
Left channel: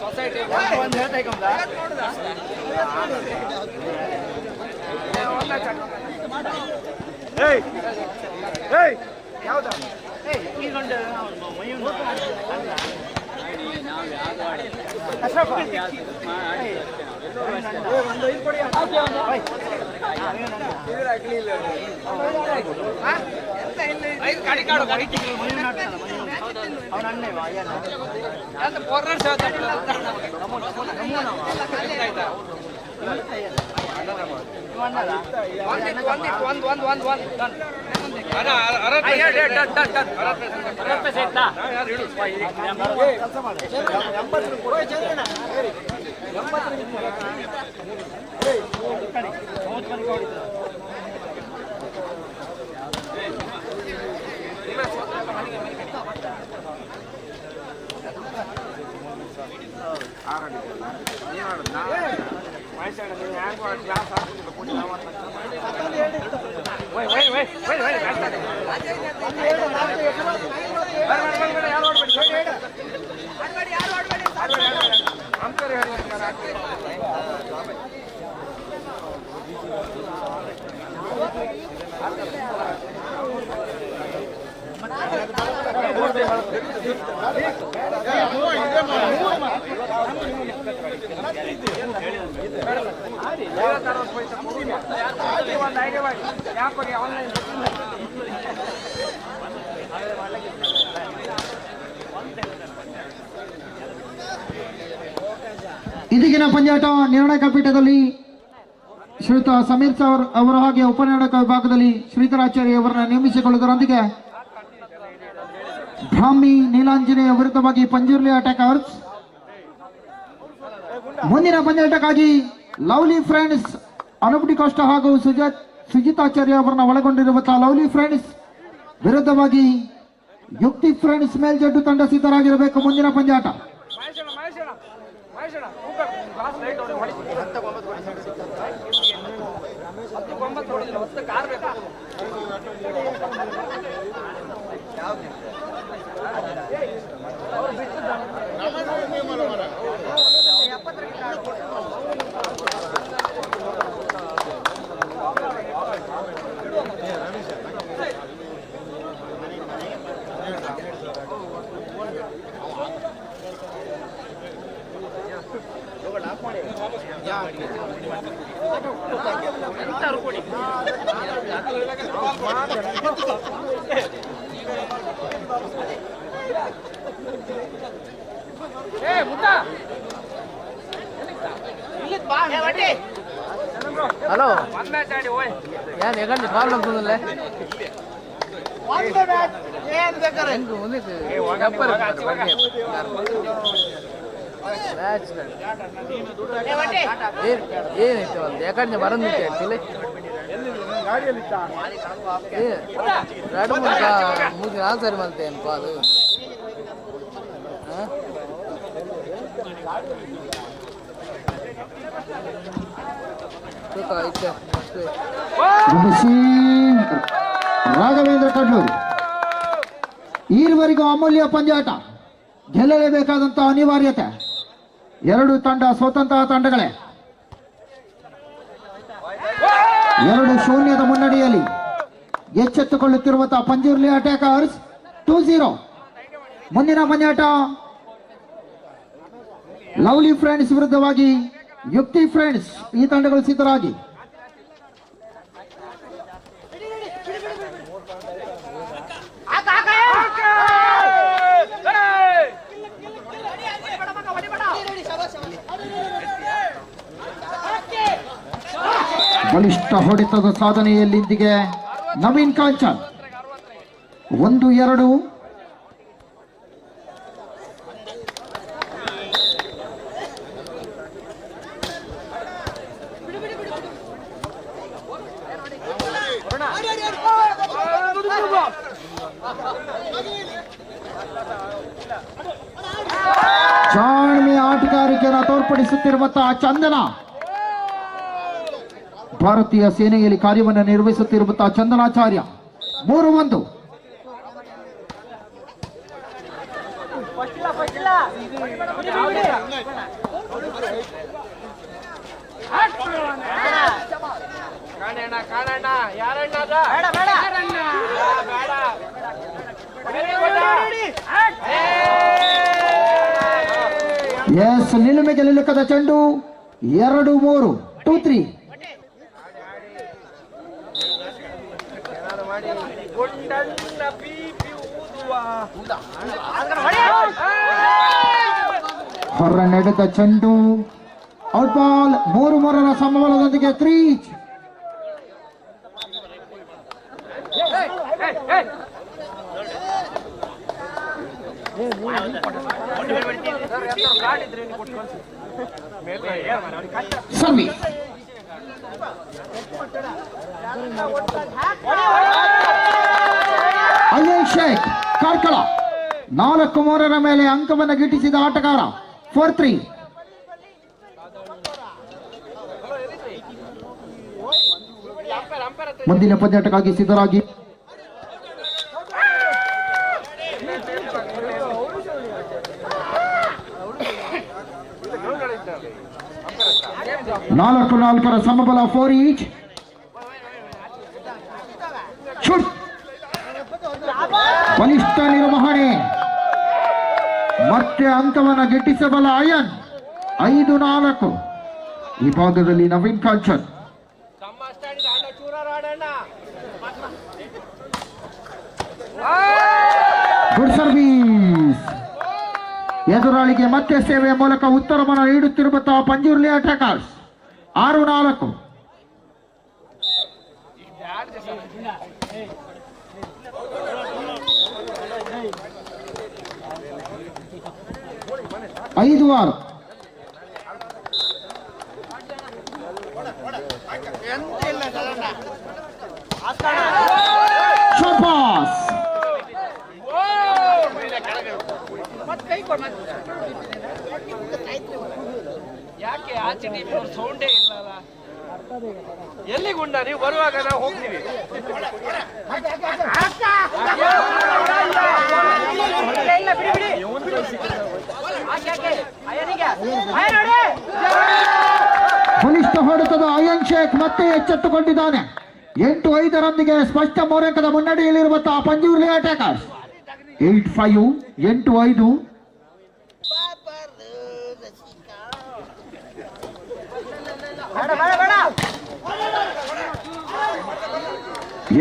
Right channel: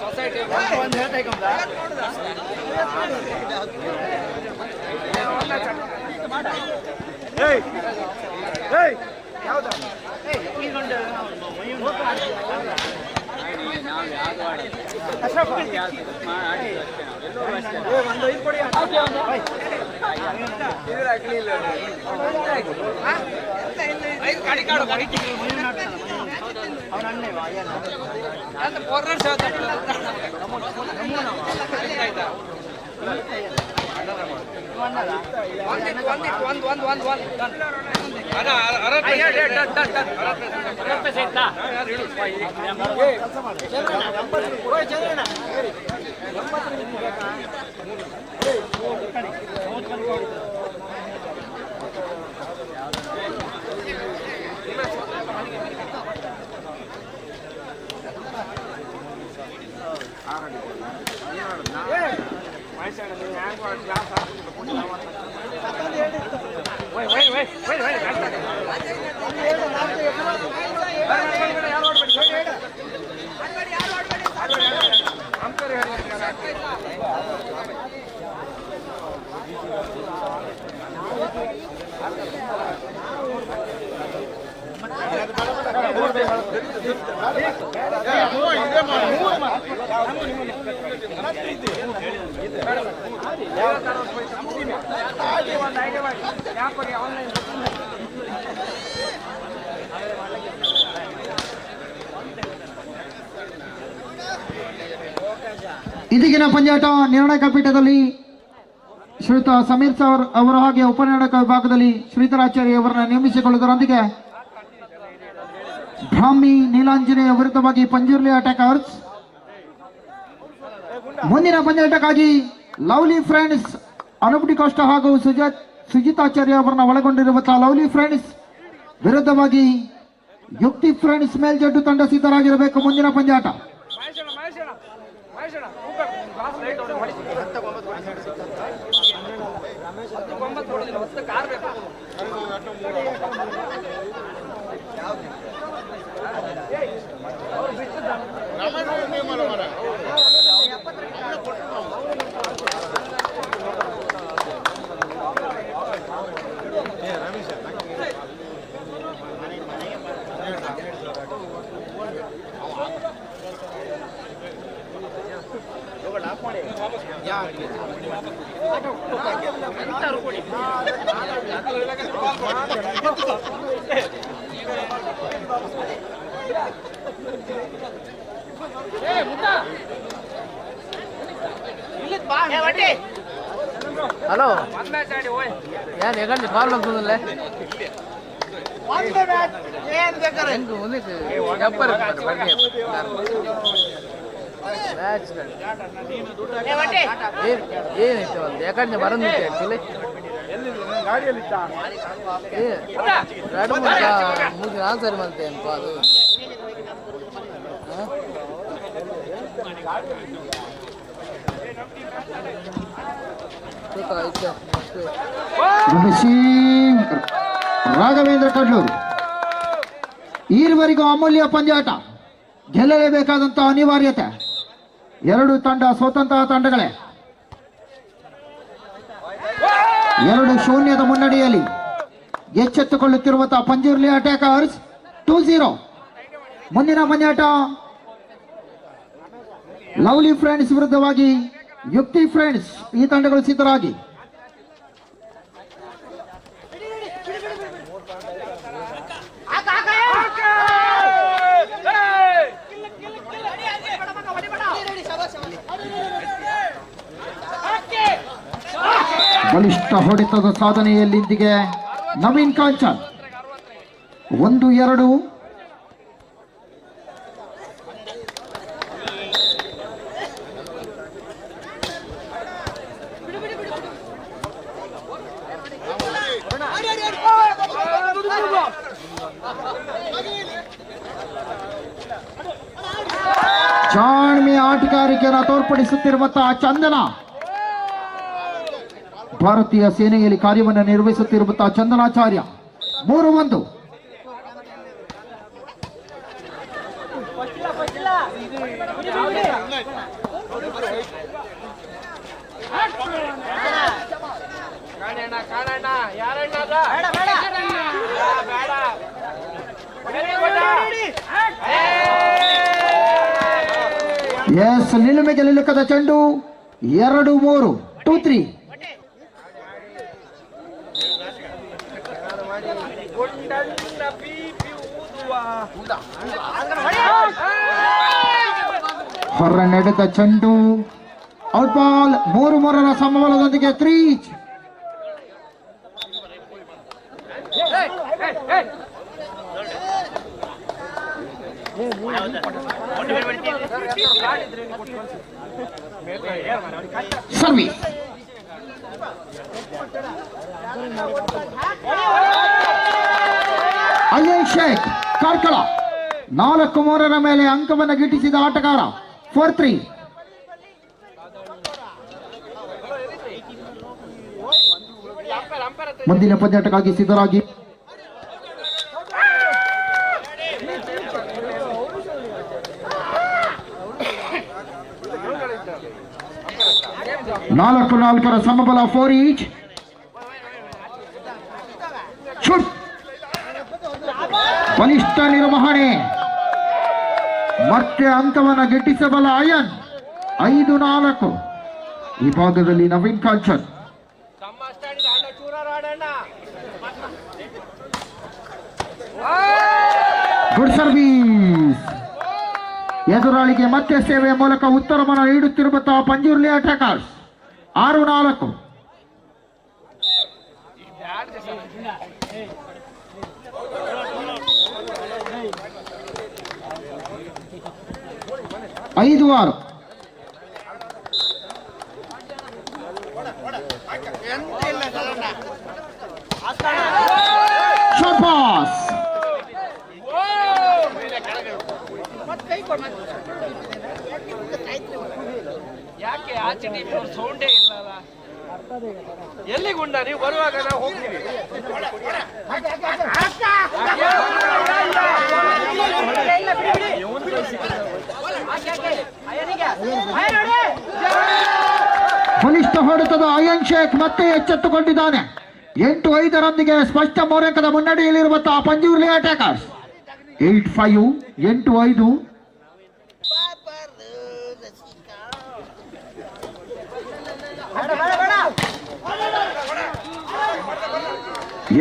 ಸೊಸೈಟಿ ಯಾವ್ದು ಇದೀಗಿನ ಪಂದ್ಯಾಟ ನಿರ್ಣಾಯಕ ಪೀಠದಲ್ಲಿ ಶ್ರೀಯುತ ಸಮೀರ್ ಸರ್ ಅವರ ಹಾಗೆ ಉಪನಿರ್ಣಾಯಕ ವಿಭಾಗದಲ್ಲಿ ಶ್ರೀಧರಾಚಾರ್ಯ ಅವರನ್ನು ನೇಮಿಸಿಕೊಳ್ಳುವುದರೊಂದಿಗೆ ಬ್ರಾಹ್ಮಿ ನೀಲಾಂಜನೇಯ ವಿರುದ್ಧವಾಗಿ ಪಂಜುರ್ಲಿ ಅಟ್ಯಾಕರ್ಸ್. ಮುಂದಿನ ಪಂದ್ಯಾಟಕ್ಕಾಗಿ ಲವ್ಲಿ ಫ್ರೆಂಡ್ಸ್ ಅನೂಪ್ ಡಿಕೋಸ್ಟಾ ಹಾಗೂ ಸುಜಿತಾಚಾರ್ಯ ಅವರನ್ನು ಒಳಗೊಂಡಿರುವಂತಹ ಲವ್ಲಿ ಫ್ರೆಂಡ್ಸ್ ವಿರುದ್ಧವಾಗಿ ಯುಕ್ತಿ ಫ್ರೆಂಡ್ಸ್ ಮೇಲ್ಜಡ್ಡು ತಂಡ ಸಿದ್ಧರಾಗಿರಬೇಕು. ಮುಂದಿನ ಪಂದ್ಯಾಟ ಹಲೋ ಏನ್ ಹೇಗಂడి ಕಾಲ್ ಆಗ್ತದಲ್ಲ ಏನೈತೆ ಒಂದು ಯಾಕಂದ್ರೆ ಬರಂದಿತ್ತೆ ಆಕ್ಚುಲಿ ಎರಡು ಮೂರು ದಿನ ಸರಿ ಬಂತೆ ಅನ್ಕೋ ಅದು ರಾಘವೇಂದ್ರ ಕಡ್ಲೂರು. ಈವರೆಗೂ ಅಮೂಲ್ಯ ಪಂದ್ಯಾಟ ಗೆಲ್ಲಲೇಬೇಕಾದಂತಹ ಅನಿವಾರ್ಯತೆ. ಎರಡು ತಂಡ ಸ್ವತಂತ್ರ ತಂಡಗಳೇ 2-0 ಮುನ್ನಡೆಯಲ್ಲಿ ಎಚ್ಚೆತ್ತುಕೊಳ್ಳುತ್ತಿರುವಂತಹ ಪಂಜುರ್ಲಿ ಅಟ್ಯಾಕರ್ಸ್ 2-0. ಮುಂದಿನ ಪಂದ್ಯಾಟ ಲವ್ಲಿ ಫ್ರೆಂಡ್ಸ್ ವಿರುದ್ಧವಾಗಿ ಯುಕ್ತಿ ಫ್ರೆಂಡ್ಸ್. ಈ ತಂಡಗಳು ಸಿದ್ಧರಾಗಿ. ಬಲಿಷ್ಠ ಹೊಡೆತದ ಸಾಧನೆಯಲ್ಲಿಂದಿಗೆ ನವೀನ್ ಕಾಂಚನ್ 1-2. ಜಾಣ್ಮೆಯ ಆಟಗಾರಿಕೆಯನ್ನು ತೋರ್ಪಡಿಸುತ್ತಿರುವಂತಹ ಚಂದನ, ಭಾರತೀಯ ಸೇನೆಯಲ್ಲಿ ಕಾರ್ಯವನ್ನು ನಿರ್ವಹಿಸುತ್ತಿರುವಂತಹ ಚಂದನಾಚಾರ್ಯ 3-1. ಎಸ್, ನಿಲುಮೆಗೆ ನಿಲುಕದ ಚೆಂಡು 2-3 2-3. ಹೊರ ನಡೆದ ಚೆಂಡು out ball. 3-3 ಸಮಬಲದೊಂದಿಗೆ 3. Service. Ajay Sheikh Karkala 4-3 ಮೇಲೆ ಅಂಕವನ್ನು ಗಿಟ್ಟಿಸಿದ ಆಟಗಾರ. 4-3. ಮುಂದಿನ ಪಂದ್ಯಾಟಕ್ಕಾಗಿ ಸಿದ್ಧರಾಗಿ. ನಾಲ್ಕರ ಸಮಬಲ 4 ಈಚ್. ಶೂಟ್. ಬಲಿಷ್ಠ ನಿರ್ವಹಣೆ. ಮತ್ತೆ ಅಂಕವನ್ನು ಗಿಟ್ಟಿಸಬಲ್ಲ ಅಯನ್. 5-4. ಈ ಭಾಗದಲ್ಲಿ ನವೀನ್ ಕಾಂಚನ್. Good service. ಎದುರಾಳಿಗೆ ಮತ್ತೆ ಸೇವೆಯ ಮೂಲಕ ಉತ್ತರವನ್ನು ನೀಡುತ್ತಿರುವಂತಹ ಪಂಜುರ್ಲಿ ಅಟ್ಯಾಕರ್ಸ್. 6-4. ಐದು 6. ಶಾಬಾಸ್. ಯಾಕೆ ಆಚೆ ಟೀಮ್ ಸೌಂಡೇ ಇಲ್ಲಲ್ಲ? ಎಲ್ಲಿಗುಂಡ ನೀವು ಬರುವಾಗ ನಾವು ಹೋಗ್ತೀವಿ. ಬಲಿಷ್ಠ ಹೊಡೆತದ ಅಯನ್ ಶೇಖ್ ಮತ್ತೆ ಎಚ್ಚೆತ್ತುಕೊಂಡಿದ್ದಾನೆ. 8-5 ಸ್ಪಷ್ಟ 3 ಅಂಕದ ಮುನ್ನಡೆಯಲ್ಲಿರುವಂತಹ ಪಂಜುರ್ಲಿ ಅಟ್ಯಾಕರ್ಸ್. 8-5 8-5.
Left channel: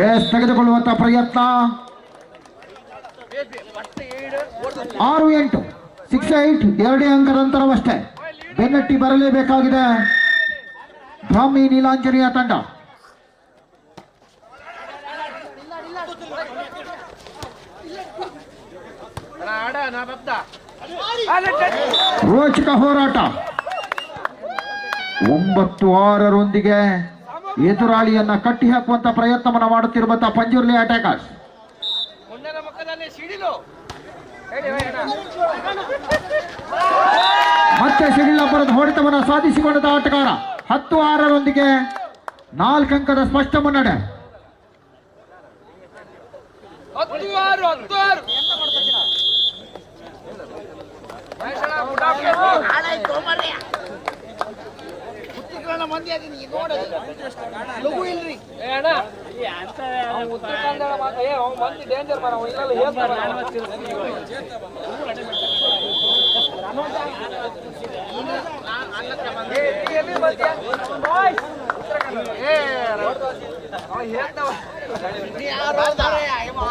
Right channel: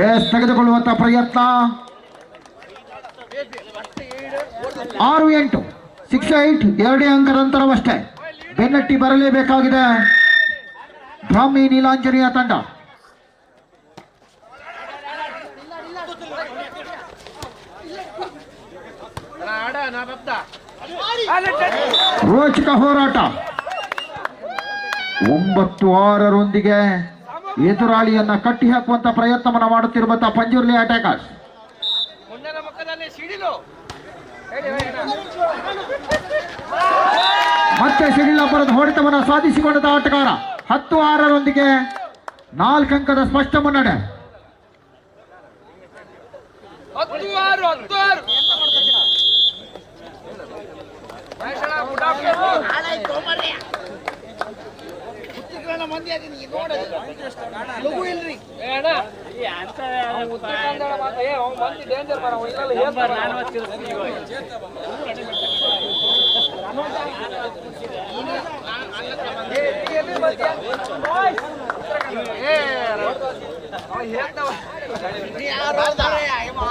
ಎಸ್, ತೆಗೆದುಕೊಳ್ಳುವಂತ ಪ್ರಯತ್ನ. 6-8 6-8. 2 ಅಂಕದ ಅಂತರವಷ್ಟೇ. ಬೆನ್ನಟ್ಟಿ ಬರಲೇಬೇಕಾಗಿದೆ ಬ್ರಾಹ್ಮಿ ನೀಲಾಂಜನಿಯ ತಂಡ. ರೋಚಕ ಹೋರಾಟ. 9-6 ಎದುರಾಳಿಯನ್ನ ಕಟ್ಟಿ ಹಾಕುವಂತ ಪ್ರಯತ್ನವನ್ನು ಮಾಡುತ್ತಿರುವಂತಹ ಪಂಜುರ್ಲಿ ಅಟ್ಯಾಕರ್ಸ್. ಮತ್ತೆ ಸಿಡಿಲಬ್ಬರದ ಹೊಡೆತವನ್ನು ಸಾಧಿಸಿಕೊಂಡ ಆಟಗಾರ. 10-6 4 ಅಂಕದ ಸ್ಪಷ್ಟ ಮುನ್ನಡೆ.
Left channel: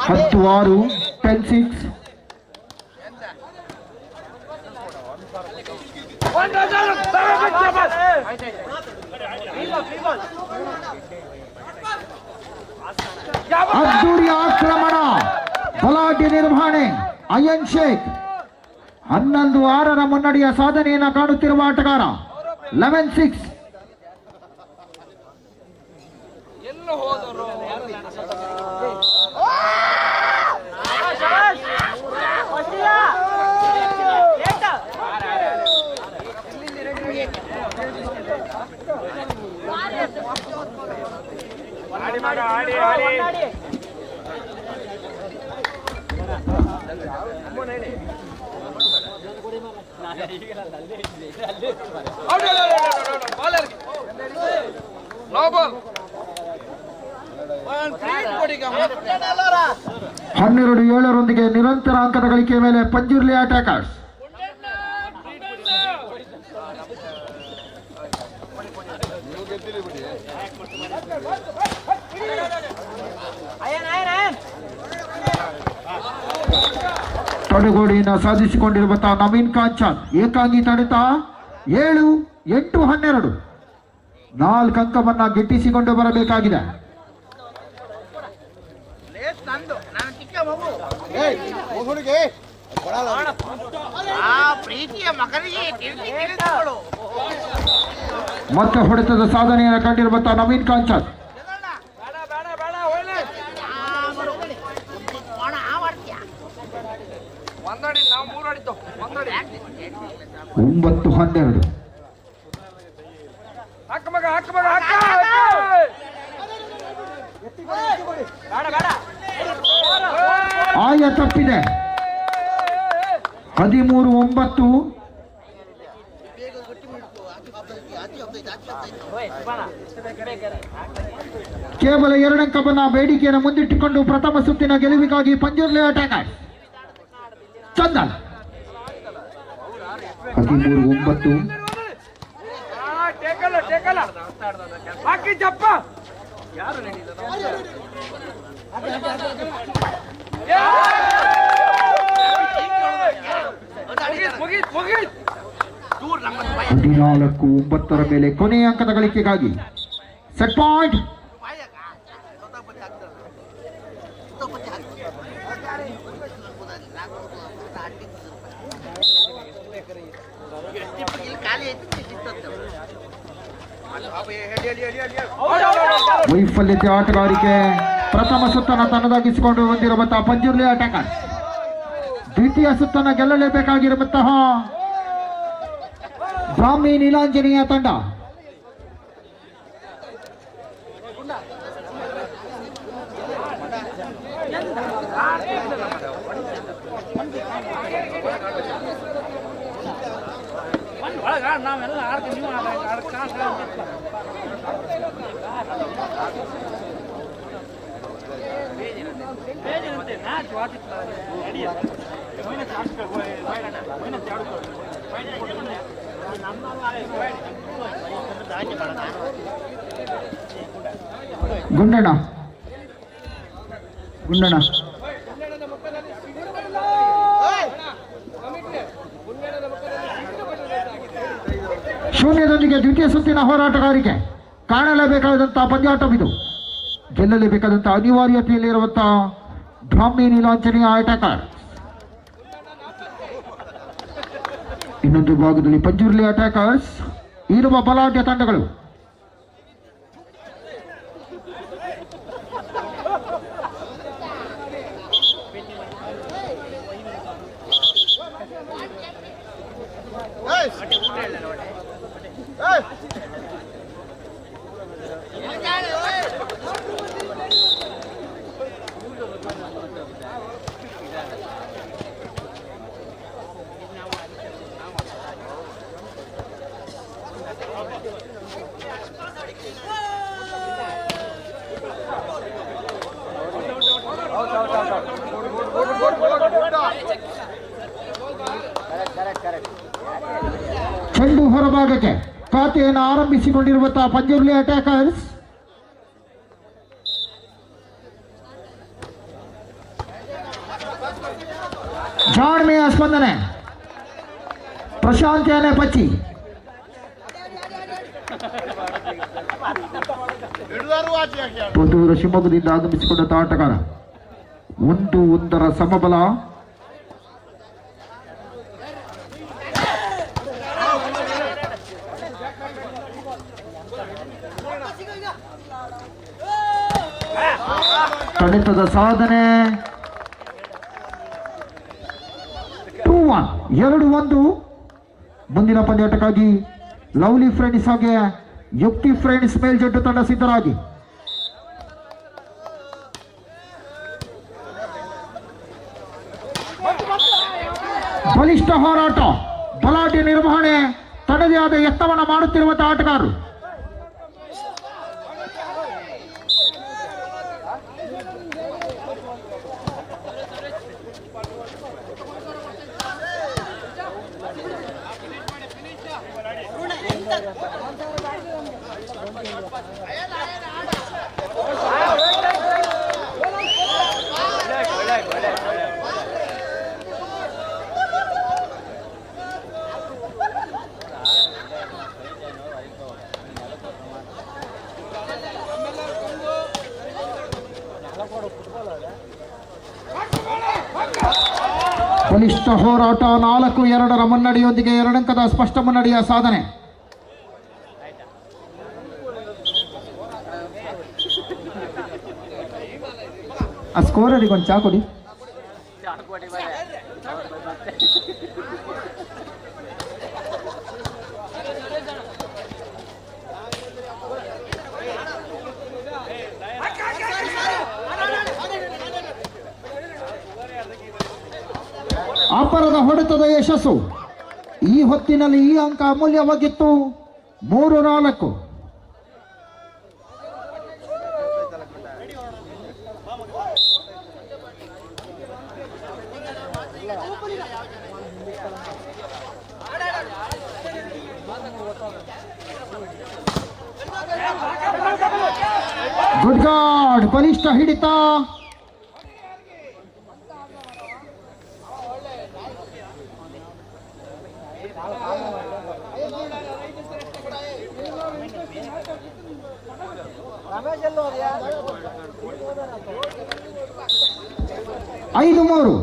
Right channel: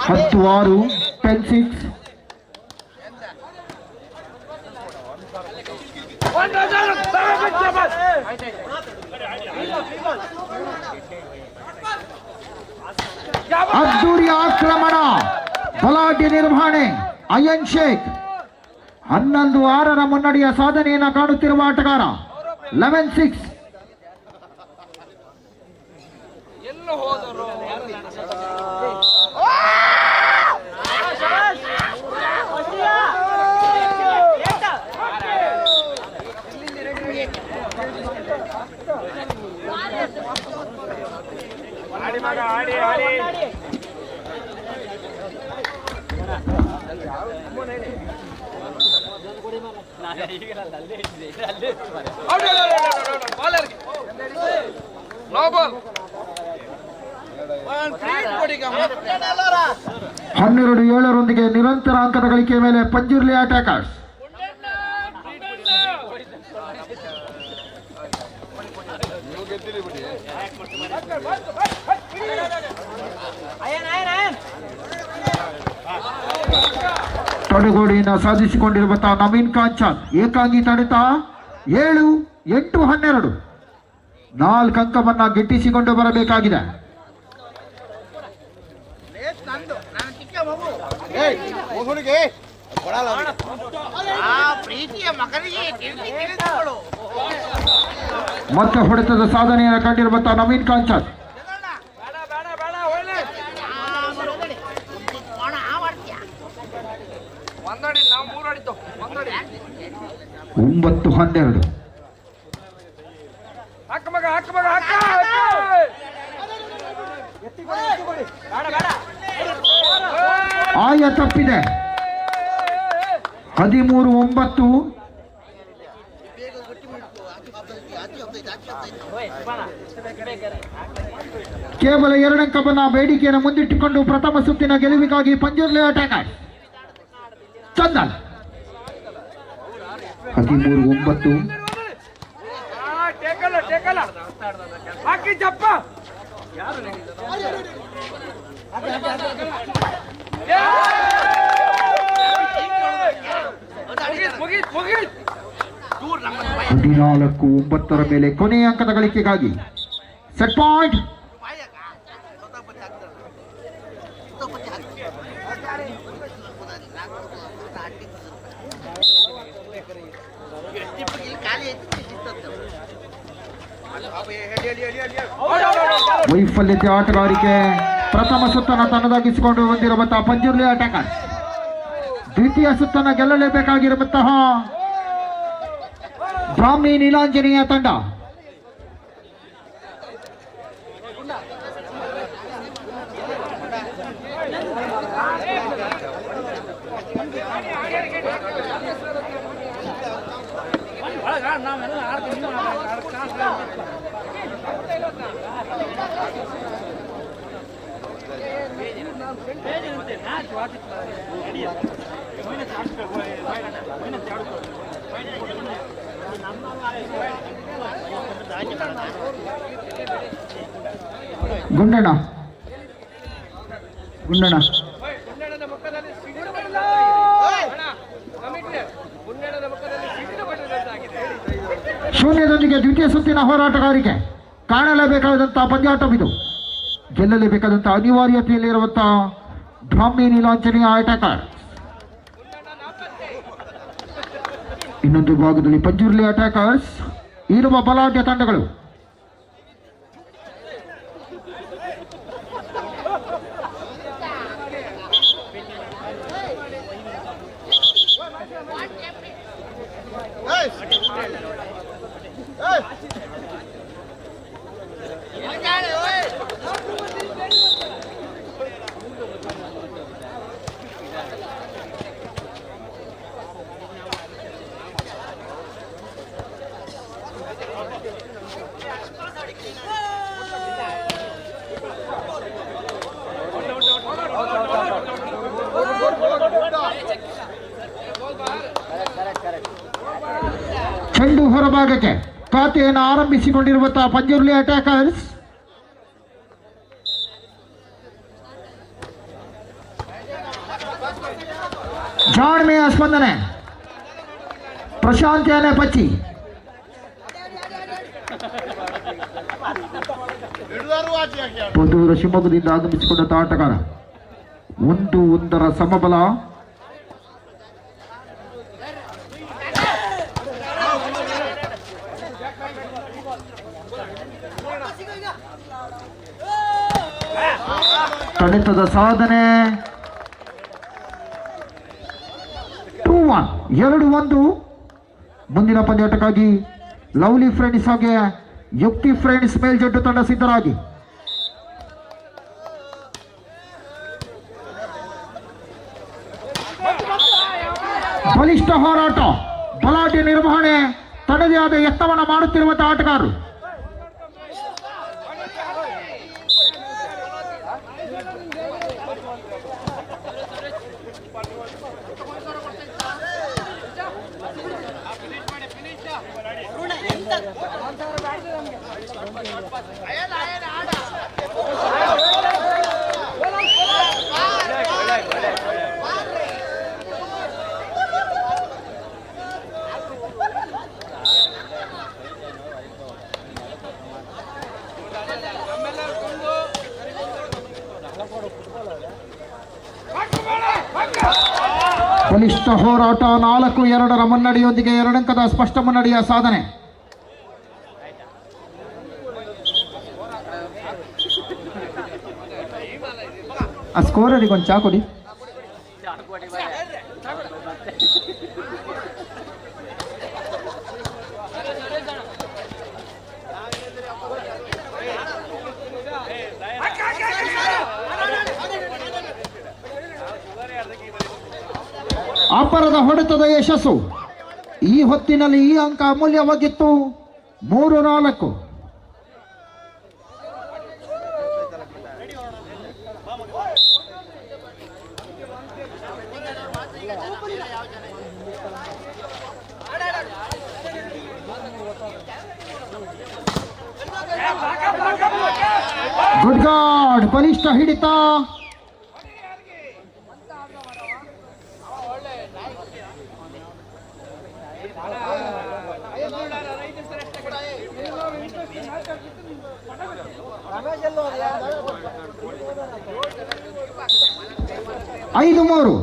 ಹತ್ತು 6 10-6. ಅದ್ದೂರಿ ಆಕ್ರಮಣ, ಬಲಾಢ್ಯ ನಿರ್ವಹಣೆ. ಅಯನ್ ಶೇಖ್ 11-6 ಮುನ್ನಡೆಯ ಸಾಧನೆಯನ್ನು ಕಾಣುತ್ತಿರುವ ಆಟಗಾರ. 11-6. ಹನ್ನೆರಡು 7 ನಿರಂತರ ಅಂಕದ ಗಳಿಕೆಯ ಮೇಲೆ ಪಂಜುರ್ಲಿ ಅಟ್ಯಾಕರ್ಸ್. ತಡೆಗೋಡೆಯನ್ನು ಸಾಧಿಸಿಕೊಂಡಿರುವಂತಹ ನವೀನ್ ಕಾಂಚನ್ ಏಕಾಂಗಿ ತಡೆತ 7, 8, 12 4 ಅಂಕವನ್ನ ಗಿಟ್ಟಿಸಿಕೊಂಡು ಬರಬೇಕಾಗಿದೆ. ಮತ್ತೆ ಹೊಡೆತದ ಸಾಧನೆಯನ್ನು ಕಂಡಿರುವಂತಹ ನವೀನ್ ಕಾಂಚನ್ ಒಂದಡಿ ನಾವು 3 ಅಡಿತು 9-12 ಹಾಕ ಮಗ ಆಯ ತಪ್ಪಿದೆ. 13-9 ಕೇವಲ 2 ಅಂಕವನ್ನ ಬೇಡಿಕೆಯನ್ನು ಮುಂದಿಟ್ಟುಕೊಂಡು ಪ್ರಥಮ ಸುತ್ತಿನ ಗೆಲುವಿಗಾಗಿ ಪಂಜುರ್ಲಿ ಅಟ್ಯಾಕರ್ ಚಂದನ್ 13-9 ಟೇಕಲ್ಲ ಹಾಕಿ ಜಪ್ಪ ಯಾರು ಮುಗೀತ್ 14-9 ಮೇಲೆ ಕೊನೆಯ ಅಂಕದ ಗಳಿಕೆಗಾಗಿ ಸೆಟ್ ಪಾಯಿಂಟ್. ವೈಫಲ್ಯತೆ ಆಟಗಾರಿಕೆ ಪ್ರಥಮ ಸುತ್ತನ್ನು ತನ್ನದಾಗಿಸಿಕೊಂಡು ಬಂದಿರುವಂತಹ ಪಂಜುರ್ಲಿ ಅಟ್ಯಾಕರ್ ದ್ವಿತೀಯ ಸುತ್ತನ್ನು ಗೆಲ್ಲಲೇಬೇಕಾಗಿರುವಂತಹ ಬ್ರಾಹ್ಮಿ ನೀಲಾಂಜನೇಯ ತಂಡ. ಗುಂಡಣ್ಣ ಶೂನ್ಯದೊಂದಿಗೆ ದ್ವಿತೀಯ ಸುತ್ತಿನ ಹೋರಾಟಗಾರಿಕೆ ಕಾಣಲೇಬೇಕಾದಂತಹ ಪಂದ್ಯಾಟವಿದು. ಗೆಲ್ಲಲೇಬೇಕಾದಂತಹ ಅನಿವಾರ್ಯತೆಯಲ್ಲಿರುವಂತಹ ಬ್ರಾಹ್ಮಿ ನೀಲಾಂಜನೇಯ ಅಟ್ಯಾಕರ್. ಇನ್ನೊಂದು ಭಾಗದಲ್ಲಿ ಪಂಜುರ್ಲಿ ಅಟ್ಯಾಕರ್ಸ್ ಇರುವ ಬಲಾಢ್ಯ ತಂಡಗಳು. ಚೆಂಡು ಹೊರಭಾಗಕ್ಕೆ ಖಾತೆಯನ್ನು ಆರಂಭಿಸಿಕೊಂಡಿರುವಂತಹ ಪಂಜುರ್ಲಿ ಅಟ್ಯಾಕರ್ಸ್. ಜಾಣ್ಮೆಯ ಸ್ಪಂದನೆ ಪ್ರಶಾಂತಿಯನ್ನೇ ಪಚ್ಚಿ ಪುತ್ತೂರು ಶಿವಮೊಗ್ಗದಿಂದ ಆಗಮಿಸಿಕೊಂಡ ಆಟಗಾರ 1-1 ಸಮಬಲ. ಕಡಿತದ ಸಾಧನೆ 2-1 2-1. ಮುಂದಿನ ಪಂದ್ಯಾಟಕ್ಕಾಗಿ ಲವ್ಲಿ ಫ್ರೆಂಡ್ಸ್ ಹಾಗೆ ಯುಕ್ತಿ ಫ್ರೆಂಡ್ಸ್ ಮೇಲ್ಜಡ್ಡು ತಂಡ ಸಿದ್ಧರಾಗಿ. ಬಲಿಷ್ಠ ಹೋರಾಟ ಬಲಾಢ್ಯ ನಿರ್ವಹಣೆ ತನ್ನದೇ ಆದ ಯತ್ನವನ್ನು ಮಾಡುತ್ತಿರುವಂತಹ ಆಟಗಾರರು. ಬಲಿಷ್ಠ ಹೋರಾಟ 4-2 ಮುನ್ನಡೆಯೊಂದಿಗೆ 2 ಅಂಕದ ಸ್ಪಷ್ಟ ಮುನ್ನಡೆಯ ಸಾಧನೆ. ಆ ಸ್ಕೋರರಿಗೆ ಒಂದು ಚಾ ಕೊಡಿ. ಅಪರದ ಹೊಡೆತದ ಯಶಸ್ಸು. ಈ ಹೊತ್ತಿನಲ್ಲಿ ಈ ಅಂಕ ಅಮೂಲ್ಯವಾಗಿತ್ತು. 3-4. ಗುಡ್ ಗಾಡ್, ಬಲಿಷ್ಠ ಹಿಡಿತ. ಐದು 3.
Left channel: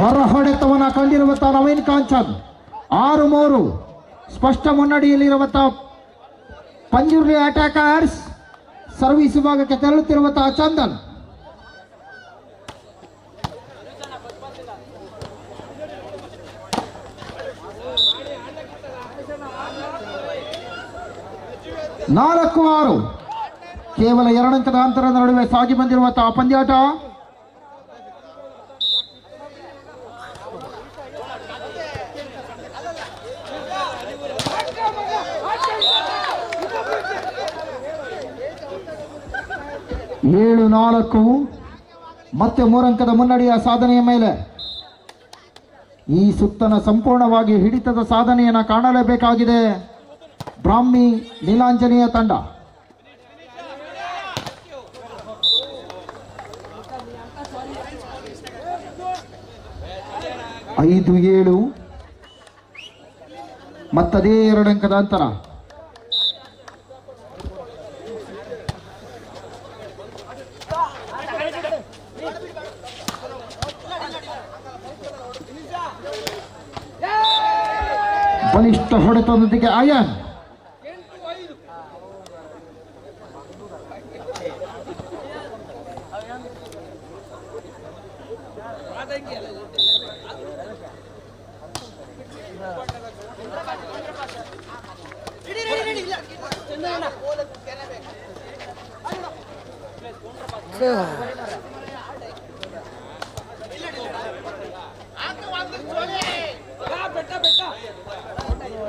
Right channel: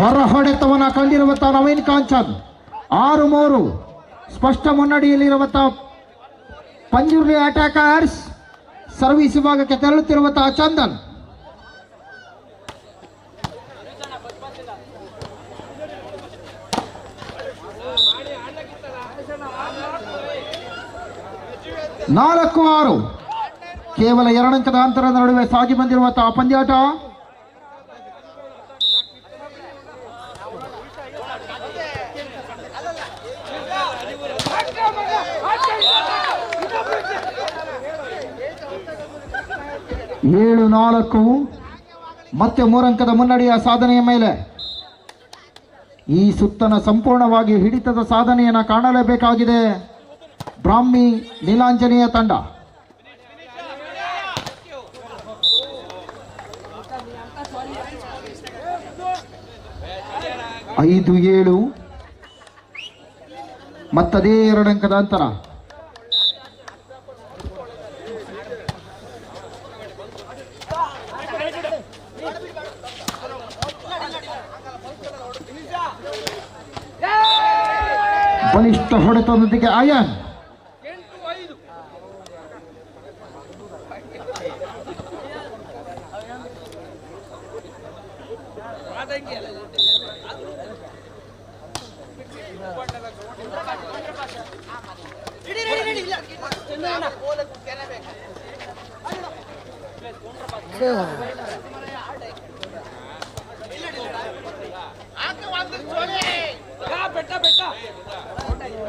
ಹೊರ ಹೊಡೆತವನ್ನ ಕಂಡಿರುವಂತಹ ನವೀನ್ ಕಾಂಚನ್. 6-3 ಸ್ಪಷ್ಟ ಮುನ್ನಡೆಯಲ್ಲಿರುವಂತಹ ಪಂಜುರ್ಲಿ ಅಟ್ಯಾಕರ್ಸ್. ಸರ್ವಿಸ್ ವಿಭಾಗಕ್ಕೆ ತೆರಳುತ್ತಿರುವಂತಹ ಚಂದನ್. ನಾಲ್ಕು 6 ಕೇವಲ 2 ಅಂಕದ ಅಂತರದ ನಡುವೆ ಸಾಗಿ ಬಂದಿರುವಂತಹ ಪಂದ್ಯಾಟ. ಏಳು 4 ಮತ್ತೆ 3 ಅಂಕದ ಮುನ್ನಡೆಯ ಸಾಧನೆಯ ಮೇಲೆ ಈ ಸುತ್ತನ ಸಂಪೂರ್ಣವಾಗಿ ಹಿಡಿತದ ಸಾಧನೆಯನ್ನು ಕಾಣಲೇಬೇಕಾಗಿದೆ ಬ್ರಾಹ್ಮಿ ನೀಲಾಂಜನೇಯ ತಂಡ. 5-7 ಮತ್ತದೇ 2 ಅಂಕದ ಅಂತರ. ಬಲಿಷ್ಠ ಹೊಡೆತದೊಂದಿಗೆ ಆಯನ್.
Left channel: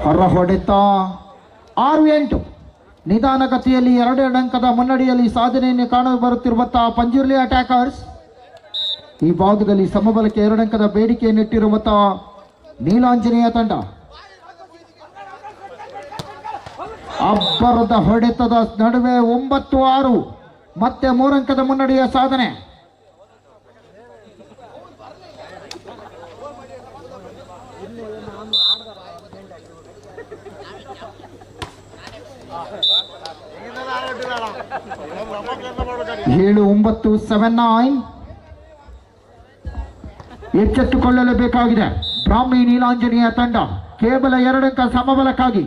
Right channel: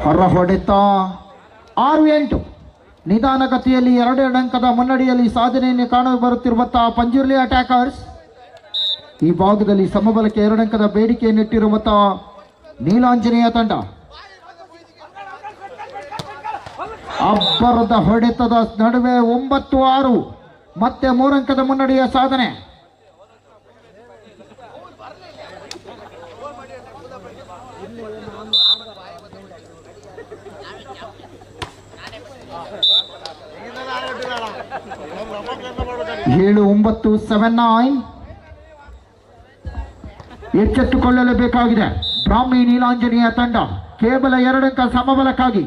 ಹೊರ ಹೊಡೆತ 6-8 ನಿಧಾನಗತಿಯಲ್ಲಿ 2 ಅಂಕದ ಮುನ್ನಡೆಯಲ್ಲಿ ಸಾಧನೆಯನ್ನು ಕಾಣಲು ಬರುತ್ತಿರುವಂತಹ ಪಂಜುರ್ಲಿ ಅಟ್ಯಾಕರ್ಸ್. ಈ ಭಾಗದಲ್ಲಿ ಸಮಬಲಕ್ಕೆ 2 ಅಂಕದ ಬೇಡಿಕೆಯನ್ನಿಟ್ಟಿರುವಂತಹ ನೀಲಾಂಜನೇಯ ತಂಡ. ಅಬ್ಬರದ ಹೊಡೆತದ ನಡುವೆ 9-6 ಮತ್ತೆ 3 ಅಂಕದ ಮುನ್ನಡೆಯ ಸಾಧನೆ. ಏಳು 9 7-9 ಎಚ್ಚೆತ್ತುಕೊಳ್ಳಲೇಬೇಕಾಗಿದೆ ಬ್ರಾಹ್ಮಿ ನೀಲಾಂಜನೇಯ ತಂಡ. ಕೇವಲ 2 ಅಂಕ ಸಮಬಲಕ್ಕಾಗಿ.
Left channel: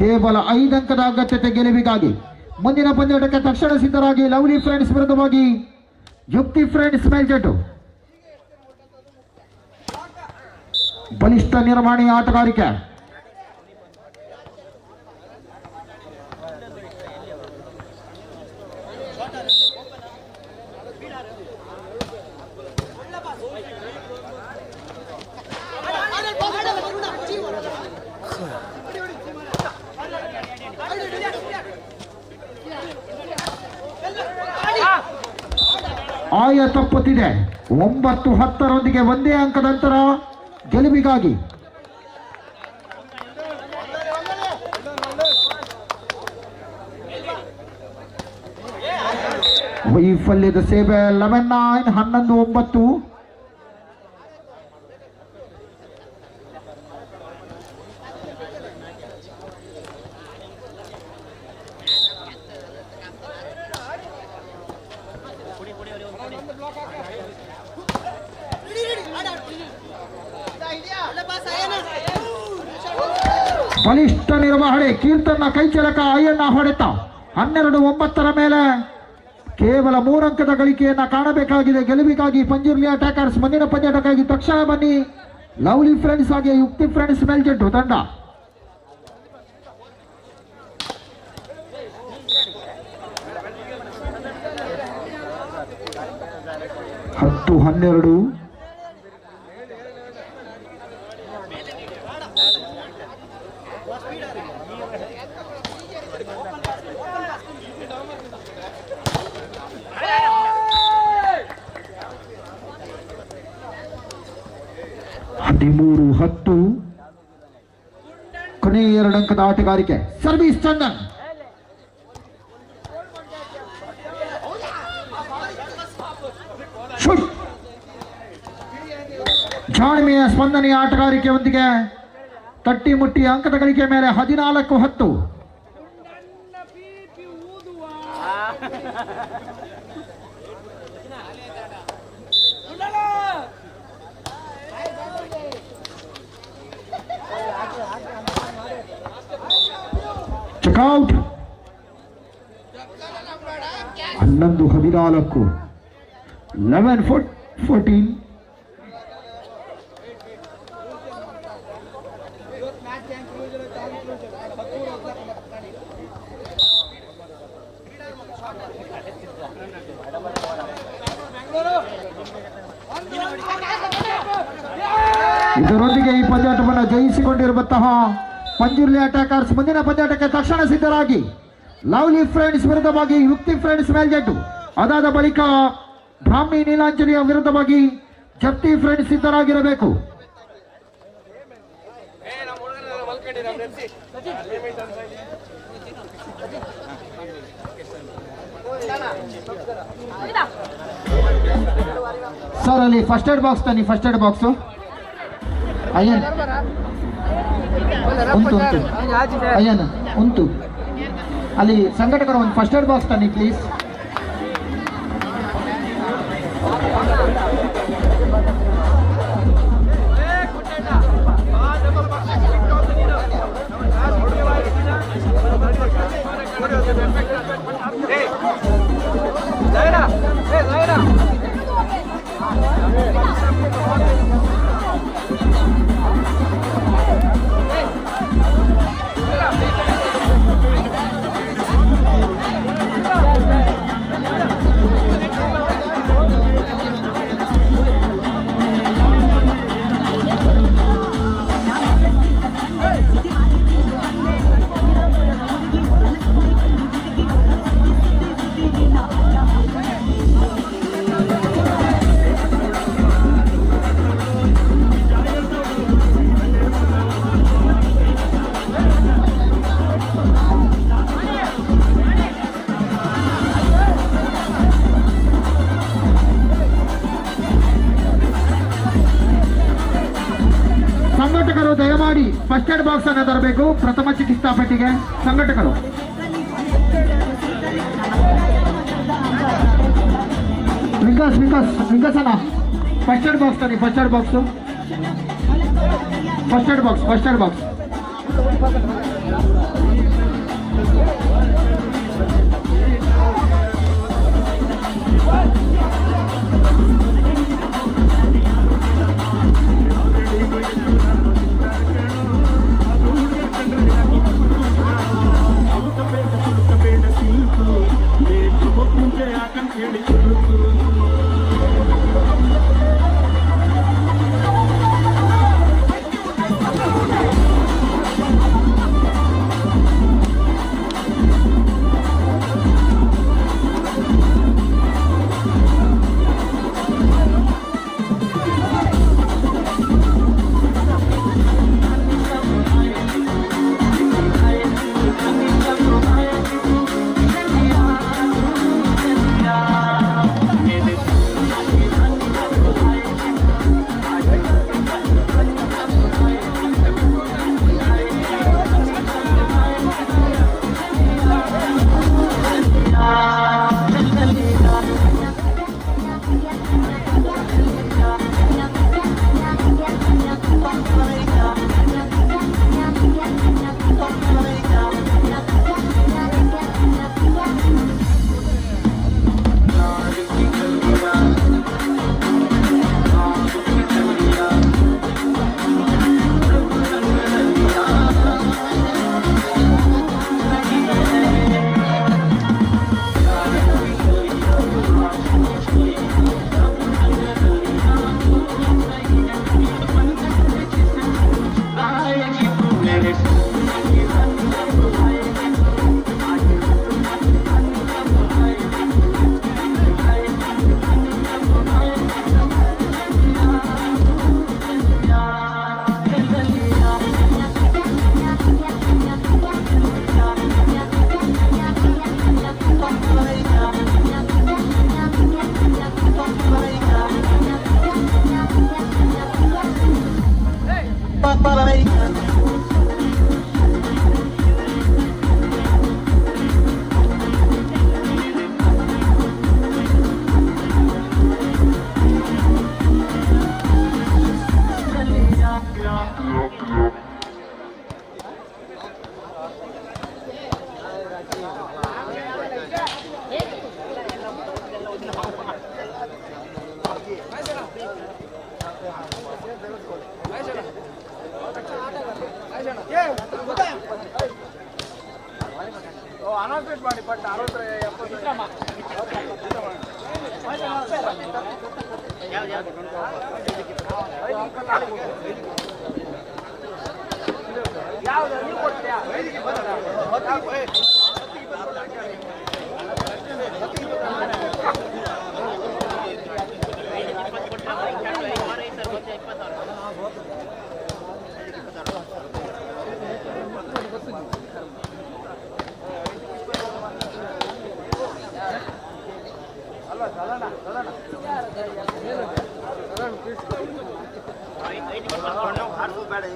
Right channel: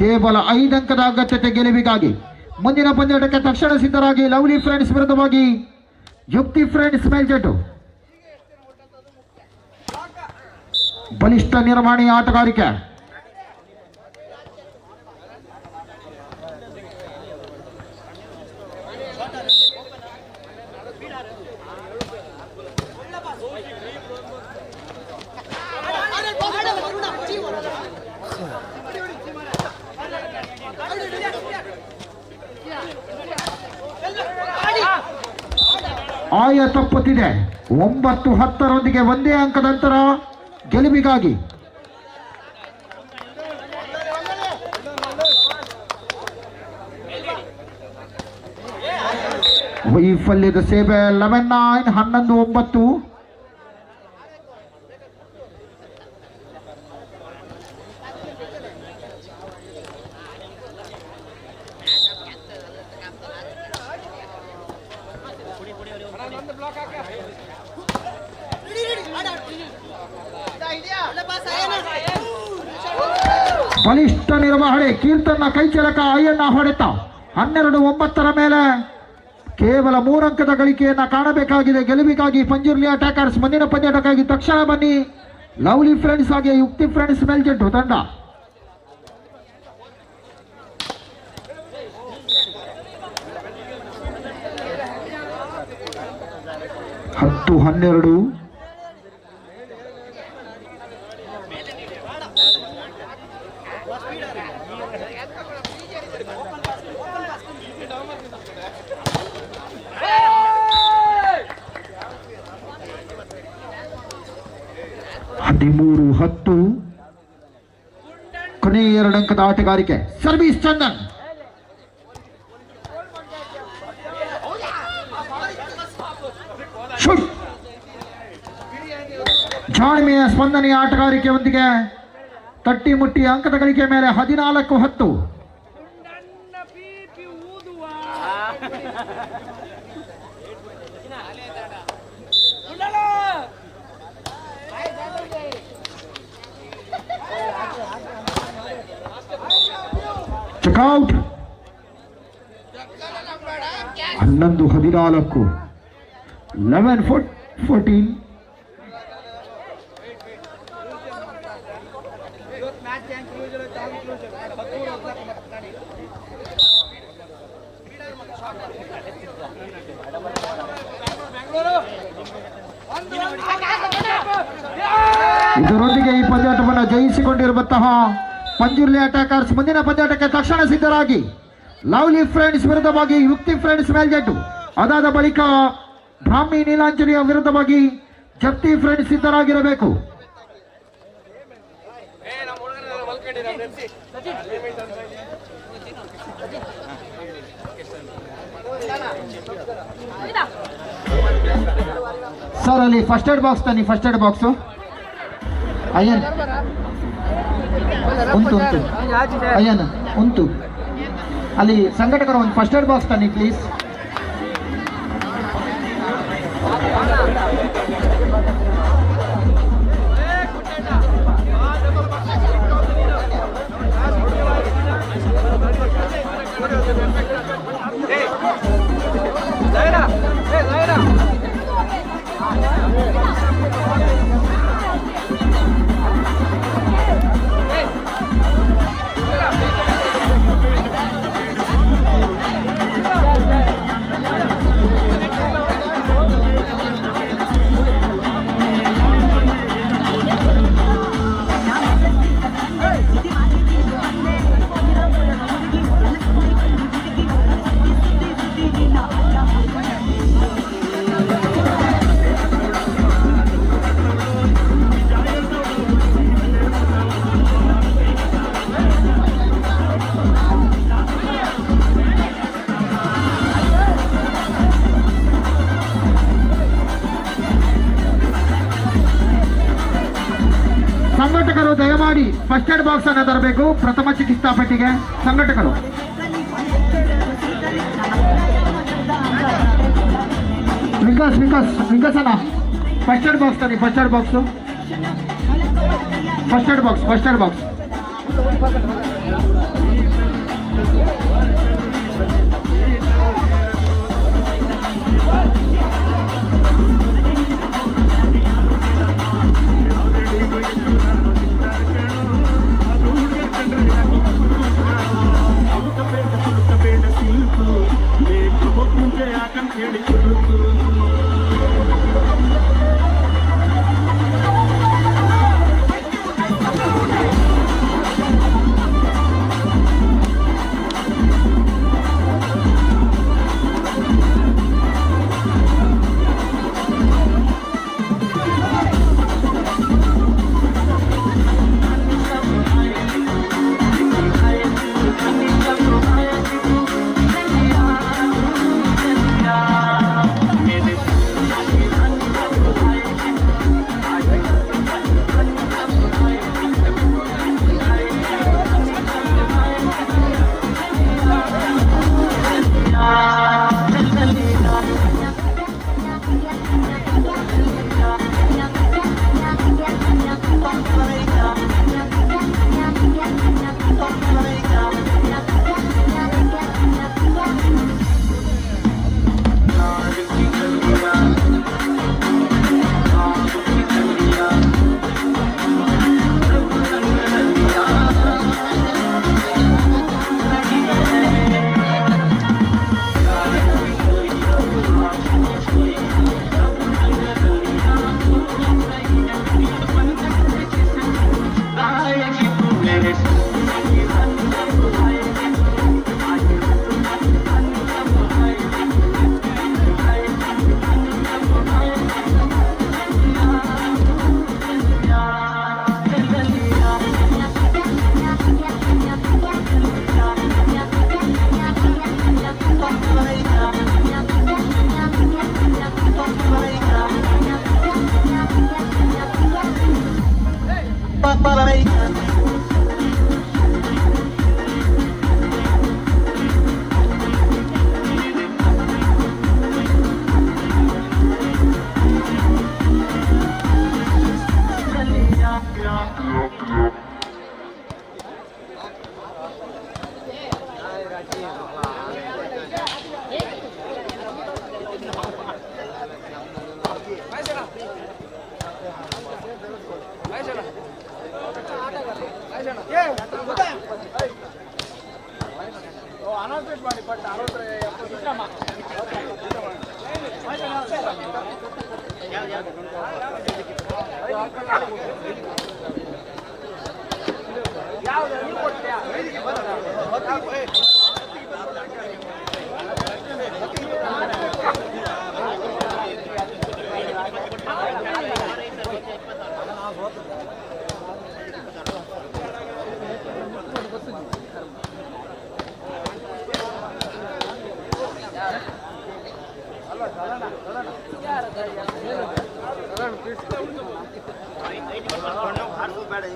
ಕೇವಲ 5 ಅಂಕದ ಅಗತ್ಯತೆ ಗೆಲುವಿಗಾಗಿ. ಮುಂದಿನ ಪಂದ್ಯಕ್ಕೆ ತಕ್ಷಣ ಸಿದ್ಧರಾಗಿ. ಲವ್ಲಿ ಫ್ರೆಂಡ್ಸ್ ವಿರುದ್ಧವಾಗಿ ಯುಕ್ತಿ ಫ್ರೆಂಡ್ಸ್ ಮೇಲ್ಜೆಟ್ಟು. ಬಲಿಷ್ಠ ನಿರ್ವಹಣೆಯ ಆಟಗಾರಿಕೆ. ಆಯ ತಪ್ಪುತ್ತಿದೆ. 9-10 ಒಂದೇ ಅಂಕದ ಅಂತರ ಗೆಲುವಿಗಾಗಿ. ವೈಫಲ್ಯದ ಸೇವೆ 11-9 11-9. ಬಲಿಷ್ಠ ನಿರ್ವಹಣೆ. ಕೀರ್ತನ ಕೈಚಲಕ ಅಯ್ಯಣ್ಣ ಹೊಡೆತ. 12-9 ಮೇಲೆ ಕೇವಲ 3 ಅಂಕದ ಗಳಿಕೆಯನ್ನ ಕಾಣಬೇಕಾಗಿದೆ ಗೆಲುವಿಗಾಗಿ. ಪಂಜುರ್ಲಿ ಅಟ್ಯಾಕರ್ಸ್ ಮುಂದಿನ ಪಂದ್ಯಾಟಕ್ಕಾಗಿ ತಕ್ಷಣ ಬನ್ನಿ. ಲವ್ಲಿ ಫ್ರೆಂಡ್ಸ್ ಹಾಗೆ ಯುಕ್ತಿ ಫ್ರೆಂಡ್ಸ್ ಮೇಲ್ಜೆಟ್ಟು ತಂಡ. 10-12. ಹದಿಮೂರು 10. ಕೊನೆಯ 2 ಅಂಕದ ಆಟಗಾರಿಕೆ. ಸರ್ವಿಸ್ ಚಂದನ್. ಶೂಟ್. ಜಾಣ್ಮೆಯ ಸ್ಪಂದನೆಯ ಆಟಗಾರಿಕೆಯೊಂದಿಗೆ ತಟ್ಟಿ ಮುಟ್ಟಿ ಅಂಕದ ಗಳಿಕೆ ಮೇಲೆ 14-10. ಚೆಕ್ಔಟ್. 11-14. 11-14. ಇದರೊಂದಿಗೆ ಈ ಪಂದ್ಯಾಟವನ್ನು ಜಯಿಸಿಕೊಂಡಿರುವಂತಹ ಪಂಜುರ್ಲಿ ಅಟ್ಯಾಕರ್ಸ್ ಮುಂದಿನ ಪಂದ್ಯಾಟಕ್ಕೆ ತಕ್ಷಣ ಸಿದ್ಧರಾಗಿ. ಲವ್ಲಿ ಫ್ರೆಂಡ್ಸ್ ವಿರುದ್ಧವಾಗಿ ಯುಕ್ತಿ ಫ್ರೆಂಡ್ಸ್ ಮೇಲ್ಜೆಟ್ಟು. ಅದಾದ ಬಳಿಕ ಬ್ರಾಹ್ಮಿ ನೀಲಾಂಜಲಿಯ ವಿರುದ್ಧವಾಗಿ ಜಪ್ತಿ ಫ್ರೆಂಡ್ಸ್ ಸಿದ್ಧರಾಗಿರಬೇಕು. ಸರ್ ಅಲ್ಲಿ ಫಸ್ಟ್ ಏಡ್ ಬಾಕ್ಸ್ ತನ್ನಿ. ಫಸ್ಟ್ ಏಡ್ ಬಾಕ್ಸು ಅಯ್ಯನ್ ಅಯ್ಯನ್ ಉಂಟು ಅಲ್ಲಿ. ಸಂಘಟಕರು ಒಂದು ಫಸ್ಟ್ ಏಡ್ ಬಾಕ್ಸ್ ತನ್ನಿ ಪ್ಲೀಸ್. ಸಂಘಟಕರು ದಯಮಾಡಿ ಫಸ್ಟ್ ಏಡ್ ಬಾಕ್ಸ್ ಅನ್ನು ತರಬೇಕು. ಪ್ರಥಮ ಚಿಕಿತ್ಸಾ ಪೆಟ್ಟಿಗೆ ಸಂಘಟಕರು. ವಿಕಾಸ್ ಅಣ್ಣ ಫಸ್ಟ್ ಏಡ್ ಬಾಕ್ಸ್ ತನ್ನಿ. First aid box. ಅನೌನ್ಸ್ಮೆಂಟ್ ಮಾಡಿ ಬಟ್ 60 ಯಾವ್ದು ನೀವು ಕೊಡ್ತೀಯಾ ಬೇಡ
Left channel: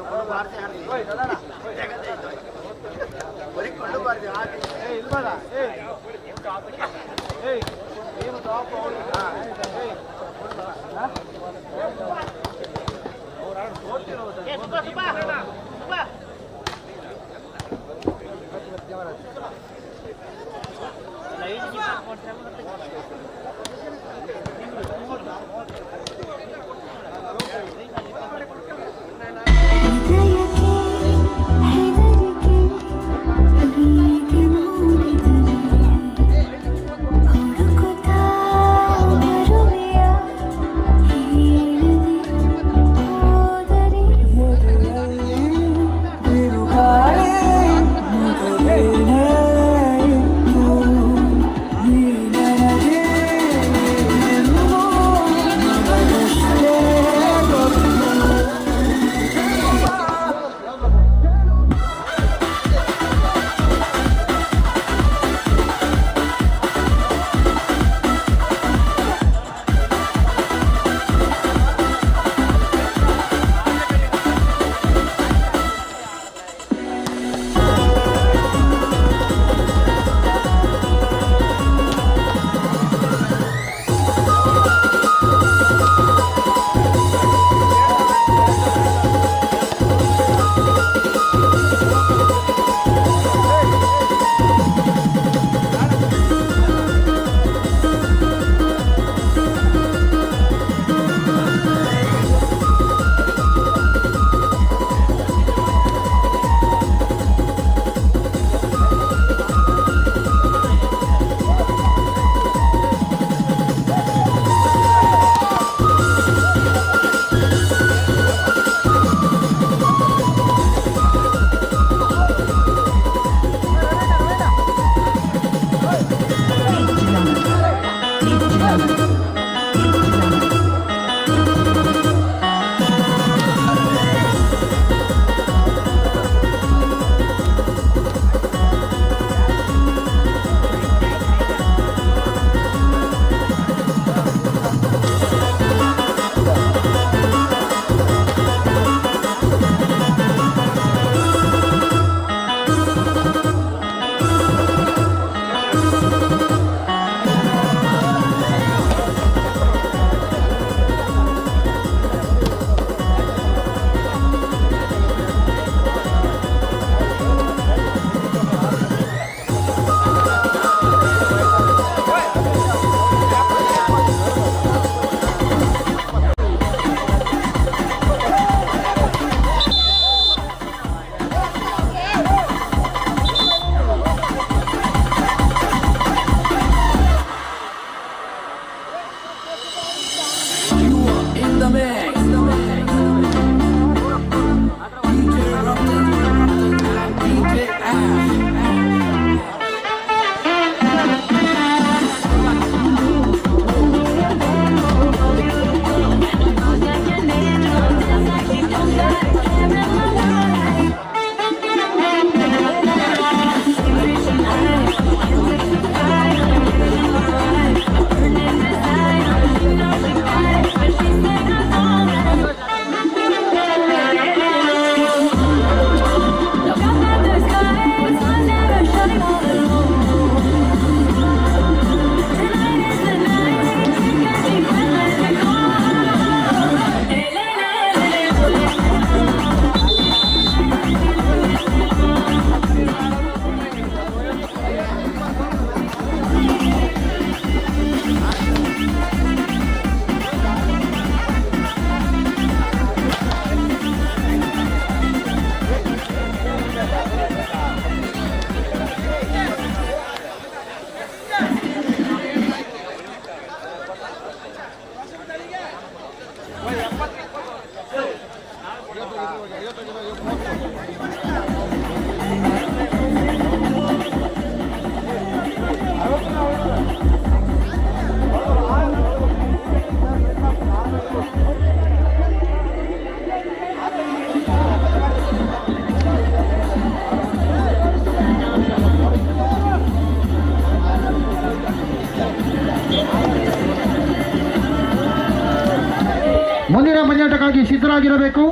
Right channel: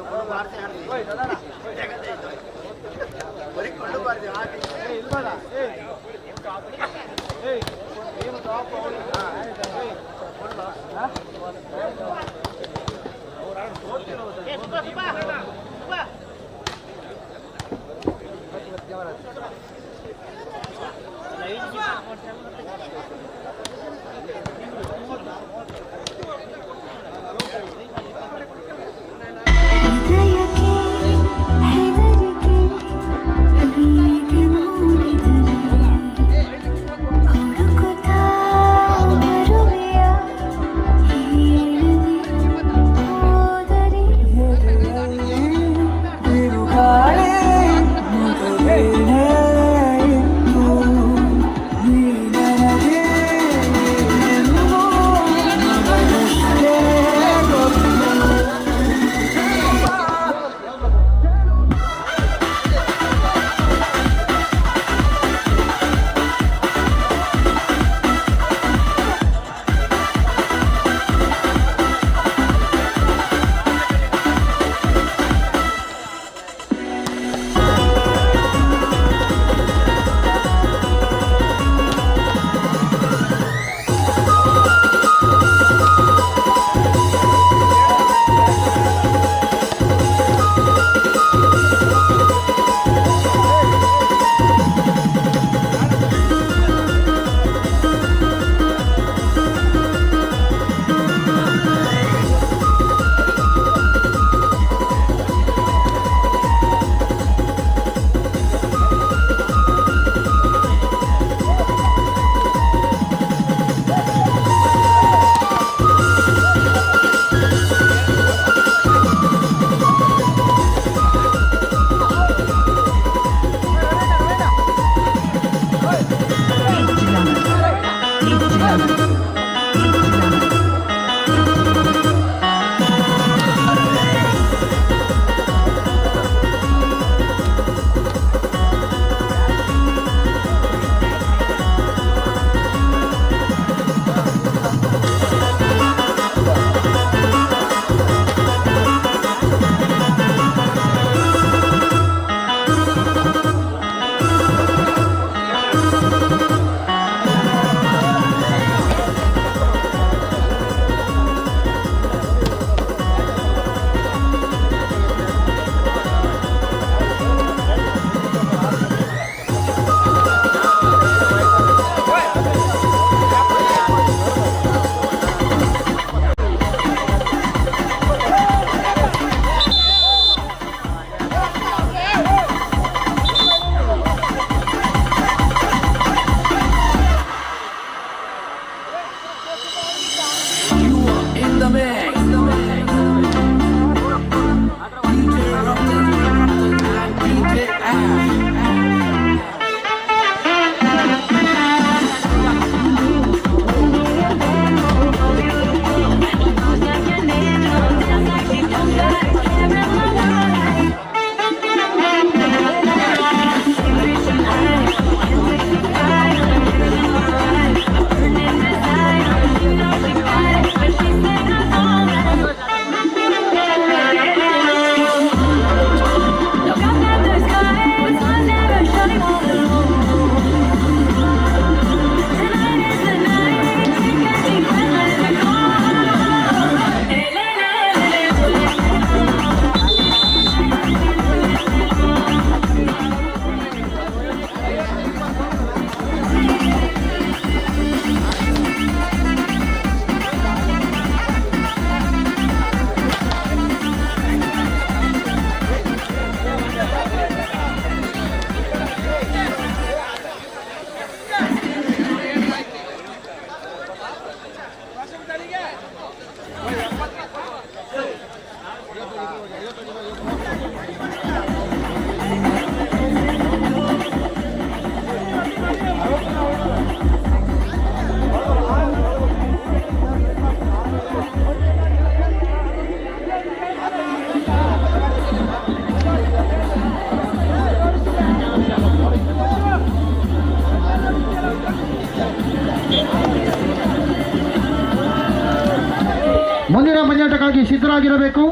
ಮುಂದಿನ ಪಂದ್ಯಾಟಕ್ಕಾಗಿ ಸಿದ್ಧರಾಗಿರಬೇಕು.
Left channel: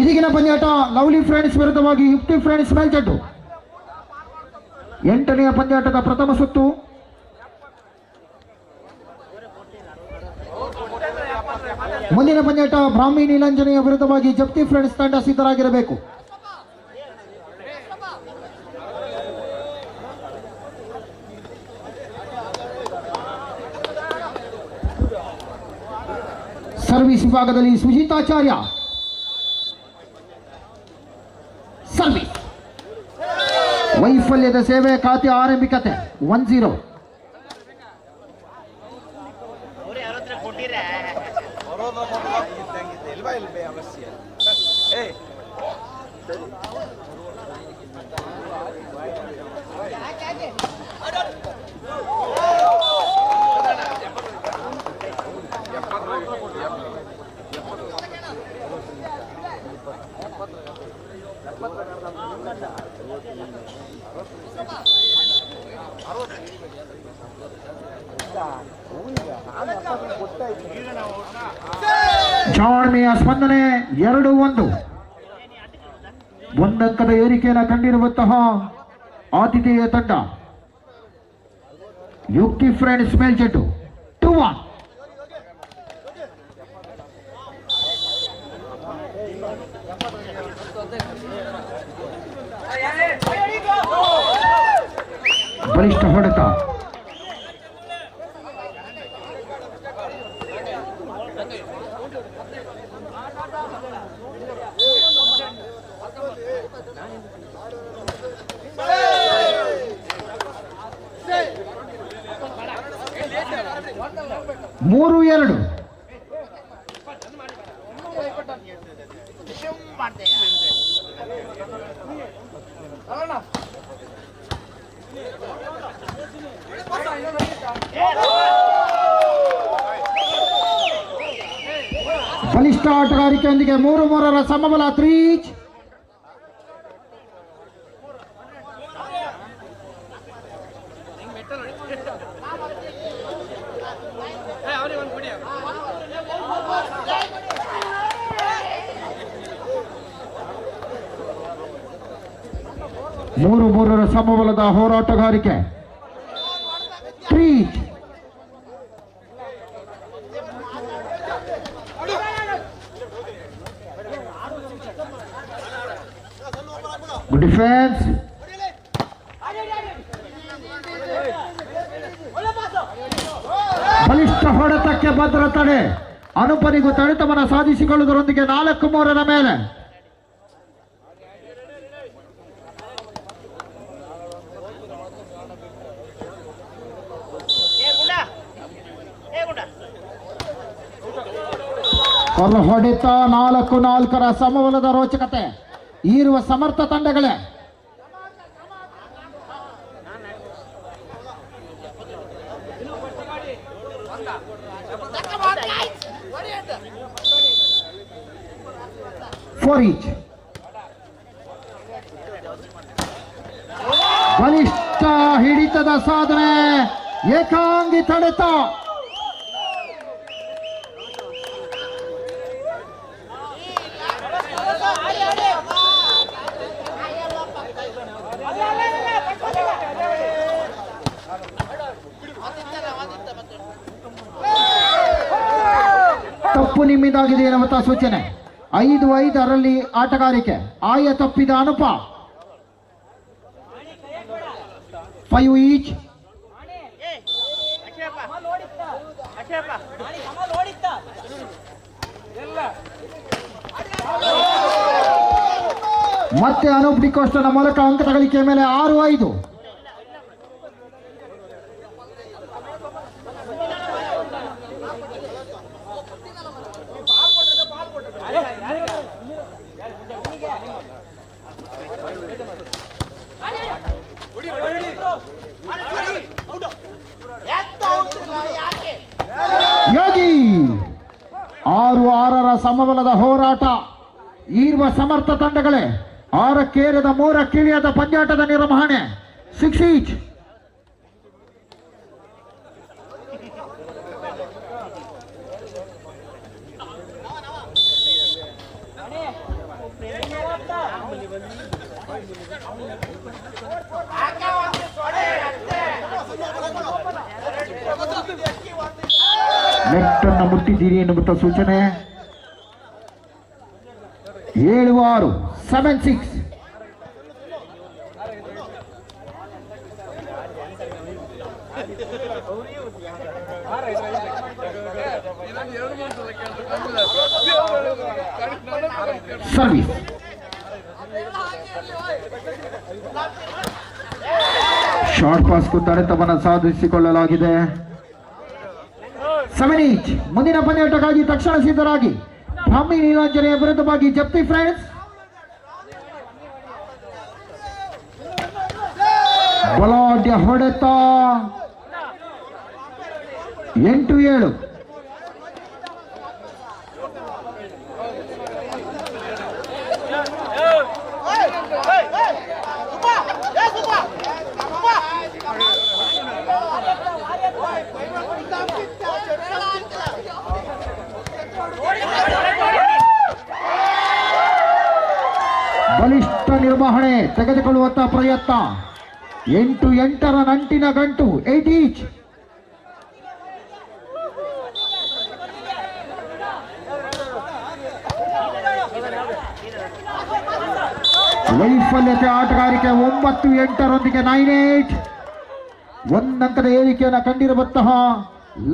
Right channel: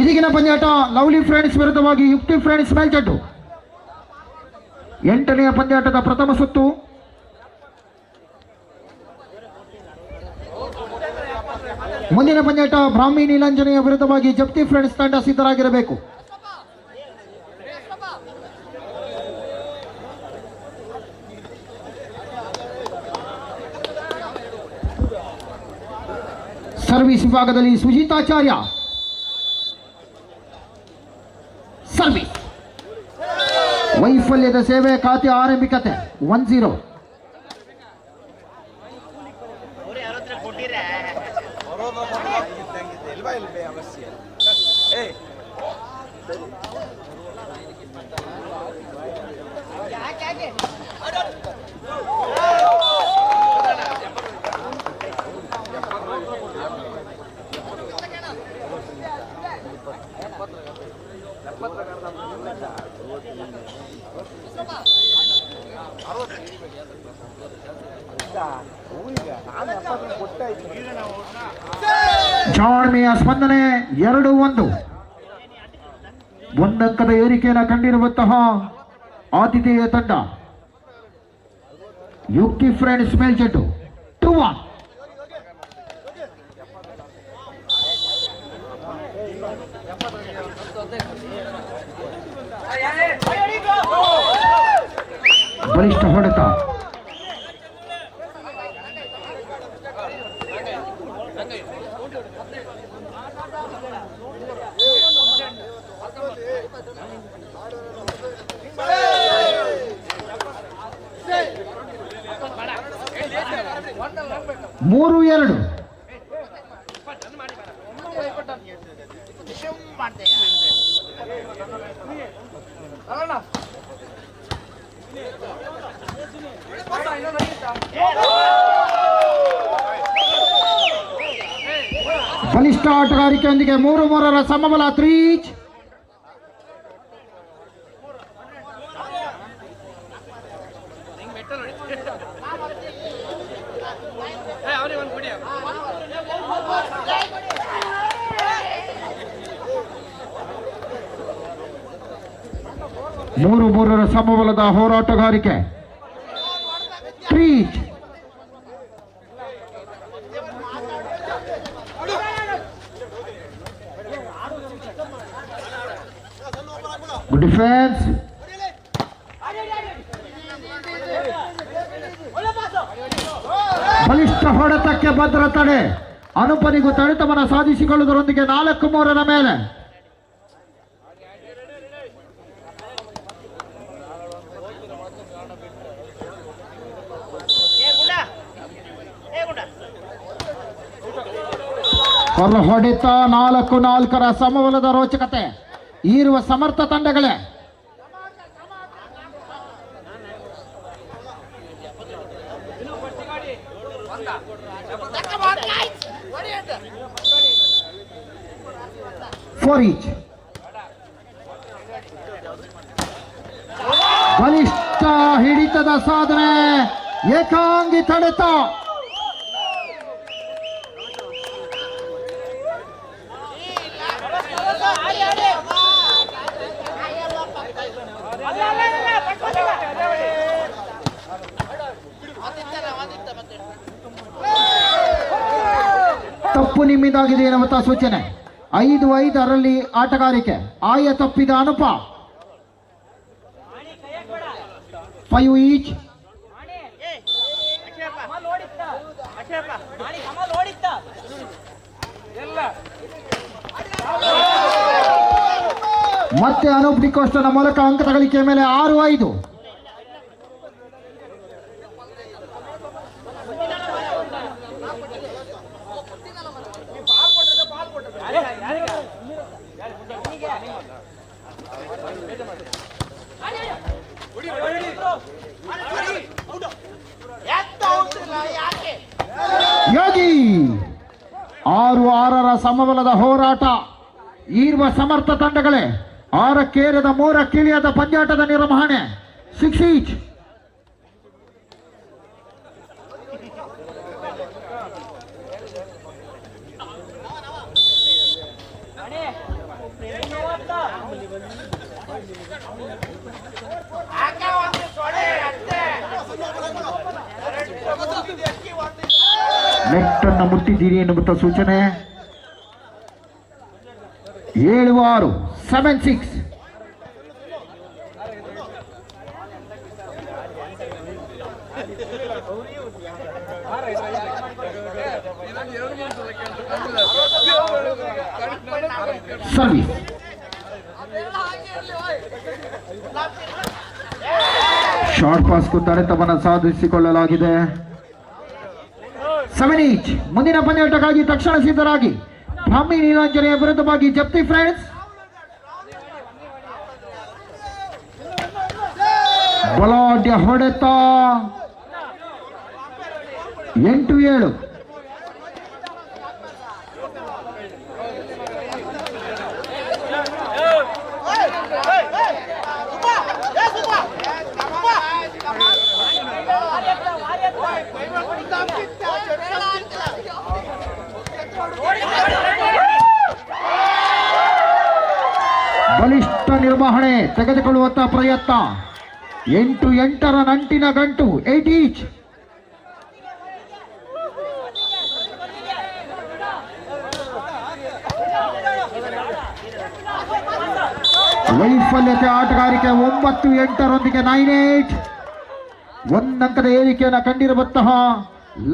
ಇದೀಗಿನ ಪಂದ್ಯಾಟ ಲವ್ಲಿ ಫ್ರೆಂಡ್ಸ್ ವಿರುದ್ಧವಾಗಿ ಯುಕ್ತಿ ಫ್ರೆಂಡ್ಸ್ ಮೇಲ್ಜಡ್ಡು. 8ನೇ ಪಂದ್ಯಾಟದ ಪ್ರಥಮ ಸುತ್ತು. ಮುಂದಿನ ಪಂದ್ಯಾಟ ಬ್ರಾಹ್ಮಿ ನೀಲಾಂಜನೆಯ ವಿರುದ್ಧವಾಗಿ ಜಪ್ತಿ ಫ್ರೆಂಡ್ಸ್ ತಂಡ ಸಿದ್ಧರಾಗಿರಬೇಕು. ಸರ್ವಿಸ್ ವಿಭಾಗದಲ್ಲಿ ಸುಜಿತಾಚಾರ್ಯ. ಸರ್ವಿಸ್ ವೈಫಲ್ಯದ ಸೇವೆ ಖಾತೆ ಆರಂಭಿಕತೆ 1-0. ಜಾಣ್ಮೆಯ ಸ್ಪಂದನೆ 2-1. ಒಂದಂಕದ ಏರಿಕೆಯನ್ನು ಕಂಡಿರುವಂತಹ ಆತಿಥೇಯ ತಂಡ ಯುಕ್ತಿ ಫ್ರೆಂಡ್ಸ್ ಮೇಲ್ಜಡ್ಡು 2-1. ಬಲಿಷ್ಠ ಹೊಡೆತ. ಮೂರು 2. ಬಲಿಷ್ಠ ಆಟಗಾರಿಕೆಯೊಂದಿಗೆ 3-3 ಸಮಬಲ 3. ಮೂರು ಸಮಬಲದ ಹೋರಾಟಗಾರಿಕೆ 3. Good defence. ಬಲಿಷ್ಠ ಹೊಡೆತಕ್ಕೆ ಭದ್ರ ತಡೆ. ಅನುಪನಿಗೂ ತಡೆತವನ ಸಾಧಿಸಿಕೊಳ್ಳುವುದರೊಂದಿಗೆ 4-3 ಮೇಲೆ. ಹೊರ ಹೊಡೆತ 4-4 ಸಮಬಲದ ರೋಚಕತೆ ಇರುವ ಸಮರ್ಥ ತಂಡಗಳೇ. ಬಲಿಷ್ಠ ಹಿಡಿತದ ಸಾಧನೆ. ಏಕಾಂಗಿ ತಡೆತ. ತಪ್ಪು ನಿಮ್ಮಿಂದಾಗಿದೆ ಎನ್ನುವಂತಹ ಸೂಚನೆ. 5-5 ಆಟಗಾರಿಕೆ. ಆಯ ತಪ್ಪಿದ ಅನುಪ. 5 each. ಮತ್ತೆ ಅನೂಪ್ ಡಿಕೋಸ್ಟನ ಮೂಲಕ ಅಂಕ ತಗಳಿಕೆಯ ಮೇಲೆ 6-5. ಯೋಗಿ 6-6ರ ಸಮಬಲದ ಹೋರಾಟ. ಈರುವ ಸಮರ್ಥ ತಂಡಗಳೇ 6ಕ್ಕೇರಿದ 3ಕ್ಕಿಳಿಯದ ಪಂದ್ಯಾಟದ ನಿರ್ವಹಣೆ. 6 ಈಚ್. ನೆಟ್ಟನ್ನು ಮುಟ್ಟಿದ್ದೀರಿ ಎನ್ನುವಂತ ಸೂಚನೆ. 7-6. 7-6. ಸರ್ವಿಸ್. ಶಾರ್ಟ್ ಪಾಸ್ಗೂ ತಡೆತವನ್ನು ಸಾಧಿಸಿಕೊಳ್ಳಲಾಗಿದೆ. 7 ಈಚ್. ಮುಂದಿನ ಪಂದ್ಯಾಟಕ್ಕಾಗಿ ತಕ್ಷಣ ಸಿದ್ಧರಾಗಿ. ಬ್ರಾಹ್ಮಿ ನೀಲಾಂಜನೆಯ ವಿರುದ್ಧವಾಗಿ ಜಪ್ತಿ ಫ್ರೆಂಡ್ಸ್. ಬಲಾಢ್ಯ ಹೊಡೆತ. 8-7. ಬಲಿಷ್ಠ ನಿರ್ವಹಣೆ ತೆಗೆದುಕೊಳ್ಳುವಂತಹ ಪ್ರಯತ್ನ. 8-8ರ ನಂಟಿನ ಗಂಟು. 8 ಈಚ್. ವೈಫಲ್ಯತೆ ಆಟಗಾರಿಕೆ. 9-8ರೊಂದಿಗೆ 9-8. ಒಂದಂಕದ ಏರಿಕೆಯನ್ನು ಕಂಡಿರುವಂತಹ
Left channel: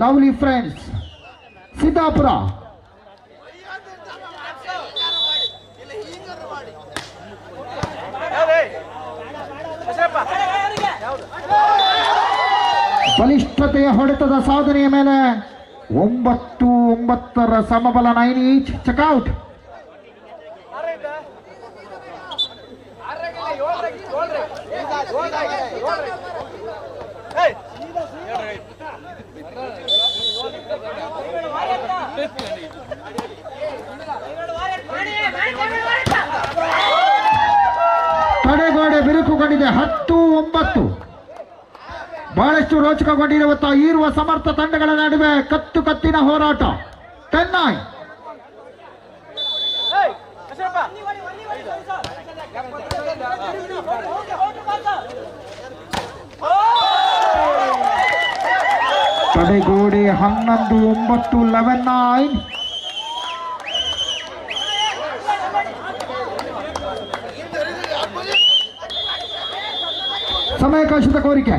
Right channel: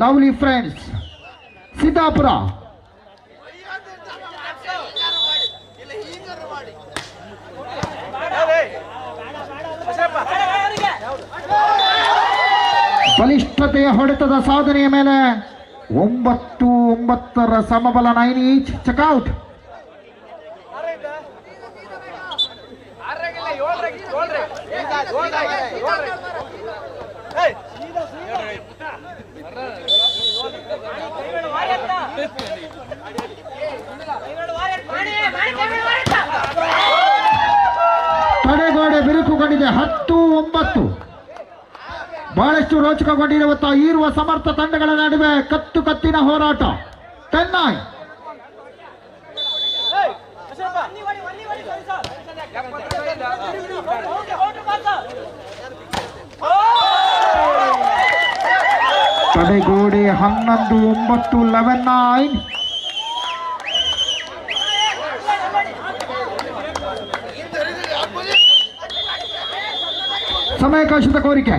ಲವ್ಲಿ ಫ್ರೆಂಡ್ಸ್ ಸಿದ್ದಾಪುರ. ಬಲಿಷ್ಠತೆಯ ಹೊಡೆತದ ಸಾಧನೆಯ ಮೇಲೆ 9-9ರ ಸಮಬಲ. 9 ಈಚ್. ಚೆಕ್ಔಟ್. ತಡೆಗೋಡೆ ಬಿರುಕುಗೊಂಡಿದೆ. 10-9. ಬಹಳಷ್ಟು ರೋಚಕಗೊಂಡಿರುವಂತಹ ಈರುವ ಸಮರ್ಥ ತಂಡಗಳ ನಡುವೆ ಕತ್ತಿನ ಹೋರಾಟ. 10-9. ತಡೆಗೋಡೆ 11-9. 11-9. ಸಮಯಾವಕಾಶದ ಕೋರಿಕೆ.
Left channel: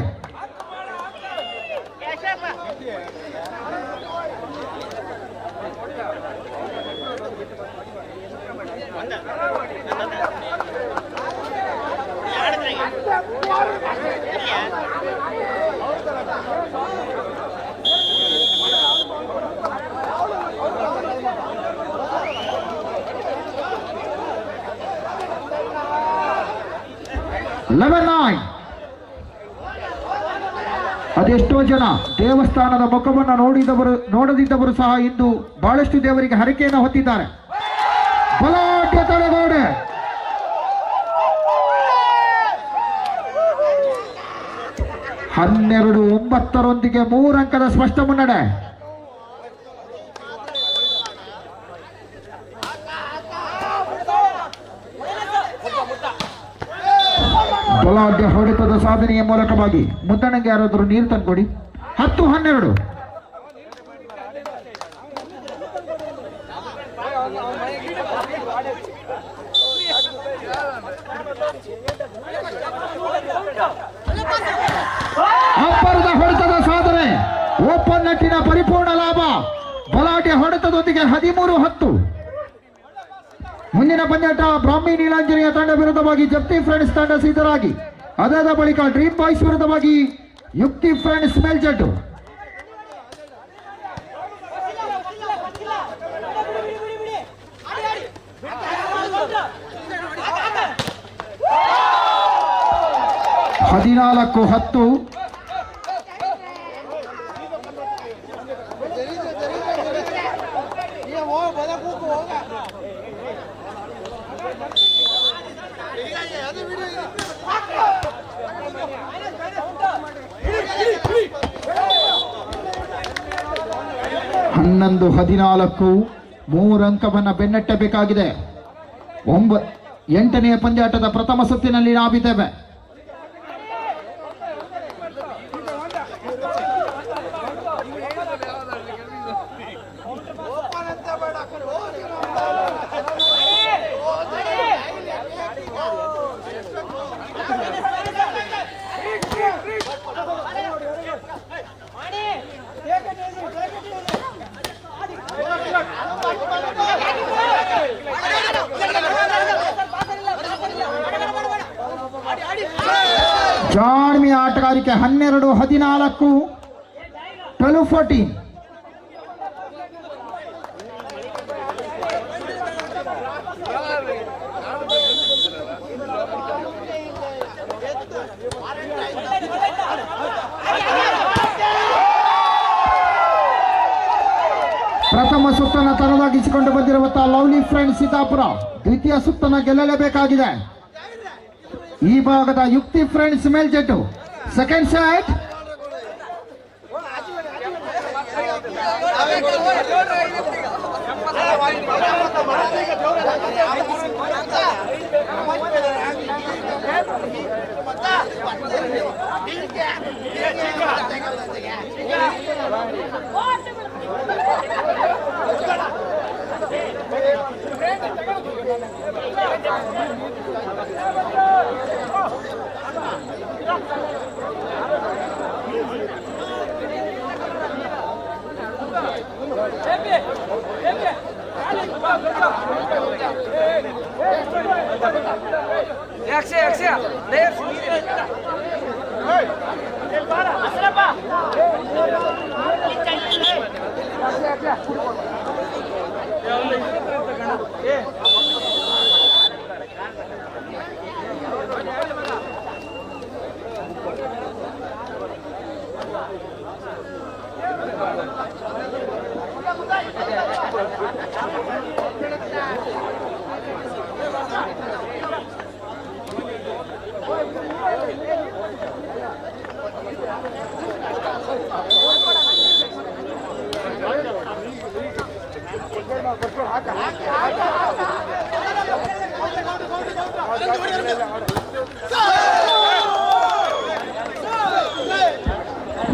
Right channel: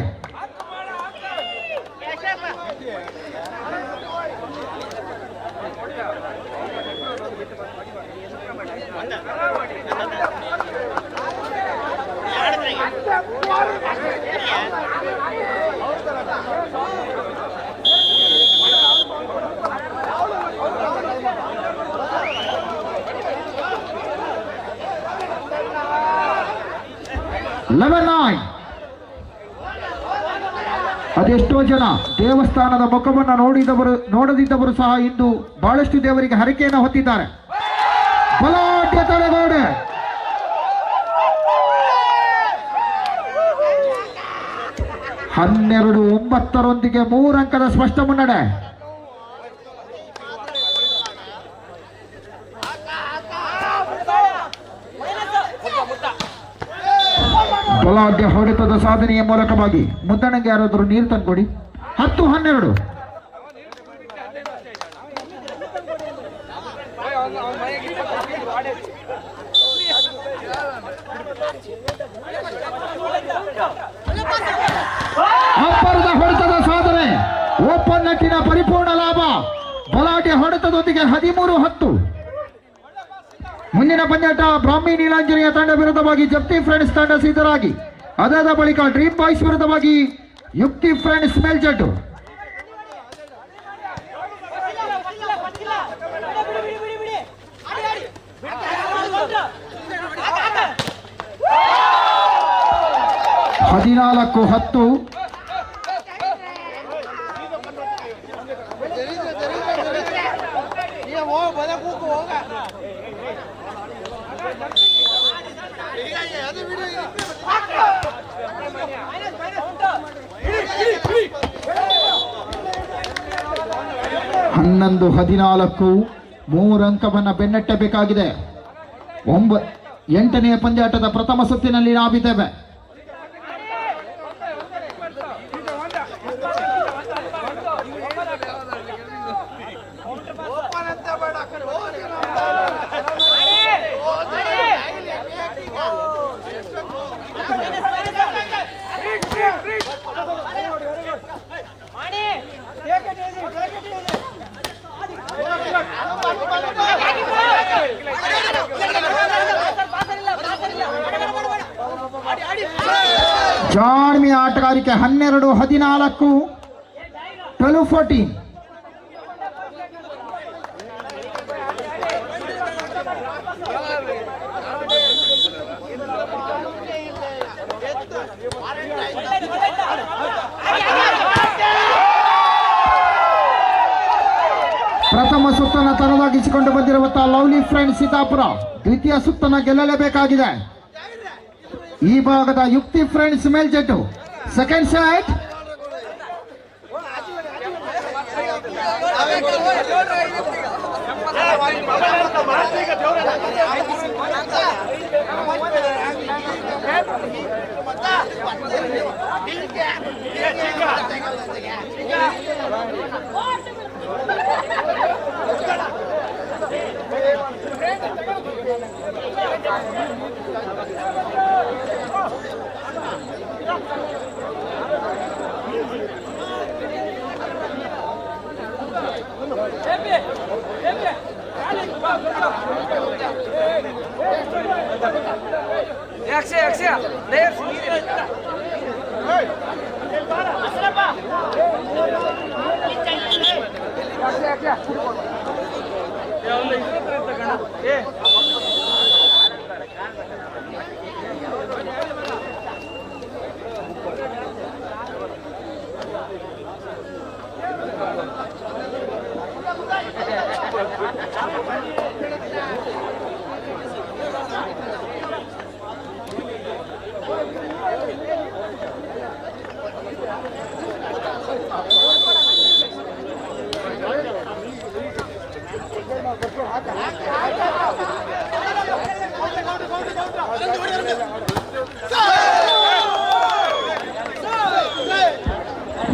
ಅದೆಷ್ಟೋ ಜನ ದೇವಸ್ಥಾನದ ಮುಖವನ್ನು ನೋಡದಿದ್ದವರು ಸಹ ಇಂದು ಬಹಳಷ್ಟು ದೇವರಿಗೆ ಹರಕೆಯನ್ನು ಹೊತ್ತಿದ್ದಾರೆ. ಬಲಾಢ್ಯ ತಡೆಗೋಡೆ. ಹನ್ನೆರಡು 9ರೊಂದಿಗೆ 3 ಅಂಕದ ಸ್ಪಷ್ಟ ಮುನ್ನಡೆ. ಬಲಾಢ್ಯ ಹೊಡೆತದ ಸಾಧನೆಯ ಮೂಲಕವಾಗಿ ಮುದ್ದಣ್ಣಗೆ ಯಾರಾದರೂ ನೀರು ತಂದುಕೊಡಿ. 10-12. ಅಂತರದೊಂದಿಗೆ 13-10. ಮುಂದಿನ ಪಂದ್ಯಾಟ ಬ್ರಾಹ್ಮಿ ನೀಲಾಂಜನೇಯ ತಂಡ ವಿರುದ್ಧವಾಗಿ ಜಪ್ತಿ ಫ್ರೆಂಡ್ಸ್ ತಂಡ ಸಿದ್ಧರಾಗಿ. ಅದಾದ ಬಳಿಕ ಡ್ರೀಮ್ ಬಾಯ್ಸ್ ವಿರುದ್ಧವಾಗಿ ಯುಕ್ತಿ ಫ್ರೆಂಡ್ಸ್ ಮೇಲ್ಜಟ್ಟು. ಹದಿನಾಲ್ಕು 10. ಹನ್ನೊಂದು 14. 3 ಅಂಕವನ್ನು ಬೆನ್ನಟ್ಟಬೇಕಾಗಿದೆ. 8ನೇ ಪಂದ್ಯಾಟದ ಪ್ರಥಮ ಸುತ್ತಿನಲ್ಲಿ ನಾವಿದ್ದೇವೆ. ಜಾಣ್ಮಿ ಆಟಗಾರಿಕೆ 12-14. 12-14. ಪ್ರಥಮ ಸುತ್ತನ್ನು ತನ್ನದಾಗಿಸಿಕೊಂಡು ಬಂದಿರುವಂತಹ ಲವ್ಲಿ ಫ್ರೆಂಡ್ಸ್ ಸೀತಾಪುರ ದ್ವಿತೀಯ ಸುತ್ತನ್ನು ಗೆಲ್ಲಲೇಬೇಕಾಗಿದೆ. ಈ ಭಾಗದ ಯುಕ್ತಿ ಫ್ರೆಂಡ್ಸ್ ಮೇಲ್ಜೆಟ್ಟು. Second set.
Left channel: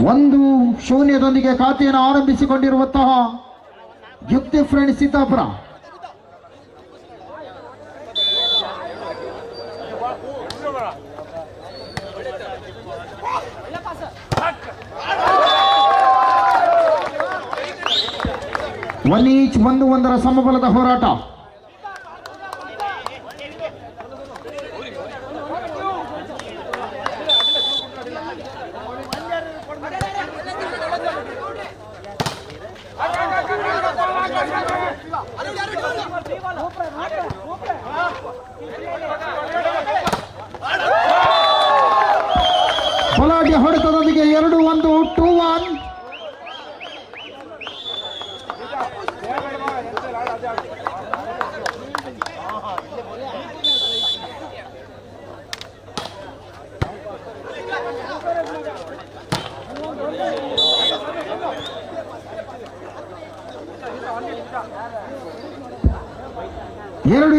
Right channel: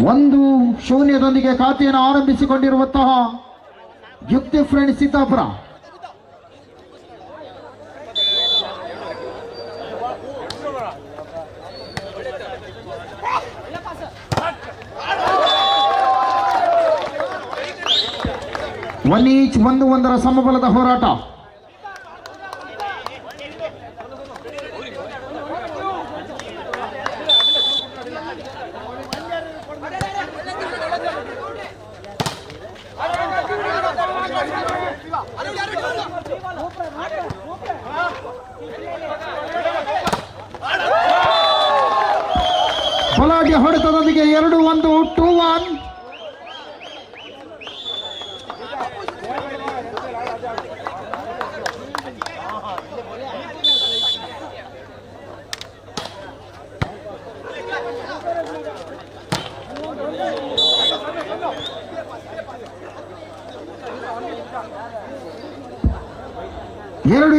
ಒಂದು ಶೂನ್ಯದೊಂದಿಗೆ ಖಾತೆಯನ್ನು ಆರಂಭಿಸಿಕೊಂಡಿರುವಂತಹ ಯುಕ್ತಿ ಫ್ರೆಂಡ್ಸ್ ಸೀತಾಪುರ. ಒನ್ ಈಚ್ 1-1 ಸಮಬಲದ ಹೋರಾಟ. ಬಲಾಢ್ಯ ಹೊಡೆತದೊಂದಿಗೆ 2-1 2-1.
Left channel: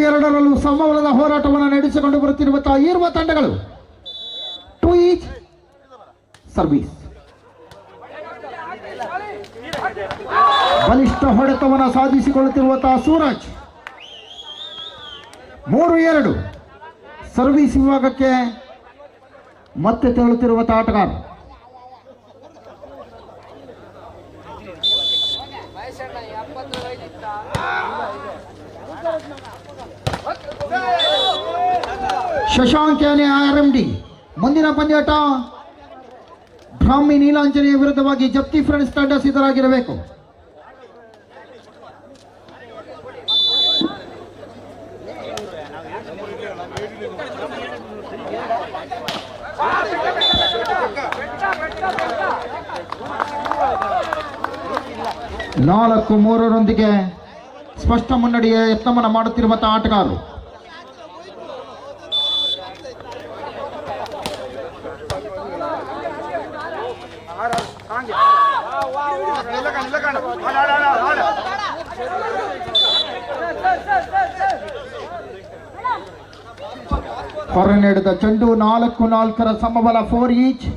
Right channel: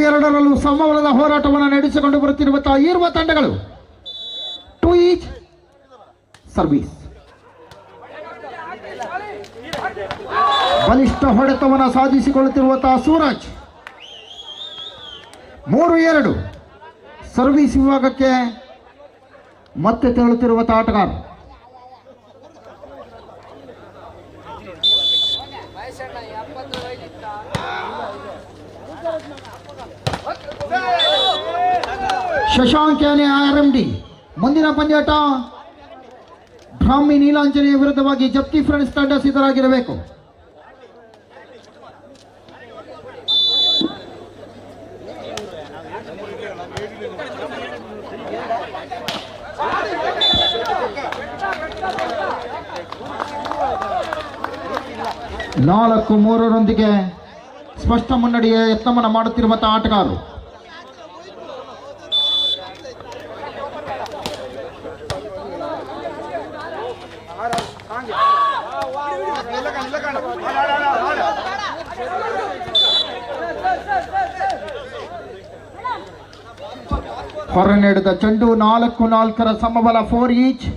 ಎರಡರಲ್ಲೂ ಸಮಬಲದ ಹೋರಾಟವನ್ನು ನಡೆಸಿಕೊಂಡು ಬರುತ್ತಿರುವಂತಹ ಇರುವ ತಂಡಗಳು 2 ಈಚ್ ಸರ್ವಿಸ್. ಬಲಿಷ್ಠ ಹೊಡೆತವನ್ನು ಸಾಧಿಸಿಕೊಳ್ಳುತ್ತಿರುವಂತಹ ಸೂರಜ್ 3-2 ಸರ್ವಿಸ್ ವಿಭಾಗಕ್ಕೆ ಮತ್ತೆ ತೆರಳುತ್ತಿರುವಂತಹ ಆಟಗಾರ. ವಯಸ್ಸಣ್ಣ 70 ಶಶಾಂಕ್ ಯಾನೆ RMD. ಮುಂದಿನ ಪಂದ್ಯಾಟ ಬ್ರಾಹ್ಮಿ ನೀಲಾಂಜನೆಯ ವಿರುದ್ಧವಾಗಿ ಜಪ್ತಿ ಫ್ರೆಂಡ್ಸ್ ತಂಡ ಸಿದ್ಧರಾಗಿರಬೇಕು. ನಾಲ್ಕು ಮೂರರೊಂದಿಗೆ ಸ್ಪಷ್ಟ ಮುನ್ನಡೆಯ ಯತ್ನವನ್ನು ಮಾಡುತ್ತಿರುವಂತಹ ಆಟಗಾರರು. ಹೊರ ನಡೆದ ಚೆಂಡು 4-4 ಸಮಬಲ 4 ಈಚ್.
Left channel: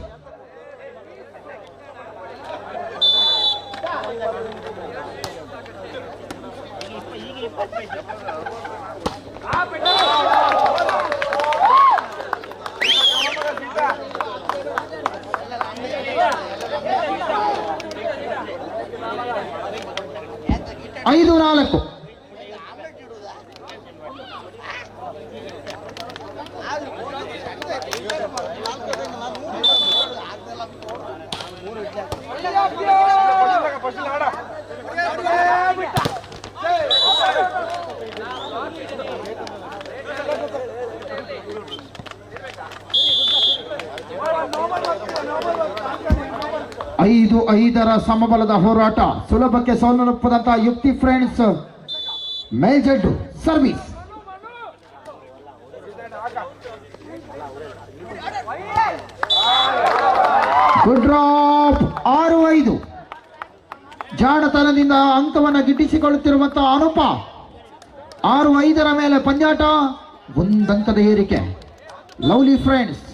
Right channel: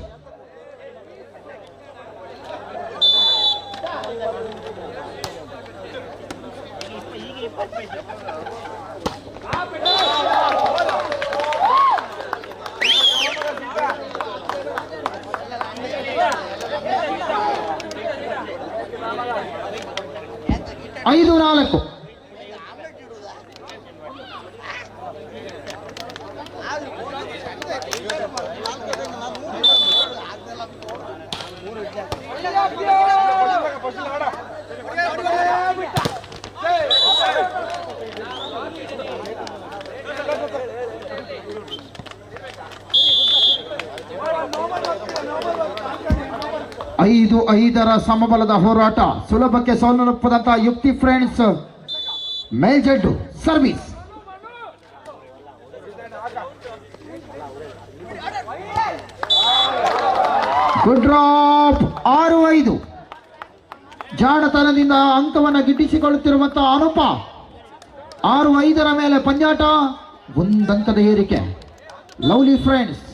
ಐದು 4. ಐದು 5 ಸಮಬಲದ ಹೋರಾಟ. ಸುಲಭಕ್ಕೆ ಸೋಲನುಪ್ಪದಂತಹ ಯುಕ್ತಿ ಫ್ರೆಂಡ್ಸ್ ಮೇಲ್ಜಡ್ಡು ಸರ್ವಿಸ್. Good drop 6-5. ಜಾಣತನದಿಂದ ಅಂಕವನ್ನು ಗಿಟ್ಟಿಸಿಕೊಳ್ಳುತ್ತಿರುವಂತಹ ಅನುಪ. 6-5 ಮೇಲೆ ಪಂದ್ಯಾಟ, ಒಂದಂಕದ ಏರಿಕೆ. Lovely friends.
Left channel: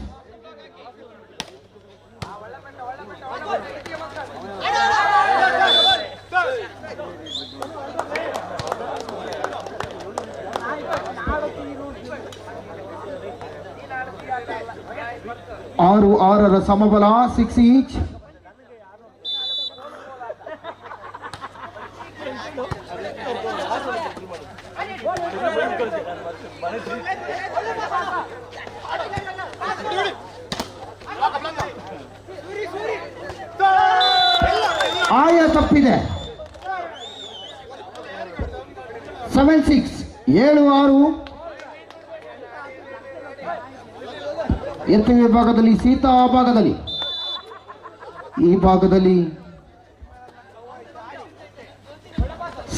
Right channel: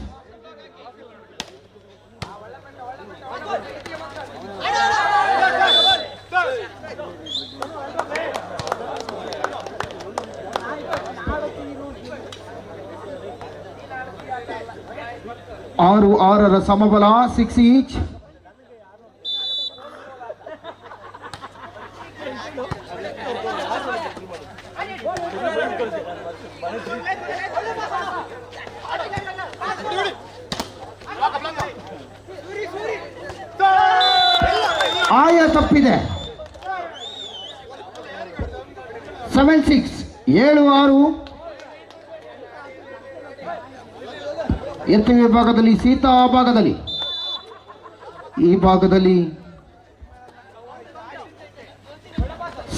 ಆರು 6 ಸಮಬಲ 6 ಈಚ್. ಆಯ ತಪ್ಪಿದೆ. 7-6 7-6. ಎತ್ತು ವಿಭಾಗದಲ್ಲಿ ಸೀತಾ ಭಾಗದಲ್ಲಿ, ಈ ಭಾಗದಲ್ಲಿ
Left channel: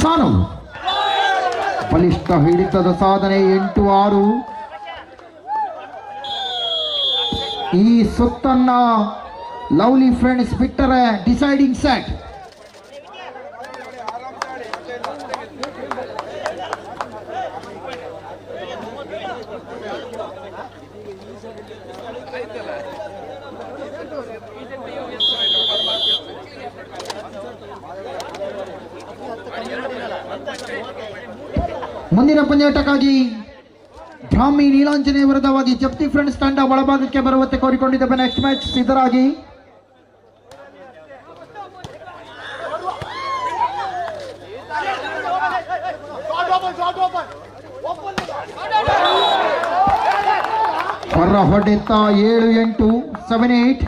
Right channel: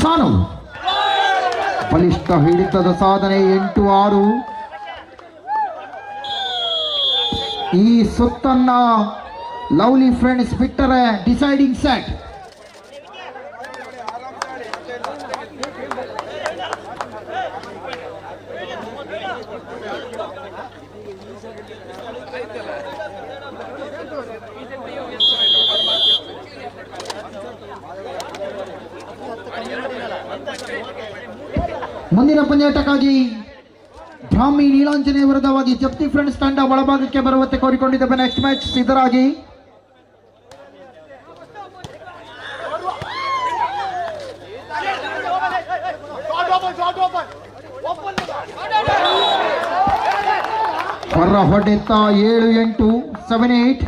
ಸಾನು. ಬಲಿಷ್ಠ ಹಿಡಿತದ ಸಾಧನೆ 8-6. ಈ ಸುತ್ತನ್ನ ಲವ್ಲಿ ಫ್ರೆಂಡ್ಸ್ ಬಿಟ್ಟರೆ ಡಿಸೈಡಿಂಗ್ ಸೆಟ್. ಮುಂದಿನ ಪಂದ್ಯಾಟಕ್ಕಾಗಿ ಬ್ರಾಹ್ಮಿ ನೀಲಾಂಜನೆಯ ವಿರುದ್ಧವಾಗಿ ಜಪ್ತಿ ಫ್ರೆಂಡ್ಸ್ ತಂಡ ಒಳಭಾಗಕ್ಕೆ ಬರುವಂತೆ ಕೋರಿಕೊಂಡಿದ್ದೇವೆ. Next match ಸಿದ್ಧರಾಗಿ. ಹೊರ ಹೊಡೆತ 7-8 7-8.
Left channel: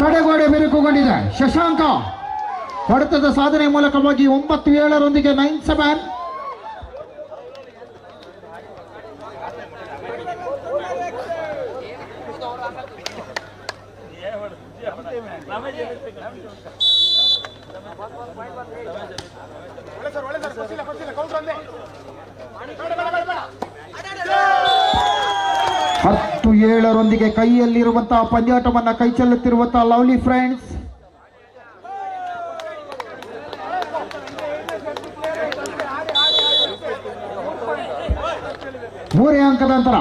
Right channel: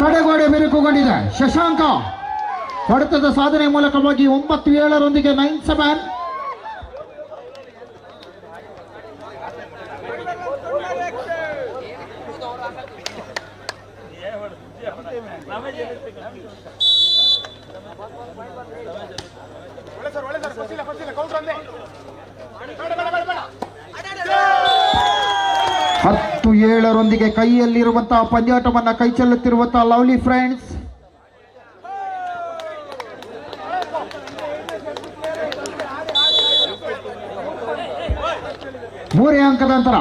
ತಡೆಗೋಡೆ ಬಿರುಕುಗೊಂಡಿದೆ. ಶಶಾಂಕ ಹೊಡೆತದ ಸಾಧನೆ ಮೂಲಕವಾಗಿ 9-7 9-7. ಹತ್ತು 7 ಕೈಯಲ್ಲಿರುವಂತಹ ಪಂದ್ಯಾಟವನ್ನ ಕೈ ಚೆಲ್ಲುತ್ತಿರುವಂತಹ ಲವ್ಲಿ ಫ್ರೆಂಡ್ಸ್. ಮೂರೇ ಅಂಕದ ಅಂತರ.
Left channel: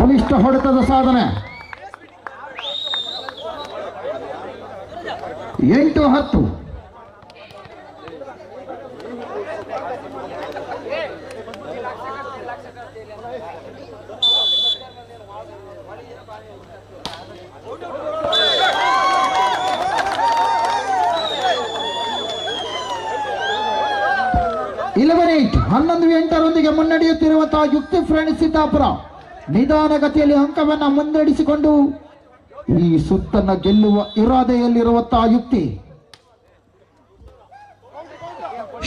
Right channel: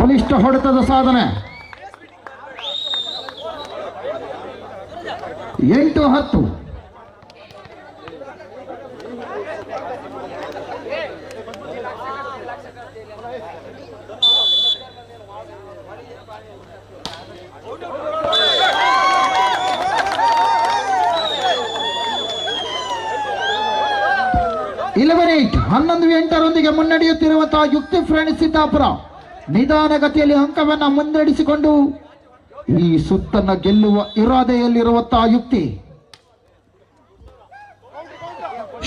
ಬಲಿಷ್ಠ ಹೊಡೆತದ ಸಾಧನೆ. 8-10. 11-8 11-8 ಮುನ್ನಡೆಯುತ್ತಿರುವಂತಹ ಯುಕ್ತಿ ಫ್ರೆಂಡ್ಸ್ ಸಿದ್ದಾಪುರ ನಿಧಾನಗತಿಯಲ್ಲಿ ಅಂಕವನ್ನ ಮುನ್ನಡೆಸಿಕೊಂಡು ಈ ಸುತ್ತನ್ನ ಗೆಲ್ಲುವ ಇರಾದೆಯಲ್ಲಿರುವಂತಹ ಯುಕ್ತಿ.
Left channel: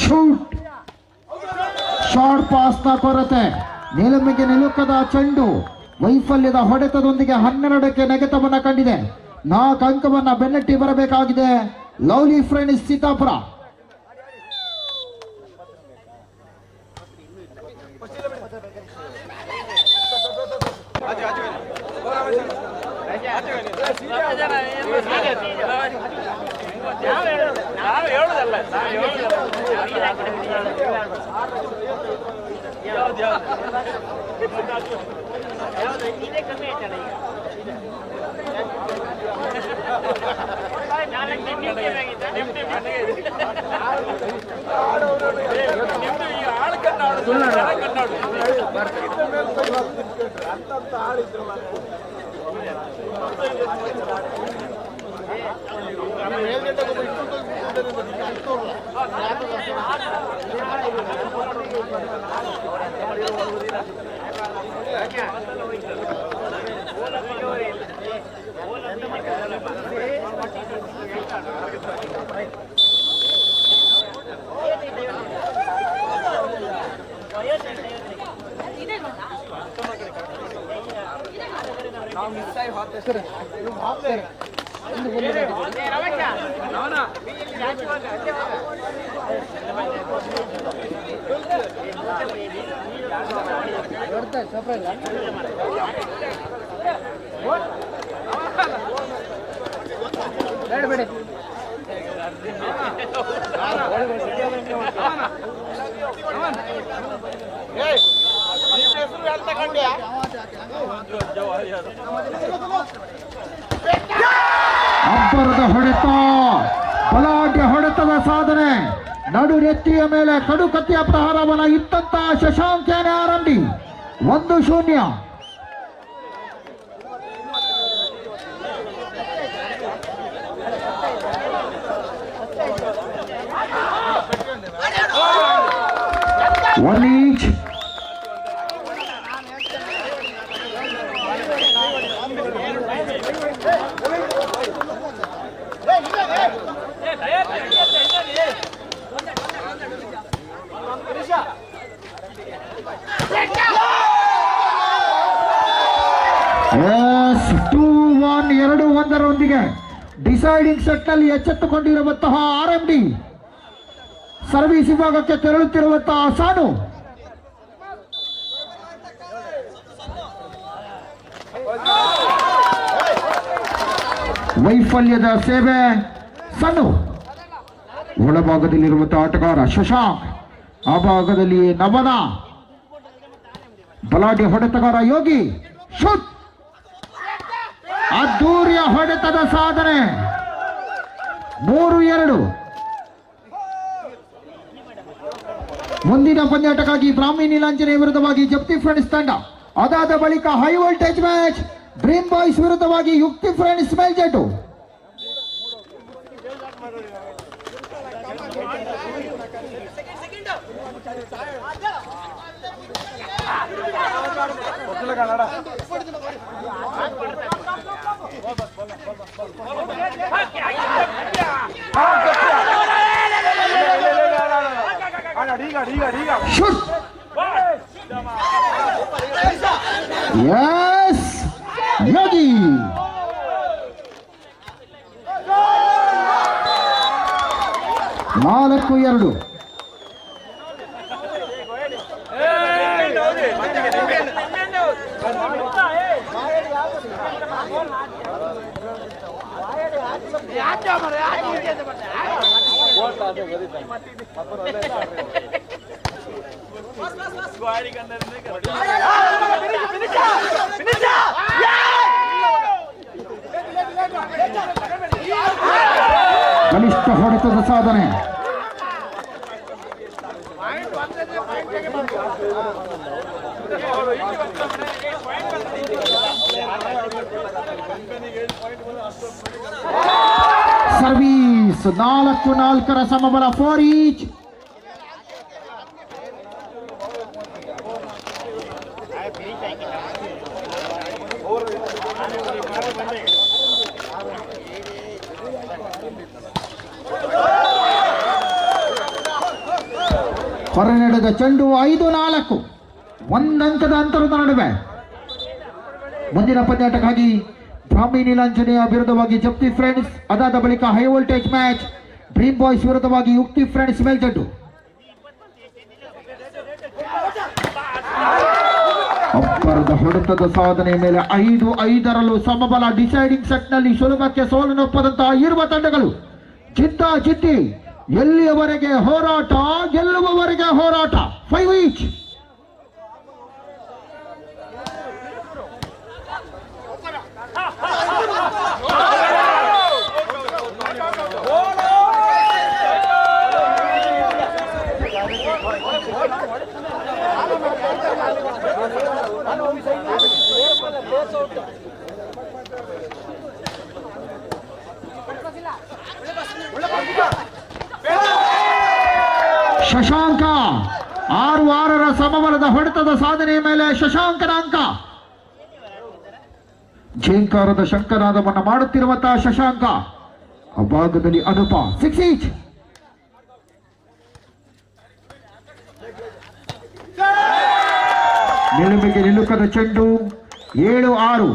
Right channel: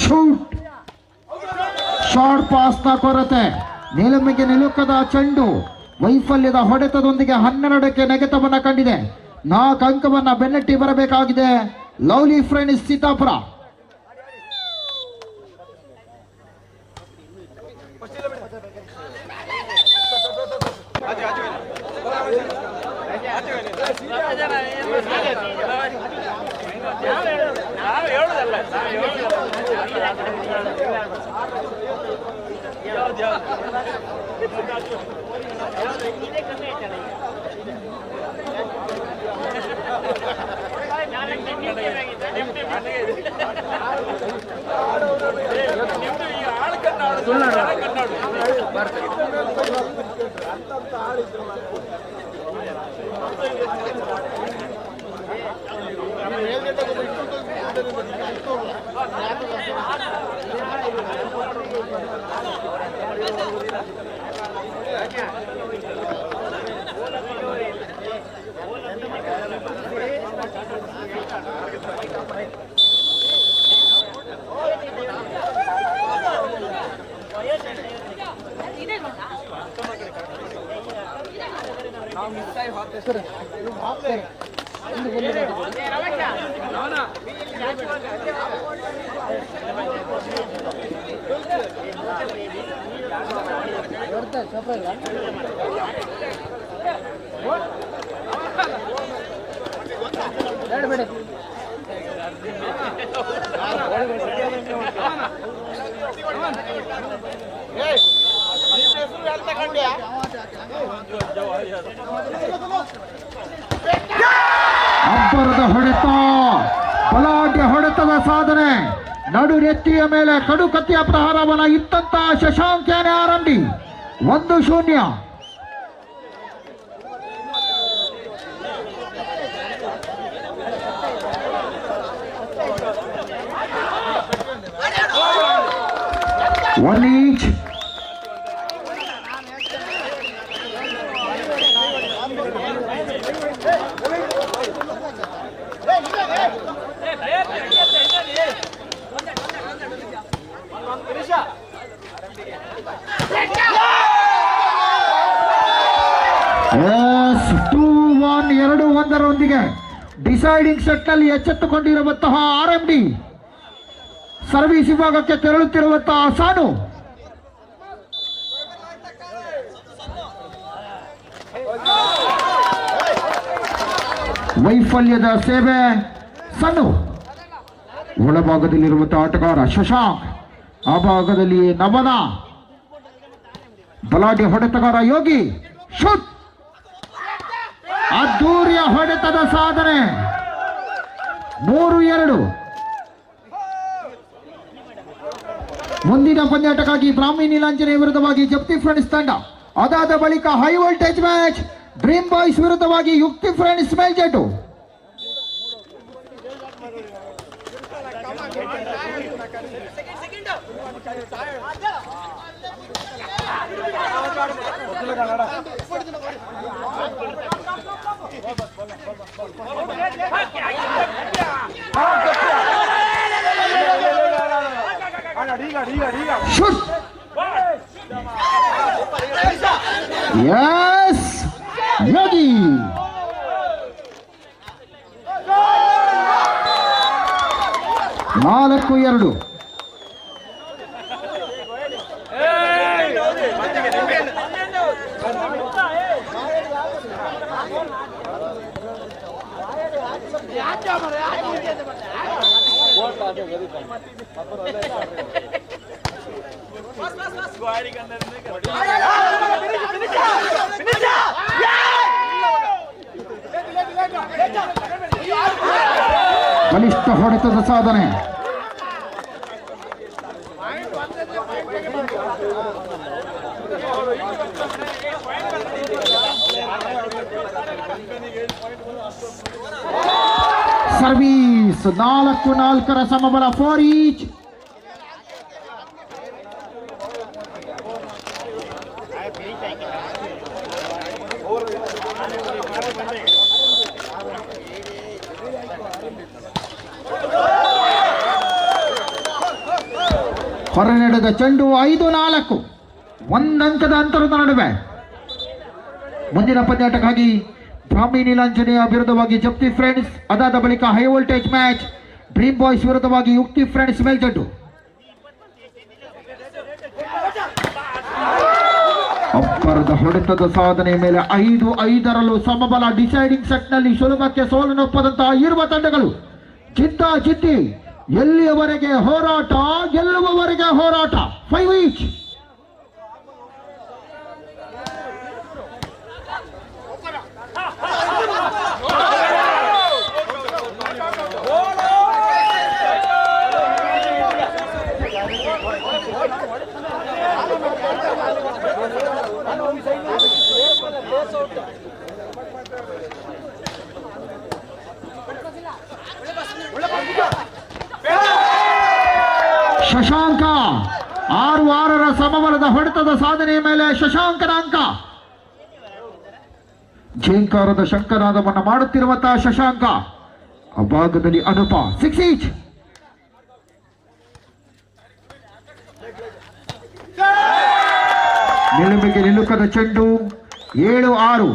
ಶೂಟ್, ಶಾರ್ಟ್ ಪಾಸ್ನ ಕೊರತೆ, ನಿಲುಮೆಗೆ ನಿಲುಕದ ಚೆಂಡು, ವೈಫಲ್ಯದ ಹೊಡೆತದೊಂದಿಗೆ 12ಕ್ಕೆ ನೆಗೆತವನ್ನ ಕಂಡಿದೆ. 4 ಅಂಕವನ್ನ ಬೆನ್ನಟ್ಟಿ ಬರಬೇಕಾಗಿದೆ ಲವ್ಲಿ ಫ್ರೆಂಡ್ಸ್ ಸಿದ್ದಾಪುರ. ನಾವು ಹೇಳುದಲ್ಲ ಅಬ್ಬರದ ಹೊಡೆತ, ಬಲಾಢ್ಯ ಹೊಡೆತದ ಸಾಧನೆ, ನಡು ನೆತ್ತಿಯ ಮೇಲೆ ಕಡು ಕತ್ತಿಯ ಪ್ರಹಾರವನ್ನ ಇತ್ತಂತ ಶಶಾಂಕ್ ಯಾನೆ ಆರಂಭಿ 1-0. One each. Yes, 2-1 2-1 deciding set ನಲ್ಲಿ ಎಚ್ಚೆತ್ತುಕೊಂಡಿರುವಂತಹ RMD ಸರ್ವಿಸ್ ವಿಭಾಗಕ್ಕೆ ತೆರಳುತ್ತಿರುವಂತಹ ಸಾನು. ವೈಫಲ್ಯದ ಸೇವೆ ಸನ್ನು. ಒಳಭಾಗದಲ್ಲಿರುವಂತಹ ಆಟಗಾರ ಶಶಾಂಕ್, ಆ ಭಾಗದಲ್ಲಿ ನವನ, ಬಲಾಢ್ಯ ಹೊಡೆತಗಾರ ಯೋಗಿ. ಶೂಟ್, ಅದ್ದೂರಿಯ ಹೊಡೆತದ ಸಾಧನೆ. 3-2. ಮುಂದಿನ ಪಂದ್ಯಾಟಕ್ಕಾಗಿ ಬ್ರಾಹ್ಮಿ ನೀಲಾಂಜನೆ ವಿರುದ್ಧವಾಗಿ ಜಪ್ತಿ ಫ್ರೆಂಡ್ಸ್ ತಂಡ, ಅದಾದ ಬಳಿಕ high voltage match dream boys ವಿರುದ್ಧವಾಗಿ Yukti friends ಮೇಲ್ಜೆಟ್ಟು. Shoot. Yes, Yogi. ನಾಲ್ಕು 2. ಬಲಿಷ್ಠ ಹೊಡೆತದ ಸಾಧನೆ. Service 4-4 ಸಮಬಲ 4 each. ಹೊರ ನಡೆದ ಚೆಂಡು 5-4 ಒಂದಂಕದ ಅಂತರದ ನಡುವೆ. ಮುಂದಿನ ಪಂದ್ಯಾಟಕ್ಕಾಗಿ ಬ್ರಾಹ್ಮಿ ನೀಲಾಂಜನೇಯ ವಿರುದ್ಧವಾಗಿ ಜಪ್ತಿ ಫ್ರೆಂಡ್ಸ್, ಅದಾದ ಬಳಿಕ high voltage match dream boys ವಿರುದ್ಧವಾಗಿ ಯುಕ್ತಿ ಫ್ರೆಂಡ್ಸ್ ಮೇಲ್ಜಡ್ಡು. ಅಬ್ಬರದ ಹೊಡೆತದ ಸಾಧನೆ ಮೇಲೆ 5-5ರಲ್ಲೂ ಸಮಬಲ. ಡಿಸೈಡಿಂಗ್ ಸೆಟ್ ನಲ್ಲಿ ಸುಲಭಕ್ಕೆ ಸೋಲನ್ನೊಪ್ಪದಂತಹ ಇರುವ ತಂಡಗಳು ಜಿದ್ದಿ ಎಲ್ಲಿಯವರೆಗೆ ಹೋರಾಟ, ಗೆಲ್ಲುವವರೆಗೆ ಹೋರಾಟ. 5 ಈಚ್. ಶಶಾಂಕ 6-6ರ ಸಮಬಲದ ಹೊಡೆತದ ಸಾಧನೆಯ ಮೇಲೆ ಶಶಾಂಕನ ಅಂಕ. ಝೇಂಕಾರದ ಶಂಕನಾದವನ್ನು ಮಾಡುತ್ತಿರುವಂತಹ ಶಶಾಂಕ, ಆ ಭಾಗದಲ್ಲಿ ಅನುಪ. 6 ಈಚ್. ನಿಲುಮೆಗೆ ನಿಲುಕದ ಚೆಂಡು 7-6.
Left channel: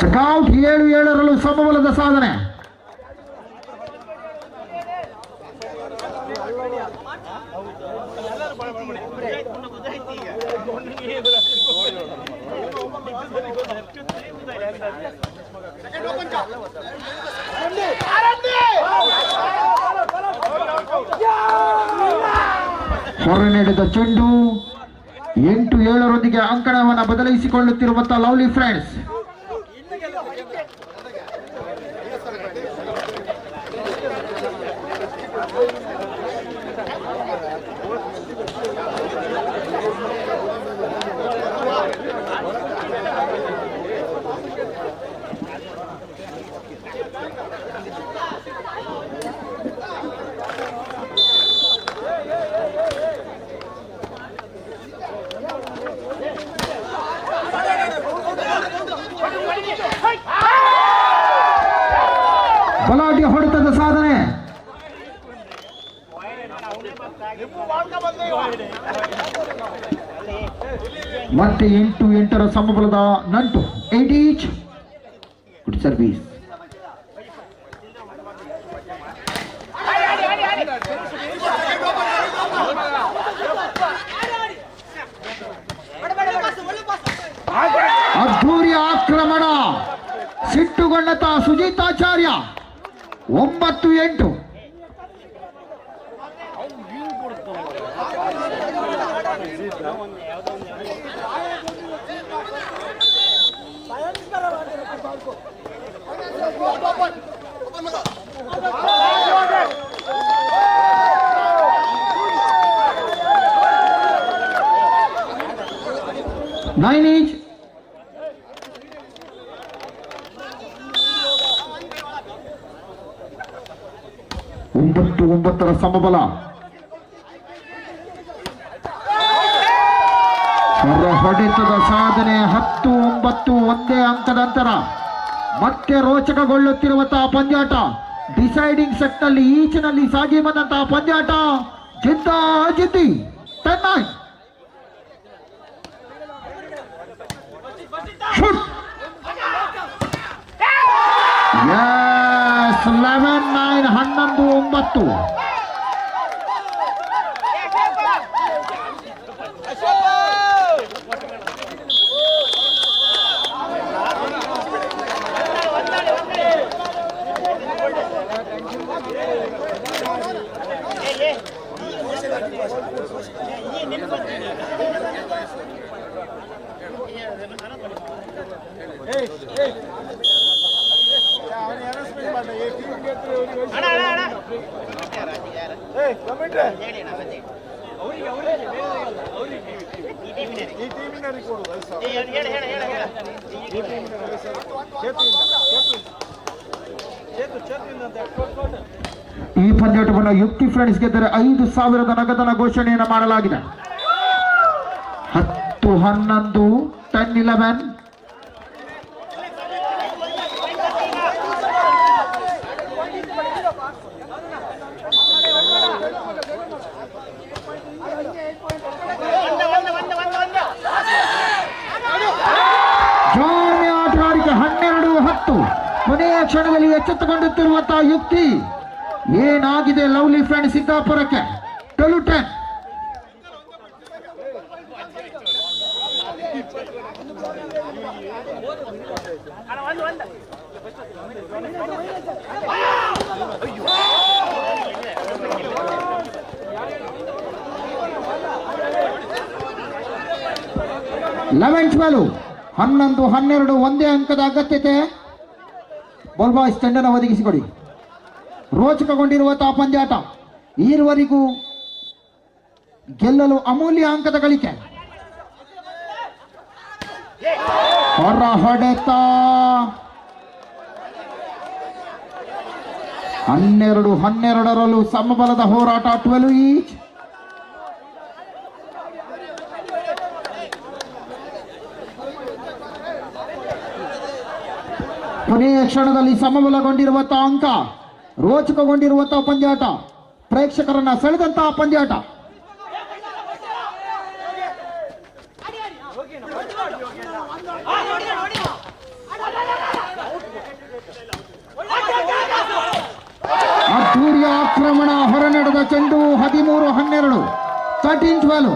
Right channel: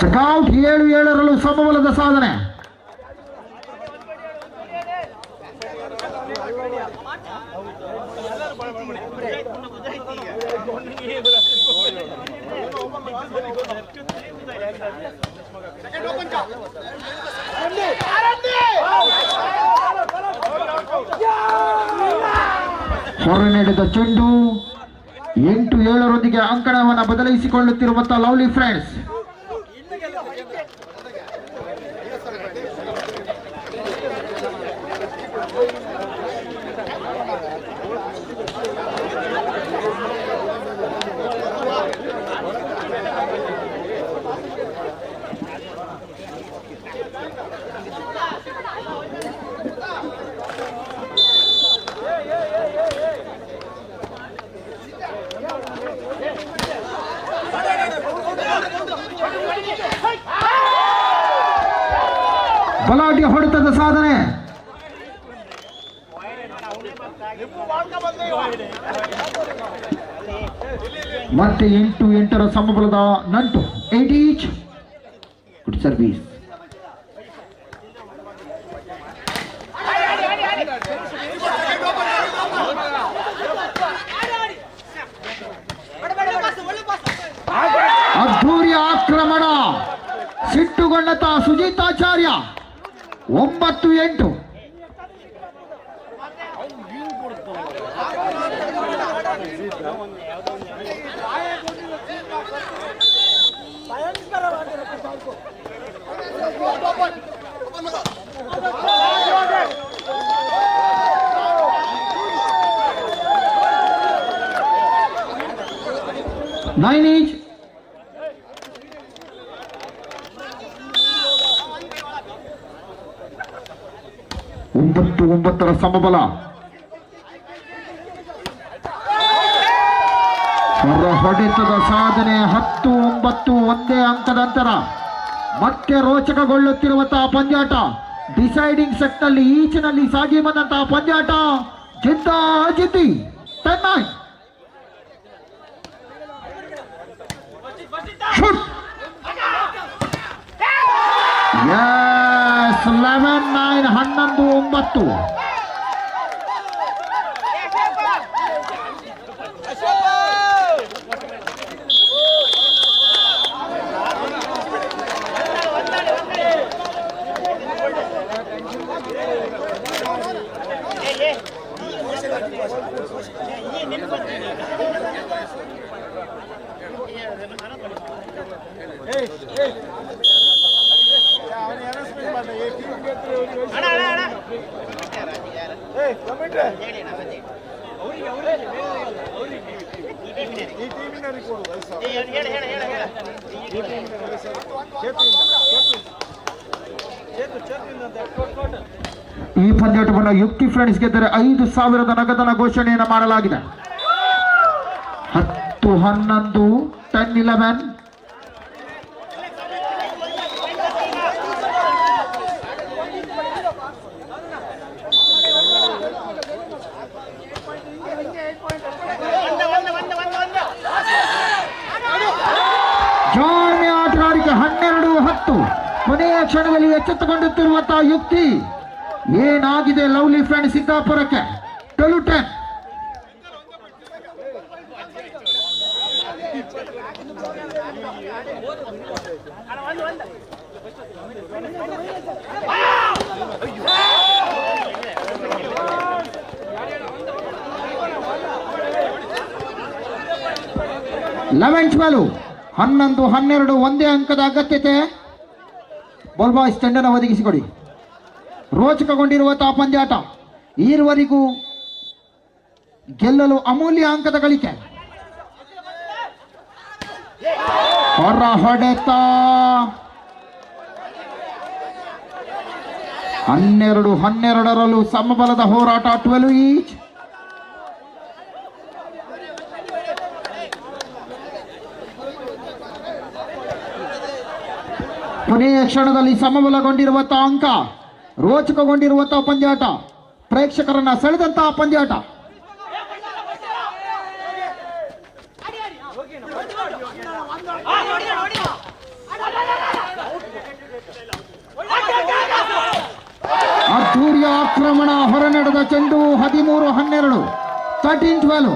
ಚೆಕ್ಔಟ್. 7-7ರಲ್ಲೂ ಸಮಬಲದ ಸಾಧನೆ. ಹೊರ ನಡೆದ ಚೆಂಡು 8-7ರೊಂದಿಗೆ ಅಂಕಣವನ್ನು ಬದಲಾಯಿಸಿಕೊಳ್ಳುತ್ತಿರುವಂತಹ ಲವ್ಲಿ ಫ್ರೆಂಡ್ಸ್. ಬಲಾಢ್ಯ ಹೊಡೆತದ ಸಾಧನೆ. ಮತ್ತೆ 8-8ರ ಸಮಬಲದ ನಂಟು. 8 ಈಚ್. Good service. ಅದ್ಧೂರಿ ಆಕ್ರಮಣ. ಸಿಟ್ಟುಗೊಂಡತ ಸುಜಿತಾಚಾರ್ಯ. 9-8. Nine each. ಒಂಬತ್ತರ ಸಮಬಲ. ಹೊರ ಹೊಡೆತದ ಸಾಧನೆ. 10-9 ಒಂದೇ ಅಂಕದ ಅಂತರ. ಮತ್ತೆ ರೋಚಕಗೊಳ್ಳುತ್ತಿರುವಂತಹ ಪಂದ್ಯಾಟ. ಡಿಸೈಡಿಂಗ್ ಸೆಟ್ ನಲ್ಲಿ ಈಚಿನಲ್ಲಿ ಸಾಗಿ ಬಂದಂತಹ ಪಂದ್ಯಾಟ. ಜಿದ್ದಿ 10-9. ಶೂಟ್. Yes, 11-9. 11-9. ಈ ಪಂದ್ಯಾಟವನ್ನು ಯುಕ್ತಿ ಫ್ರೆಂಡ್ಸ್ ಗೆದ್ದರೆ 5,000 ನಗದನ ಘೋಷಣೆಯನ್ನು ಮಾಡಲಾಗಿದೆ. 10-11 10-11. ಜಾಣ್ಮೆ ಆಟಗಾರಿಕೆ 12-10. ಕೊನೆಯ ಕ್ಷಣದಲ್ಲಿ ಎಚ್ಚೆತ್ತುಕೊಳ್ಳುತ್ತಿರುವಂತಹ ಯುಕ್ತಿ. ಏನಾಗಿದೆ ಲವ್ಲಿ ಫ್ರೆಂಡ್ ಸಿದ್ದಾಪುರಕ್ಕೆ 12-10. ಲೆವೆನ್ 12 11-12 ಒಂದೇ ಅಂಕದ ಅಗತ್ಯತೆ. ಬಾಲ್ ಬಾಯ್ಸ್ ತಂಡನ ಒದಗಿಸಿಕೊಡಿ. ರೋಚಕಗೊಂಡಿರುವಂತಹ ಪಂದ್ಯಾಟ. ಈವರೆಗೂ ಗೆಲ್ಲಲು ಅಮೂಲ್ಯ ಅಂಕದ ಗಳಿಕೆ. ಹೊರ ಹೊಡೆತ 12-12ರಲ್ಲೂ ಸಮಬಲದ ಹೋರಾಟ. 12 ಈಚ್. ಕೊನೆಯ ಕ್ಷಣದಲ್ಲಿ ಸಮಬಲಗೊಂಡಿರುವಂತಹ ಅಂಕ. ರೋಚಕಗೊಂಡಿರುವಂತಹ ಪಂದ್ಯಾಟ. ಪ್ರೇಕ್ಷಕರನ್ನ ಸೆಳೆದಂತಹ ಪಂದ್ಯಾಟ. ಅದ್ದೂರಿಯ ಆಕ್ರಮಣ. ಹೊರ ನಡೆದ ಚೆಂಡು. 13-12 13-12.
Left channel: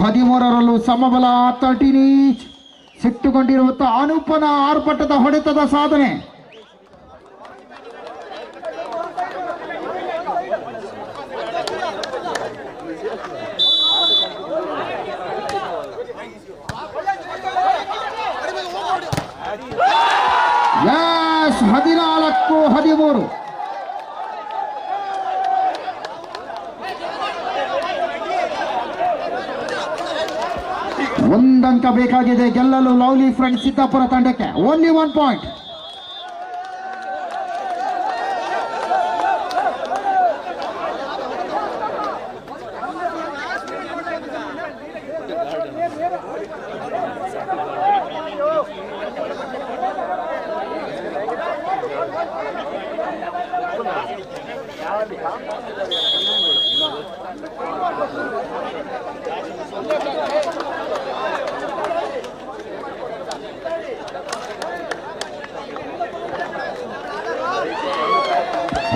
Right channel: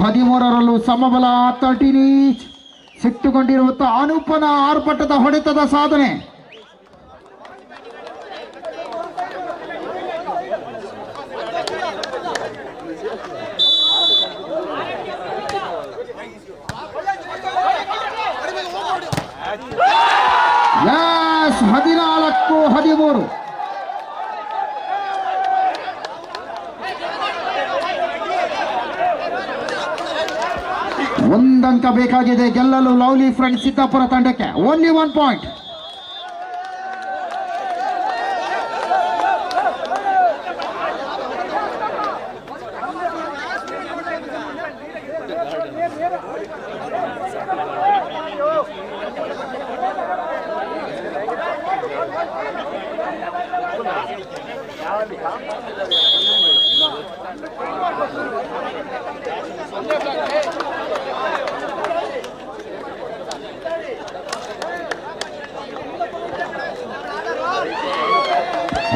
ಹದಿಮೂರರಲ್ಲೂ ಸಮಬಲ. 13 ಈಚ್. ಸಿಟ್ಟುಕೊಂಡಿರುವಂತಹ ಅನೂಪನ ಆರ್ಭಟದ ಹೊಡೆತದ ಸಾಧನೆ. ಯಸ್ 14-13. ಒಂದಂಕ ಬೇಕಾಗಿದೆ ಗೆಲ್ಲಲು ಲವ್ಲಿ ಫ್ರೆಂಡ್ ಸಿದ್ದಾಪುರ ತಂಡಕ್ಕೆ. Only 1 point.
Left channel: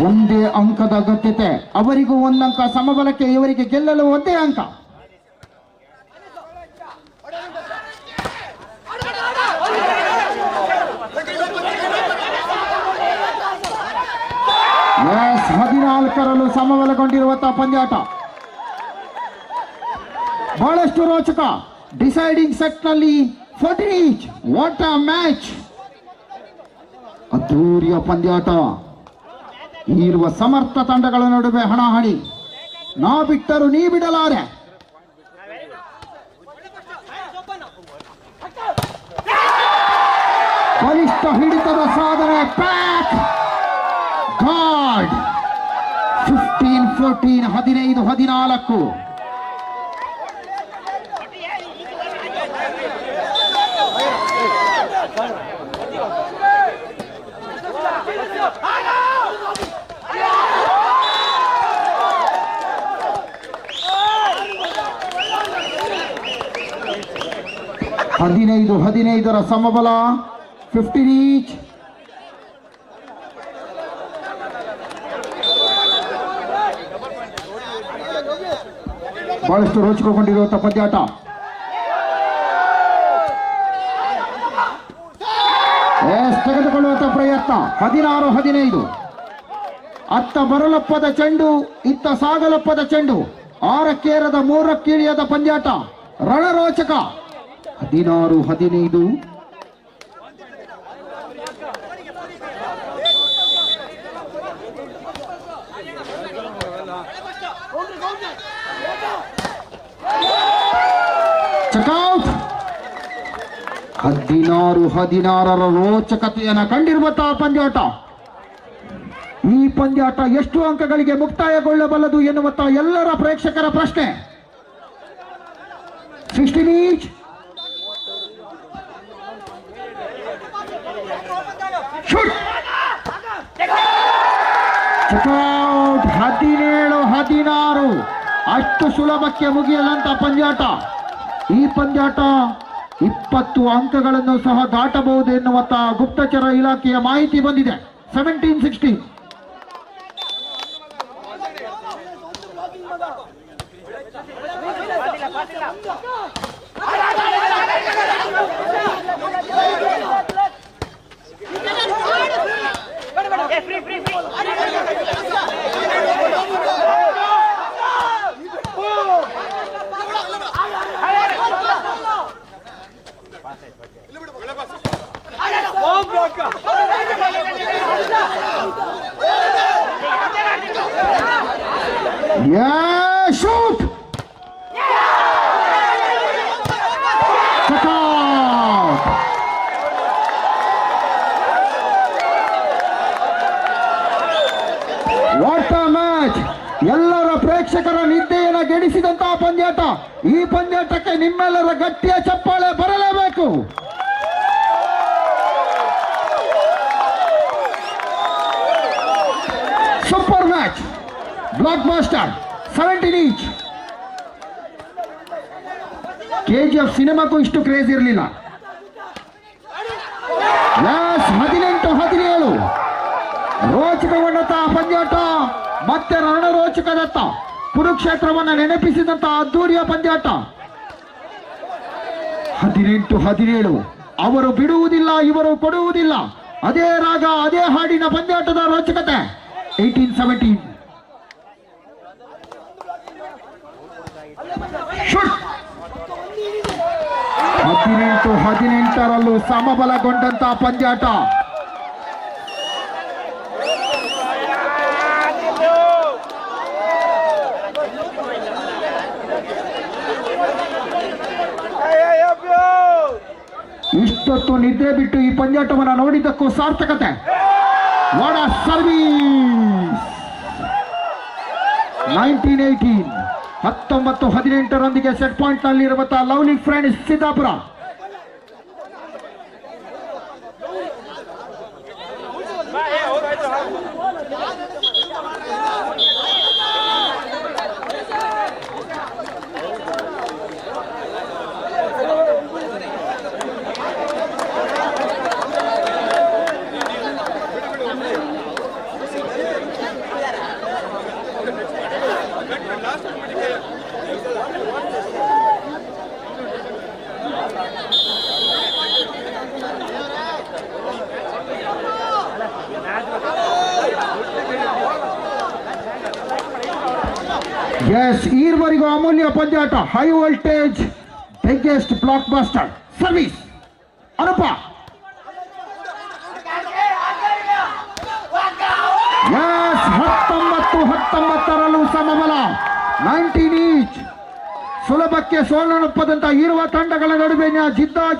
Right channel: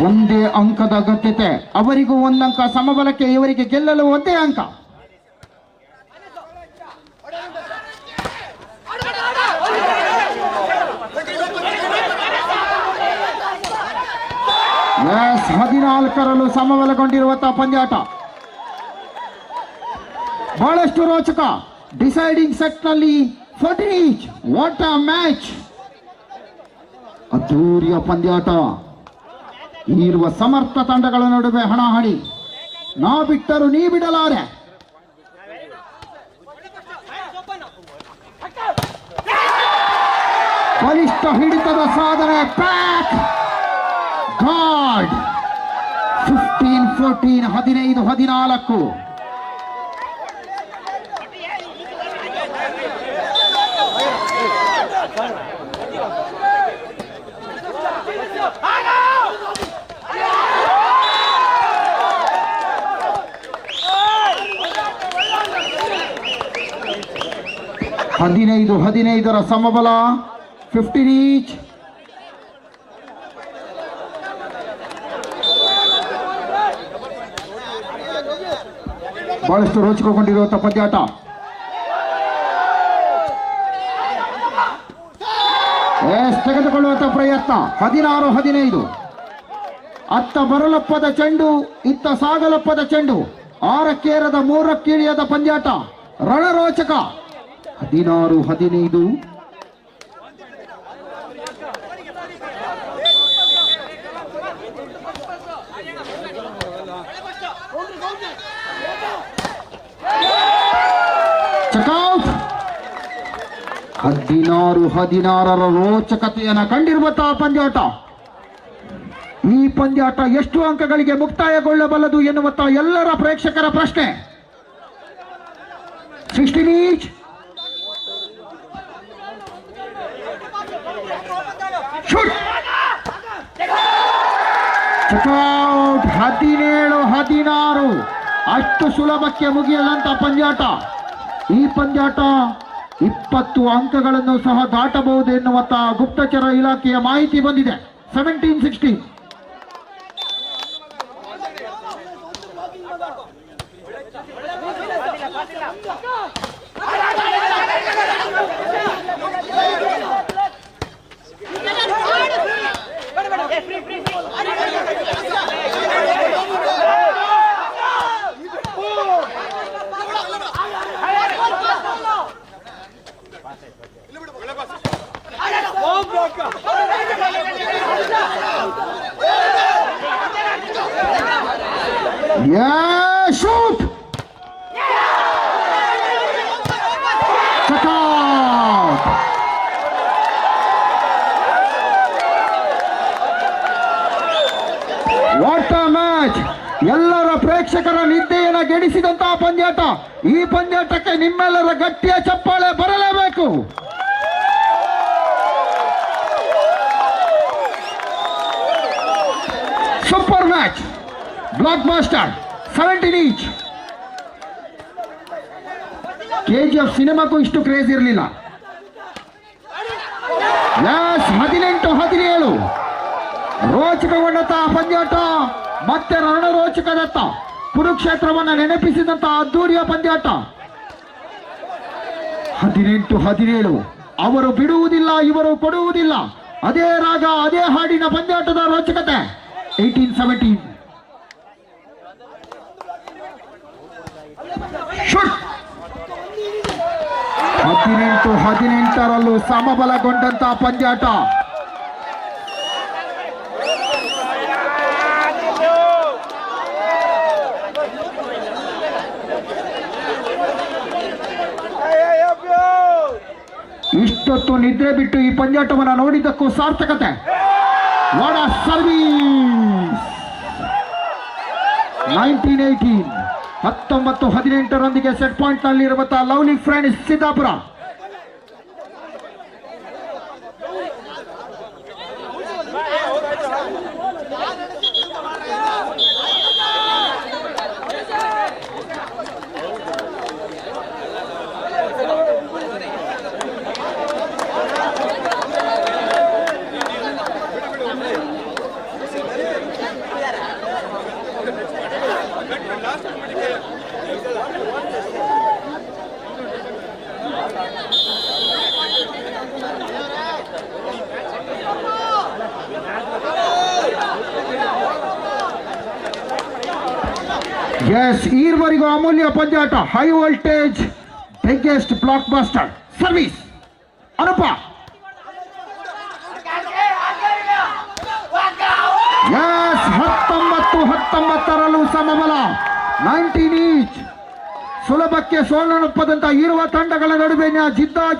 ಒಂದೇ ಅಂಕದ ಅಗತ್ಯತೆ. ಅವರಿಗೂ ಒಂದಂಕ ಸಮಬಲಕ್ಕೆ. ಇವರಿಗೆ ಗೆಲ್ಲಲು ಒಂದೇ ಅಂಕ. ಎಸ್ 14ರಲ್ಲೂ ಸಮಬಲಗೊಂಡಿರುವಂತಹ ಪಂದ್ಯಾಟ. ಬಹಳಷ್ಟು ರೋಚಕ. ಡಿಸೈಡಿಂಗ್ ಸೆಟ್ ನಲ್ಲಿ 14 ಈಚ್. What a match. ಅದ್ದೂರಿಯ ಪಂದ್ಯಾಟ. ಇರುವ ಸಮರ್ಥ ತಂಡಗಳ ನಡುವೆ ಹಣಾಹಣಿ. ನಾ ಬಿಟ್ಟರು ನೀ ಬಿಡಲಾರೆ. ಬಲಿಷ್ಠ ಹಿಡಿತದ ಸಾಧನೆ. Pack guard. 15-14 15-14. ಹದಿನೈದು 15ರ ಸಮಬಲ. 15 ಈಚ್. ಬಹಳಷ್ಟು ರೋಚಕಗೊಂಡಿರುವಂತಹ ಪಂದ್ಯಾಟ. ತೆಗೆದುಕೊಳ್ಳುವಂತಹ ಪ್ರಯತ್ನ 16-15. ಅತ್ತ ಬರಲಪ್ಪದ ಚೆಂಡು, ಇತ್ತ ಸಾಗಲಪ್ಪದ ಚೆಂಡು. 6ಕ್ಕೇರದ 3ಕ್ಕಿಳಿಯದ ಪಂದ್ಯಾಟ ರಣರೋಚಕ. 16-15. ಚೆಕ್ಔಟ್. 16-16 ರೋಚಕತೆಯನ್ನು ಕಂಡಿರುವಂತಹ ಪಂದ್ಯಾಟ. ಈ ಪಂದ್ಯಾಟ ಎಷ್ಟು ಅಂಕಗಳಿಗೆ ಮುಕ್ತಾಯಗೊಳ್ಳಬಲ್ಲದು ಎನ್ನುವಂತಹ ಎಲ್ಲರ ಪ್ರೇಕ್ಷಕರ ಪ್ರಶ್ನೆ. 16 ಈಚ್. ಶೂಟ್. ಚೆಕ್ಔಟ್. 17-16. ಅಷ್ಟು ಸುಲಭಕ್ಕೆ ಮುಗಿಯದಂತ ಪಂದ್ಯಾಟ. ಈ ಪಂದ್ಯಾಟ 20 ಅಂಕಗಳನ್ನು ಸಹ ದಾಟಬಹುದು ಎನ್ನುವಂತ ಗುಪ್ತಚರ ಇಲಾಖೆಯ ಮಾಹಿತಿ ಬಂದಿದೆ. 17-16. Yeah, shoot! Check out! What a match! ಎಲ್ಲರ ಪ್ರೇಕ್ಷಕರ ನಿದ್ದೆಯನ್ನು ಗೆಡಿಸಿದಂತಹ ಪಂದ್ಯಾಟ. ಈ ಪಂದ್ಯಾಟಕ್ಕೆ ನಿಮ್ಮೆಲ್ಲರ ಗಟ್ಟಿಯ ಚಪ್ಪಾಳೆ ಬರಲೇಬೇಕು. Super match. Blockbuster. 17 each. KGF ಸಿನಿಮಾಕ್ಕೂ ಇಷ್ಟು ಕ್ರೇಜ್ ಇರಲಿಲ್ಲ. 18-17. ರೋಚಕಗೊಂಡಂತಹ ಪಂದ್ಯಾಟ ಮತ್ತೆ ರಣರೋಚಕದತ್ತ ಕುರುಕ್ಷೇತ್ರವನ್ನು ನೆನಪಿಸಿದಂತಹ ಅದ್ದೂರಿಯ ಪಂದ್ಯಾಟ. 18-17. ಅವರು ಬಿಡುವುದಿಲ್ಲ, ಇವರು ಕೊಡುವುದಿಲ್ಲ. ಅದೇ ರಾಗ, ಅದೇ ಹಾಡಿನ ಪಂದ್ಯಾಟದ ರೋಚಕತೆ. 18-17. ಶೂಟ್. 18-18 ಸಮಬಲಗೊಂಡಂತಹ ಪಂದ್ಯಾಟ. ಇಷ್ಟೊತ್ತು ನಿದ್ರೆ ಬಿಟ್ಟು ಈ ಪಂದ್ಯಾಟವನ್ನು ನೋಡಿದ್ದಕ್ಕೂ ಸಾರ್ಥಕತೆ. ವಾಡ ಸರ್ವೀಸ್. 19-18. 19-18 ಸೆಟ್ ಪಾಯಿಂಟ್ ನಲ್ಲಿರುವಂತಹ ಲವ್ಲಿ ಫ್ರೆಂಡ್ಸ್ ಸಿದ್ದಾಪುರ. ಎಸ್, ಈವರೆಗೂ ಅಮೂಲ್ಯ ಪಂದ್ಯಾಟ. High voltage biggest blockbuster service. Anupa. Yes, 19-19 ಸಮಬಲ. 19 ಈಚ್. ಸುಲಭಕ್ಕೆ ಸೋಲನೊಪ್ಪದಂತ ಇರುವ ತಂಡಗಳ ನಡುವಿನ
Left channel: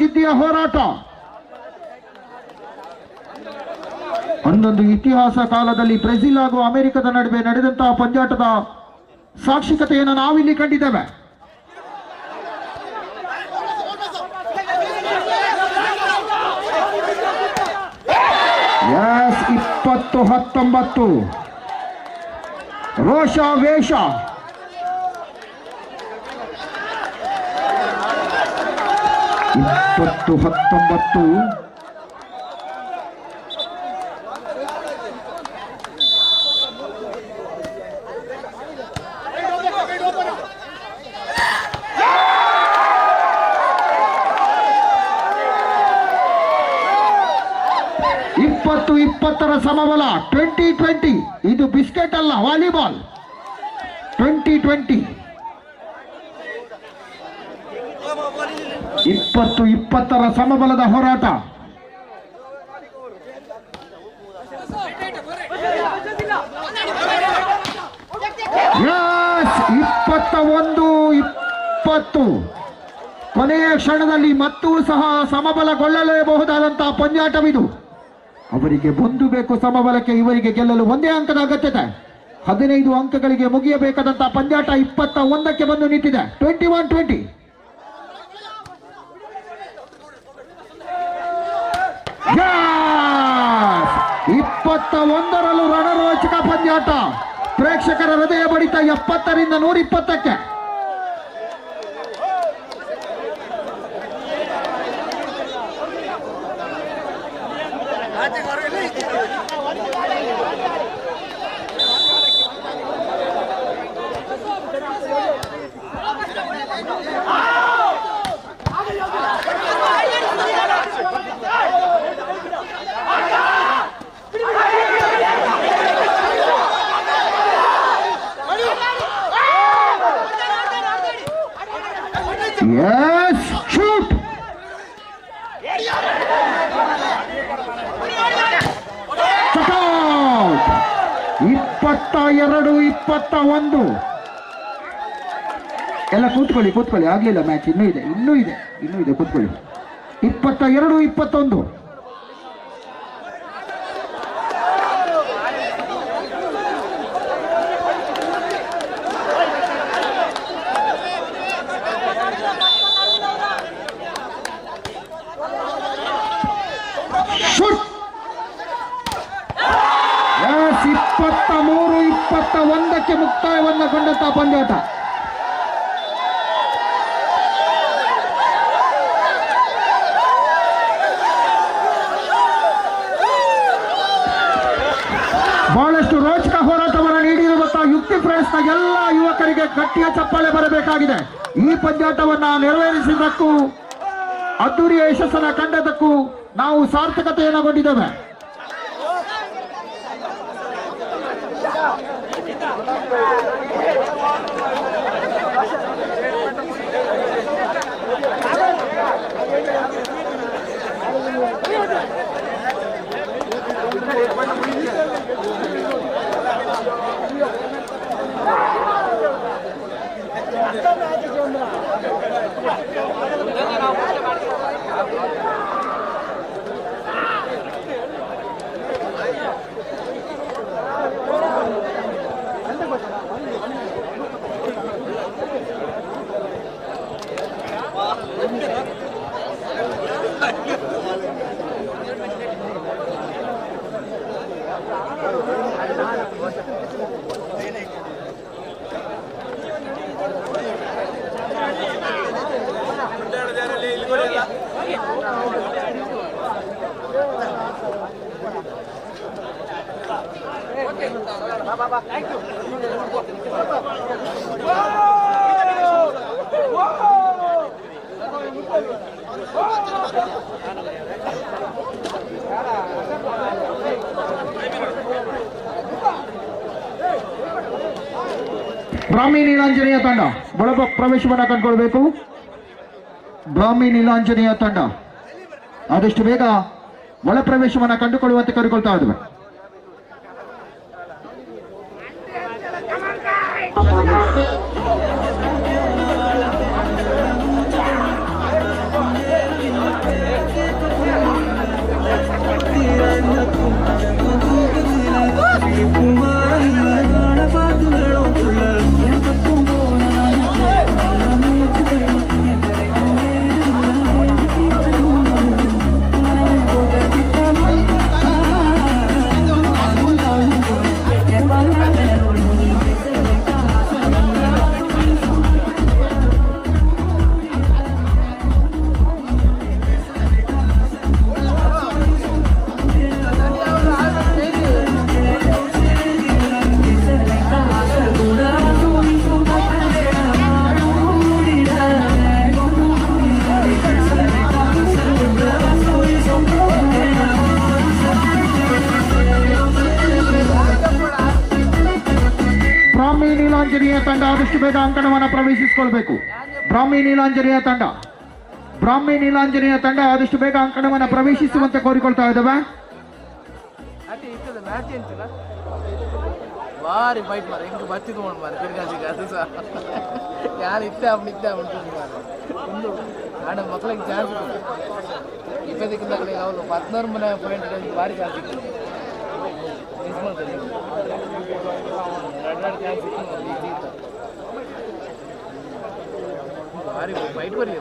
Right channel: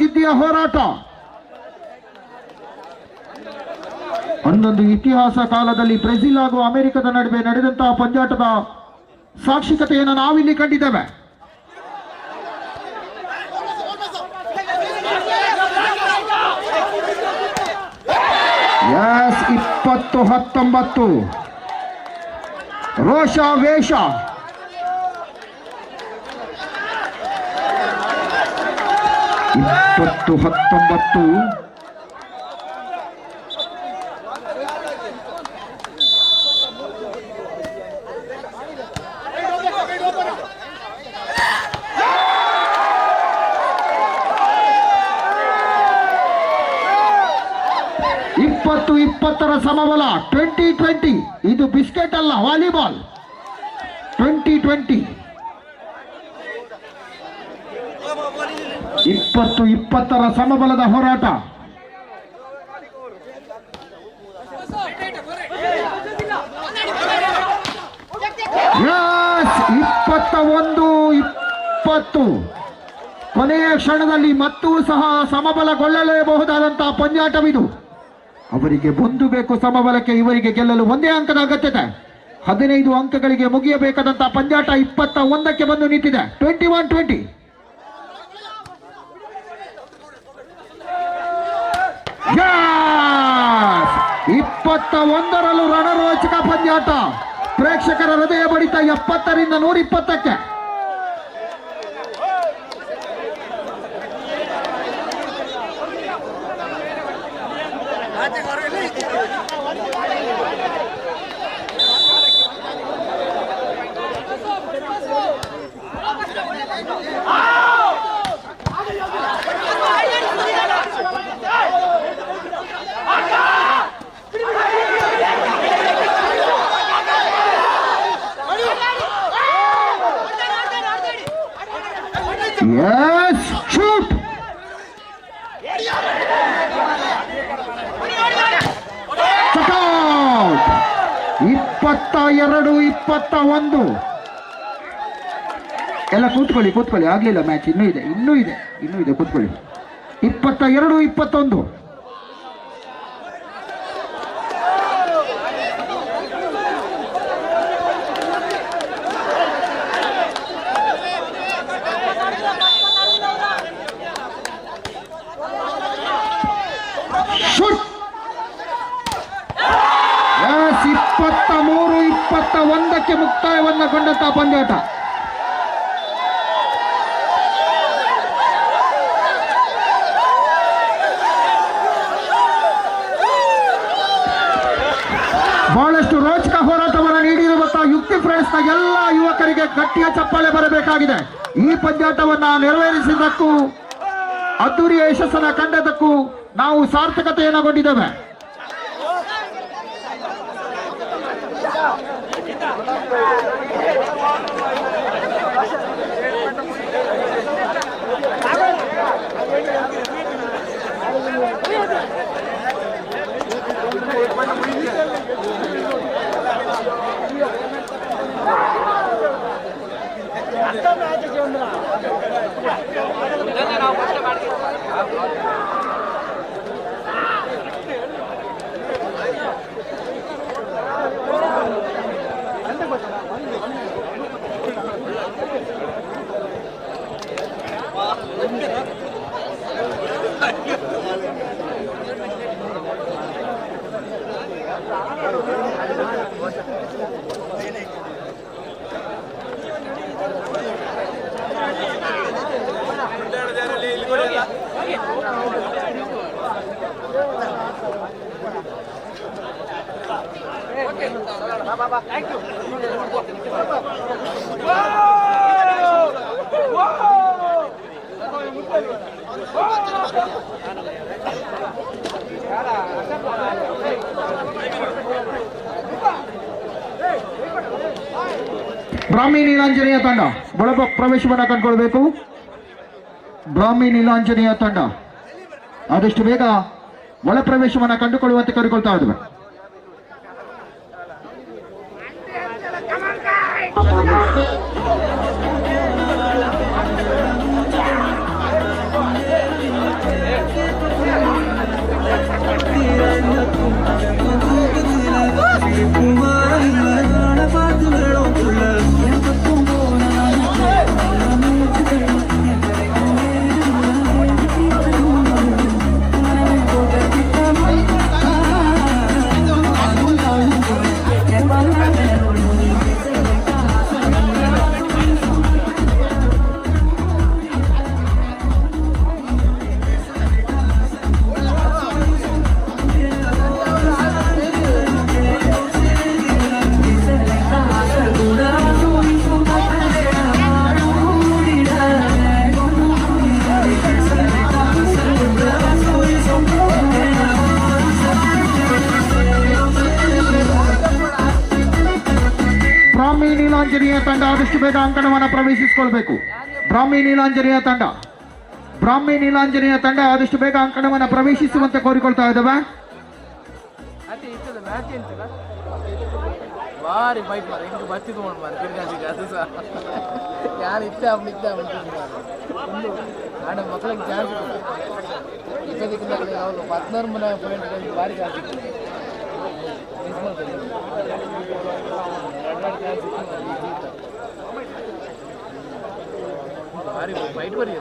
ಜಿದ್ದಿಯ ಹೋರಾಟ. ಒಂದೊಂದು ಇತಿಹಾಸ ಕಾಲದಲ್ಲಿ ಬ್ರೆಜಿಲ್ ಹಾಗೂ ಅಮೆರಿಕದ ನಡುವೆ ನಡೆದಂತಹ ಪಂದ್ಯಾಟದ ಸಾಕ್ಷಿಕತೆಯನ್ನು ನಾವಿಲ್ಲಿ ಕಂಡಿದ್ದೇವೆ. ಎಸ್, 20-19 ರೋಷ ವೇಷ. 20-19 Let's ಸಮಬಲ 20-20. ಇದು ಬಿಸ್ಕೆಟ್ ಅಲ್ಲ, ವಾಲಿಬಾಲ್. 20-20. 20-20 ಸಮಬಲದ ಹೋರಾಟ. Yes, 21-20. ಕೊನೆಯ ಕ್ಷಣದಲ್ಲಿ ಮತ್ತೂ ಸಹ ಸಮಬಲಗೊಳ್ಳಲೇಬಹುದಾದಂತಹ ಪಂದ್ಯಾಟವಿದು. ಅವರಿಗೆ ಒಂದು ಬೇಕು ಸಮಬಲಕ್ಕೆ, ಇವರಿಗೆ ಗೆಲ್ಲಲು ಒಂದೇ ಅಂಕದ ಅಗತ್ಯತೆ. 15 ಅಂಕಗಳಿಗೆ ಮುಗಿಯಬೇಕಾದಂತಹ ಪಂದ್ಯಾಟ 21ಕ್ಕೆ ಬಂದು ನಿಂತಿದೆ. 21-20. Yes! 21ರಲ್ಲೂ ರಣರೋಚಕ ಪಂದ್ಯಾಟ. ಪ್ರೇಕ್ಷಕರ ಹೃದಯ ಬಡಿತ 70ರಿಂದ 120ಕ್ಕೆ. Yes, shoot! Check out! 22-21. ಎಲ್ಲ ಕೂತ್ಕೊಳ್ಳಿ, ಆಗ್ಲಿಲ್ಲ ಮ್ಯಾಚ್, ಇನ್ನೂ ಇದೆ ಕೂತ್ಕೊಳ್ಳಿ. 22-21. ಶೂಟ್! ಎಸ್, 23-21ಕ್ಕೆ ಮುಕ್ತಾಯವನ್ನು ಕಂಡಂತಹ ಪಂದ್ಯಾಟ. ಬಹಳಷ್ಟು ರೋಚಕ ಹೋರಾಟವನ್ನು ನೀಡಿರುವಂತಹ ಯುಕ್ತಿ ಫ್ರೆಂಡ್ಸ್ನ ಎಲ್ಲ ಯುವಕರಿಗೆ ಗಟ್ಟಿಯ ಚಪ್ಪಾಳೆ ಬರಬೇಕಾಗಿದೆ. ಈ ಪಂದ್ಯಾಟವನ್ನ ನೆರವೇರಿಸಿದ್ದಕ್ಕೂ ಅದ್ದೂರಿಯ ಯಶಸ್ಸನ್ನ ಕಂಡದಕ್ಕೂ ನಾವು ಸಾರ್ಥಕತೆಯನ್ನು ಕೊಂಡಿದ್ದೇವೆ. ಬ್ರಾಹ್ಮಿ ನೀಲಾಂಜನೇಯ ತಂಡ ಒಳ ಪ್ರವೇಶವನ್ನು ಕಂಡುಕೊಳ್ಬೇಕು. ಬ್ರಾಹ್ಮಿ ನೀಲಾಂಜನೇಯ ತಂಡ ಆದಷ್ಟು ಬೇಗ ಒಳ ಪ್ರವೇಶವನ್ನು ಕಂಡುಕೊಳ್ಳುವಂತೆ ಕರೆಕೊಳ್ತಾ ಇದ್ದೇವೆ. ಬ್ರಾಹ್ಮಿ ನೀಲಾಂಜನೇಯ ತಂಡ ಆದಷ್ಟು ಬೇಗ ಅಂಕಣವನ್ನು ಪ್ರವೇಶಿಸಿಕೊಳ್ಬೇಕು. ಬ್ರಾಹ್ಮಿ ನೀಲಾಂಜನೇಯ ತಂಡ ಆದಷ್ಟು ಬೇಗ ಅಂಕಣವನ್ನು ಪ್ರವೇಶಿಸುವಂತೆ ಕೋರಿಕೊಳ್ತಾ ಇದ್ದಾವೆ. ಅದೇ ಇರ್ತದೆ ಮ್ಯಾಚ್ ಎಂತಿಲ್ಲ ಭಾರಿ ಫೈಟ್ ಮಾರ ಹಿಂಗೆ ಬರ್ತಿದ್ದು ನೋಡಿ ಮಾರ ಕಿರ್ಗಾಸಿಗೆ ಅದು ಸಹ ಯಾರು ಇತ್ತೆ ಅಂತಿದ್ದು ಮಾರ ಒಂದು ನಾನು ಮಕ್ಕಳಿಗೆ ಚಾನ್ಸ್ ಇಪ್ಪತ್ತಕ್ಕಿಂತ ಅವರು 16 ಮನೆ ಪಾಯಿಂಟ್ ಭಾರಿ ಚಾನ್ಸ್ ಸಿಗ್ತದೆ ಮಿಸ್ ಮಾಡ್ತಾರೆ ಎರಡು ಚಾನ್ಸ್ ಸಿಗ್ತದೆ ಭಾರಿ ಫೈಟ್ ಬರೀ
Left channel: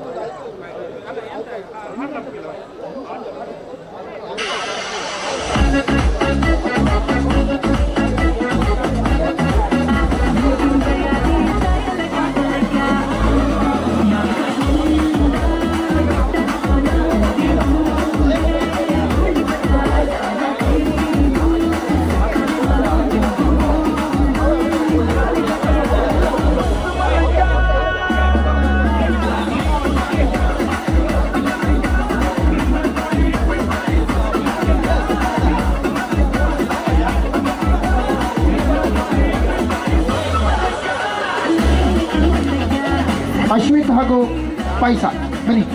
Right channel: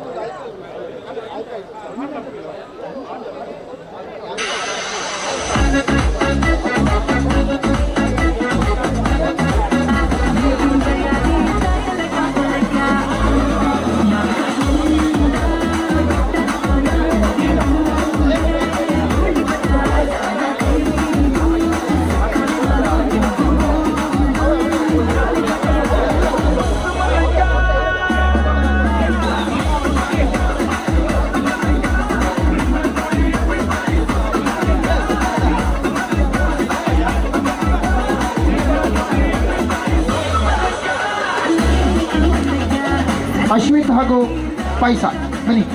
ಅಶ್ವಿತ್ ಹಾಗೂ ಪೈಸಾ ಬನ್ನಿ.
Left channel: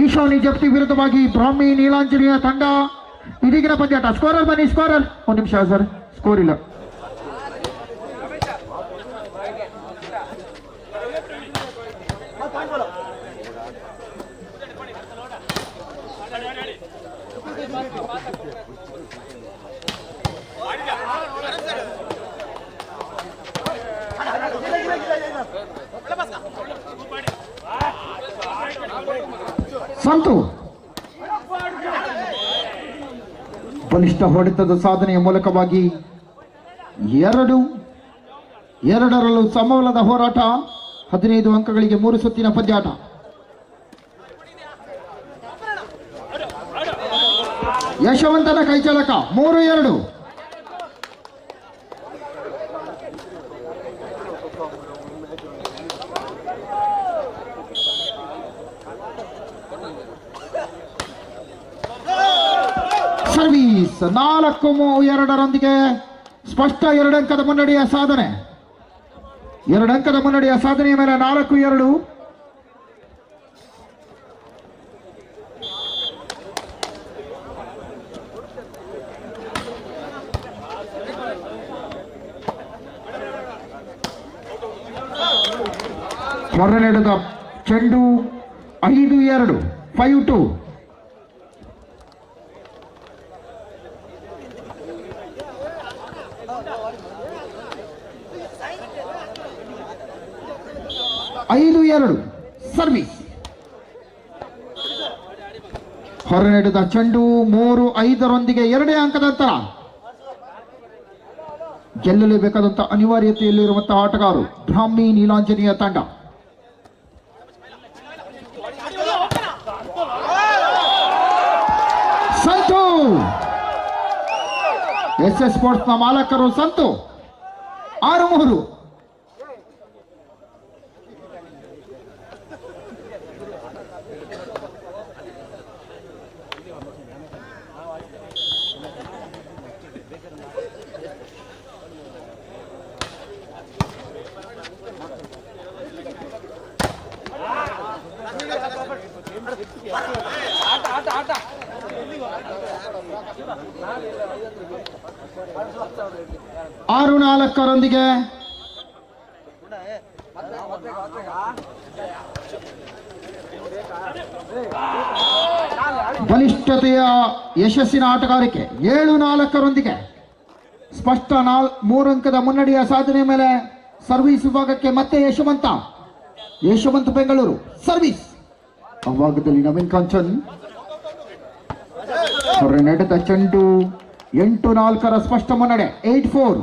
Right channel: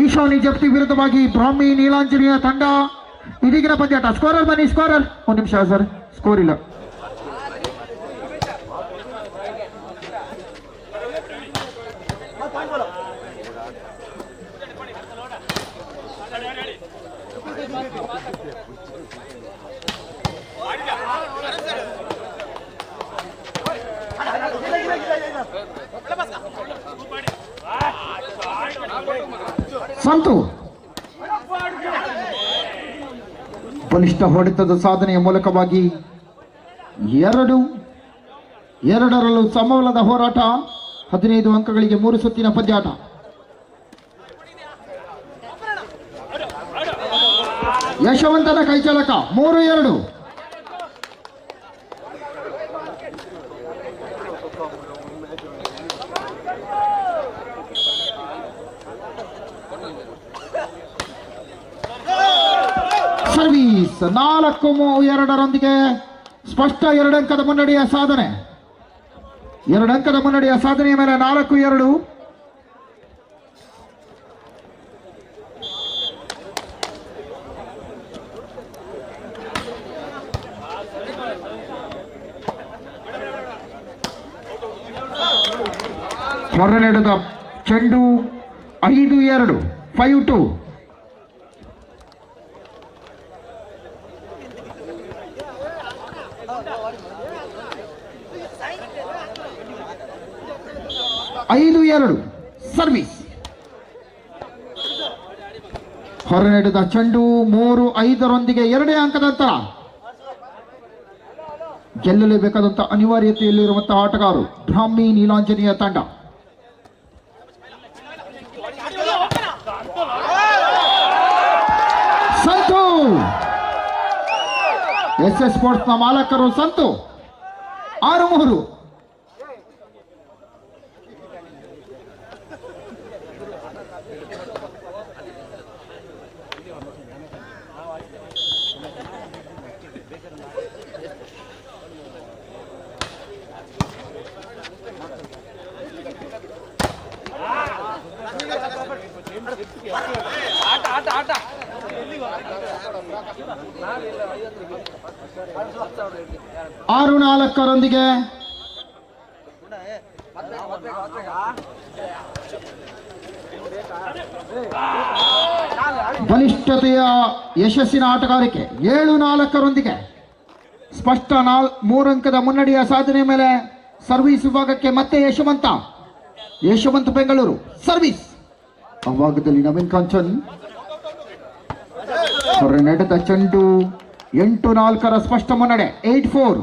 ಈಶಾನಿ ಜಪ್ತಿ ವಿರುದ್ಧವಾಗಿ ಬ್ರಾಹ್ಮಿ ನೀಲಾಂಜನೇಯ ತಂಡ ಇದೀಗಿನ ಪಂದ್ಯಾಟ. ಸ್ಕೋರರ್ ಬನ್ನಿ, ಸ್ಕೋರರ್. ಒಂದು ನಿಮಿಷ ಸರ್, ಸ್ಕೋರ್ ಇಲ್ಲ. ಸಂತು ಬಲಿಷ್ಠ ಹೊಡೆತದ ಸಾಧನೆಯ ಮೂಲಕವಾಗಿ ಎರಡರಲ್ಲೂ ಸಮಬಲದ ಹೋರಾಟ. 15 ಅಂಕಗಳಿಗೆ 3 ಸುತ್ತಿನ ಪಂದ್ಯಾಟ. ಯಶವಂತನ ಕೈಚಳಕ 3-2. ಸರ್ವೀಸ್ 4-2 ಸ್ಪಷ್ಟ 2 ಅಂಕದ ಮುನ್ನಡೆಯ ಸಾಧನೆ. 2 ಅಂಕದ ಮುನ್ನಡೆಯ ಸಾಧನೆಯ ಮೇಲೆ 4-2. ಹೊರನೆಡೆದ ಚೆಂಡು 5-2 5-2. ಸರ್ವೀಸ್ ಹೊರನೆಡೆದ ಚೆಂಡು 3-5 2 ಅಂಕದ ಅಂತರ. ಗೆಲ್ಲಲೇಬೇಕಾದಂತ ಅನಿವಾರ್ಯತೆಯಲ್ಲಿರುವಂತಹ ಆಟಗಾರರು ಬ್ರಾಹ್ಮಿ ನೀಲಾಂಜನೇಯ ತಂಡ. ಸಂತು SS ಸ್ಪೋರ್ಟ್ಸ್ ನ ಮಾಲಕರು ಸಂತು 6-3. ಆರು 4 ಬಲಿಷ್ಠತೆಯ ಯಶಸ್ಸಿನ ಆಟಗಾರಿಕೆ. 7-4 ಸ್ಪಷ್ಟ 3 ಅಂಕದ ಮುನ್ನಡೆಯ ಸಾಧನೆ ಮೇಲೆ ಸರ್ವಿಸ್ ವಿಭಾಗಕ್ಕೆ ಮತ್ತೆ ಯಶವಂತ ಬೆಂಗಳೂರು. ಸರ್ವಿಸ್ ಅಭಾಗದಲ್ಲಿ ನವೀನ್ ಕಾಂಚನ್. ಹೊರನೆಡೆದ ಚೆಂಡು 8-4 ಸ್ಪಷ್ಟ ಮುನ್ನಡೆ 8-4.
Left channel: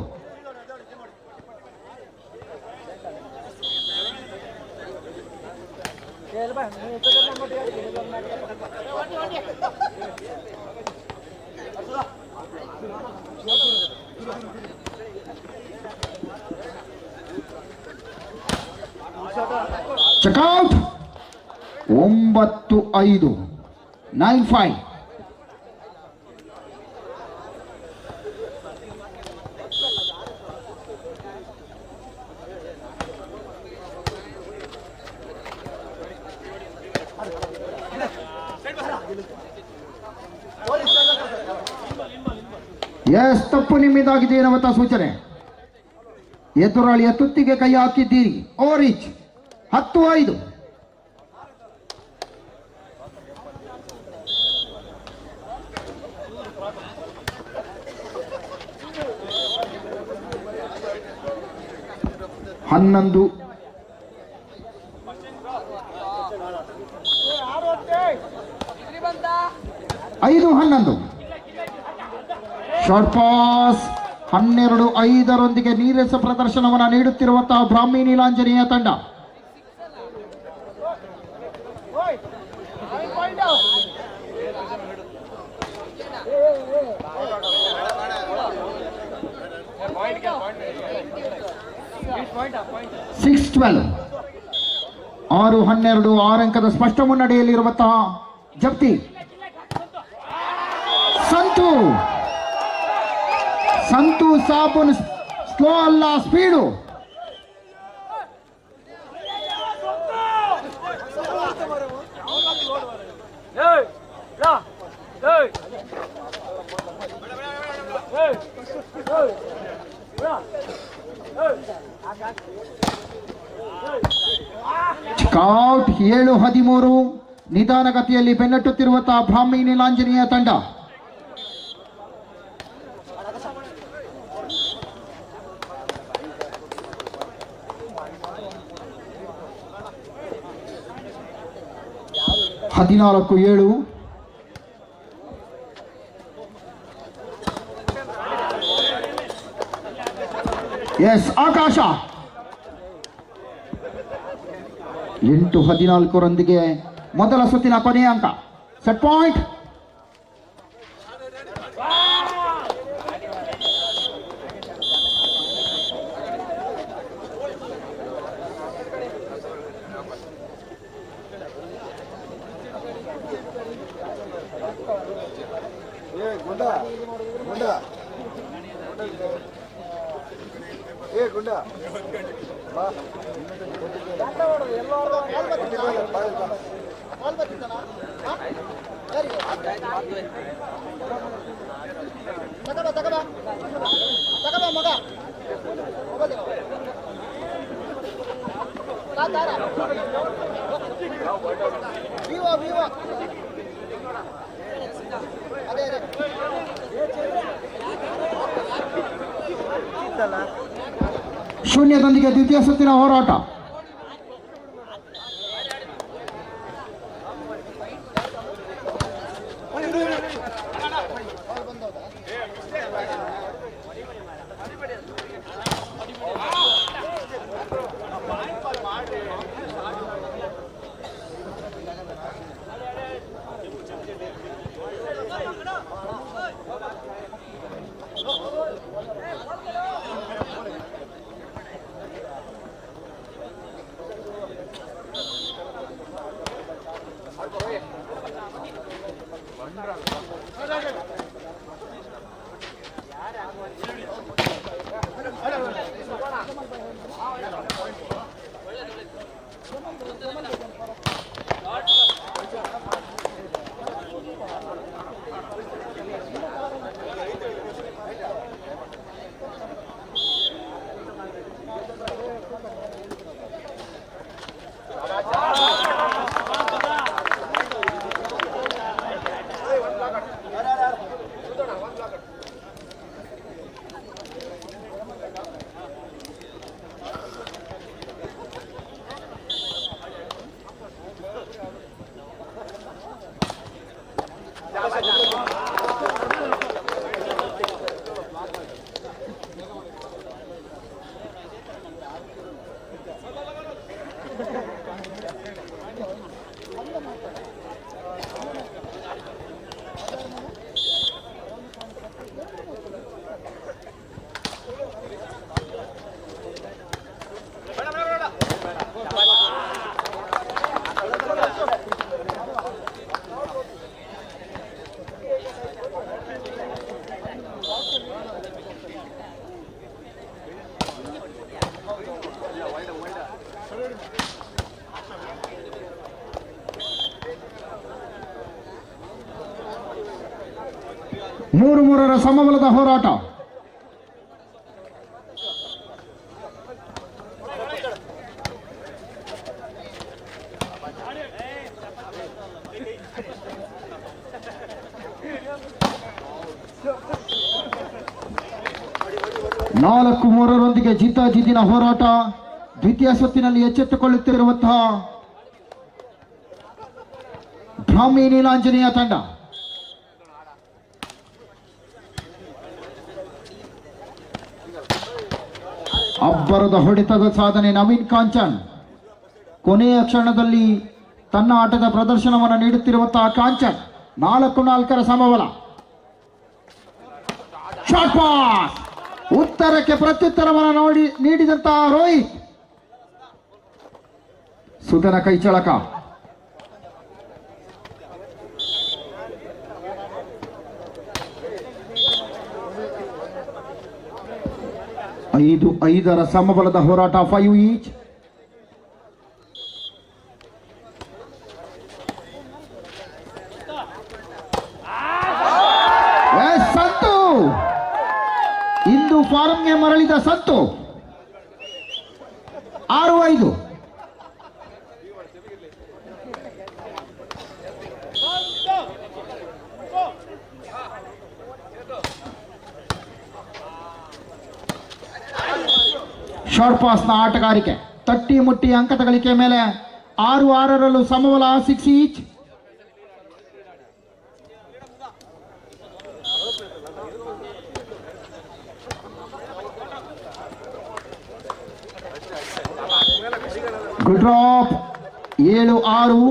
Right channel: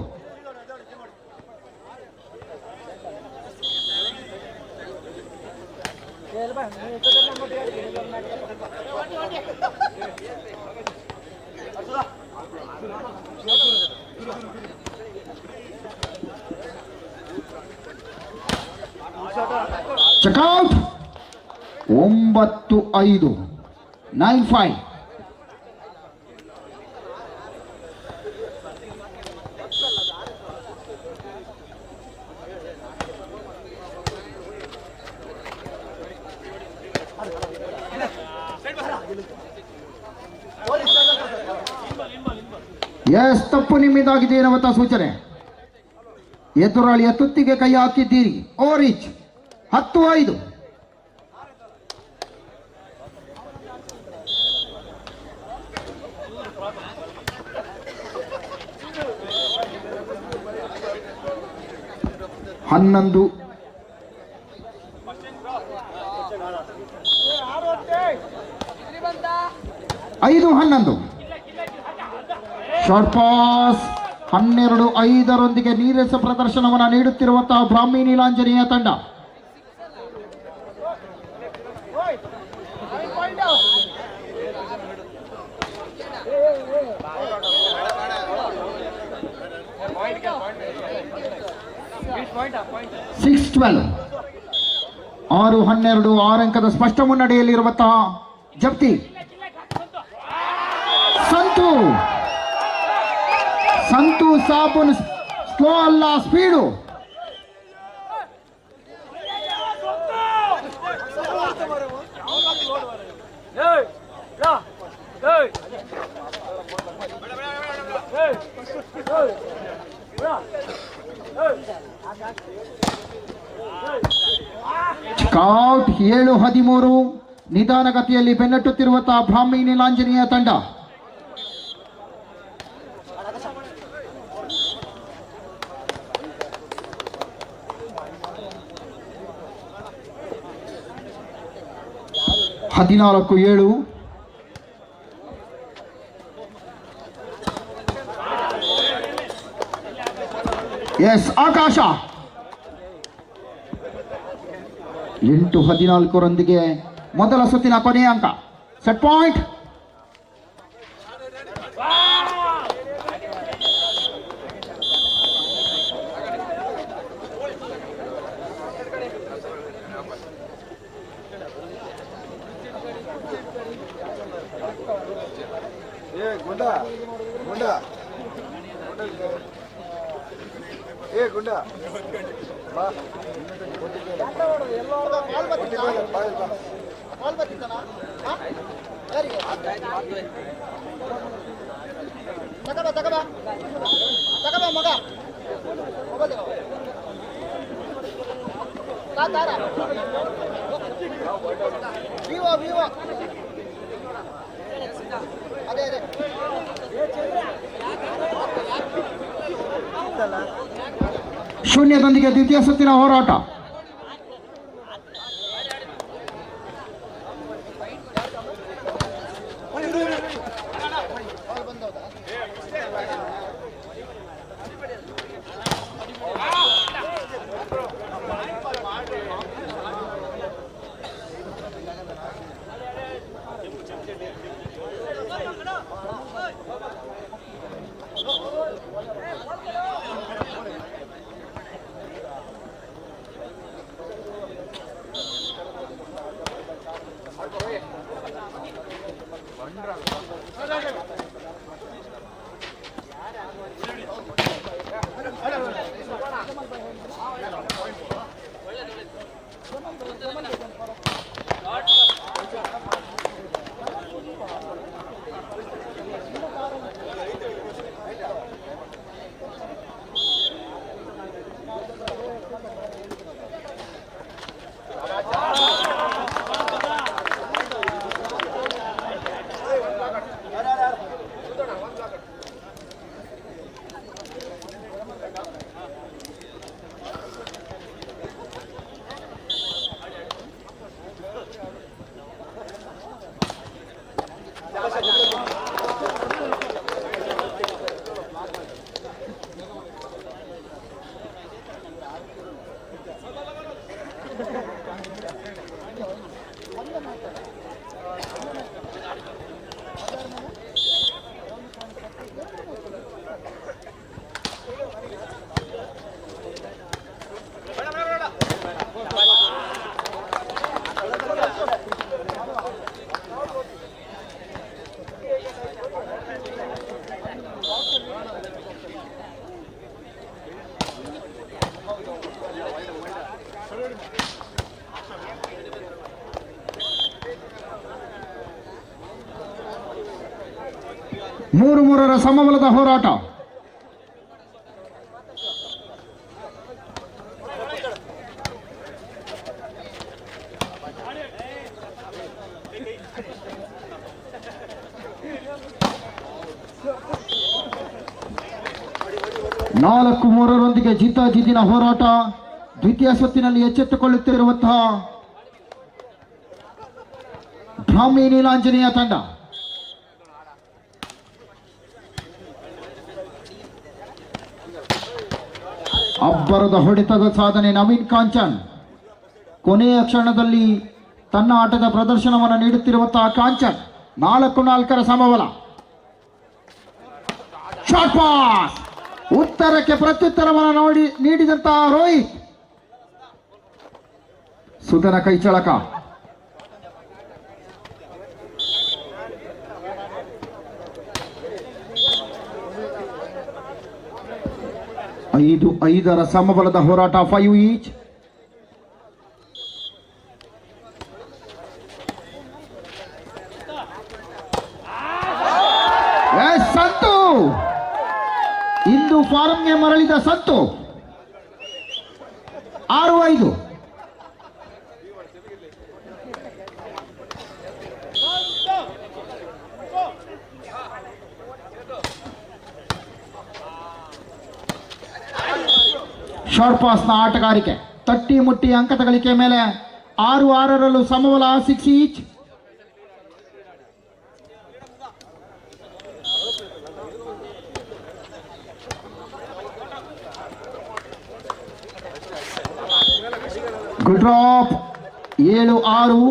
ಚೆಕ್ಔಟ್ 9-5 9-5. ಎಸ್ ತಪ್ಪು ನಿಮ್ಮಿಂದಾಗಿದೆ ಎನ್ನುವಂತ ಸೂಚನೆ. ಎದುರಾಳಿಯ ತುತ್ತಿಗೆ ಕೈ ಹಾಕಿದ್ದೀರಿ. ಓರಿಚ್ 10-5. ಹನ್ನೊಂದು 5-11. ಶಾರ್ಟ್ ಪಾಸ್ 12-5 ನೀರಸ ಪ್ರದರ್ಶನವನ್ನು ನೀಡುತ್ತಿರುವಂತಹ ಬ್ರಾಹ್ಮಿ ನೀಲಾಂಜನೇಯ ತಂಡ. (6-12) 6-12 6 ಅಂಕದ ಸ್ಪಷ್ಟ ಮುನ್ನಡೆಯಲ್ಲಿರುವಂತಹ ಜಪ್ತಿ. ಸಂತು ಸಾಬುನ್ ಸ್ಲೋ ಅಲ್ಲ, ಸ್ಪೀಡು. ಸ್ಕೌಟ್ 7-13 ನಿಧಾನಗತಿಯಲ್ಲಿ ಬೆನ್ನಟ್ಟುತ್ತಿರುವಂತಹ ಬ್ರಾಹ್ಮಿ ನೀಲಾಂಜನೇಯ ತಂಡ. 14-7. ಎಸ್ ಆಕಾಶ 8-14 ಮೊದಲ ಸುತ್ತಿನ ಕೊನೆಯ ಅಂಕ. Set point. ಶೂನ್ಯದೊಂದಿಗೆ ದ್ವಿತೀಯ ಸುತ್ತಿನ ಹೋರಾಟ. ಮೂರರ ಸಮಬಲದ ಹೋರಾಟ. ನಾಲ್ಕು ಮೂರರೊಂದಿಗೆ ಜಿದ್ದಾಜಿದ್ದಿನ ಹೋರಾಟ. ದ್ವಿತೀಯ ಸುತ್ತಿನಲ್ಲಿ ಎಚ್ಚೆತ್ತುಕೊಳ್ಳುತ್ತಿರುವಂತಹ ಬ್ರಾಹ್ಮಿ ನೀಲಾಂಜನೇಯ ತಂಡ. ಅಬ್ಬರದ ಹೊಡೆತದ ಸಾಧನೆ ನವೀನ್ ಕಾಂಚನ್. ಕೊನೆಯ ಕ್ಷಣದಲ್ಲಿ ತನ್ನ ಆಟದ ಪ್ರದರ್ಶನವನ್ನು ನೀಡುತ್ತಿರುವಂತಹ ಕಾಂಚನ್. 4-4 ಸಮಬಲ. Short pass. ಉತ್ತರಕ್ಕೆ ಪ್ರತ್ಯುತ್ತರವನ್ನು ನೀಡಿದಂತಹ ರೋಹಿತ್. ಸುಧನ ಕೈಚಳಕ. ಐದರ ಸಮಬಲದ ಹೋರಾಟ. 5 ಈಚ್. ಸಂತು ಇಂದು ಫಾರಂಗೆ ಮರಳಿದ ಸಂತು. 6-5. ಶಾರ್ಟ್ ಪಾಸ್ನ ಆಟಗಾರಿಕೆ. ತಟ್ಟಿ ಮುಟ್ಟಿ ಅಂಕ ಗಳಿಕೆ ಮೇಲೆ 6-6ರಲ್ಲೂ ಸಮಬಲ. 6 ಈಚ್. Good drop 7-6.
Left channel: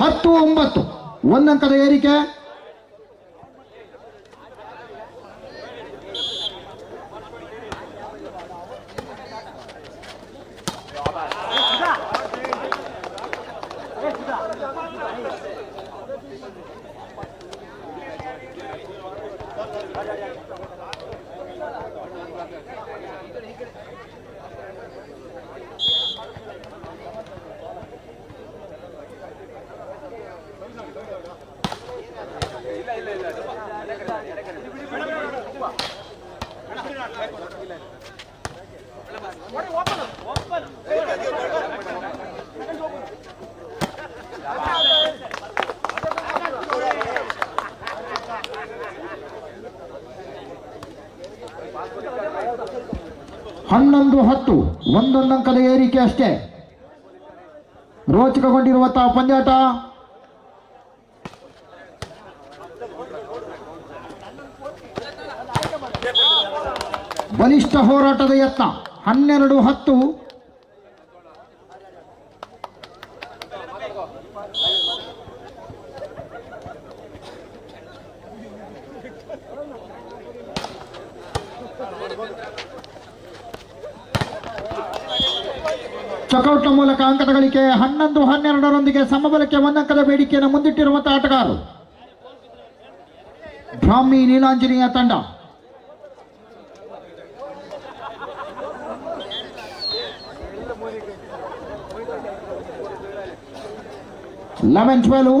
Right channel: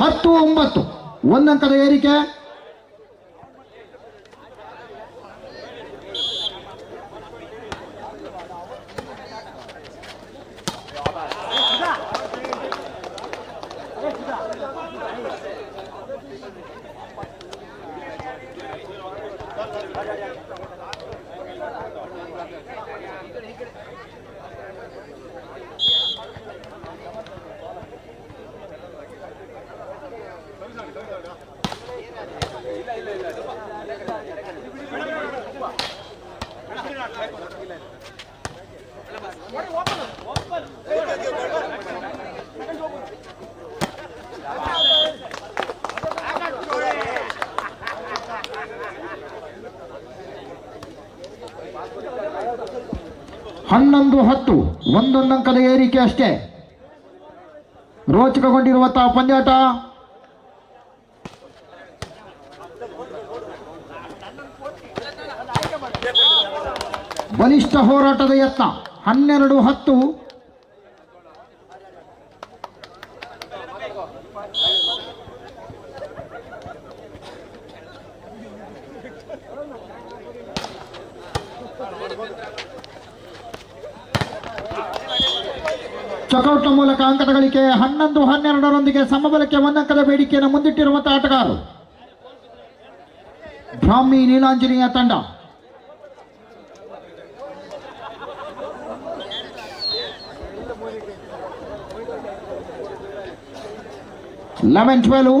ಹತ್ತು 9 ಒಂದಂಕದ ಏರಿಕೆ. ಹನ್ನೊಂದು 10 ಒಂದೊಂದಂಕದ ಏರಿಕೆ ಅಷ್ಟೇ. ರೋಚಕಗೊಂಡಿರುವಂತಹ ಪಂದ್ಯಾಟ. ಬಲಿಷ್ಠ ಹೋರಾಟದ ಯತ್ನ. 12-10. ಚಕೌಟ್ನ ಮೂಲಕ ಅಂಕದ ಗಳಿಕೆ. 11-12ರೊಂದಿಗೆ ಸಮಬಲಕ್ಕೆ ಒಂದಂಕದ ಬೇಡಿಕೆಯನ್ನು ಮುಂದಿಟ್ಟಿರುವಂತಹ ಆಟಗಾರರು ಬ್ರಾಹ್ಮಿ ನೀಲಾಂಜನೇಯ ತಂಡ. ಲೆವೆನ್ 12.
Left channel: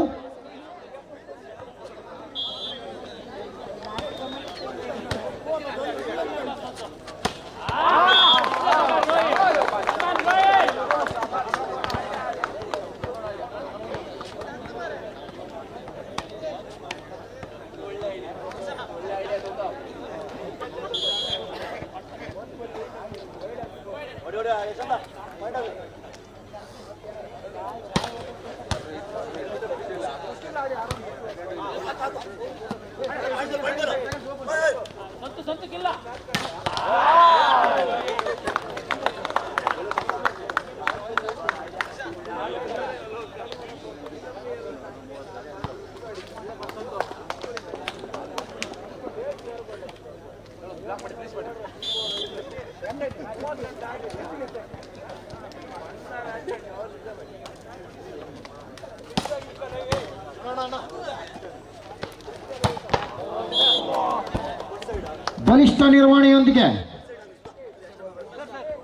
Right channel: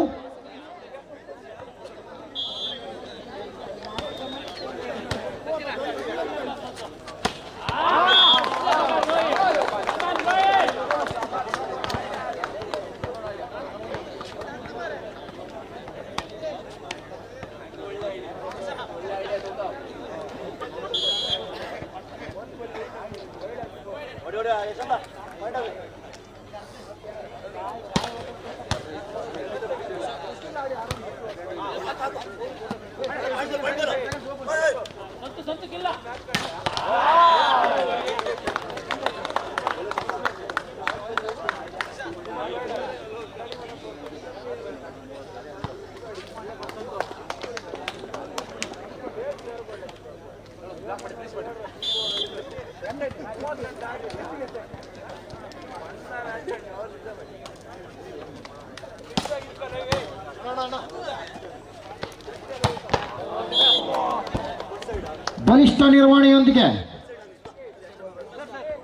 ಬಲಿಷ್ಠ ನಿರ್ವಹಣೆಯೊಂದಿಗೆ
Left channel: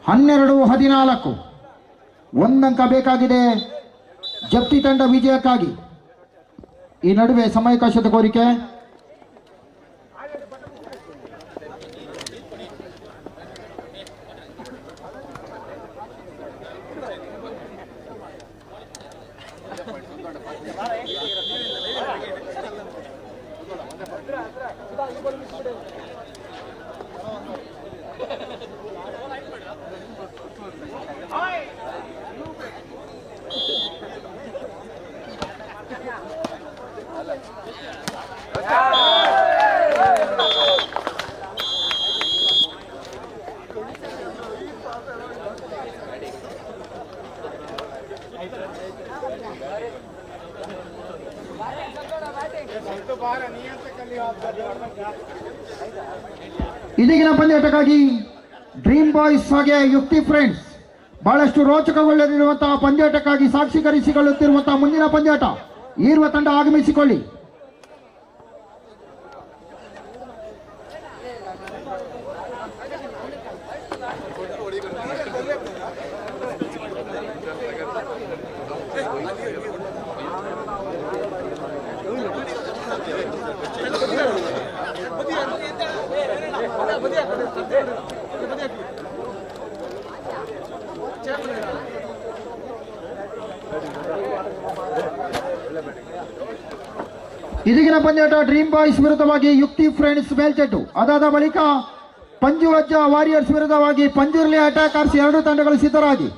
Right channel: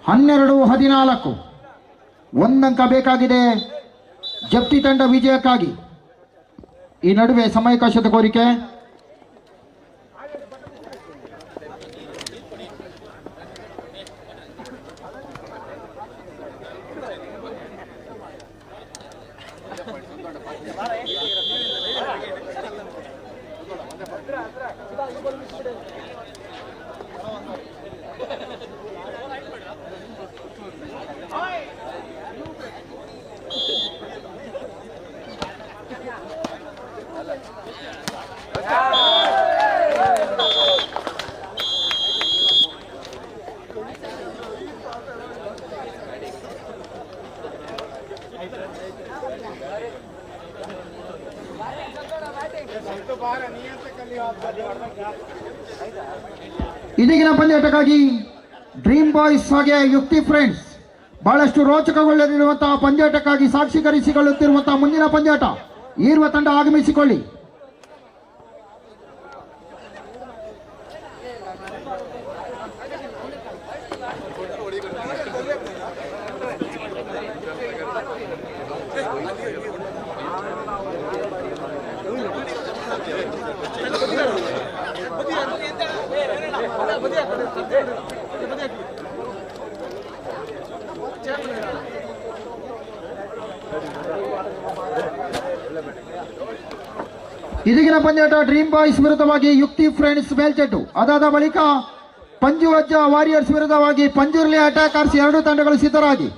12-14 ಒಂದಂಕ ಬೇಕಾಗಿದೆ ಜಪ್ತಿ ತಂಡ ವಿಜಯಕ್ಕಾಗಿ. ಈ ನಡುವೆ ಸಮಯಾವಕಾಶದ ಕೋರಿಕೆ. ಇದೀಗಿನ ಪಂದ್ಯಾಟಕ್ಕಾಗಿ ಡ್ರೀಮ್ ಬಾಯ್ಸ್ ಹಾಗೆ ಯುಕ್ತಿ ಫ್ರೆಂಡ್ಸ್ ಬಹಳಷ್ಟು ರೋಚಕಗೊಳ್ಳಲಿರುವಂತಹ ಪಂದ್ಯಾಟಕ್ಕಾಗಿ ಸಾಕ್ಷೀಕರಿಸಿಕೊಳ್ಳುತ್ತಿರುವಂತಹ ಮುಂದಿನ ಪಂದ್ಯಾಟ ಈರುವ ತಂಡ ಆಗಮಿಸಿಕೊಳ್ಳಿ. ಇದೀಗಿನ ಪಂದ್ಯಾಟ ಡ್ರೀಮ್ ಬಾಯ್ಸ್ ವಿರುದ್ಧವಾಗಿ ಯುಕ್ತಿ ಫ್ರೆಂಡ್ಸ್ ಮೇಲ್ಚೆಟ್ಟು. ಅದಾದ ಬಳಿಕ ಪಂಜು ಅಜ್ಜ ವಾರಿಯರ್ಸ್ ವಿರುದ್ಧವಾಗಿ ಪಂಜುರ್ಲಿ ಅಟ್ಯಾಕರ್ಸ್ ಎರಡು ತಂಡಗಳು ಸಿದ್ಧರಾಗಿ.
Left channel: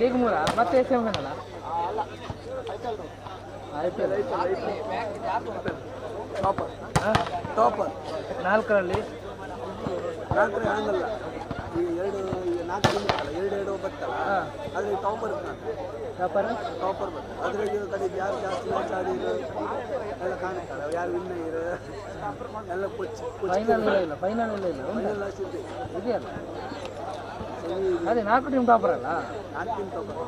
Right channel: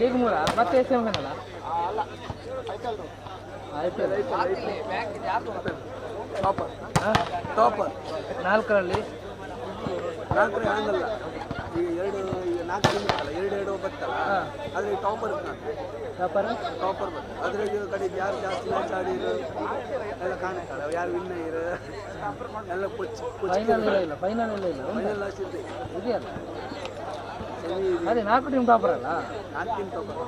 ಲೀಗ್ ಮೂರ ಮತ್ತೆ ಎಸ್ ಎಮ್ ಅಲ್ಲ ಟಾಪರ್ ನಾಲ್ಕರಲ್ಲಿ ಎರಡು ಬರ್ತಲ್ಲ ಅದ್ರಲ್ಲಿ ಟಾಪರ್ ಅದ್ರಾಗ ಕಡೆ ಯಾರು ಜಾಸ್ತಿ ಮ್ಯಾಚ್ ಆಡಿದ್ರು ಎಲ್ಲ ಕಾಣ್ತಾರೆ ಯಾರು ವಿನ್ನರ್ ಎಲ್ಲ ಫೈನಲ್ ಇದೆಯಲ್ಲ ಅದೇ 4 ಟೀಮ್ ಟಾಪರ್ ಅಲ್ಲ 4 ಟೀಮ್ ಟಾಪರ್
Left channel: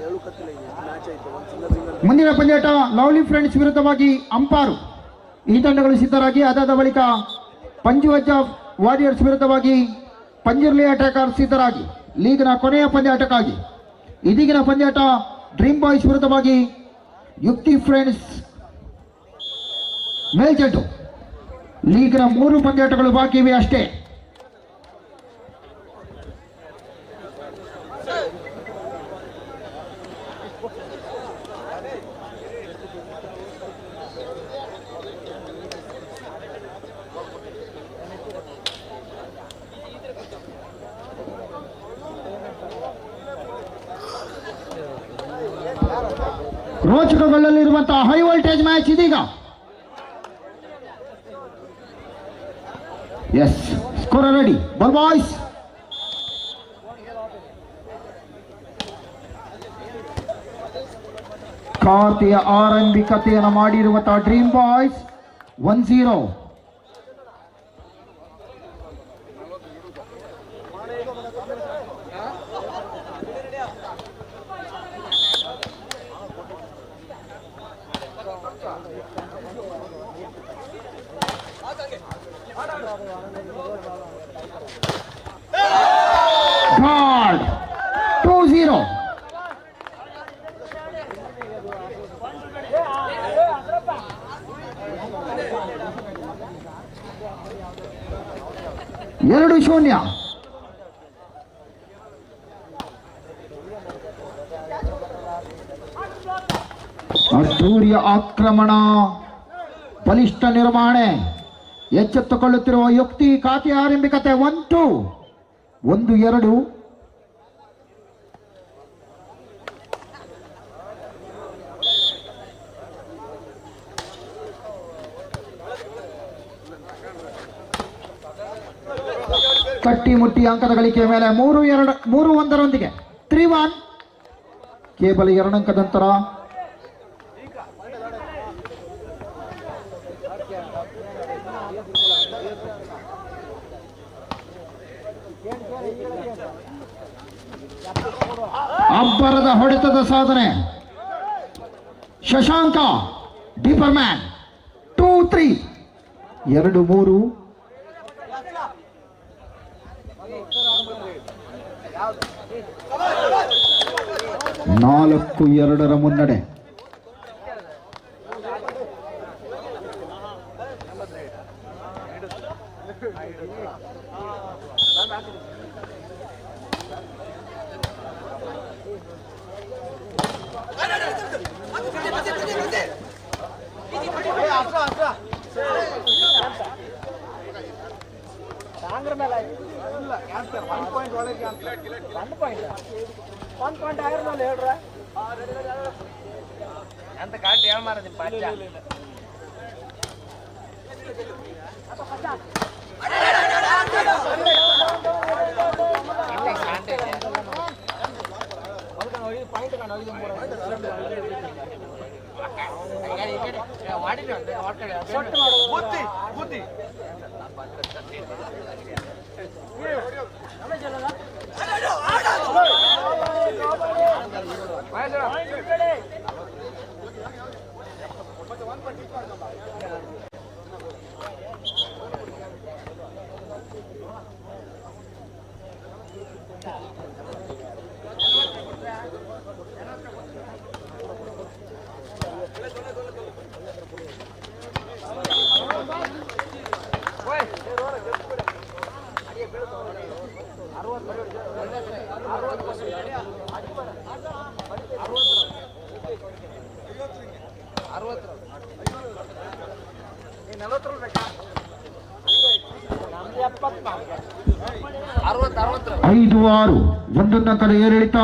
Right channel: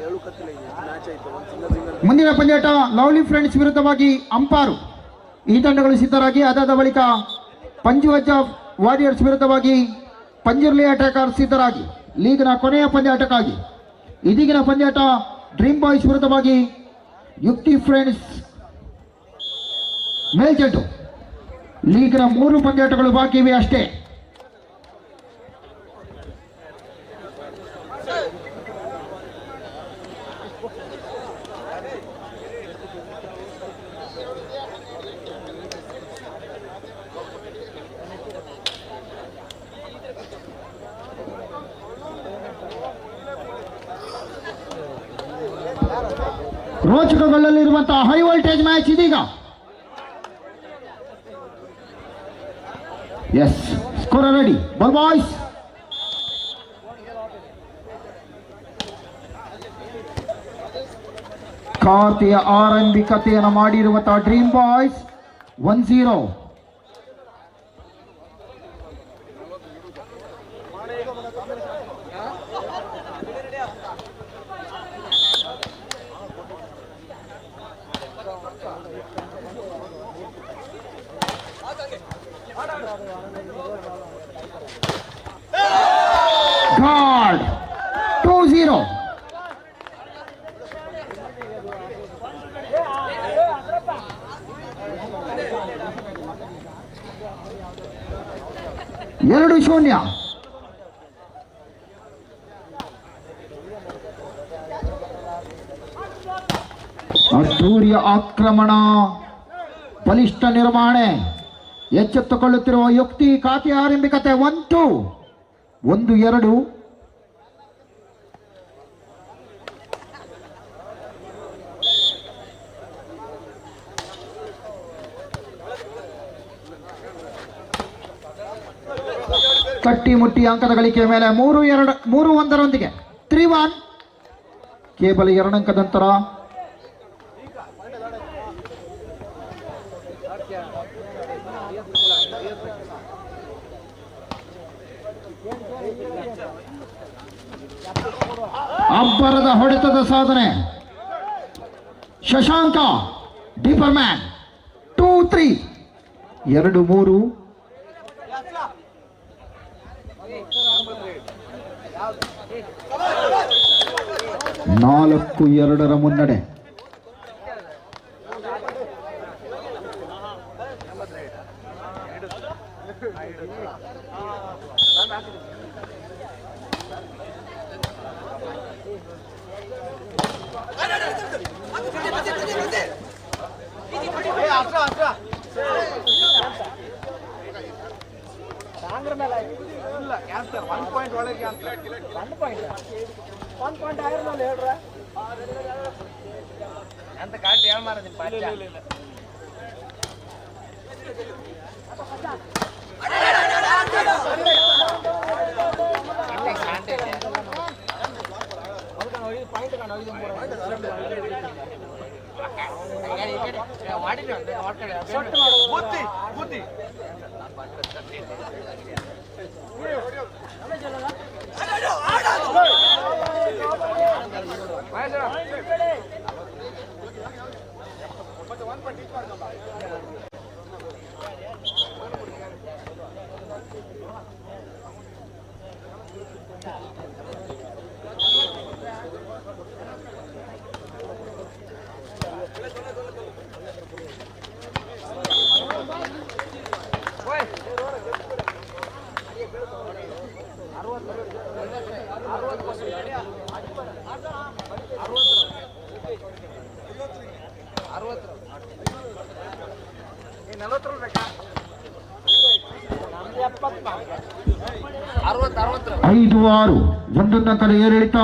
ಹೇಳು ಕತ್ತಿಲ್ಲ ಮ್ಯಾಚ್ ಆಯ್ತು ಒಂದು ಸಿಂಗಲ್ ಮುಂದಿನ ಪಂದ್ಯಾಟ ಲವ್ಲಿ ಫ್ರೆಂಡ್ಸ್ ವಿರುದ್ಧವಾಗಿ ಅಂಪಾರು. ಈ ತಂಡಗಳು ಸಿದ್ಧರಾಗಿ ಅದಾದ ಬಳಿಕ ಪಂಜುವಜ್ಜ ವಾರಿಯರ್ಸ್ ವಿರುದ್ಧವಾಗಿ ಪಂಜುರ್ಲಿ ಅಟ್ಯಾಕರ್ ಸಿದ್ಧರಾಗಿ ಲೀಗ್ನ ಕೊನೆಯ ಪಂದ್ಯಾಟಕ್ಕಾಗಿ. ಇದೀಗಿನ ಪಂದ್ಯಾಟ ಡ್ರೀಮ್ ಬಾಯ್ಸ್ ವಿರುದ್ಧವಾಗಿ ಯುಕ್ತಿ ಫ್ರೆಂಡ್ಸ್ ಮೇಲ್ಜೆಟ್ಟು. ಲೀಗ್ನ 3 ಪಂದ್ಯಾಟಗಳು ಬಾಕಿ ಇವೆ ಅಷ್ಟೇ. ರೋಚಕಗೊಳ್ಳಲಿರುವಂತಹ ಹೈ ವೋಲ್ಟೇಜ್ ಮ್ಯಾಚ್ ಇದೀಗ. Yes, score ready, ball boys. ಖಾತೆಯ ಆರಂಭಿಕತೆಯನ್ನು ಮಾಡಿರುವಂತಹ ಡ್ರೀಮ್ ಬಾಯ್ಸ್ 1-0. God 2-0. ಎರಡು ಶೂನ್ಯ. ಅದ್ದೂರಿಯ ಆಕ್ರಮಣ, ಬಲಿಷ್ಠ ನಿರ್ವಹಣೆ, ಎಚ್ಚೆತ್ತುಕೊಳ್ಳುತ್ತಿರುವ ಯುಕ್ತಿ. ಖಾತೆಯ ಆರಂಭಿಕತೆ 1-2. 1-2. ಕಟ್ಟಿ ಮುಟ್ಟಿ ಅಂಕದ ಗಳಿಕೆಯ ಮೇಲೆ 3-1 3-1. ಕೇವಲ 2 ಅಂಕದ ನಂತರ ಅಬ್ಬರದ ಹೊಡೆತದ ಸಾಧನೆ. Shashanka deeper man 2-3. 2-3. 4-2 ಮುನ್ನಡೆ. ಅಂತ ಕಾಟಿ ಹೇಳ ಮಾರದಿ ಪಾಚ ಬುದ್ಧಿ 5-6 ಒಂದೊಂದು ಅಂಕದ ಏರಿಳಿತ.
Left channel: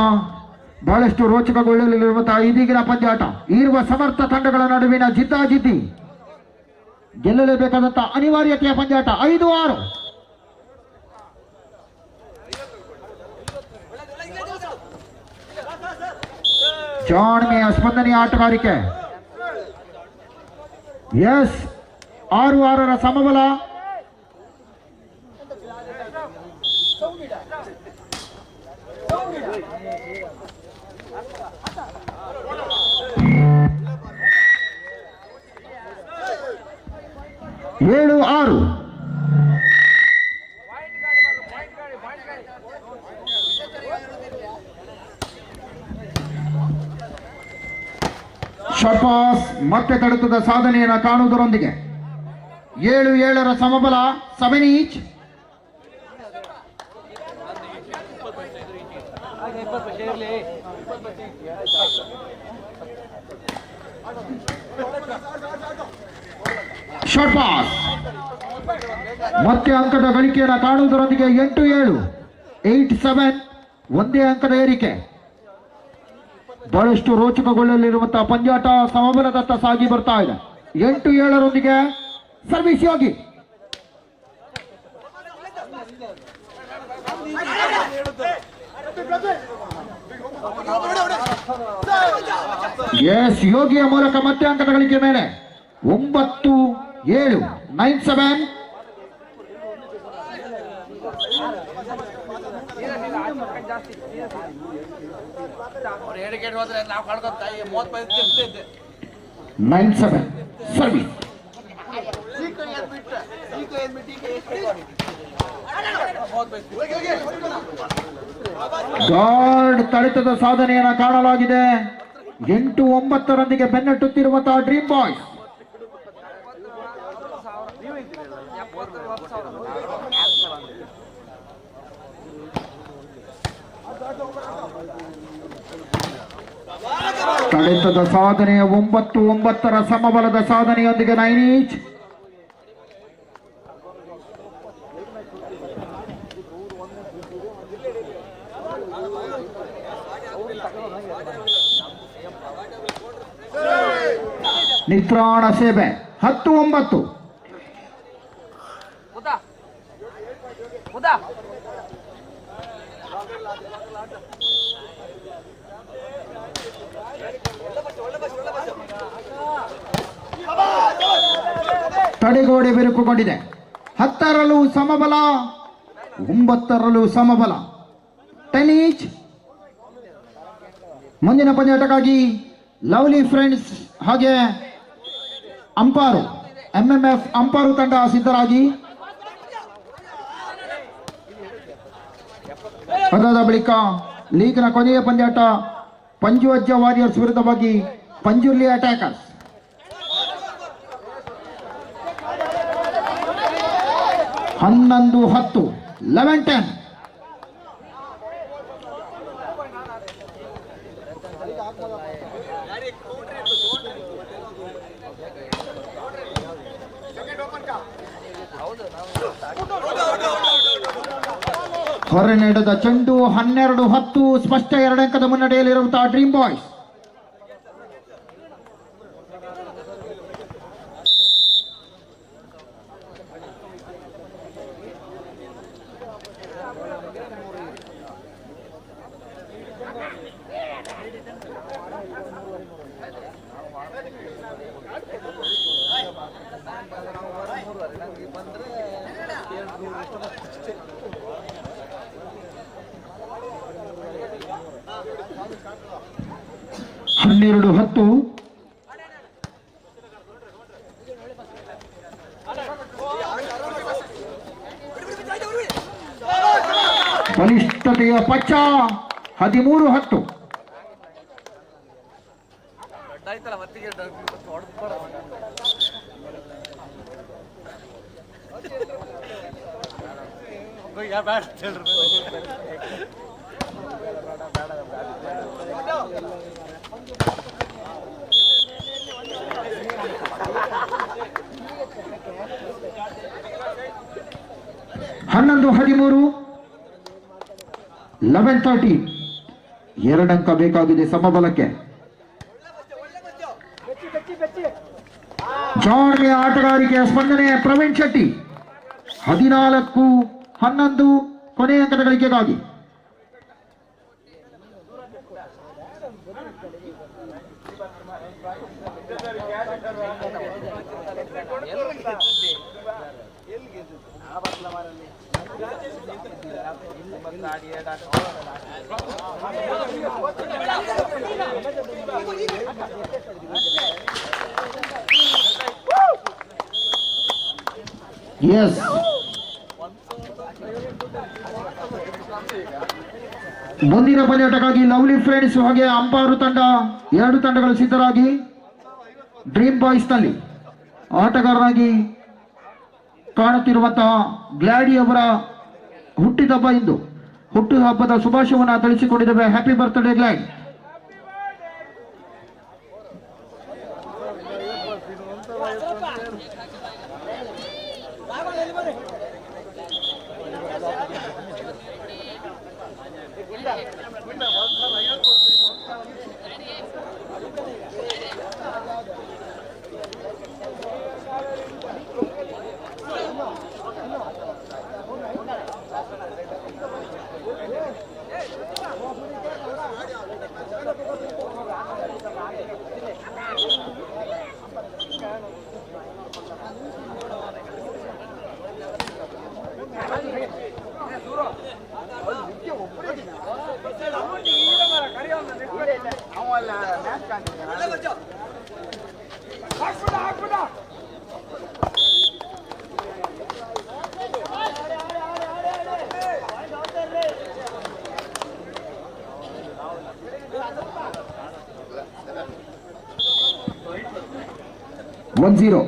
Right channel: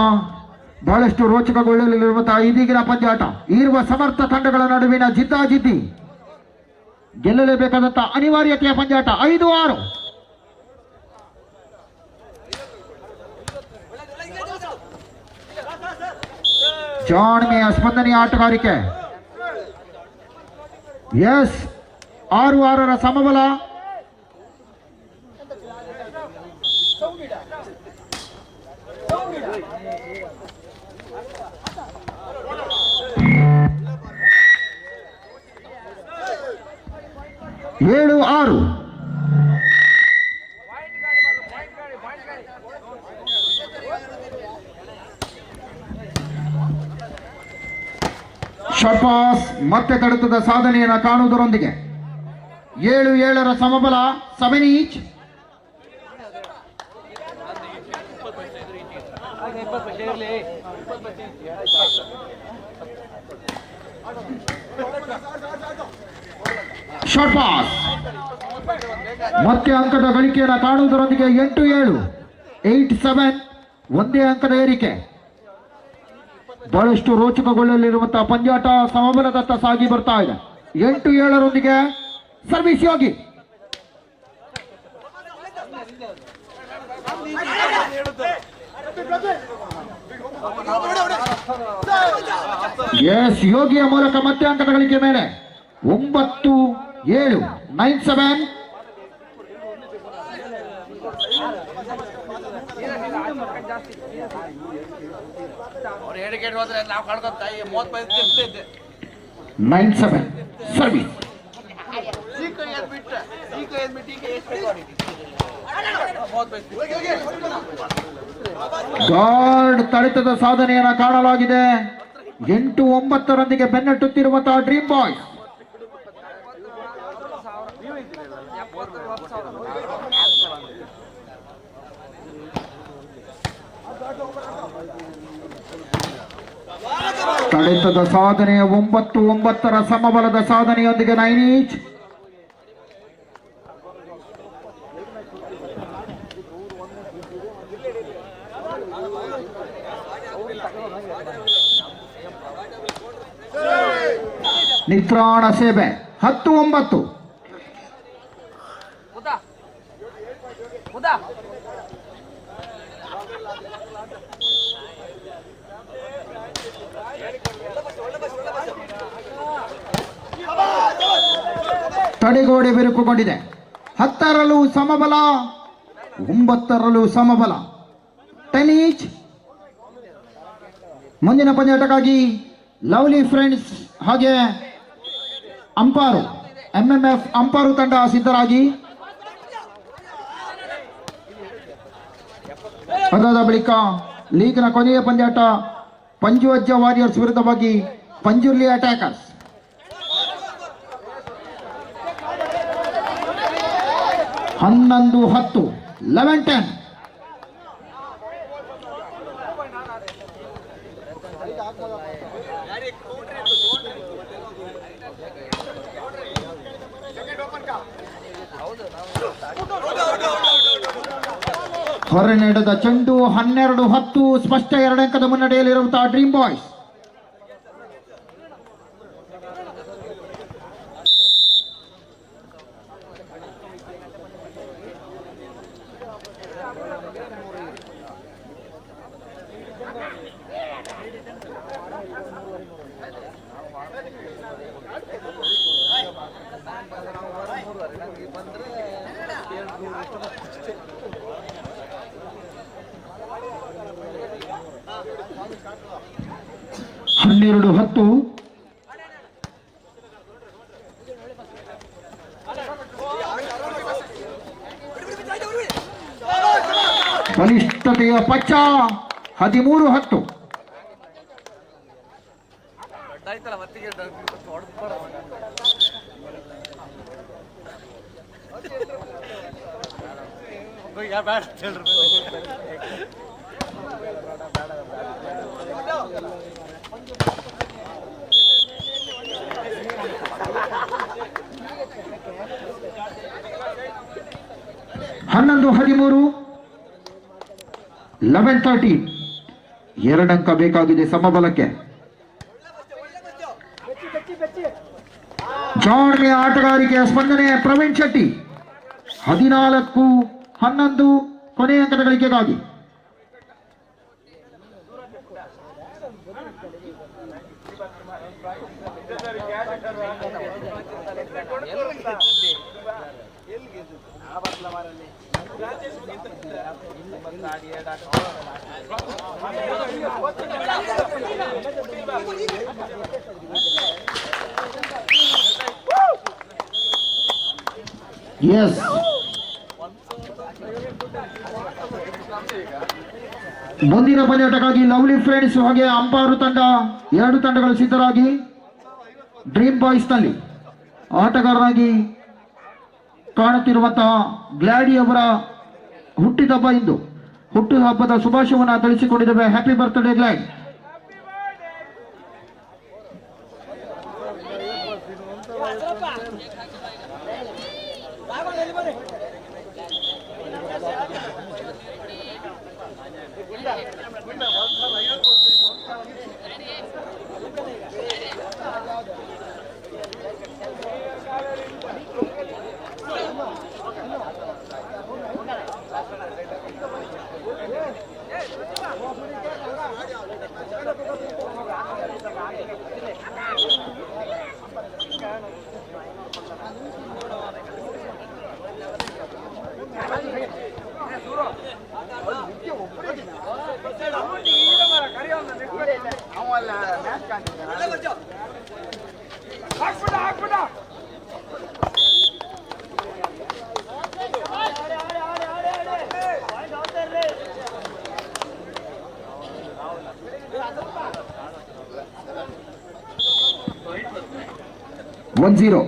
ಬಹಳಷ್ಟು ರೋಚಕಗೊಳ್ಳಲಿರುವಂತಹ ಇದೀಗಿನ ಪಂದ್ಯಾಟ ಇರುವ ಸಮರ್ಥ ತಂಡಗಳ ನಡುವಿನ ಜಿದ್ದಾಜಿದ್ದಿ, ಗೆಲ್ಲಲೇಬೇಕಾದಂತಹ ಅನಿವಾರ್ಯತೆಯ ಪಂದ್ಯಾಟ. 5-6. ಜಾಣ್ಮೆಯ ಸ್ಪಂದನೆಯ ಆಟಗಾರಿಕೆ. ಎಸ್, 6-6 ಸಮಬಲ. 7-6. ಶಾರ್ಟ್ ಪಾಸ್ ಮತ್ತೆ ತಡೆತದ ಸಾಧನೆಯನ್ನು ಕಾಣುವುದರೊಂದಿಗೆ 7-7 ಸಮಬಲ 7 ಈಚ್. ಶಾರ್ಟ್ ಪಾಸ್ ಮತ್ತೆ ಅಂಕದ ಗಳಿಕೆಯನ್ನು ಕಾಣುವುದರೊಂದಿಗೆ 8-7, 8-7, ಒಂದೇ ಅಂಕದ ಏರಿಕೆ. ಬಹಳಷ್ಟು ರೋಚಕಗೊಳ್ಳಲಿರುವಂತಹ ಪಂದ್ಯಾಟ ಸಮಬಲದತ್ತ ಸಾಗಿ ಬರ್ತಾ ಇದೆ. 8-7 ಸರ್ವಿಸ್ ಯೋಗಿ. ಎಸ್, ಯೋಗಿಯ ಮೂಲಕ ಮತ್ತೆ ಅಂಕದ ಗಳಿಕೆ ಮೇಲೆ 9-7, 9-7. ಅವ್ರು 7 ಗೇಟ್ ಹೋದ್ರೆ ನಾವು ಕಳ್ಕೊಂತ 35 ಇದ್ದೆ 9-7 ಸರ್ವಿಸ್. ಗಾರ್ಡ್ ತಡೆತದ ಸಾಧನೆಯನ್ನು ಕಾಣಲಾಗಿದೆ. 8-9 ಬೆನ್ನಟ್ಟುತ್ತಿರುವಂತಹ ಡ್ರೀಮ್ ಬಾಯ್ಸ್. ತಡೆತದ ಸಾಧನೆಯ 9-9 ಸಮಬಲದ ಸಾಧನೆಯೊಂದಿಗೆ 9 ಈಚ್. ನಿತ್ರಾಣ ಸೇವೆ 10-9. ತಡೆಗೋಡೆ ಬಿರುಕುಗೊಂಡಿದೆ. 10ರಲ್ಲೂ ಸಮಬಲ, 9ರಲ್ಲೂ ಸಮಬಲ 10 ಈಚ್. ಮುಂದಿನ ಪಂದ್ಯಾಟಕ್ಕಾಗಿ ಲವ್ಲಿ ಫ್ರೆಂಡ್ಸ್ ಹಾಗೆ ಅಂಪಾರು MMF ಅಂಪಾರು ತಂಡ ಸಿದ್ಧರಾಗಿ. ಅದಾದ ಬಳಿಕ ಲೀಗ್ನ ಕೊನೆಯ ಪಂದ್ಯಾಟ ಪಂಜುವಜ್ಜ ವಾರಿಯರ್ಸ್ ವಿರುದ್ಧವಾಗಿ ಪಂಜುರ್ಲಿ ಅಟ್ಯಾಕರ್ಸ್. ಹನ್ನೊಂದು 10, 11-10. ಹೊರ ನಡೆದ ಚೆಂಡು 12-10 ಸ್ಪಷ್ಟ 2 ಅಂಕದ ಮುನ್ನಡೆಯಲ್ಲಿರುವಂತಹ ಡ್ರೀಮ್ ಬಾಯ್ಸ್. ಹನ್ನೆರಡು 10. ಬಲಿಷ್ಠತೆಯ ಪಚ್ಚ 13-10. ಹನ್ನೊಂದು 13, 11-13. 2 ಅಂಕ ಬೇಕಾಗಿದೆ ಸಮಬಲಕ್ಕೆ. ಜಾಣ್ಮೆಯ ಆಟಗಾರಿಕೆಯ ಸ್ಪಂದನೆ ಪ್ರವೀಣ್ ಶೆಟ್ಟಿ 14-11 ಕೊನೆಯ ಅಂಕದ ಗಳಿಕೆಗಾಗಿ. ಎಸ್, ಮುಂದಿನ ಪಂದ್ಯಾಟಕ್ಕಾಗಿ ಲವ್ಲಿ ಫ್ರೆಂಡ್ಸ್ ಹಾಗೆ ಅಂಪಾರು ತಂಡ, ಎರಡು ತಂಡಗಳು ಸಿದ್ಧರಾಗಿ. ಡ್ರೀಮ್ ಬಾಯ್ಸ್ ನಲ್ಲಿ ಆಟಗಾರರಾಗಿ ಕಾಣುತ್ತಿರುವಂತಹ ಗ್ಲಾಡಿ ಅವರ ಹುಟ್ಟಿದಬ್ಬ ಇಂದು. ಹುಟ್ಟುಹಬ್ಬದ ಶುಭಾಶಯವನ್ನು ತಿಳಿಸಿಕೊಂಡಿದ್ದೇವೆ. Happy birthday Glad. One zero.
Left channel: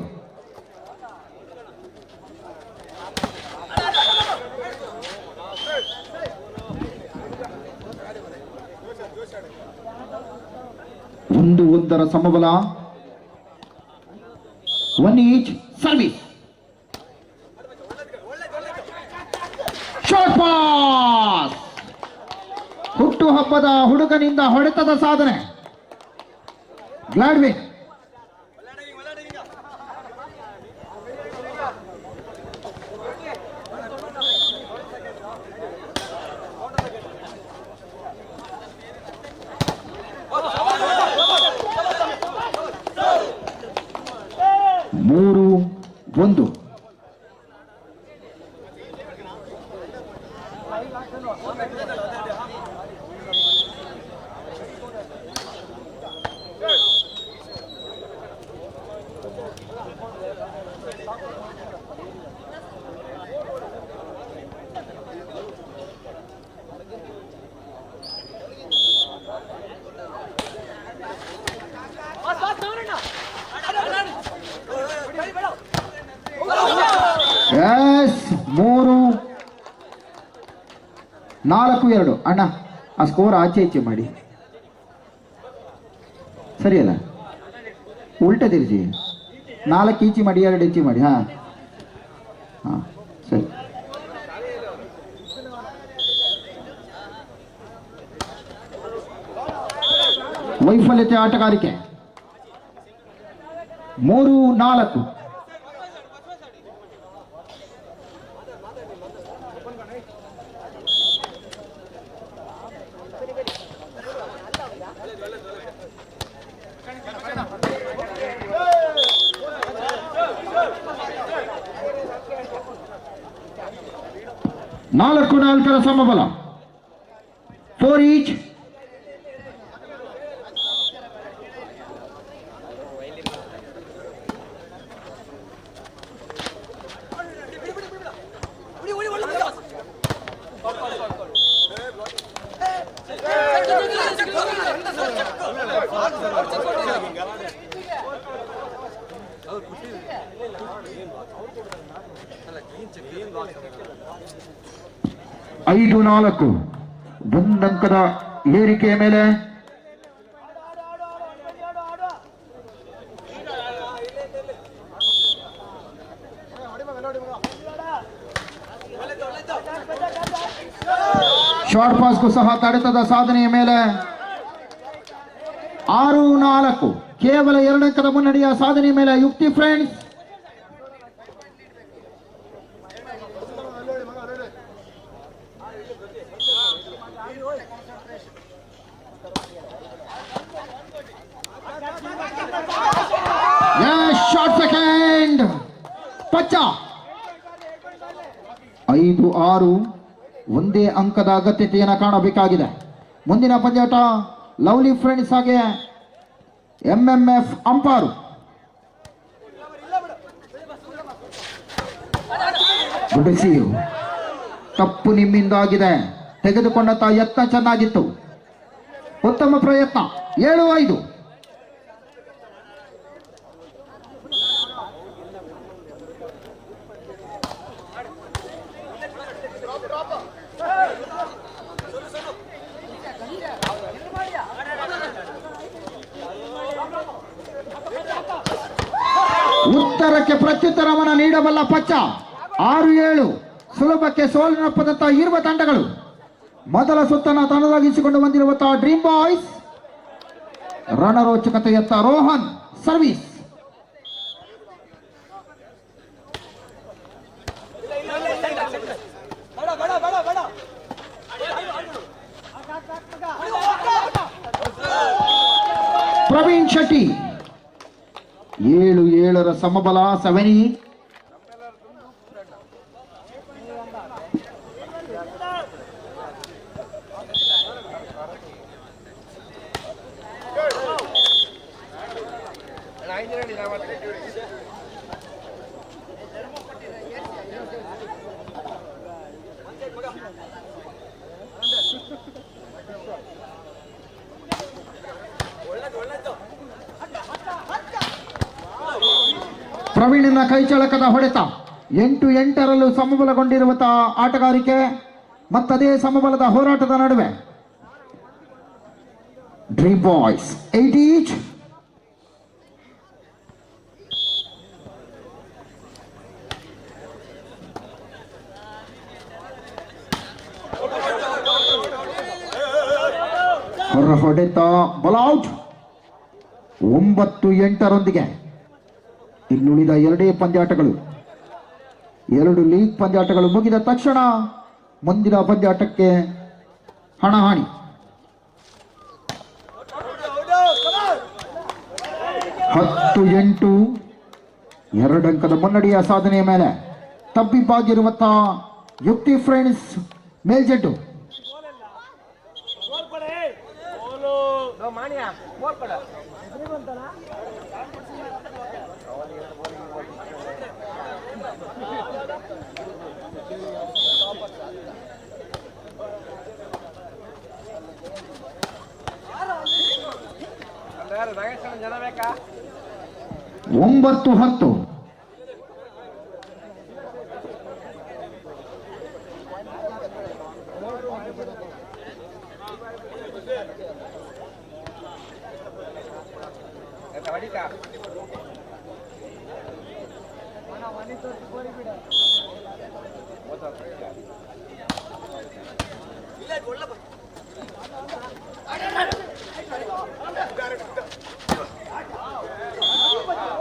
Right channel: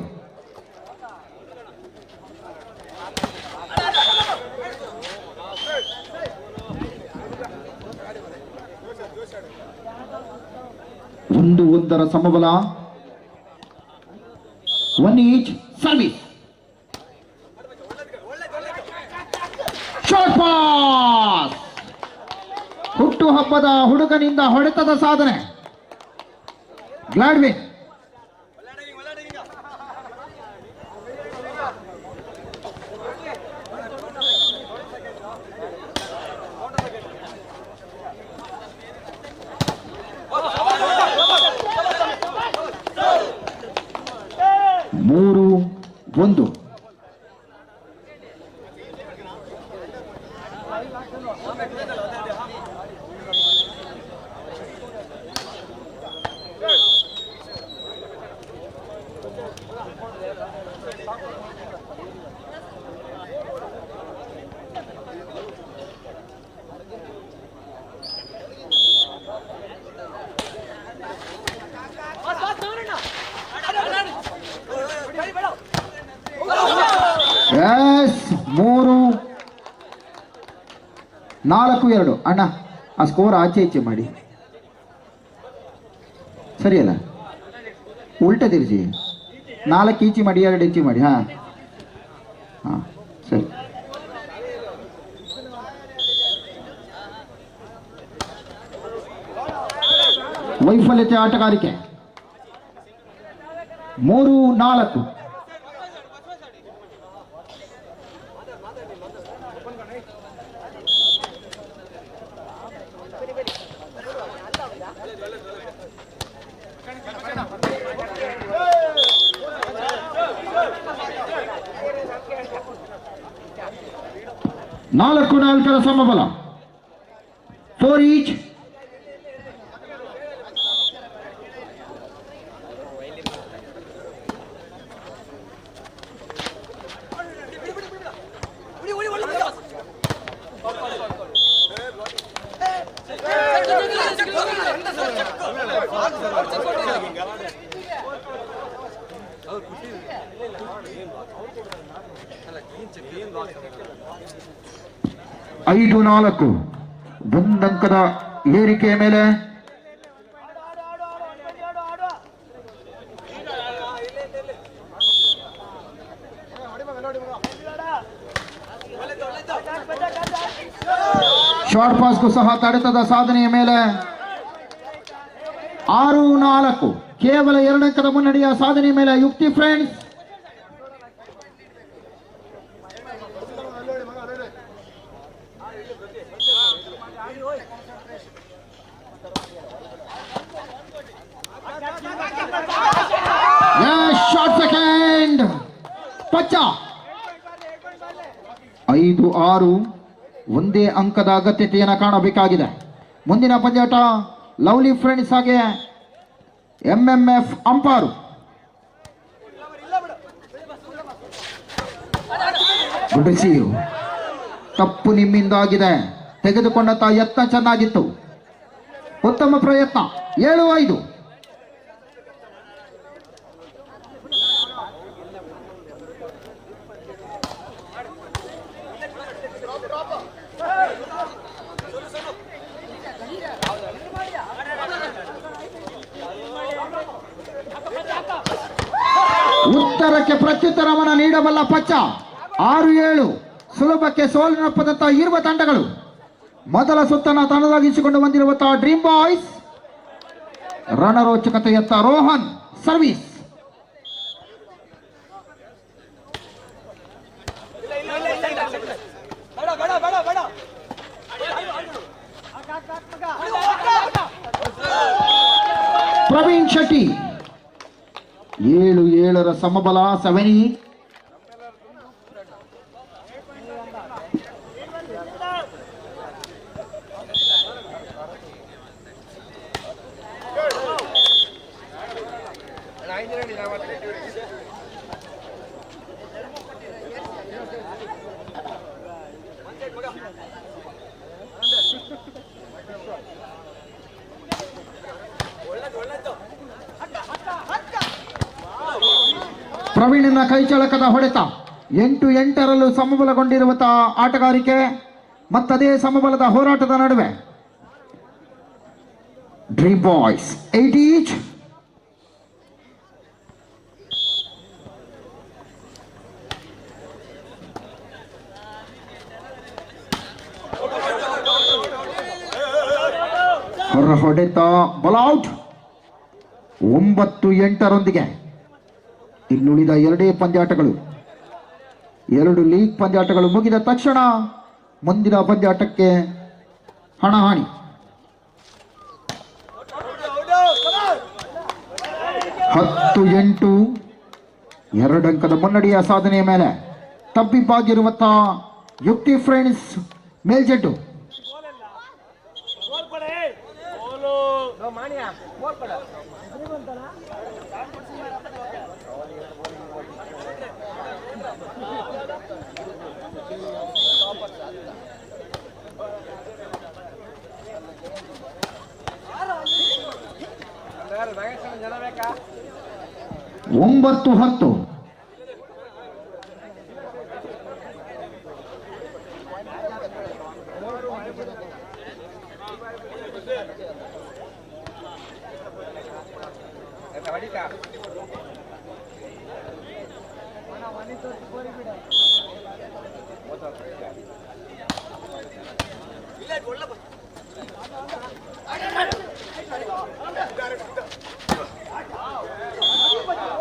ಒಂದರ ಸಮಬಲ. One each service. Short pass. ಹುಟ್ಟುಹಬ್ಬದ ಹುಡುಗನಿಂದ ಹೊಡೆತದ ಸಾಧನೆ. ಗ್ಲಾಡ್ವಿನ್. ಮೂರು ಒಂದು. ಎಸ್, 3-4. ಅಣ್ಣ ಆ ಸ್ಕೋರ್ ಆಚೆ ಈಚೆ ಮಾಡಿ, ಸರಿಯಲ್ಲ? ಉಲ್ಟ ತಿರ್ಸಿ, 4 ಈಚೆ ಮಾಡಿ, 2 ಈಚೆ ಮಾಡಿ. ಹಾ ಹಾ ಸರಿ. ವೈಫಲ್ಯತೆ ಆಟಗಾರಿಕೆ. 3-4. ನಾಲ್ಕರ ಸಮಬಲ. 4 ಈಚ್. ಐದು 4. 1 ಅಂಕದ ಏರಿಕೆಯ ಮೇಲೆ ಶಾರ್ಟ್ ಪಾಸ್ಗೂ ಸಹ ತಡೆತದ ಸಾಧನೆಯ ಮೇಲೆ 6-4. ಕೇವಲ 2 ಅಂಕದ ಮುನ್ನಡೆಯ ಸಾಧನೆಯ ಮೇಲೆ ಯುಕ್ತಿ ಫ್ರೆಂಡ್ಸ್. Short second ಪಚ್ಚ. 5-6. ಒಂದೇ ಅಂಕದ ಅಗತ್ಯತೆಯನ್ನು ಕಾಣಬೇಕಾಗಿದೆ. ಮುಂದಿನ ಪಂದ್ಯಾಟ ಲವ್ಲಿ ಫ್ರೆಂಡ್ಸ್ ಹಾಗೆ MMF ಅಂಪಾರು. ಬಿಡಿಸಿ. ತಪ್ಪು ನಿಮ್ಮಿಂದಾಗಿದೆ. ತೆಗೆದುಕೊಂಡ ಯತ್ನ ಚೆನ್ನಾಗಿತ್ತು. ಉತ್ತಮ ಪ್ರಯತ್ನ. 7-5. ಉತ್ತರಕ್ಕೆ ಪ್ರತ್ಯುತ್ತರವನ್ನು ನೀಡಬಲ್ಲ ಪಚ್ಚ. 6-7. ಸುಲಭಕ್ಕೆ ಸೋಲಿನಪ್ಪದಂತ ಇರುವ ತಂಡಗಳು. ಮೊದಲ ಸುತ್ತನ್ನು ತನ್ನದಾಗಿಸಿಕೊಂಡು ಬಂದಿರುವಂತಹ ಡ್ರೀಮ್ ಬಾಯ್ಸ್. ರಣರೋಚಕತೆಯತ್ತ ರೋಹನ್ ಸರ್ವಿಸ್. ಪ್ರವೀಣ್ ಶೆಟ್ಟಿ. 7-7 ಸಮಬಲ. 7. ಪ್ರವೀಣನ ಕೈಚಳಕದ ಹೊಡೆತ. 8-8ರಲ್ಲೂ ಸಮಬಲಗೊಂಡಿರುವಂತಹ ಆಟಗಾರಿಕೆ ಮತ್ತದೇ ಸಮಬಲದ ಹೋರಾಟದ ನಡುವೆ ಡ್ರೀಮ್ ಬಾಯ್ಸ್ 8 ಈಚ್. ಹೊರ ಹೊಡೆತ ಬಾಲ್ಔಟ್. 9-8ರೊಂದಿಗೆ ಇನ್ನುಳಿದ 2 ಪಂದ್ಯಾಟಗಳು, 2 ಲೀಗ್ ಪಂದ್ಯಾಟಗಳು ಮುಗಿದ ತಕ್ಷಣ ಮುಂದಿನ ಪಂದ್ಯಾಟಕ್ಕೆ ಹಣಾಹಣಿ. 10-8. 2 ಅಂಕದ ಮುನ್ನಡೆಯ ಸಾಧನೆಯ ಮೇಲೆ ತಬ್ಬಿಬ್ಬಾಗಿರುವಂತಹ ಯುಕ್ತಿ ಫ್ರೆಂಡ್ಸ್ ಮೇಲ್ಜೆಟ್ಟು. ಒಂಬತ್ತು 10.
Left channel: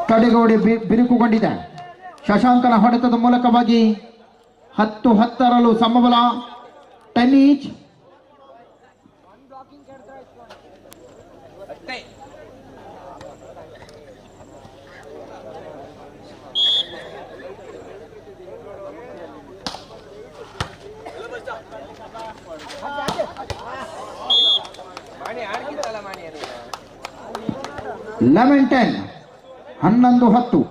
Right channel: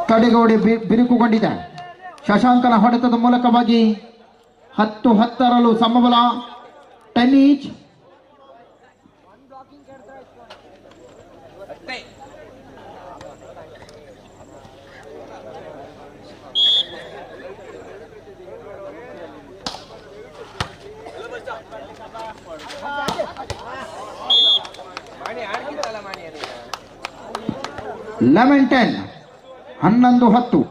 ತಡೆಗೋಡೆ ಬಿರುಕುಗೊಂಡಿದೆ. ಶಶಾಂಕನ ಹೊಡೆತದ ಮೂಲಕವಾಗಿ 10-10ರಲ್ಲೂ ಸಮಬಲ. 10 ಈಚ್. ಲೆವೆನ್ 10. 11-10.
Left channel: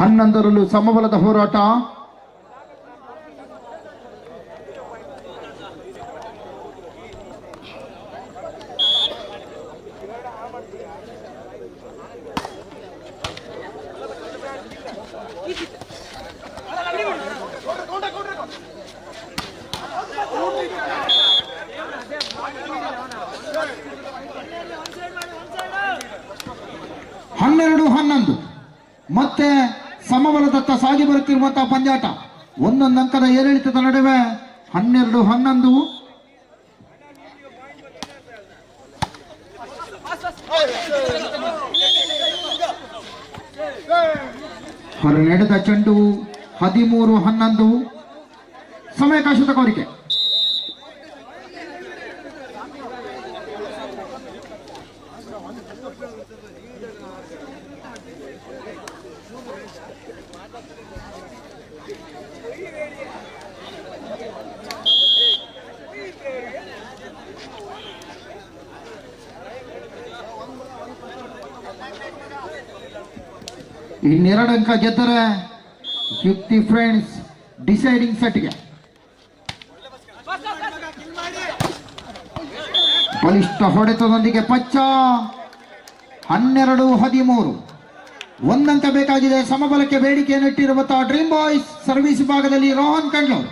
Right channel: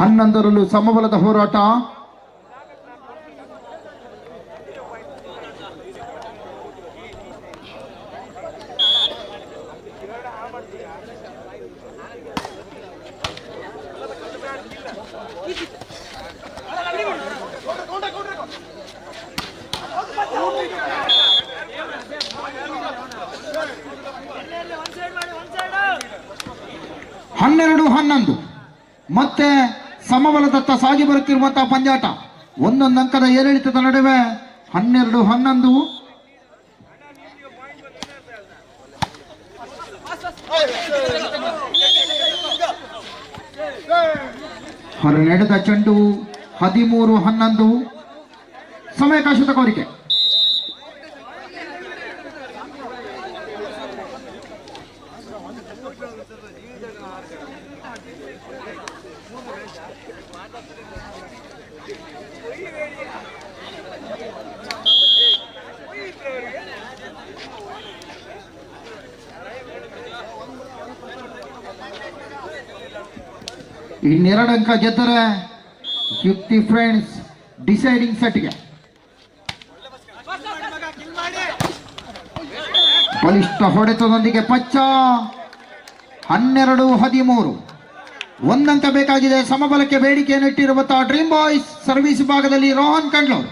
ಹನ್ನೊಂದರಲ್ಲೂ ಸಮಬಲದ ಹೋರಾಟ. ಹನ್ನೆರಡು 11 ಮತ್ತೆ ಸಮಬಲದತ್ತ ಸಾಗಿ ಬರುತ್ತಿರುವಂತಹ ಪಂದ್ಯಾಟ. ಒಂದೊಂದು ಅಂಕದ ಏರಿಳಿತದ ನಡುವೆ 12-11. ಹೊರ ನಡೆದ ಚೆಂಡು. 13-11. ಸಮಯಾವಕಾಶದ ಕೋರಿಕೆ. ಇನ್ನೆರಡು ಅಂಕ ಗೆದ್ದರೆ ಯುಕ್ತಿ ಫ್ರೆಂಡ್ಸ್ ಡಿಸೈಡಿಂಗ್ ಸೆಟ್ಗೆ. ಬಲಿಷ್ಠ ಹೊಡೆತದೊಂದಿಗೆ ಪಚ್ಚ 12-13 ಒಂದಂಕ ಬೇಕಾಗಿದೆ. ಸಮಬಲಕ್ಕೆ ಬೇಡಿಕೆಯನ್ನು ಇಟ್ಟಿರುವಂತಹ ಡ್ರೀಮ್ ಬಾಯ್ಸ್ ಸರ್ವಿಸ್ ಭಾಗದಲ್ಲಿ ರೋಹನ್ ಕಂಡ್ಲೂರ್.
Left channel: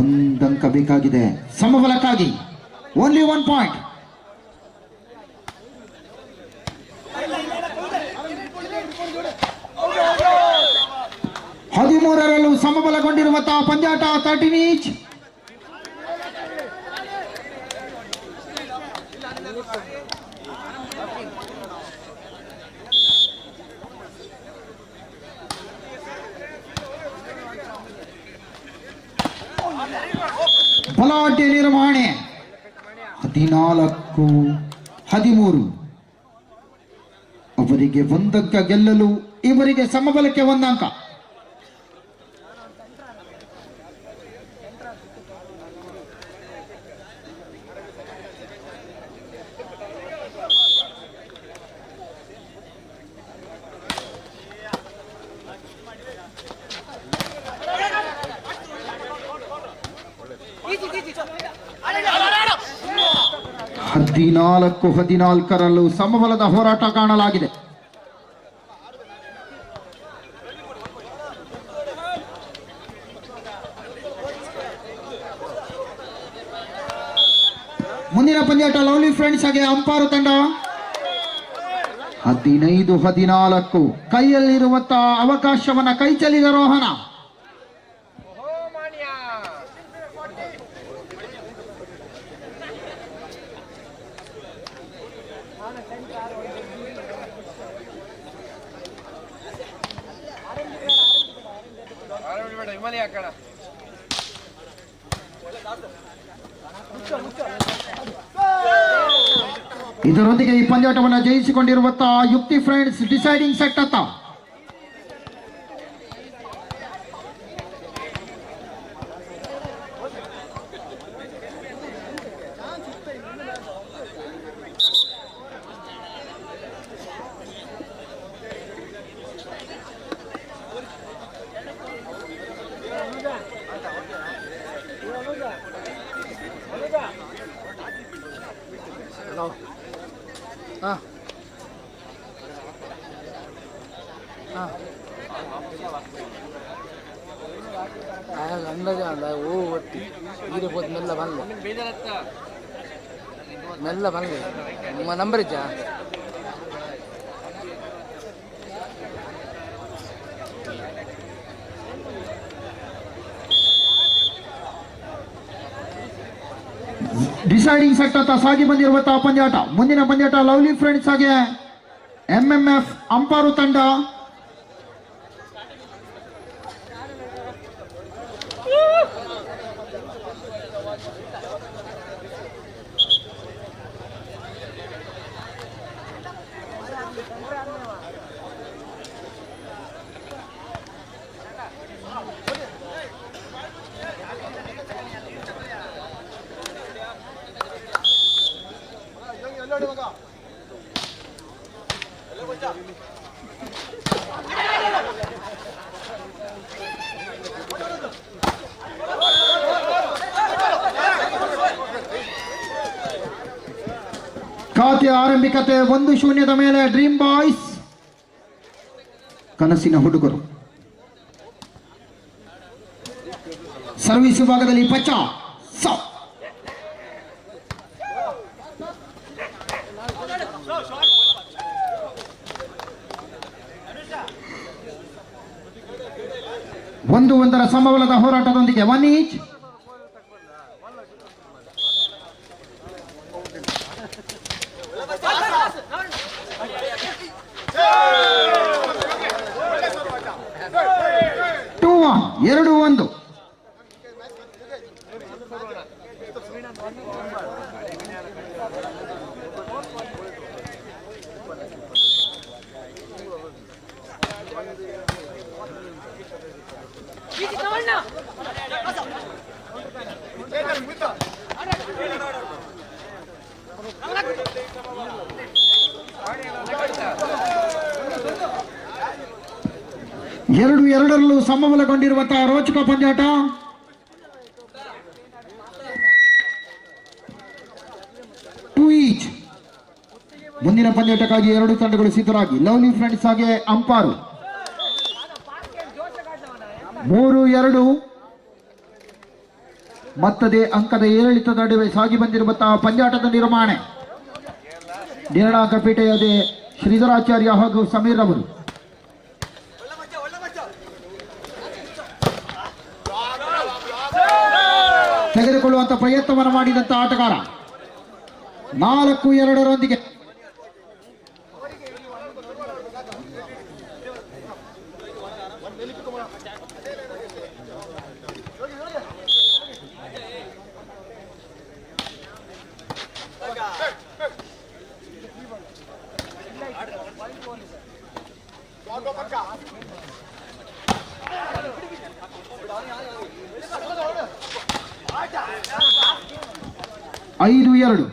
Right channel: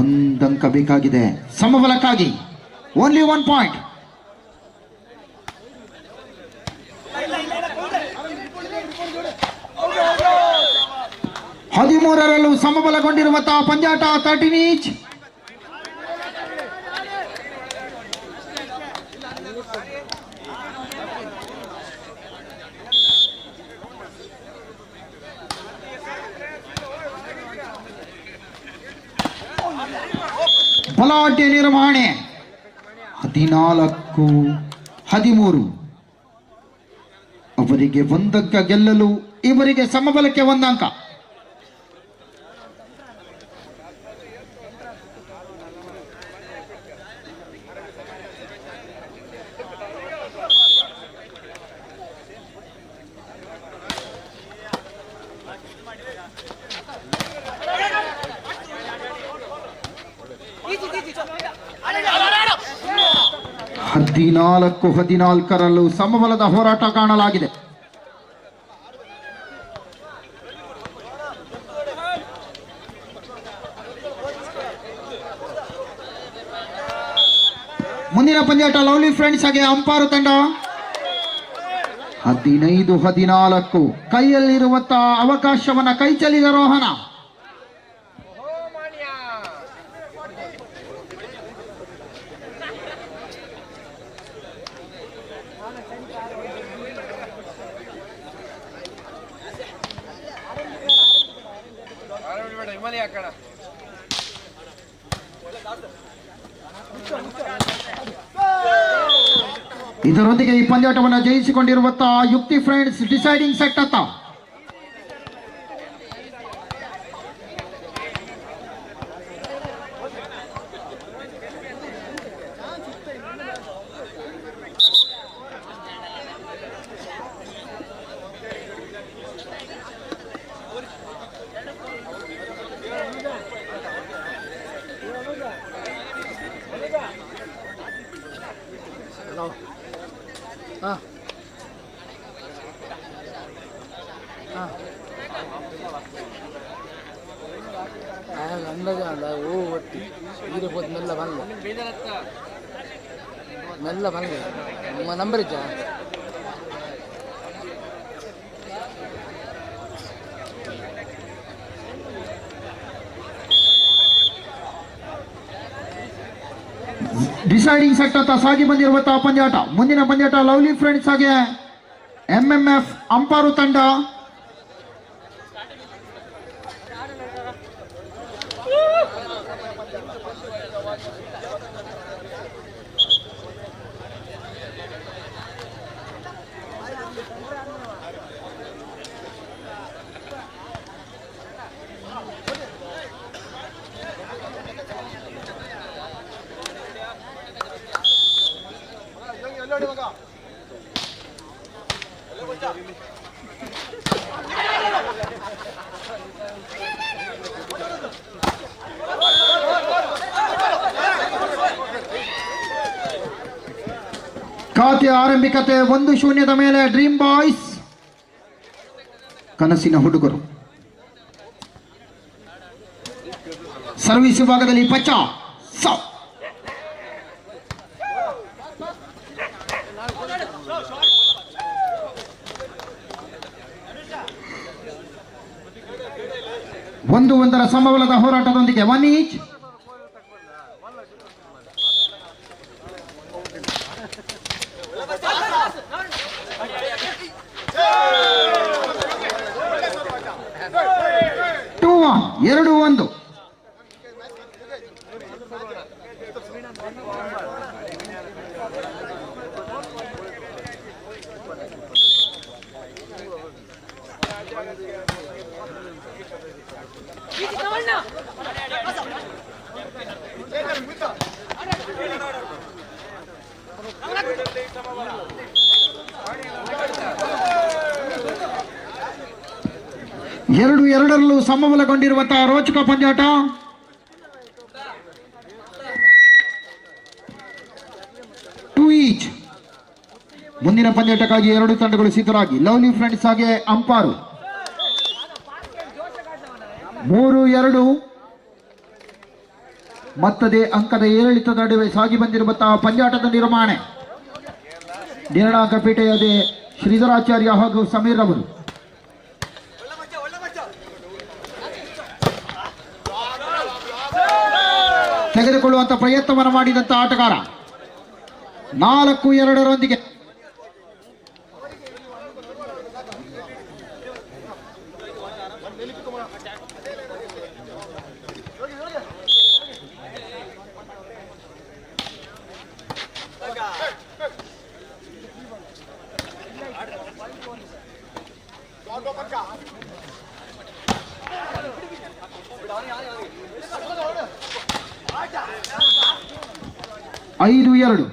ಒಂದಂಕ ಬೇಕಾಗಿದೆ ಸಮಬಲಕ್ಕಾಗಿ. Only 1 point. ಹದಿಮೂರರಲ್ಲೂ ಸಮಬಲಗೊಂಡಿರುವಂತಹ ಪಂದ್ಯಾಟ 13 ಈಚ್. ಬಲಾಢ್ಯ ನಿರ್ವಹಣೆ 14-13. ಅವರಿಗೆ ಒಂದಂಕ ಗೆಲ್ಲಲು ಇವರಿಗೆ ಸಮಬಲಕ್ಕೆ ಒಂದಂಕ. ಹದಿನಾಲ್ಕು 14ರಲ್ಲೂ ಸಮಬಲದ ಹೋರಾಟ ಕಾಣಲಾಗಿದೆ. ಮುಂದಿನ ಪಂದ್ಯಾಟ ಲವ್ಲಿ ಫ್ರೆಂಡ್ಸ್ ಹಾಗೆ ಅಂಪಾರು ತಂಡ 15-14. ಕೈಯಲ್ಲಿರುವಂತಹ ಅವಕಾಶವನ್ನ ಕೈ ಚೆಲ್ಲಿದ ರೋಹನ. ಇದರೊಂದಿಗೆ ಈ ಪಂದ್ಯಾಟವನ್ನು ಜಯಿಸಿಕೊಂಡಿರುವಂತಹ ಯುಕ್ತಿ ಫ್ರೆಂಡ್ಸ್ ಡಿಸೈಡಿಂಗ್ ಸೆಟ್ ಅತ್ತ. ಮೆಲ್ಲ ಬಂದೆ ನಿಮ್ಮ ನಂಬರ್ ಇದ್ದ ಡಿಸೈಡಿಂಗ್ ಸೆಟ್ ಅಂತ ಸಾಗಿ ಬಂದಿರುವಂತಹ ಪಂದ್ಯಾಟ. ಮುಂದಿನ ಪಂದ್ಯಾಟ ಲವ್ಲಿ ಫ್ರೆಂಡ್ಸ್ ಹಾಗೆ MMF ಅಂಪಾರು ತಂಡ. ಖಾತೆ ಆರಂಭಿಕತೆ 1-0 ಮೇಲೆ ಡ್ರೀಮ್ ಬಾಯ್ಸ್ ಕನಸಿನ ಹುಡುಗರು. ಸರ್ವಿಸ್ ವಿಭಾಗದಲ್ಲಿ ಪಚ್ಚ 1-1 ಸಮಬಲದ ಹೋರಾಟದೊಂದಿಗೆ 1 ಈಚ್. ಟೂ 2-1. ಎರಡರಲ್ಲೂ ಸಮಬಲಗೊಂಡಿರುವಂತಹ ರೋಚಕ ಪಂದ್ಯಾಟ. Two each. ಮುಂದಿನ ಪಂದ್ಯಾಟಕ್ಕಾಗಿ ಎರಡು ತಂಡಗಳು ಸಿದ್ಧರಾಗಿ. ಲವ್ಲಿ ಫ್ರೆಂಡ್ಸ್ ಹಾಗೆ ಅಂಪಾರು. 3-2 ಮತ್ತದೇ ಅಂಕದ ಏರಿಳಿತದ ನಡುವೆ ಸಾಗಿ ಬಂದಿರುವಂತಹ ಪಂದ್ಯಾಟದ ನಿರ್ಮಾಣ. ನಿರ್ಣಾಂಕಪೇಟೆಯದೇ ಶ್ರೀಧರಾಚಾರ್ಯ ಹಾಗೂ ಸಮೀರ್ ಅವರು. ತೆಗೆದುಕೊಳ್ಳುವಂತ ಪ್ರಯತ್ನವನ್ನು ಮಾಡಿದಂತ ಆಟಗಾರ 4-2 5-2.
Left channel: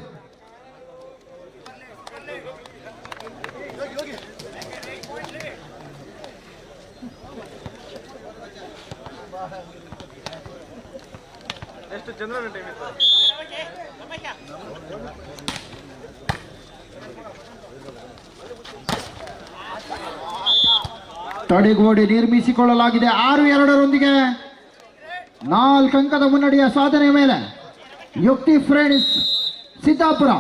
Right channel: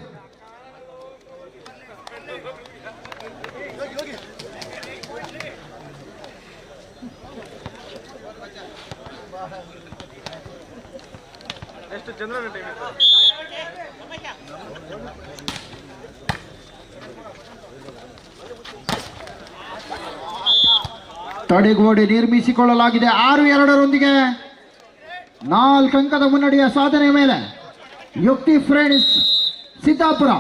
ಎಷ್ಟು ಚಂದ್ರನ ಟೈಮ್ ಇತ್ತು? ತಡೆಗೋಡೆ ನಿರ್ಮಿಸಿಕೊಳ್ಳಲಾಗಿದೆ. 6-2 4 ಅಂಕದ ಮುನ್ನಡೆಯ ಸಾಧನೆ ಮೇಲೆ ಯುಕ್ತಿ ಫ್ರೆಂಡ್ಸ್ ಸಿದ್ದಾಪುರ.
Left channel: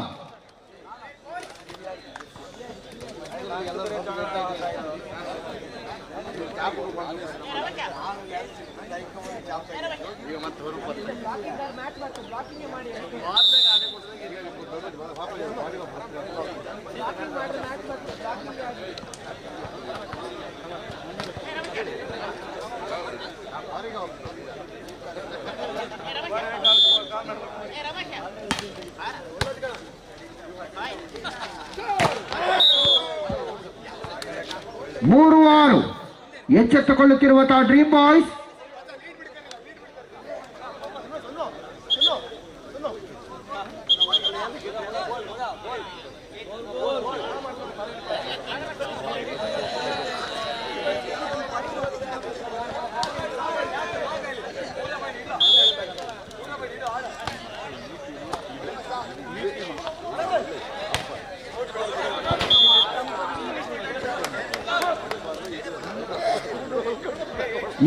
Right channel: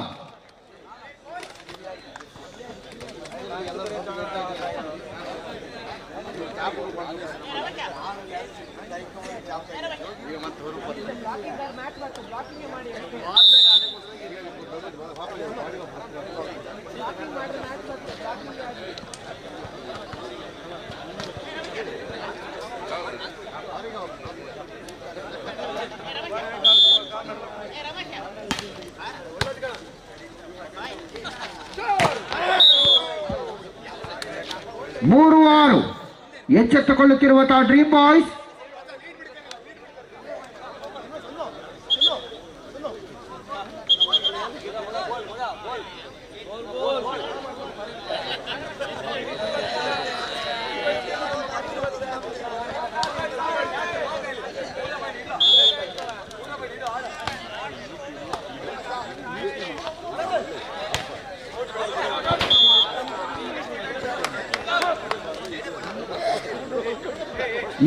ಮೂರು 6 ಎಚ್ಚೆತ್ತುಕೊಳ್ಳುತ್ತಿರುವಂತಹ ಡ್ರೀಮ್ ಬಾಯ್ಸ್.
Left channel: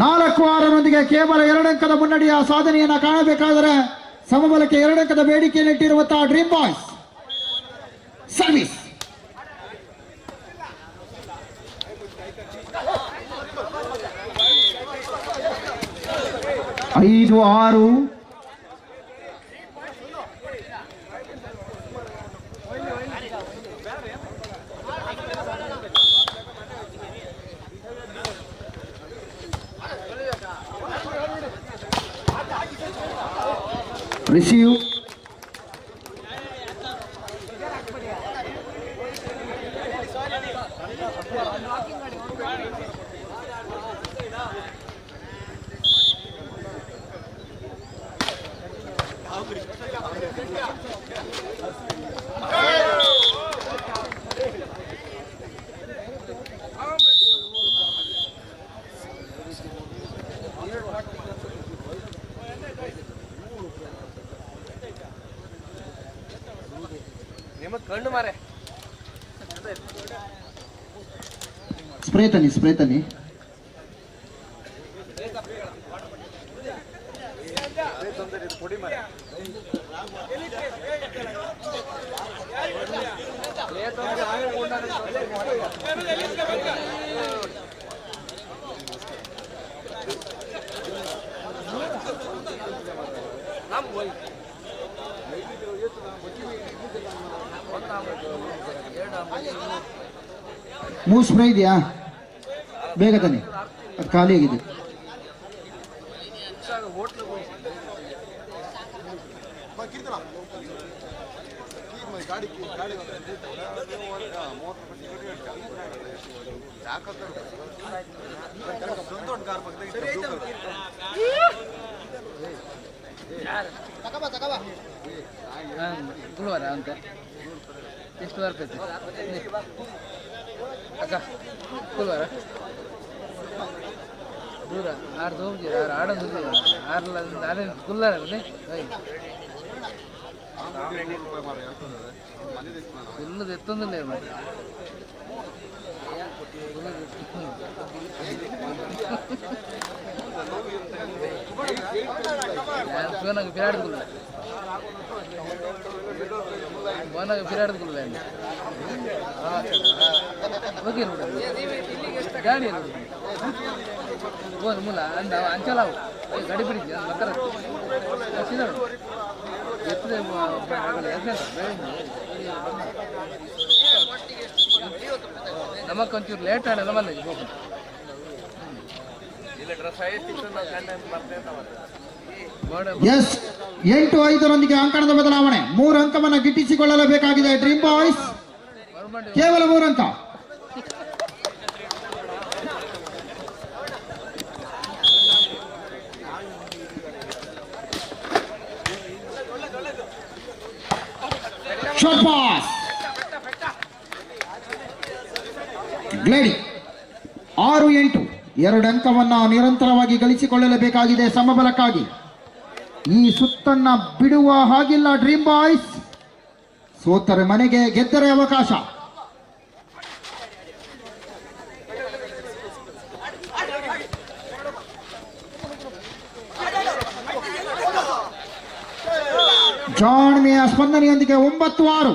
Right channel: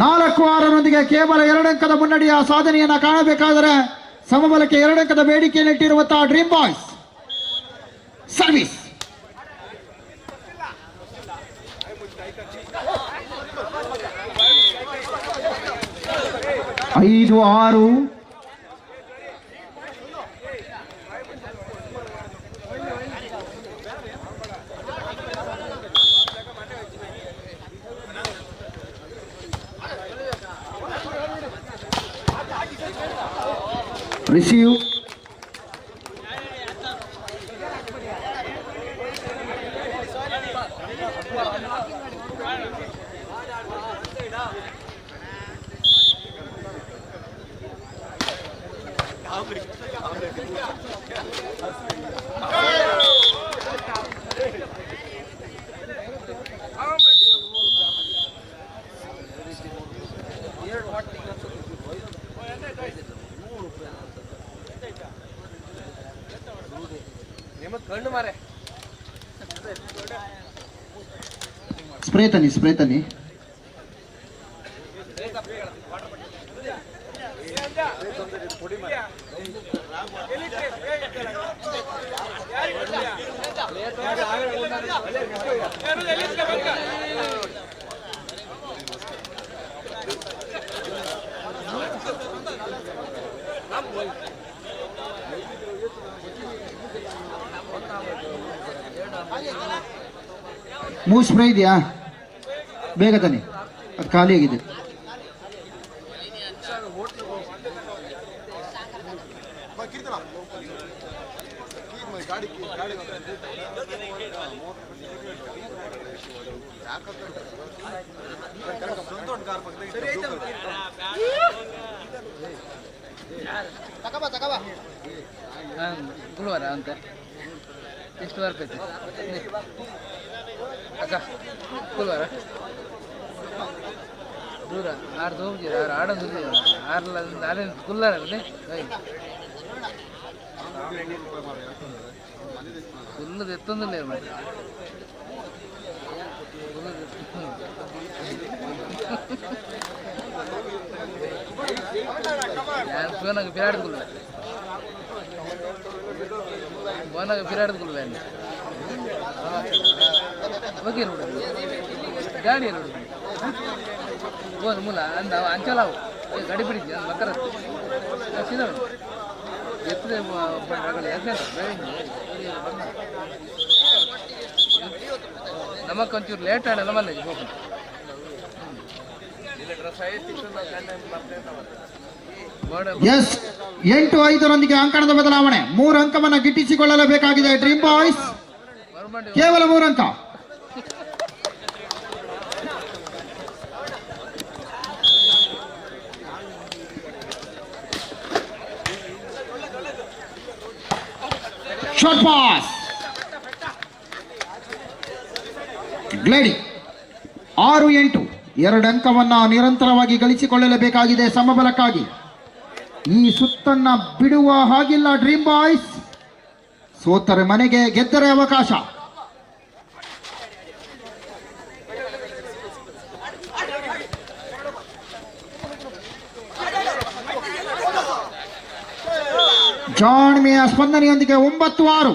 ನಾಲ್ಕು 6 ಕೇವಲ 2 ಅಂಕದ ಮುನ್ನಡೆಯ ಸಾಧನೆಯನ್ನ ಕಾಣಬೇಕಾದರೆ ಸಮಬಲಕ್ಕೆ 2 ಅಂಕದ ಬೇಡಿಕೆಯನ್ನಿಟ್ಟಿರುವಂತಹ ಡ್ರೀಮ್ ಬಾಯ್ಸ್. ಸರ್ವಿಸ್ 5-6. ರಿಸೀವ್ ಕಣ್ಣು ಮಾರೆ ಸ್ಪ್ರೇ ತನ್ನಿ ಮೂವ್ ಸ್ಪ್ರೇ ಇದೆಯಾ? ಬೇಗ ತನ್ನಿ, ಅದು ಖಾಲಿ ಆಗಿದೆ. ಗುಲ್ವಾರ ಅಂತ ಎಷ್ಟು ಬರ್ತೈತೆ ಅಕ್ಕ? ಗುಲ್ವಾರ ದೂರ ಆಡ್ದು ಹೋಗಿ ಆಡೋದು ಆರ್ಲ ನಾನೇ ಗುಲ್ಲಾರ ಗುಲ್ಲದ ಎತ್ತೊಂದಿಲ್ಲ ಮತ್ತೆ ಫೋನಾಗ ಪಿರಾಡ್ಗುಲ್ಲ ಫೋನಾಗ ಪಿರಾಡ್ಗುಲ್ಲ ಓಕೆ ನೋಡಿ ಗಾಡಿ ನೋಡಿ ಹೋದ ಮೂಲ ಅಂದ ಅಂಚಲ ಗಾಡಿ ಬಿಡಿದ್ವಿ ಅದು ಬರ್ತಾರ ಎತ್ತದೆ ನಮಗೊಂಚೂರು ಲೇಟ್ ಆಡಲ್ಲ ಮಲ್ಲ ಹೋಗಿ ಎಸ್ 8-5 ಅಂಕಣದ ಬದಲಾವಣೆ. 3 ಅಂಕವನ್ನು ಗಿಟ್ಟಿಸಿಕೊಳ್ಳಲೇಬೇಕಾಗಿದೆ ಡ್ರೀಮ್ ಬಾಯ್ಸ್. ಕೇವಲ 3 ಅಂಕ. Short pass ಗ್ಲೇಡಿ. 6-8 2 ಅಂಕವನ್ನು ನಿರಂತರವಾಗಿ ಗಳಿಸಿಕೊಳ್ಳಲೇಬೇಕಾಗಿದೆ ಸಮಬಲಕ್ಕಾಗಿ. ಈ ಸುತ್ತನ್ನ ಬಿಡುವ ಹಾಗಿಲ್ಲ ಡ್ರೀಮ್ ಬಾಯ್ಸ್. ಸೋತರೆ ಮನೆಗೆ, ಗೆದ್ದರೆ ಅವಕಾಶ. ಜಾಣ್ಮೆಯ ಸ್ಪಂದನೆಯೊಂದಿಗೆ 9-6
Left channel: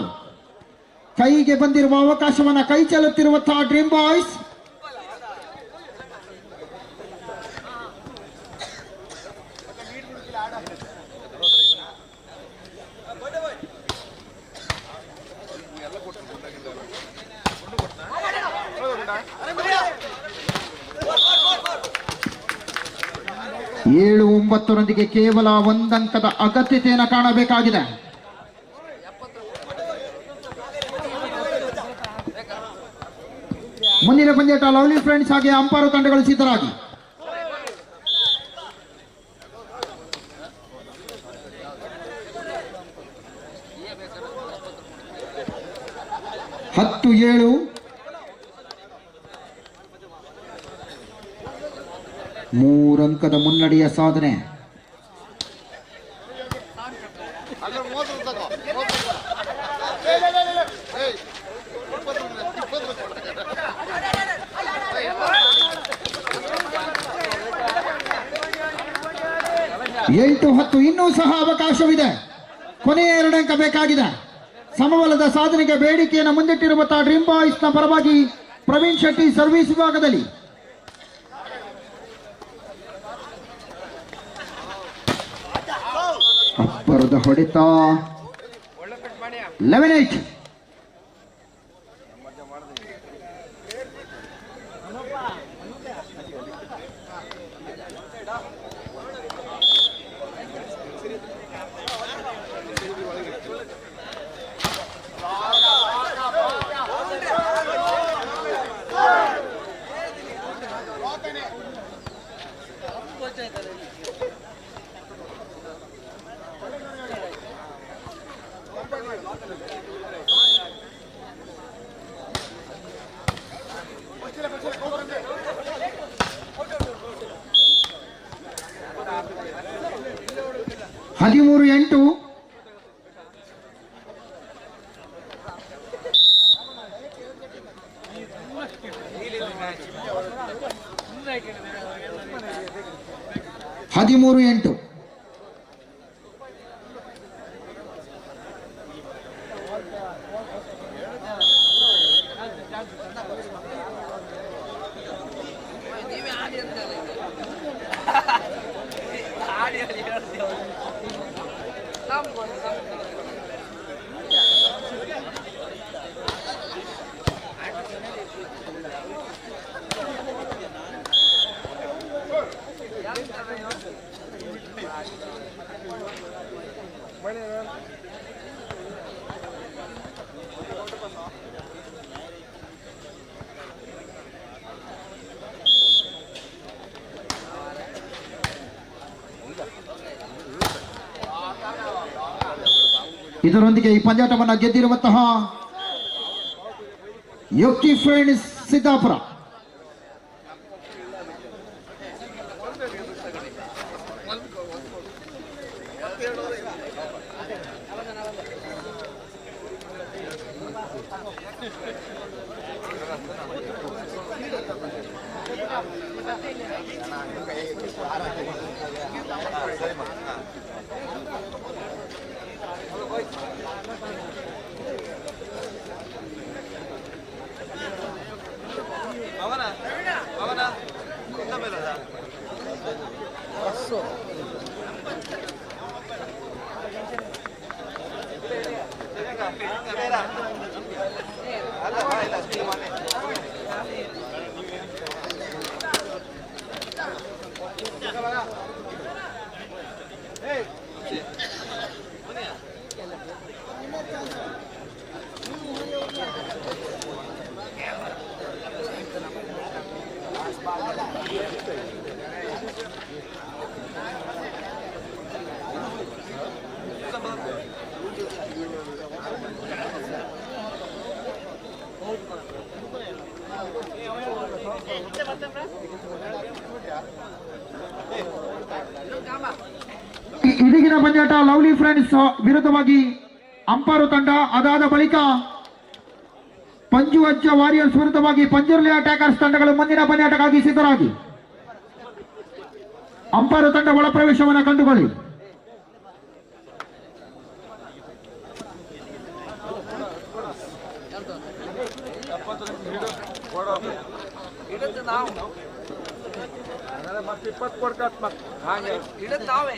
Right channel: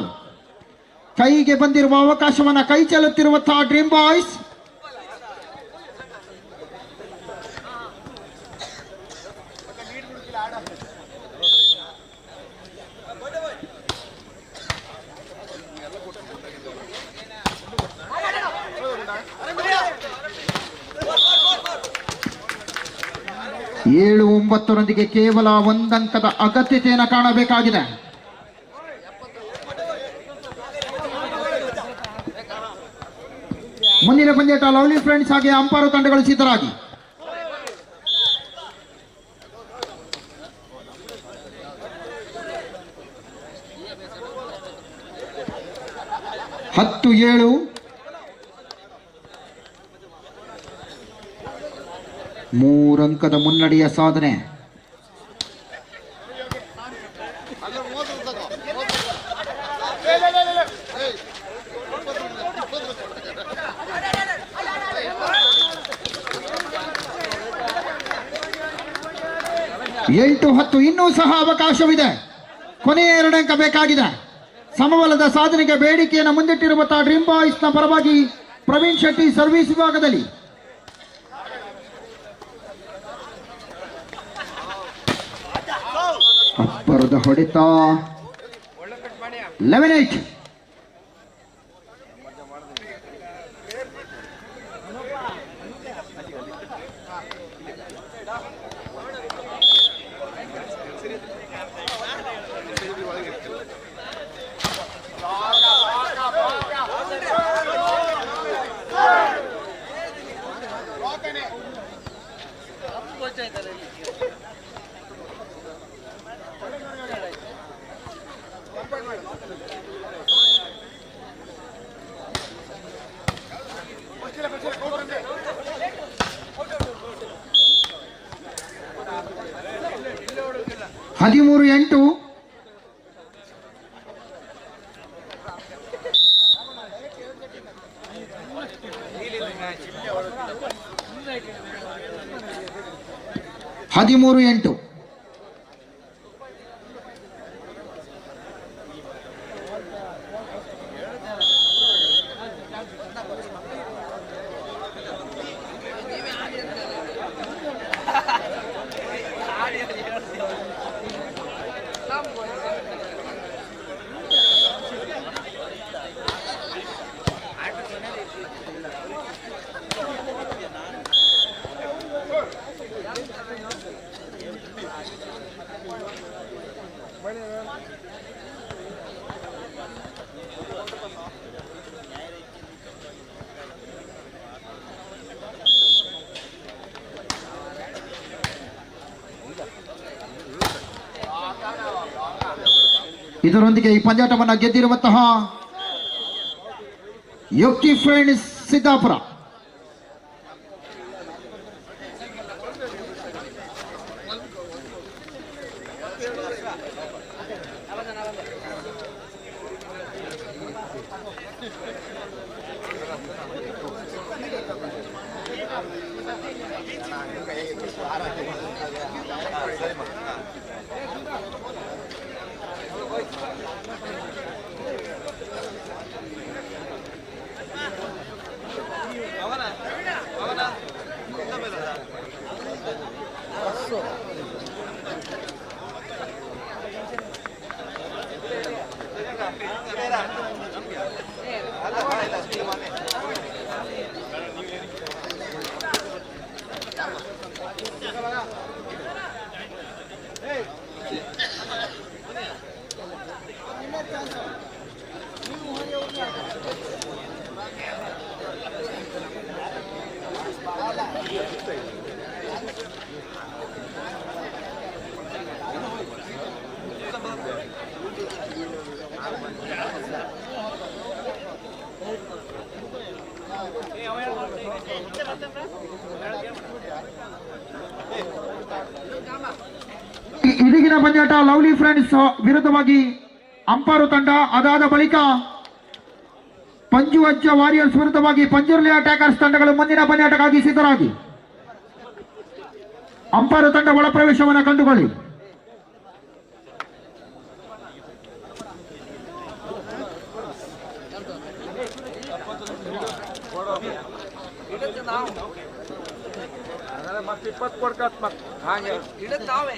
ಕೈಗೆ ಬಂದಿರುವ ಅವಕಾಶವನ್ನು ಕೈ ಚೆಲ್ಲುತ್ತಿರುವಂತಹ ಡ್ರೀಮ್ ಬಾಯ್ಸ್. ಏಳು 9 ಕೇವಲ 1 ಅಂಕದ ಅಗತ್ಯತೆಯನ್ನು ಕಾಣಬೇಕಾಗಿದೆ. ಮುಂದಿನ ಪಂದ್ಯಾಟ ಲವ್ಲಿ ಫ್ರೆಂಡ್ಸ್ ಹಾಗೆ ಅಂಪಾರು ತಂಡಗಳು ಸಿದ್ಧರಾಗಿ. ಹತ್ತು 7 3 ಅಂಕದ ಮುನ್ನಡೆಯ ಸಾಧನೆ. ಎಂಟು 10 ಇನ್ನೂ ಸಹ ಅವಕಾಶವಿದೆ. ಕೊನೆಯ 2 ಅಂಕ ಬೇಕಾಗಿದೆ. ಸಮಬಲದ ಸಾಧನೆಗೆ ಬೇಡಿಕೆಯನ್ನು ಮುಂದಿಟ್ಟಿರುವಂತಹ ಡ್ರೀಮ್ ಬಾಯ್ಸ್ನ ಪರವಾಗಿ ಪ್ರವೀಣ್ ಶೆಟ್ಟಿ ಸರ್ವಿಸ್ ವಿಭಾಗದಲ್ಲಿ. ಅಬ್ಬರದ ಹೊಡೆತ. 11-8 13-8 13-8 8 ಇದರೊಂದಿಗೆ ಈ ಪಂದ್ಯಾಟವನ್ನು ಗೆದ್ದಿರುವಂತಹ ಯೋಗಿ ಫ್ರೆಂಡ್ಸ್ ಸಿದ್ದಾಪುರ. ಇದೀಗಿನ ಪಂದ್ಯಾಟ ಲವ್ಲಿ ಫ್ರೆಂಡ್ಸ್ ವಿರುದ್ಧವಾಗಿ ಅಂಪಾರು ತಂಡ, ಅದಾದ ಬಳಿಕ ಪಂಜುವಜ್ಜ ವಾರಿಯರ್ಸ್ ವಿರುದ್ಧವಾಗಿ ಪಂಜುರ್ಲಿ ಅಟ್ಯಾಕರ್ಸ್ ತಂಡಗಳು ಮುಂದಿನ ಪಂದ್ಯಾಟಕ್ಕಾಗಿ ಸಿದ್ಧರಾಗಿ. ಅಂಪಾರು ತಂಡ ಒಳ ಪ್ರವೇಶವನ್ನು ಕಂಡುಕೊಳ್ಳಿ. ಮತ್ತೆ 20 ಕೊಡ್ಕತ್ ಮತ್ತೆ ಹಾಗೆ ಇಡತ್ ನಾವೇ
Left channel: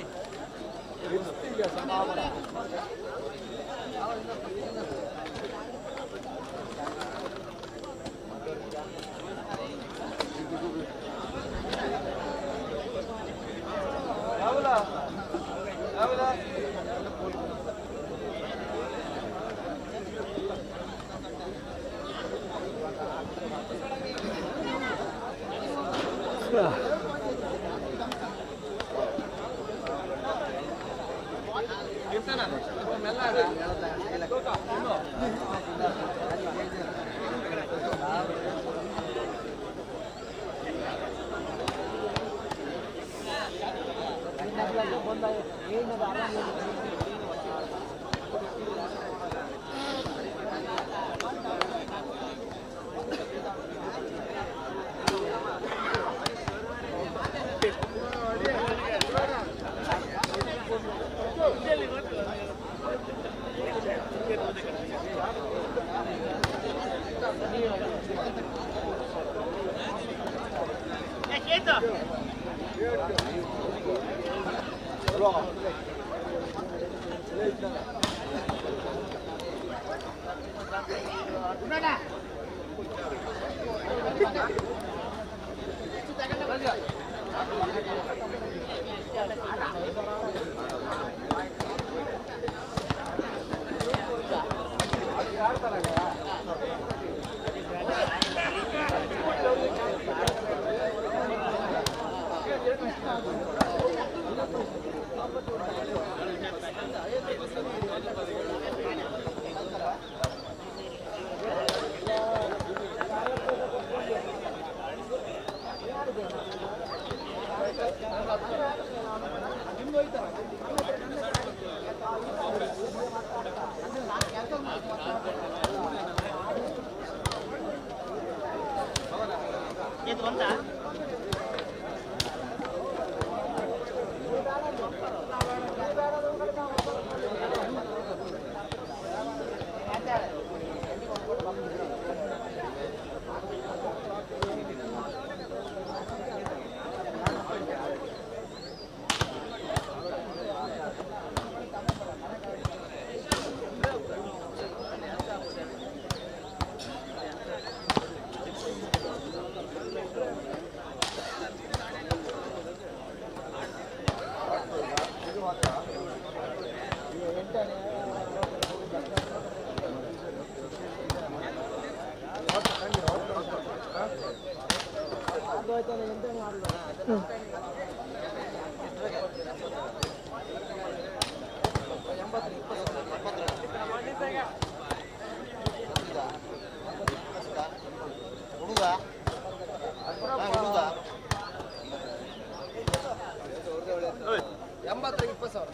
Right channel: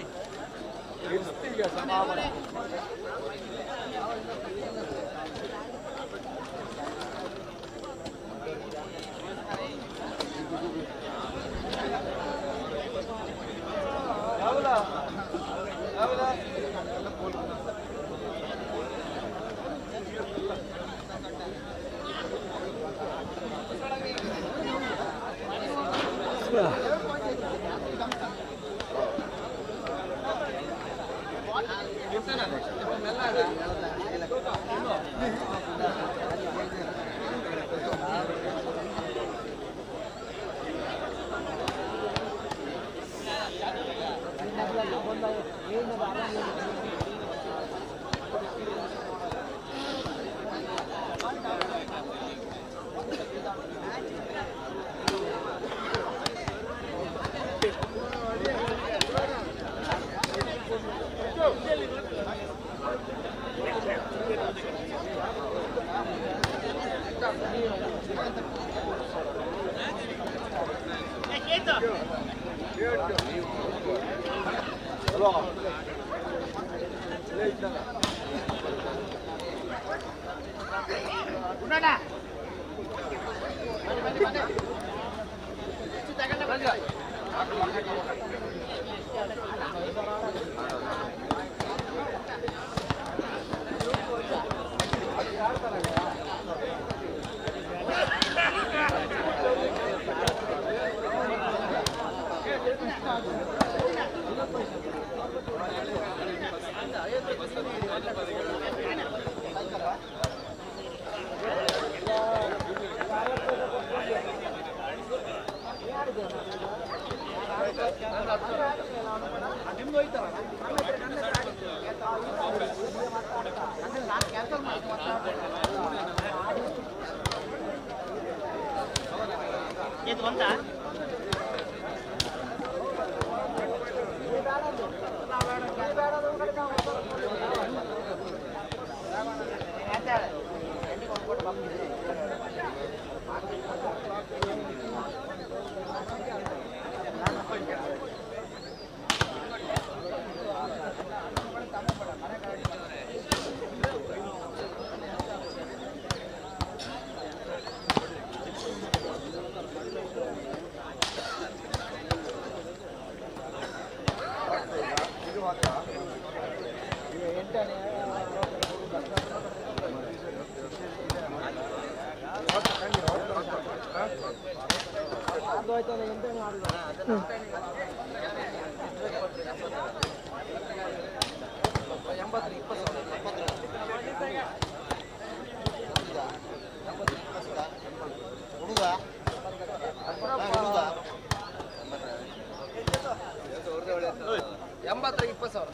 ಎಂಬತ್ತರಿಗೆ 20,000.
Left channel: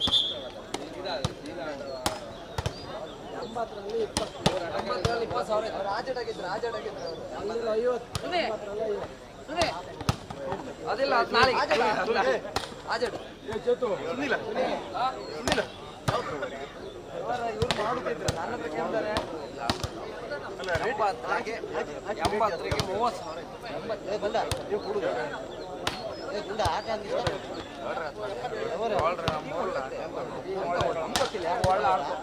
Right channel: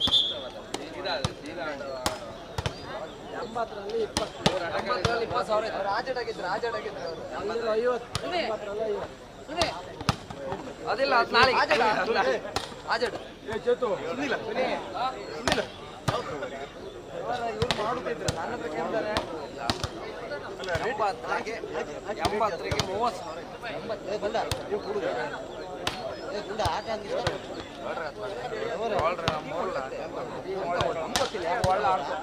80ರಲ್ಲಿ 20,000. ರಾಜಡಾಗಿದ್ರು ಅದಿಲ್ಲ ನಾಳೆ ಆಜಡ್ ಇವ್ರು ಮಾಡುತ್ತಿದ್ರು ನನ್ನ ಹತ್ರ ಕೇಳ್ತಾರೆ 80ರಿಗೆ 30,000 ಒಳ್ಳೆ ಆಡ್ತು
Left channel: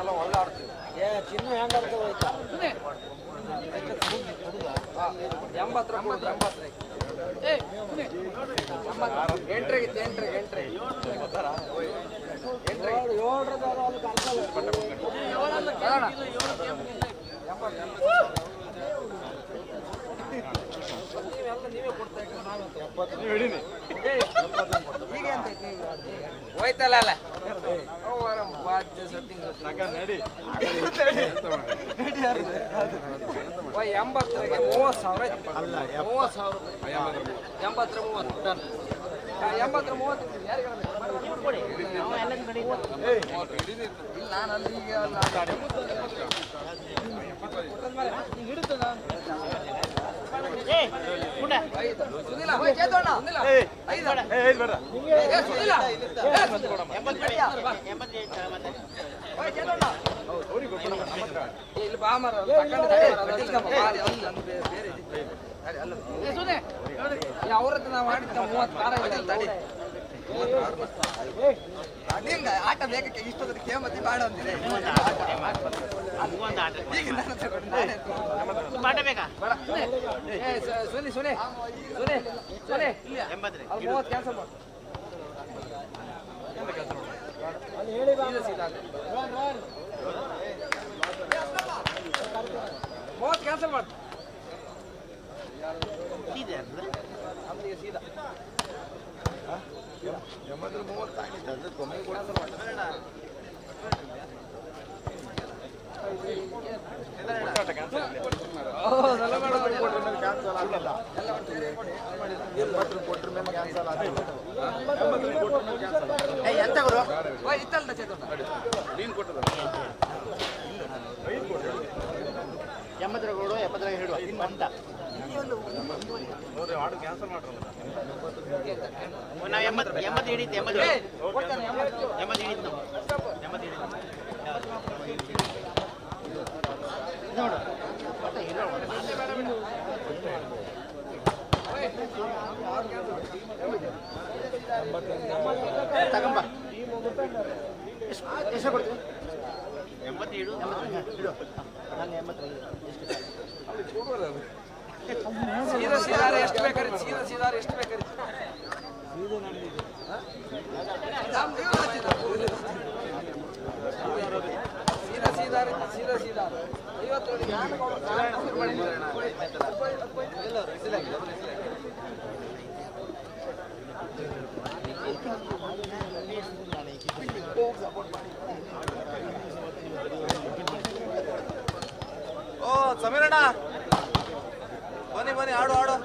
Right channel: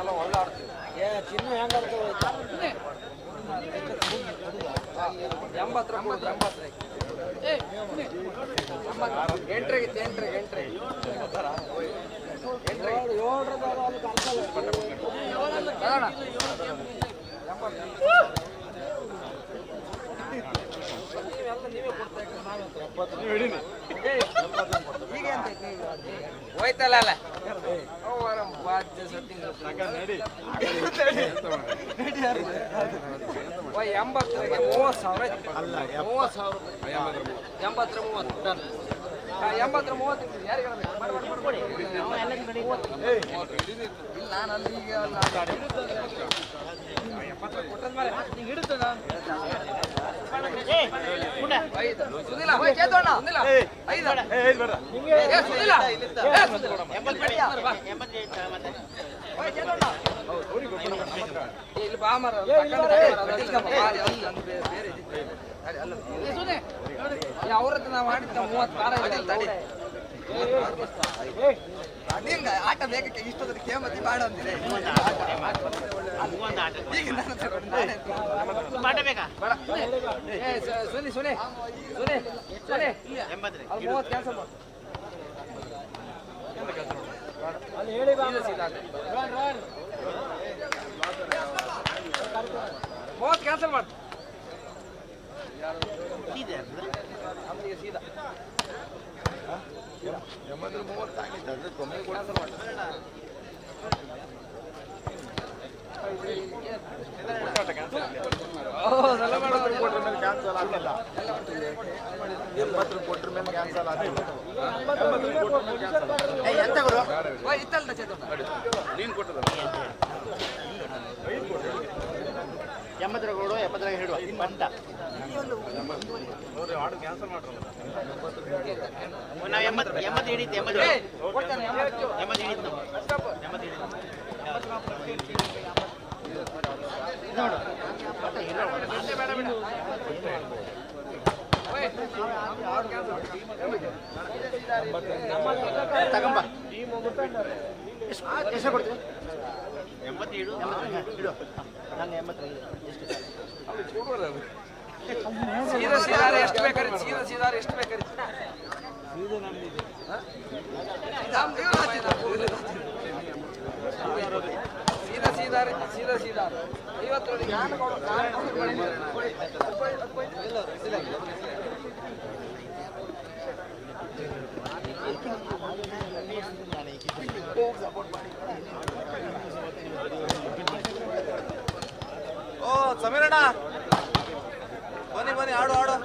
ಎಲ್ಲ ಒಳ್ಳೆ ಆಡ್ತೀವಿ ಚಿನ್ನ ಹೆಂಗ 80 ಹೋಯ್ತಲ್ಲ ಅಲ್ಲ ನಡಿ 80ರಿಗೆ 30,000 ಅಲ್ಲ 30,000 80 30 80 30 ಯಾರಿಗೆ ನಾನು ಅಲ್ಲಿ ಈಗ ಸುನಿಲ ಚೇತೋಣ ಇಲ್ಲಿ ಬಾ ಮರ ಅವ್ರದ್ದು ನಾವು ಮಾಡಿದ್ದ 30 ಕಾರ ಆಟ ಬೇಕಕ್ಕೆ ಇಷ್ಟೊಂದು ಕೇಮತಿ ಬಾಡ ಅಂದಿದೆ ಸುನಿ ಸುನಿ ಸುನಿ ಸುನಿ 30 ಕ್ಯಾನ್ಸಲ್ ಮಾಡು ಅಲ್ಲಿ ಹೇಳಿ 30 ಕ್ಯಾನ್ಸಲ್ ಮಾಡು ನಮ್ಗೆ ಸೀದಾ 80 30 ಆಗಿತ್ತು ಕಮ್ಮಿ ಕ್ಯಾನ್ಸಲ್ ಮಾಡಿ ತಗೊಂಬ ಎಷ್ಟು ಕೊಡ್ತೀವಿ 87 ಸೀದಾ ಸೀದಾ ಎಷ್ಟು ಬೇಕಾರೆ ಸೀದಾ ಸೀದಾ ಎಷ್ಟು ಬೇಕಾರೆ ಸೀದಾ ಸೀದಾ ಸೀದಾ ಸೀದಾ 50 ಓ ಸಮೀರಣ್ಣ ಬನ್ನಿ ಬನ್ನಿ ಆಡು ಆಡು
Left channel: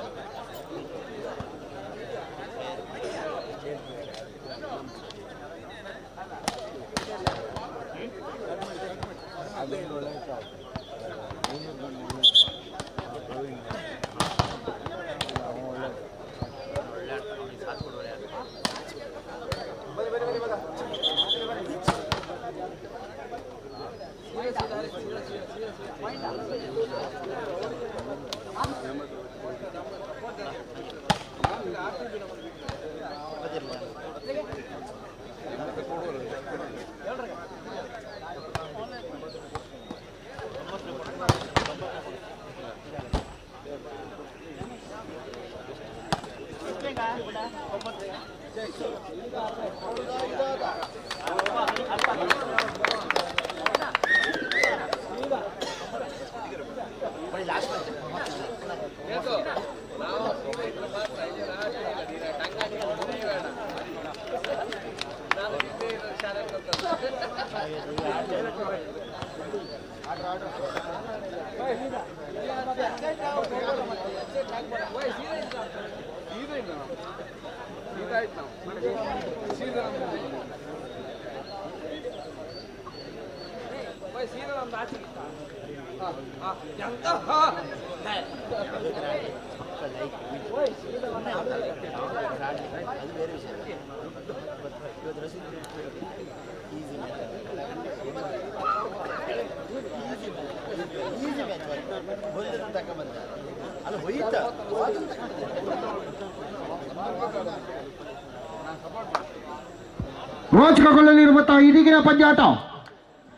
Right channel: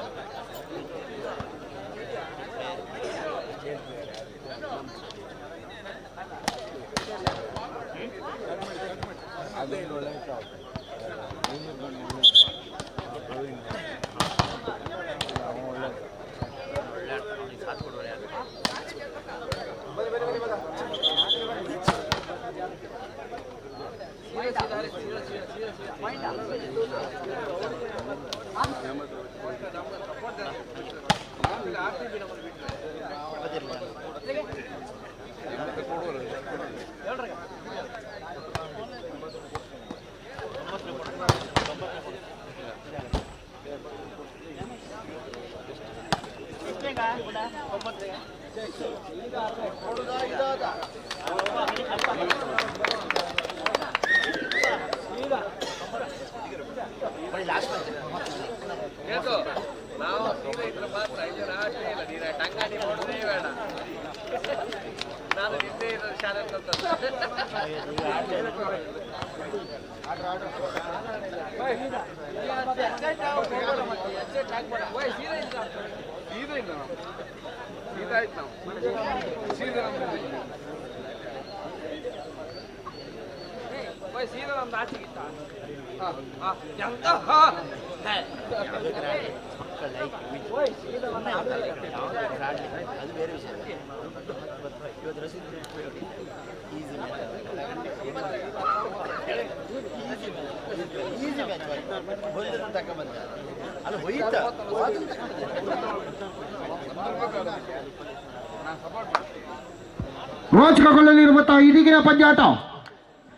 ರೋಚಕಗೊಳ್ಳಲಿರುವಂತಹ ಇದೀಗಿನ ಪಂದ್ಯಾಟ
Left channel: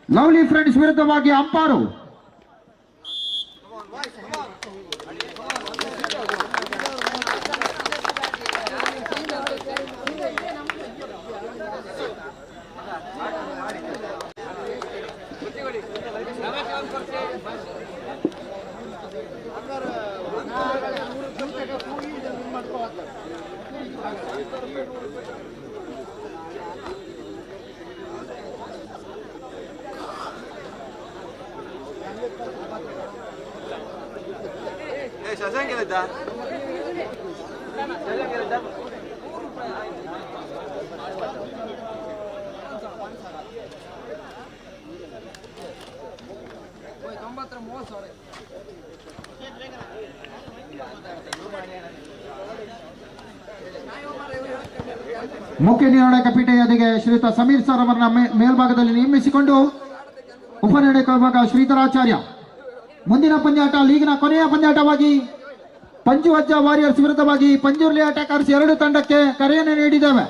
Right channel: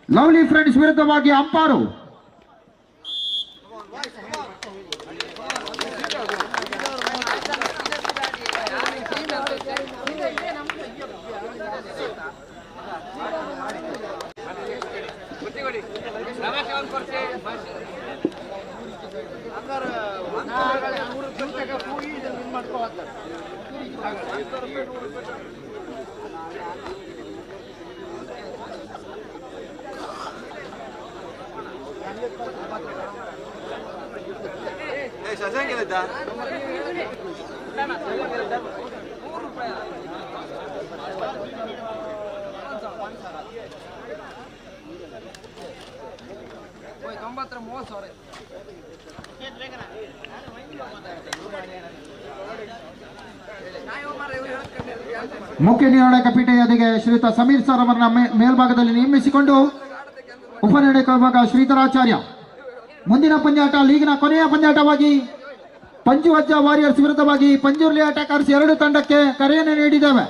ಲವ್ಲಿ ಫ್ರೆಂಡ್ಸ್ ವಿರುದ್ಧವಾಗಿ ಅಂಪಾರು ಮುಖ್ಯ ನಿರ್ಣಾಯಕ ಪೀಠೆಯೊಂದಿಗೆ ಶ್ರೀಯುತ ಸಮೀರ್ ಸರ್ ಅವರನ್ನ ಮೇಲ್ಭಾಗದಲ್ಲಿ ನೇಮಿಸಿಕೊಂಡು ಉಪನಿರ್ಣಾಯಕ ವಿಭಾಗ ಶ್ರೀಧರಾಚಾರ್ಯ. ಮುಂದಿನ ಪಂದ್ಯಾಟ ಲೀಗಿನ ಕೊನೆಯ ಪಂದ್ಯಾಟವಾಗಿ ಪಂಜು ಅಜ್ಜ ವಾರಿಯರ್ಸ್ ವಿರುದ್ಧವಾಗಿ ಪಂಜುರ್ಲಿ ಅಟ್ಯಾಕರ್ಸ್ 2 ತಂಡಕ್ಕೆ ಕರೆಯನ್ನು ನೀಡಿದ್ದೇವೆ.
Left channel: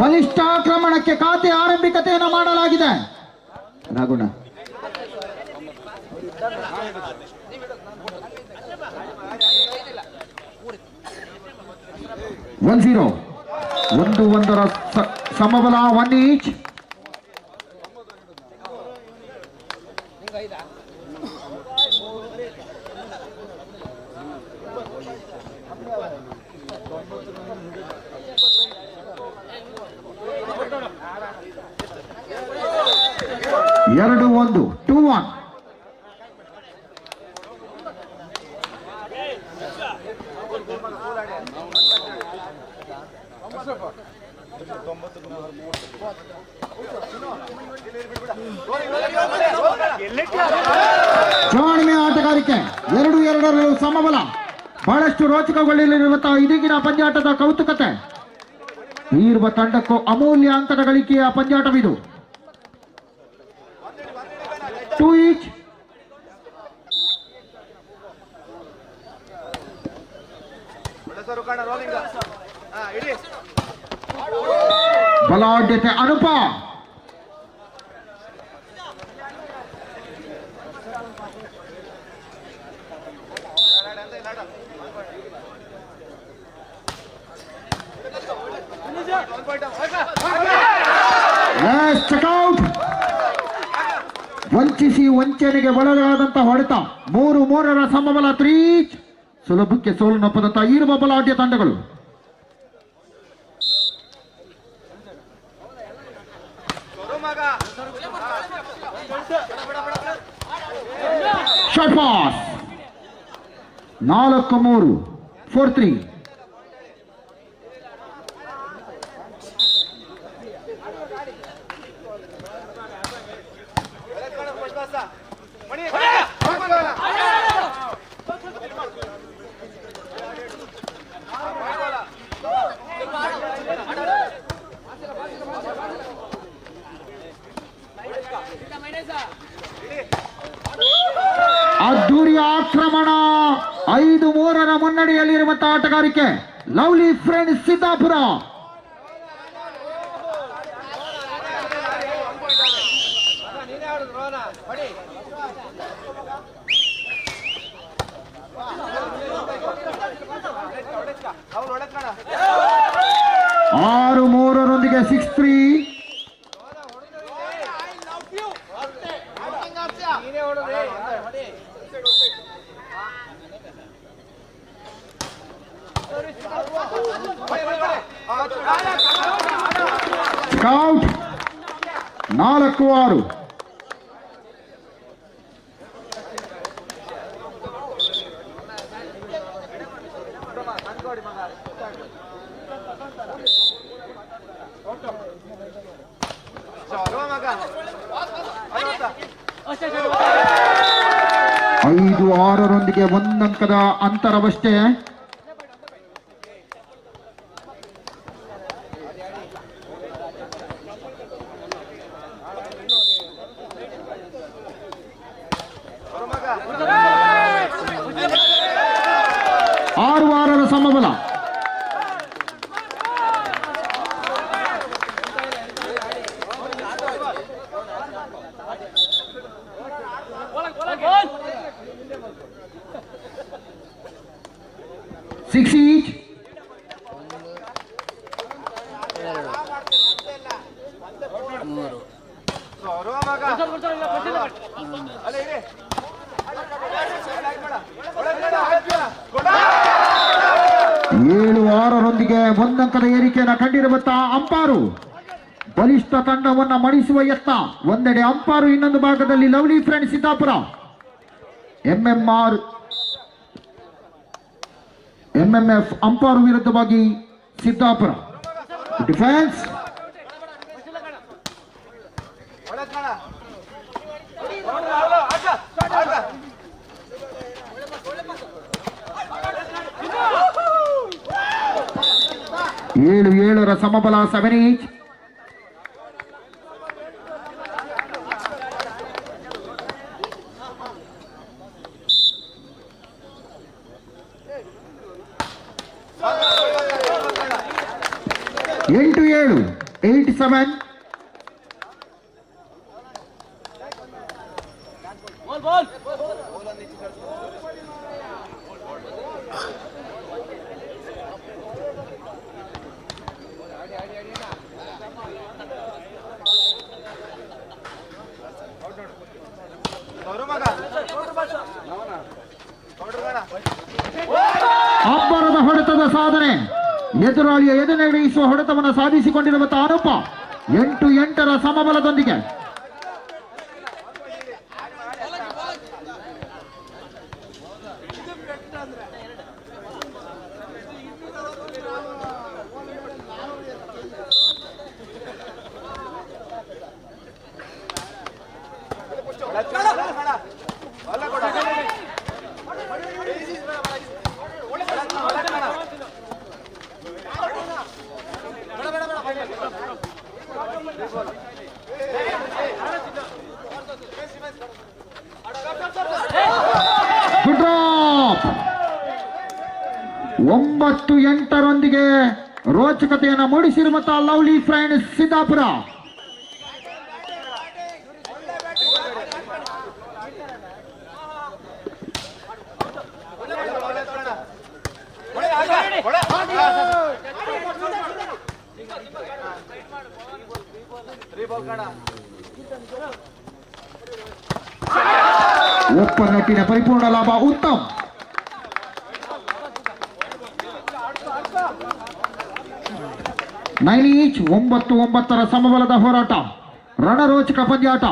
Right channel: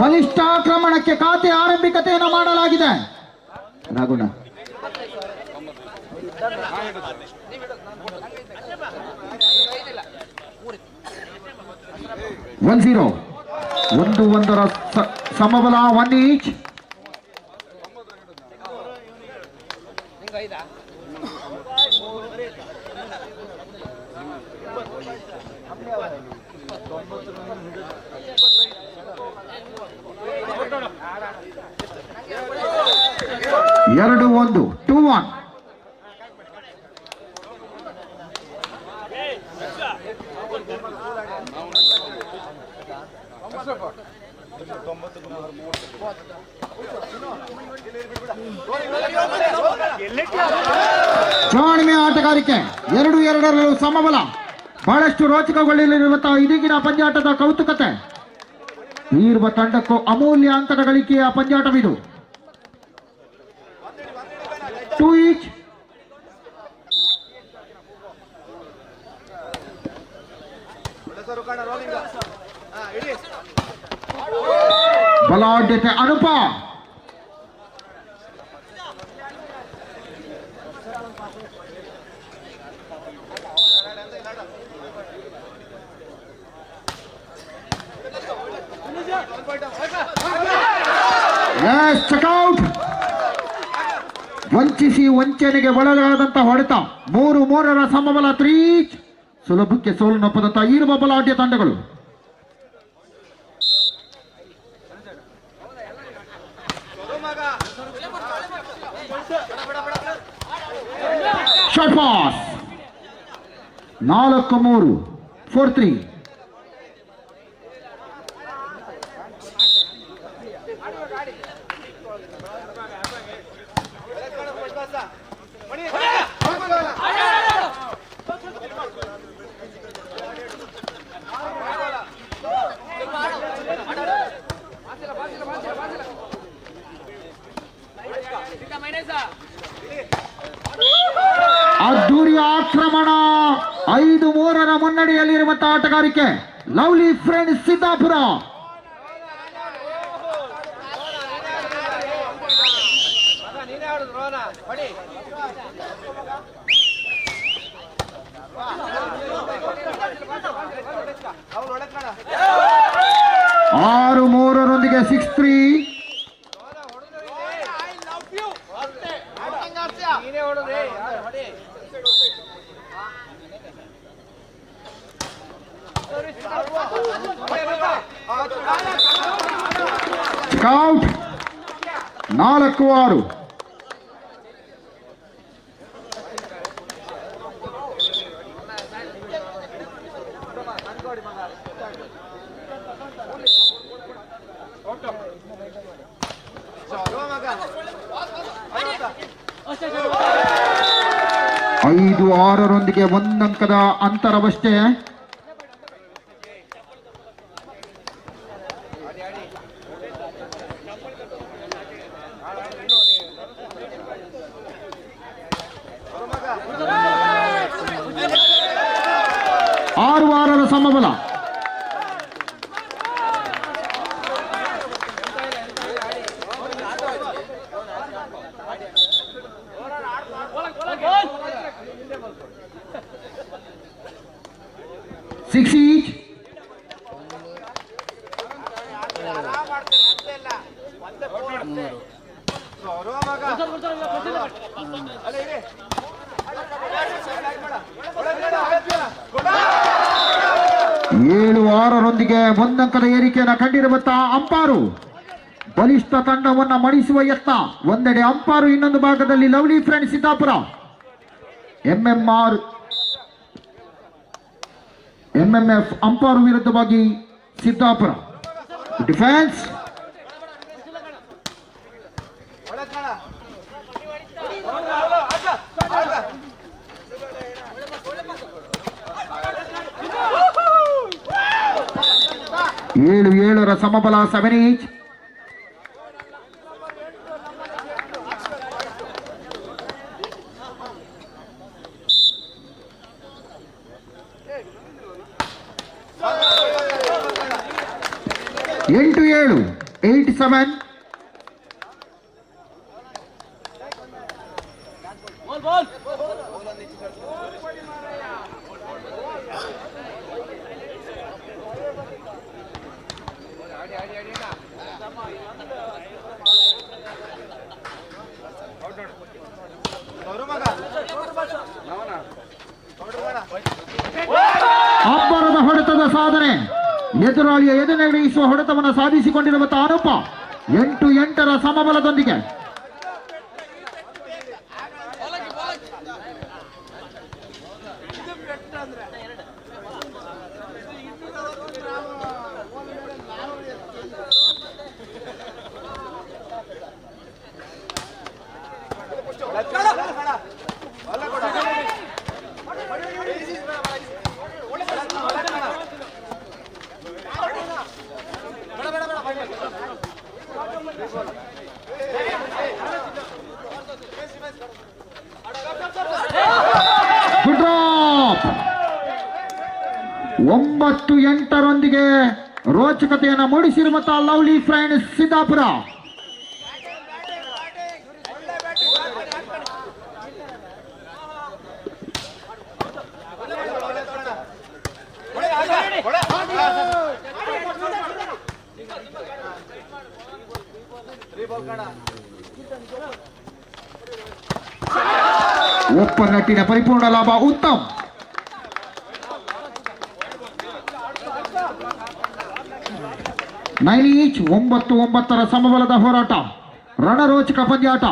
ಬಲಿಷ್ಠ ಆಕ್ರಮಣಕ್ಕೆ ಖಾತೆ ಆರಂಭಿಕತೆಯನ್ನು ಮಾಡಲಾಗಿದೆ. ರಾಗುಣ 1-0 1-1 ಸಮಬಲ 1 ಈಚ್. ಎರಡು 1 2-1. ಚುನಾವಣೆ ಆಟಗಾರಿಕೆ 2-2 ಸಮಬಲ. ಬಹಳಷ್ಟು ರೋಚಕಗೊಳ್ಳಲಿರುವಂತಹ ಇದೀಗಿನ ಪಂದ್ಯಾಟದ ಕೌತುಕತೆ ಇರುವ ತಂಡಕ್ಕೂ ಅಮೂಲ್ಯ ಅಂಕದ ಗಳಿಕೆಯ ಪಂದ್ಯಾಟವಿದು. 2 ಈಚ್. ಬಲಾಢ್ಯತೆ ಅನುಪ. ಚೆಕ್ಔಟ್. ವಂಚಿಸಿ ವಂಚನೆಗೆ ಒಳಗಾದಂತಹ ಹೊಡೆತ 3-3 ಸಮಬಲ 3 ಈಚ್. ಸುಲಭಕ್ಕೆ ಸೋಲನ್ನಪ್ಪದಂತಹ ಇರುವ ಬಲಾಢ್ಯ ತಂಡಗಳು. Short pass 4-3 4-3. ಅದ್ದೂರಿಯ ಆಕ್ರಮಣ 5-3 ಮುನ್ನಡೆಯಲ್ಲಿರುವಂತಹ ಆಟಗಾರಿಕೆ ಲವ್ಲಿ ಫ್ರೆಂಡ್ಸ್ ಸಿದ್ದಾಪುರ. ಆರು 3 6-3 ಸ್ಕೌಟ್ 4-6. ಐದು 6ರೊಂದಿಗೆ 1 ಅಂಕದ ಅಂತರವಷ್ಟೇ. ಆರು 6ರ ಸಮಬಲ. Six each. ಏಳು 6ರೊಂದಿಗೆ 1 ಅಂಕದ ಏರಿಕೆಯನ್ನು ಕಂಡಿರುವಂತಹ ಅಂಪಾರು ಬಲಿಷ್ಠ ತಂಡವನ್ನು ಮಣಿಸುವ ಯತ್ನ. ಒಂದೆಡೆ ಅಂಪಾರು, ಇನ್ನೊಂದು ಭಾಗದಲ್ಲಿ ಲವ್ಲಿ ಫ್ರೆಂಡ್ಸ್ ಸಿದ್ದಾಪುರ. ಎಂಎಂಎಫ್ ಅಂಪಾರು ವಿರುದ್ಧವಾಗಿ ಸಿದ್ದಾಪುರ. ಡಿಫೆನ್ಸ್ ಏಳು 7ರ ಸಮಬಲ. 7 ಈಚ್. ಎಂಟು 7. 8-7. ಅಂಬರದ ಹೊಡೆತದ ಸಾಧನೆ, ಎದುರಾಳಿಯ ಎದುರಿಸುವ ಹೊಡೆತವನ್ನು ಸಾಧಿಸಿಕೊಂಡಿರುವಂತಹ ಅನುಪ 8-8ರ ಸಮಬಲದೊಂದಿಗೆ. Good drop. 9-8ರೊಂದಿಗೆ ರೋಚಕತೆಯನ್ನು ಮೂಡಿಸಿರುವಂತಹ ಲವ್ಲಿ ಫ್ರೆಂಡ್ಸ್ ಸಿದ್ದಾಪುರ. ಒಪ್ಪನಟ್ಟಿನ ಪರಿಪೂರ್ಣ ಲಾಭ. ಉತ್ತಮ್. 9 ಈಚ್. 9-9ರ ಸಮಬಲದ ಹೋರಾಟ, ರಣರೋಚಕ ಪಂದ್ಯಾಟ.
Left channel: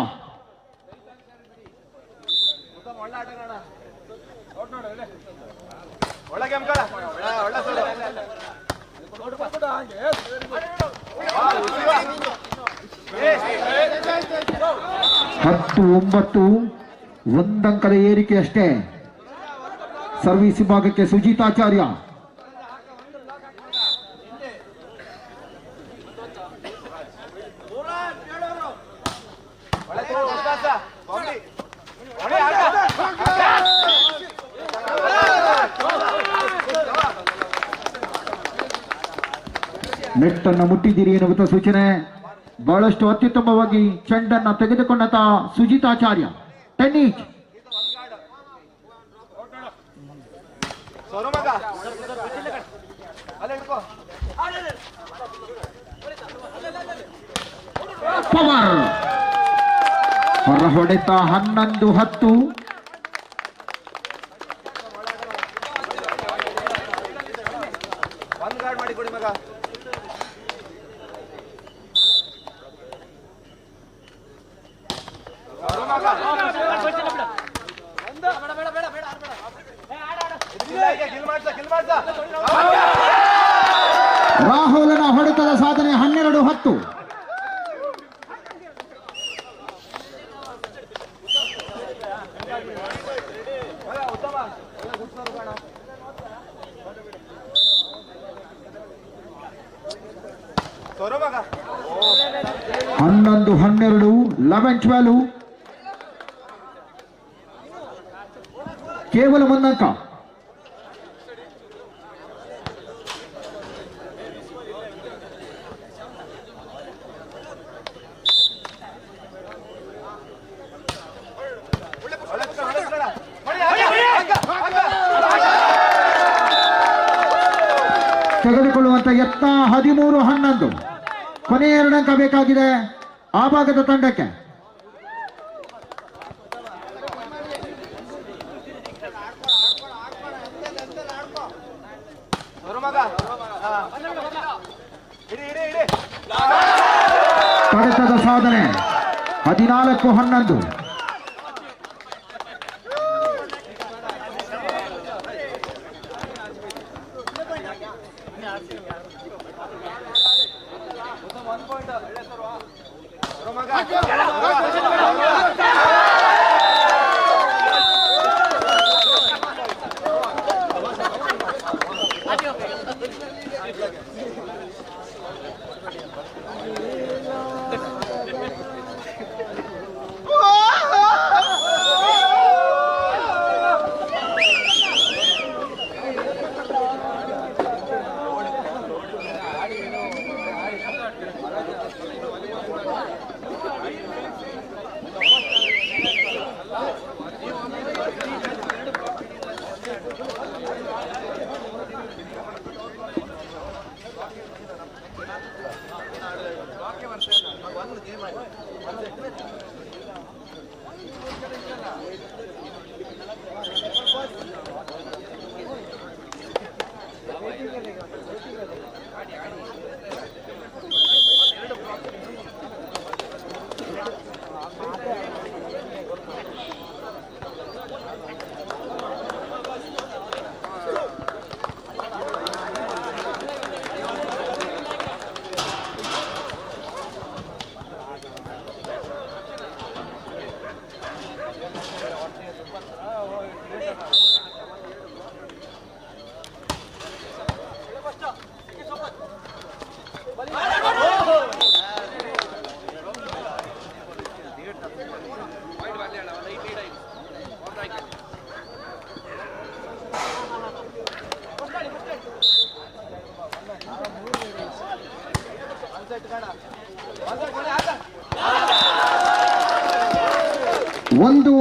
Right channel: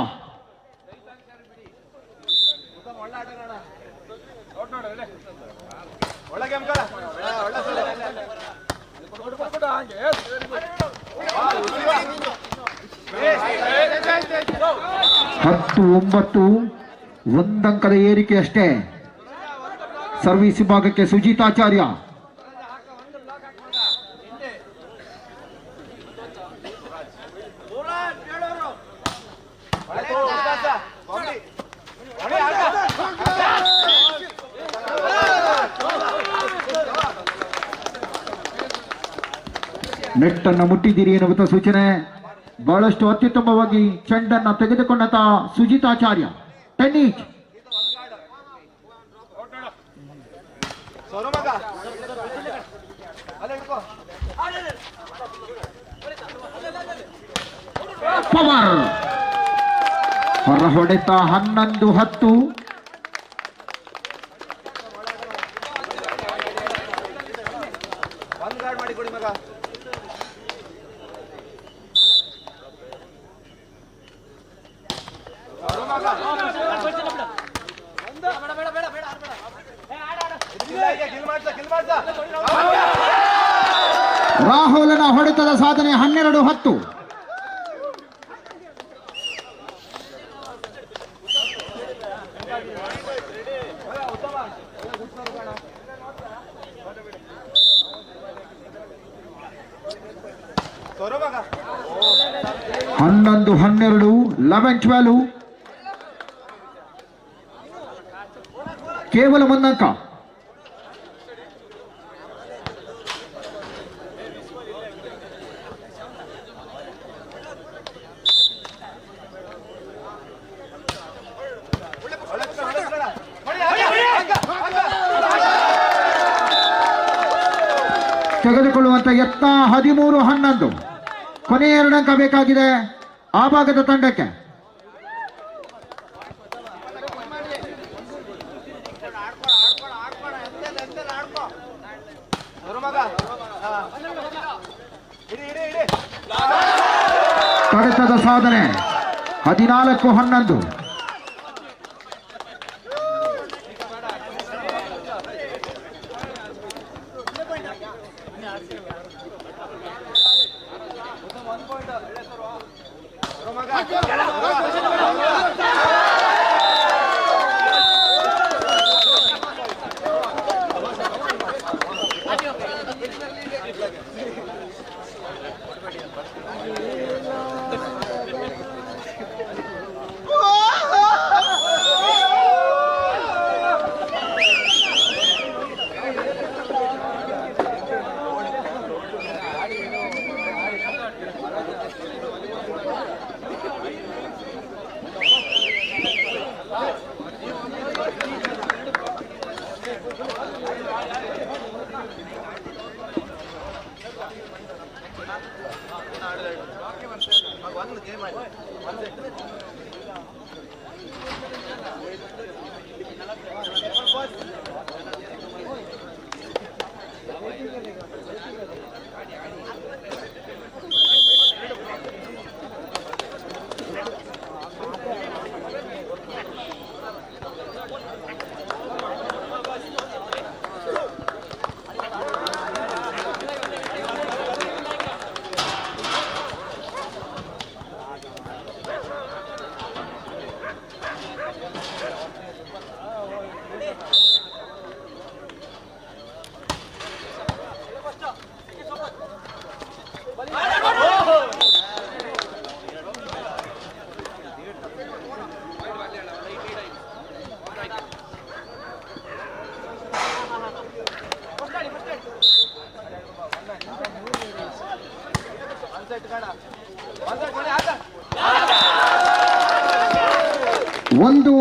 ಹತ್ತು 9. 1 ಅಂಕದ ಏರಿಕೆ ಅಷ್ಟೇ. ಸರ್ವಿಸ್ ವಿಭಾಗಕ್ಕೆ ಸುಜಿತಾಚಾರ್ಯ. ನೆಟ್ಟನ್ನು ಮುಟ್ಟಿದ್ದೀರಿ ಎನ್ನುವಂಥ ಸೂಚನೆ. ಬಹಳಷ್ಟು ಅತ್ಯುತ್ತಮವಾಗಿ ಚೆಂಡನ್ನು ತೆಗೆದುಕೊಂಡಂತ ಸುಜಿತಾಚಾರ್ಯ. 10 ಈಚ್. ಪವರ್ ಹೊರ ಹೊಡೆತ. 11-10. ರಾಹುಲನ ಹೊಡೆತದ ಸಾಧನೆ 12-10. ಹನ್ನೊಂದು 12, 11-12, ಕೇವಲ 1 ಅಂಕ. ತೆಗೆದುಕೊಳ್ಳುವಂತ ಯತ್ನ 13-11. ಕೊನೆ 2 ಅಂಕ ಬೇಕಾಗಿದೆ ಆ ಭಾಗದ ತಂಡಕ್ಕೆ. ಹೊಡೆತದ ಸಾಧನೆ 14-11.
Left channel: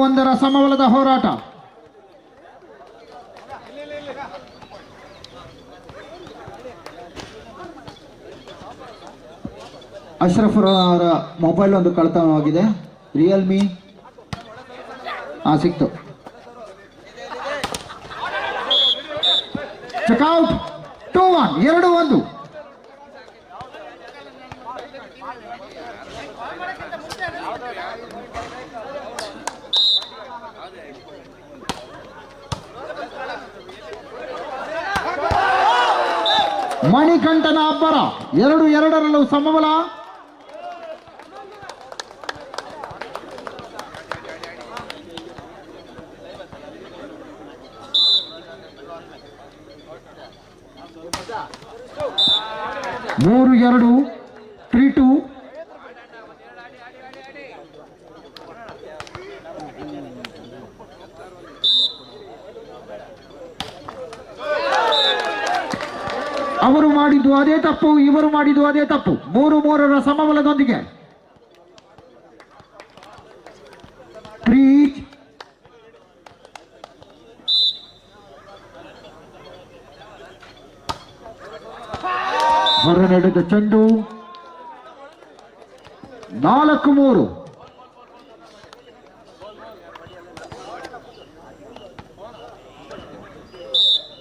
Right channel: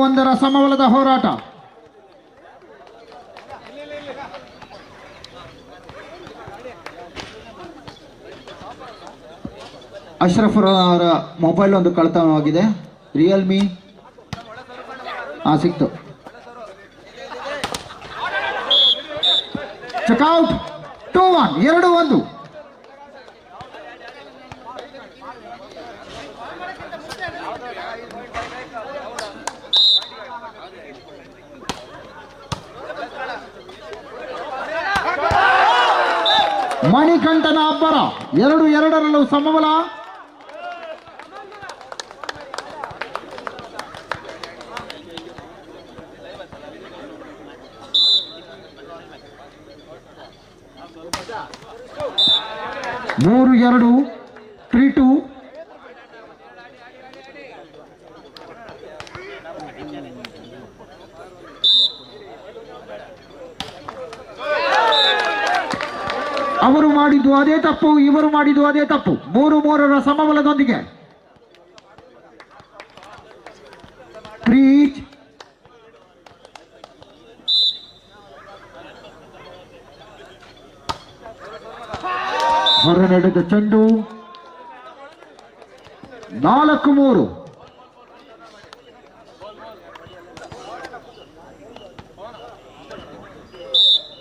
ಒಂದರ ಸಮಬಲದ ಹೋರಾಟ. ಅಶ್ರಫ್ ಅವರ ಮೊಬೈಲ್ ಒಂದು ಕಳ್ಳತನವಾಗಿದೆ. ರಿಯಲ್ಮಿ ಸಿಕ್ತು. ಚೆಕ್ಔಟ್ 2-1, 2-1. ಮಣಿಕಂಠನ ಅಬ್ಬರ 2-2ರಲ್ಲೂ ಸಮಬಲ. ಮೂರು 2, 3-2. ಅವರು ಮಾಡಿದ್ದು ಅದೇ ತಪ್ಪು, ಇವರು ಮಾಡಿದ್ದು ಅದೇ ತಪ್ಪು. 3-3ರ ಸಮಬಲದೊಂದಿಗೆ ಹೊರ ನಡೆದ ಚೆಂಡು 4-3.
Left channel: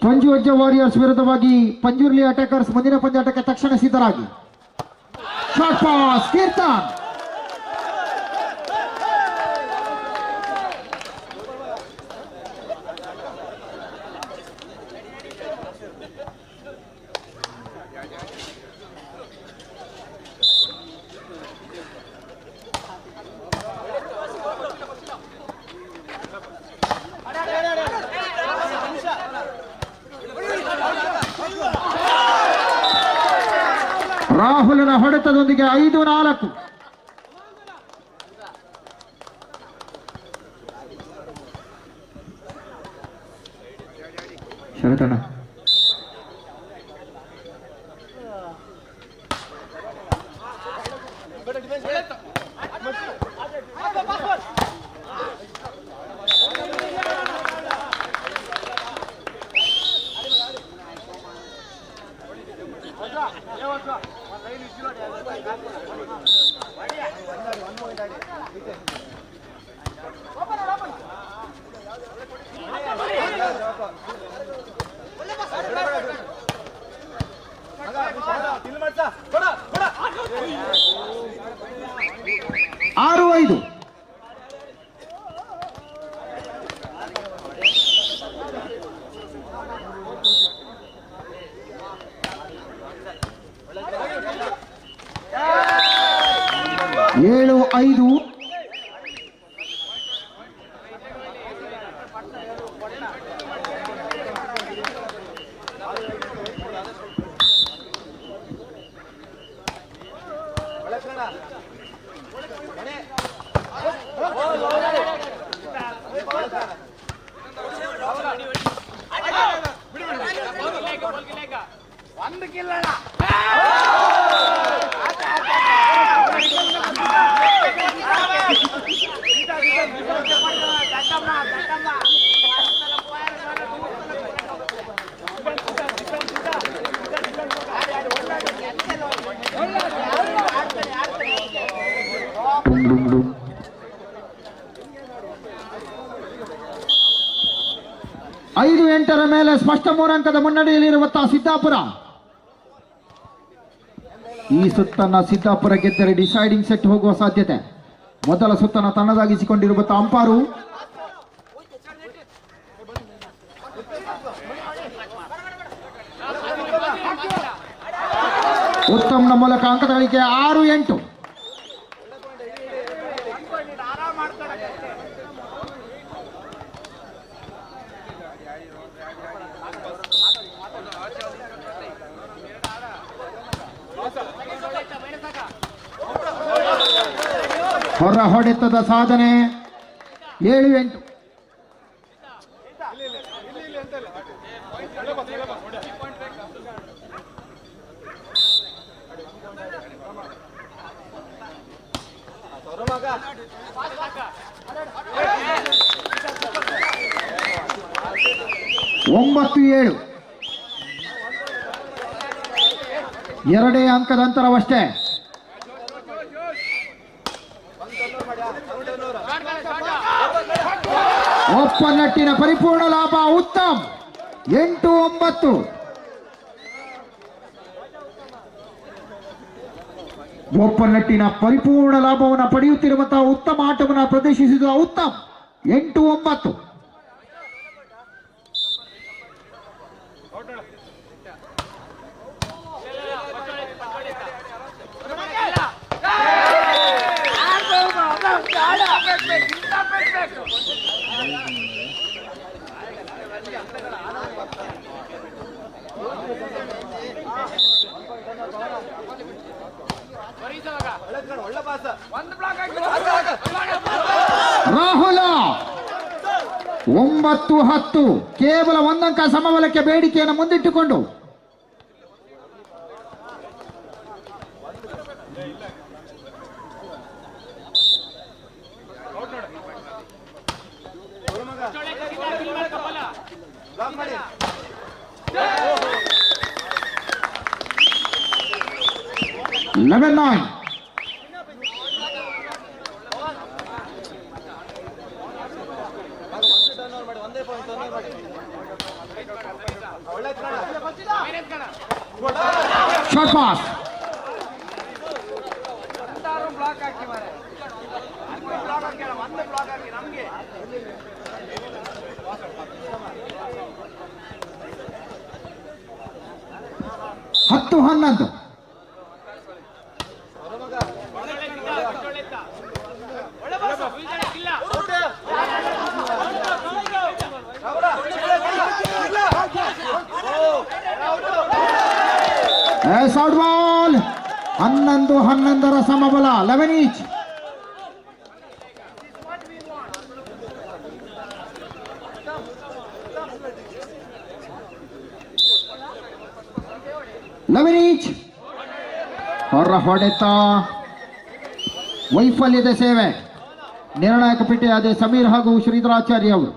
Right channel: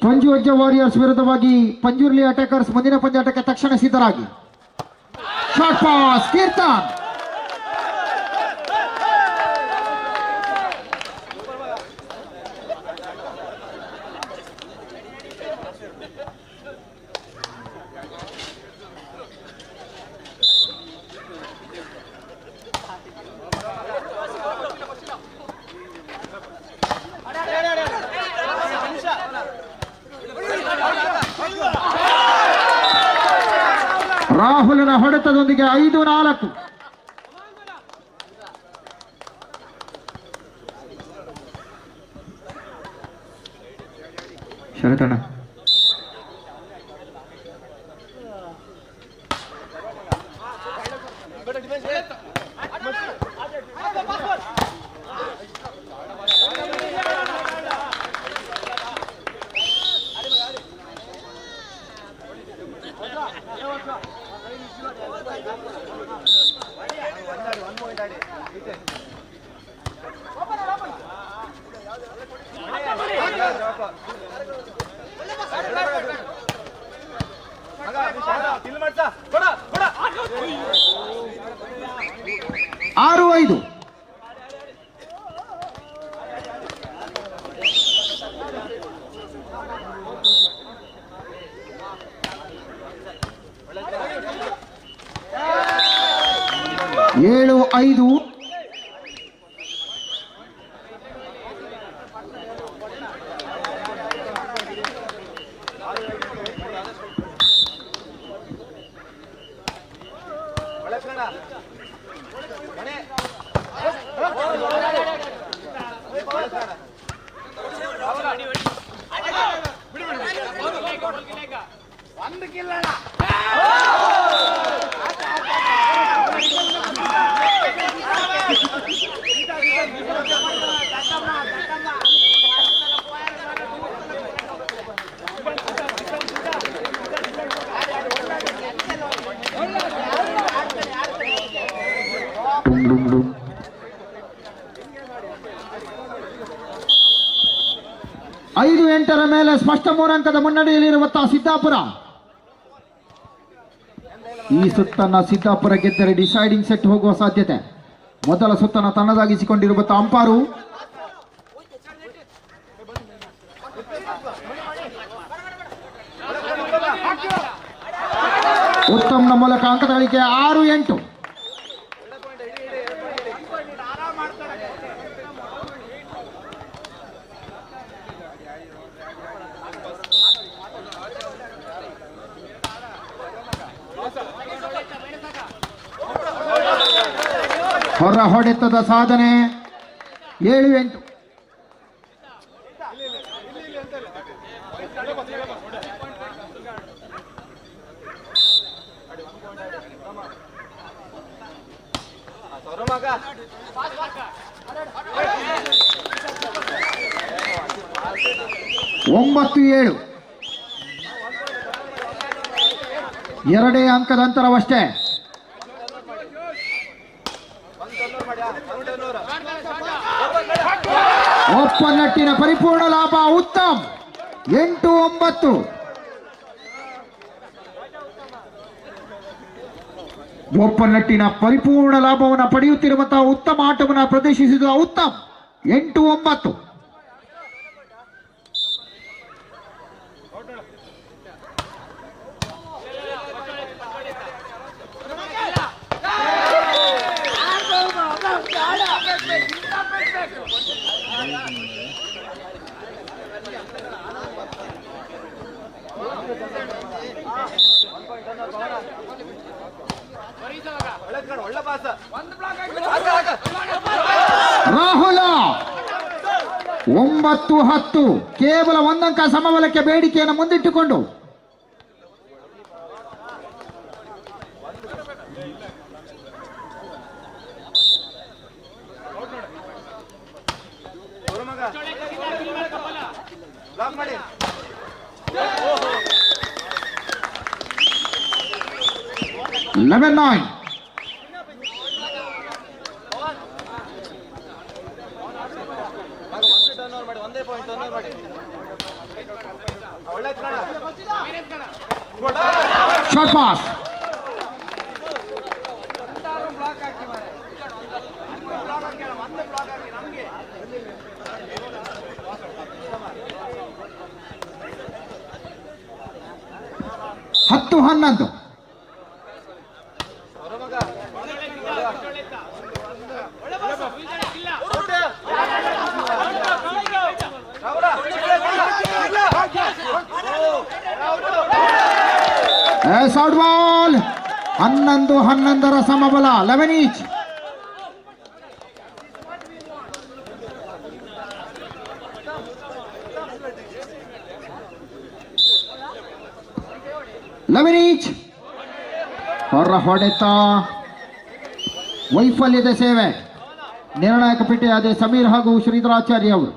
ಪಂಜುವಜ್ಜ ವಾರಿಯರ್ಸ್ ವಿರುದ್ಧವಾಗಿ ಪಂಜುರ್ಲಿ ಅಟ್ಯಾಕರ್ಸ್ ಮುಂದಿನ ಪಂದ್ಯಾಟಕ್ಕೆ ತಕ್ಷಣ ಸಿದ್ಧರಾಗಿ. Short pass Keerthan. ಅಂಕದೊಂದಿಗೆ 5-4. ಶರತಣ್ಣ ಆರು 5. ಏಳು 5. ಐದು 8 ಮೇಲೆ ಸ್ಪಷ್ಟ 3 ಅಂಕದ ಮುನ್ನಡೆಯಲ್ಲಿರುವಂತಹ ಸಿದ್ದಾಪುರ. ಈ ಸುತ್ತನ್ನ ಸಿದ್ದಾಪುರ ಗೆದ್ದರೆ ಡಿಸೈಡಿಂಗ್ ಸೆಟ್ ಹೋಗುವ ಸಾಧ್ಯತೆ. ಮೊದಲ ಸುತ್ತನ್ನು ತನ್ನದಾಗಿಸಿಕೊಂಡಿರುವಂತಹ ಅಂಪಾರು ಉತ್ತಮ್ನ ಮೂಲಕ ಅಂಕದ ಗಳಿಕೆ 6-8. ಹೊರ ಹೊಡೆತದ ಸಾಧನೆ 7-8. ಒಂಬತ್ತು 7. ಎರಡೇ ಅಂಕದ ಅಂತರವಷ್ಟೇ. ಒಪ್ಪನಟ್ಟಿನ ಪರಿಪೂರ್ಣ ಲಾಭ ಉತ್ತಮ್ 8-9. ಒಪ್ಪನಟ್ಟಿನ ಪರಿಪೂರ್ಣ ಲಾಭವನ್ನು ಪಡೆಯುತ್ತಿರುವಂತಹ ಉತ್ತಮ ಆಟವನ್ನು ಪ್ರದರ್ಶಿಸಿದ ಉತ್ತಮ್ 8-9. ರಾಹುಲ 9-10. ಕೇವಲ 1 ಅಂಕ ಸಮಬಲಕ್ಕೆ ಬೇಡಿಕೆಯನ್ನು ಮುಂದಿಟ್ಟುಕೊಂಡು ಲೆವೆನ್ 9. Short pass. ಹತ್ತು 11. Yes, out ball. 11-11 ಸಮಬಲ 11 ಈಚ್. ಹೊರ ಹೊಡೆತ ವೈಫಲ್ಯದ ಸೇವೆ. ನಿರ್ಣಾಯಕ ಪೇಟೆಯಾದ ಸಮೀರ್ ಹಾಗೂ ಶ್ರೀಧರಾಚಾರ್ಯ ಅವರು.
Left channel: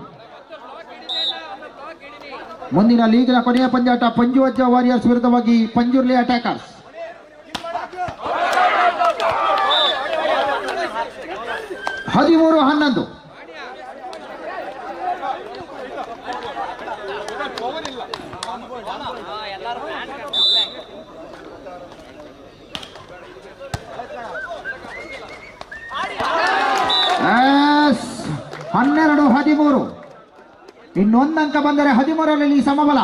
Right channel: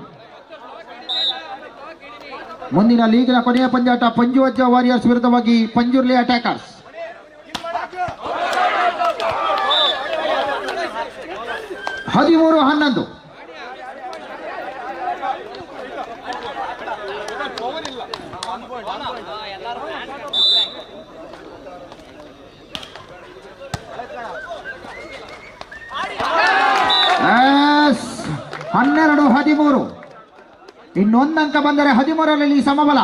ಮುಂದಿನ ಲೀಗ್ನ ಕೊನೆಯ ಪಂದ್ಯಾಟ ಪಂಜುವಜ್ಜ ವಾರಿಯರ್ಸ್ ವಿರುದ್ಧವಾಗಿ ಪಂಜುರ್ಲಿ ಅಟ್ಯಾಕರ್ಸ್. 13-11. ಎಸ್ 12-13. ಇನ್ನೊಂದು ಅಂಕ ಬಂದರೆ 13ರಲ್ಲಿ ಸಮಬಲ.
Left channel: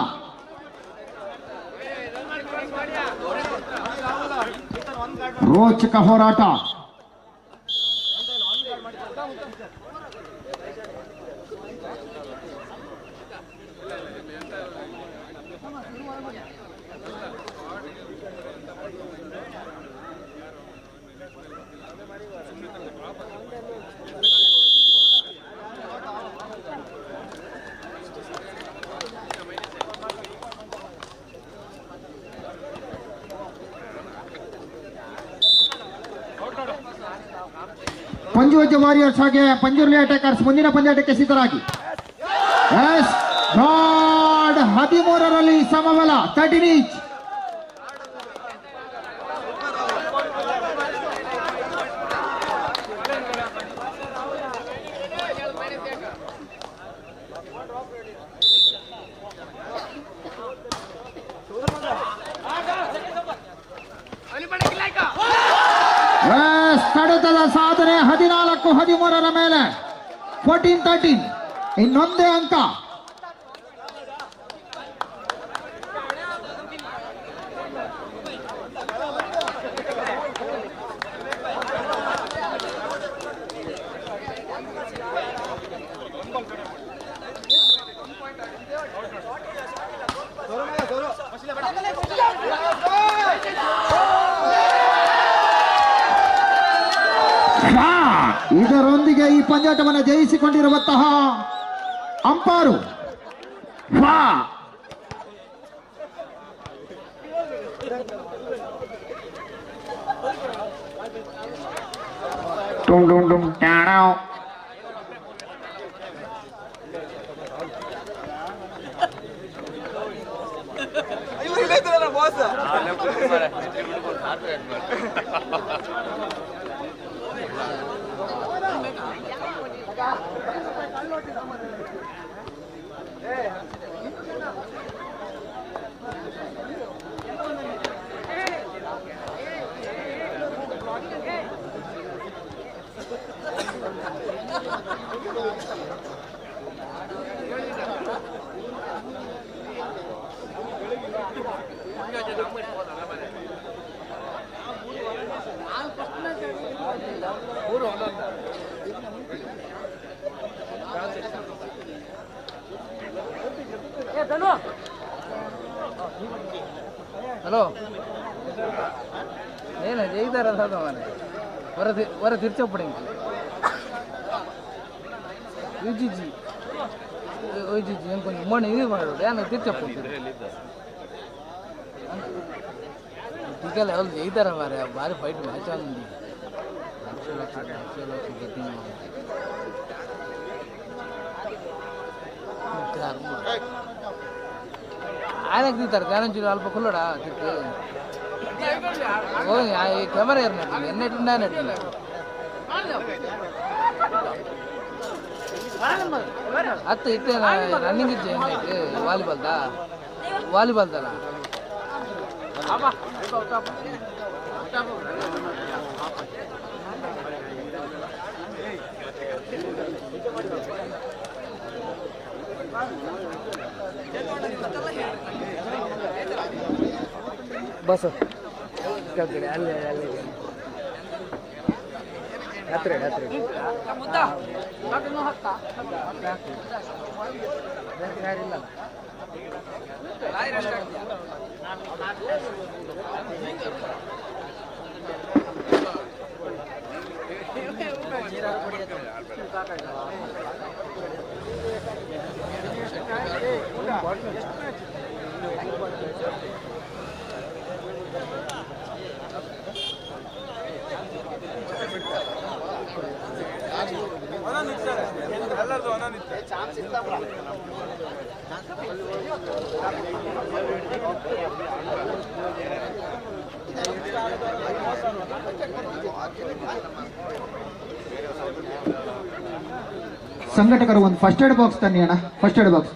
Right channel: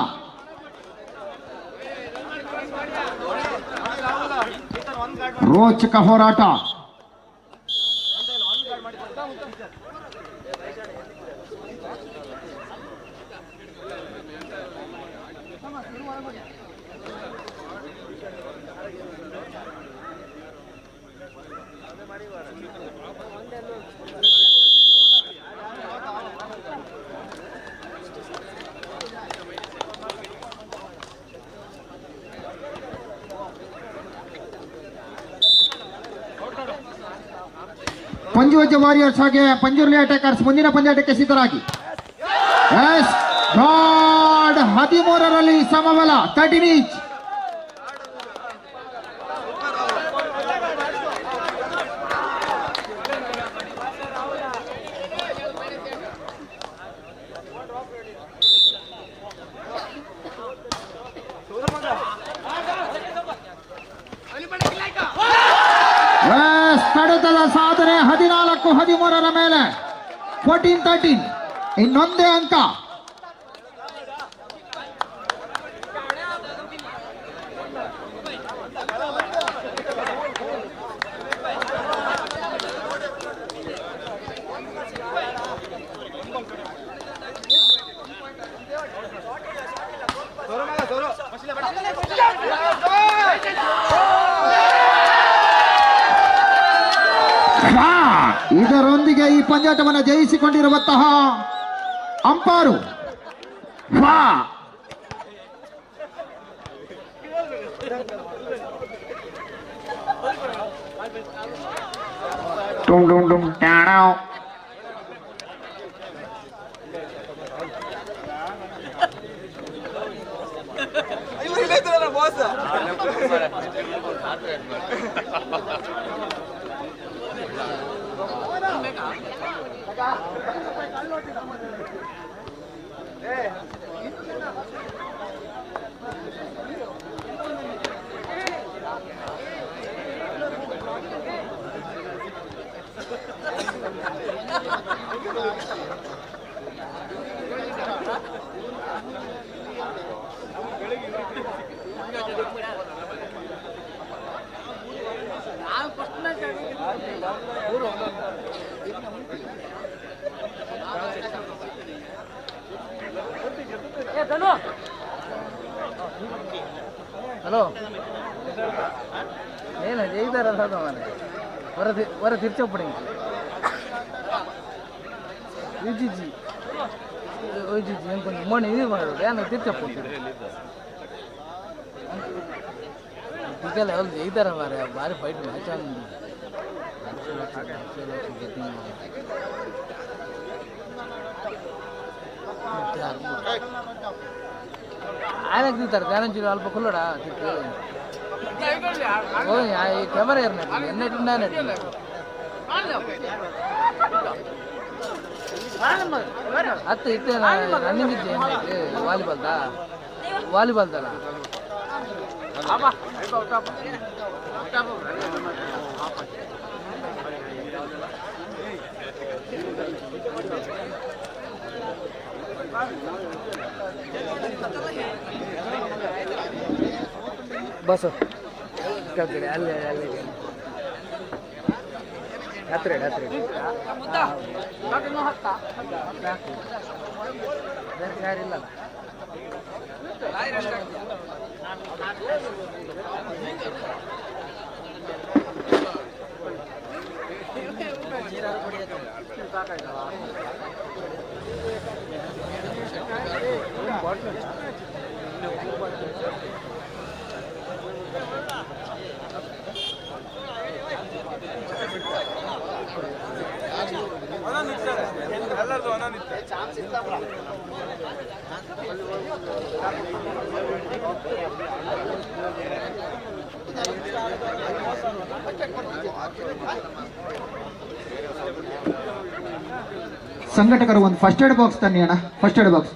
ರೋಚಕ ಹೋರಾಟ. ಪಂಜುವಜ್ಜ ವಾರಿಯರ್ಸ್ ಹಾಗೆ ಪಂಜುರ್ಲಿ ಅಟ್ಯಾಕರ್ಸ್ ಮುಂದಿನ ಪಂದ್ಯಾಟಕ್ಕೆ ಸಿದ್ಧರಾಗಿ. 13ರಲ್ಲಿ ಸಮಬಲ 13 ಈಚ್. ಕಡತದ ಸಾಧನೆ 14-13 ಮೇಲೆ 14-13. ಇನ್ನೊಂದೇ ಅಂಕ. ಇದರೊಂದಿಗೆ ಈ ಪಂದ್ಯಾಟವನ್ನು ಜಯಿಸಿಕೊಂಡಿರುವಂತಹ ಅಂಪಾರು ಹಲೋ ಏನು ಜೈತಾರಲ್ಲ ಮನೆ ವರ ತಿರ್ಚಪ್ಪಡಿ ಜಿಜಿ ಜಿಜಿ ಏನು ಕೊಂಚ ಮಣ್ಣು ಇದು ಮಾಡೋದು ಏನು ತಿರ್ಚಪ್ಪಡಿ ಇದೆಲ್ಲ ಅವ್ರು ಜೈತಾರ ಮಾರೆ ಭಾರಿ ಫೈಟ್ ಮ್ಯಾಚ್ ಆಗಿ ఆయనకు తీస్తారు ధ్యానం చూడు అల్ప కుల్లడా తిప్పి ఓ ఈ కెమెరా ఎన్నట్టుండే అన్నట్టు అత్త ఇట్టే రన్నింగ్ ఇచ్చేయండి వాలీబాల్ దా बस कड़े अल्ले अल्ले हत्रे हत्रे ಸಂಘಟಕರು ಒಂದು ಫಸ್ಟ್ ಏಡ್ ಬಾಕ್ಸ್ ತನ್ನಿ ಅಣ್ಣ, ಫಸ್ಟ್ ಏಡ್ ಬಾಕ್ಸ್.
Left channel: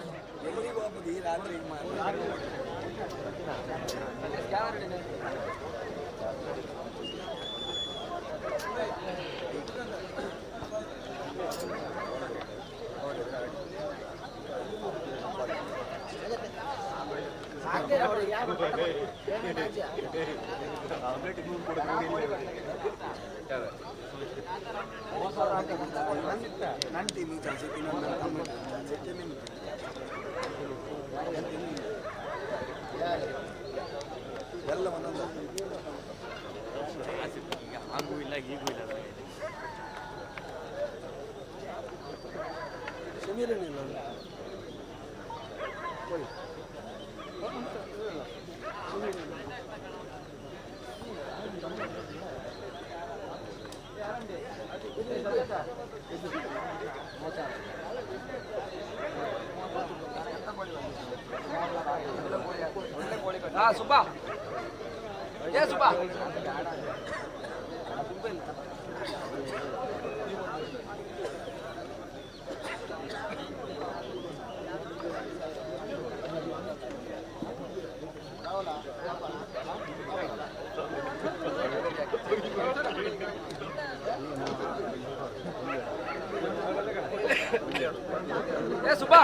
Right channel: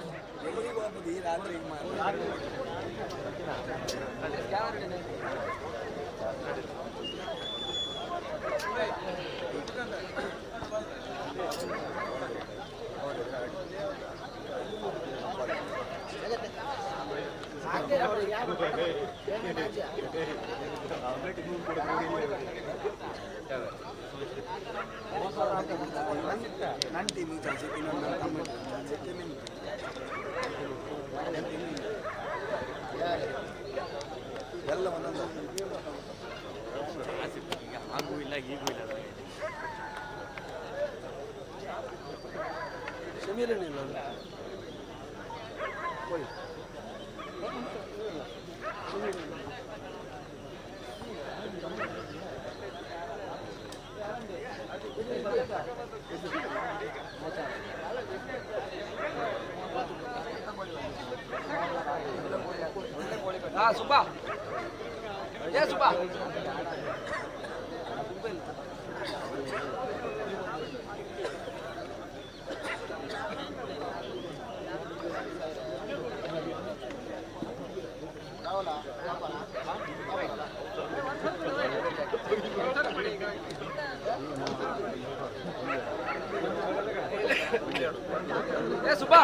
ನನ್ನ ಟೀಮಿಗೆ ಚಾನ್ಸ್ ಇನ್ನೊಂದು ತಮ್ಮ ಎಲ್ಲ ಒಂದೊಂದು ಹಾಗೂ ಇಲ್ಲ ಈಗೂ ಇಲ್ಲ ಸಮೀರನಿಲ್ಲ ಸುಬ್ಬಾ ಏ ಸುಬ್ಬಾ ಏ ಸುಬ್ಬಾ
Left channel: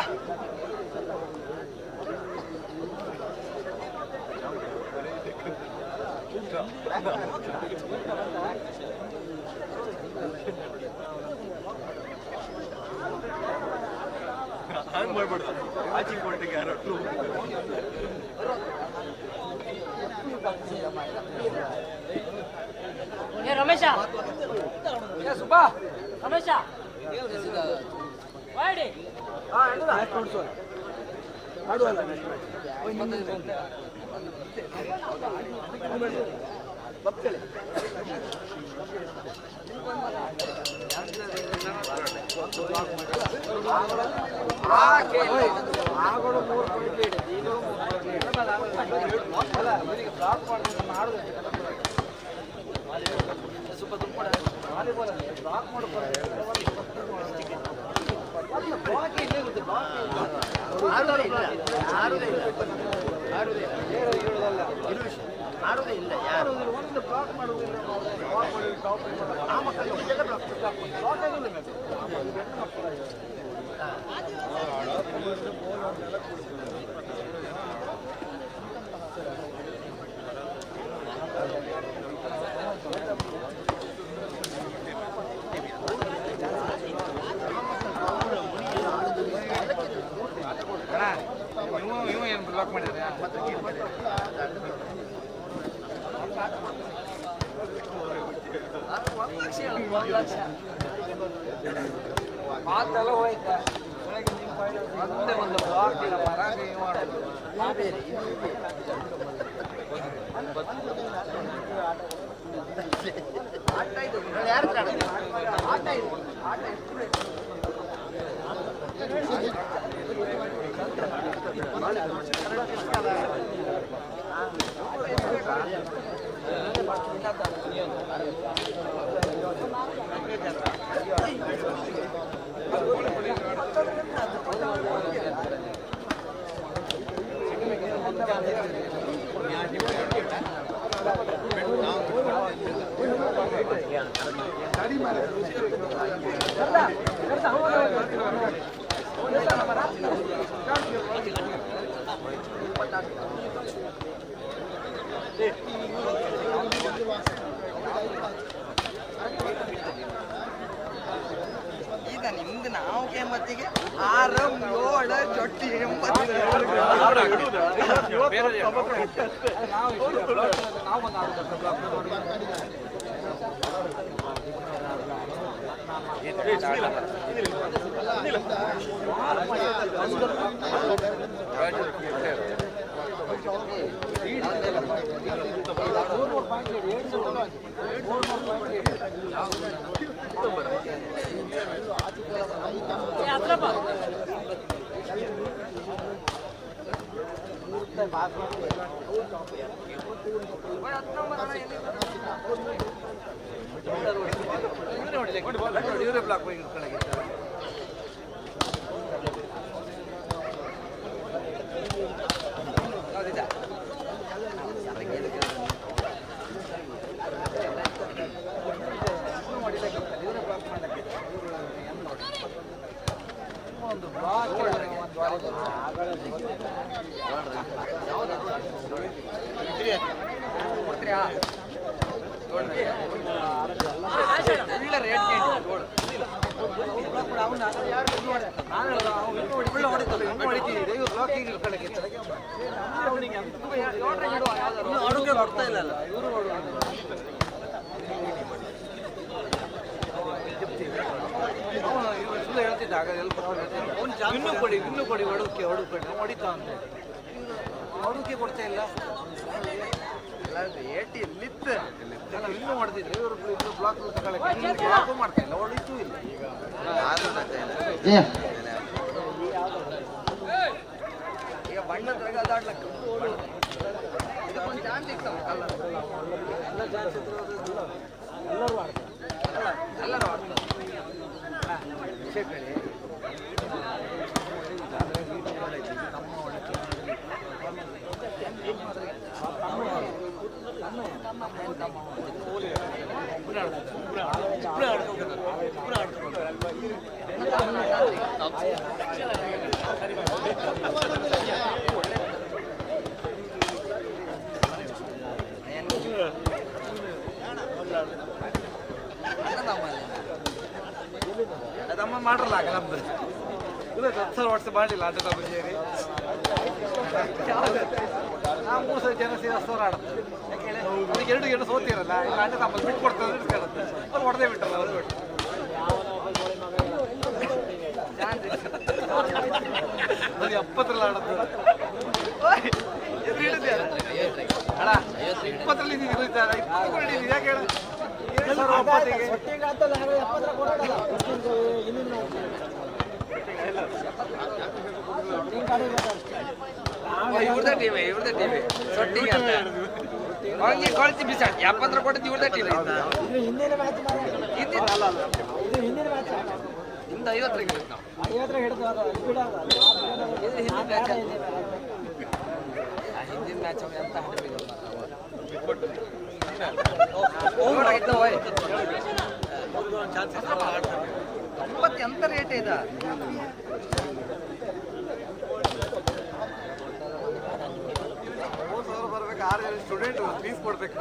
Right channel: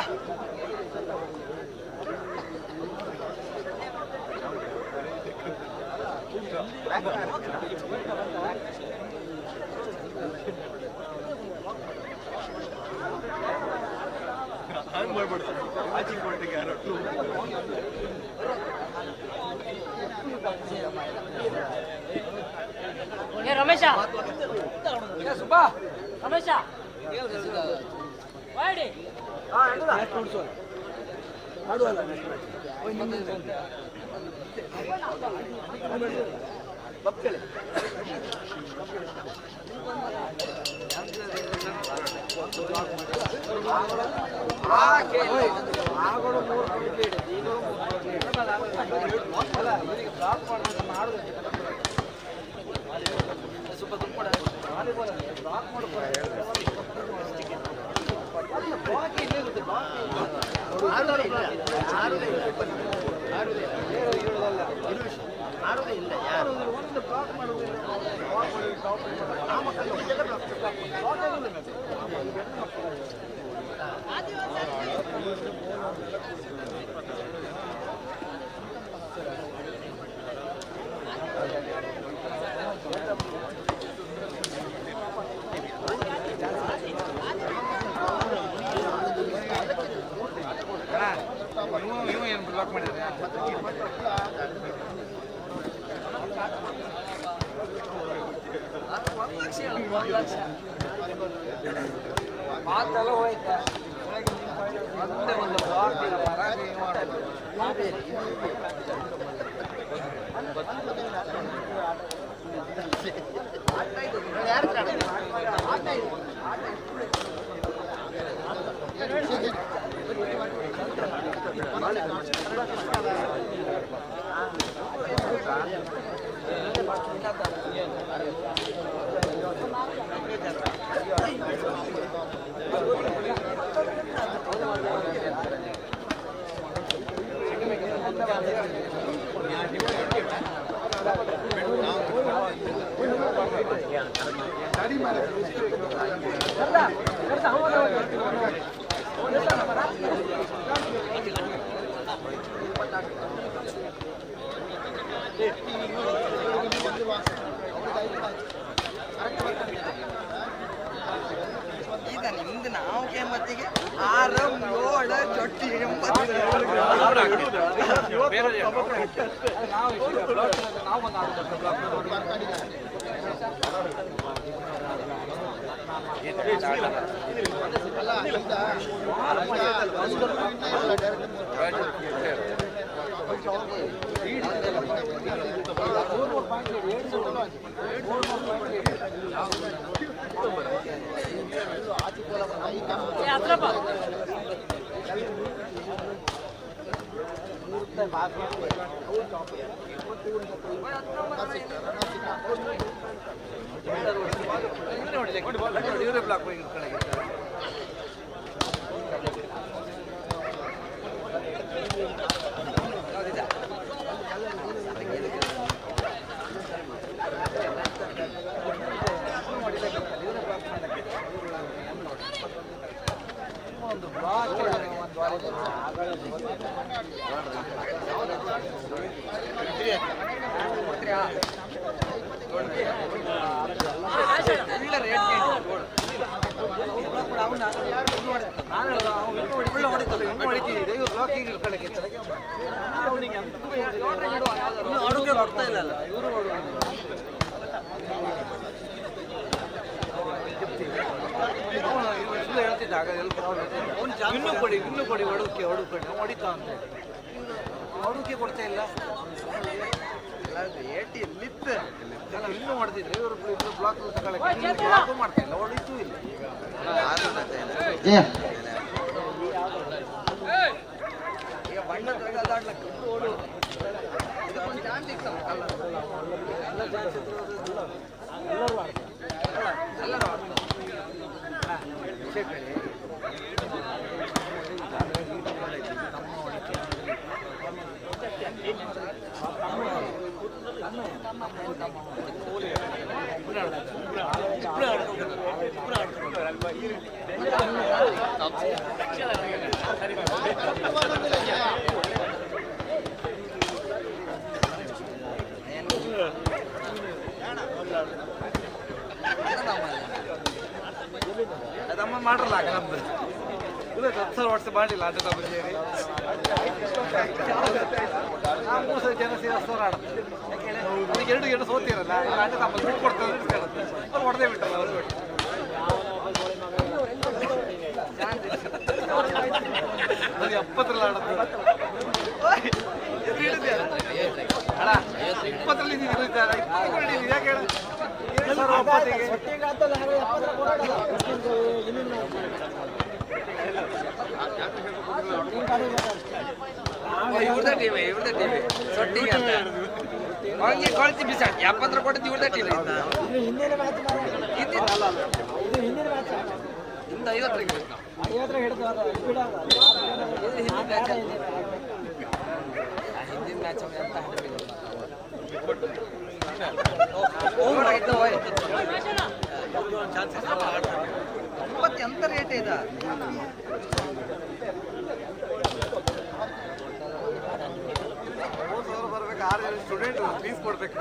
ಏ ರಮೇಶ ಏ ಸುಬ್ಬಾ ರಮೇಶ ಮಾಡಿ ಆಡುವಲ್ಲ ಬಪ್ಪಳೆ ಆಗೋಳು 3 ಕ್ರಿಕೆಟ್ ನೀನು ಅಲ್ಲ ಇವರಿಗೆ ಬ್ಲಾಕ್ ಮಾಡೋದು ಮಾಡೋದು ಸ್ವಲ್ಪ ದುಡ್ಡು ವಾಲಿಬಾಲ್ ಬ್ಲಾಕ್ ಮಾಡ್ತಾರೆ ಬಾಕಿ ಇಲ್ಲೇ ಗೊತ್ತು ಆಡೋದೇ ಇಲ್ಲ ಯಾರು ಒಂದು ಬ್ಲಾಕ್ ಮಾಡೋದಿಲ್ಲ ಆ ಮಕ್ಕಳಿಗೆ ಬ್ಲಾಕ್ ಆಗೋದಿಲ್ಲ ಇವ ಏನು ಬ್ಲಾಕ್ ಮಾಡಿದ್ರೆ ಮಾತೆಲ್ಲ ಹೋಯ್ತಾ ಮತ್ತೆ ಒಂದು ಬ್ಲಾಕ್ ಇಲ್ಲ ಮರಾಠಿ ಮಾಡೋದು ಈಗ ನಿಮ್ದು ನಾವು ಕೆಮ್ಮತ್ತಿಗೆ 6 7 ಚೊಟ್ಟಿ 80 ನಾವು ಇವರೇ ಬ್ಲಾಕ್ ಕೆಳಗೆ ಒಂದು ಬ್ಲಾಕ್ ಅಡುಗೆ ಕೊಡ್ತಾ ಇಲ್ಲ ಇವರು ಸುಳ್ಳು ಹೇಳ್ತಿದ್ದ ಆಗ ಇನ್ನೂ ಕೊಡಿ ಹೊಡುಕೆ ಹೊಡಿತಾ ಅಂತ ಹೊಡುಕೆ ಕೊಡ್ತಾ ಇಲ್ಲ ಎಲ್ಲಿತ್ತು ಅಲ್ಲ ಇನ್ನೂ ಹೊಡೆದಿದ್ರು ಇವರು ಬ್ಲಾಕ್ ಬ್ಲಾಕ್ ಮಾಡ್ತಾ ಇಲ್ಲ ಹೊಡಿತೂ ಇಲ್ಲ ಈಗ ಬಣ್ಣದಾಗ ಅದಾಡ್ಲಕ್ಕ ಇದಕ್ಕೊಂದು ಚಾನ್ಸ್ ಸಿಗ್ತಾವಲ್ಲ ಎಲ್ಲ ಚಾನ್ಸ್ ಎಲ್ಲರೂ ವಿಷಯ ಕಡೆ ಅದಮ್ಮ ಮಾಡ್ರಲ್ಲ ಆಗ ನಮ್ದು ಇದು 10 ವರ್ಷ ಮಾಡಿಲ್ಲ ಅದು ನಮ್ಮ ಸೇರಿ 3 ಜನ ಸೇರಿ 10 ಸಾವಿರ ಆಡುತ್ತೆ ಯಾಕೆ 2 ಸೋತಿರಲ್ಲ ಅಣ್ಣ ನಮ್ಮಲ್ಲಿ ಬಿಟ್ಟು ಕೊಡ್ತಾರೆ ಇಟ್ಕೊಳ್ಳುತ್ತೆ ಅವ್ರು ಹೊಡೆದೇ ಬಿಟ್ಟಲ್ಲ ಅವರು ಬಿಟ್ಟು ಅದು 70ರಲ್ಲಿ ಆಡುತ್ತೆ ಅಣ್ಣ 20ರಲ್ಲಿ ಇದ್ದಾರೆ 20 ಯಾಕೆ ಹೇಳ ಇವ್ರದೇ ಟೀಮೇ ಸೊಟ್ಟಿಗೆ ಅಂತ ಅವನಿಗೆ ಕೊಳ್ತಿ ಬಿಸಾಡ್ 70 ಕೊಟ್ಟಿದ್ದು ಇವ್ರದೇ ಟೀಮ್ ಹಿಂದಿನ ಹಿಂದ 50 ಹಿಂದಿನ ಮ್ಯಾಚ್ ಅಂತ ಎಂತ ರೇಟ್ ಇದೆ ಬರ್ಬೇಕು 6 ಜನ ಸ್ಟೂಡೆಂಟ್ ಫೀಸ್ ಕೊಡ್ಬೇಕು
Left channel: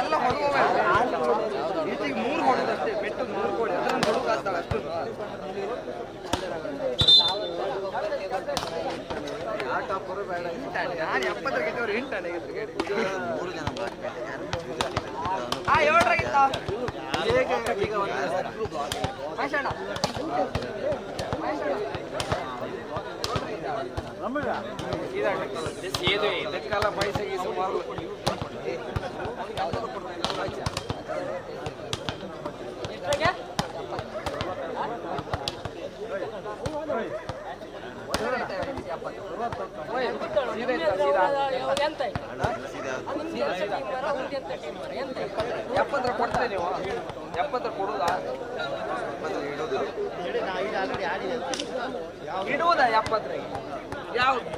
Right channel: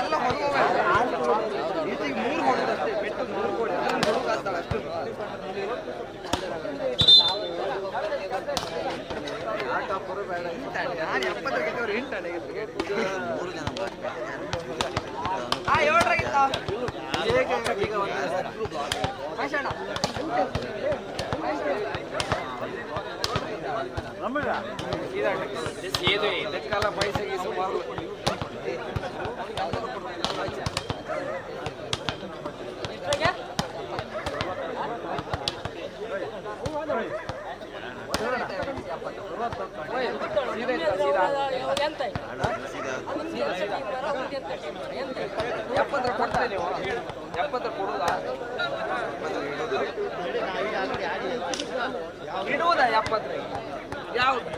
ಎಲ್ಲ ಹೊರಗೋವೆ ಈಚೆಗೆ 3 ಹೊಡೋದಷ್ಟೇ ಬೆಟ್ಟು 3 ಕೋಟಿ ಹುಡುಗಾಗ್ತಾಳೆ ಅಷ್ಟು ಆಟೋಪರು ಬೇಡ ನಾನು 70 ಗೆದ್ದವ್ರು 8 ಅಡೆ 3 ಜನ ಹೇಳ್ರಾಗಿತ್ತ ಈಗ ಇದಕ್ಕೆಲ್ಲ ಪೈಸೆಗೆ ಸುಮಾರು ಎಪ್ಪತ್ತರ ಕೊಡ್ತಾರೆ ನೀವು 70 ಕೊಡುದಾ ಇಡುವುದಾ 70 ಯಾವ್ದು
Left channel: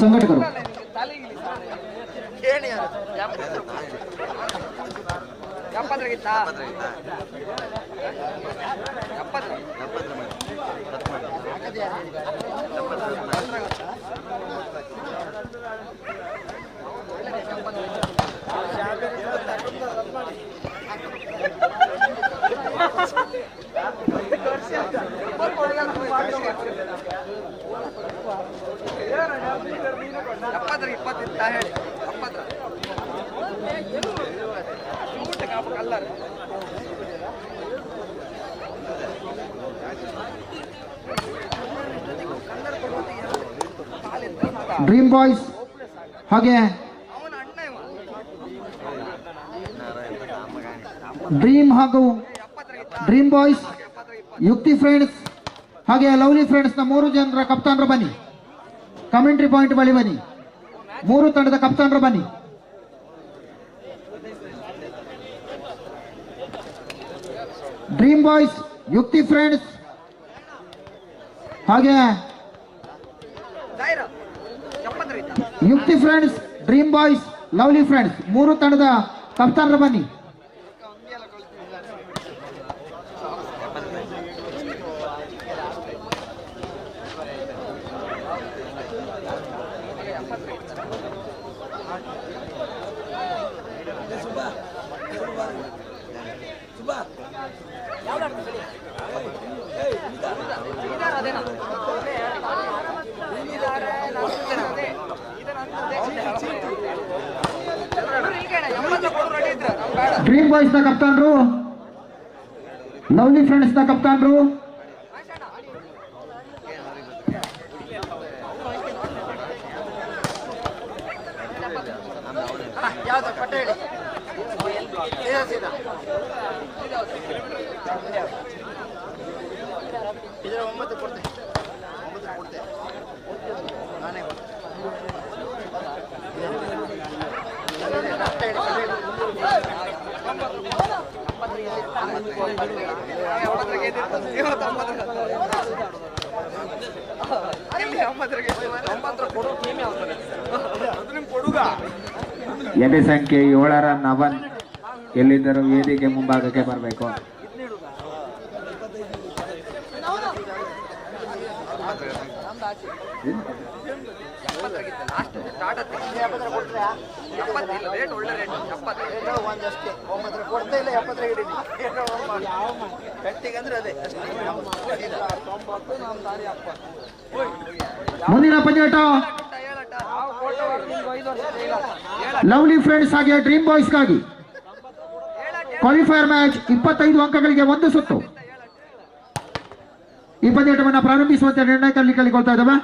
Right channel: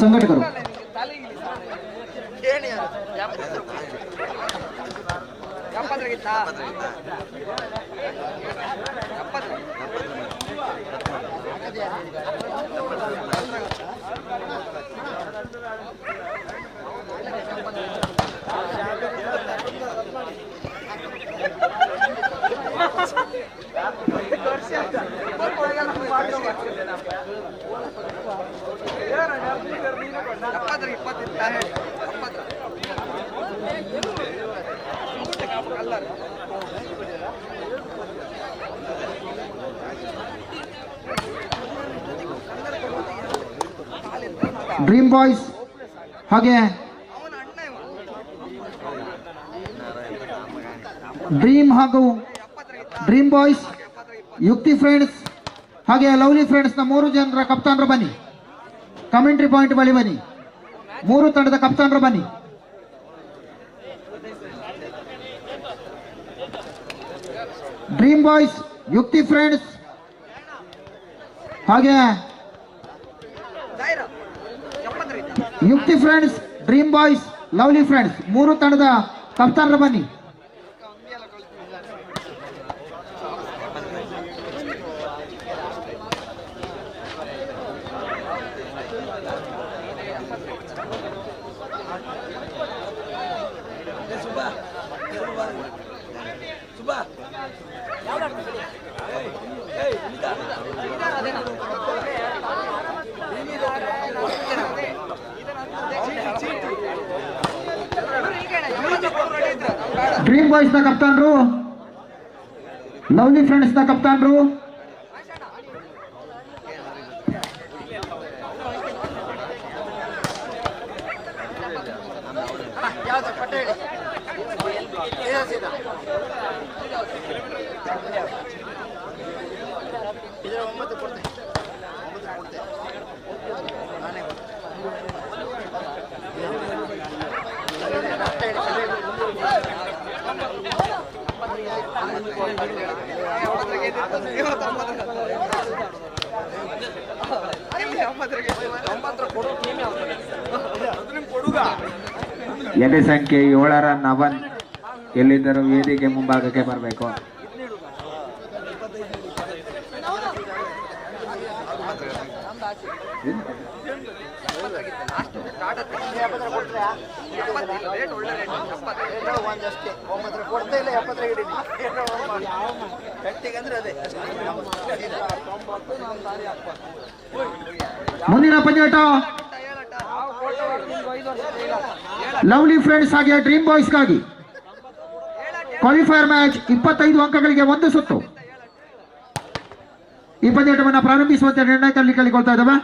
ಸಂಘಟಕರು ತಲೆಗಿಲಿ ಕೇಳಿ 70 70 ಡ್ರೀಮ್ ಬಾಯ್ಸ್ ಹಾಗೆ ಡ್ರೀಮ್ ಹಾಗೂ ಡ್ರೀಮ್ ಬಾಯ್ಸ್, ಯುಕ್ತಿ ಫ್ರೆಂಡ್ಸ್ ಹಾಗೆ ಲವ್ಲಿ ಫ್ರೆಂಡ್ಸ್ನ 3 ಜನರ ಕಪ್ತಾನರು ಬನ್ನಿ. ಕಮೆಂಟ್ರಿ ಪಾಯಿಂಟ್ ಬಳಿ ಬನ್ನಿ. 3 ತಂಡದ ಕಪ್ತಾನರು ಬನ್ನಿ. ಡ್ರೀಮ್ ಬಾಯ್ಸ್, ಯುಕ್ತಿ ಫ್ರೆಂಡ್ಸ್ ಹಾಗೆ ಯುಕ್ತಿ friends, dream boys, lovely friends 3 ತಂಡದ ಕಪ್ತಾನರು ಬನ್ನಿ. ಡ್ರೀಮ್ ಬಾಯ್ಸ್ ನ ಕಪ್ತಾನರು, ಲವ್ಲಿ ಫ್ರೆಂಡ್ಸ್ ನ ಕಪ್ತಾನರು, ಎದೆ ಸಂಖ್ಯೆ 7ರ ನವನ್ ಎಲ್ಲಿದ್ದರೂ ವೇದಿಕೆ ಮುಂಭಾಗಕ್ಕೆ ಬರಬೇಕು. ಮುಂದಿನ ಪಂದ್ಯಾಟ ಲವ್ಲಿ ಫ್ರೆಂಡ್ಸ್ ಹಾಗೆ ಡ್ರೀಮ್ ಬಾಯ್ಸ್ಗಾಗಿ ಕ್ವಾಲಿಫೈಯರ್ ಮ್ಯಾಚ್ 25 ಅಂಕಗಳಿಗೆ 1 ಸುತ್ತು. ಈ ಪಂದ್ಯಾಟವನ್ನು ಪ್ರಾರಂಭಿಸುವಂತೆ ನಿರ್ಣಯದಲ್ಲಿ ಕೇಳಿಕೊಳ್ತಾ ಇದ್ದಾವೆ.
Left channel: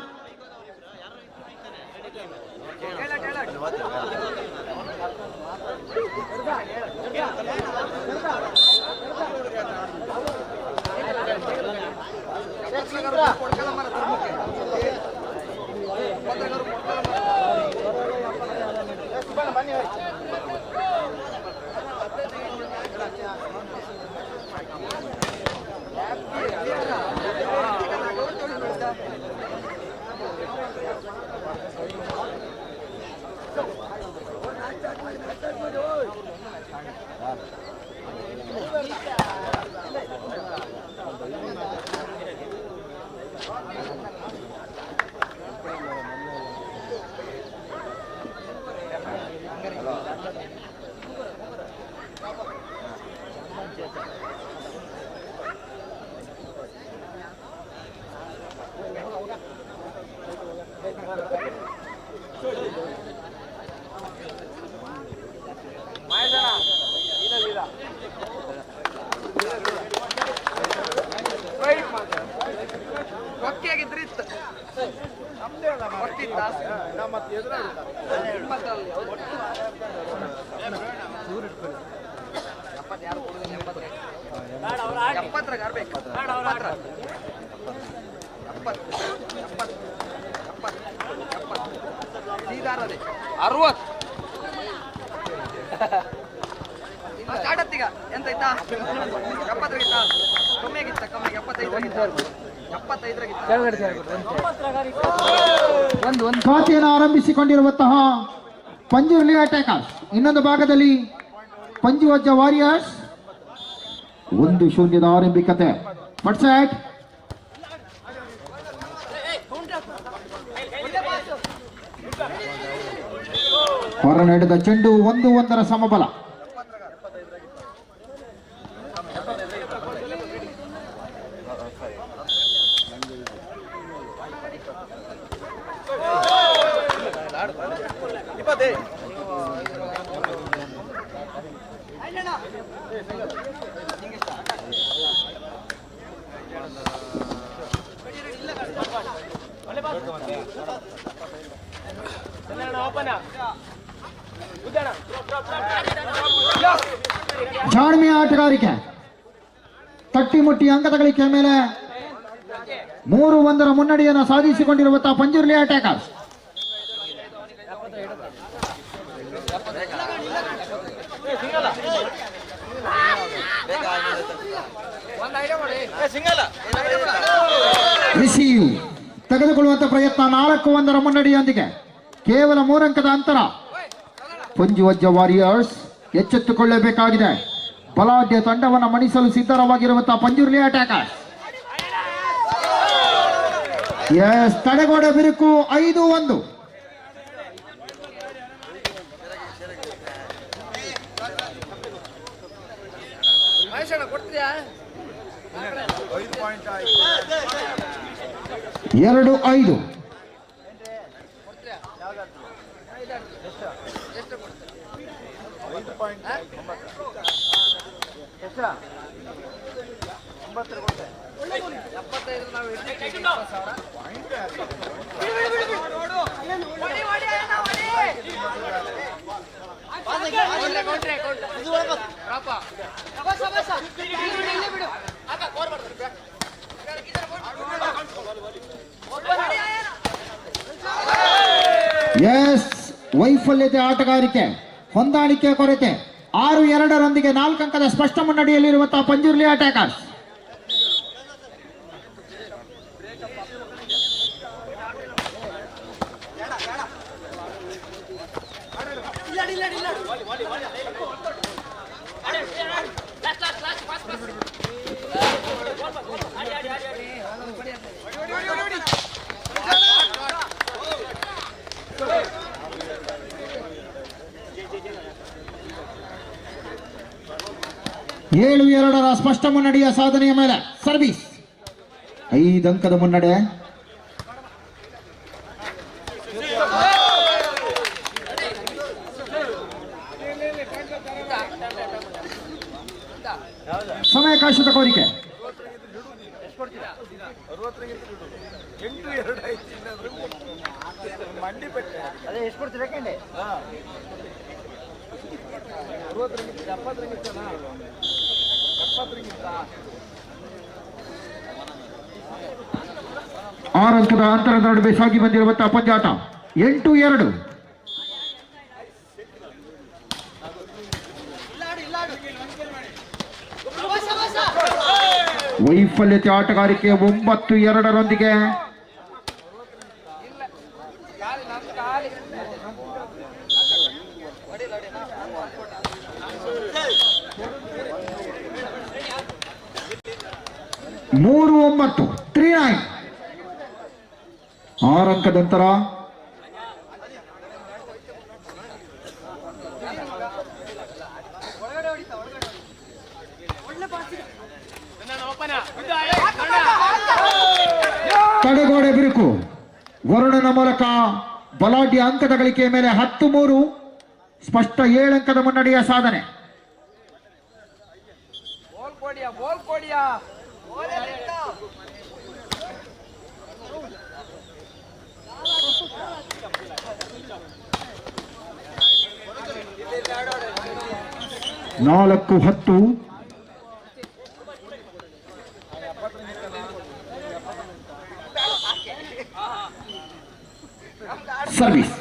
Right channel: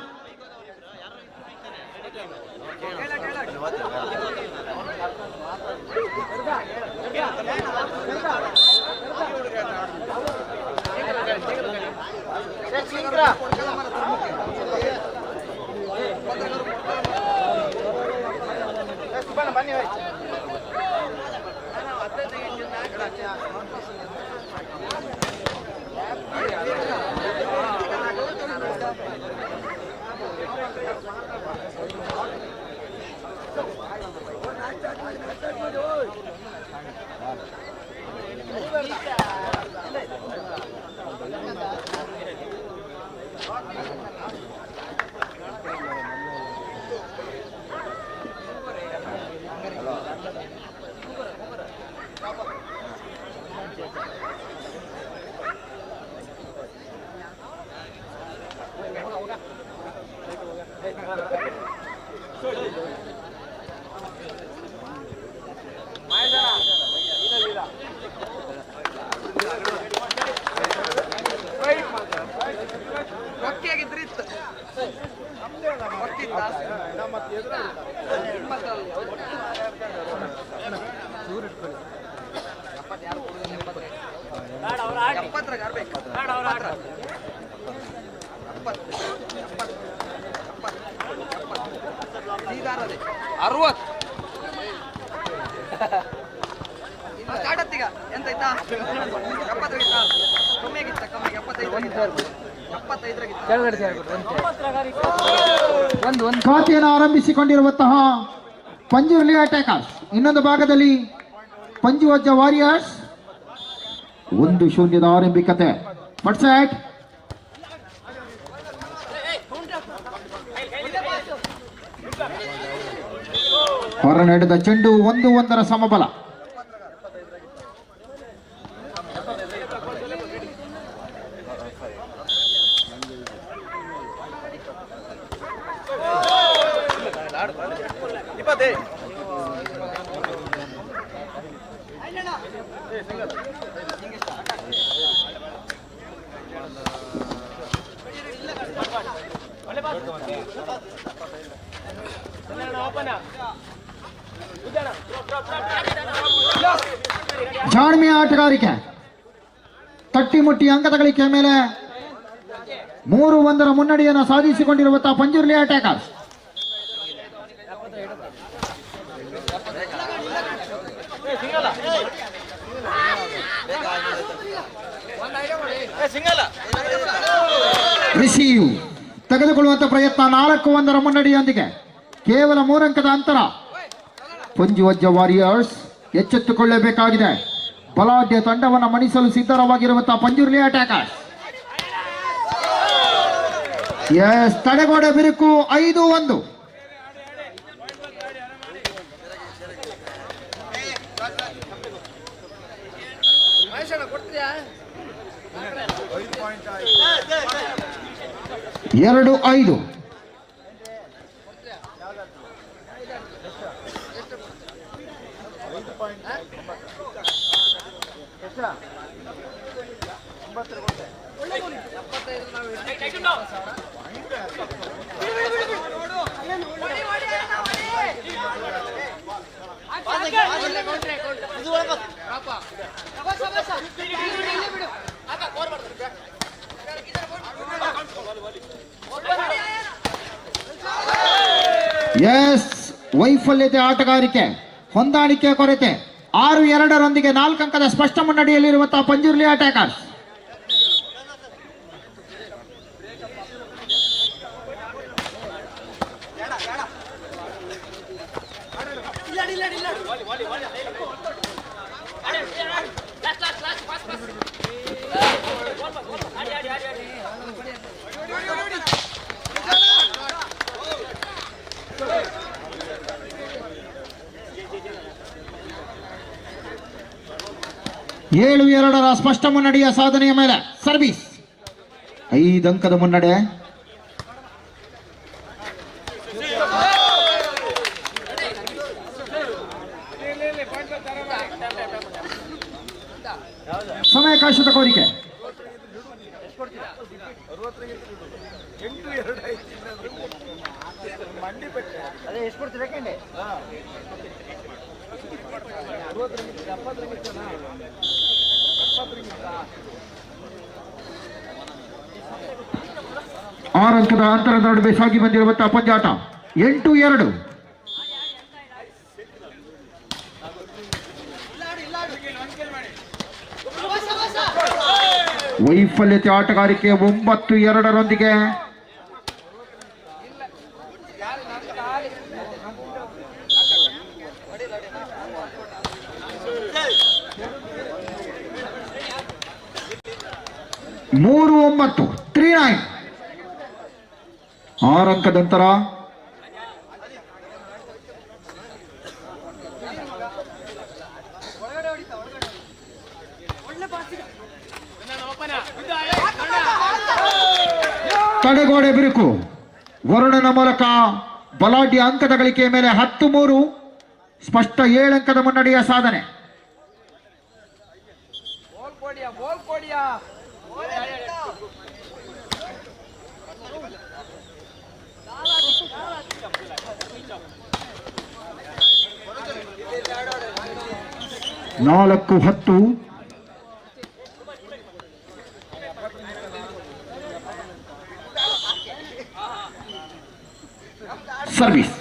ಖಾತೆಯನ್ನು ಆರಂಭಿಸಿಕೊಂಡಿರುವಂತಹ ಪಂಜುರ್ಲಿ ಅಟ್ಯಾಕರ್ಸ್, ಇನ್ನೊಂದು ಭಾಗದಲ್ಲಿ ಪಂಜುವಜ್ಜ ವಾರಿಯರ್ಸ್. 1-0 ಆರಂಭಿಕತೆ. ಪಟ್ಸೆಟ್ ಹೊರ ನಡೆದ ಚೆಂಡು 1-1 ಸಮಬಲ. ಜಾಣ್ಮೆಯ ಆಟಗಾರಿಕೆ, ತಟ್ಟಿಮುಟ್ಟಿ ಅಂಕದ ಗಳಿಕೆ ಮೇಲೆ 3-1 ಮುನ್ನಡೆಯನ್ನು ಸಾಧಿಸಿಕೊಂಡಿರುವಂತಹ ಪಂಜುರ್ಲಿ ಅಟ್ಯಾಕರ್ಸ್. ರಿಸೀವ್ ತೆಗೆದುಕೊಳ್ಳುವಂತ ಪ್ರಯತ್ನ 4-1 ಮುನ್ನಡೆಯೊಂದಿಗೆ ಕೇವಲ 3 ಅಂಕದ ಅಂತರ. ಪಂಜುವಜ್ಜ ವಾರಿಯರ್ಸ್ ಎಚ್ಚೆತ್ತುಕೊಳ್ಳಬೇಕಾಗಿದೆ. ಬಲಾಢ್ಯ ತಂಡವನ್ನು ಮಣಿಸಲು ಸಿದ್ಧವಾಗಿರುವಂತಹ ಪಂಜುರ್ಲಿ ಅಟ್ಯಾಕರ್ಸ್. ಎಸ್, ತಡೆಗೋಡೆ ಬಿರುಕು 5-1. ಕೊಡ್ತೀಯಾ 2-5. ಎಸ್, ವೈಫಲ್ಯತೆ ಆಟಗಾರಿಕೆ, ಹೊಂದಾಣಿಕೆ ಕೊರತೆ. 6-2 4 ಅಂಕದ ಸ್ಪಷ್ಟ ಮುನ್ನಡೆಯಲ್ಲಿರುವಂತಹ ಪಂಜುರ್ಲಿ ಅಟ್ಯಾಕರ್ಸ್. ಏಳು 2 ಸ್ಪಷ್ಟ ಮುನ್ನಡೆಯ ಸಾಧನೆಯ ಮೇಲೆ ಸರ್ವಿಸ್. 5 ಅಂಕದ ಮುನ್ನಡೆ. ಸಮಯಾವಕಾಶದ ಕೋರಿಕೆ. ಅದೇ ಎಷ್ಟು ಕೊಡ್ತೀರಾ ಕಂಡೆ 6 ಅಂಕದ ಅಂತರದ ನಡುವೆ ಸಾಗಿ ಬಂದಿರುವಂತಹ ಪಂದ್ಯಾಟ 8-2. ವೈಫಲ್ಯತೆ ಆಟಗಾರಿಕೆ 9-2 3-9 3-9. 6 ಅಂಕದ ಅಂತರ. ತಡೆಗೋಡೆ ಬಿರುಕು. ವರುಣನ ಮೂಲಕ ಬಲಾಢ್ಯ ಅಂಕದ ಗಳಿಕೆಯ ಮೇಲೆ 10-3 ಸ್ಪಷ್ಟ 7 ಅಂಕದ ಮುನ್ನಡೆಯ ಸಾಧನೆ. ನಾಲ್ಕು 10. ಸರ್ವಿಸ್.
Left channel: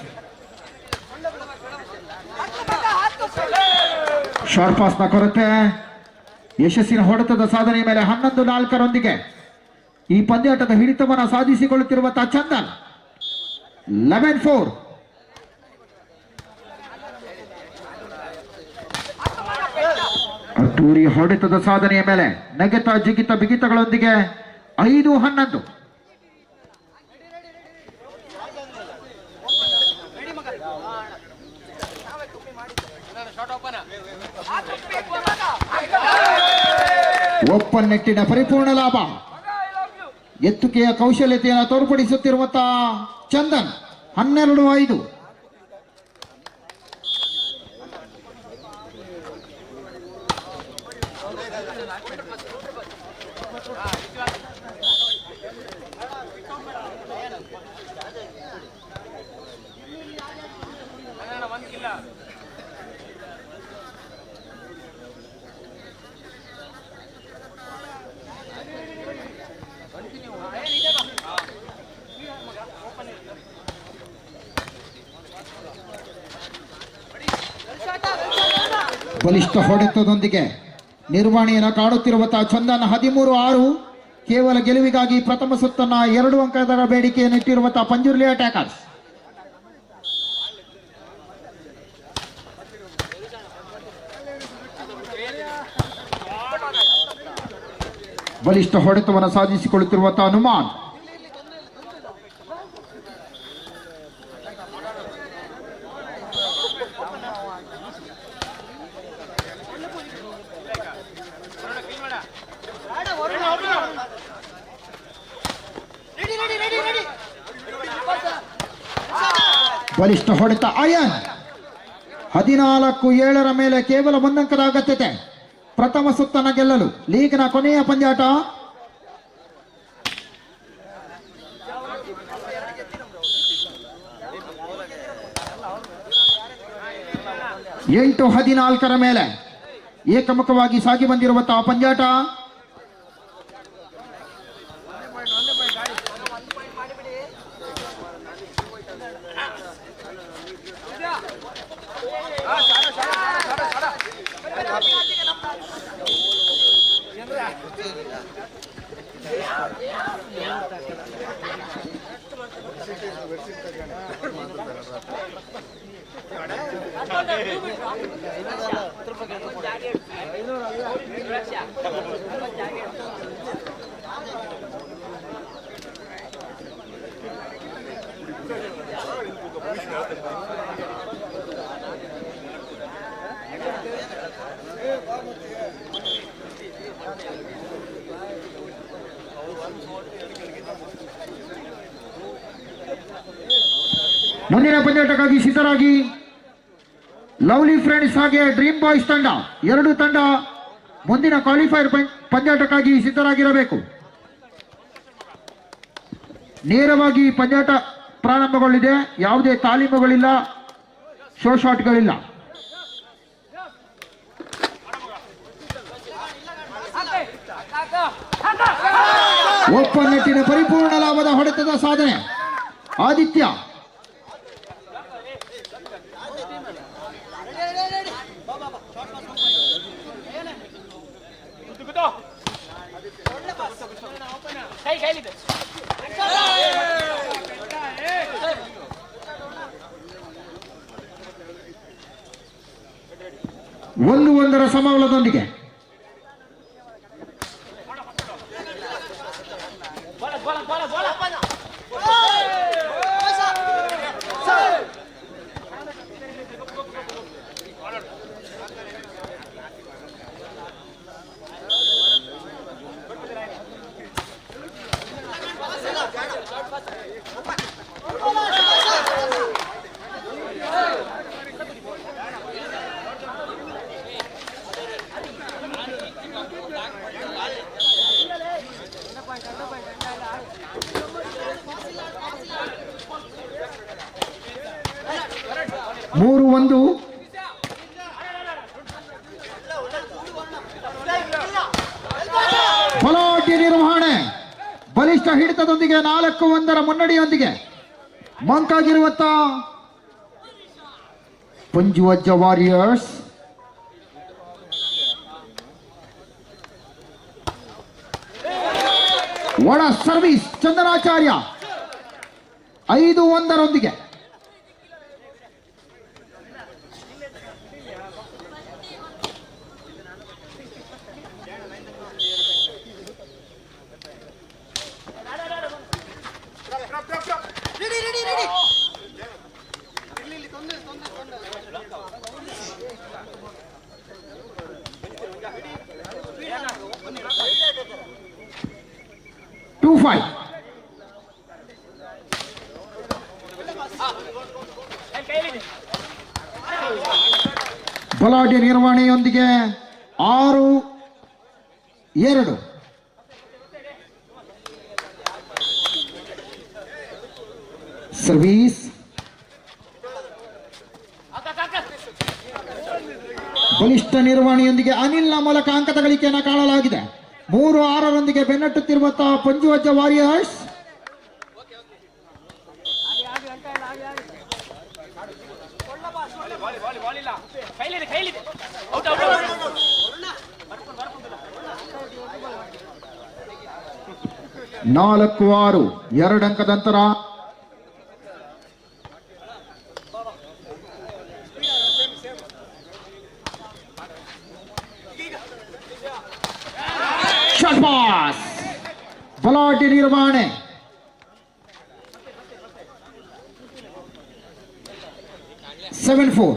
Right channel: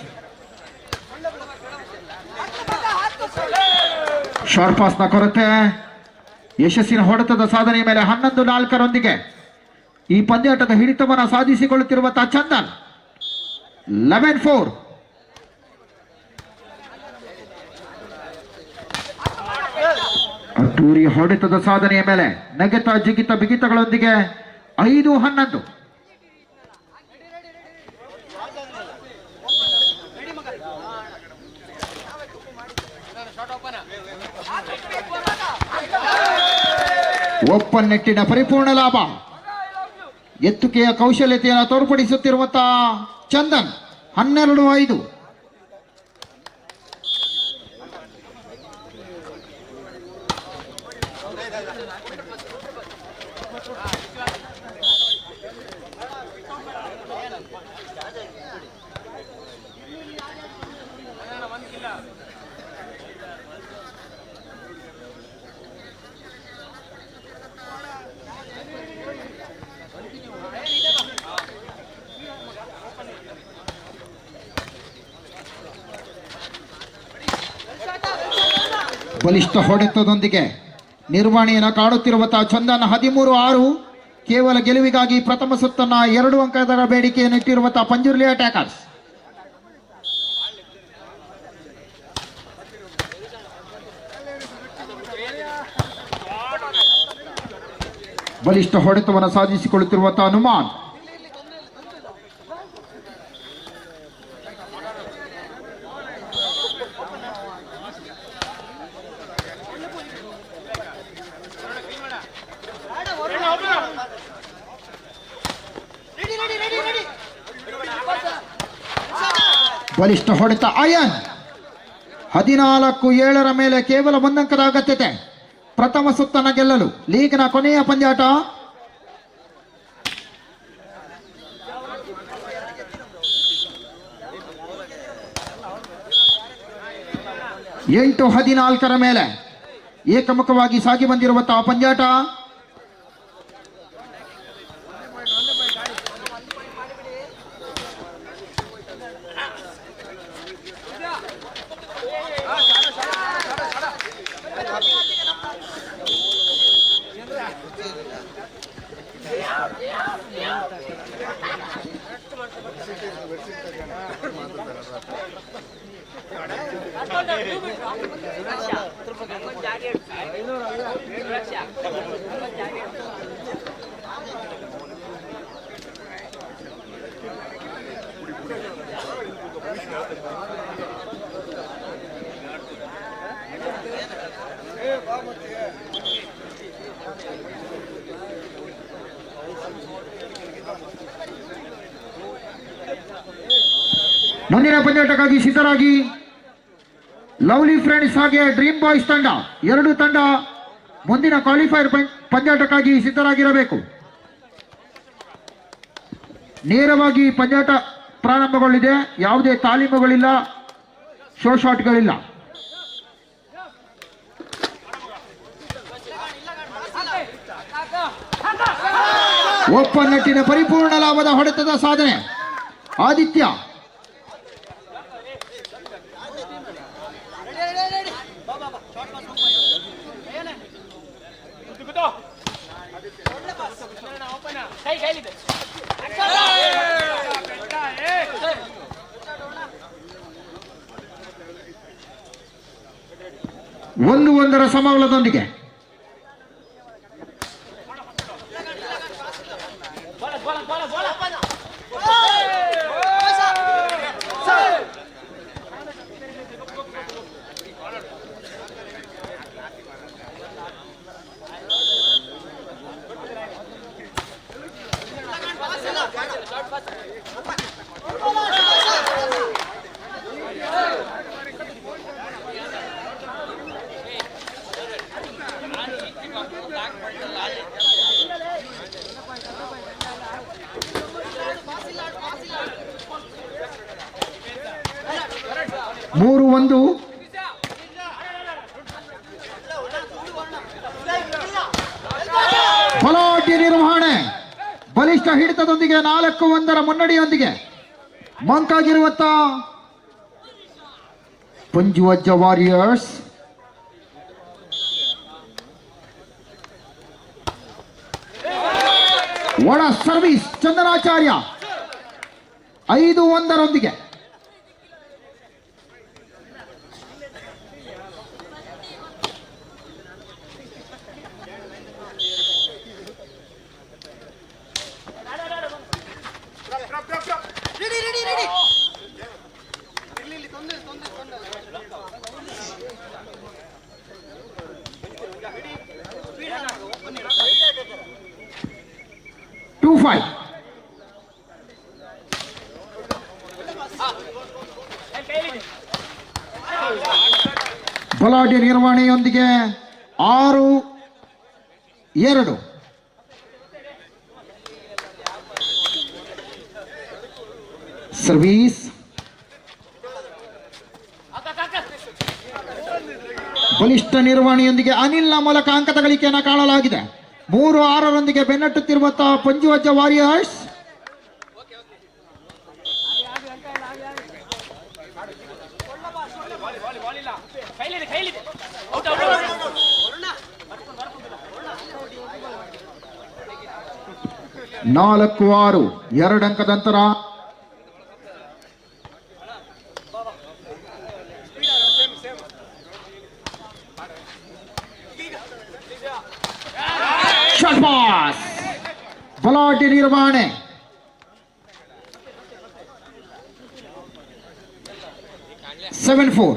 ಶಾರ್ಟ್ ಪಾಸ್ನ ಕೊರತೆ. ಯಶಸ್ಸಿನ ಹೊಡೆತದ ಸಾಧನೆಯ ಮೇಲೆ 11-4 ಈ ಪಂದ್ಯಾಟದ ಹಿಡಿತವನ್ನು ಸಾಧಿಸಿಕೊಳ್ಳುತ್ತಿರುವಂತಹ ಚಂದನ್ 11-4. ಅದ್ದೂರಿ ಹೊಡೆತದ ಸಾಧನೆಯ ಮೇಲೆ ನಗೆತ ಜಿಗಿತ ಬಿಗಿತಗಳೊಂದಿಗೆ 5-11. ಓಪನ್ ನೆಟ್ಟಿನ ಪರಿಪೂರ್ಣ ಲಾಭ. ಎತ್ತುಕೆಯ ಕೌಶಲ್ಯತೆಯನ್ನು ತೋರ್ಪಡಿಸುತ್ತಿರುವಂತಹ ಚಂದನ್ 12-5. ಬಲಿಷ್ಠ ಹೊಡೆತದೊಂದಿಗೆ ನಿರ್ವಹಣೆಯನ್ನು ಕಾಣುತ್ತಿರುವಂತಹ ಚಂದನ್ 13-6 ಕೇವಲ ಗೆಲುವಿಗಾಗಿ ಪ್ರಥಮ ಸುತ್ತನ್ನ 2 ಅಂಕದ ಬೇಡಿಕೆಯನ್ನು ಇಟ್ಟಿರುವಂತಹ ಪಂಜುರ್ಲಿ ಅಟ್ಯಾಕರ್ಸ್. ಬಲಿಷ್ಠ ಹೊಡೆತವನ್ನು ಸಾಧಿಸಿಕೊಳ್ಳುತ್ತಿರುವಂತಹ ಹನುಮಾನ್. ಬಲಿಷ್ಠ ಹೊಡೆತ ಅಯನ್. 14-7 ಮೇಲೆ ಕೇವಲ 1 ಅಂಕದ ಅಗತ್ಯತೆ ಪ್ರಥಮ ಸುತ್ತನ್ನು ಗೆಲ್ಲಲು. ಲೀಗ್ನ ಕೊನೆಯ ಪಂದ್ಯಾಟ. ಎಂಟು 14 ಮೇಲೆ ಏಕಮುಖವಾಗಿ ಸಾಗಿ ಬಂದಿರುವಂತಹ ಪಂದ್ಯಾಟ. ಮುಂದಿನ ಪಂದ್ಯಾಟಕ್ಕಾಗಿ ಸಿದ್ಧರಾಗಿ ಲವ್ಲಿ ಫ್ರೆಂಡ್ಸ್ ಹಾಗೆ ಡ್ರೀಮ್ ಬಾಯ್ಸ್ ತಂಡ. 2 ತಂಡ ಮುಂದಿನ ಕ್ವಾಲಿಫೈರ್ ಪಂದ್ಯಾಟಕ್ಕಾಗಿ ಸಿದ್ಧರಾಗಿರಬೇಕು. ನೇರವಾಗಿ ಪಂದ್ಯಾಟ ಪ್ರಾರಂಭಗೊಂಡಿದೆ. ಯಾವುದೇ ತಾಲೀಮುಗಳಿಲ್ಲ, ಶೋ ಶಾಟ್ಗಳಿಲ್ಲ. ಓಪನ್ ನೆಟ್ಟಿನ ಪರಿಪೂರ್ಣ ಲಾಭದ ಹೊಡೆತದ ಸಾಧನೆ ಆದಿತ್ಯ. ಒಂದರ ಸಮಬಲದೊಂದಿಗೆ ಮೂರು ಒಂದು. ಬಲಾಢ್ಯ ನಿರ್ವಹಣೆ, ಬಲಿಷ್ಠ ಹಿಡಿತದೊಂದಿಗೆ 4-1 ಮುನ್ನಡೆಯೊಂದಿಗೆ ಮಂಕಾಗಿರುವಂತ ಪಂಜುವಜ್ಜ ವಾರಿಯರ್ಸ್. ಒಳ ಸರ್ವಿಸ್ ಚಂದನಾಚಾರ್ಯ 5-1 2-5. ಬಲಾಢ್ಯ ನಿರ್ವಹಣೆಯೊಂದಿಗೆ 6-2. ಸರ್ವೀಸ್ ಬಲಿಷ್ಠ ನಿರ್ವಹಣೆಯೊಂದಿಗೆ ಅನಿಲ್ನ ಮೂಲಕ ಅಂಕದ ಗಳಿಕೆಯನ್ನು ಕಾಣಲಾಗಿದೆ. 3-6 ಬೆನ್ನಟ್ಟುತ್ತಿರುವಂತಹ ಪಂಜುವಜ್ಜ ವಾರಿಯರ್ಸ್. ಕೈಲಿದೆ 4-6 2 ಅಂಕದ ಅಂತರ. ಶಾಟ್ ಪಾಸ್, ಬಲಾಟಿ ನಿರ್ವಹಣೆ. ಸೆವೆನ್ 4.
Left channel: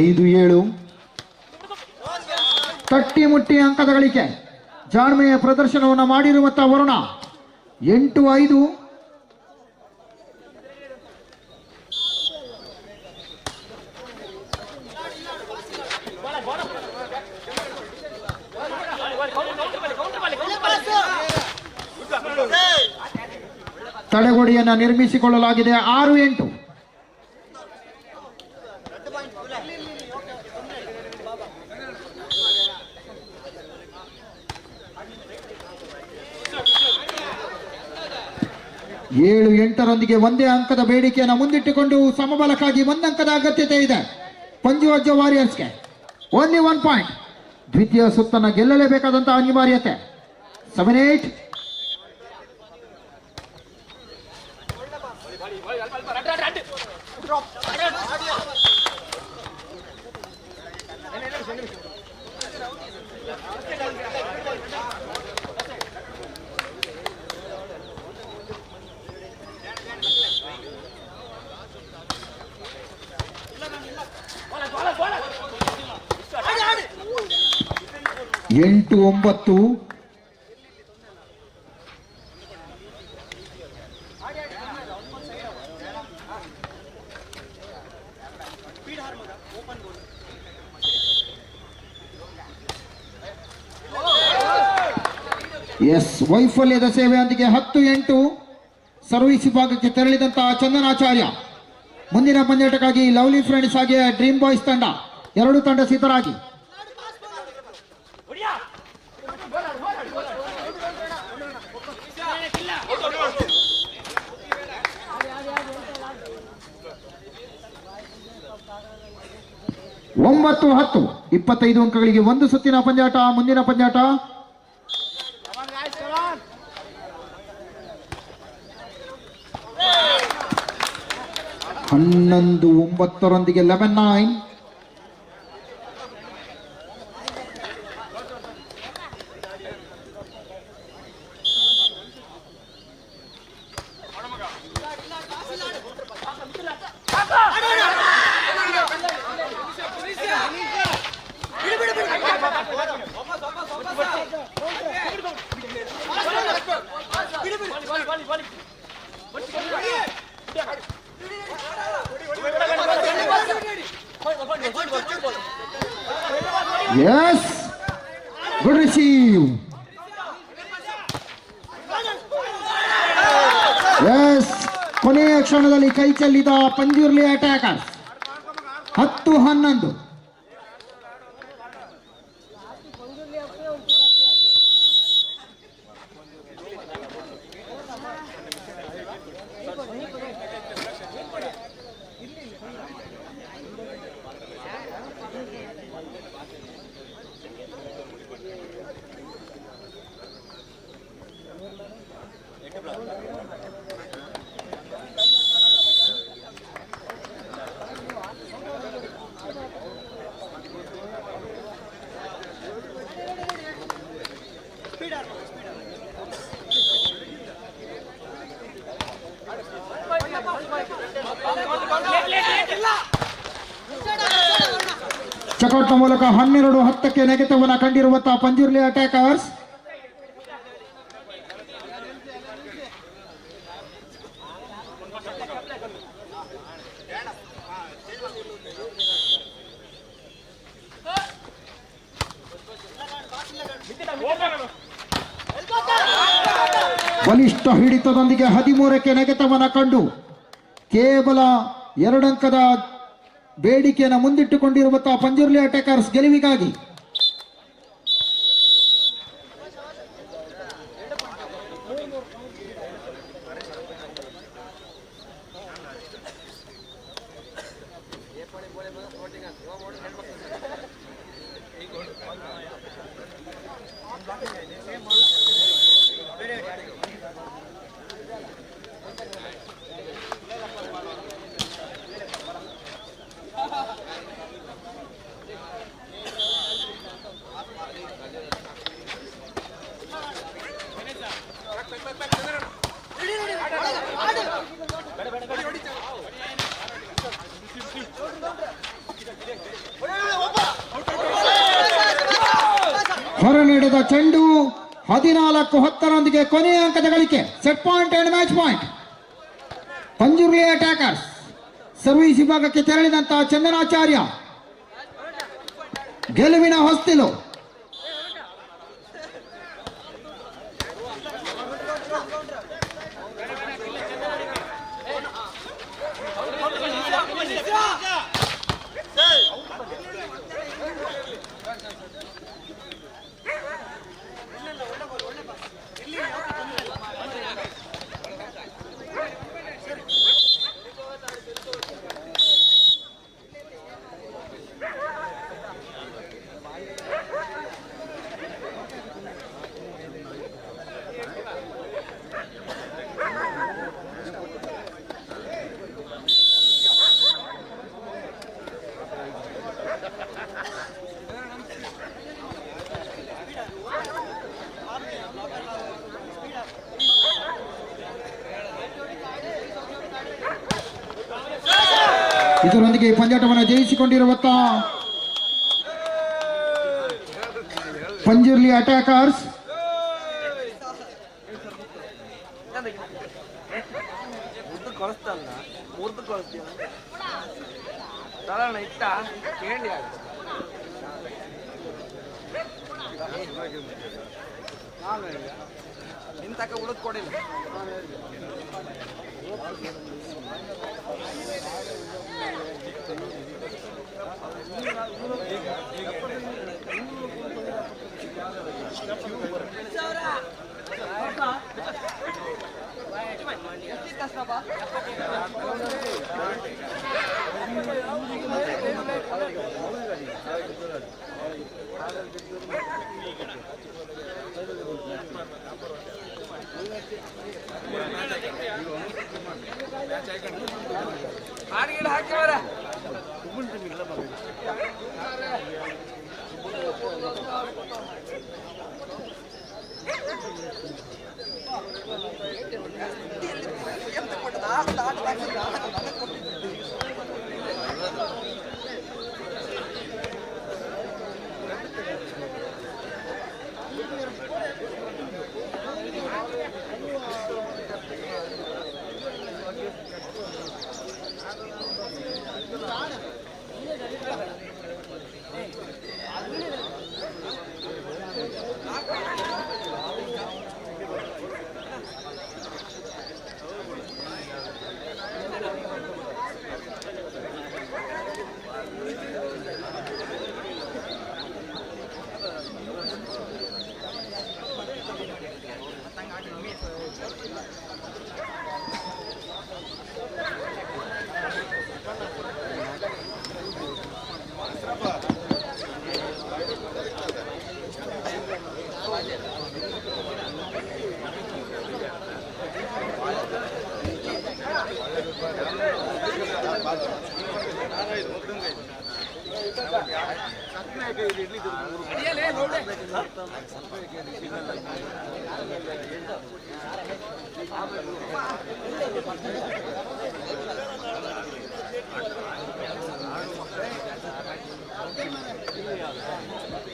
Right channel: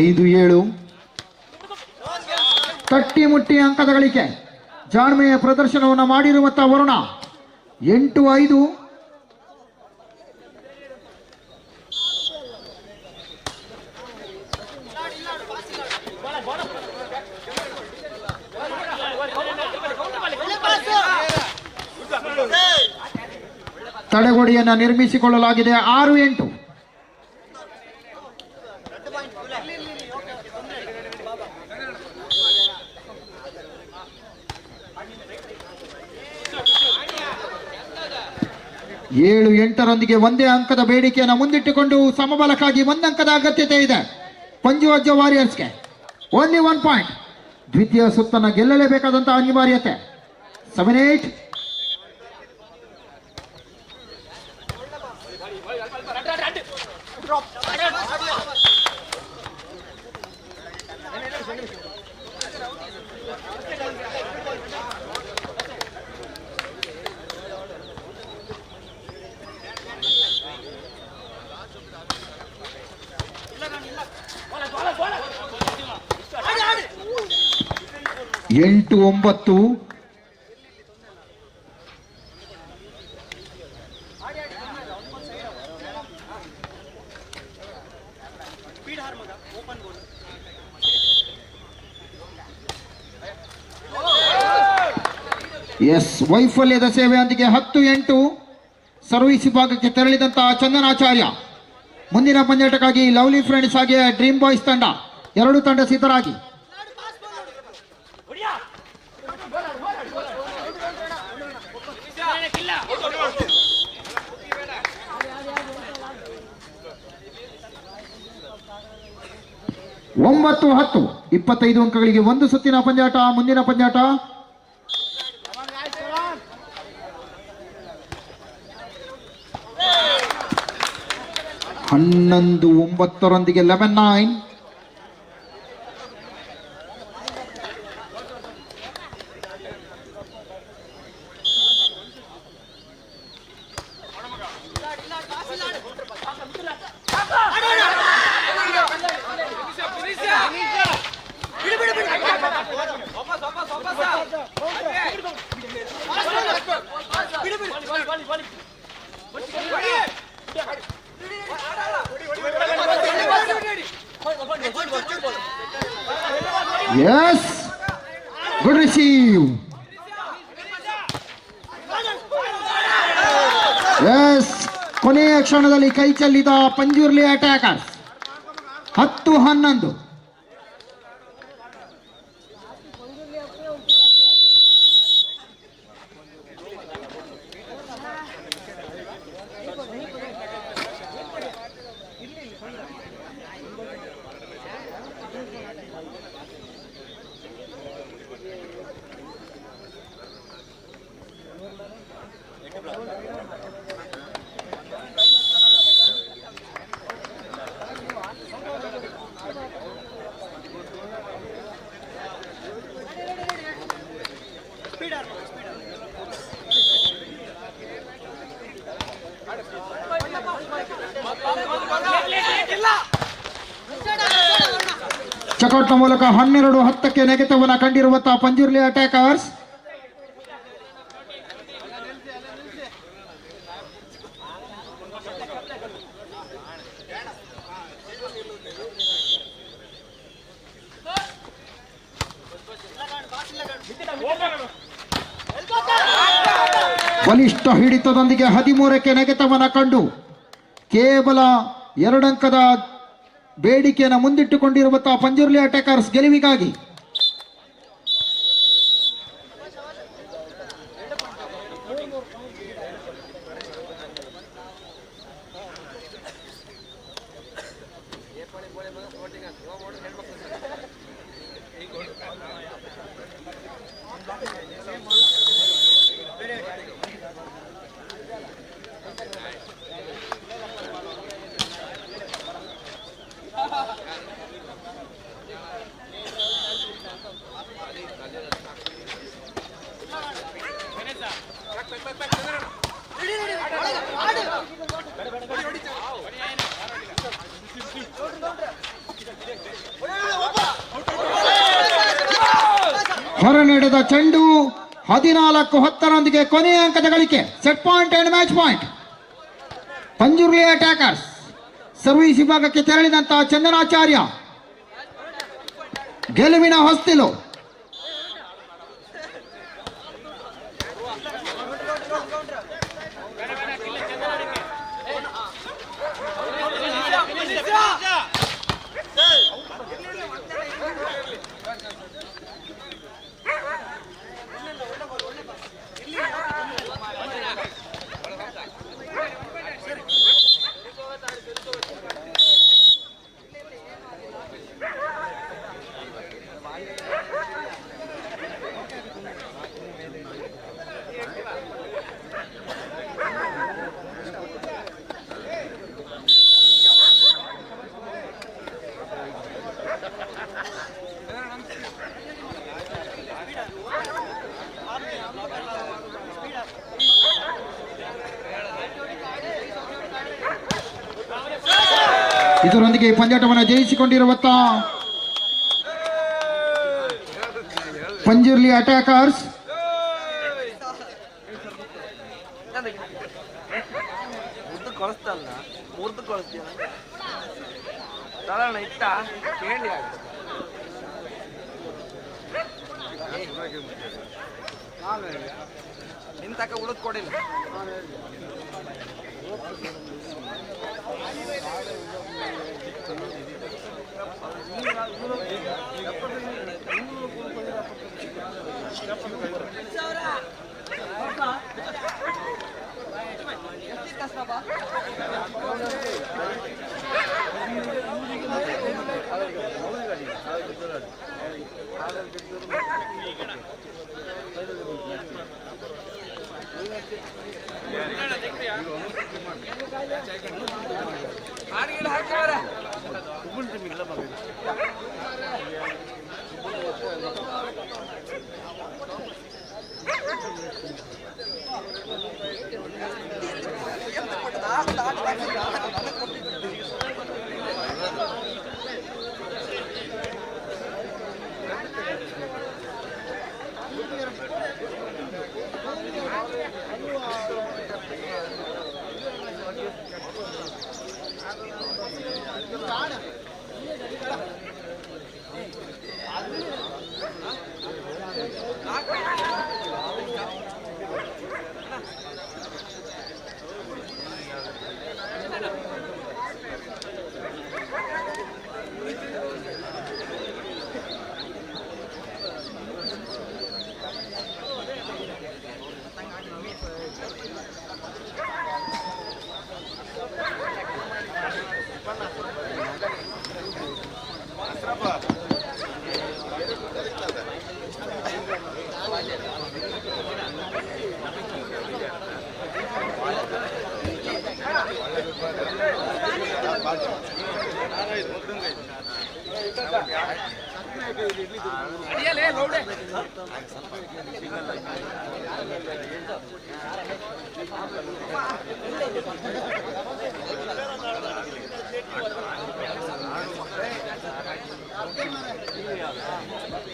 ಐದು 7 ತಟ್ಟಿ ಮುಟ್ಟಿ ಅಂಕದ ಗಳಿಕೆ. ಜಾಣ್ಮೆಯ ಪ್ರದರ್ಶನವನ್ನು ಮಾಡಿರುವಂತಹ ವರುಣ 8-5. ತಡೆಗೋಡೆಯನ್ನು ನಿರ್ಮಿಸಿಕೊಳ್ಳಲಾಗಿದೆ. 6-8. ಏಳು 8ರೊಂದಿಗೆ ಒಂದೇ ಅಂಕದ ಬೇಡಿಕೆಯನ್ನು ಮುಂದಿಟ್ಟುಕೊಂಡು ಸಮಬಲಕ್ಕಾಗಿ 1 ಅಂಕದ ಅಗತ್ಯತೆ ಇದೆ ಪಂಜು ಅಜ್ಜ ವಾರಿಯರ್ಸ್ಗೆ. Only 1 point. ದ್ವಿತೀಯ ಸುತ್ತನ್ನು ಗೆಲ್ಲಲೇಬೇಕಾದಂತಹ ಅನಿವಾರ್ಯತೆ. 7-8. ಎಂಟು 9. ಎಸ್, ವೈಫಲ್ಯದ ಸೇವೆಯೊಂದಿಗೆ 10-8 ಸರ್ವಿಸ್ ವಿಭಾಗಕ್ಕೆ ತೆರಳಿದಂತಹ ಚಂದನಾಚಾರ್ಯ. ಮುಂದಿನ ಪಂದ್ಯಾಟಕ್ಕಾಗಿ ಲವ್ಲಿ ಫ್ರೆಂಡ್ಸ್ ಹಾಗೆ ಡ್ರೀಮ್ ಬಾಯ್ಸ್ ತಂಡ, ಎರಡು ತಂಡ ಸಿದ್ಧರಾಗಿ. ಒಂಬತ್ತು 10 25 ಅಂಕಗಳಿಗೆ ಒಂದು ಸುತ್ತಿನ ಪಂದ್ಯಾಟ. ಮುಂದಿನ ಪಂದ್ಯಾಟ 11-9 11-9. Yes, good receive. Yes, ಕೊನೆಯ ಕ್ಷಣದಲ್ಲಿ ಕೈ ಚೆಲ್ಲಿದ ಪಂಜುರ್ಲಿ ಅಟ್ಯಾಕರ್ಸ್. 10-11. ಚಕೌಟ್ನ ಮೂಲಕ 12-10 ನೆಗೆತವನ್ನು ಕಂಡಿರುವಂತಹ ಪಂಜುರ್ಲಿ ಅಟ್ಯಾಕರ್ಸ್. ಬಲಿಷ್ಠ ಹಿಡಿತದೊಂದಿಗೆ 13ಕ್ಕೆ ನೆಗೆತವನ್ನು ಕಂಡು ಕೇವಲ 2 ಅಂಕದ ಬೇಡಿಕೆಯನ್ನು ಮುಂದಿಟ್ಟುಕೊಂಡಿರುವಂತಹ ಪಂಜುರ್ಲಿ ಅಟ್ಯಾಕರ್ಸ್ ಗೆಲುವಿಗಾಗಿ ಹೊರ ನಡೆದ ಚೆಂಡು 14-10 ಕೊನೆಯ ಅಂಕದ ಗಳಿಕೆ. Set point and match point. Panjurli attackers service ವಿಭಾಗಕ್ಕೆ ತೆರಳಿದಂತಹ ಚಂದನಾಚಾರ್ಯ ಗೆಲುವಿನ ಹೊಸ್ತಿಲು. ಇದರೊಂದಿಗೆ ಪಂದ್ಯಾಟವನ್ನು ಜಯಿಸಿಕೊಂಡಿರುವಂತ ಪಂಜುರ್ಲಿ ಅಟ್ಯಾಕರ್ಸ್ ನಿಂತಕ ಉಳಿದ್ ಕೊಡಿಲ್ಲ.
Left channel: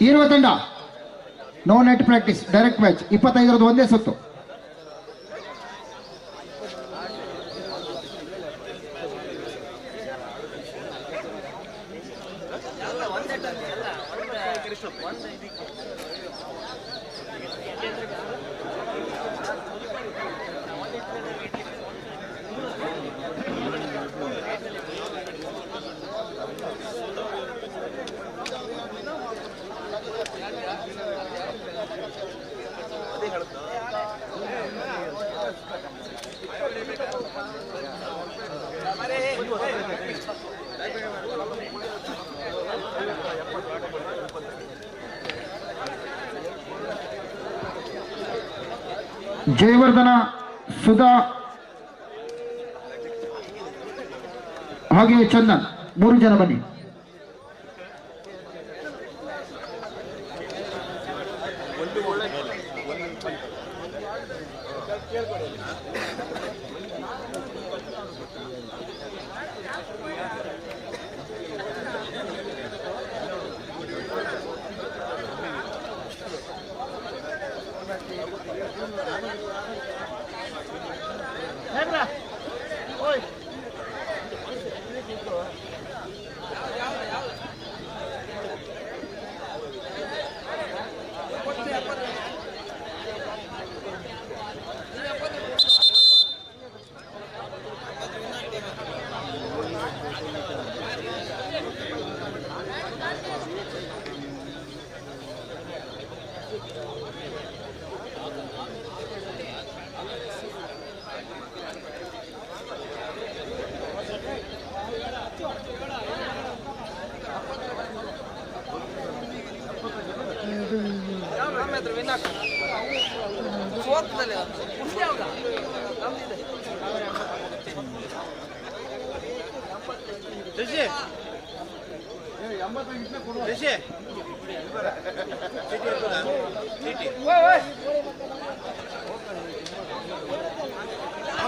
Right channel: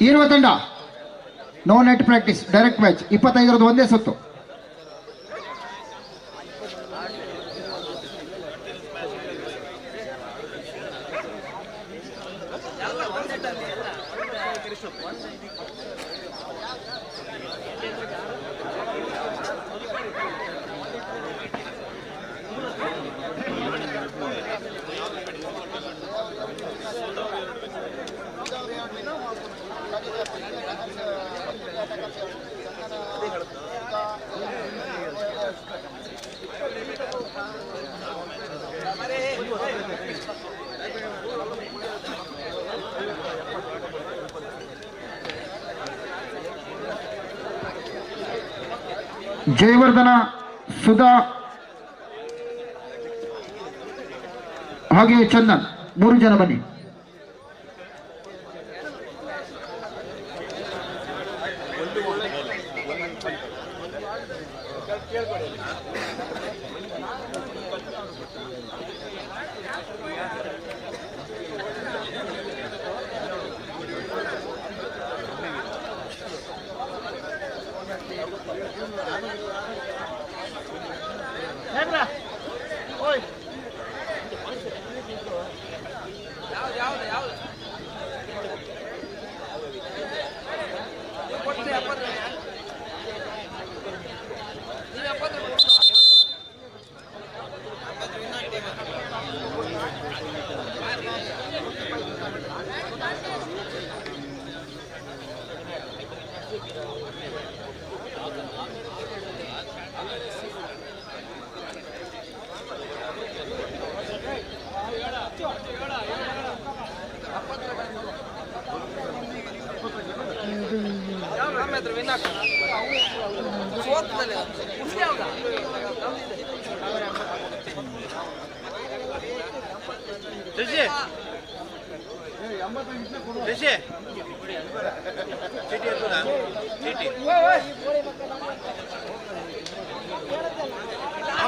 ಇರುವ ತಂಡ no net practice direct match 25 ಒಂದೇ ಸುತ್ತು. ಜಯವರ್ಧನ, ಸುಧಾ ಹಾಗೆಯೇ ಚಂದನ್, 3 ಜನ ಬನ್ನಿ.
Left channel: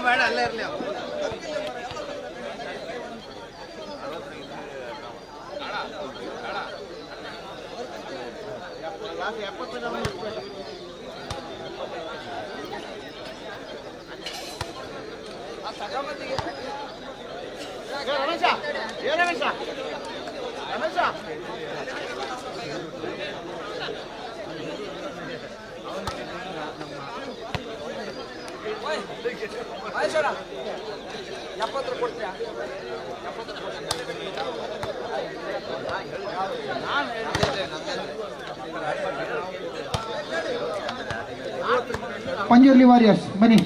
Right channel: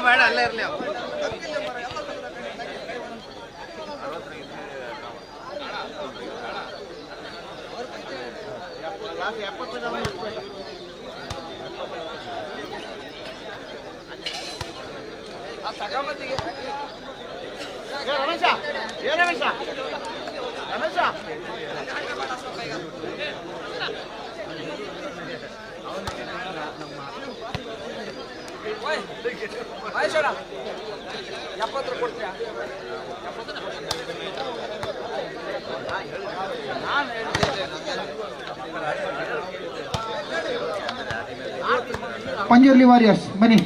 ಬೇಡ ಅಲ್ಲೇ ಇರಲಿ. ಪಂಜುರ್ಲಿ ವಾರಿಯರ್ಸ್ ಬನ್ನಿ.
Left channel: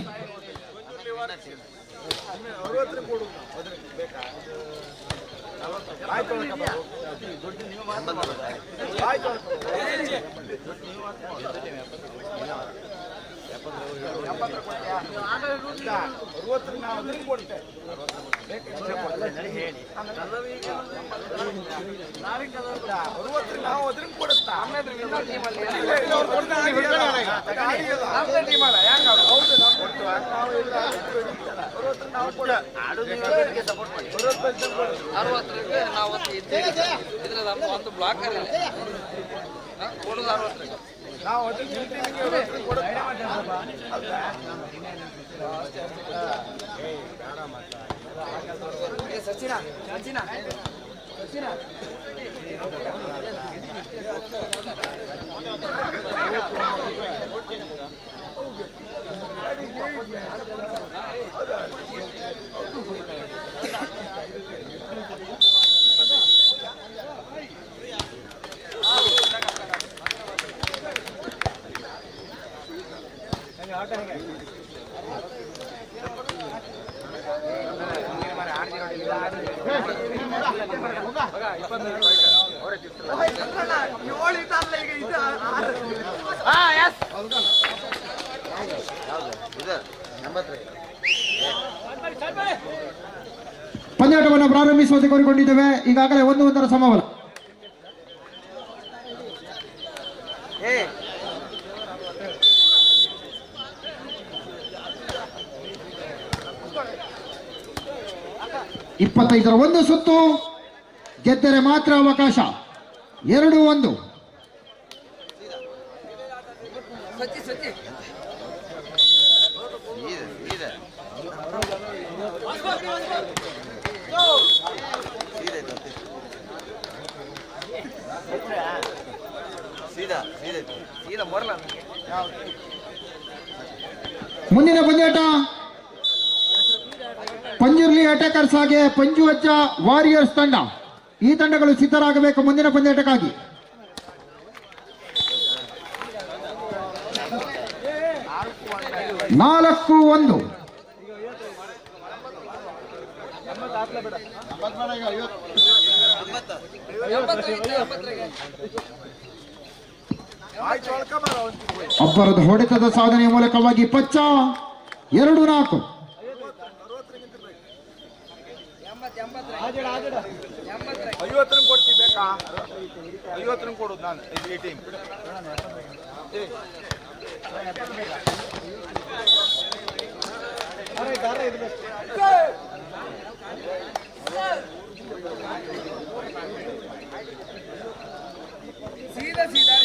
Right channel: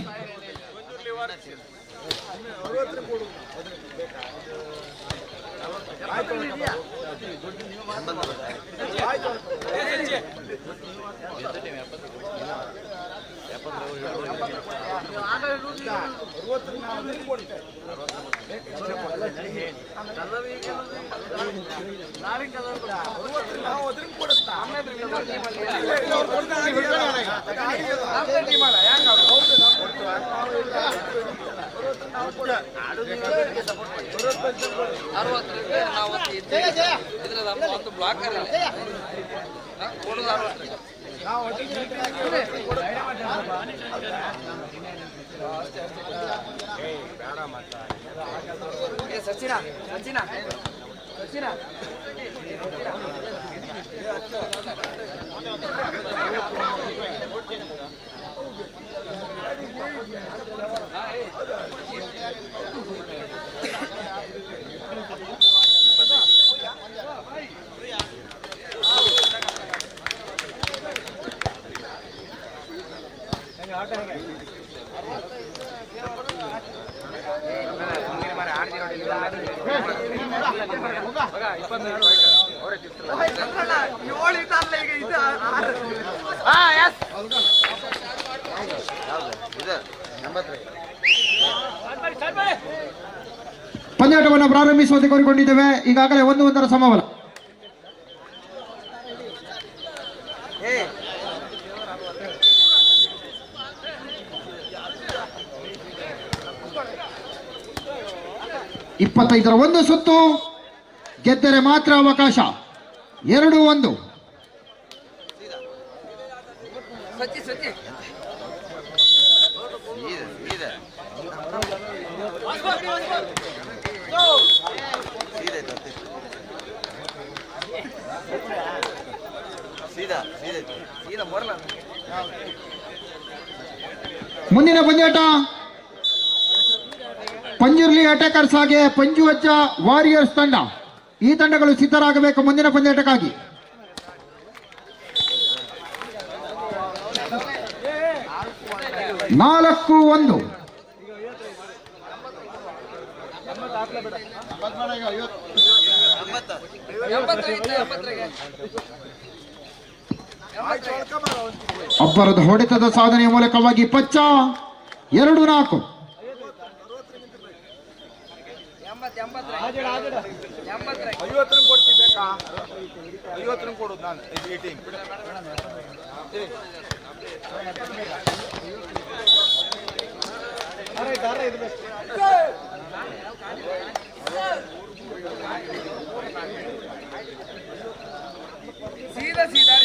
ಒಂದು ಬ್ಲಾಕ್ ಕೊಡುದು 60 ಸಚಿನ ಸಚಿನ ಸಚಿನ ಪಂದ್ಯಾಟವನ್ನು ಪ್ರಾರಂಭಿಸುವಂತೆ ಕೋರಿಕೊಂಡಿದ್ದೇವೆ. ಈಗಾಗಲೇ 1-1 ಸಮಬಲ. ಇಪ್ಪತ್ತೈದರ ಒಂದು ಸುತ್ತು ಗೆದ್ದರೆ ಮಾತ್ರ ಅವಕಾಶ. 2-1. ಮುಂದಿನ ಪಂದ್ಯಾಟ ಪಂಜುರ್ಲಿ ಅಟ್ಯಾಕರ್ಸ್ ಹಾಗೆ ಪಂಜುವಜ್ಜ ವಾರಿಯರ್ಸ್ ತಂಡ. ಈ ತಂಡಗಳು ಸಿದ್ಧರಾಗಬೇಕು ಮುಂದಿನ ಪಂದ್ಯಾಟಕ್ಕಾಗಿ. ನಾಲ್ಕು ಒಂದು. ಅಬ್ಬರದ ಹೊಡೆತದ ಸಾಧನೆಯ ಮೂಲಕವಾಗಿ ಪಚ್ಚ 2-4. ಐವತ್ತರಂಗ್ ಕೊಡ್ತೀವಿ ಬೇಕಾ? 50 ಕೊಡೋದು ನಾನು ಈ ಟೀಮ್. ಸೀದಾ ಸೀದಾ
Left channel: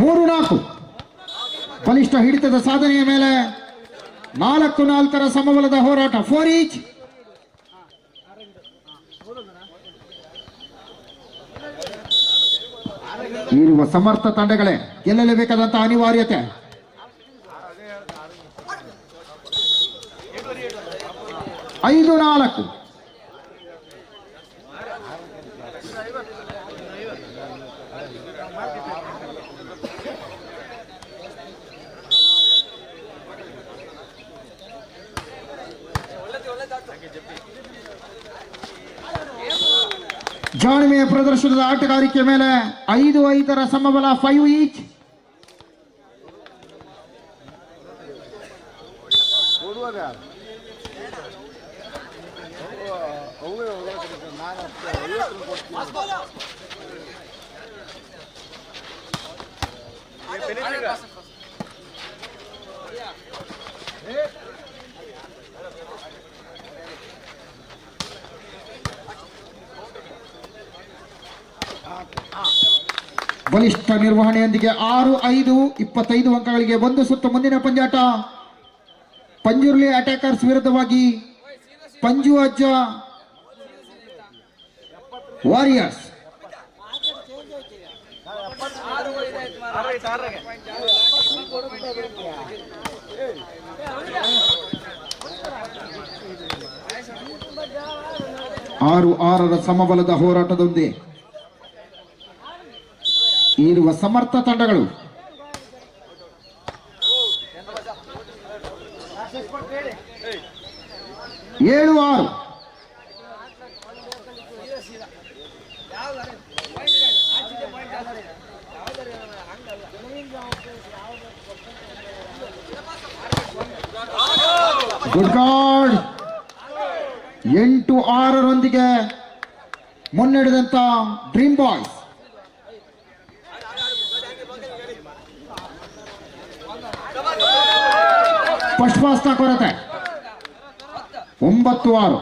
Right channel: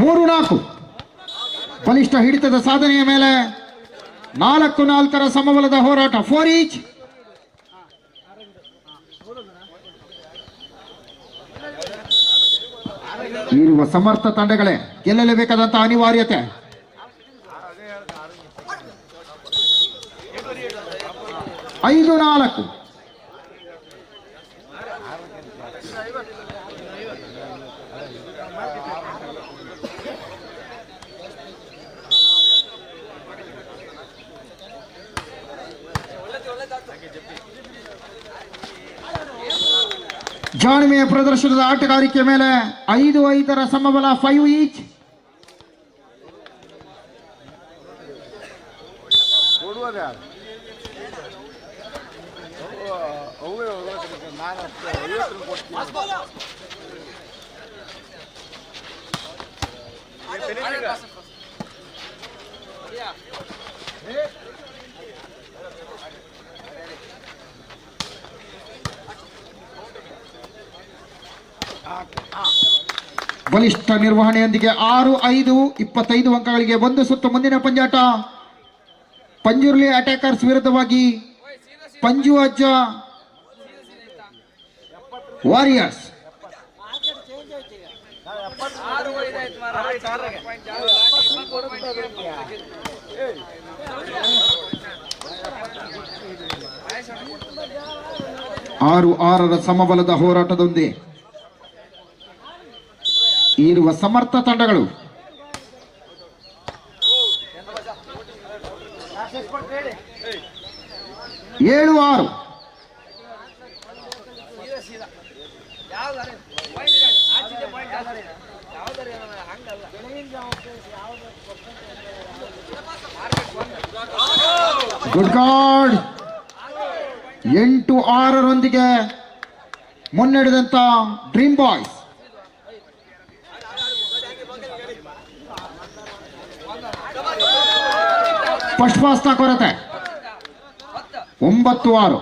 3-4. ಬಲಿಷ್ಠ ಹಿಡಿತದ ಸಾಧನೆಯ ಮೇಲೆ 4-4 ಸಮಬಲದ ಹೋರಾಟ. 4 ಈಚ್. ಇರುವ ಸಮರ್ಥ ತಂಡಗಳೇ ಗೆಲ್ಲಲೇಬೇಕಾದಂತಹ ಅನಿವಾರ್ಯತೆ. 5-4. ಜಾಣ್ಮೆಯ ಪ್ರದರ್ಶನದ ಆಟಗಾರಿಕೆ ಮೇಲೆ 5-5 ಸಮಬಲ. 5 ಈಚ್. ಬಲಿಷ್ಠ ನಿರ್ವಹಣೆಯೊಂದಿಗೆ 6-5 25 ಅಂಕಗಳಿಗೆ ಒಂದು ಸುತ್ತು ಮುಂದಿನ ಪಂದ್ಯಾಟ. ಪಂಜುರ್ಲಿ ಅಟ್ಯಾಕರ್ಸ್ ವಿರುದ್ಧವಾಗಿ ಪಂಜು ಅಜ್ಜ ವಾರಿಯರ್ಸ್. ಆರು 6 ಸಮಬಲದ ಹೋರಾಟದೊಂದಿಗೆ ಇರುವ ಸಮರ್ಥ ತಂಡಗಳು. 7-6. Good god. 8-6 ಮುನ್ನಡೆದಂತ ಡ್ರೀಮ್ ಬಾಯ್ಸ್. ಫಸ್ಟ್ ಪಾಸ್ನ ಕೊರತೆ. 9-6.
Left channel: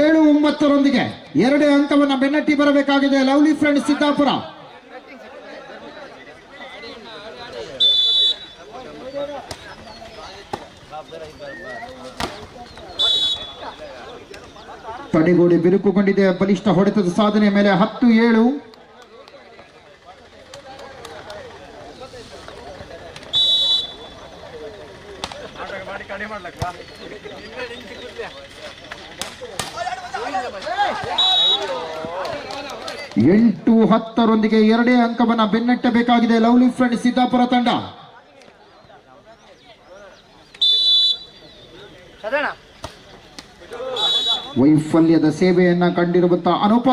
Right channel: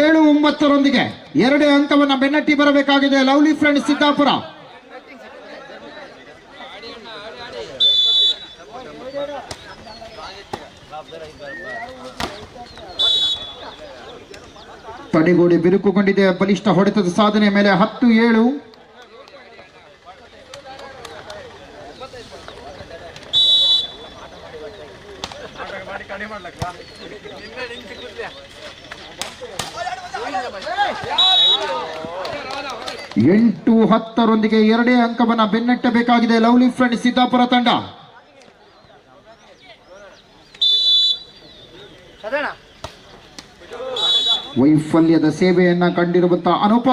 ಏಳು 9 2 ಅಂಕವನ್ನು ಬೆನ್ನಟ್ಟಿ ಬರಬೇಕಾಗಿದೆ ಲವ್ಲಿ ಫ್ರೆಂಡ್ಸ್ ಸಿದ್ದಾಪುರ. ತಡೆಗೋಡೆ ಬಿರುಕುಗೊಂಡಿದೆ. ಬಲಿಷ್ಠ ಹೊಡೆತದ ಸಾಧನೆ ಮೇಲೆ 10-7. ಎಂಟು 10 2 ಅಂಕವನ್ನು ಬೆನ್ನಟ್ಟಬೇಕಾಗಿದೆ ಲವ್ಲಿ ಫ್ರೆಂಡ್ಸ್ ಸಿದ್ದಾಪುರ ತಂಡ. ವೈಫಲ್ಯದ ಸೇವೆಯನ್ನ ಕಂಡಿರುವಂತಹ ಅನುಪ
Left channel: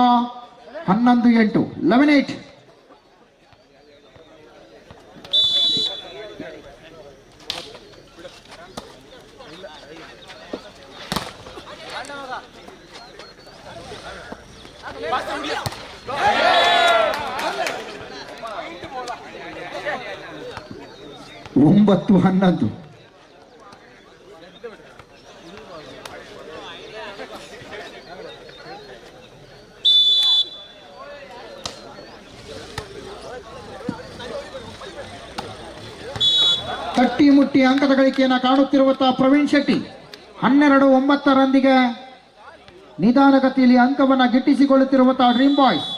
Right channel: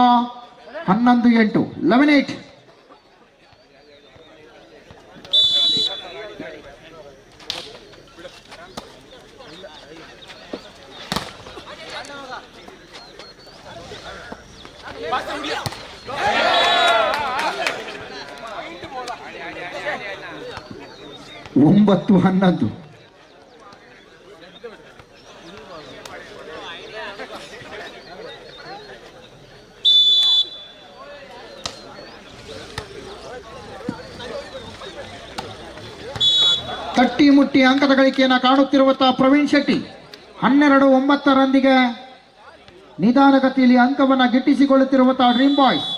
11-8 11-8. ಒಂಬತ್ತು 11. ತಟ್ಟಿ ಮುಟ್ಟಿ ಅಂಕದ ಗಳಿಕೆಯನ್ನು ಕಾಣುತ್ತಿರುವಂತಹ ಪ್ರವೀಣ್ ಶೆಟ್ಟಿ 12-9 ನಿಧಾನಗತಿಯಲ್ಲಿ ಅಂಕವನ್ನು ಗಿಟ್ಟಿಸಿಕೊಳ್ಳುತ್ತಿರುವಂತಹ ಡ್ರೀಮ್ ಬಾಯ್ಸ್.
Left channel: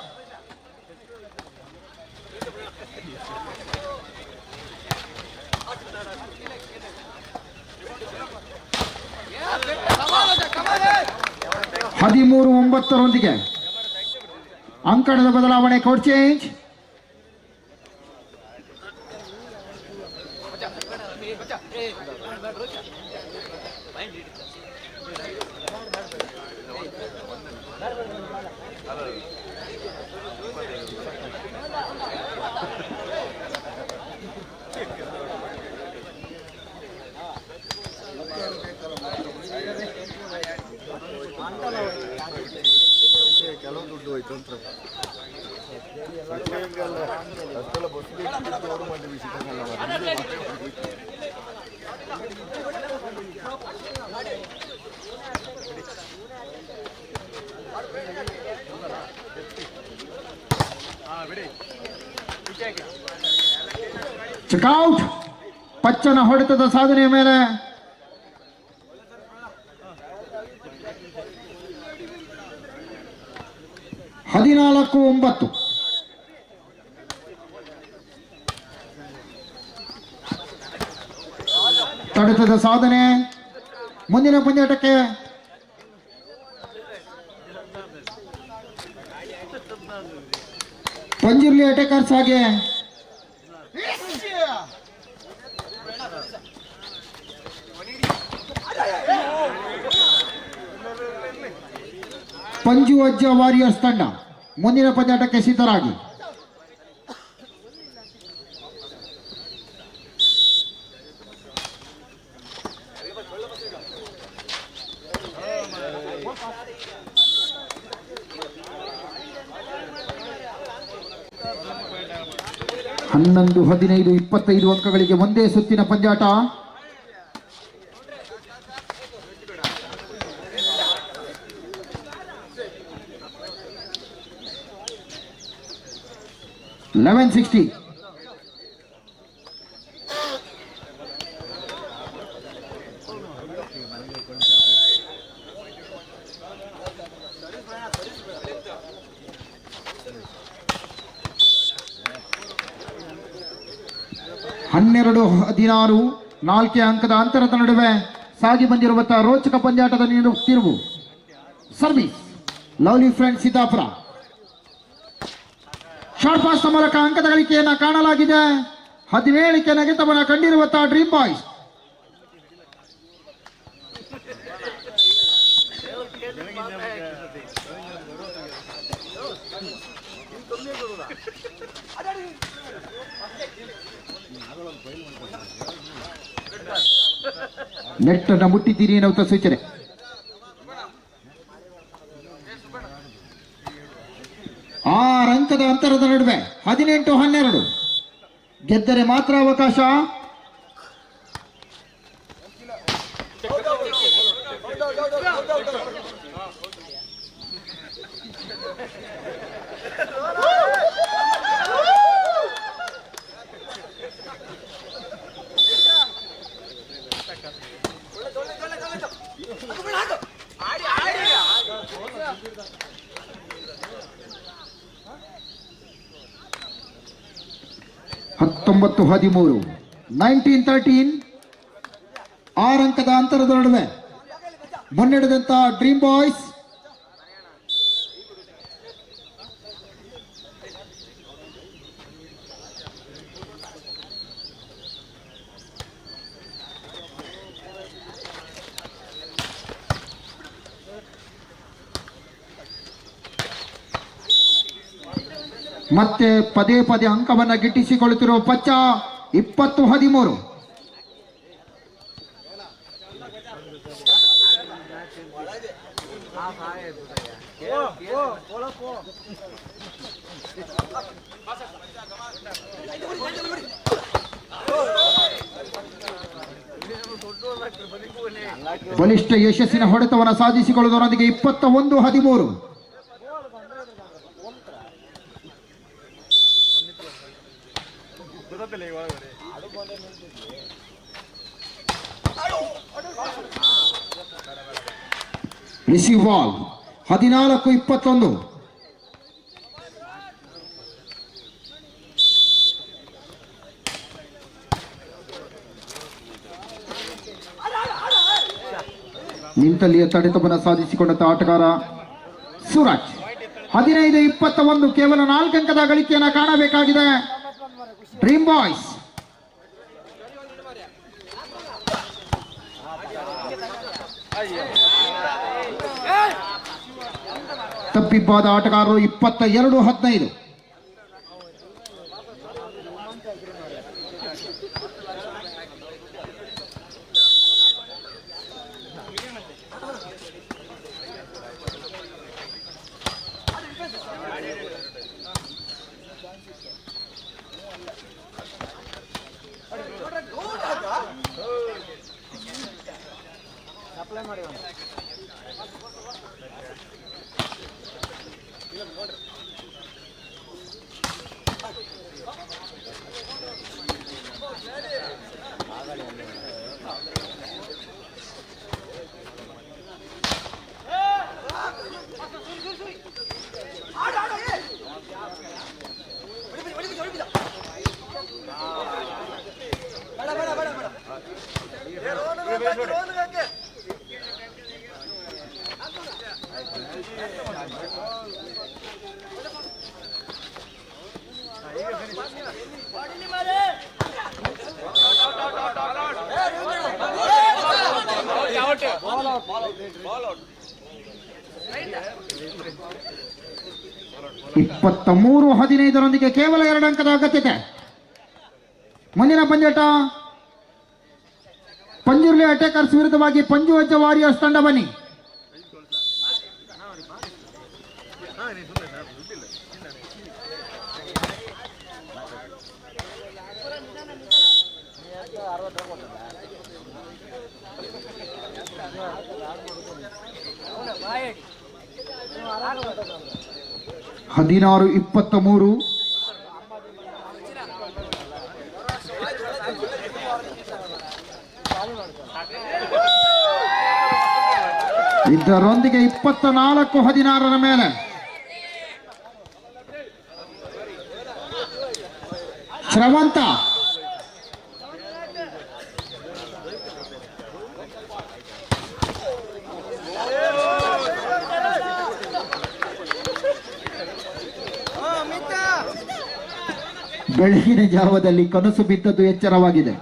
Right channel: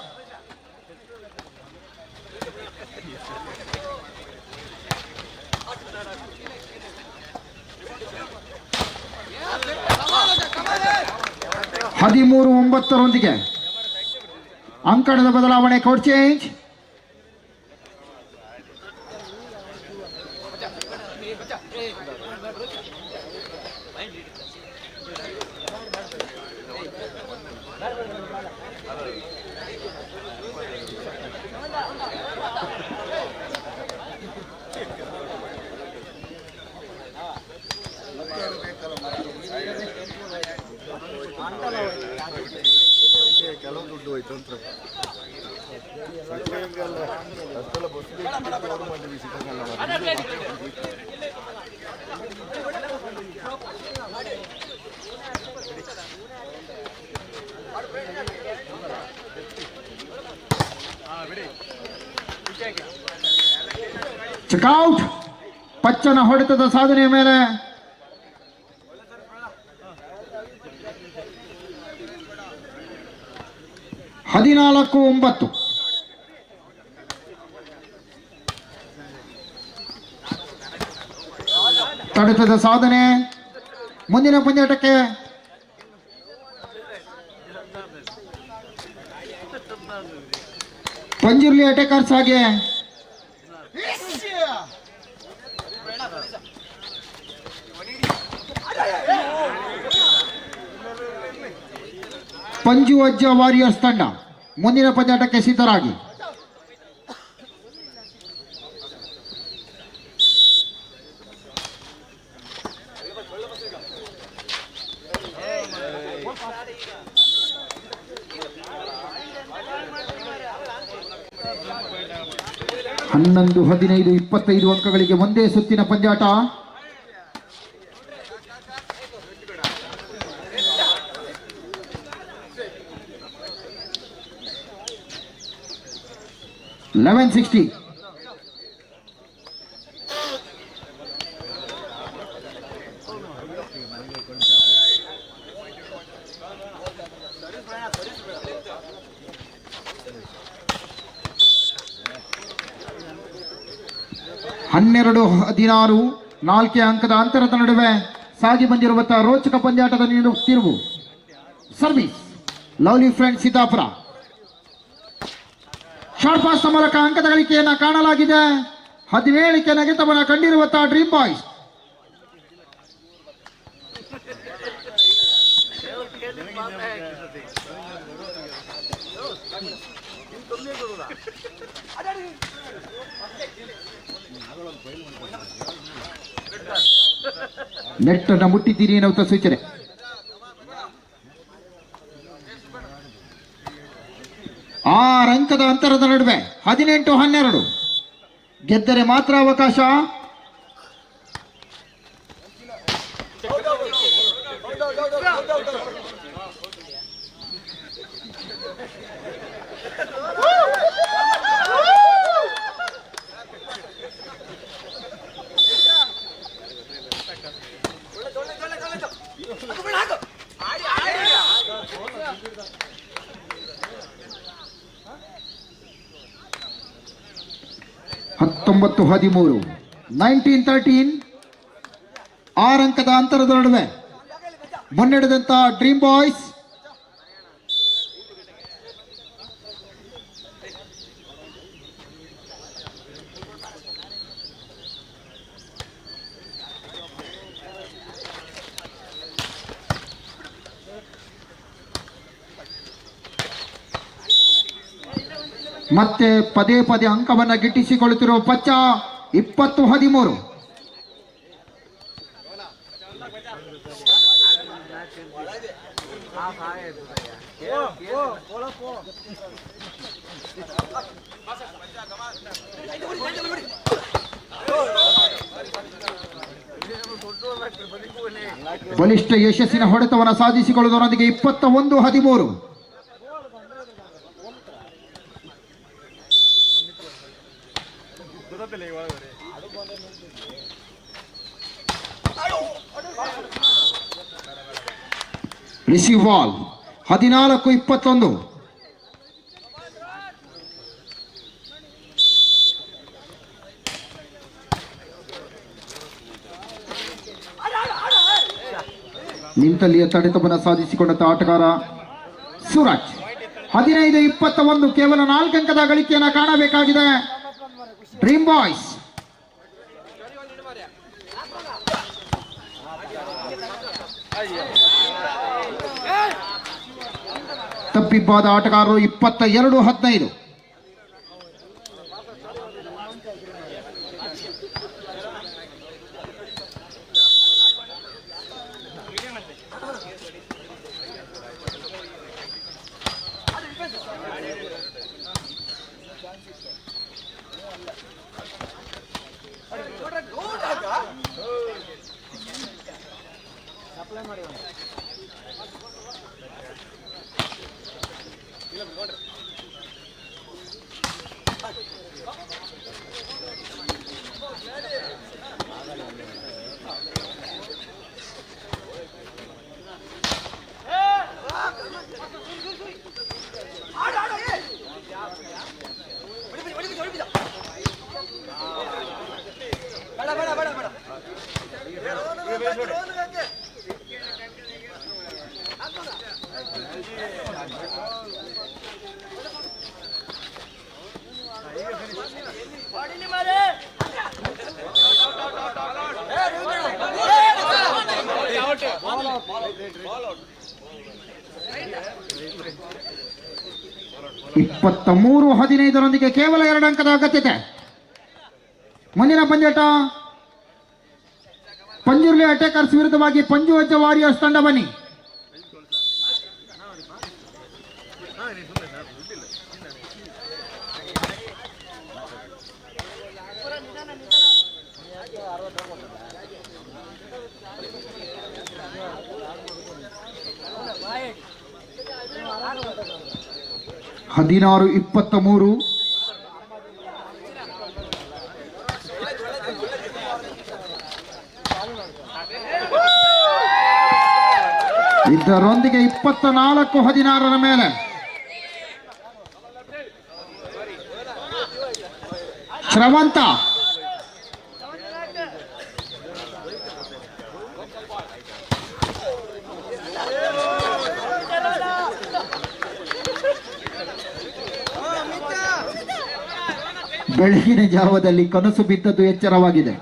30ರೊಂದಿಗೆ ಅಂಕಣದ ಬದಲಾವಣೆ, ಕೋಡ್ ಚೇಂಜ್. ಕೆಲವು ದುಡ್ಡು ಹೋಯ್ತು ಅಂತ ಅಷ್ಟೆಲ್ಲ ಬಸ್ ಚೆಕ್ಔಟ್. ಪಚ್ಚನ ಹೊಡೆತದ ಸಾಧನೆಯ ಮೇಲೆ ಹದಿನಾಲ್ಕು 9. ತಡೆತದ ಸಾಧನೆ. ಮುಂದಿನ ಪಂದ್ಯಾಟಕ್ಕೆ ಪಂಜಿರ್ಲಿ ಅಟೇಕರ್ಸ್ ಹಾಗೆ ಪಂಜು ಅಜ್ಜ ವಾರಿಯರ್ಸ್ ತಂಡ ಮುಂದಿನ ಪಂದ್ಯಾಟಕ್ಕೆ ಸಿದ್ಧರಾಗಿ. ಹನ್ನೊಂದು 15 25 ಅಂಕಗಳಿಗೆ ಒಂದೇ ಸುತ್ತಿನ ಪಂದ್ಯಾಟ. $1160. ಹನ್ನೆರಡು 16 4 ಅಂಕದ ಅಂತರದ ನಡುವೆ ಸಾಗಿ ಬಂದಿರುವಂತಹ ರೋಚಕ ಪಂದ್ಯಾಟದ ತಿರುವು. Service lovely friend Siddapura. Short pass ಮೂಲಕ ಅಂಕದ ಗಳಿಕೆಯನ್ನು ಕಾಣಲಾಗಿದೆ. 17ಕ್ಕೆ ನೆಗೆತವನ್ನು ಕಂಡಿರುವಂತಹ ಡ್ರೀಮ್ ಬಾಯ್ಸ್. ನೆಟ್ ಅನ್ನು ಮುಟ್ಟಿದ್ದೀರಿ ಎನ್ನುವಂತ ಸೂಚನೆ. ಆರು ಅಂಕದ ಅಂತರದ ನಡುವೆ 18-12 ಗೆದ್ದರೆ ಮಾತ್ರ ಅವಕಾಶ. ಹತ್ತೊಂಬತ್ತು 13 19-13 6 ಅಂಕದ ಅಂತರದ ನಡುವೆ ಮುನ್ನಡೆದಂತ ಡ್ರೀಮ್ ಬಾಯ್ಸ್. ಮತ್ತೆ ಪದೇ ಪದೇ ಅಂಕವನ್ನು ಗಿಟ್ಟಿಸಿಕೊಳ್ಳುತ್ತಿರುವ ಪಚ್ಚ 20-13. ಬಲಿಷ್ಠ ಯಶಸ್ಸಿನ ಹೊಡೆತವನ್ನು ಸಾಧಿಸಿಕೊಳ್ಳುವುದರೊಂದಿಗೆ 21-13. Receive ball 14-21. ನಿಂತಲ್ಲಿಯ ತಡೆತವನ್ನು ಸಾಧಿಸಿಕೊಂಡಂತ ಆಟಗಾರ ಸೂರಜ್. 15-21 ಕೇವಲ 4 ಅಂಕದ ಗಳಿಕೆಯನ್ನು ಕಾಣಬೇಕಾಗಿದೆ ಡ್ರೀಮ್ ಬಾಯ್ಸ್. ತಪ್ಪಿಬ್ಬಾದ ಆಟಗಾರರು 22-15. ಇಪ್ಪತ್ತ 15 ಕೇವಲ 2 ಅಂಕದ ಅಗತ್ಯತೆ. ಮುಂದಿನ ಪಂದ್ಯಾಟ ಪಂಜುರ್ಲಿ ಅಟ್ಯಾಕರ್ಸ್ ವಿರುದ್ಧವಾಗಿ ಪಂಜು ಅಜ್ಜ ವಾರಿಯರ್ಸ್ ತಂಡ. ಬನ್ನಿ. ಹದಿನಾರು 23. ಇದರೊಂದಿಗೆ 24-16 ಮೇಲೆ ಶ್ರವಂತ. ಬೆಳಗಿನ ಜಾವದಲ್ಲಿ ಕನಸು ಬಿದ್ದದ್ದು ಎಚ್ಚರವಾಗಿದೆ.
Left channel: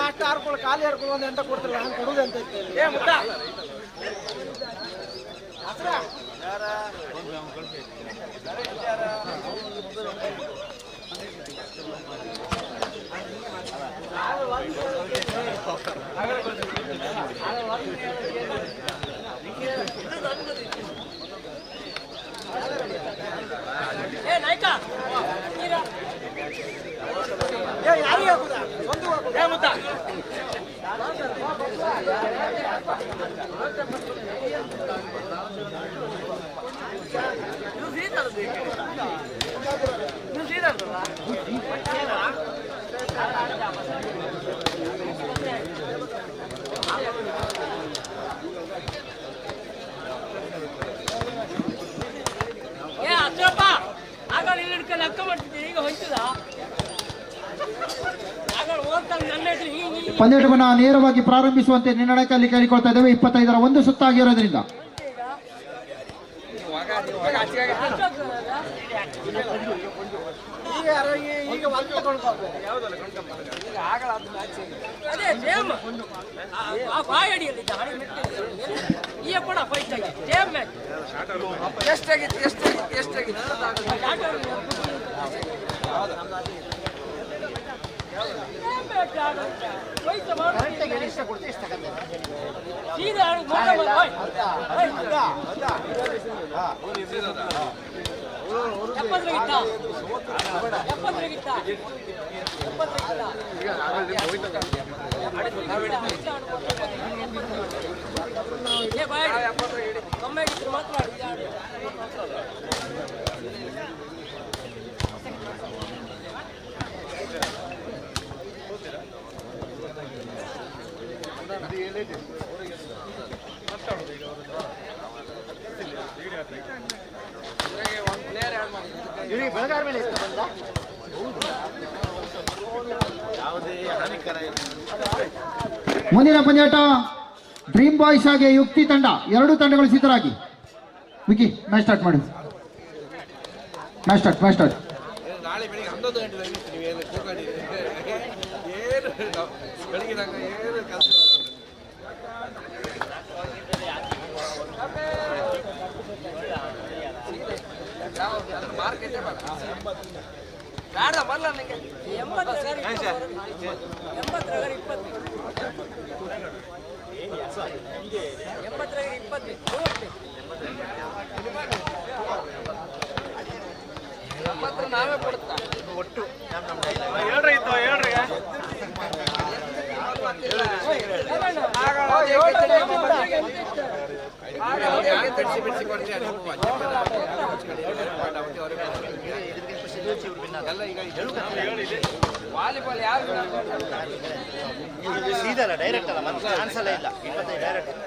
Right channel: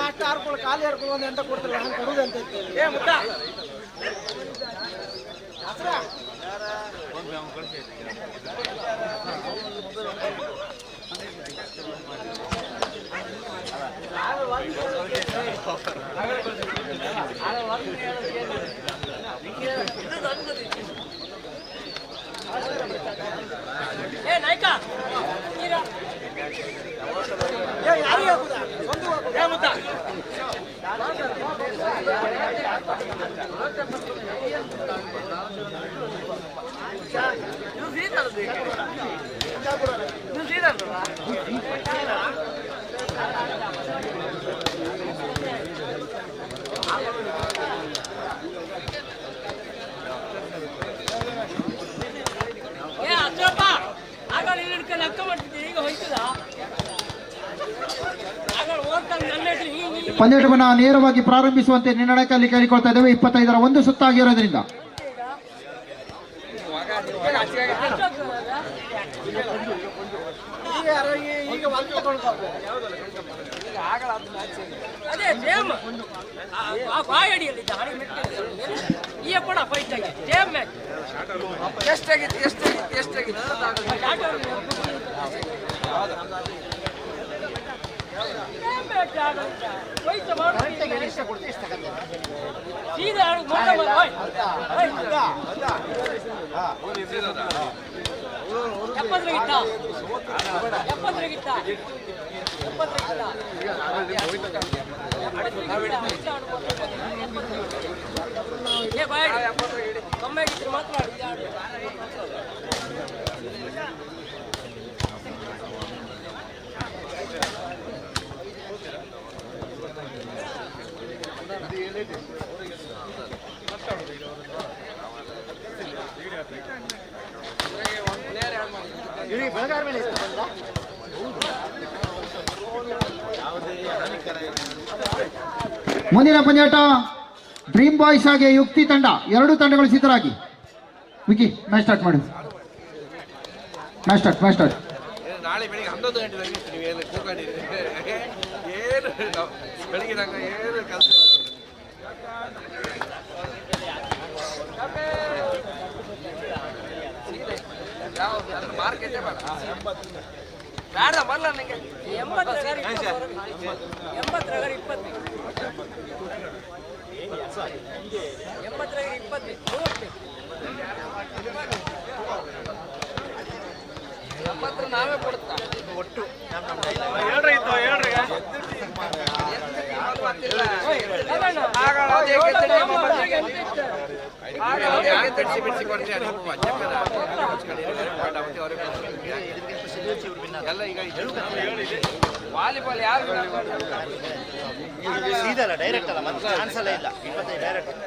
ಲಾಸ್ಟ್ ಹಾರ್ಕೊಳ್ಳಿ ಖಾಲಿ ಹಾರ್ಕೊಳ್ಳಿ ಒಂದು ಎಂಟ ಕೊಡ್ತಿಲ್ಲ ನಾನು ಕೊಡುದು ಅಂತ ಏ ಮುದ್ದ ಏ ನಾಯ್ಕ ಯಾರಿಗೆ ಒಂದು ಏ ಮುದ್ದ ಏ ಅಚ್ಚಪ್ಪ ಆಗ ಇಲ್ಲಿ ಹಿಡ್ಕೊಂಡು ಅಕ್ಕ ಮಾಡ್ತಿದ್ದೆ ಈಗ ಹೋಯ್ತದ ಪಂದ್ಯಾಟವನ್ನು ನೇರವಾಗಿ ಪ್ರಾರಂಭಿಸುವಂತೆ ನಿರ್ಣಯಕ್ಕಾಗಿ ಕೇಳಿಕೊಳ್ತಾ ಇದ್ದೇವೆ. 25ರ 1 ಸುತ್ತಾಗಿರೋದ್ರಿಂದ ಅದೇ ಸೇಮ್ ಆ ಬಾಯಡಿಯಲ್ಲಿ ಈ ಕೂಡ ಫೈಟ್ ಆಗಿದೆ ಸೇಮ್ ಮ್ಯಾಚ್ ಎಷ್ಟಾಗಿತ್ತು ಮುಂದಿನ ಪಂದ್ಯಾಟ ಡ್ರೀಮ್ ಬಾಯ್ಸ್ ಹಾಗೆ ಯುಕ್ತಿ ತಂಡ, ಎರಡು ತಂಡಗಳು ಸಿದ್ಧರಾಗಿ. ವಿಕಿ ಮ್ಯಾಚ್ ಸ್ಟಾರ್ಟ್ ಮಾಡಿ. Match start. ನಾಳೆ ಬೆಳಿಗ್ಗೆ 11 ಗಂಟೆಗೆ ನೀವು ಏನು ಕೂತ್ಕೊಂಡಿದ್ದೀರಿ? ಏನು ಬೆಳಿಗ್ಗೆ ನಂಗೆ ಏನು ಕೆಲಸ ಮಾರ್ಕೆಟೇ ಬೇಡ ಬರಲ್ಲ ನನಗೆ 80 ನಾವೇ ಕೊಡ್ತಾ ಒಟ್ಟು ಹೇಳ್ರಿ ವಾಲಿಬಾಲ್ ಯಾರು ಸೀದಲ್ಲ ಡೈರೆಕ್ಟ್ ಅಲ್ಲ, ಮತ್ತೆ ಚಾನ್ಸ್ ಇಲ್ಲ. 25 ಡೈರೆಕ್ಟ್ ಅಲ್ಲ.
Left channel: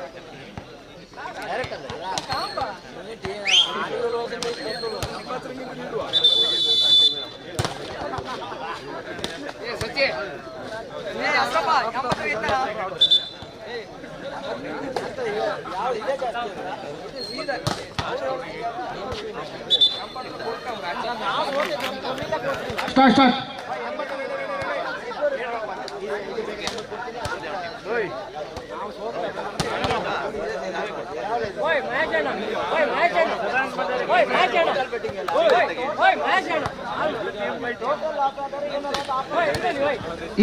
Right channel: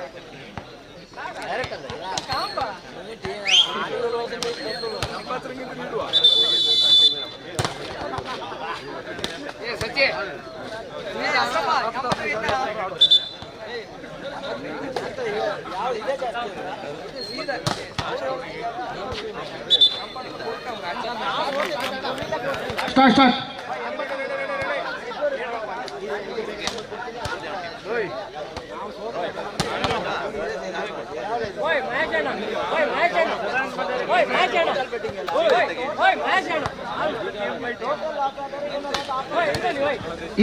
ಸಚಿ ಸ್ಟಾರ್ಟ್.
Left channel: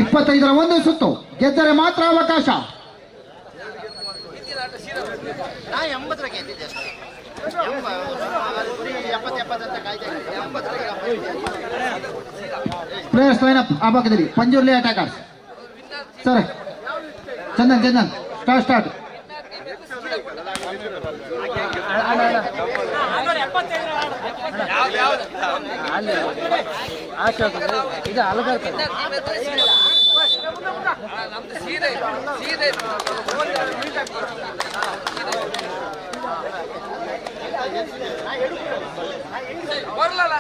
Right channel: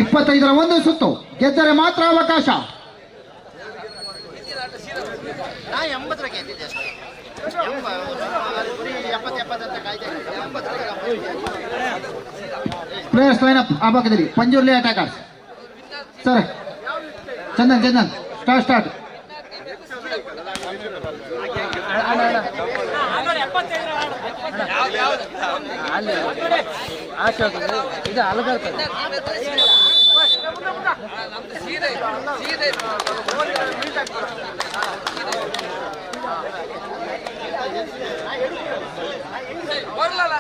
ಇಪ್ಪತ್ತೈದರ ಒಂದು ಸುತ್ತು ಗೆದ್ದರೆ ಮಾತ್ರ ಅವಕಾಶ. ನಾ 80 ಗೆದ್ದಿದ್ದೆ ಅಷ್ಟೇ. 70 ಅಂತ ಕಾಯ್ದೆ. ಪ್ಲೇಯರ್ಸ್ ಲೈನ್ ಅಪ್ ಆ ಭಾಗದಲ್ಲಿ Panjurli attackers. Sir Chandan start. ಇದು ಅಲಗರ್ತದೆ. ಬರಲ್ಲ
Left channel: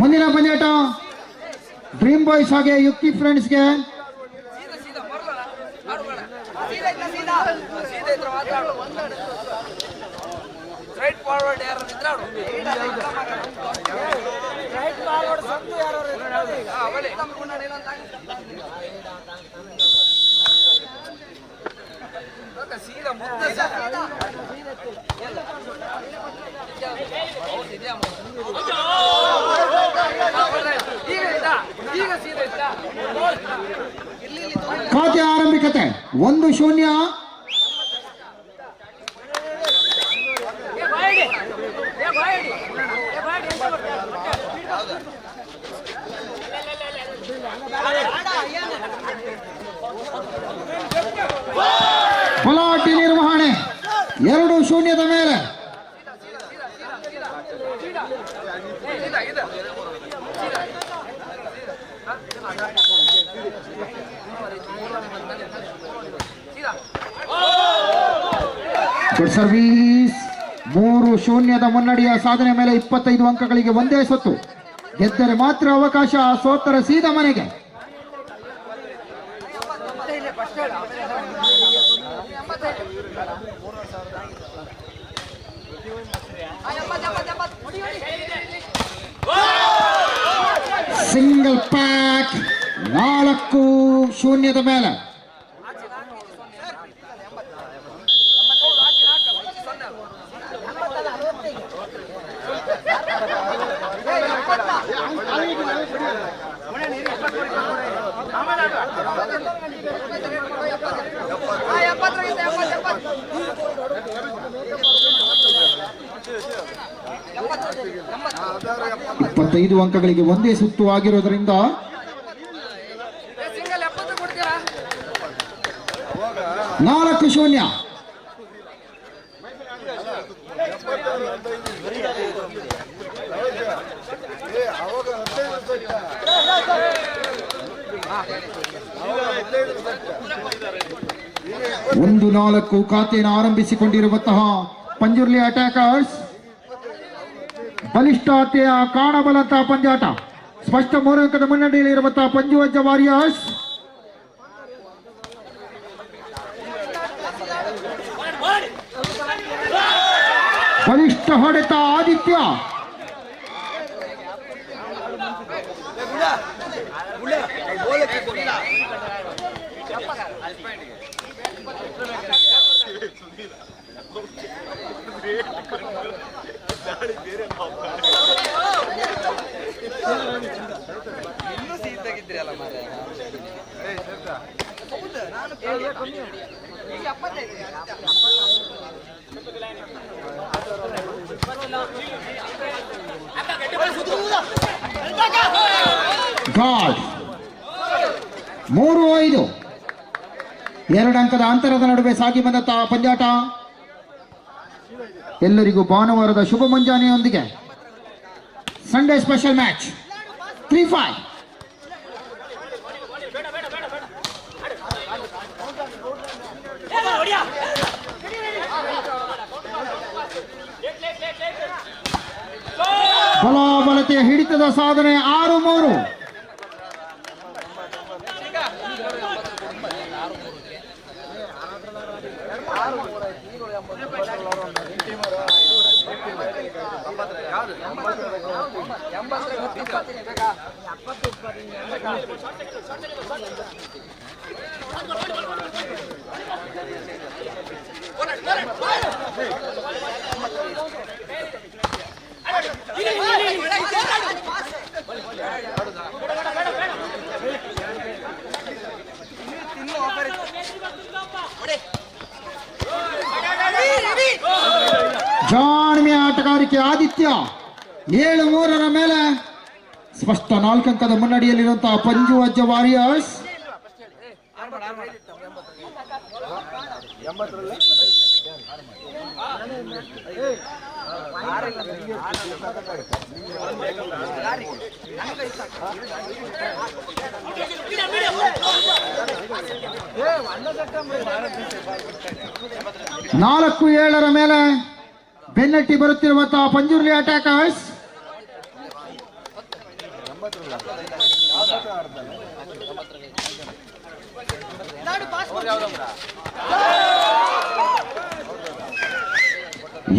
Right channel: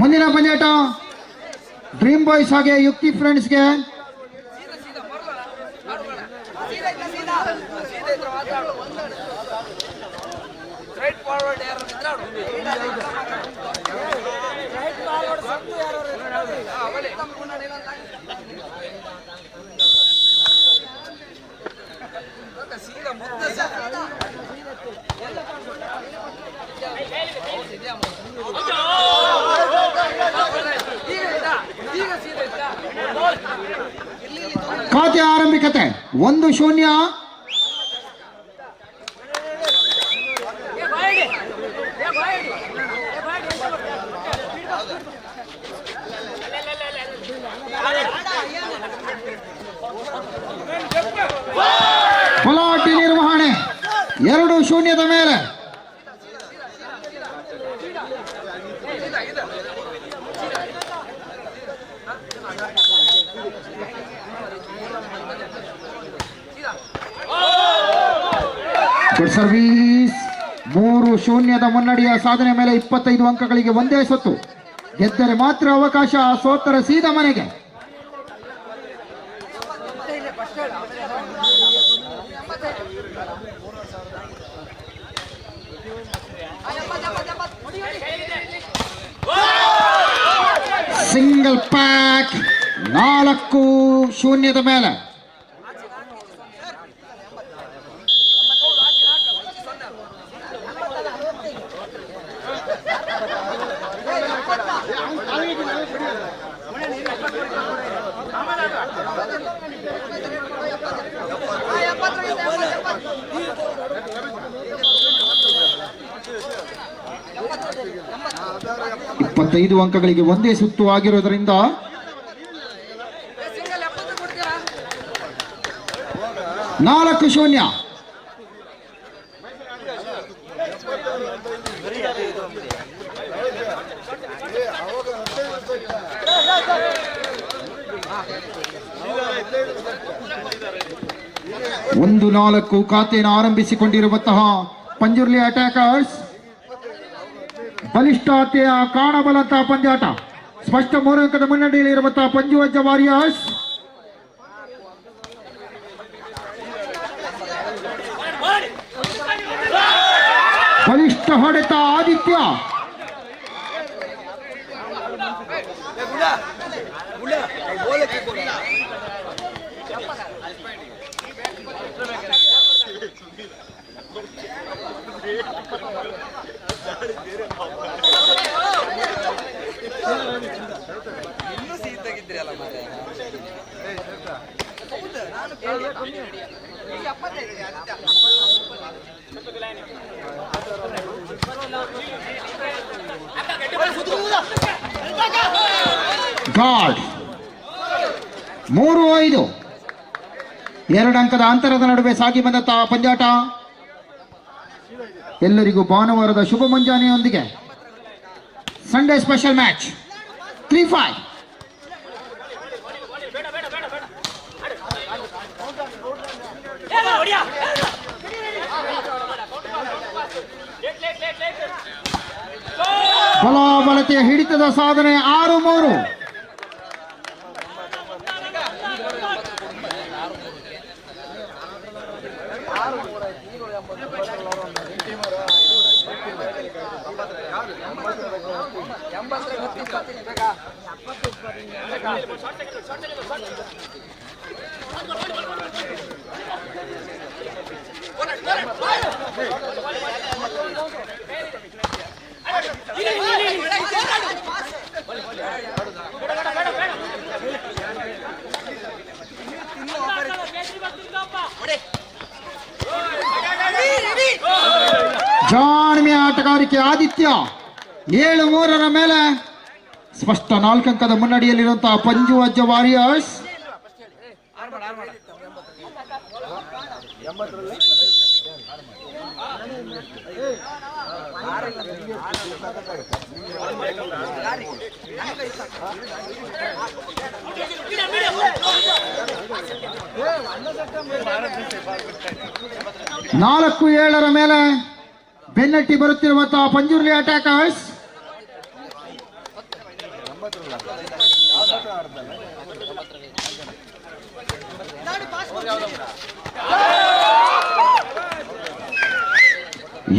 ಮುಂದಿನ ಪಂದ್ಯಾಟ ಡ್ರೀಮ್ ಬಾಯ್ಸ್ ಹಾಗೆ ಯುಕ್ತಿ ಫ್ರೆಂಡ್ಸ್ಗೆ. ಸ್ಟ್ರೈಟ್ ಫಾರ್ವರ್ಡ್ ಯಾರು ನಿಂತ್ರಾಡು ಸೀದಾ ಮುದ್ದೆ ಈಗ ಸೀದಾ ಇತ್ತ ಖಾತೆ ಆರಂಭಿಕತೆ 1-0. ಪಲಾಟಿ ನಿರ್ವಹಣೆ 2-0 ಮೇಲೆ. Good service. 3-0 ಮುನ್ನಡೆಯ ಸಾಧನೆ ಮೇಲೆ 25 ಅಂಕಗಳಿಗೆ ಒಂದೇ ಸೊತ್ತು. ಗೆದ್ದರೆ ಮಾತ್ರ ಅವಕಾಶ, ಸೋತರ ಸೀದಾ ಮನೆಗೆ. ಸಿಂಗಲ್ ಪ್ಯಾಕ್ 4-0 ಮೇಲೆ. 25 ಅಂಕಗಳಿಗೆ ಒಂದೇ ಸುತ್ತು ಆಗಿರೋದ್ರಿಂದ ಸಿಂಗಲ್ 70 ಕೊಡ್ತೀರಾ? 4-0. ಒಂದು 4 ಖಾತೆಯನ್ನು ಆರಂಭಿಸಿಕೊಂಡಿರುವಂತಹ ಪಂಜುರ್ಲಿ ಅಟ್ಯಾಕರ್ಸ್. ಬಲಿಷ್ಠತೆಯ ಕಾಣಬಲ್ಲಂತಹ ಪಂದ್ಯಾಟ. ಸ್ಪಷ್ಟ 3 ಅಂಕದ ಮುನ್ನಡೆಯಲ್ಲಿರುವಂತಹ ಪಂಜುವಜ್ಜ ವಾರಿಯರ್ಸ್. ಬಲಿಷ್ಠ ಹೊಡೆತ ಆದಿತ್ಯ. ಗಾಡ್ 3-5. 2 ಅಂಕದ ಅಂತರದ ನಡುವೆ ಸಾಗಿ ಬಂದಂತಹ ಪಂದ್ಯಾಟ. ಎಲ್ಲರಿಗೂ ಭಾನುವಾರದ ಶುಭ ಮುಂಜಾನೆಯೊಂದಿಗೆ ಸಂಡೇ ಸ್ಪೆಷಲ್ ಮ್ಯಾಚ್ 3-5. ಬಲಾಬಲತೆಯ ಹಿಡಿತದ ಸಾಧನೆ 6-3. ಜಾಣ್ಮೆಯ ಆಟಗಾರಿಕೆ ಆದಿತ್ಯ. 7-3 ಮೇಲೆ ಸ್ಪಷ್ಟ 4 ಅಂಕದ ಮುನ್ನಡೆಯಲ್ಲಿರುವಂತಹ ಪಂಜುವಜ್ಜ ವಾರಿಯರ್ಸ್. ನಾಲ್ಕು 7 ಮೇಲೆ ಬೆನ್ನಟ್ಟಿ ಬರುತ್ತಿರುವಂತಹ ಪಂಜುರ್ಲಿ ಅಟ್ಯಾಕರ್ಸ್.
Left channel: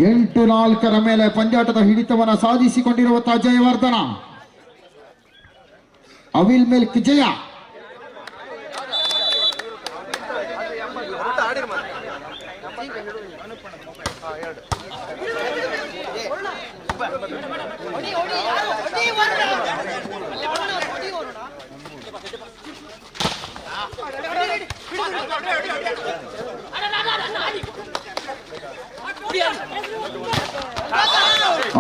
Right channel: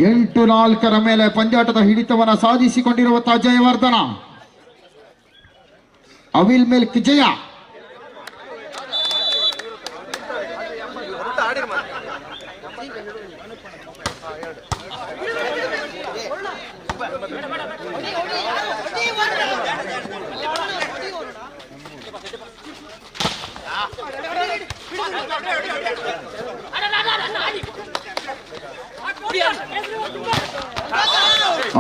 ಎಂಟು 4 ಮೇಲೆ ಪಂದ್ಯಾಟದ ಹಿಡಿತವನ್ನು ಸಾಧಿಸಿಕೊಂಡಿರುವಂತಹ ಜಯವರ್ಧನ. ಅವಿಲ್ ಮಿಲ್ಕ್ ಜಯ.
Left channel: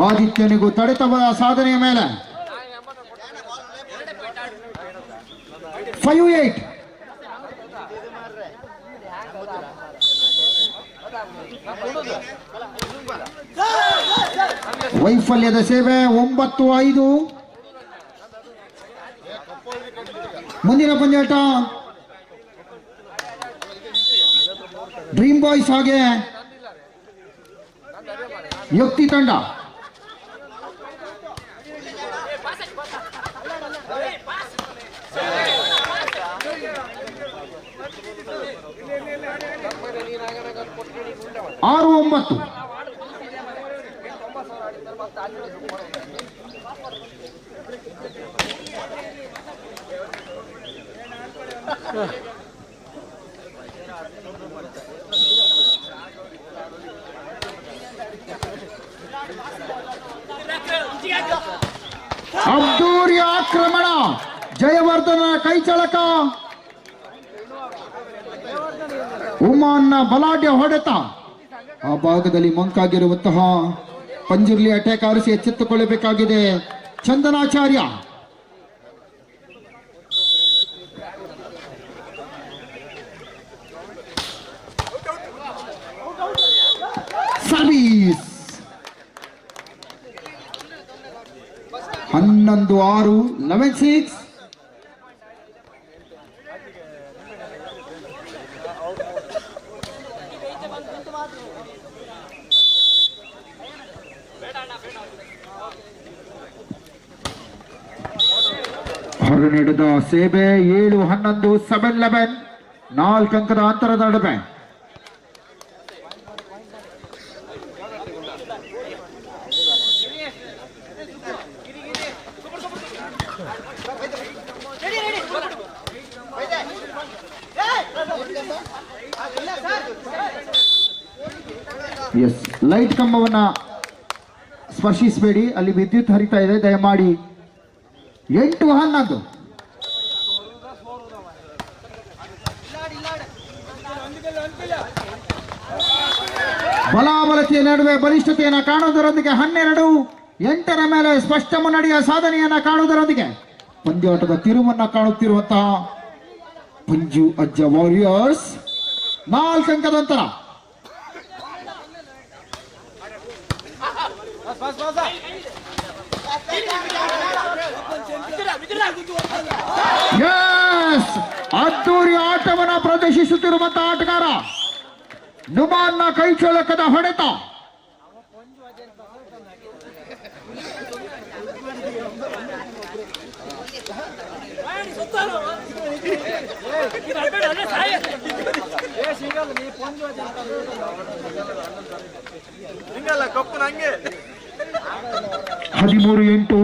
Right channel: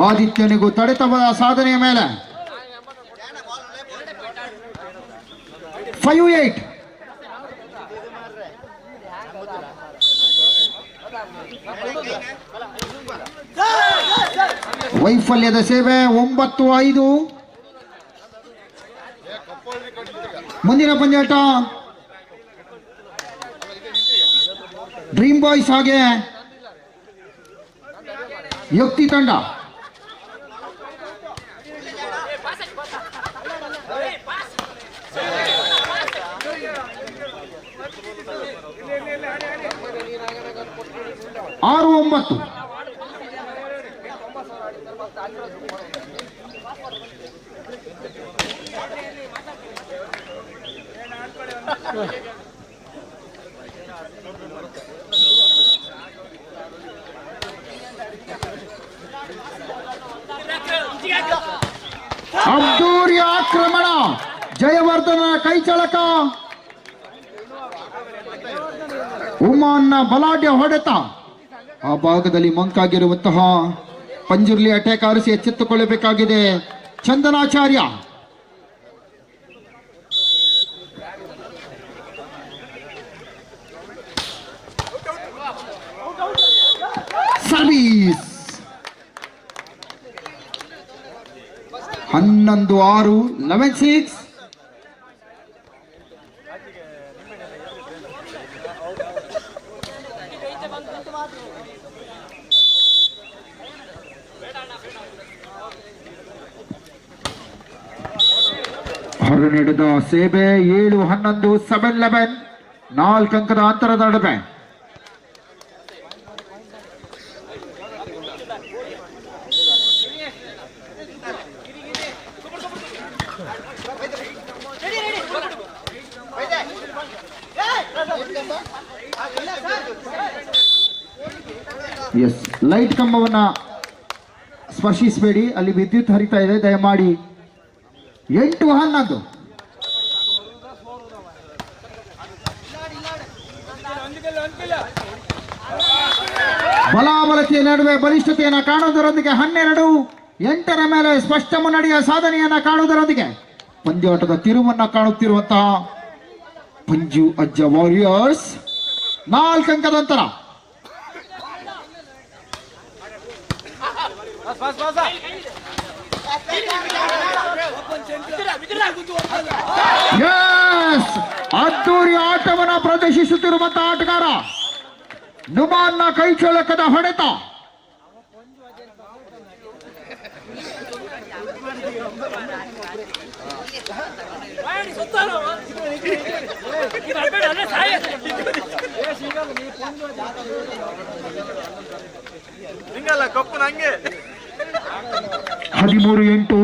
ಆದಿತ್ಯನಿಗೂ ತಡೆತವದ ಸಾಧನೆಯ ಮೇಲೆ 5-8. ವೈಫಲ್ಯದ ಸೇವೆ 9-5. ಮುಂದಿನ ಪಂದ್ಯಾಟ ಡ್ರೀಮ್ ಬಾಯ್ಸ್ ಹಾಗೆ ಯುಕ್ತಿ ತಂಡ. ಆರು 9. ಅದ್ದೂರಿ ಆಕ್ರಮಣ. ಜಯವರ್ಧನ ಕೈಚಳಕ. ಉಮಾನ್ನ ಬಲಾಢ್ಯ ಹೊಡೆತ. ಆ ಭಾಗದಲ್ಲಿ ಮಂಕಾಗಿರುವಂತಹ ಪಂಜುರ್ಲಿ ಅಟ್ಯಾಕರ್ಸ್ ಎಚ್ಚೆತ್ತುಕೊಳ್ಳಬೇಕಾಗಿದೆ. ಚಂದನಾಚಾರ್ಯ. ಸರ್ವೀಸ್ 11-6, 11-6. ಹೊರನಡೆದ ಸೇಬೆ 7-11, 7-11, 4 ಅಂಕದ ಅಂತರದ ನಡುವೆ. ಎಸ್, ಲೈಟ್ ಕಂಬವನ್ನ ಸ್ಪರ್ಶಿಸಬೇಡಿ, ಅಲ್ಲಿ ವಿದ್ಯುತ್ ಹರಿತಾ ಇದೆ, ದಯಮಾಡಿ. 8-11. ಬಲಾಬಲತೆಯ ನಡುವೆ ಬಲಿಷ್ಠತೆಯನ್ನು ಕಾಣುವುದರೊಂದಿಗೆ 12-8 ಮೇಲೆ ಸ್ಪಷ್ಟ ಮುನ್ನಡೆಯ ಸಾಧನೆಯನ್ನ ಕಾಣುವುದರೊಂದಿಗೆ ಪಂದ್ಯಾಟದ ತಿರುವನ್ನ ಕಾಣುತ್ತಿರುವಂತಹ ಪಂಜು ಅಜ್ಜ ವಾರಿಯರ್ಸ್ 4 ಅಂಕದ ಅಂತರ. ಎಸ್, ಅದ್ದೂರಿ ಆಟವನ್ನು ಪ್ರದರ್ಶಿಸುತ್ತಿರುವಂತಹ ಆಟಗಾರ ನುಮಾನ್ನ ಕೈಚಳಕದ ಹೊಡೆತ. ಹಿಂಗಲ್ಲ ಕಪ್ಪು ನಂಗೆ 13-8.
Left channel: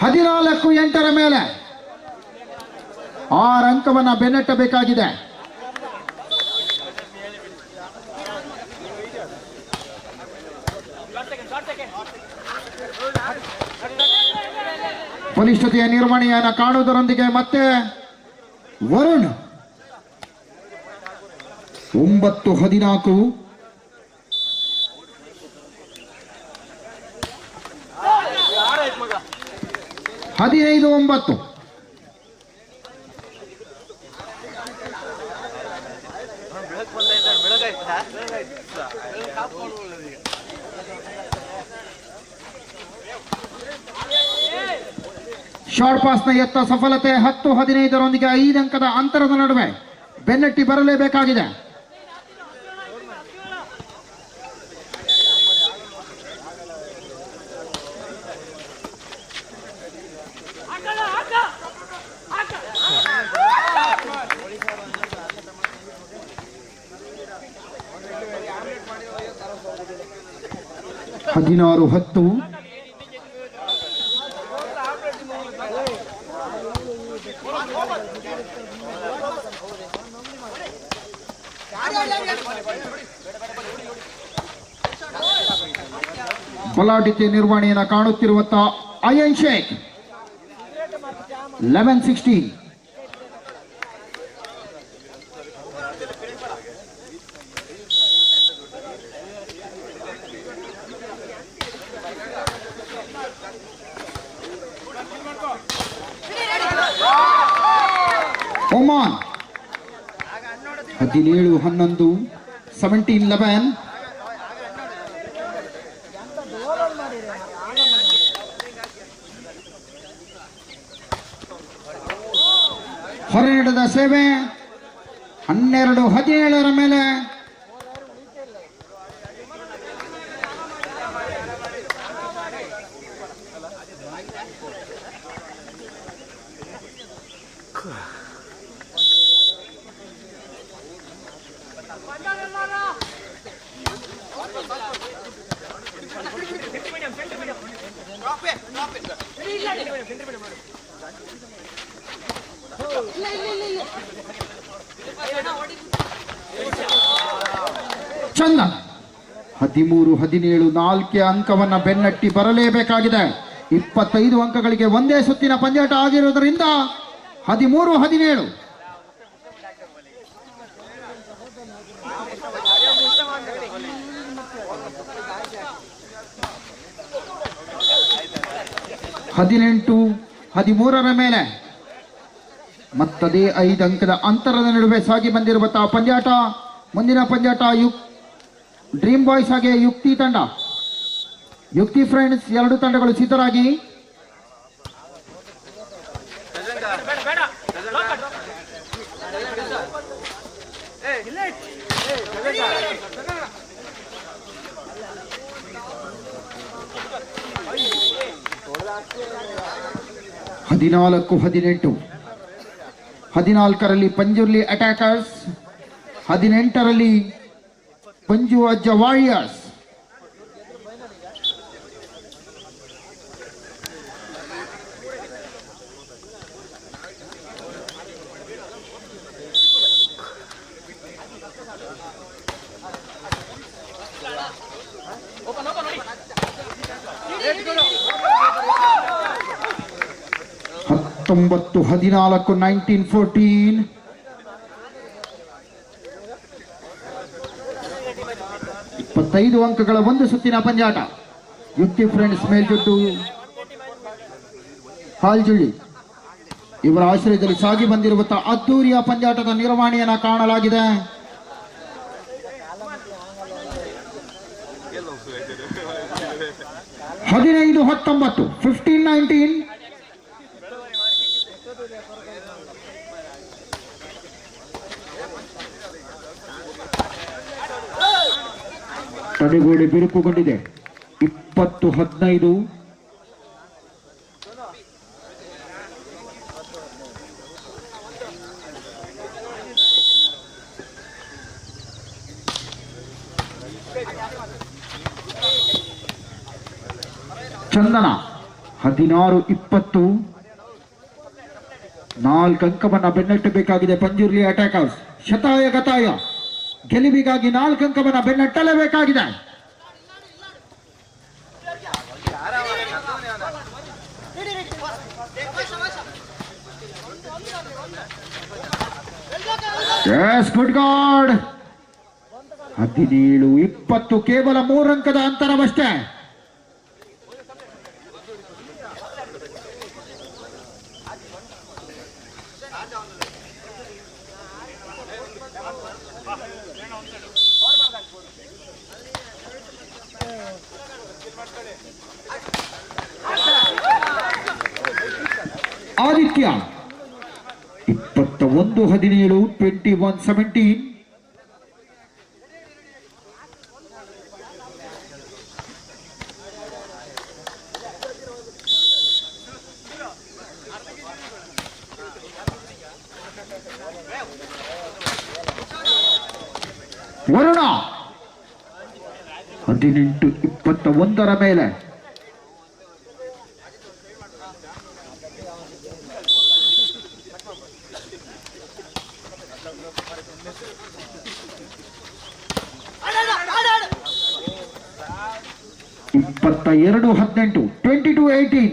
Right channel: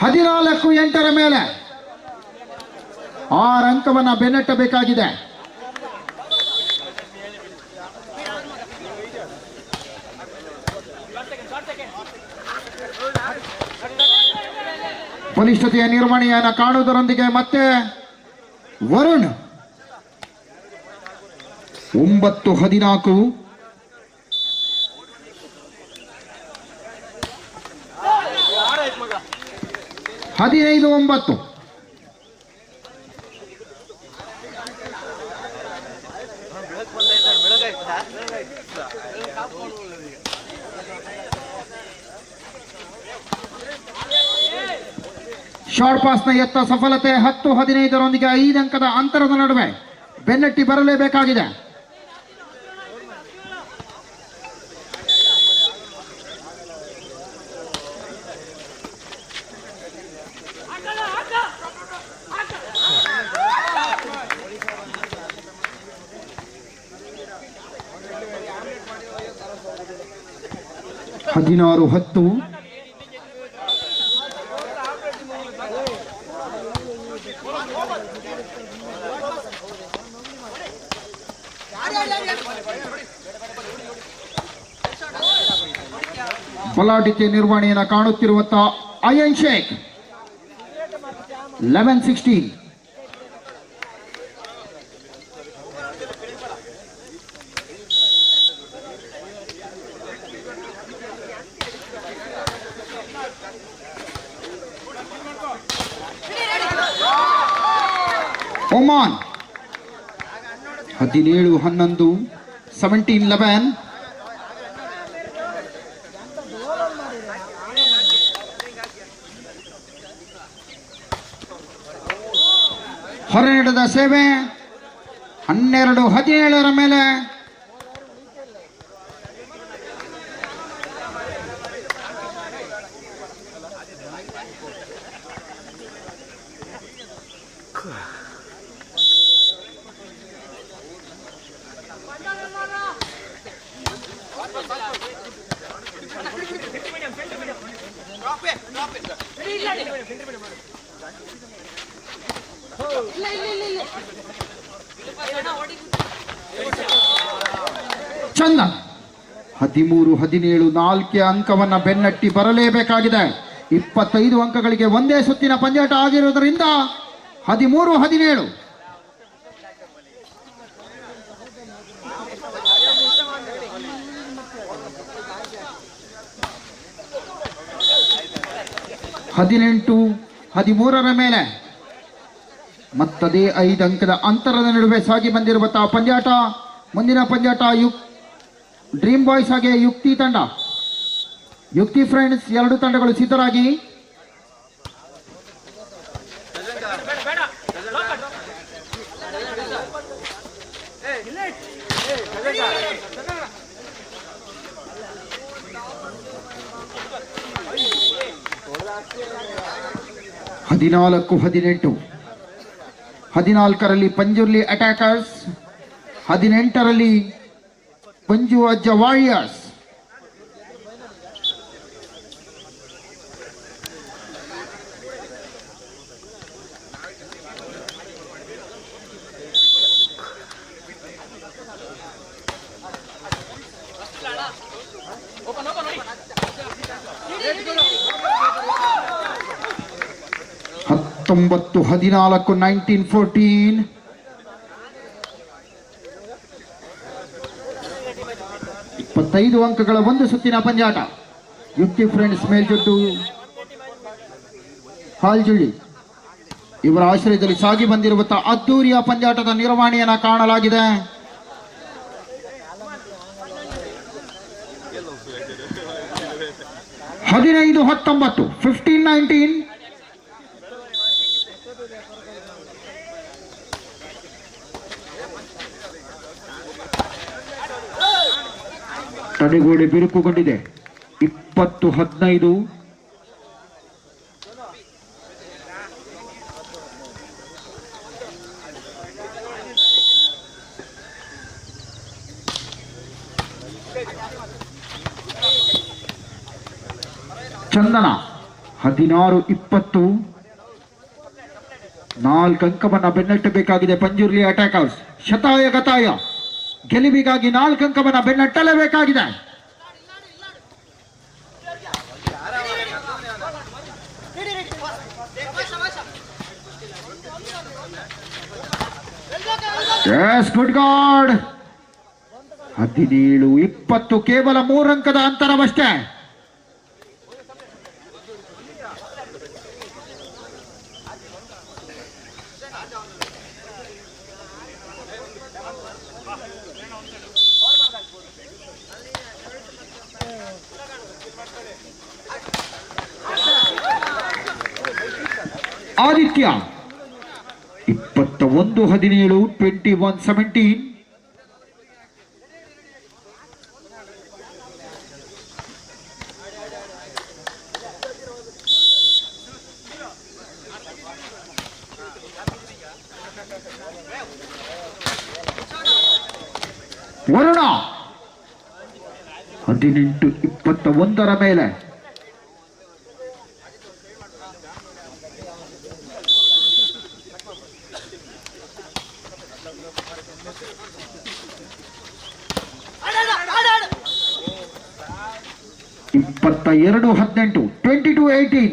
ಹದಿನಾಲ್ಕು 8 ಮೇಲೆ 6 ಅಂಕವನ್ನ ಬೆನ್ನಟ್ಟಬೇಕಾಗಿದೆ. ಬಲಿಷ್ಠತೆಯ ನಿರ್ವಹಣೆಯನ್ನು ಕಾಣುವುದರೊಂದಿಗೆ ಮತ್ತೆ ವರುಣ್ 9-14. ಮಗ 15-9. ಶಾರ್ಟ್ ಪಾಸ್ನ ಎತ್ತ ಸಫಲತೆ 10-15ರೊಂದಿಗೆ 5 ಅಂಕದ ಅಂತರದ ನಡುವೆ ಬೆನ್ನಟ್ಟಿ ಬರಲೇಬೇಕಾಗಿದೆ. ಹದಿನಾರು 10. ಬಲಾಢ್ಯತೆ ನಿರ್ವಹಣೆಯನ್ನು ಕಾಣುತ್ತಿರುವಂತಹ ಅಯನ್ ಶೇಖ್ 11-16. ಒಮಾನ್ 17-11, 17-11. ಹೊರನಡೆದ ಸೇವೆ 12-17 ಮೇಲೆ ಚಂದ 13-17 4 ಅಂಕವನ್ನ ಬೆನ್ನಟ್ಟಿ ಬರಲೇಬೇಕಾಗಿದೆ. 25 ಅಂಕಗಳಿಗೆ ಒಂದೇ ಸುತ್ತಿನ ಪಂದ್ಯಾಟ ಆಗಿರುವುದರಿಂದ 13-17. ಹದಿನೆಂಟು 13ರ ಮೇಲೆ ಮತ್ತದೇ 5 ಅಂಕದ ಅಂತರದ ನಡುವೆ ಸಾಗಿ ಬಂದಿರುವಂತಹ ಪಂದ್ಯಾಟ. ಮುಂದಿನ ಪಂದ್ಯಾಟ ಡ್ರೀಮ್ ಬಾಯ್ಸ್ ಹಾಗೆ ಯುಕ್ತಿ ತಂಡ. ಯುಕ್ತಿ ಫ್ರೆಂಡ್ಸ್ ಎರಡು ತಂಡಗಳು ಸಿದ್ಧರಾಗಿ. ಹದಿನಾಲ್ಕು 18. 14ರಲ್ಲಿ ಪಂಜುರ್ಲಿ ಅಟ್ಯಾಕರ್ಸ್, 18ರಲ್ಲಿ ಪಂಜು ಅಜ್ಜ ವಾರಿಯರ್ಸ್. ಹತ್ತೊಂಬತ್ತು 14 1914. ಇಪ್ಪತ್ತೈದು ಅಂಕಗಳ ಒಂದು ಸುತ್ತಿನ ಪಂದ್ಯಾಟ. ಯುಕ್ತಿ ಫ್ರೆಂಡ್ಸ್ ಮೇಲ್ಜೊಟ್ಟು ಹಾಲ್ಜುಳ್ಳಿ ಇವರ ಆಶ್ರಯದಲ್ಲಿ ಸಾಗಿ ಬಂದಿರುವಂತಹ ಅದ್ದೂರಿಯ ಪಂದ್ಯಾಟದ ನಿರ್ವಹಣೆಯನ್ನ ಕಾಣಲಾಗಿದೆ. ಹದಿನೈದು 19 15-19. ತಡೆಗೋಡೆ ಬಿರುಕುಗೊಂಡಿದೆ. 20-15. ಚಂದನ 16-20. 4 ಅಂಕವನ್ನ ಬೆನ್ನಟ್ಟಬೇಕಾಗಿದೆ ಪಂಜುರ್ಲಿ ಅಟ್ಯಾಕರ್ಸ್. ಶತಾಯ ಗತಾಯ ಗೆಲುವಿಗಾಗಿ 4 ಅಂಕವನ್ನ ಬೆನ್ನಟ್ಟಲೇಬೇಕಾಗಿದೆ. Good god. 17-20 ಕೇವಲ 3 ಅಂಕದ ಅಂತರವಷ್ಟೇ. ಆದಿತ್ಯ 21-17 21-17. ವರುಣ 18-21 ಮೇಲೆ. ಇಪ್ಪತ್ತ 18 22-18.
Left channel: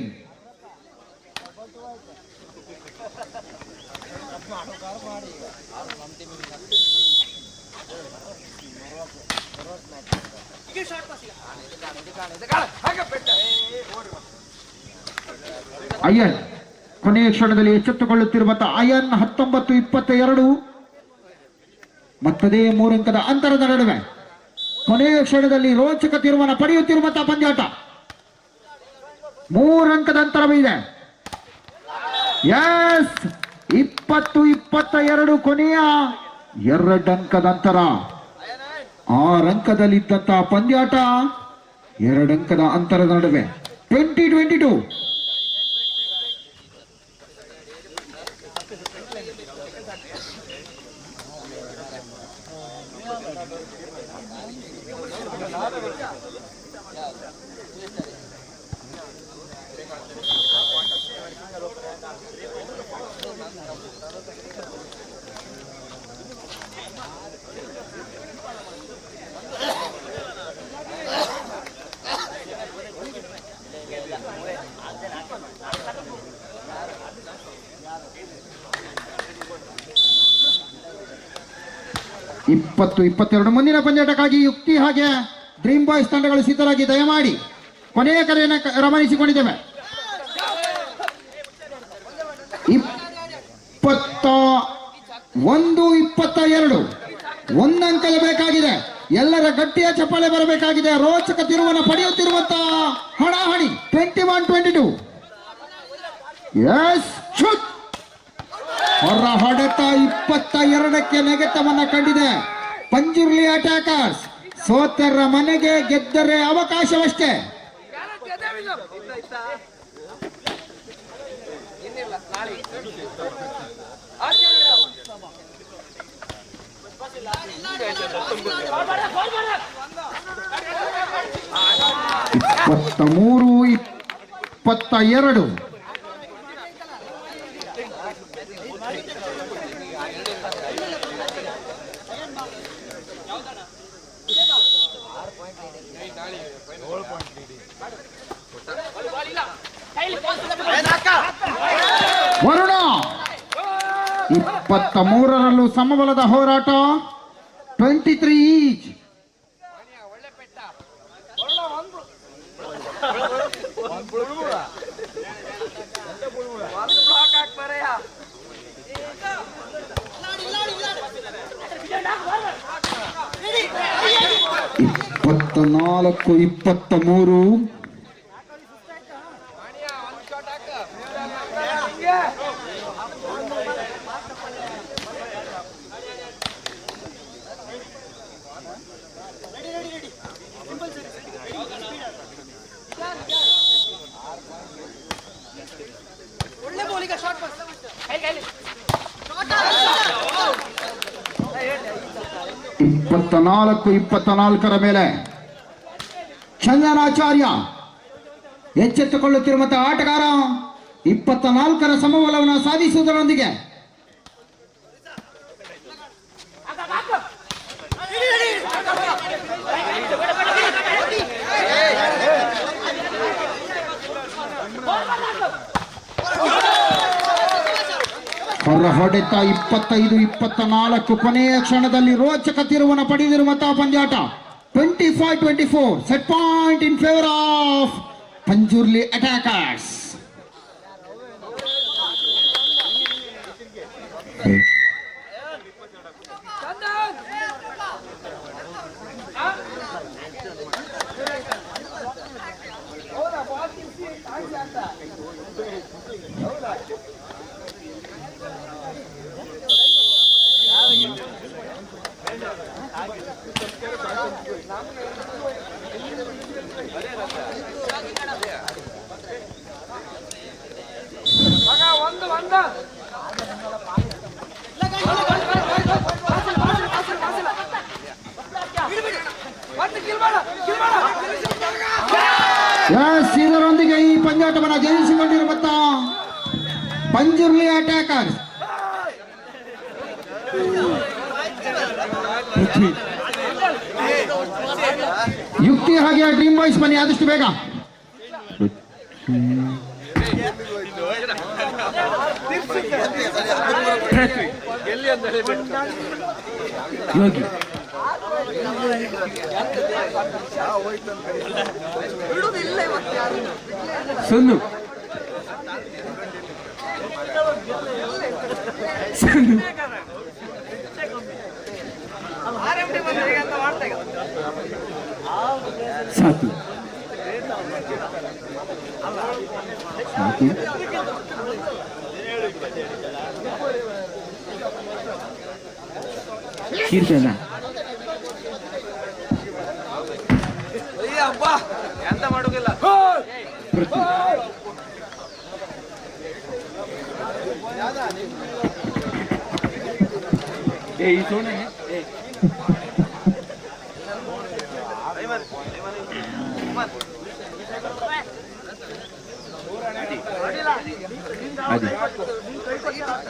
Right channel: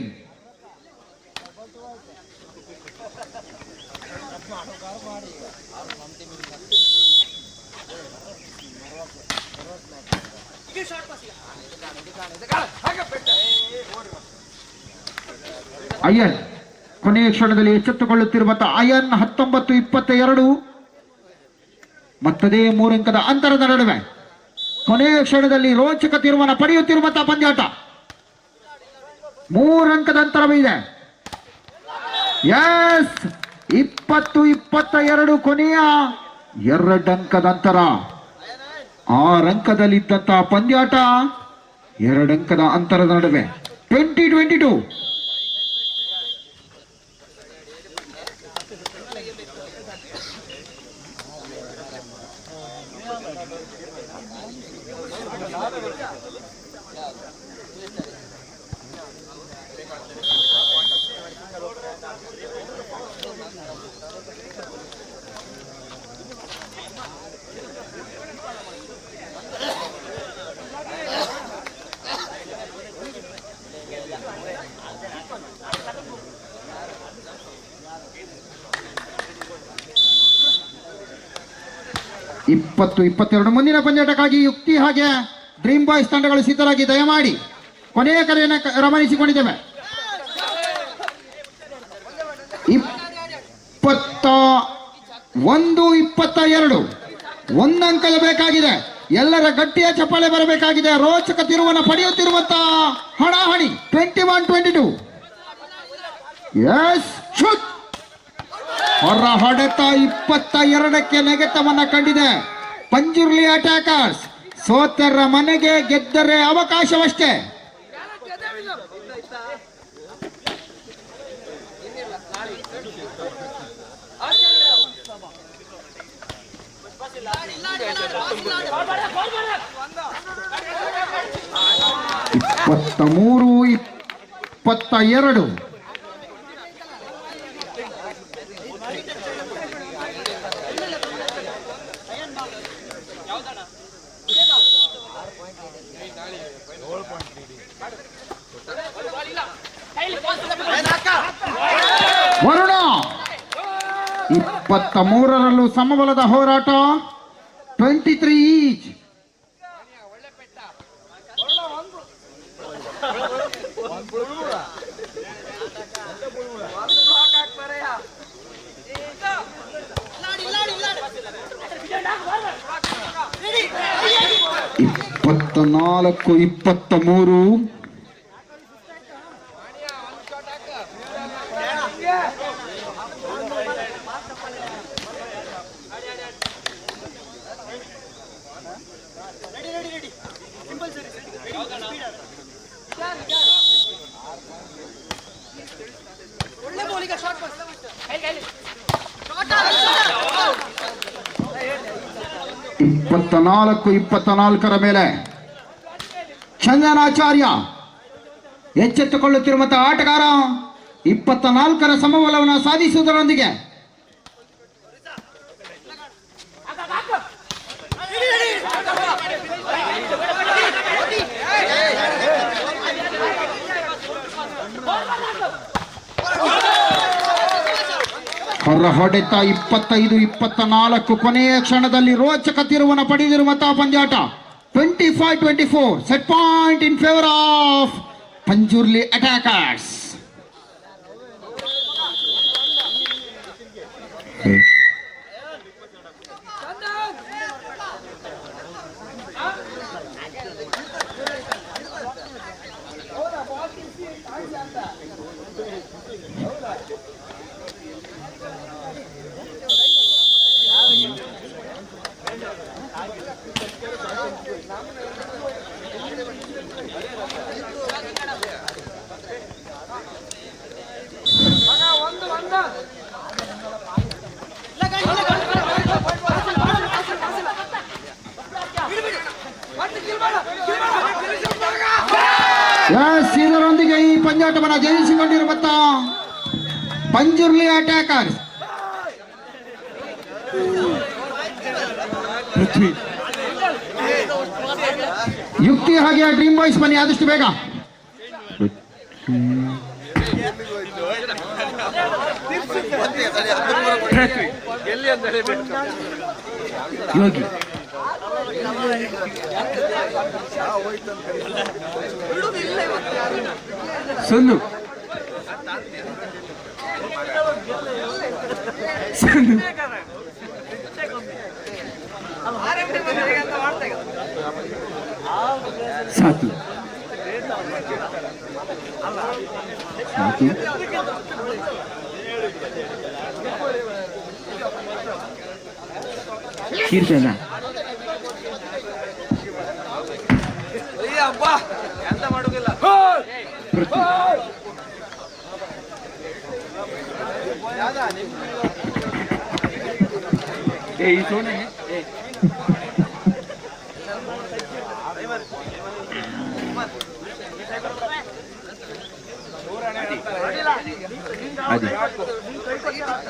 ಅಯ್ಯನ್ ಕೊನೆಯ ಕ್ಷಣದಲ್ಲಿ ಎಚ್ಚೆತ್ತುಕೊಳ್ಳುತ್ತಿರುವಂತಹ ಅಯ್ಯನ್ 19-22. ಮತ್ತದೇ 3 ಅಂಕದ ಅಂತರದ ನಡುವೆ ಕೊನೆಯ ಕ್ಷಣದಲ್ಲಿ ರೋಚಕ ತೀರ್ಮಾನ ಪಡೆಯುತ್ತಿರುವಂತಹ ಪಂದ್ಯಾಟ. 3 ಅಂಕದ ಅಂತರವಿದೆ. ಎಸ್ 20-22 ಕೊನೆಯ 2 ಅಂಕದ ಅಂತರ. 6 ಅಂಕದಲ್ಲಿದ್ದಂತಹ ಪಂದ್ಯಾಟ 2 ಅಂಕದ ಅಂತರದ ನಡುವೆ 20-22. 22 ಮುಂದಿನ ಪಂದ್ಯಾಟಕ್ಕಾಗಿ ಯುಕ್ತಿ ಹಾಗೆ ಡ್ರೀಮ್ ಬಾಯ್ಸ್ ತಂಡಗಳು ಸಿದ್ಧರಾಗಿ ದಯಮಾಡಿ ಕೊನೆಯ ಕರೆಯನ್ನು ರವಾನಿಸಿಕೊಂಡಿದ್ದೇವೆ. 21-22 ಒಂದಂಕದ ಬೇಕಾಗಿದೆ. ಎಲ್ಲರ ಗಟ್ಟಿಯ ಚಪ್ಪಾಳೆ ಬರಬೇಕಾಗಿದೆ. ರೋಚಕ ತಿರುವನ್ನ ಪಡೆಯುತ್ತಿರುವಂತ ಹಣಾಹಣಿ 21-22. Yes shoot. ಹೊರ ಹೊಡೆತ 22ಕ್ಕೆ ನೆಗೆತವನ್ನ ಕಂಡಿದೆ ಪಂಜುರ್ಲಿ ಅಟ್ಯಾಕರ್ಸ್. ಸೋತರ ಮನೆಗೆ ಗೆದ್ದರೆ ಅವಕಾಶವಷ್ಟೇ. ಇಪ್ಪತ್ತ 22 ವರುಣ 23ರಲ್ಲೂ ಸಮಬಲದ ಹೋರಾಟ 23 ಈಚ್. ಇಪ್ಪತ್ತ 23 24 ಮೇಲೆ ಚಂದನಾಚಾರ್ಯ ಎಚ್ಚೆತ್ತುಕೊಳ್ಳುತ್ತಿರುವಂತಹ ಆಟಗಾರ 24ರ ಸಮಬಲವನ್ನು ಸಾಧಿಸುವುದರೊಂದಿಗೆ ಹೊರ ಹೊಡೆತ 25-24 ಕೊನೆಯ ಕ್ಷಣದಲ್ಲಿ ರೋಚಕ ತಿರುವನ್ನು ಪಡೆದಿರುವಂತಹ ಪಂದ್ಯಾಟ 25-24. Set point in favour of Panjurli attackers. ಇದರೊಂದಿಗೆ ಈ ಪಂದ್ಯಾಟವನ್ನು ಜಯಿಸಿಕೊಂಡಿರುವಂತ ಪಂಜುರ್ಲಿ ಅಟ್ಯಾಕರ್ಸ್ ಯುಕ್ತಿ ಹಾಗೆ ಡ್ರೀಮ್ ಬಾಯ್ಸ್ ಬನ್ನಿ ಆದಷ್ಟು ಬೇಗ. ಯೋಗಿ ಸೊನ್ನು ಸಾಕು ಸಾಕು ಕೀರ್ತನ ಎಂತ ಮಾಡುದಿಲ್ಲ.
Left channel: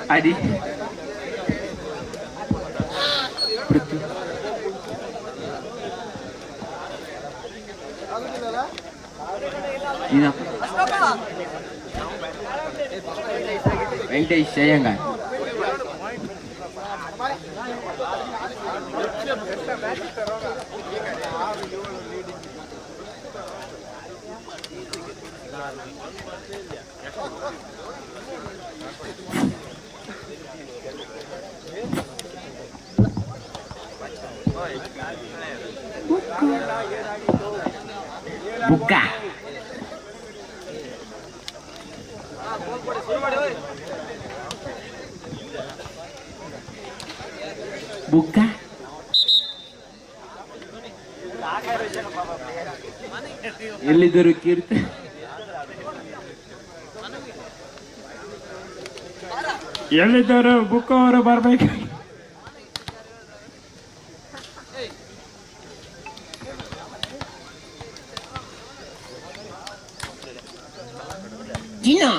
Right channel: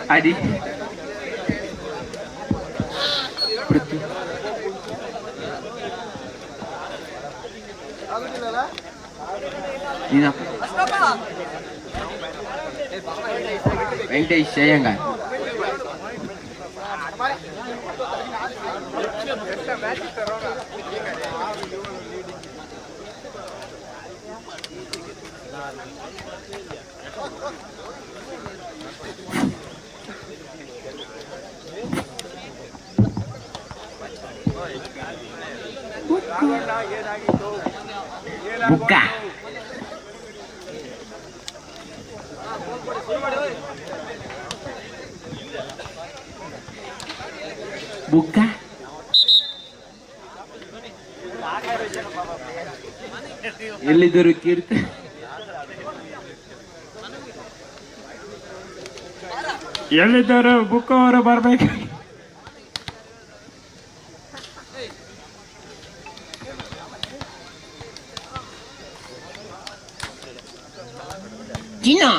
Adi. Venkatesh Jayangan. Buka. Buka. ಎಲ್ಲಿದ್ದರು ಕೀರ್ತಿ ಎಲ್ಲಿದ್ದರು ಬುಕ್ ಅವರು ಬರ್ಬೇಕು. ಜಿನಾ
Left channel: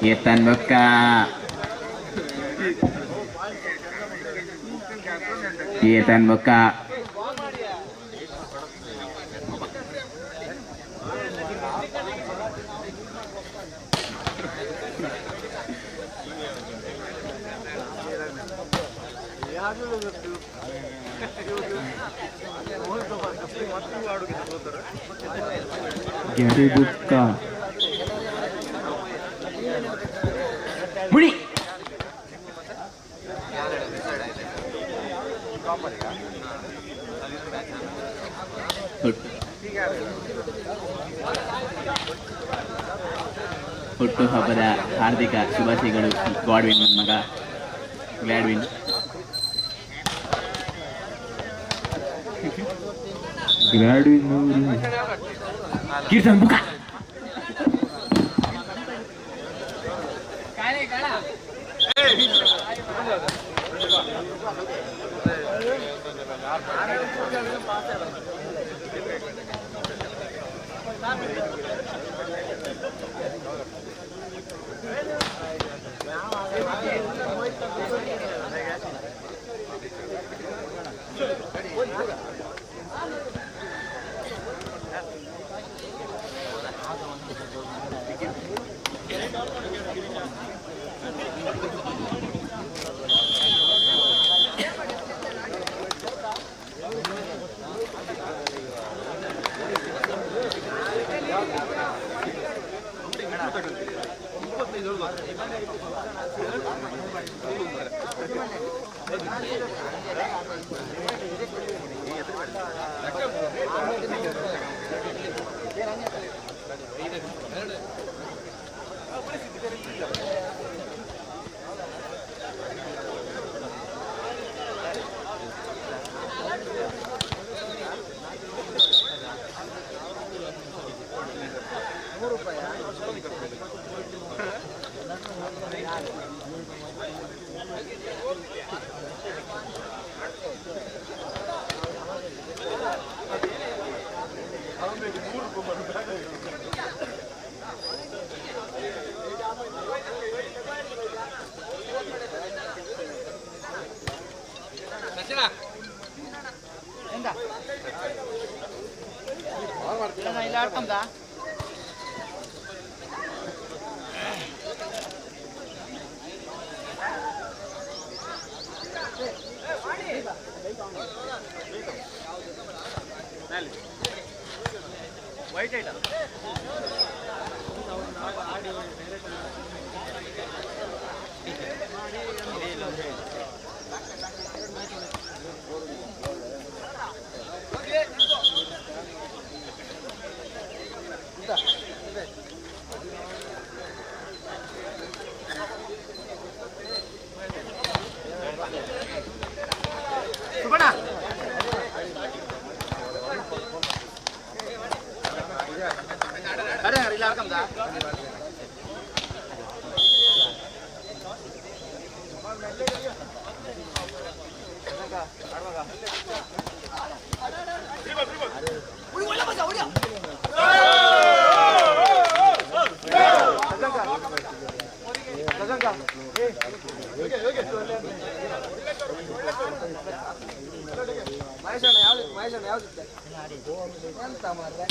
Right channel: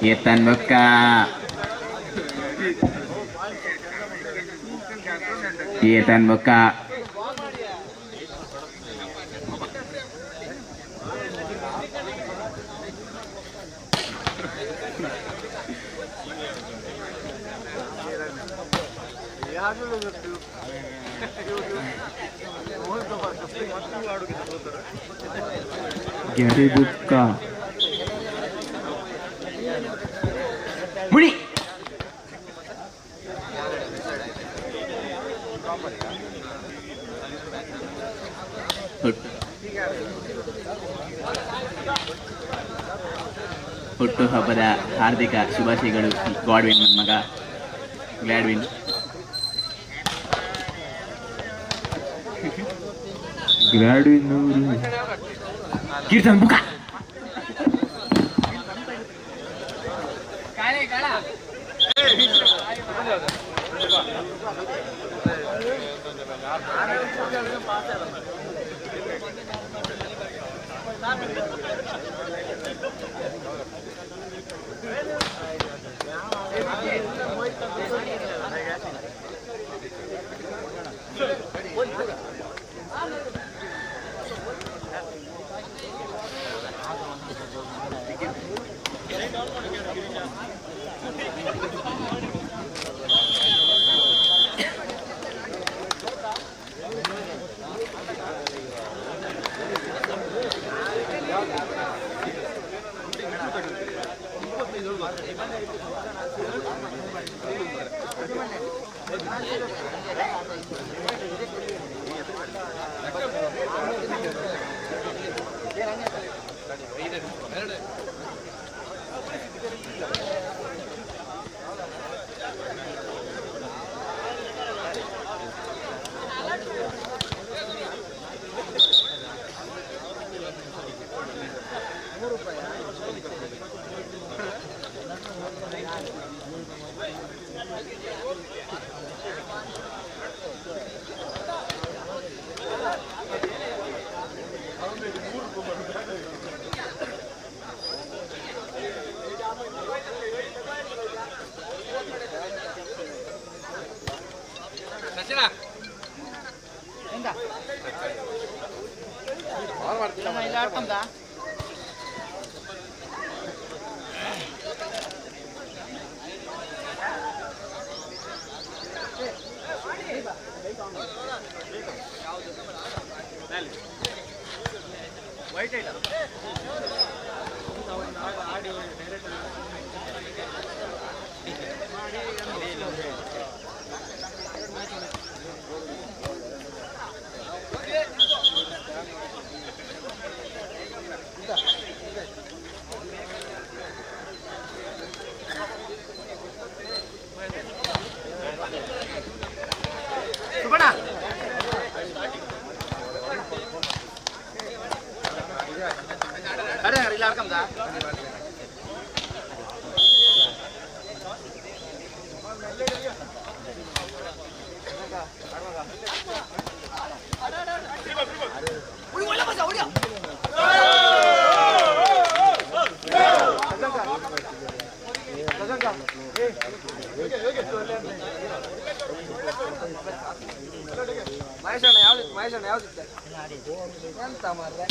Ketan buka. Ketan buka. Gari buka. Muni. ಹುಟ್ಟು ಹಬ್ಬದ ಹಾರ್ದಿಕ ಶುಭಾಶಯಗಳು. ಗಾಡ್ವಿನ್ ನನ್ನ ಮಗ ಗ್ಲಾಡ್ವಿನ್. ಗ್ಲಾಡ್ವಿನ್ ಕೀರ್ತನ್ ಬುಕ. ವೈಟ್ ಐಟಮ್ ಹೌದಾ ಮಹೇಶಣ್ಣ ಯಾವ್ದಿತ್ತೆ ಎಂತ ಮಾರ್ರೆ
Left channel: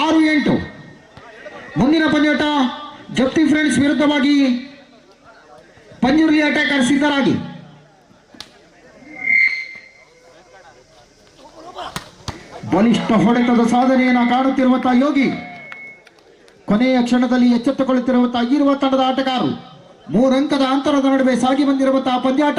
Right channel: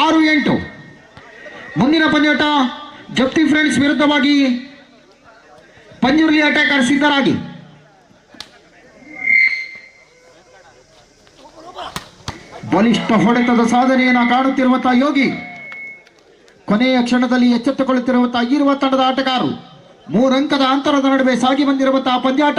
ಆರು 8 ಮುಂದಿನ ಪಂದ್ಯಾಟ ಜಪ್ತಿ ಫ್ರೆಂಡ್ಸ್ ವಿರುದ್ಧವಾಗಿ ಪಂಜುರ್ಲಿ ಅಟ್ಯಾಕರ್ ಸಿದ್ಧರಾಗಿ ಬಲಿಷ್ಠ ಹೊಡೆತದ ಸಾಧನೆಯನ್ನು ಕಾಣುತ್ತಿರುವಂತಹ ಯೋಗಿ, ಕೊನೆಯ ಕ್ಷಣದಲ್ಲಿ ಎಚ್ಚೆತ್ತುಕೊಳ್ಳುತ್ತಿರುವಂತಹ ಈರುವ ತಂಡದ ಆಟಗಾರರು, 3 ಅಂಕದ ಅಂತರದ ನಡುವೆ ಸಾಗಿ ಬಂದಿರುವಂತಹ ಪಂದ್ಯಾಟ.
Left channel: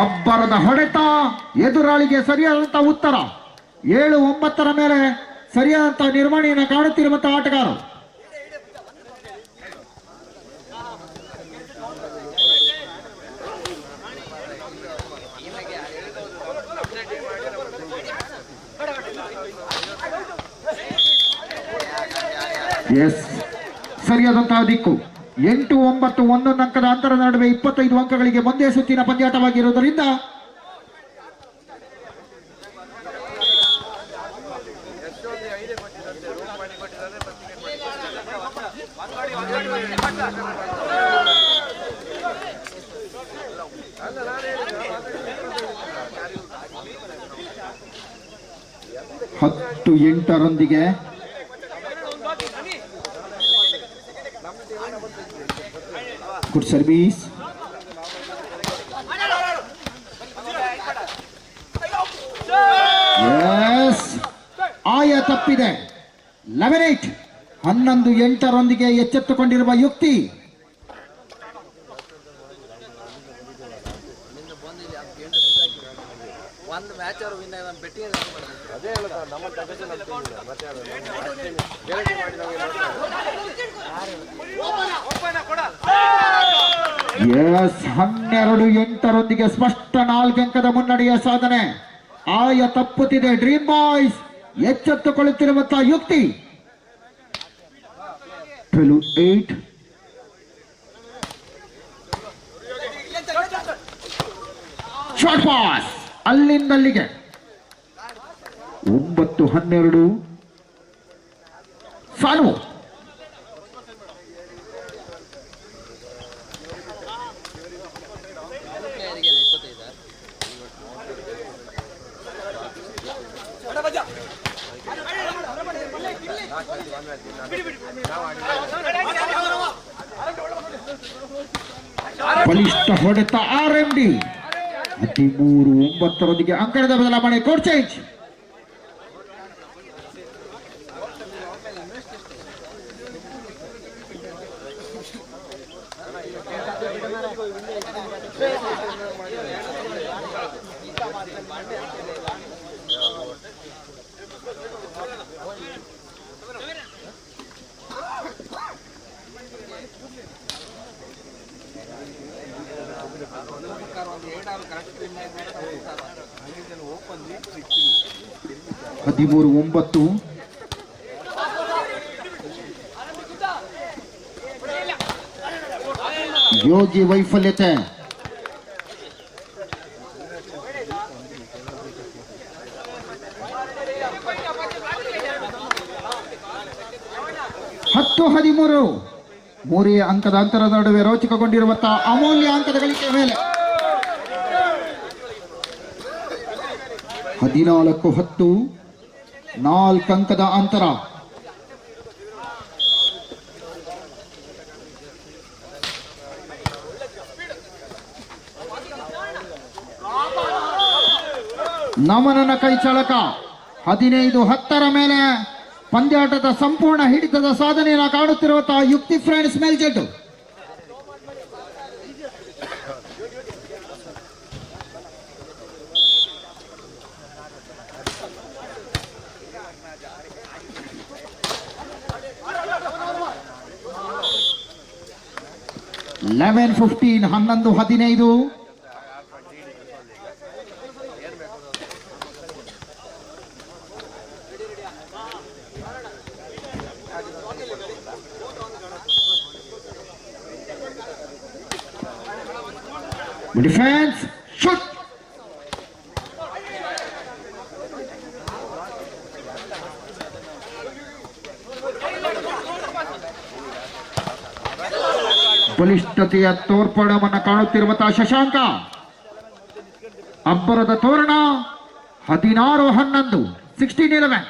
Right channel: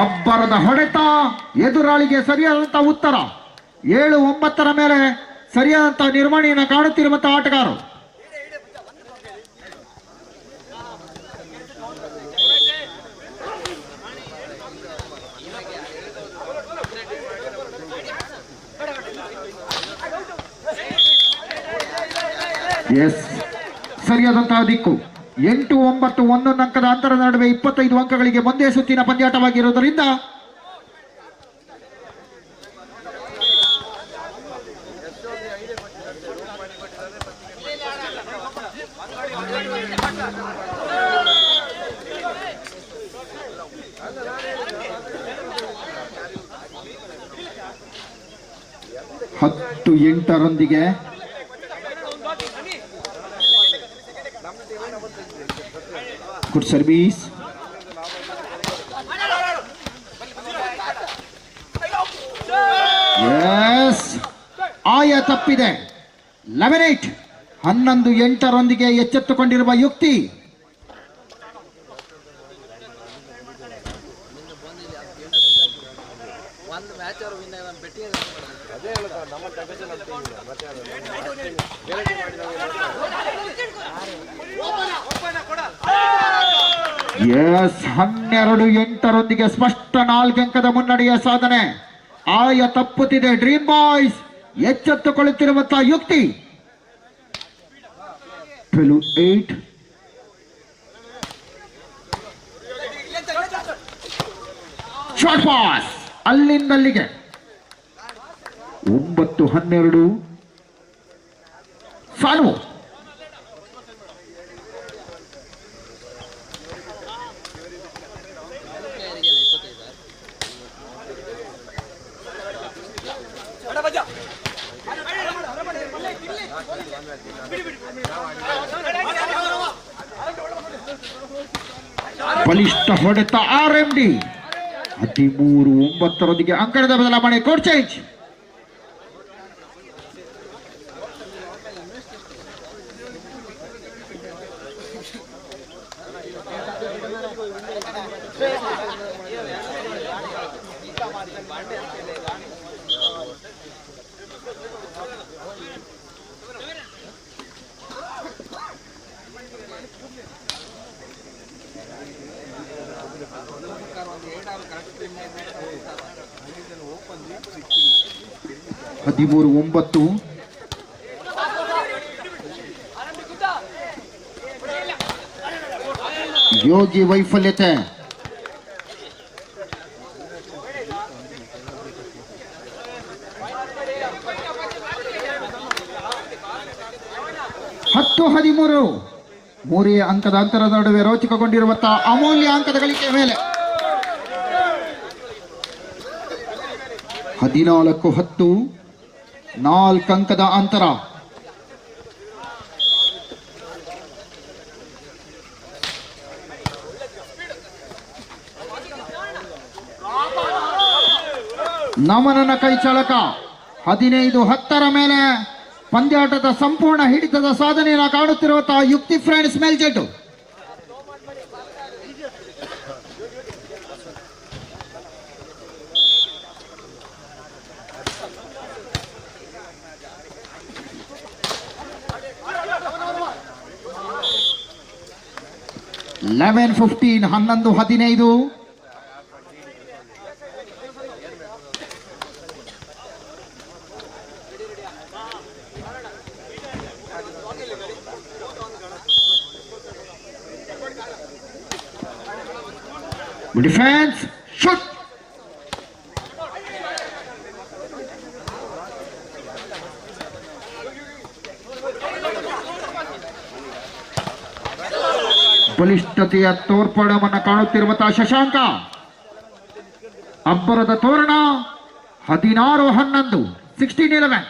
ಅಬ್ಬರದ ಹೊಡೆತ, ಎದುರಾಳಿಗೆ ಸರಿಯಾದಂತಹ ಉತ್ತರ. 7-9 ಮೇಲೆ ಸರಿಯಾದಂತಹ ನಿರ್ವಹಣೆಯನ್ನು ಕಾಣುತ್ತಿರುವಂತಹ ಆಟಗಾರರು. ಎಸ್, ಸರಿಯಾದಂತಹ ದಿಕ್ಕು. 8-9 11 ಅಂಕದ ಅಂತರದ ನಡುವೆ 25 ಅಂಕಗಳಿಗೆ ಒಂದೇ ಸುತ್ತಿನ ಪಂದ್ಯಾಟವಾಗಿರುವುದರಿಂದ ಹತ್ತು 8ರೊಂದಿಗೆ ಗುಡ್ ಸರ್ವೀಸ್. ಎಸ್, ಆಯ ತಪ್ಪಿದೆ. 11-8 11-8ರೊಂದಿಗೆ ಎಚ್ಚೆತ್ತುಕೊಂಡಿರುವ ಯುಕ್ತಿ. ಒಂದು ಮ್ಯಾಚ್ ಅವರು ವಿನ್ ಆಗಿ ಬೆಟ್ಟಿ ಅದೇ ಹೇಳುತ್ತ ನಮ್ಮ ಟೆನ್ಷನ್ ಅಂತ ಮತ್ತೆ ಎಸ್, 12-8ರೊಂದಿಗೆ ಸ್ಪಷ್ಟ 4 ಅಂಕದ ಮುನ್ನಡೆಯ ಸಾಧನೆ. ಆಯ ತಪ್ಪುತ್ತಿದೆ. ಡ್ರೀಮ್ ಬಾಯ್ಸ್ ಎಚ್ಚೆತ್ತುಕೊಳ್ಳುತ್ತಿರುವಂತಹ ಯುಕ್ತಿ. 12-8 ಶಾರ್ಟ್ ಪಾಸ್ ಅಲ್ಲಿಂದಲ್ಲಿಗೆ. 9-12 ಸಾನು. ಬಲಿಷ್ಠ ಹೊಡೆತ RMD. 13-9ರೊಂದಿಗೆ ಅಂಕಣದ ಬದಲಾವಣೆ. Code change. ಹದಿಮೂರು 9 ಯೋಗಿ ವೈಫಲ್ಯತೆ. ಹತ್ತು 13 ಮೂರೇ ಅಂಕದ ಅಂತರದ ನಡುವೆ ರೋಚಕಗೊಂಡಿರುವಂತಹ ಅಮೂಲ್ಯ ಅಂಕದ ಗಳಿಕೆ ಮೇಲೆ 14-10 4 ಅಂಕದ ಅಂತರ. ನಮನನ ಕೈ ಚಳಕ. 15-10 ಮೇಲೆ ಪಂದ್ಯಾಟದ ಸಂಪೂರ್ಣ ಹಿಡಿತದ ಸಾಧನೆಯನ್ನು ಕಾಣುತ್ತಿರುವಂತಹ ಯುಕ್ತಿ ಫ್ರೆಂಡ್ಸ್ ಮೇಲ್ಜೆಟ್ಟು. Eleven 15 11-15 defence shoot. ಬಲಿಷ್ಠತೆಯ ತೋರ್ಪಡವನ್ನು ಕಾಣುತ್ತಿರುವಂತಹ ಶಶಾಂಕ. ಅಬ್ಬರದ ತೋರಣ. 16-11 16-11.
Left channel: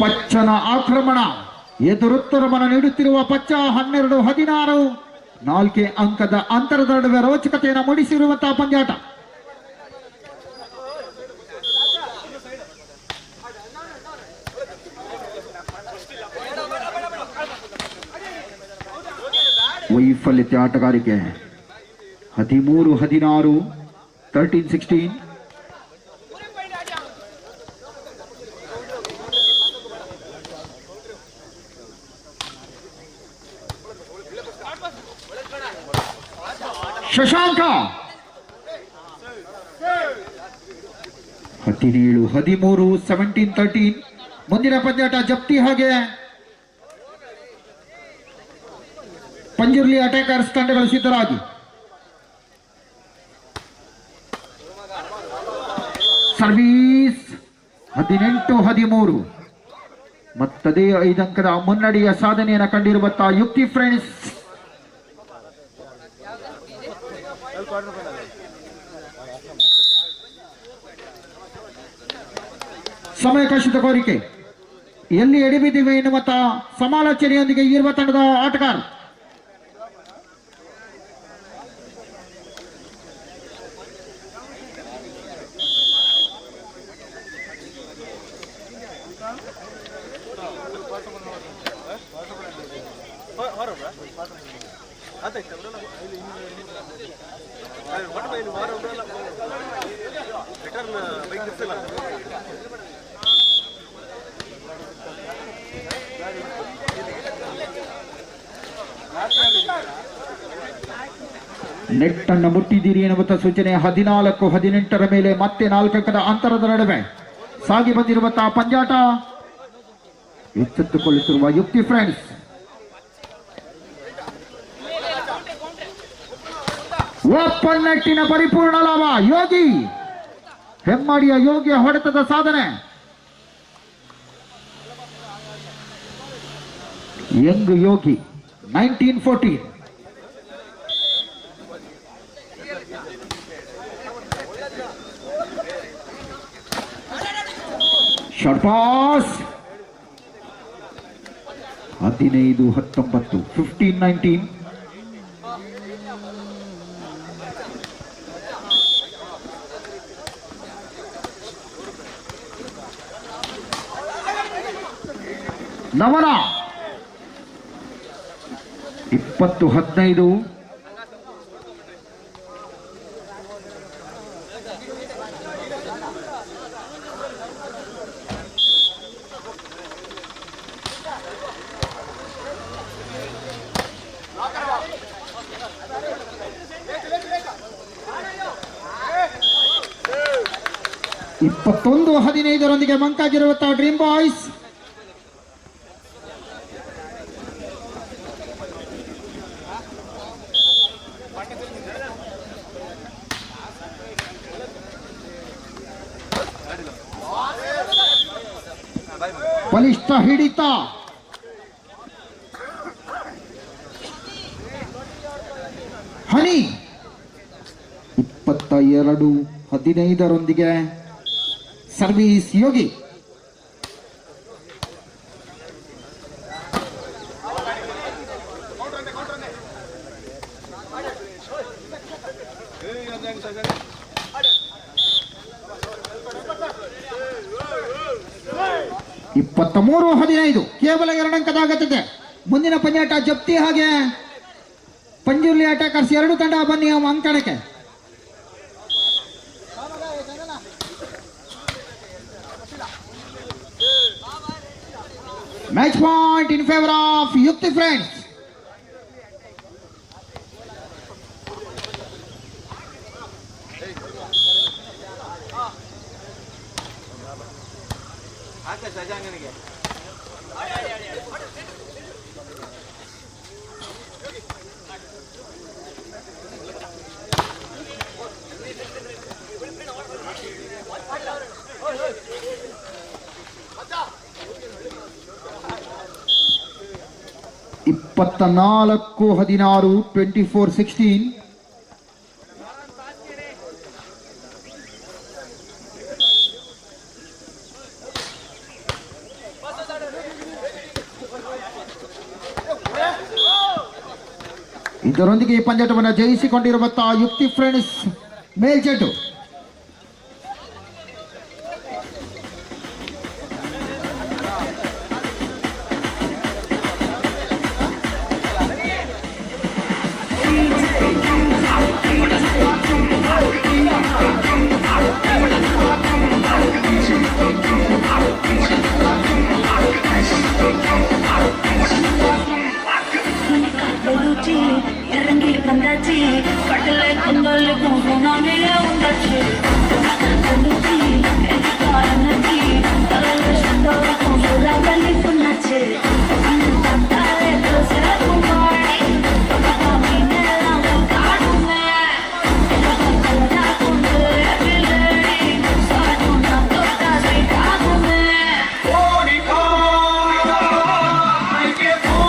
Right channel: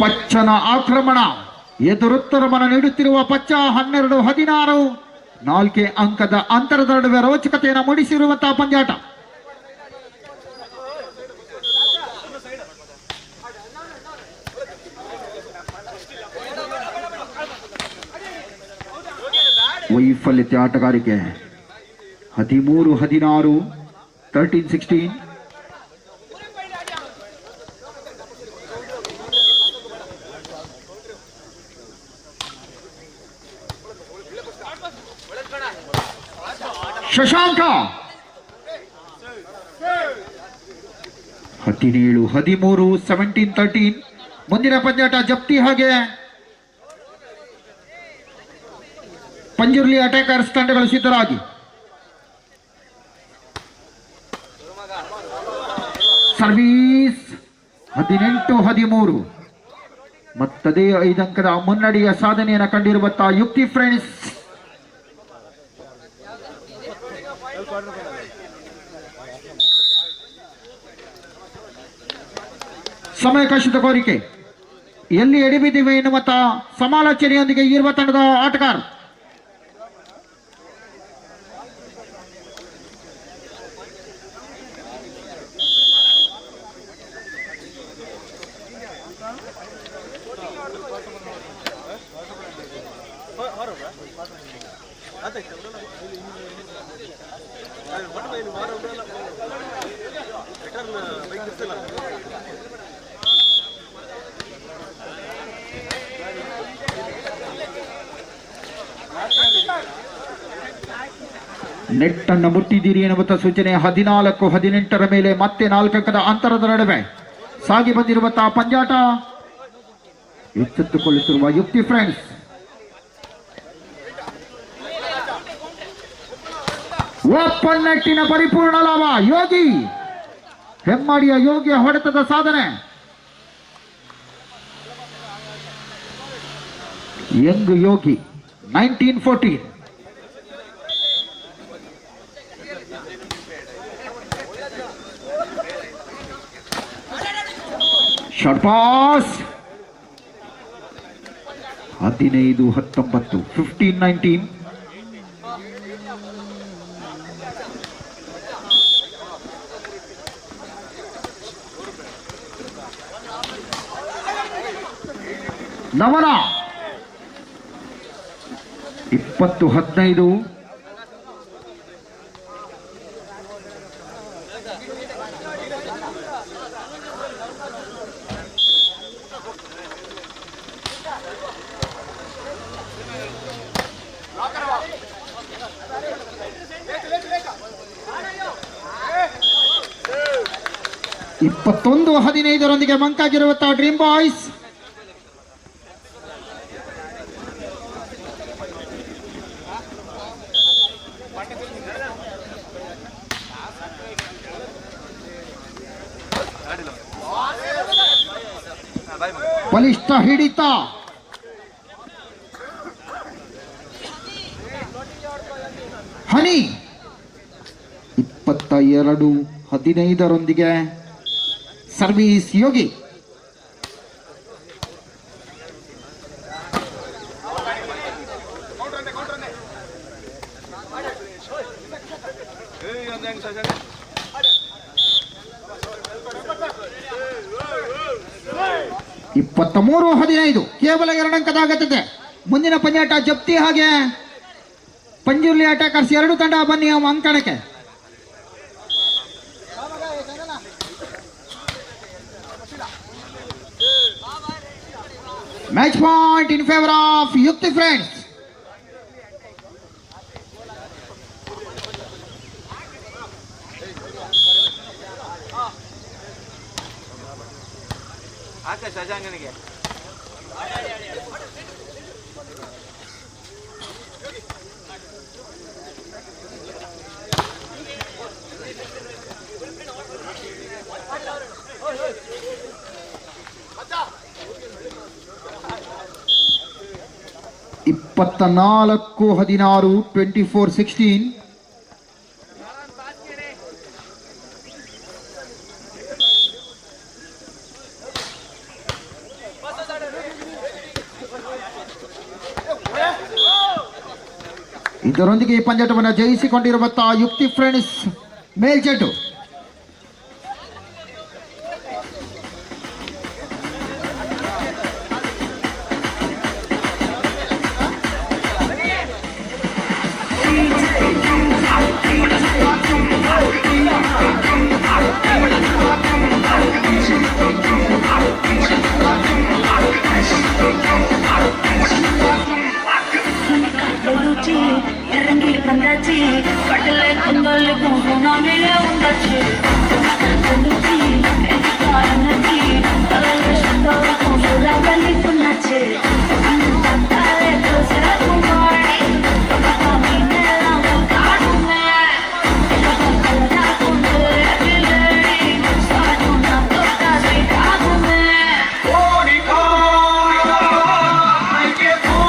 ಪಚ್ಚನ ಆಕ್ರಮಣ. ಎದುರುತ್ತರವನ್ನು ನೀಡುತ್ತಿರುವ ಪಚ್ಚ 12-16 4 ಅಂಕದ ಅಂತರದ ನಡುವೆ ರೋಚಕತೆಯನ್ನು ಮೂಡಿಸಿರುವಂತಹ ಪಂದ್ಯಾಟ. ವೈಫಲ್ಯತೆ ಆಟಗಾರಿಕೆ 13-16 13-16. ಶಶಾಂಕ 17-13 17-13. ಮುಂದಿನ ಪಂದ್ಯಾಟ ಜಪ್ತಿ ಹಾಗೆ ಪಂಜುರ್ಲಿ ಅಟ್ಯಾಕರ್ಸ್ ತಂಡಗಳು ಸಿದ್ಧರಾಗಿ. ಸರ್ವೀಸ್ 18-13. ಮತ್ತದೇ 5 ಅಂಕದ ಮುನ್ನಡೆಯ ಸಾಧನೆಯನ್ನು ಕಂಡಿರುವಂತಹ ಯುಕ್ತಿ ಫ್ರೆಂಡ್ಸ್. ಸಮಯಾವಕಾಶದ ಕೋರಿಕೆ ಎಲ್ಲಿ ಎಡಿಬಿದ್ದೀವಿ ಎನ್ನುವಂತ ಸಮಾಲೋಚನೆಯೊಂದಿಗೆ ಇರುವ ತಂಡದ ಆಟಗಾರ ನೆಟ್ ಅನ್ನು ಮುಟ್ಟಿದ್ದೀರಿ ಎನ್ನುವಂತ ಸೂಚನೆ. 14-18 ಮೇಲೆ ಮತ್ತೆ 4 ಅಂಕದ ಅಂತರದ ನಡುವೆ ಸಾಗಿ ಬಂದಿರುವಂತಹ ಪಂದ್ಯಾಟ ಎಚ್ಚೆತ್ತುಕೊಳ್ಳುತ್ತಿರುವ ಯುಕ್ತಿ ಫ್ರೆಂಡ್ಸ್. ಓಪನ್ ನೆಟ್ಟಿನ ಪರಿಪೂರ್ಣ ಲಾಭ. ಯೋಗಿ ಹೆಮ್ಮಾಡಿಯ ಯೋಗಿಯ ಹೊಡೆತದ ಸಾಧನೆ. ಯಂಗ್ ಯೋಗಿ 19-14. Short pass 15-19 15-19. ನವನ 20-15. ಇಪ್ಪತ್ತೊಂದು 15 ಮಂಕಾಗಿರುವಂತಹ ಡ್ರೀಮ್ ಬಾಯ್ಸ್. ಬಲಿಷ್ಠ ಹಿಡಿತ. ಹನಿ 22-15 ಸರ್ವೀಸ್ ಯೋಗಿ. ಇಪ್ಪತ್ತಮೂರು 15 ಕೇವಲ 2 ಅಂಕದ ಅಗತ್ಯತೆ. ಮುಂದಿನ ಪಂದ್ಯಾಟ ಜಪ್ತಿ ಹಾಗೆ ಪಂಜುರ್ಲಿ ಅಟ್ಯಾಕರ್ಸ್. 2 ತಂಡ ಬನ್ನಿ ಅಂಕಣಕ್ಕೆ. Match point in favour of Yukti friends. ಶಶಾಂಕನಿಗೆ 24-16 24-16. ಇದರೊಂದಿಗೆ ಈ ಪಂದ್ಯಾಟವನ್ನು ಜಯಿಸಿಕೊಂಡಿರುವಂತಹ ಯುಕ್ತಿ ಫ್ರೆಂಡ್ಸ್ ಮೇಲ್ಜೆಟ್ಟು. Irangi bandachi, padle kundal guna mile undachi. Bandachi, energy, kalal shto kundura kali punachi. Tale dosra kumari, kamine lam kadume. Kalda kundure bilari, saduna tota sai kadume. Monica, I get on.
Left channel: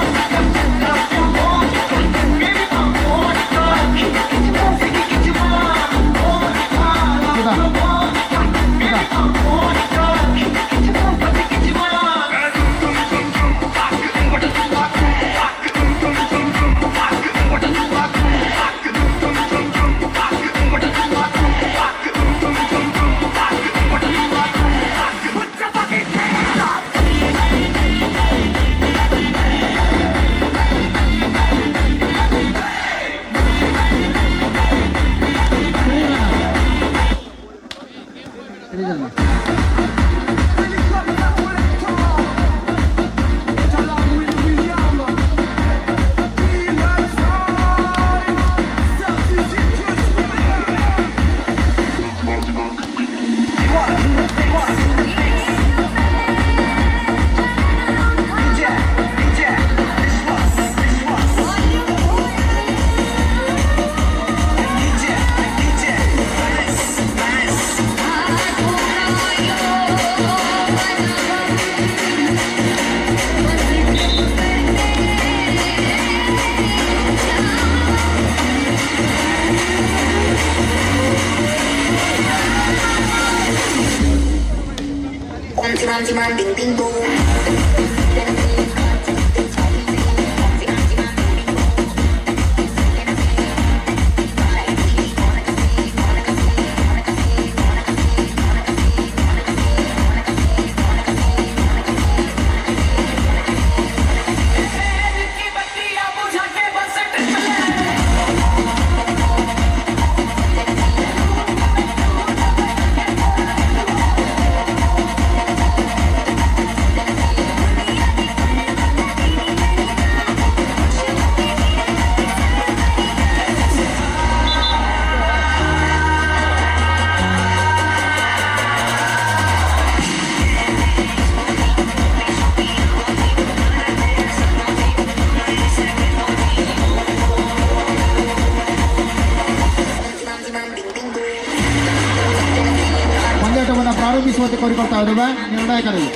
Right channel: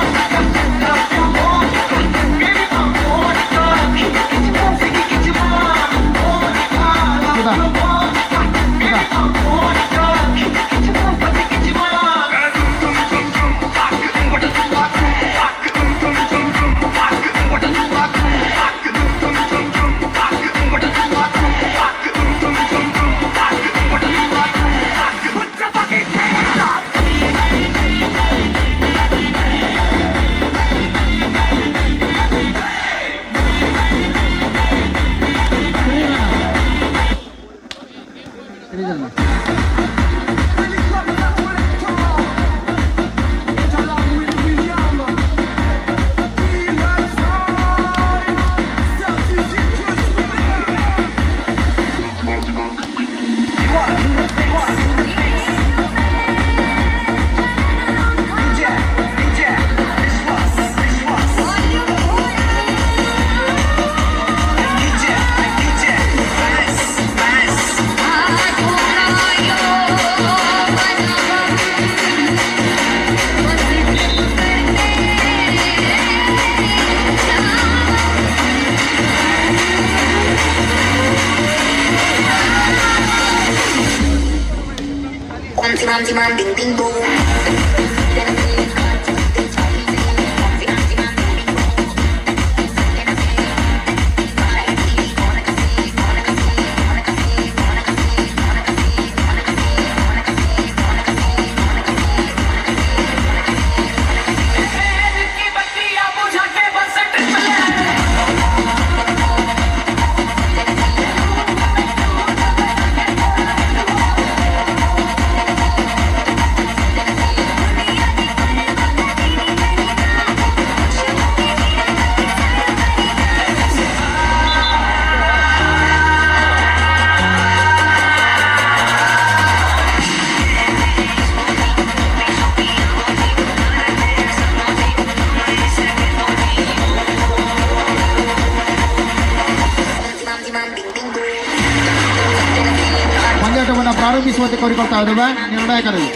Ding ding boom. ಪಂದ್ಯಾಟವನ್ನು ಪ್ರಾರಂಭಿಸುವಂತೆ ಕೋರಿಕೊಳ್ತಾ ಇದ್ದೇವೆ ನಿರ್ಣಾಯಕರಲ್ಲಿ.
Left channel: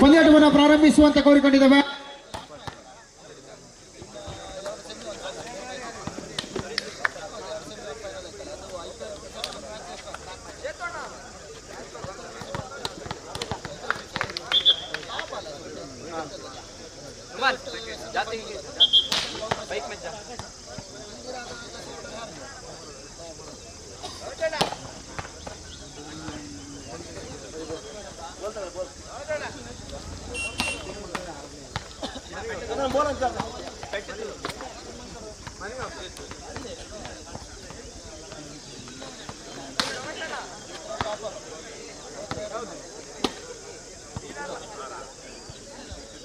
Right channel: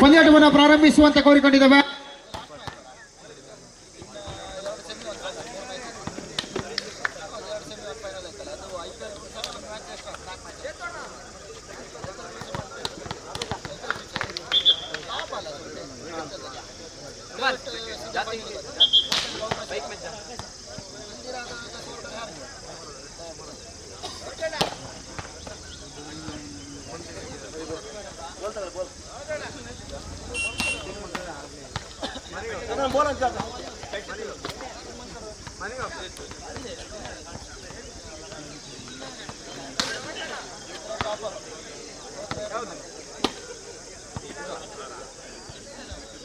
ಪಂದ್ಯಾಟವನ್ನು ಪ್ರಾರಂಭಿಸುವಂತೆ ಕೋರಿಕೊಂಡಿದ್ದೇವೆ.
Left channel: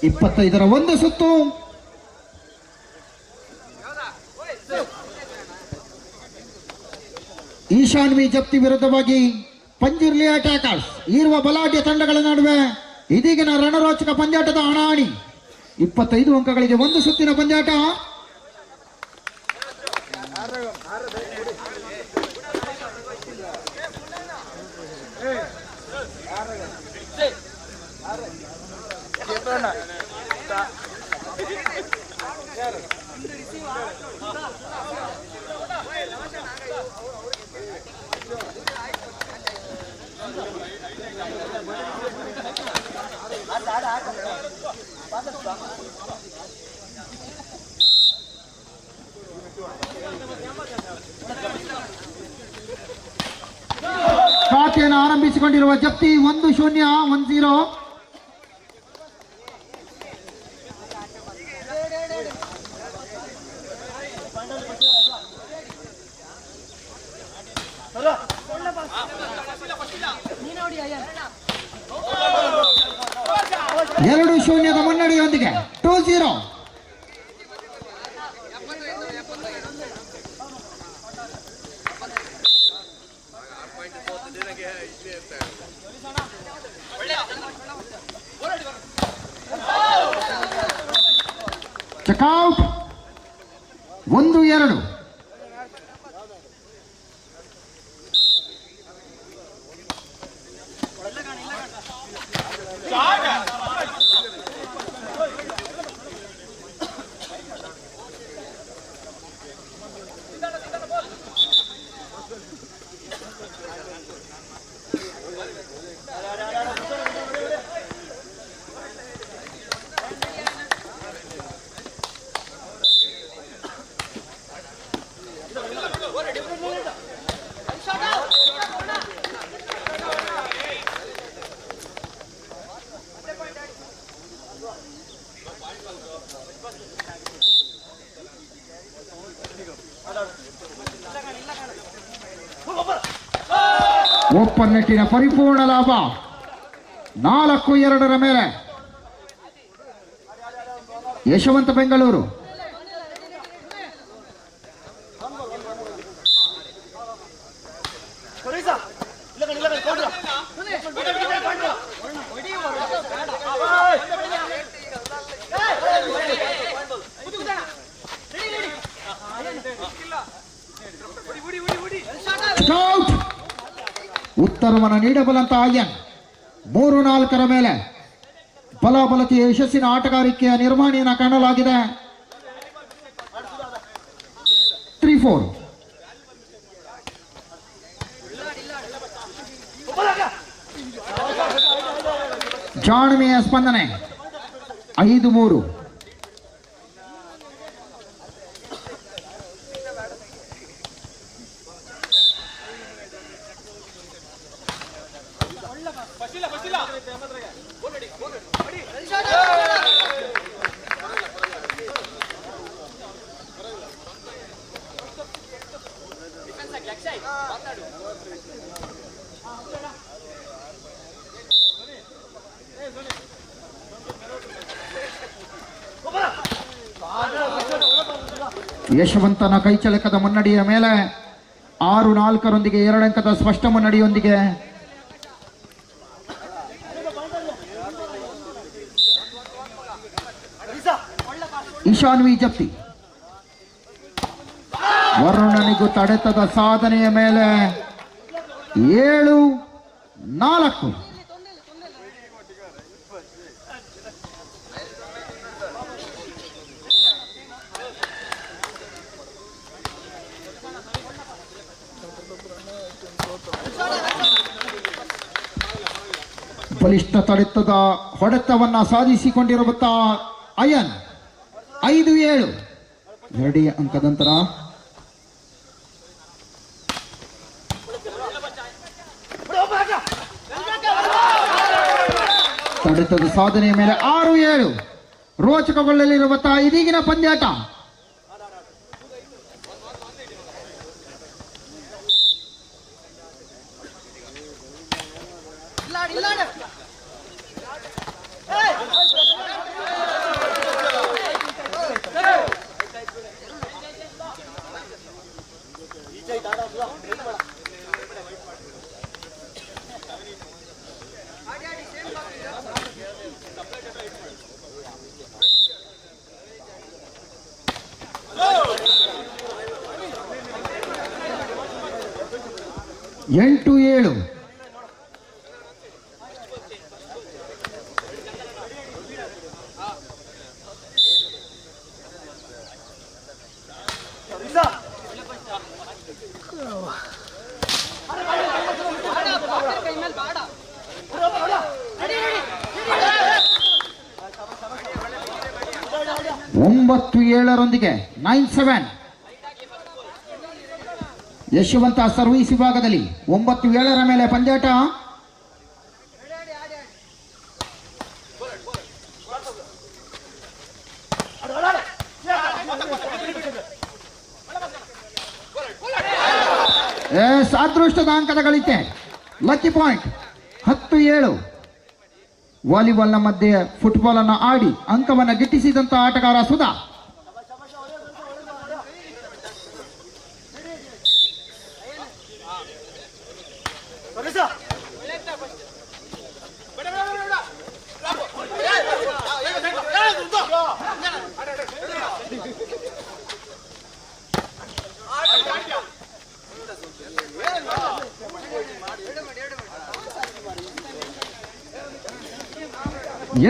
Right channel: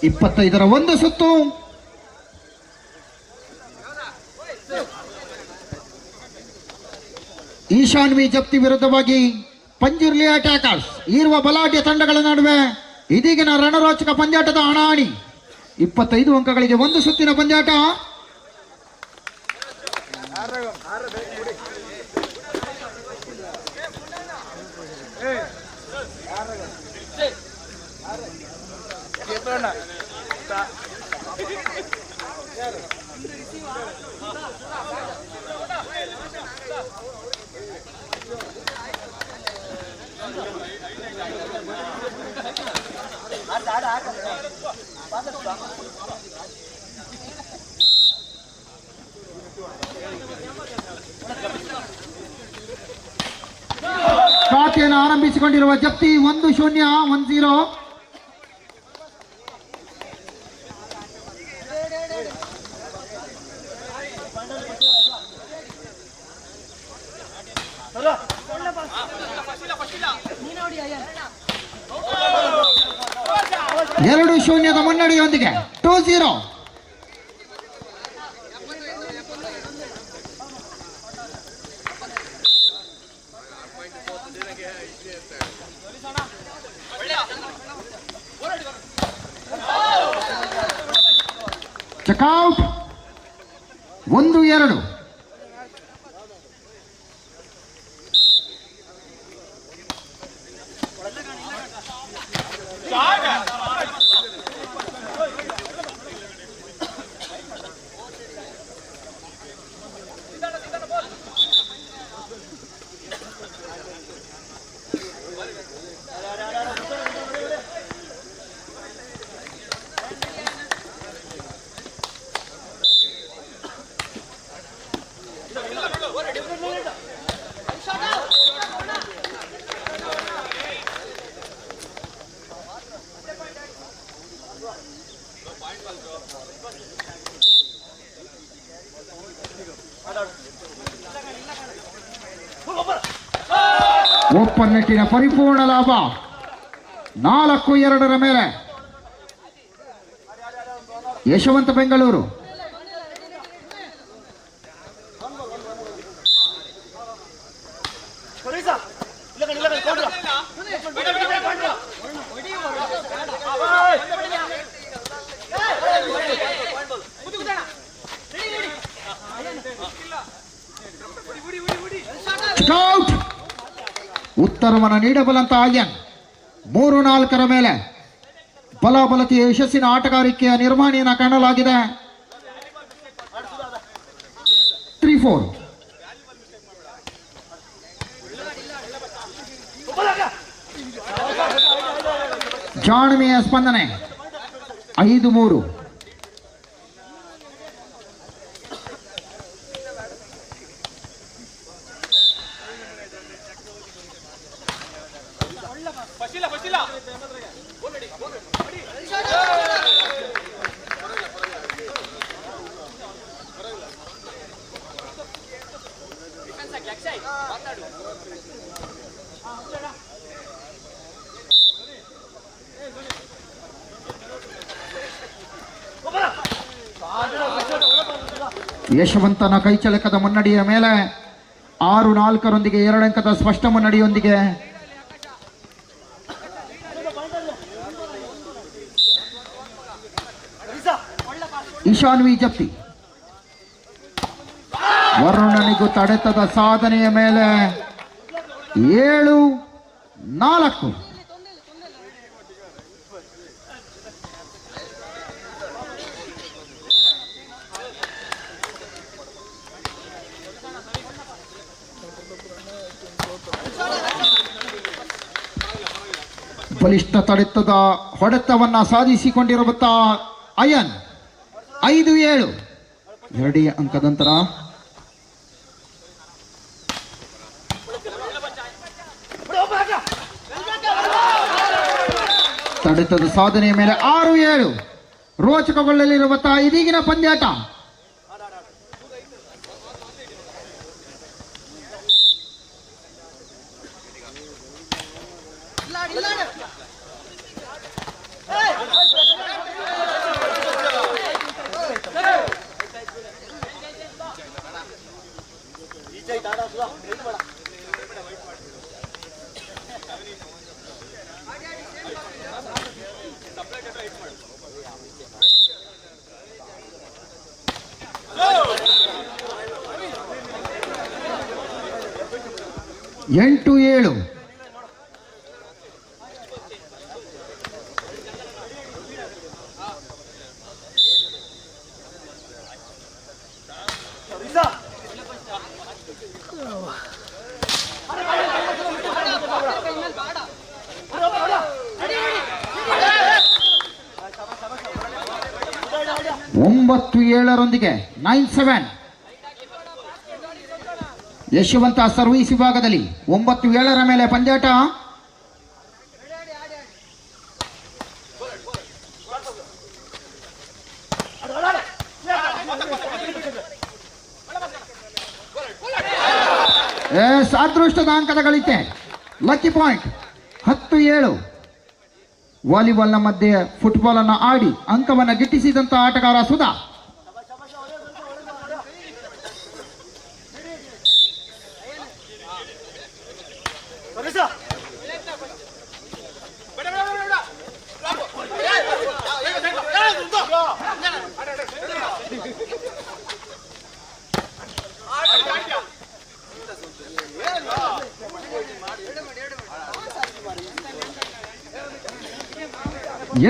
25ರ ಒಂದು ಸುತ್ತು. ಈಶಾನ್ವಿ ಜಪ್ತಿ ವಿರುದ್ಧವಾಗಿ ಪಂಜುರ್ಲಿ ಅಟ್ಯಾಕರ್ಸ್ ಇರುವ ಬಲಾಢ್ಯ ತಂಡಗಳ ನಡುವೆ ಇದೀಗಿನ ರಣರೋಚಕ ಪಂದ್ಯಾಟದ ಹಣಾಹಣಿ. 25 ಅಂಕಗಳಿಗೆ ಒಂದು ಸುತ್ತಿನ ಪಂದ್ಯಾಟ. ಖಾತೆಯನ್ನು ಆರಂಭಿಸಿಕೊಂಡಿರುವ ಜಪ್ತಿ 1-0. ಎರಡು 0ದ ಮುನ್ನಡೆಯೊಂದಿಗೆ 2-0. ಚೆಕ್ಔಟ್. 1-2. ಓಪನ್ ನೆಟ್ಟಿನ ಪರಿಪೂರ್ಣ ಲಾಭ 4-2 ಮೇಲೆ ಯಶವಂತ ಬೆಂಗಳೂರು. ಉತ್ತರವನ್ನು ನೀಡಬಲ್ಲಂತ ಆಯನ್ 3-4 ಮೇಲೆ ಬಲಾಬಲತೆಯ ಯಶಸ್ಸಿನ ಆಟಗಾರಿಕೆಯ ನಿರ್ಮಾಣಿಯನ್ನು ಕಾಣಲಾಗಿದೆ. 3-4. ಜಾಣ್ಮೆಯ ಸ್ಪಂದನೆ 5-3. ಯಶವಂತನ ಕೈಚಳಕದ ಮುನ್ನಡೆಯ ಮೇಲೆ 6-4 2 ಅಂಕದ ಸ್ಪಷ್ಟ ಮುನ್ನಡೆಯೊಂದಿಗೆ ಈಶಾನ್ವಿ ಜಪ್ತಿ ವರುಣನಿಗೂ ತಡೆತದ ಸಾಧನೆಯ ಮೇಲೆ 7-4. ಬಲಿಷ್ಠ ತಡೆತದ ಹೊಡೆತವನ್ನ ಸಾಧಿಸಿಕೊಂಡಿರುವಂತ ಅಯನ್ 5-7 2 ಅಂಕದ ನಂತರ ತಡೆತದ ಸಾಧನೆಯ ಮೇಲೆ 6-7 ರೋಚಕಗೊಳ್ಳಲಿರುವಂತಹ ಇದೀಗಿನ ಪಂದ್ಯಾಟ. ಎಂಟು 7 9-7 9-7 ಯಶವಂತ ಸರ್ವೀಸ್ ವಿಭಾಗದಲ್ಲಿ 9-7 ಮೇಲೆ ಪಂದ್ಯಾಟ. ಅದೃಷ್ಟದ ಅಂಕದ ಗಳಿಕೆ, ಲಕ್ಕಿ ಪಾಯಿಂಟ್. 10-7 ವಾಲಿಬಾಲ್ನ ಮಧ್ಯೆ ಫುಟ್ಬಾಲ್ ಅನ್ನು ಆಡಿ ಅಂಕವನ್ನು ಗಿಟ್ಟಿಸಿದಂತ ಆಟಗಾರ ಸುಧಾ.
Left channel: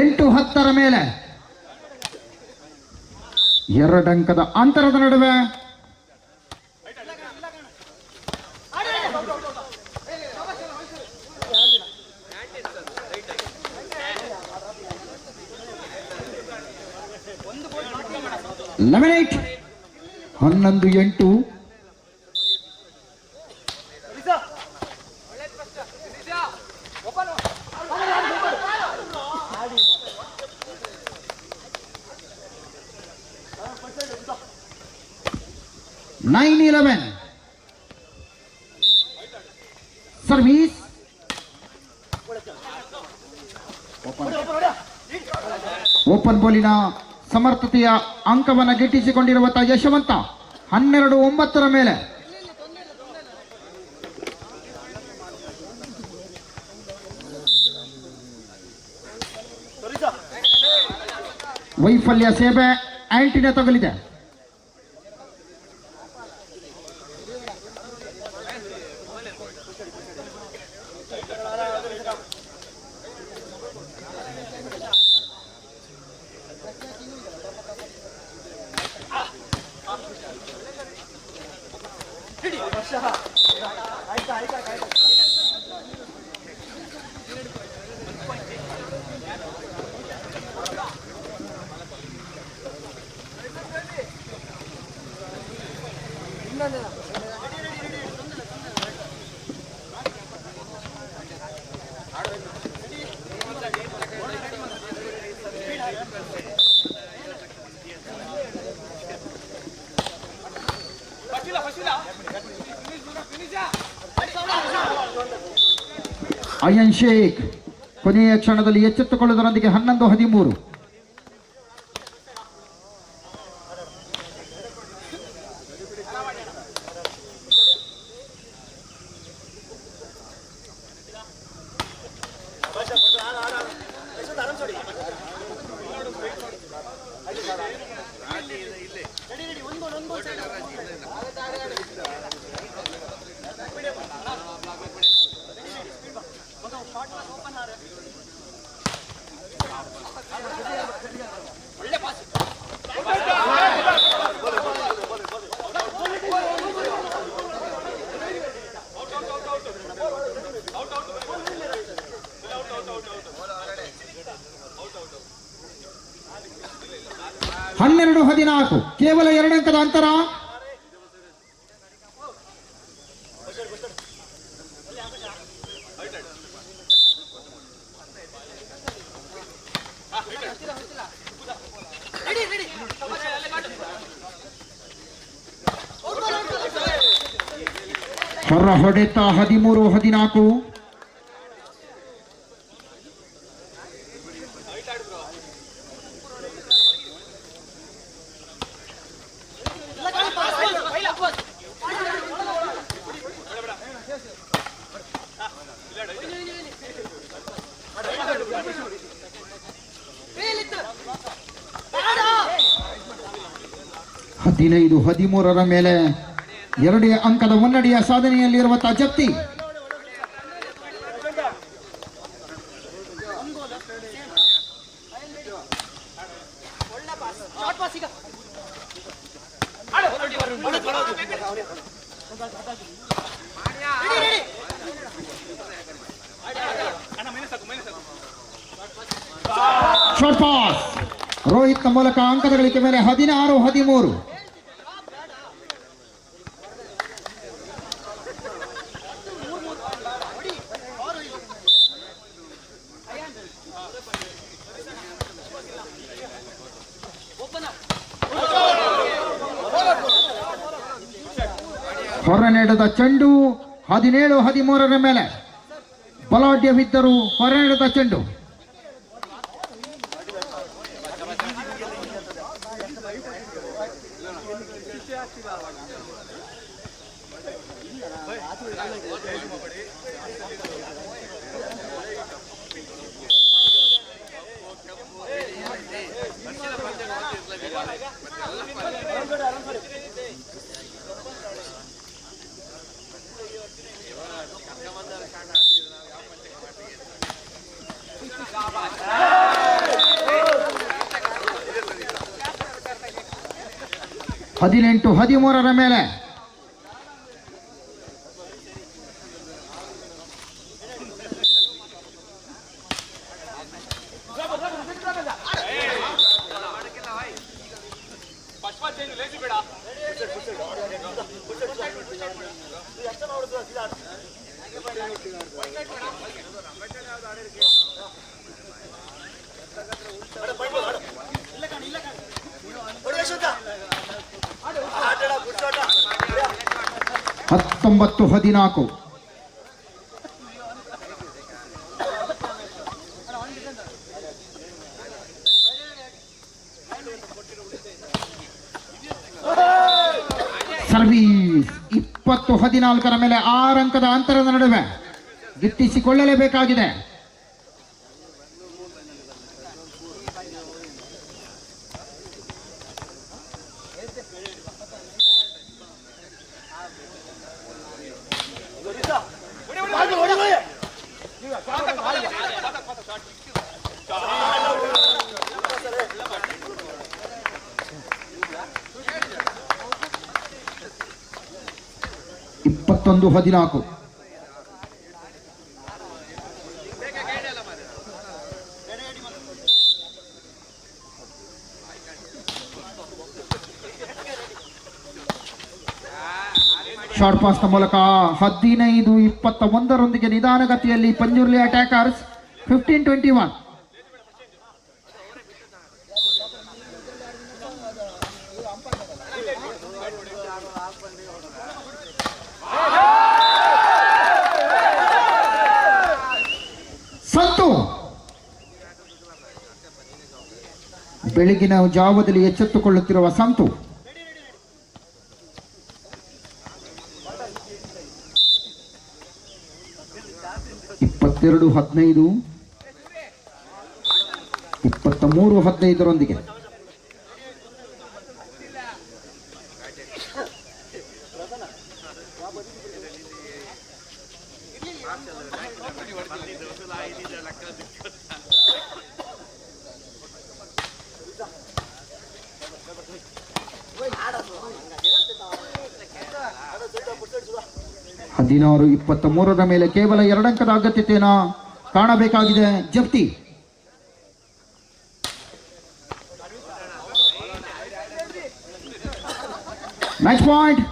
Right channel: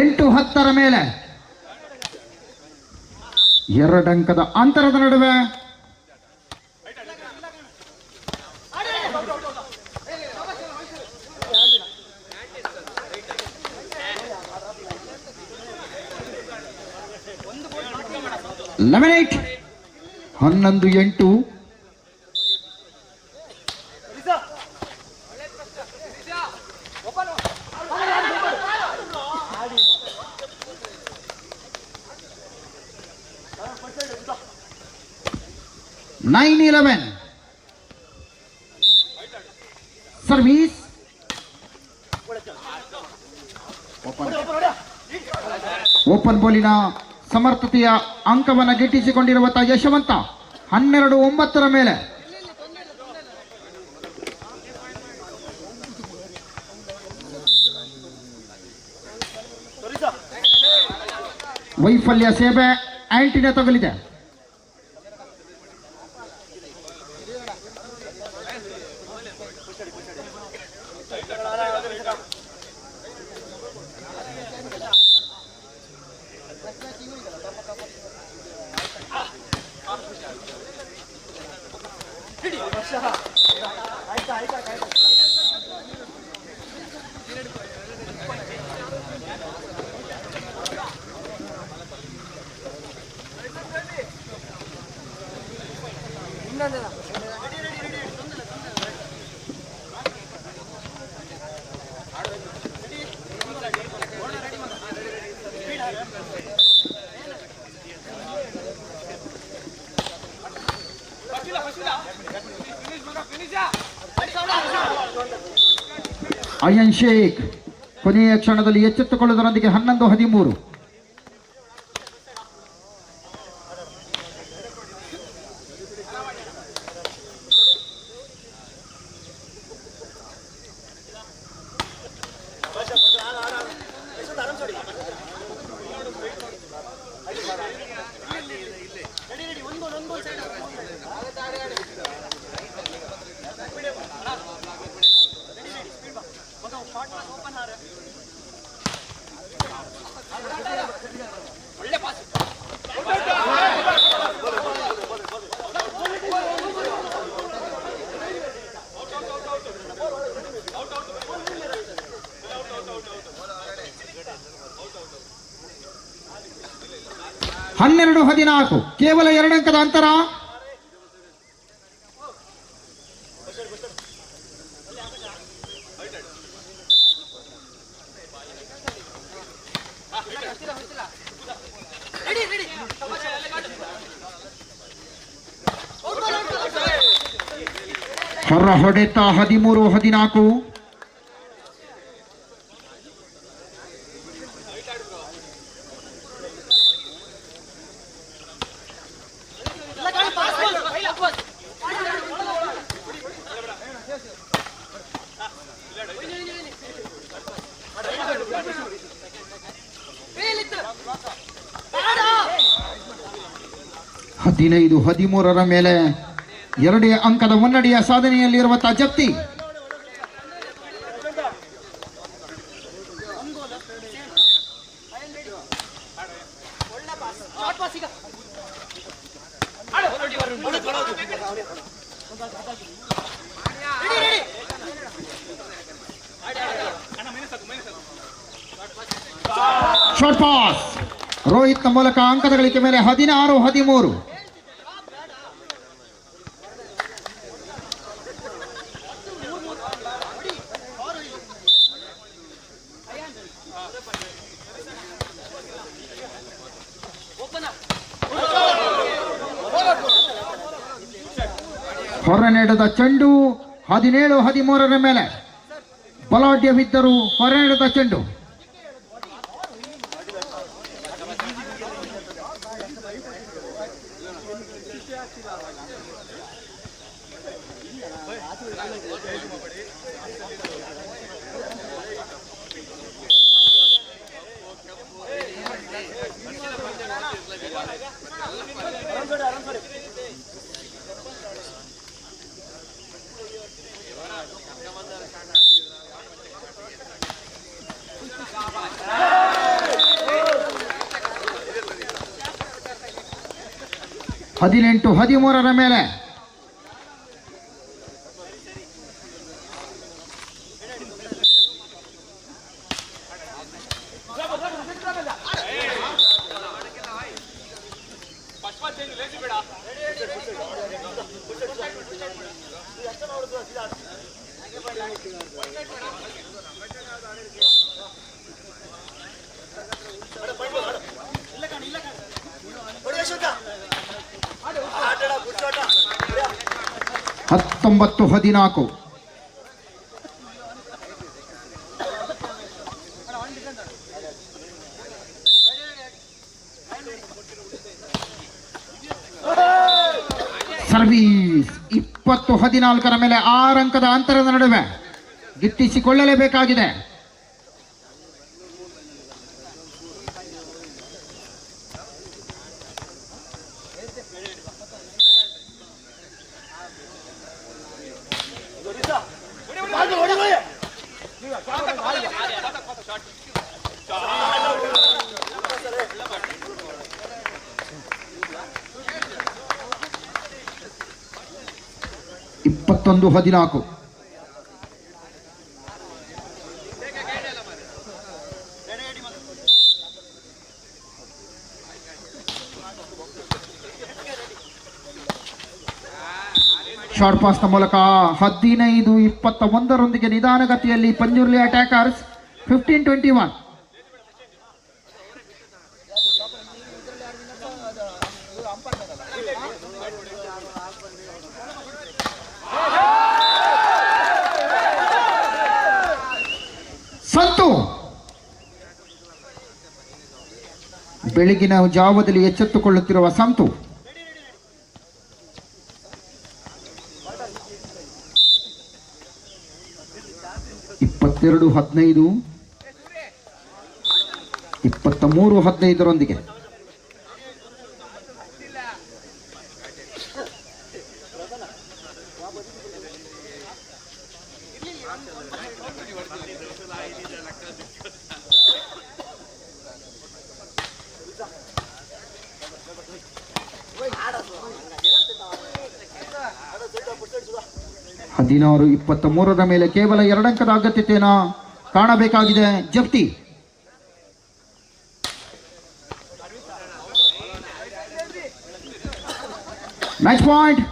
ಎಂಟು 10 ಮೇಲೆ 2 ಅಂಕದ ಅಂತರದ ನಡುವೆ ಲೆವೆನ್ 11-8 9-11 ಸರ್ವೀಸ್. ಓಪನ್ ಬಾಲಿನ ಸಮರ್ಥತೆಯ ಅಂಕವನ್ನು ಗಿಟ್ಟಿಸಿಕೊಂಡಿರುವಂತಹ ಯಶವಂತ 12-9 ಮೇಲೆ ವೈಫಲ್ಯ ಸೇವೆ ಆಂಟಿನ ತಗಲಿದೆ. ಅಯನ್ ಶೇಖ್ ಕೊನೆಯ ಕ್ಷಣದಲ್ಲಿ ಎಚ್ಚೆತ್ತುಕೊಳ್ಳುವುದರೊಂದಿಗೆ 11-13. ಹನ್ನೆರಡು 14 ಕೇವಲ 2 ಅಂಕದ ಅಂತರ. ಹೊರ ಹೊಡೆತ 13-14. ಹದಿನೈದು 13ರ ಮೇಲೆ 2 ಅಂಕದ ಮುನ್ನಡೆಯ ಸಾಧನೆಯಲ್ಲಿರುವಂತಹ ಜಪ್ತಿ. ಶಾರ್ಟ್ ಪಾಸ್ ರೋಹಿತ್ನ ಮೂಲಕ ಅಂಕದ ಗಳಿಕೆ ಮೇಲೆ 16-13. ಹೊರ ನಡೆದ ಚೆಂಡು 17-13ರ ಮೇಲೆ ಬಲಾಢ್ಯವಿದ್ದರೂ ಹೊರ ನಡೆದ ಚೆಂಡು. ಹದಿನೆಂಟು 13ರ ಮೇಲೆ ಹತ್ತೊಂಬತ್ತು 14. ಸರ್ವೀಸ್ 20-14ರ ಮೇಲೆ 6 ಅಂಕದ ಅಂತರದ ನಡುವೆ ಗಿಟ್ಟಿಸಿಕೊಳ್ಳಲೇಬೇಕಾಗಿದೆ. ಇಪ್ಪತ್ತೊಂದು 14. ಶಾರ್ಟ್ ಪಾಸ್ನ ಮೂಲಕ 15-21ರೊಂದಿಗೆ ನಿಧಾನಗತಿಯಲ್ಲಿ ಪಂಜುರ್ಲಿ ಅಟ್ಯಾಕರ್ಸ್ 15-21. ಸಂತು ಬೆಳಗಿನ ಜಾವದಲ್ಲಿ ಎಚ್ಚೆತ್ತುಕೊಳ್ಳುತ್ತಿರುವ ಸಂತು. ಇಪ್ಪತ್ತೆರಡು 15, 23-15ರೊಂದಿಗೆ ಹದಿನಾರು 23ರ ಮೇಲೆ ಕೇವಲ 2 ಅಂಕದ ಅಗತ್ಯತೆಯನ್ನು ಕಾಣಬೇಕಾಗಿದೆ ಜಪ್ತಿ. Match point.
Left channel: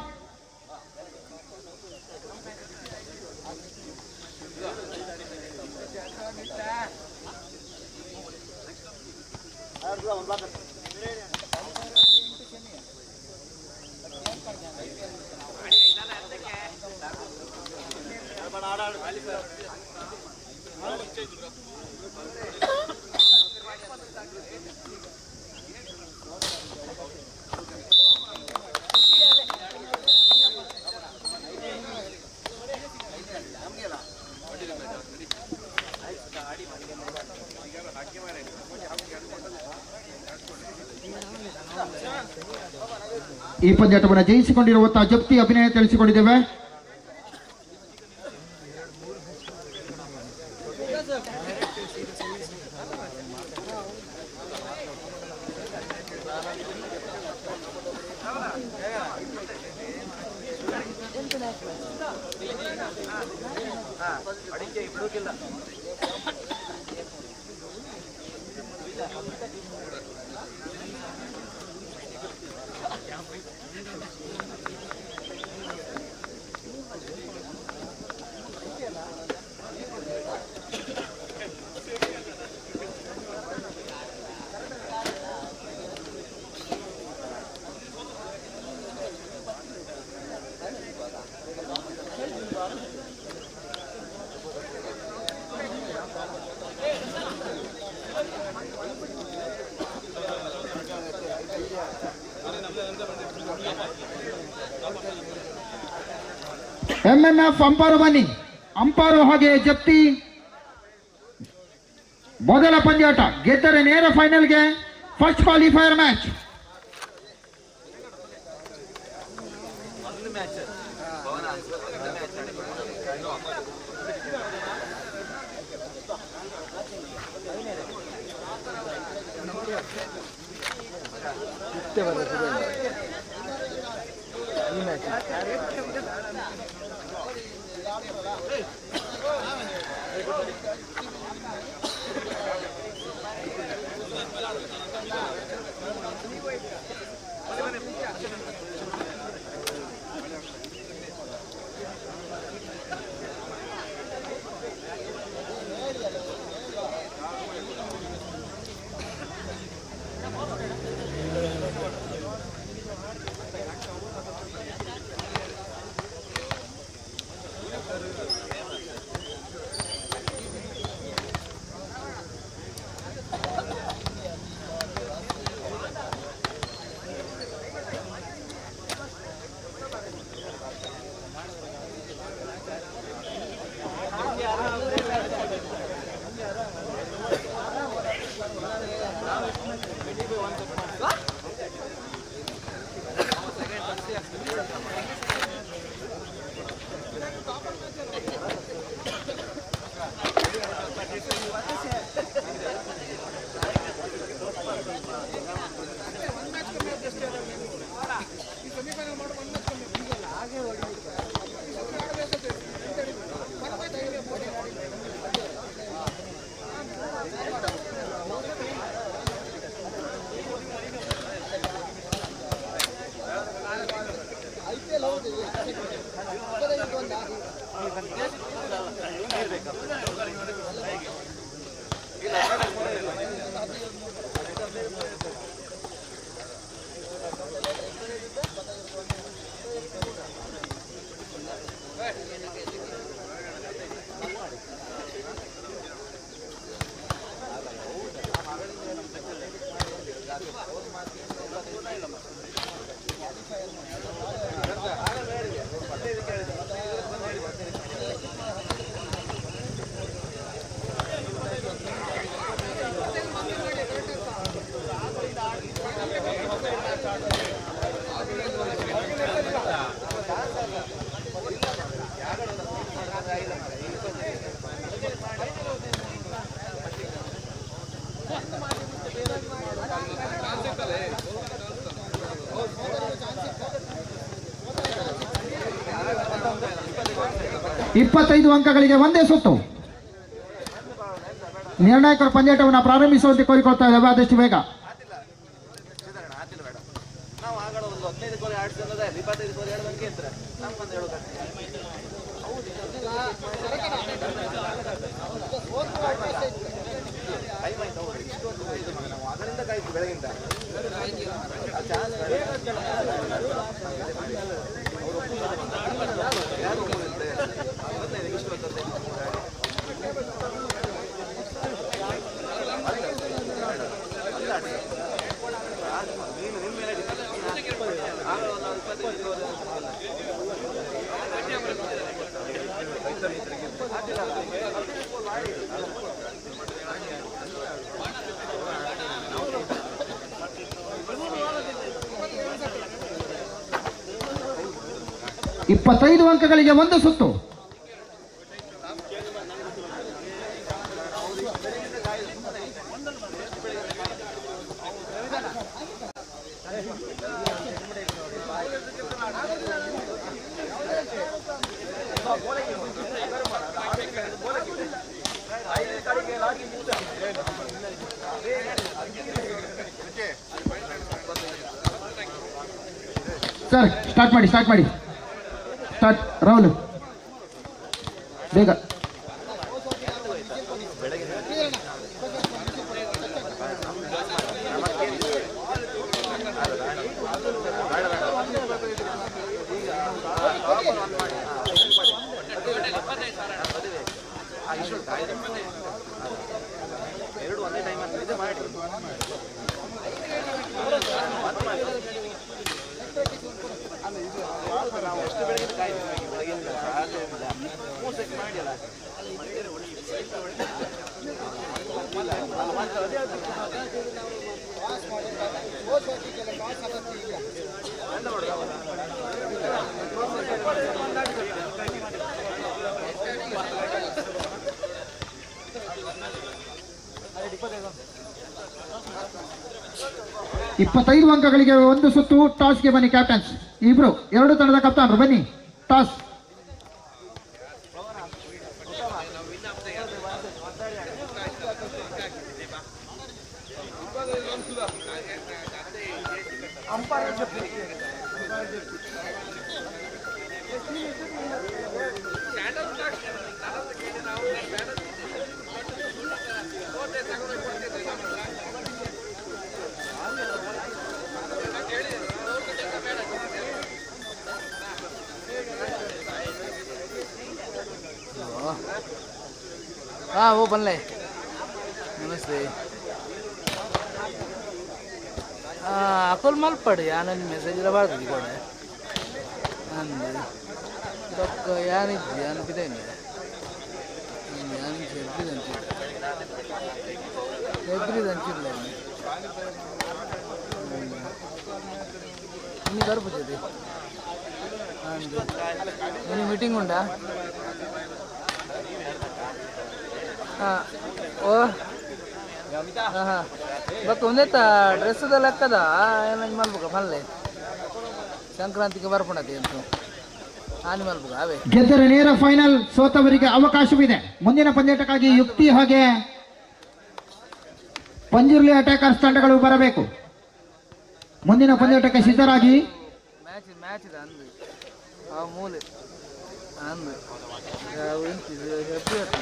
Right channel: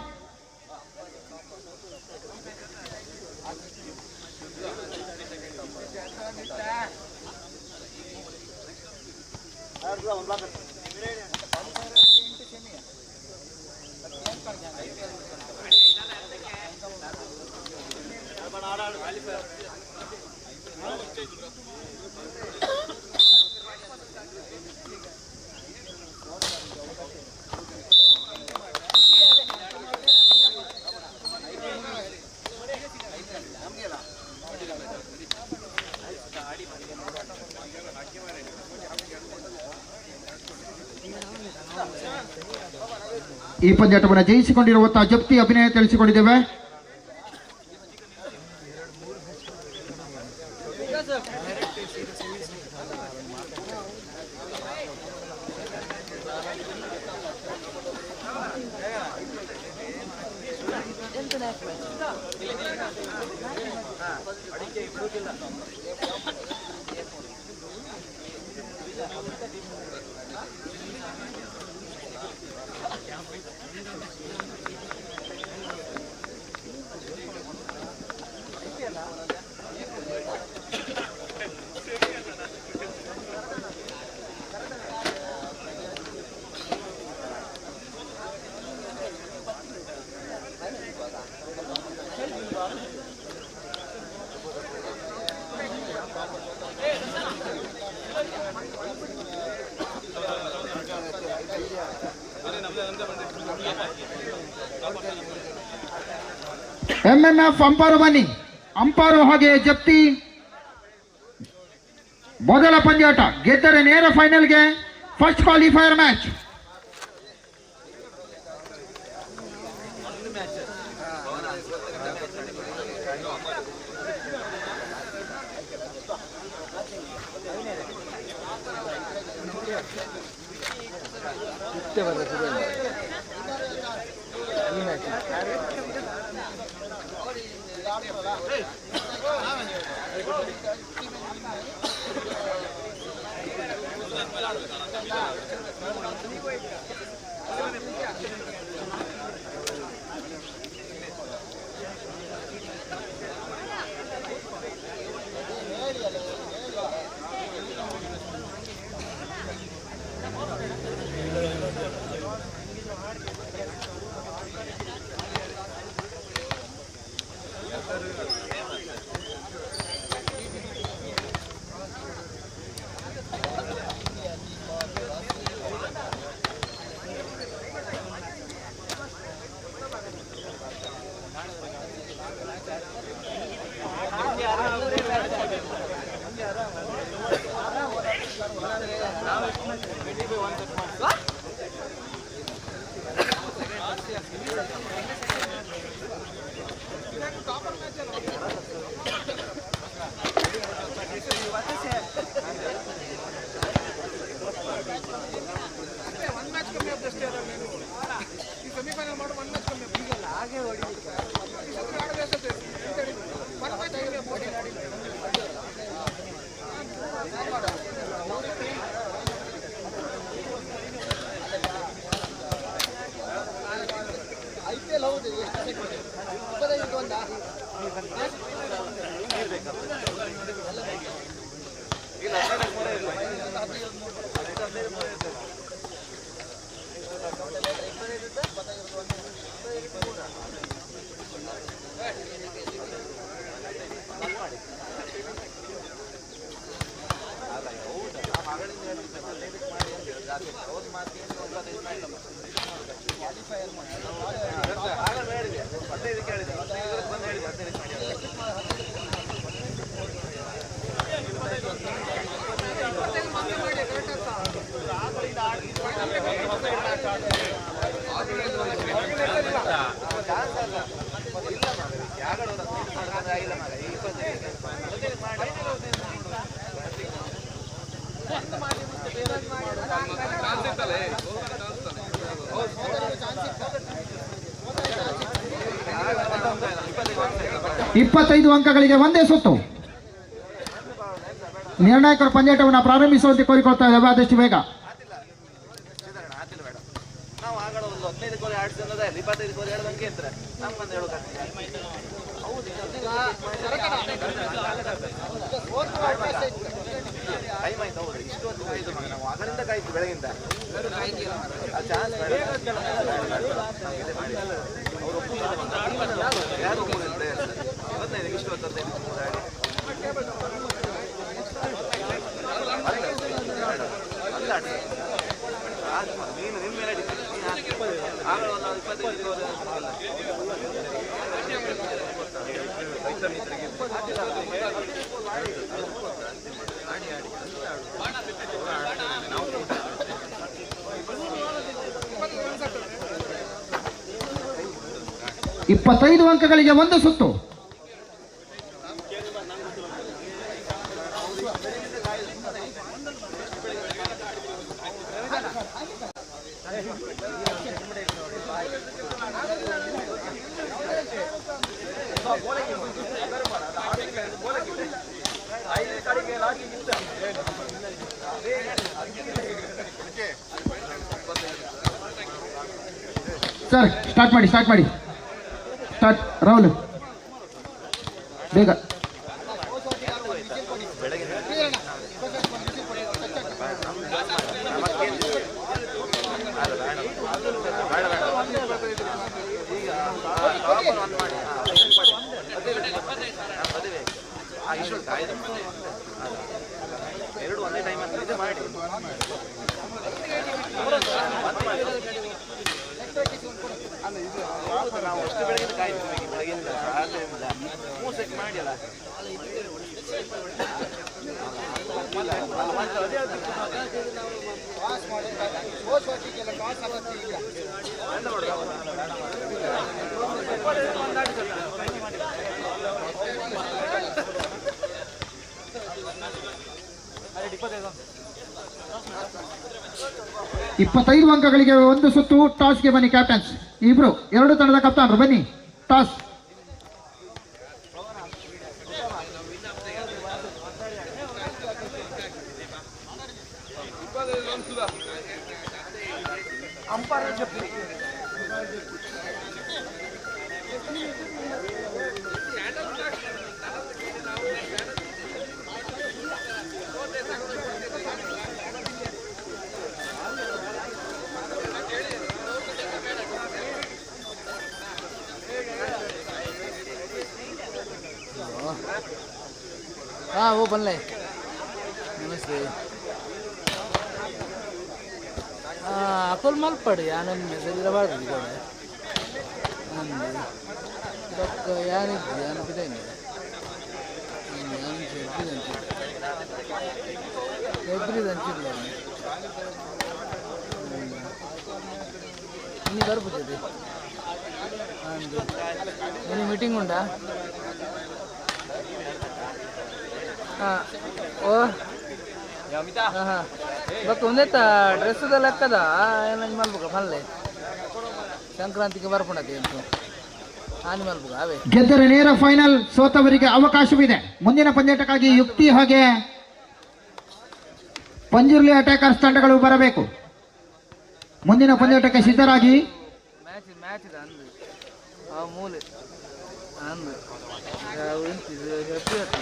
ಈ ಪಂದ್ಯಾಟವನ್ನು ಜಯಿಸಿಕೊಂಡಿರುವಂತಹ ಜಪ್ತಿ ಅಭಿನಯ ತಿಳಿಸಿಕೊಂಡಿದ್ದೇವೆ. MMF ಅಂಪಾರು ಬನ್ನಿ. ಅಂಪಾರು ಹಾಗೆ ಜಪ್ತಿ ಮೊದಲ ಪಂದ್ಯಾಟ ಗೆದ್ದರೆ ನೇರ ಫೈನಲ್ಗೆ ಫಸ್ಟ್ ಕ್ವಾಲಿಫೈಯರ್ ಮ್ಯಾಚ್. ಇಪ್ಪತ್ತೈದು ಅಂಕಗಳಿಗೆ ಒಂದೇ ಸುತ್ತು. ನಿರ್ಣಾಯಕರ ಪಂದ್ಯಾಟವನ್ನು ಪ್ರಾರಂಭಿಸುವಂತೆ ಕೋರಿಕೊಳ್ತಾ ಇದ್ದಾವೆ ಆದಷ್ಟು ಬೇಗ. ಇಷ್ಟು ಇಪ್ಪತ್ತೈದು ಅಂಕಗಳಿಗೆ ಒಂದು ಸುತ್ತು. ಸರ್ ಸ್ಟಾರ್ಟ್ ಮಾಡಿ ಸ್ಟಾರ್ಟ್ ರಾಹುಲ್ ಬೇಗ. ಎರಡು ಒಂದೇ ಟೈಮ್ ಅಂತ ಮಾಡಿ ನಾವು ಅಷ್ಟು ಬೆಳಗ್ಗೆ ಕಾಯ್ತೀವಿ ಬೆಳಗಿಂದ ಮೂಸಕ್ಕೆ ಮಾಡಿಲ್ಲ ಇಪ್ಪತ್ತೈದು ಅಂಕಗಳಿಗೆ ಒಂದು ಸುತ್ತು. ಟಾಸ್ಗೆ ಬನ್ನಿ ಕ್ಯಾಪ್ಟನ್ಸ್. ಇಬ್ರು ಎರಡು ತಂಡದ ಕಪ್ತಾನರು ಬನ್ನಿ ಟಾಸ್. हाँ वो बन ले नमस्ते अकोल माल पड़ी आनंद मेसेज रबाद कोड़े अंदे डॉक यानी ध्यान पिटे नहीं यान एवरी दंचित ले इन्हीं कर पूछे थे अंदे इन्हीं मीटिंग उंडा ಇವತ್ತು ಒಂದೇ ಡ್ರೆಸ್ದ ಲೆಕ್ಕದ ಏನಂಗೆ ಮಲ್ಬೇಕ ಮಲ್ಲೆ ಸಂಕ್ರಾಂತಿಗೆ ಬರ್ಕೊಂಡತಿ ಅಂತ ಹಾನಿ ಮಲ್ಬೇಕ ಅವೇ ಗೆದ್ದರೆ ನೇರ ಫೈನಲ್, ಸೋತವರಿಗೆ ಅವಕಾಶವಿದೆ. ಮುಂದಿನ ಪಂದ್ಯಾಟಕ್ಕಾಗಿ ಯುಕ್ತಿ ಹಾಗೆ ಪಂಜುರ್ಲಿ ಅಟ್ಯಾಕರ್ಸ್ ತಂಡಗಳು ಬರಬೇಕು. ಮುಂದಿನ ಪಂದ್ಯಾಟಕ್ಕೆ ಸಿದ್ಧರಾಗಿ. ಮ್ಯಾಚ್ ಇದೆ ಅಂದು ಆ ಮೂಲೆ ಅಂದು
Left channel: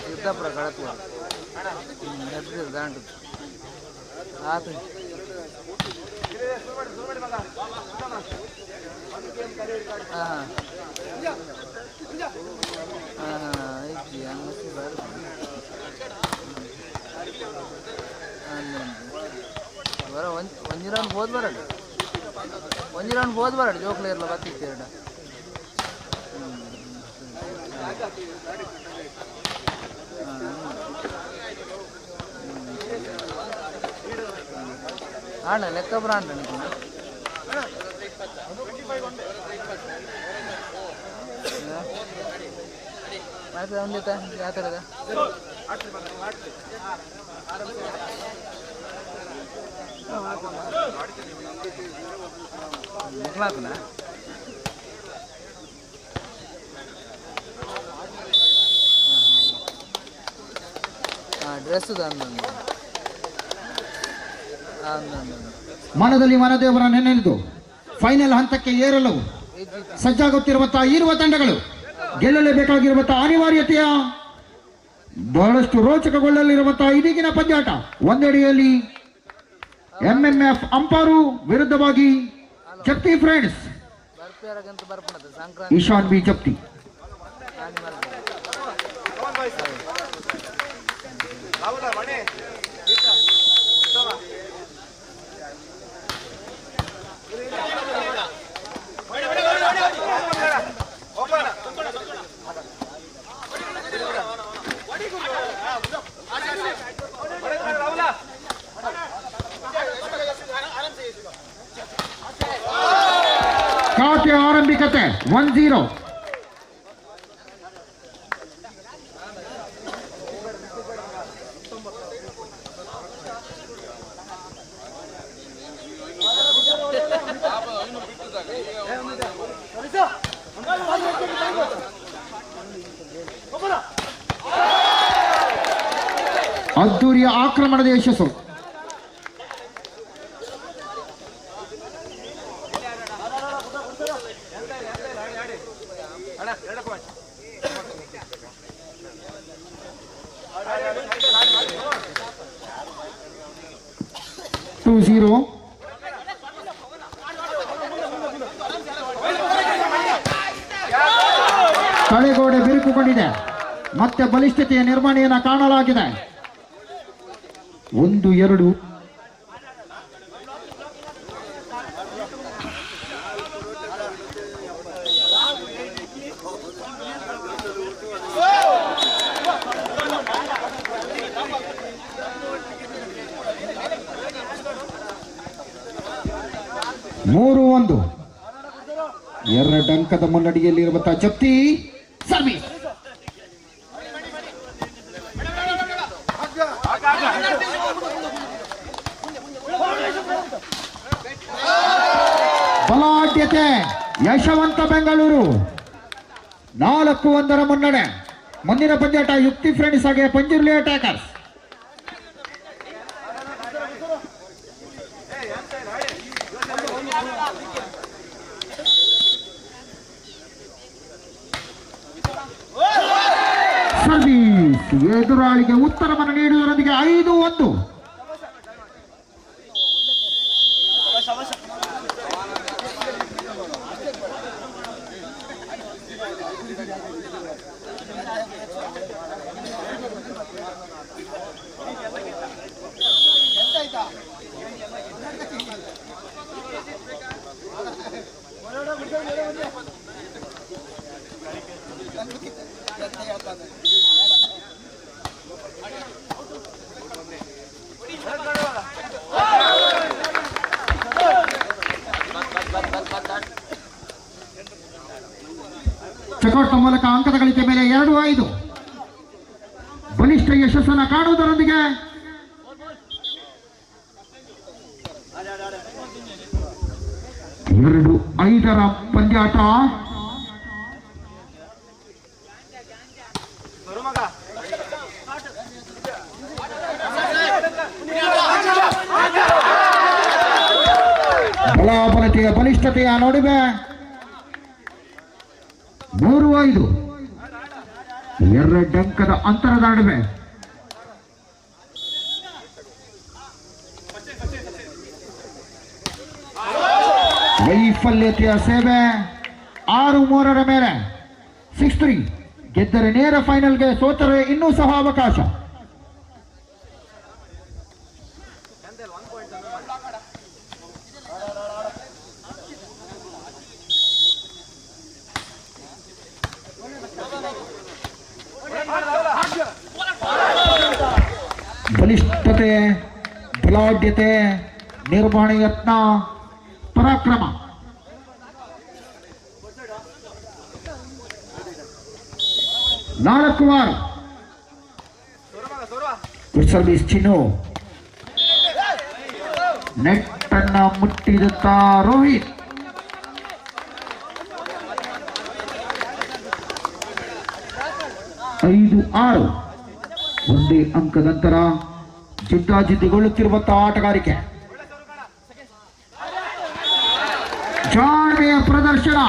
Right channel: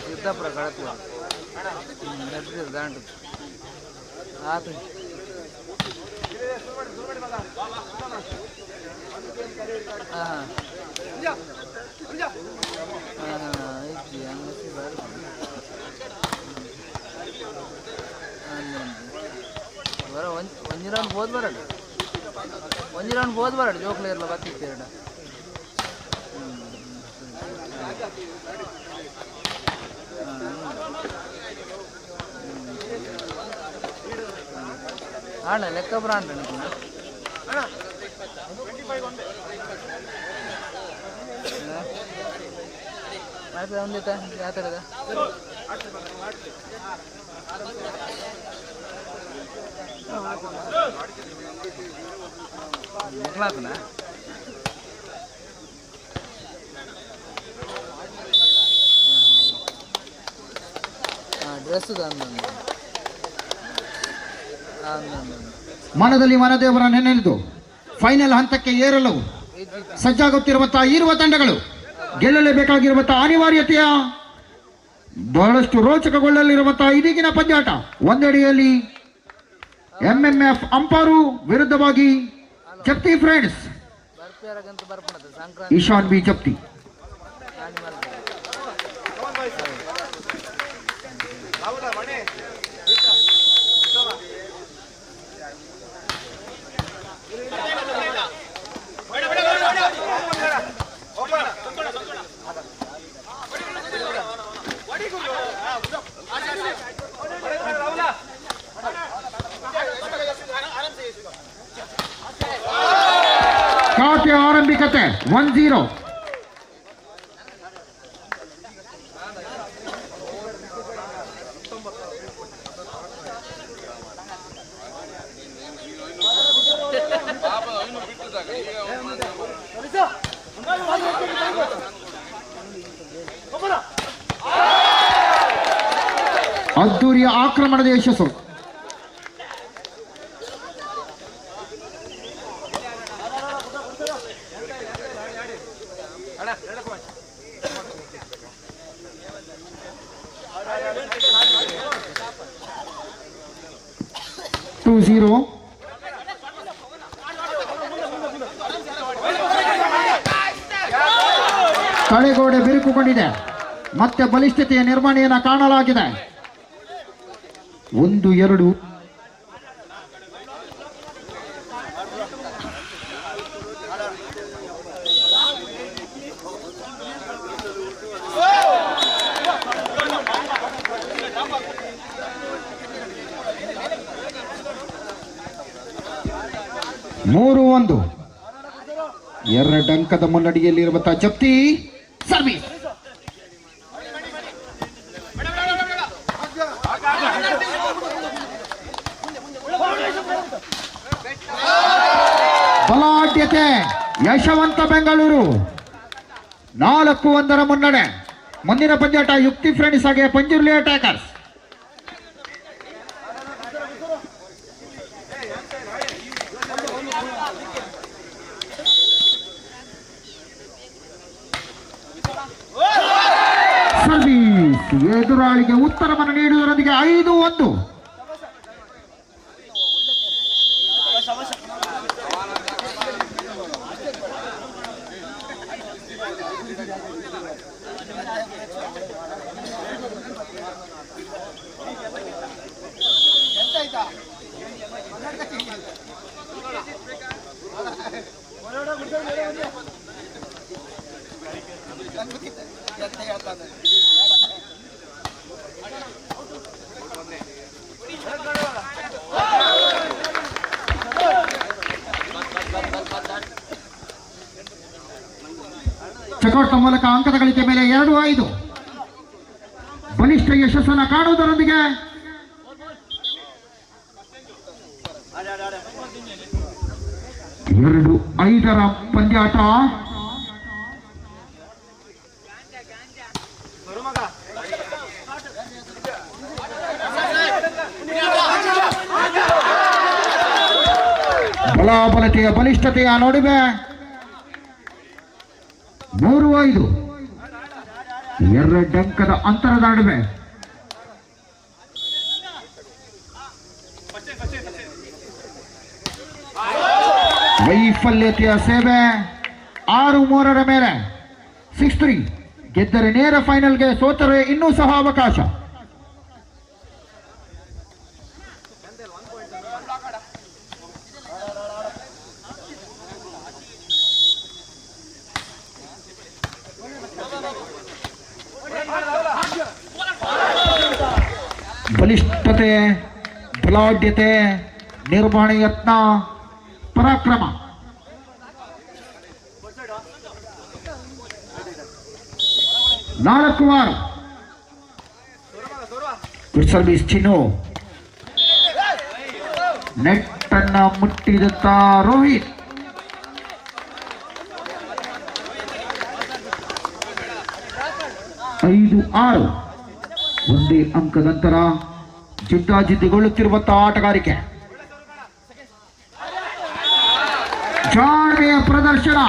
ಸಿದ್ದಾಪುರ ಕಳತ್ವ ಹೆಸರು ದಾಂಡು ಆತು ಹಾಂ ಐತಿ ಹಂಗಸಿ ಬರ ಒಂಜಿ ರೌಂಡ್ ಬೋದು ಬರಡು ಜೋಕ್ಲೆ ಇರಲ್ಲ ಬರ್ತಿತ್ತು ಎರಡು ಆಣ ಲೆಕ್ಕ ಬ್ರಾಂಡ್ ಆಯ್ತು ಒಂದಿತ್ತ ಯಾವ ಥರದ ಮಕ್ಕಳಾತನ ಡ್ರೆಸ್ ಮನದಲ್ಲಿ ಮನದೇವರ ನೆನೆದು ಫೈನಲ್ ಹಂತಕ್ಕೆ ಏರಲು ಸಜ್ಜಾಗುತ್ತಿರುವಂತಹ ಇರುವ ತಂಡಗಳು ಗೆಲ್ಲಲೇಬೇಕಾಗಿರುವಂತಹ ಅನಿವಾರ್ಯತೆಯ ಬಹಳಷ್ಟು ರೋಚಕಗೊಳ್ಳಲಿರುವಂತಹ ಇದೀಗಿನ ಪಂದ್ಯಾಟ. ಒಂದೆಡೆಯಲ್ಲಿ ಎಂಎಂಎಫ್ ಅಂಪಾರು ವಿರುದ್ಧವಾಗಿ ಜಪ್ತಿ ಫ್ರೆಂಡ್ಸ್ ಈಶಾನ್ ಬಿ ಜಪ್ತಿ. ಬಲಿಷ್ಠತೆ 1-0. ಅದ್ದೂರಿಯ ಆಕ್ರಮಣದ ಯಶಸ್ಸು. ತಳೆಗೋಡೆ ಬಿರುಕುಗೊಂಡಿದೆ. ಮತ್ತೆ ಬಲಿಷ್ಠತೆಯ ನಿರ್ವಹಣೆಯನ್ನು ಕಾಣಲಾಗಿದೆ. 1-2. ಮೂರು 1. 2 ಅಂಕದ ಮುನ್ನಡೆಯಲ್ಲಿರುವಂತಹ ಜಪ್ತಿ. ಸರ್ವಿಸ್ ಬಲಾಢ್ಯತೆ. ಯಶವಂತ ಬೆಂಗಳೂರು 4-1 ಮುನ್ನಡೆ. ಮುಂದಿನ ಪಂದ್ಯಾಟ ಯುಕ್ತಿ ಫ್ರೆಂಡ್ಸ್ ಹಾಗೆ ಪಂಜುರ್ಲಿ ಅಟ್ಯಾಕರ್ಸ್. ಸರ್ವಿಸ್ ಎದುರಾಳಿಗೆ ಉತ್ತರವನ್ನು ನೀಡುವುದರೊಂದಿಗೆ 5-1. ಚೆಕ್ಔಟ್ ಮೂಲಕ ಅಂಕದ ಗಳಿಕೆ ಮೇಲೆ 2-5. ಬಲಿಷ್ಠ ಯಶಸ್ಸನ್ನು ಕಾಣುವುದರೊಂದಿಗೆ 2-5 ಪಂದ್ಯಾಟ. ಬಲಾಬಲತೆಯ ಬಲಿಷ್ಠತೆಯ ನಡುವೆ 3-5. 2 ಅಂಕದ ಅಂತರದ ನಡುವೆ ವೈಫಲ್ಯತೆಯ ಸೇವೆ. 6-3 ಮೇಲೆ 6-3 ಗೆದ್ದರೆ ನೇರ ಫೈನಲ್ಗೆ, ಸೋತರೆ ಇನ್ನೂ ಸಹ ಅವಕಾಶ. ಬಲಿಷ್ಠತೆ, ಬಲಾಢ್ಯತೆ, ನಿರ್ವಹಣೆ ಯತ್ನ, ಪರಾಕ್ರಮ. ನಾಲ್ಕು 6. ಗುಡ್ ಸರ್ವಿಸ್ ಚಿನ್ನು. ನೆಟ್ ಅನ್ನ ಮುಟ್ಟಿದಂತ ರೋಹಿತ್. 5-6. ಒಂದೇ ಅಂಕದ ನಂತರ ಜಿದ್ದಾಜಿದ್ದಿಗೊಳ್ಳುತ್ತಿರುವಂತಹ ಆಟಗಾರಿಕೆ. ಜಾಣ್ಮೆಯ ಪ್ರದರ್ಶನ.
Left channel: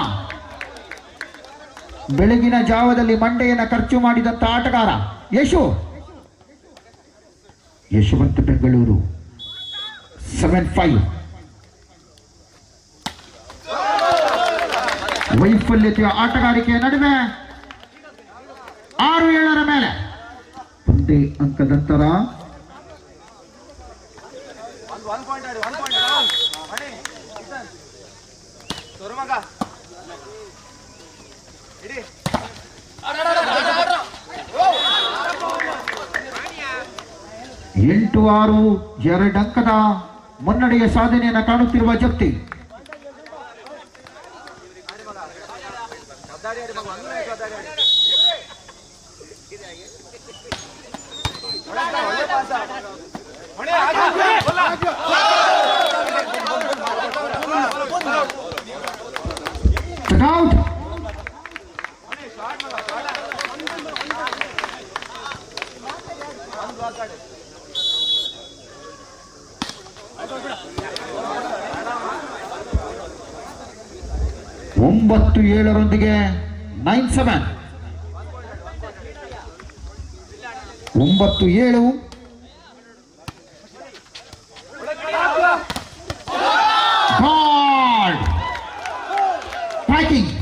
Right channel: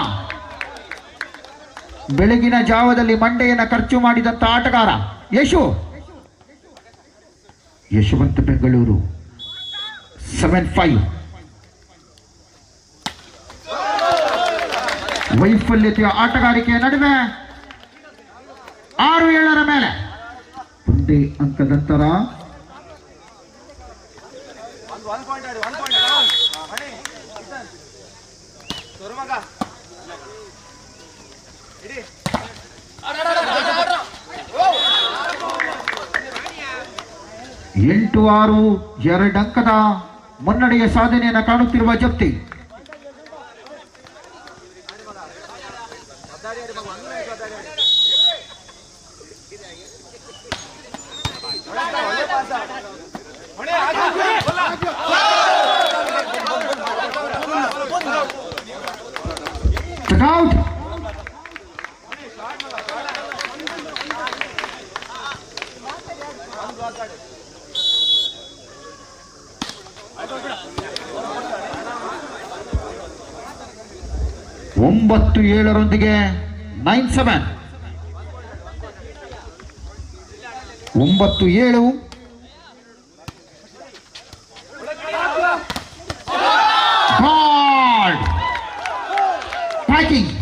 ಬೆಳಗಿನ ಜಾವದಲ್ಲಿ ಮಂಡೆಯನ್ನು ಖರ್ಚು ಮಾಡಿದಂತ ಆಟಗಾರ ಯಶವಂತ ಬೆಂಗಳೂರು. 7-5. ವೈಫಲ್ಯತೆಯ ಆಟಗಾರಿಕೆಯ ನಡುವೆ 6-7 ಮೇಲೆ ಒಂದೇ ಅಂಕದ ನಂತರ ಎಂಟು 6 2 ಅಂಕದ ಮುನ್ನಡೆಯ ಸಾಧನೆಯನ್ನು ಕಾಣುತ್ತಿರುವ ಜಪ್ತಿ. ಔಟ್. ಒಂಬತ್ತು ಏಳರೊಂದಿಗೆ 9-7. 9-7. ಗಾಡ್ ಪ್ಯಾಕಿಂಗ್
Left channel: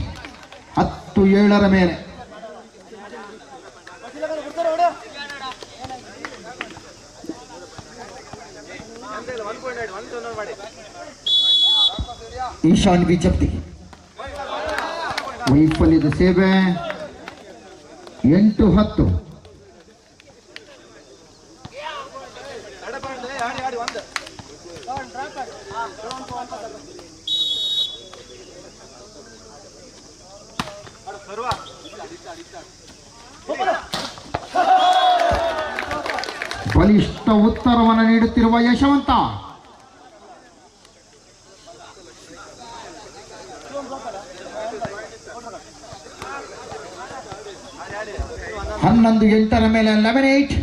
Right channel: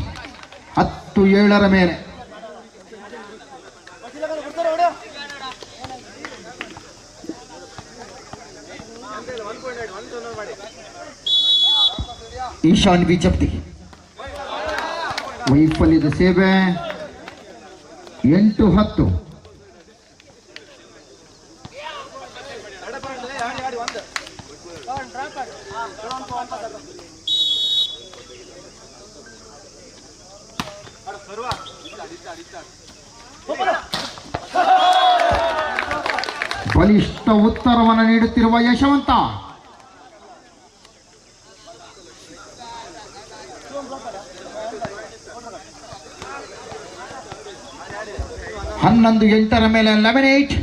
10-7 ಮೇಲೆ. ಈಶಾನ್ ವಿ ಜಪ್ತಿ. ವೈಫಲ್ಯದ ಸೇವೆ 8-10. ಬಲಿಷ್ಠ ಉತ್ತರವನ್ನು ನೀಡುತ್ತಿರುವ ಯಶವಂತ. ಹನ್ನೊಂದು 8 ಮೇಲೆ 11-8.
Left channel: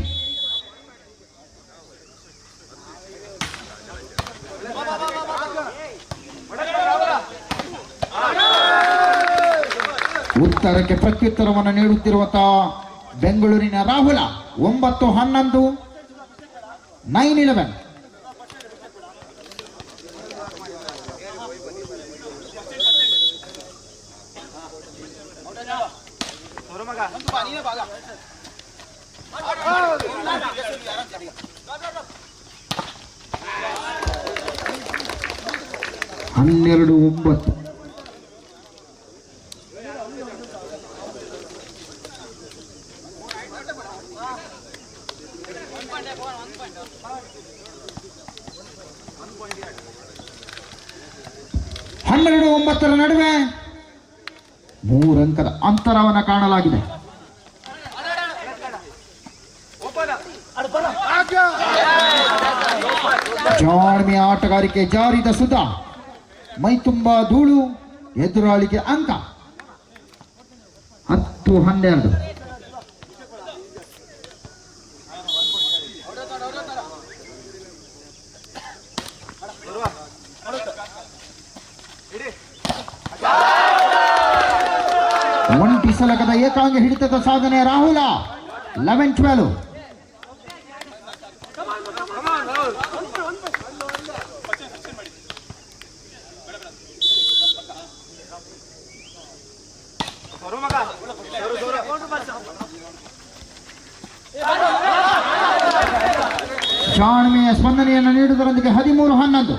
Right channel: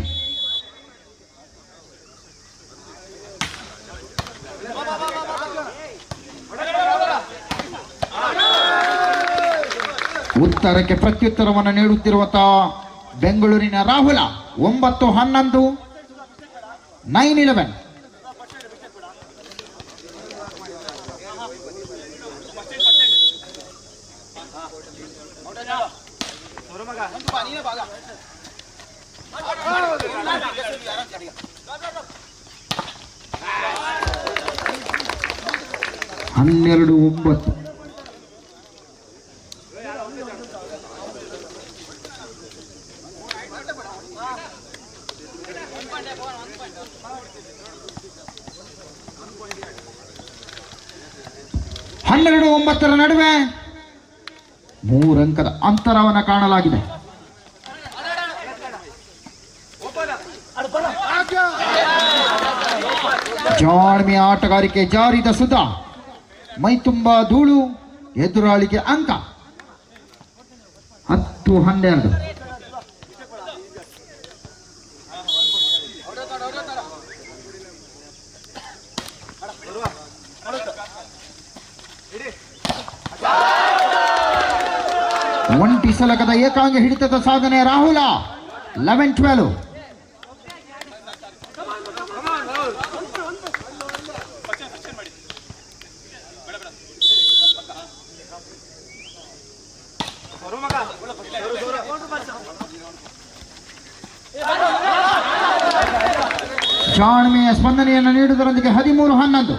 ಉತ್ತರಕ್ಕೆ ಪ್ರತ್ಯುತ್ತರವನ್ನು ನೀಡುತ್ತಿರುವಂತಹ ಬೆಂಗಳೂರಿನ ರಾಹುಲ. 9-11. 9-11. ಹನ್ನೆರಡು 9. ಹನ್ನೆರಡು 9 ನಡುವೆ 3 ಅಂಕದ ಅಂತರವನ್ನು ಕಾಣಲಾಗಿದೆ. ಜಾಣ್ಮೆಯ ಆಟಗಾರಿಕೆ ಜಾರಿದ ಸುಧಾ. ಮೈ ತುಂಬಾ ಧೂಳು. ಎದುರಾಳಿಗೆ ಅಂಕ. 10-12. ಒಂಟಿ ಸಲಕದ ಏಕಾಂಗಿ ಹಿಡಿತದ ಸಾಧನೆ ರಾಹುಲ. 11-12. ಜಾಣ್ಮೆಯ ಸ್ಪಂದನೆಯನ್ನು ನೀಡುವುದರೊಂದಿಗೆ 13-11.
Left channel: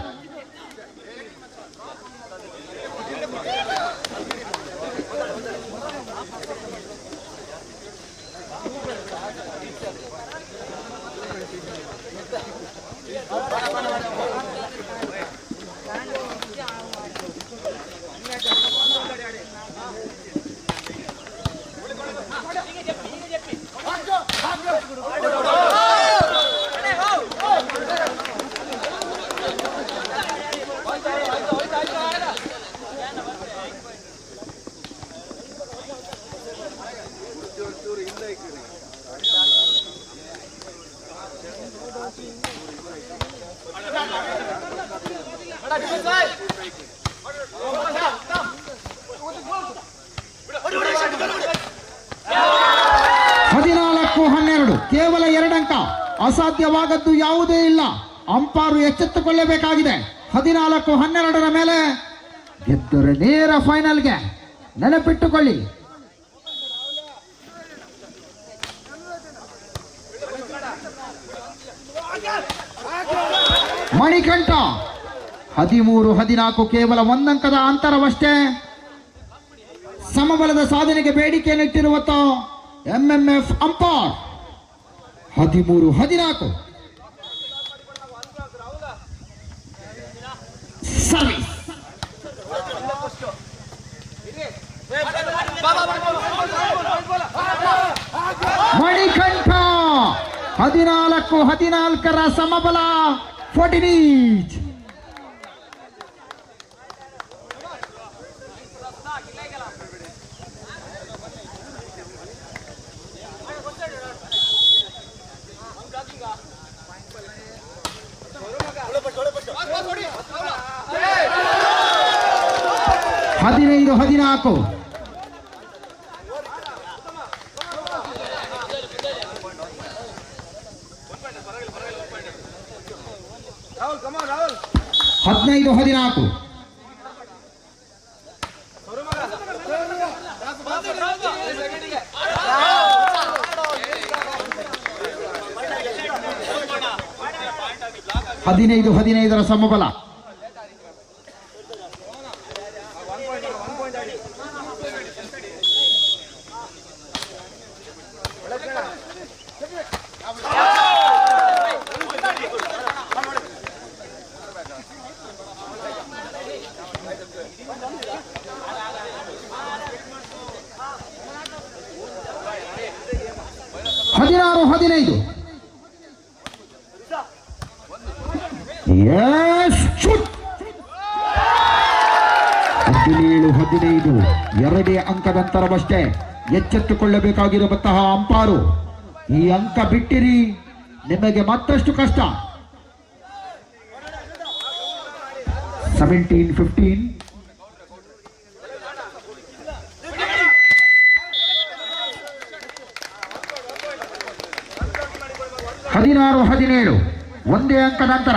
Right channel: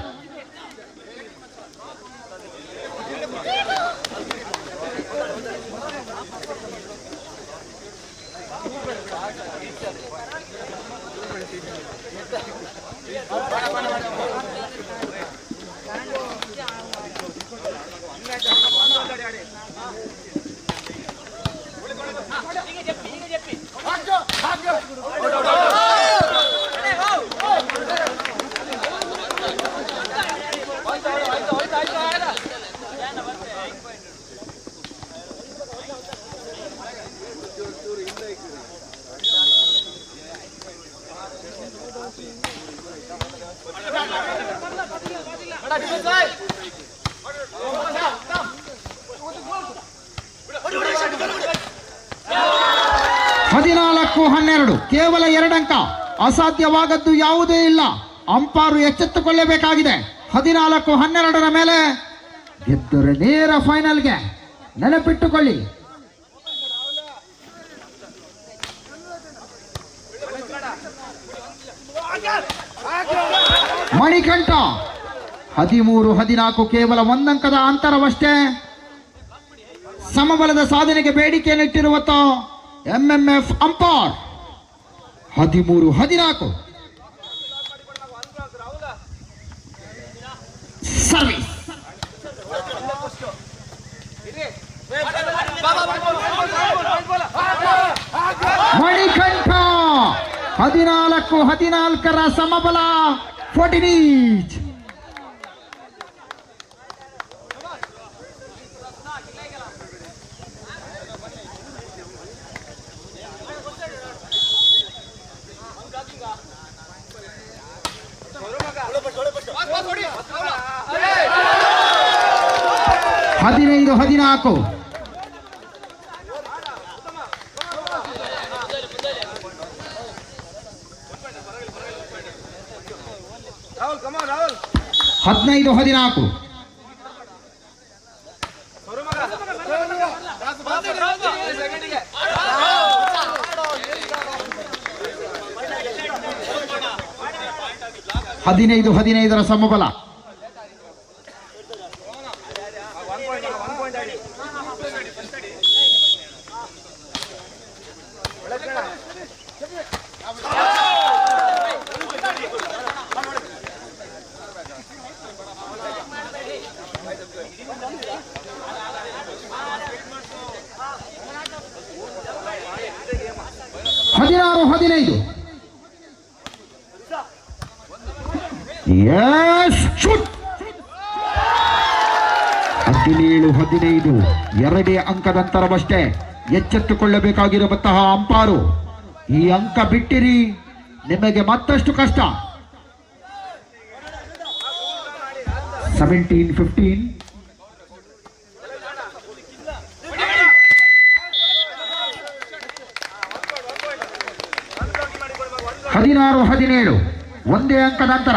ಕೇವಲ 2 ಅಂಕ. ಅಸಾಧ್ಯವಾಗದ್ದು ಯಾವುದೇ ಇಲ್ಲ. ಅಂಪಾರು ಎಚ್ಚೆತ್ತುಕೊಳ್ಳಬೇಕಾಗಿದೆ. 14-12 ಮೇಲೆ ಗೆದ್ದರೆ ನೇರ ಫೈನಲ್ಗೆ. ನೆನಪಿಟ್ಟುಕೊಳ್ಳಿ. ಮಣಿಕಂಠ 13-14 ಕೇವಲ 1 ಅಂಕದ ಅಂತರವಷ್ಟೇ. ಸಮಬಲದ ಸಾಧನೆಗೆ ಬೇಡಿಕೆಯನ್ನಿಟ್ಟಿರುವ ಎಂಎಂಎಫ್ ಅಂಪಾರ್. 13-14 ಸರ್ವಿಸ್. ಮಣಿಕಂಠ 14-14 ಸಮಬಲ 14 ಈಚ್. ಹದಿನೈದು 14. ರಾಹುಲ್ ಕಮಾನ್ ರಾಹುಲ್ 15-14. ಹದಿನೈದು 15 ಸಮಬಲ. ಹದಿನಾರು 15. S shoot. 17-15 ಎರಡೇ ಅಂಕದಂತರವಷ್ಟೇ. ಎಚ್ಚೆತ್ತುಕೊಳ್ಳಬೇಕಾಗಿರುವಂತಹ ಅಂಪಾರು, ಈ ಅಂಕ ಬಿಟ್ಟಿರಿ ನಿಮಗೆ ಮತ್ತಷ್ಟು ಕಷ್ಟ. 17-15. ಹದಿನಾರು 17 ಒಂದೇ ಅಂಕದ ಅಂತರ.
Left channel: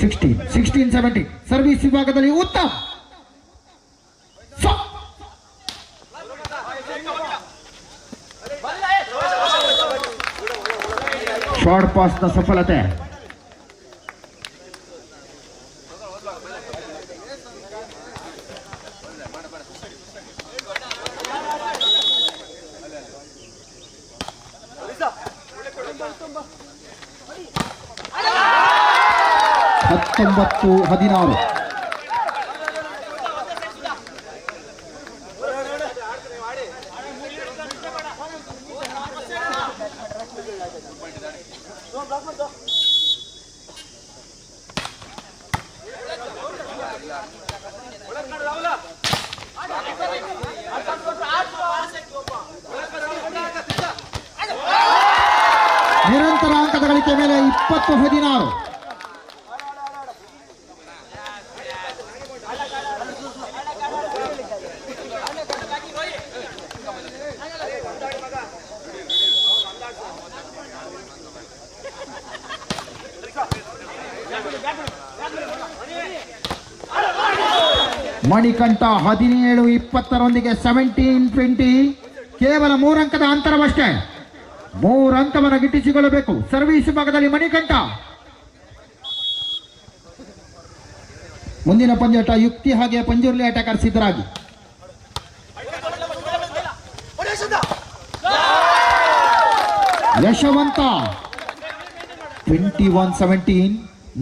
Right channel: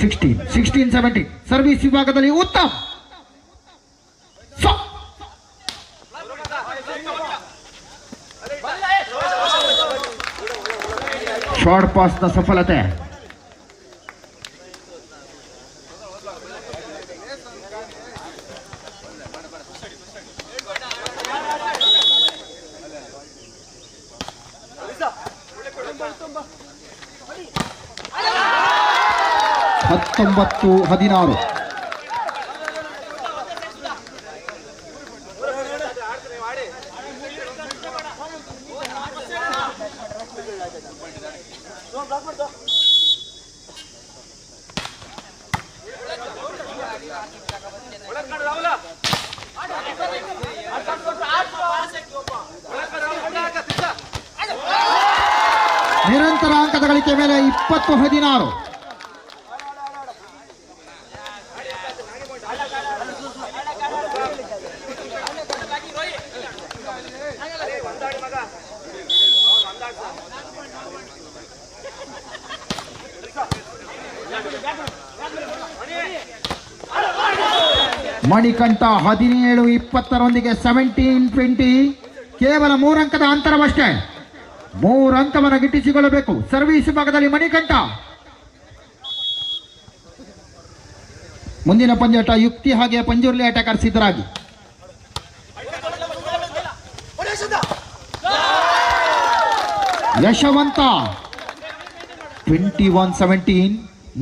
16-17 ಸರ್ವಿಸ್ ವಿಭಾಗದಲ್ಲಿ ಉತ್ತಮ್. ಶಾರ್ಟ್ ಪಾಸ್ನ ಸಫಲತೆ. ಹತ್ತೊಂಬತ್ತು 16. ನಿರಂತರ ಅಂಕದ ಗಳಿಕೆ ಮೇಲೆ 20-16. ಮಣಿಕಂಠ 17-20 17-20 ಕೇವಲ 3 ಅಂಕದ ಅಂತರವಷ್ಟೇ. 3 ಅಂಕವನ್ನು ಗಿಟ್ಟಿಸಿಕೊಳ್ಳಬೇಕು. ಸರ್ವಿಸ್ ಭಾಗದಲ್ಲಿ ಮಣಿಕಂಠ. ಮುಂದಿನ ಪಂದ್ಯಾಟ ಯುಕ್ತಿ ಹಾಗೆ ಪಂಜುರ್ಲಿ ಅಟ್ಯಾಕರ್ ಸಿದ್ಧರಾಗಿ. ಯಶವಂತ 21-17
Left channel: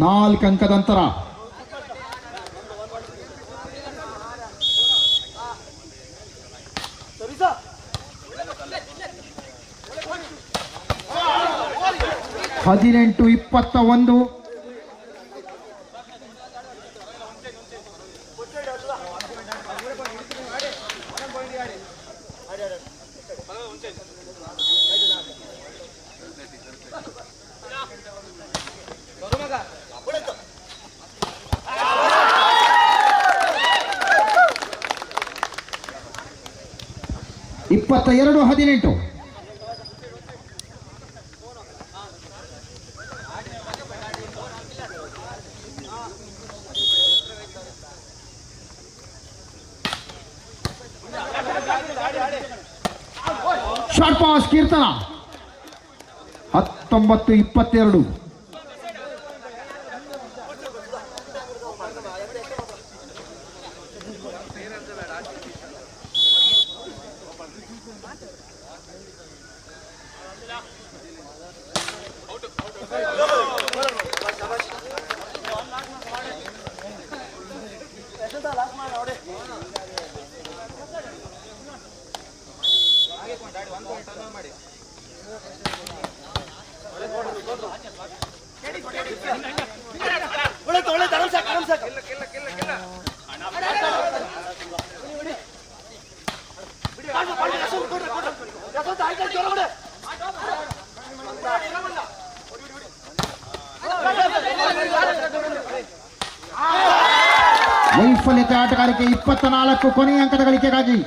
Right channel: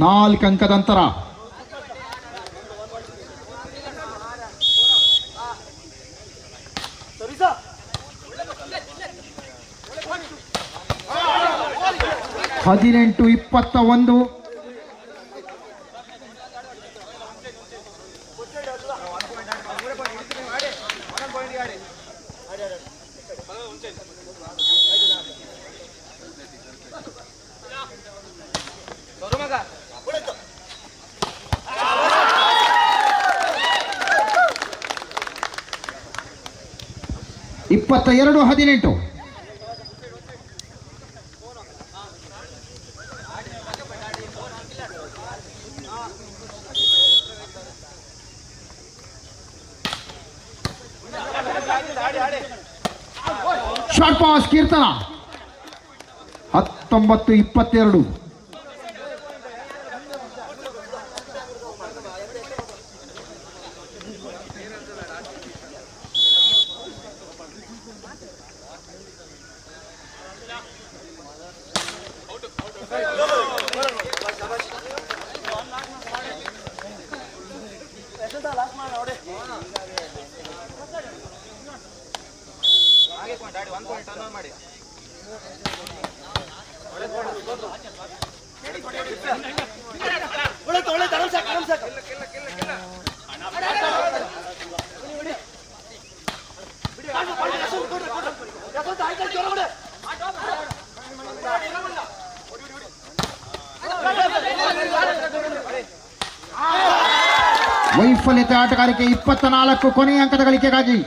4 ಅಂಕದ ಅಂತರ. ಹದಿನೆಂಟು 21. ಇಪ್ಪತ್ತ 18. ಶಾರ್ಟ್ ಪಾಸ್ ಕೀರ್ತನ 19-22. ವೈಫಲ್ಯತೆ ಆಟಗಾರಿಕೆ 24 ಕೊನೆಯ ಅಂಕದ ಗಳಿಕೆಗಾಗಿ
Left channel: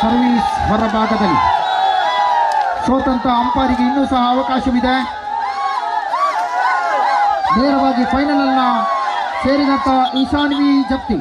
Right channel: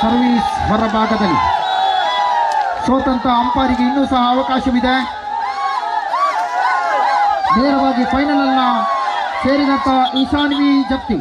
ಸರ್ವಿಸ್ ಹೊರಭಾಗದಲ್ಲಿ ಸೋತಂತ ಅಂಪೈರಿಗೆ ಇನ್ನೂ ಸಹ ಅವಕಾಶವಿದೆ. ನೇರವಾಗಿ ಫೈನಲ್ ಅನ್ನ ಸೇರಿದಂತ ಈಶಾನ್ವಿ ಜಪ್ತಿ.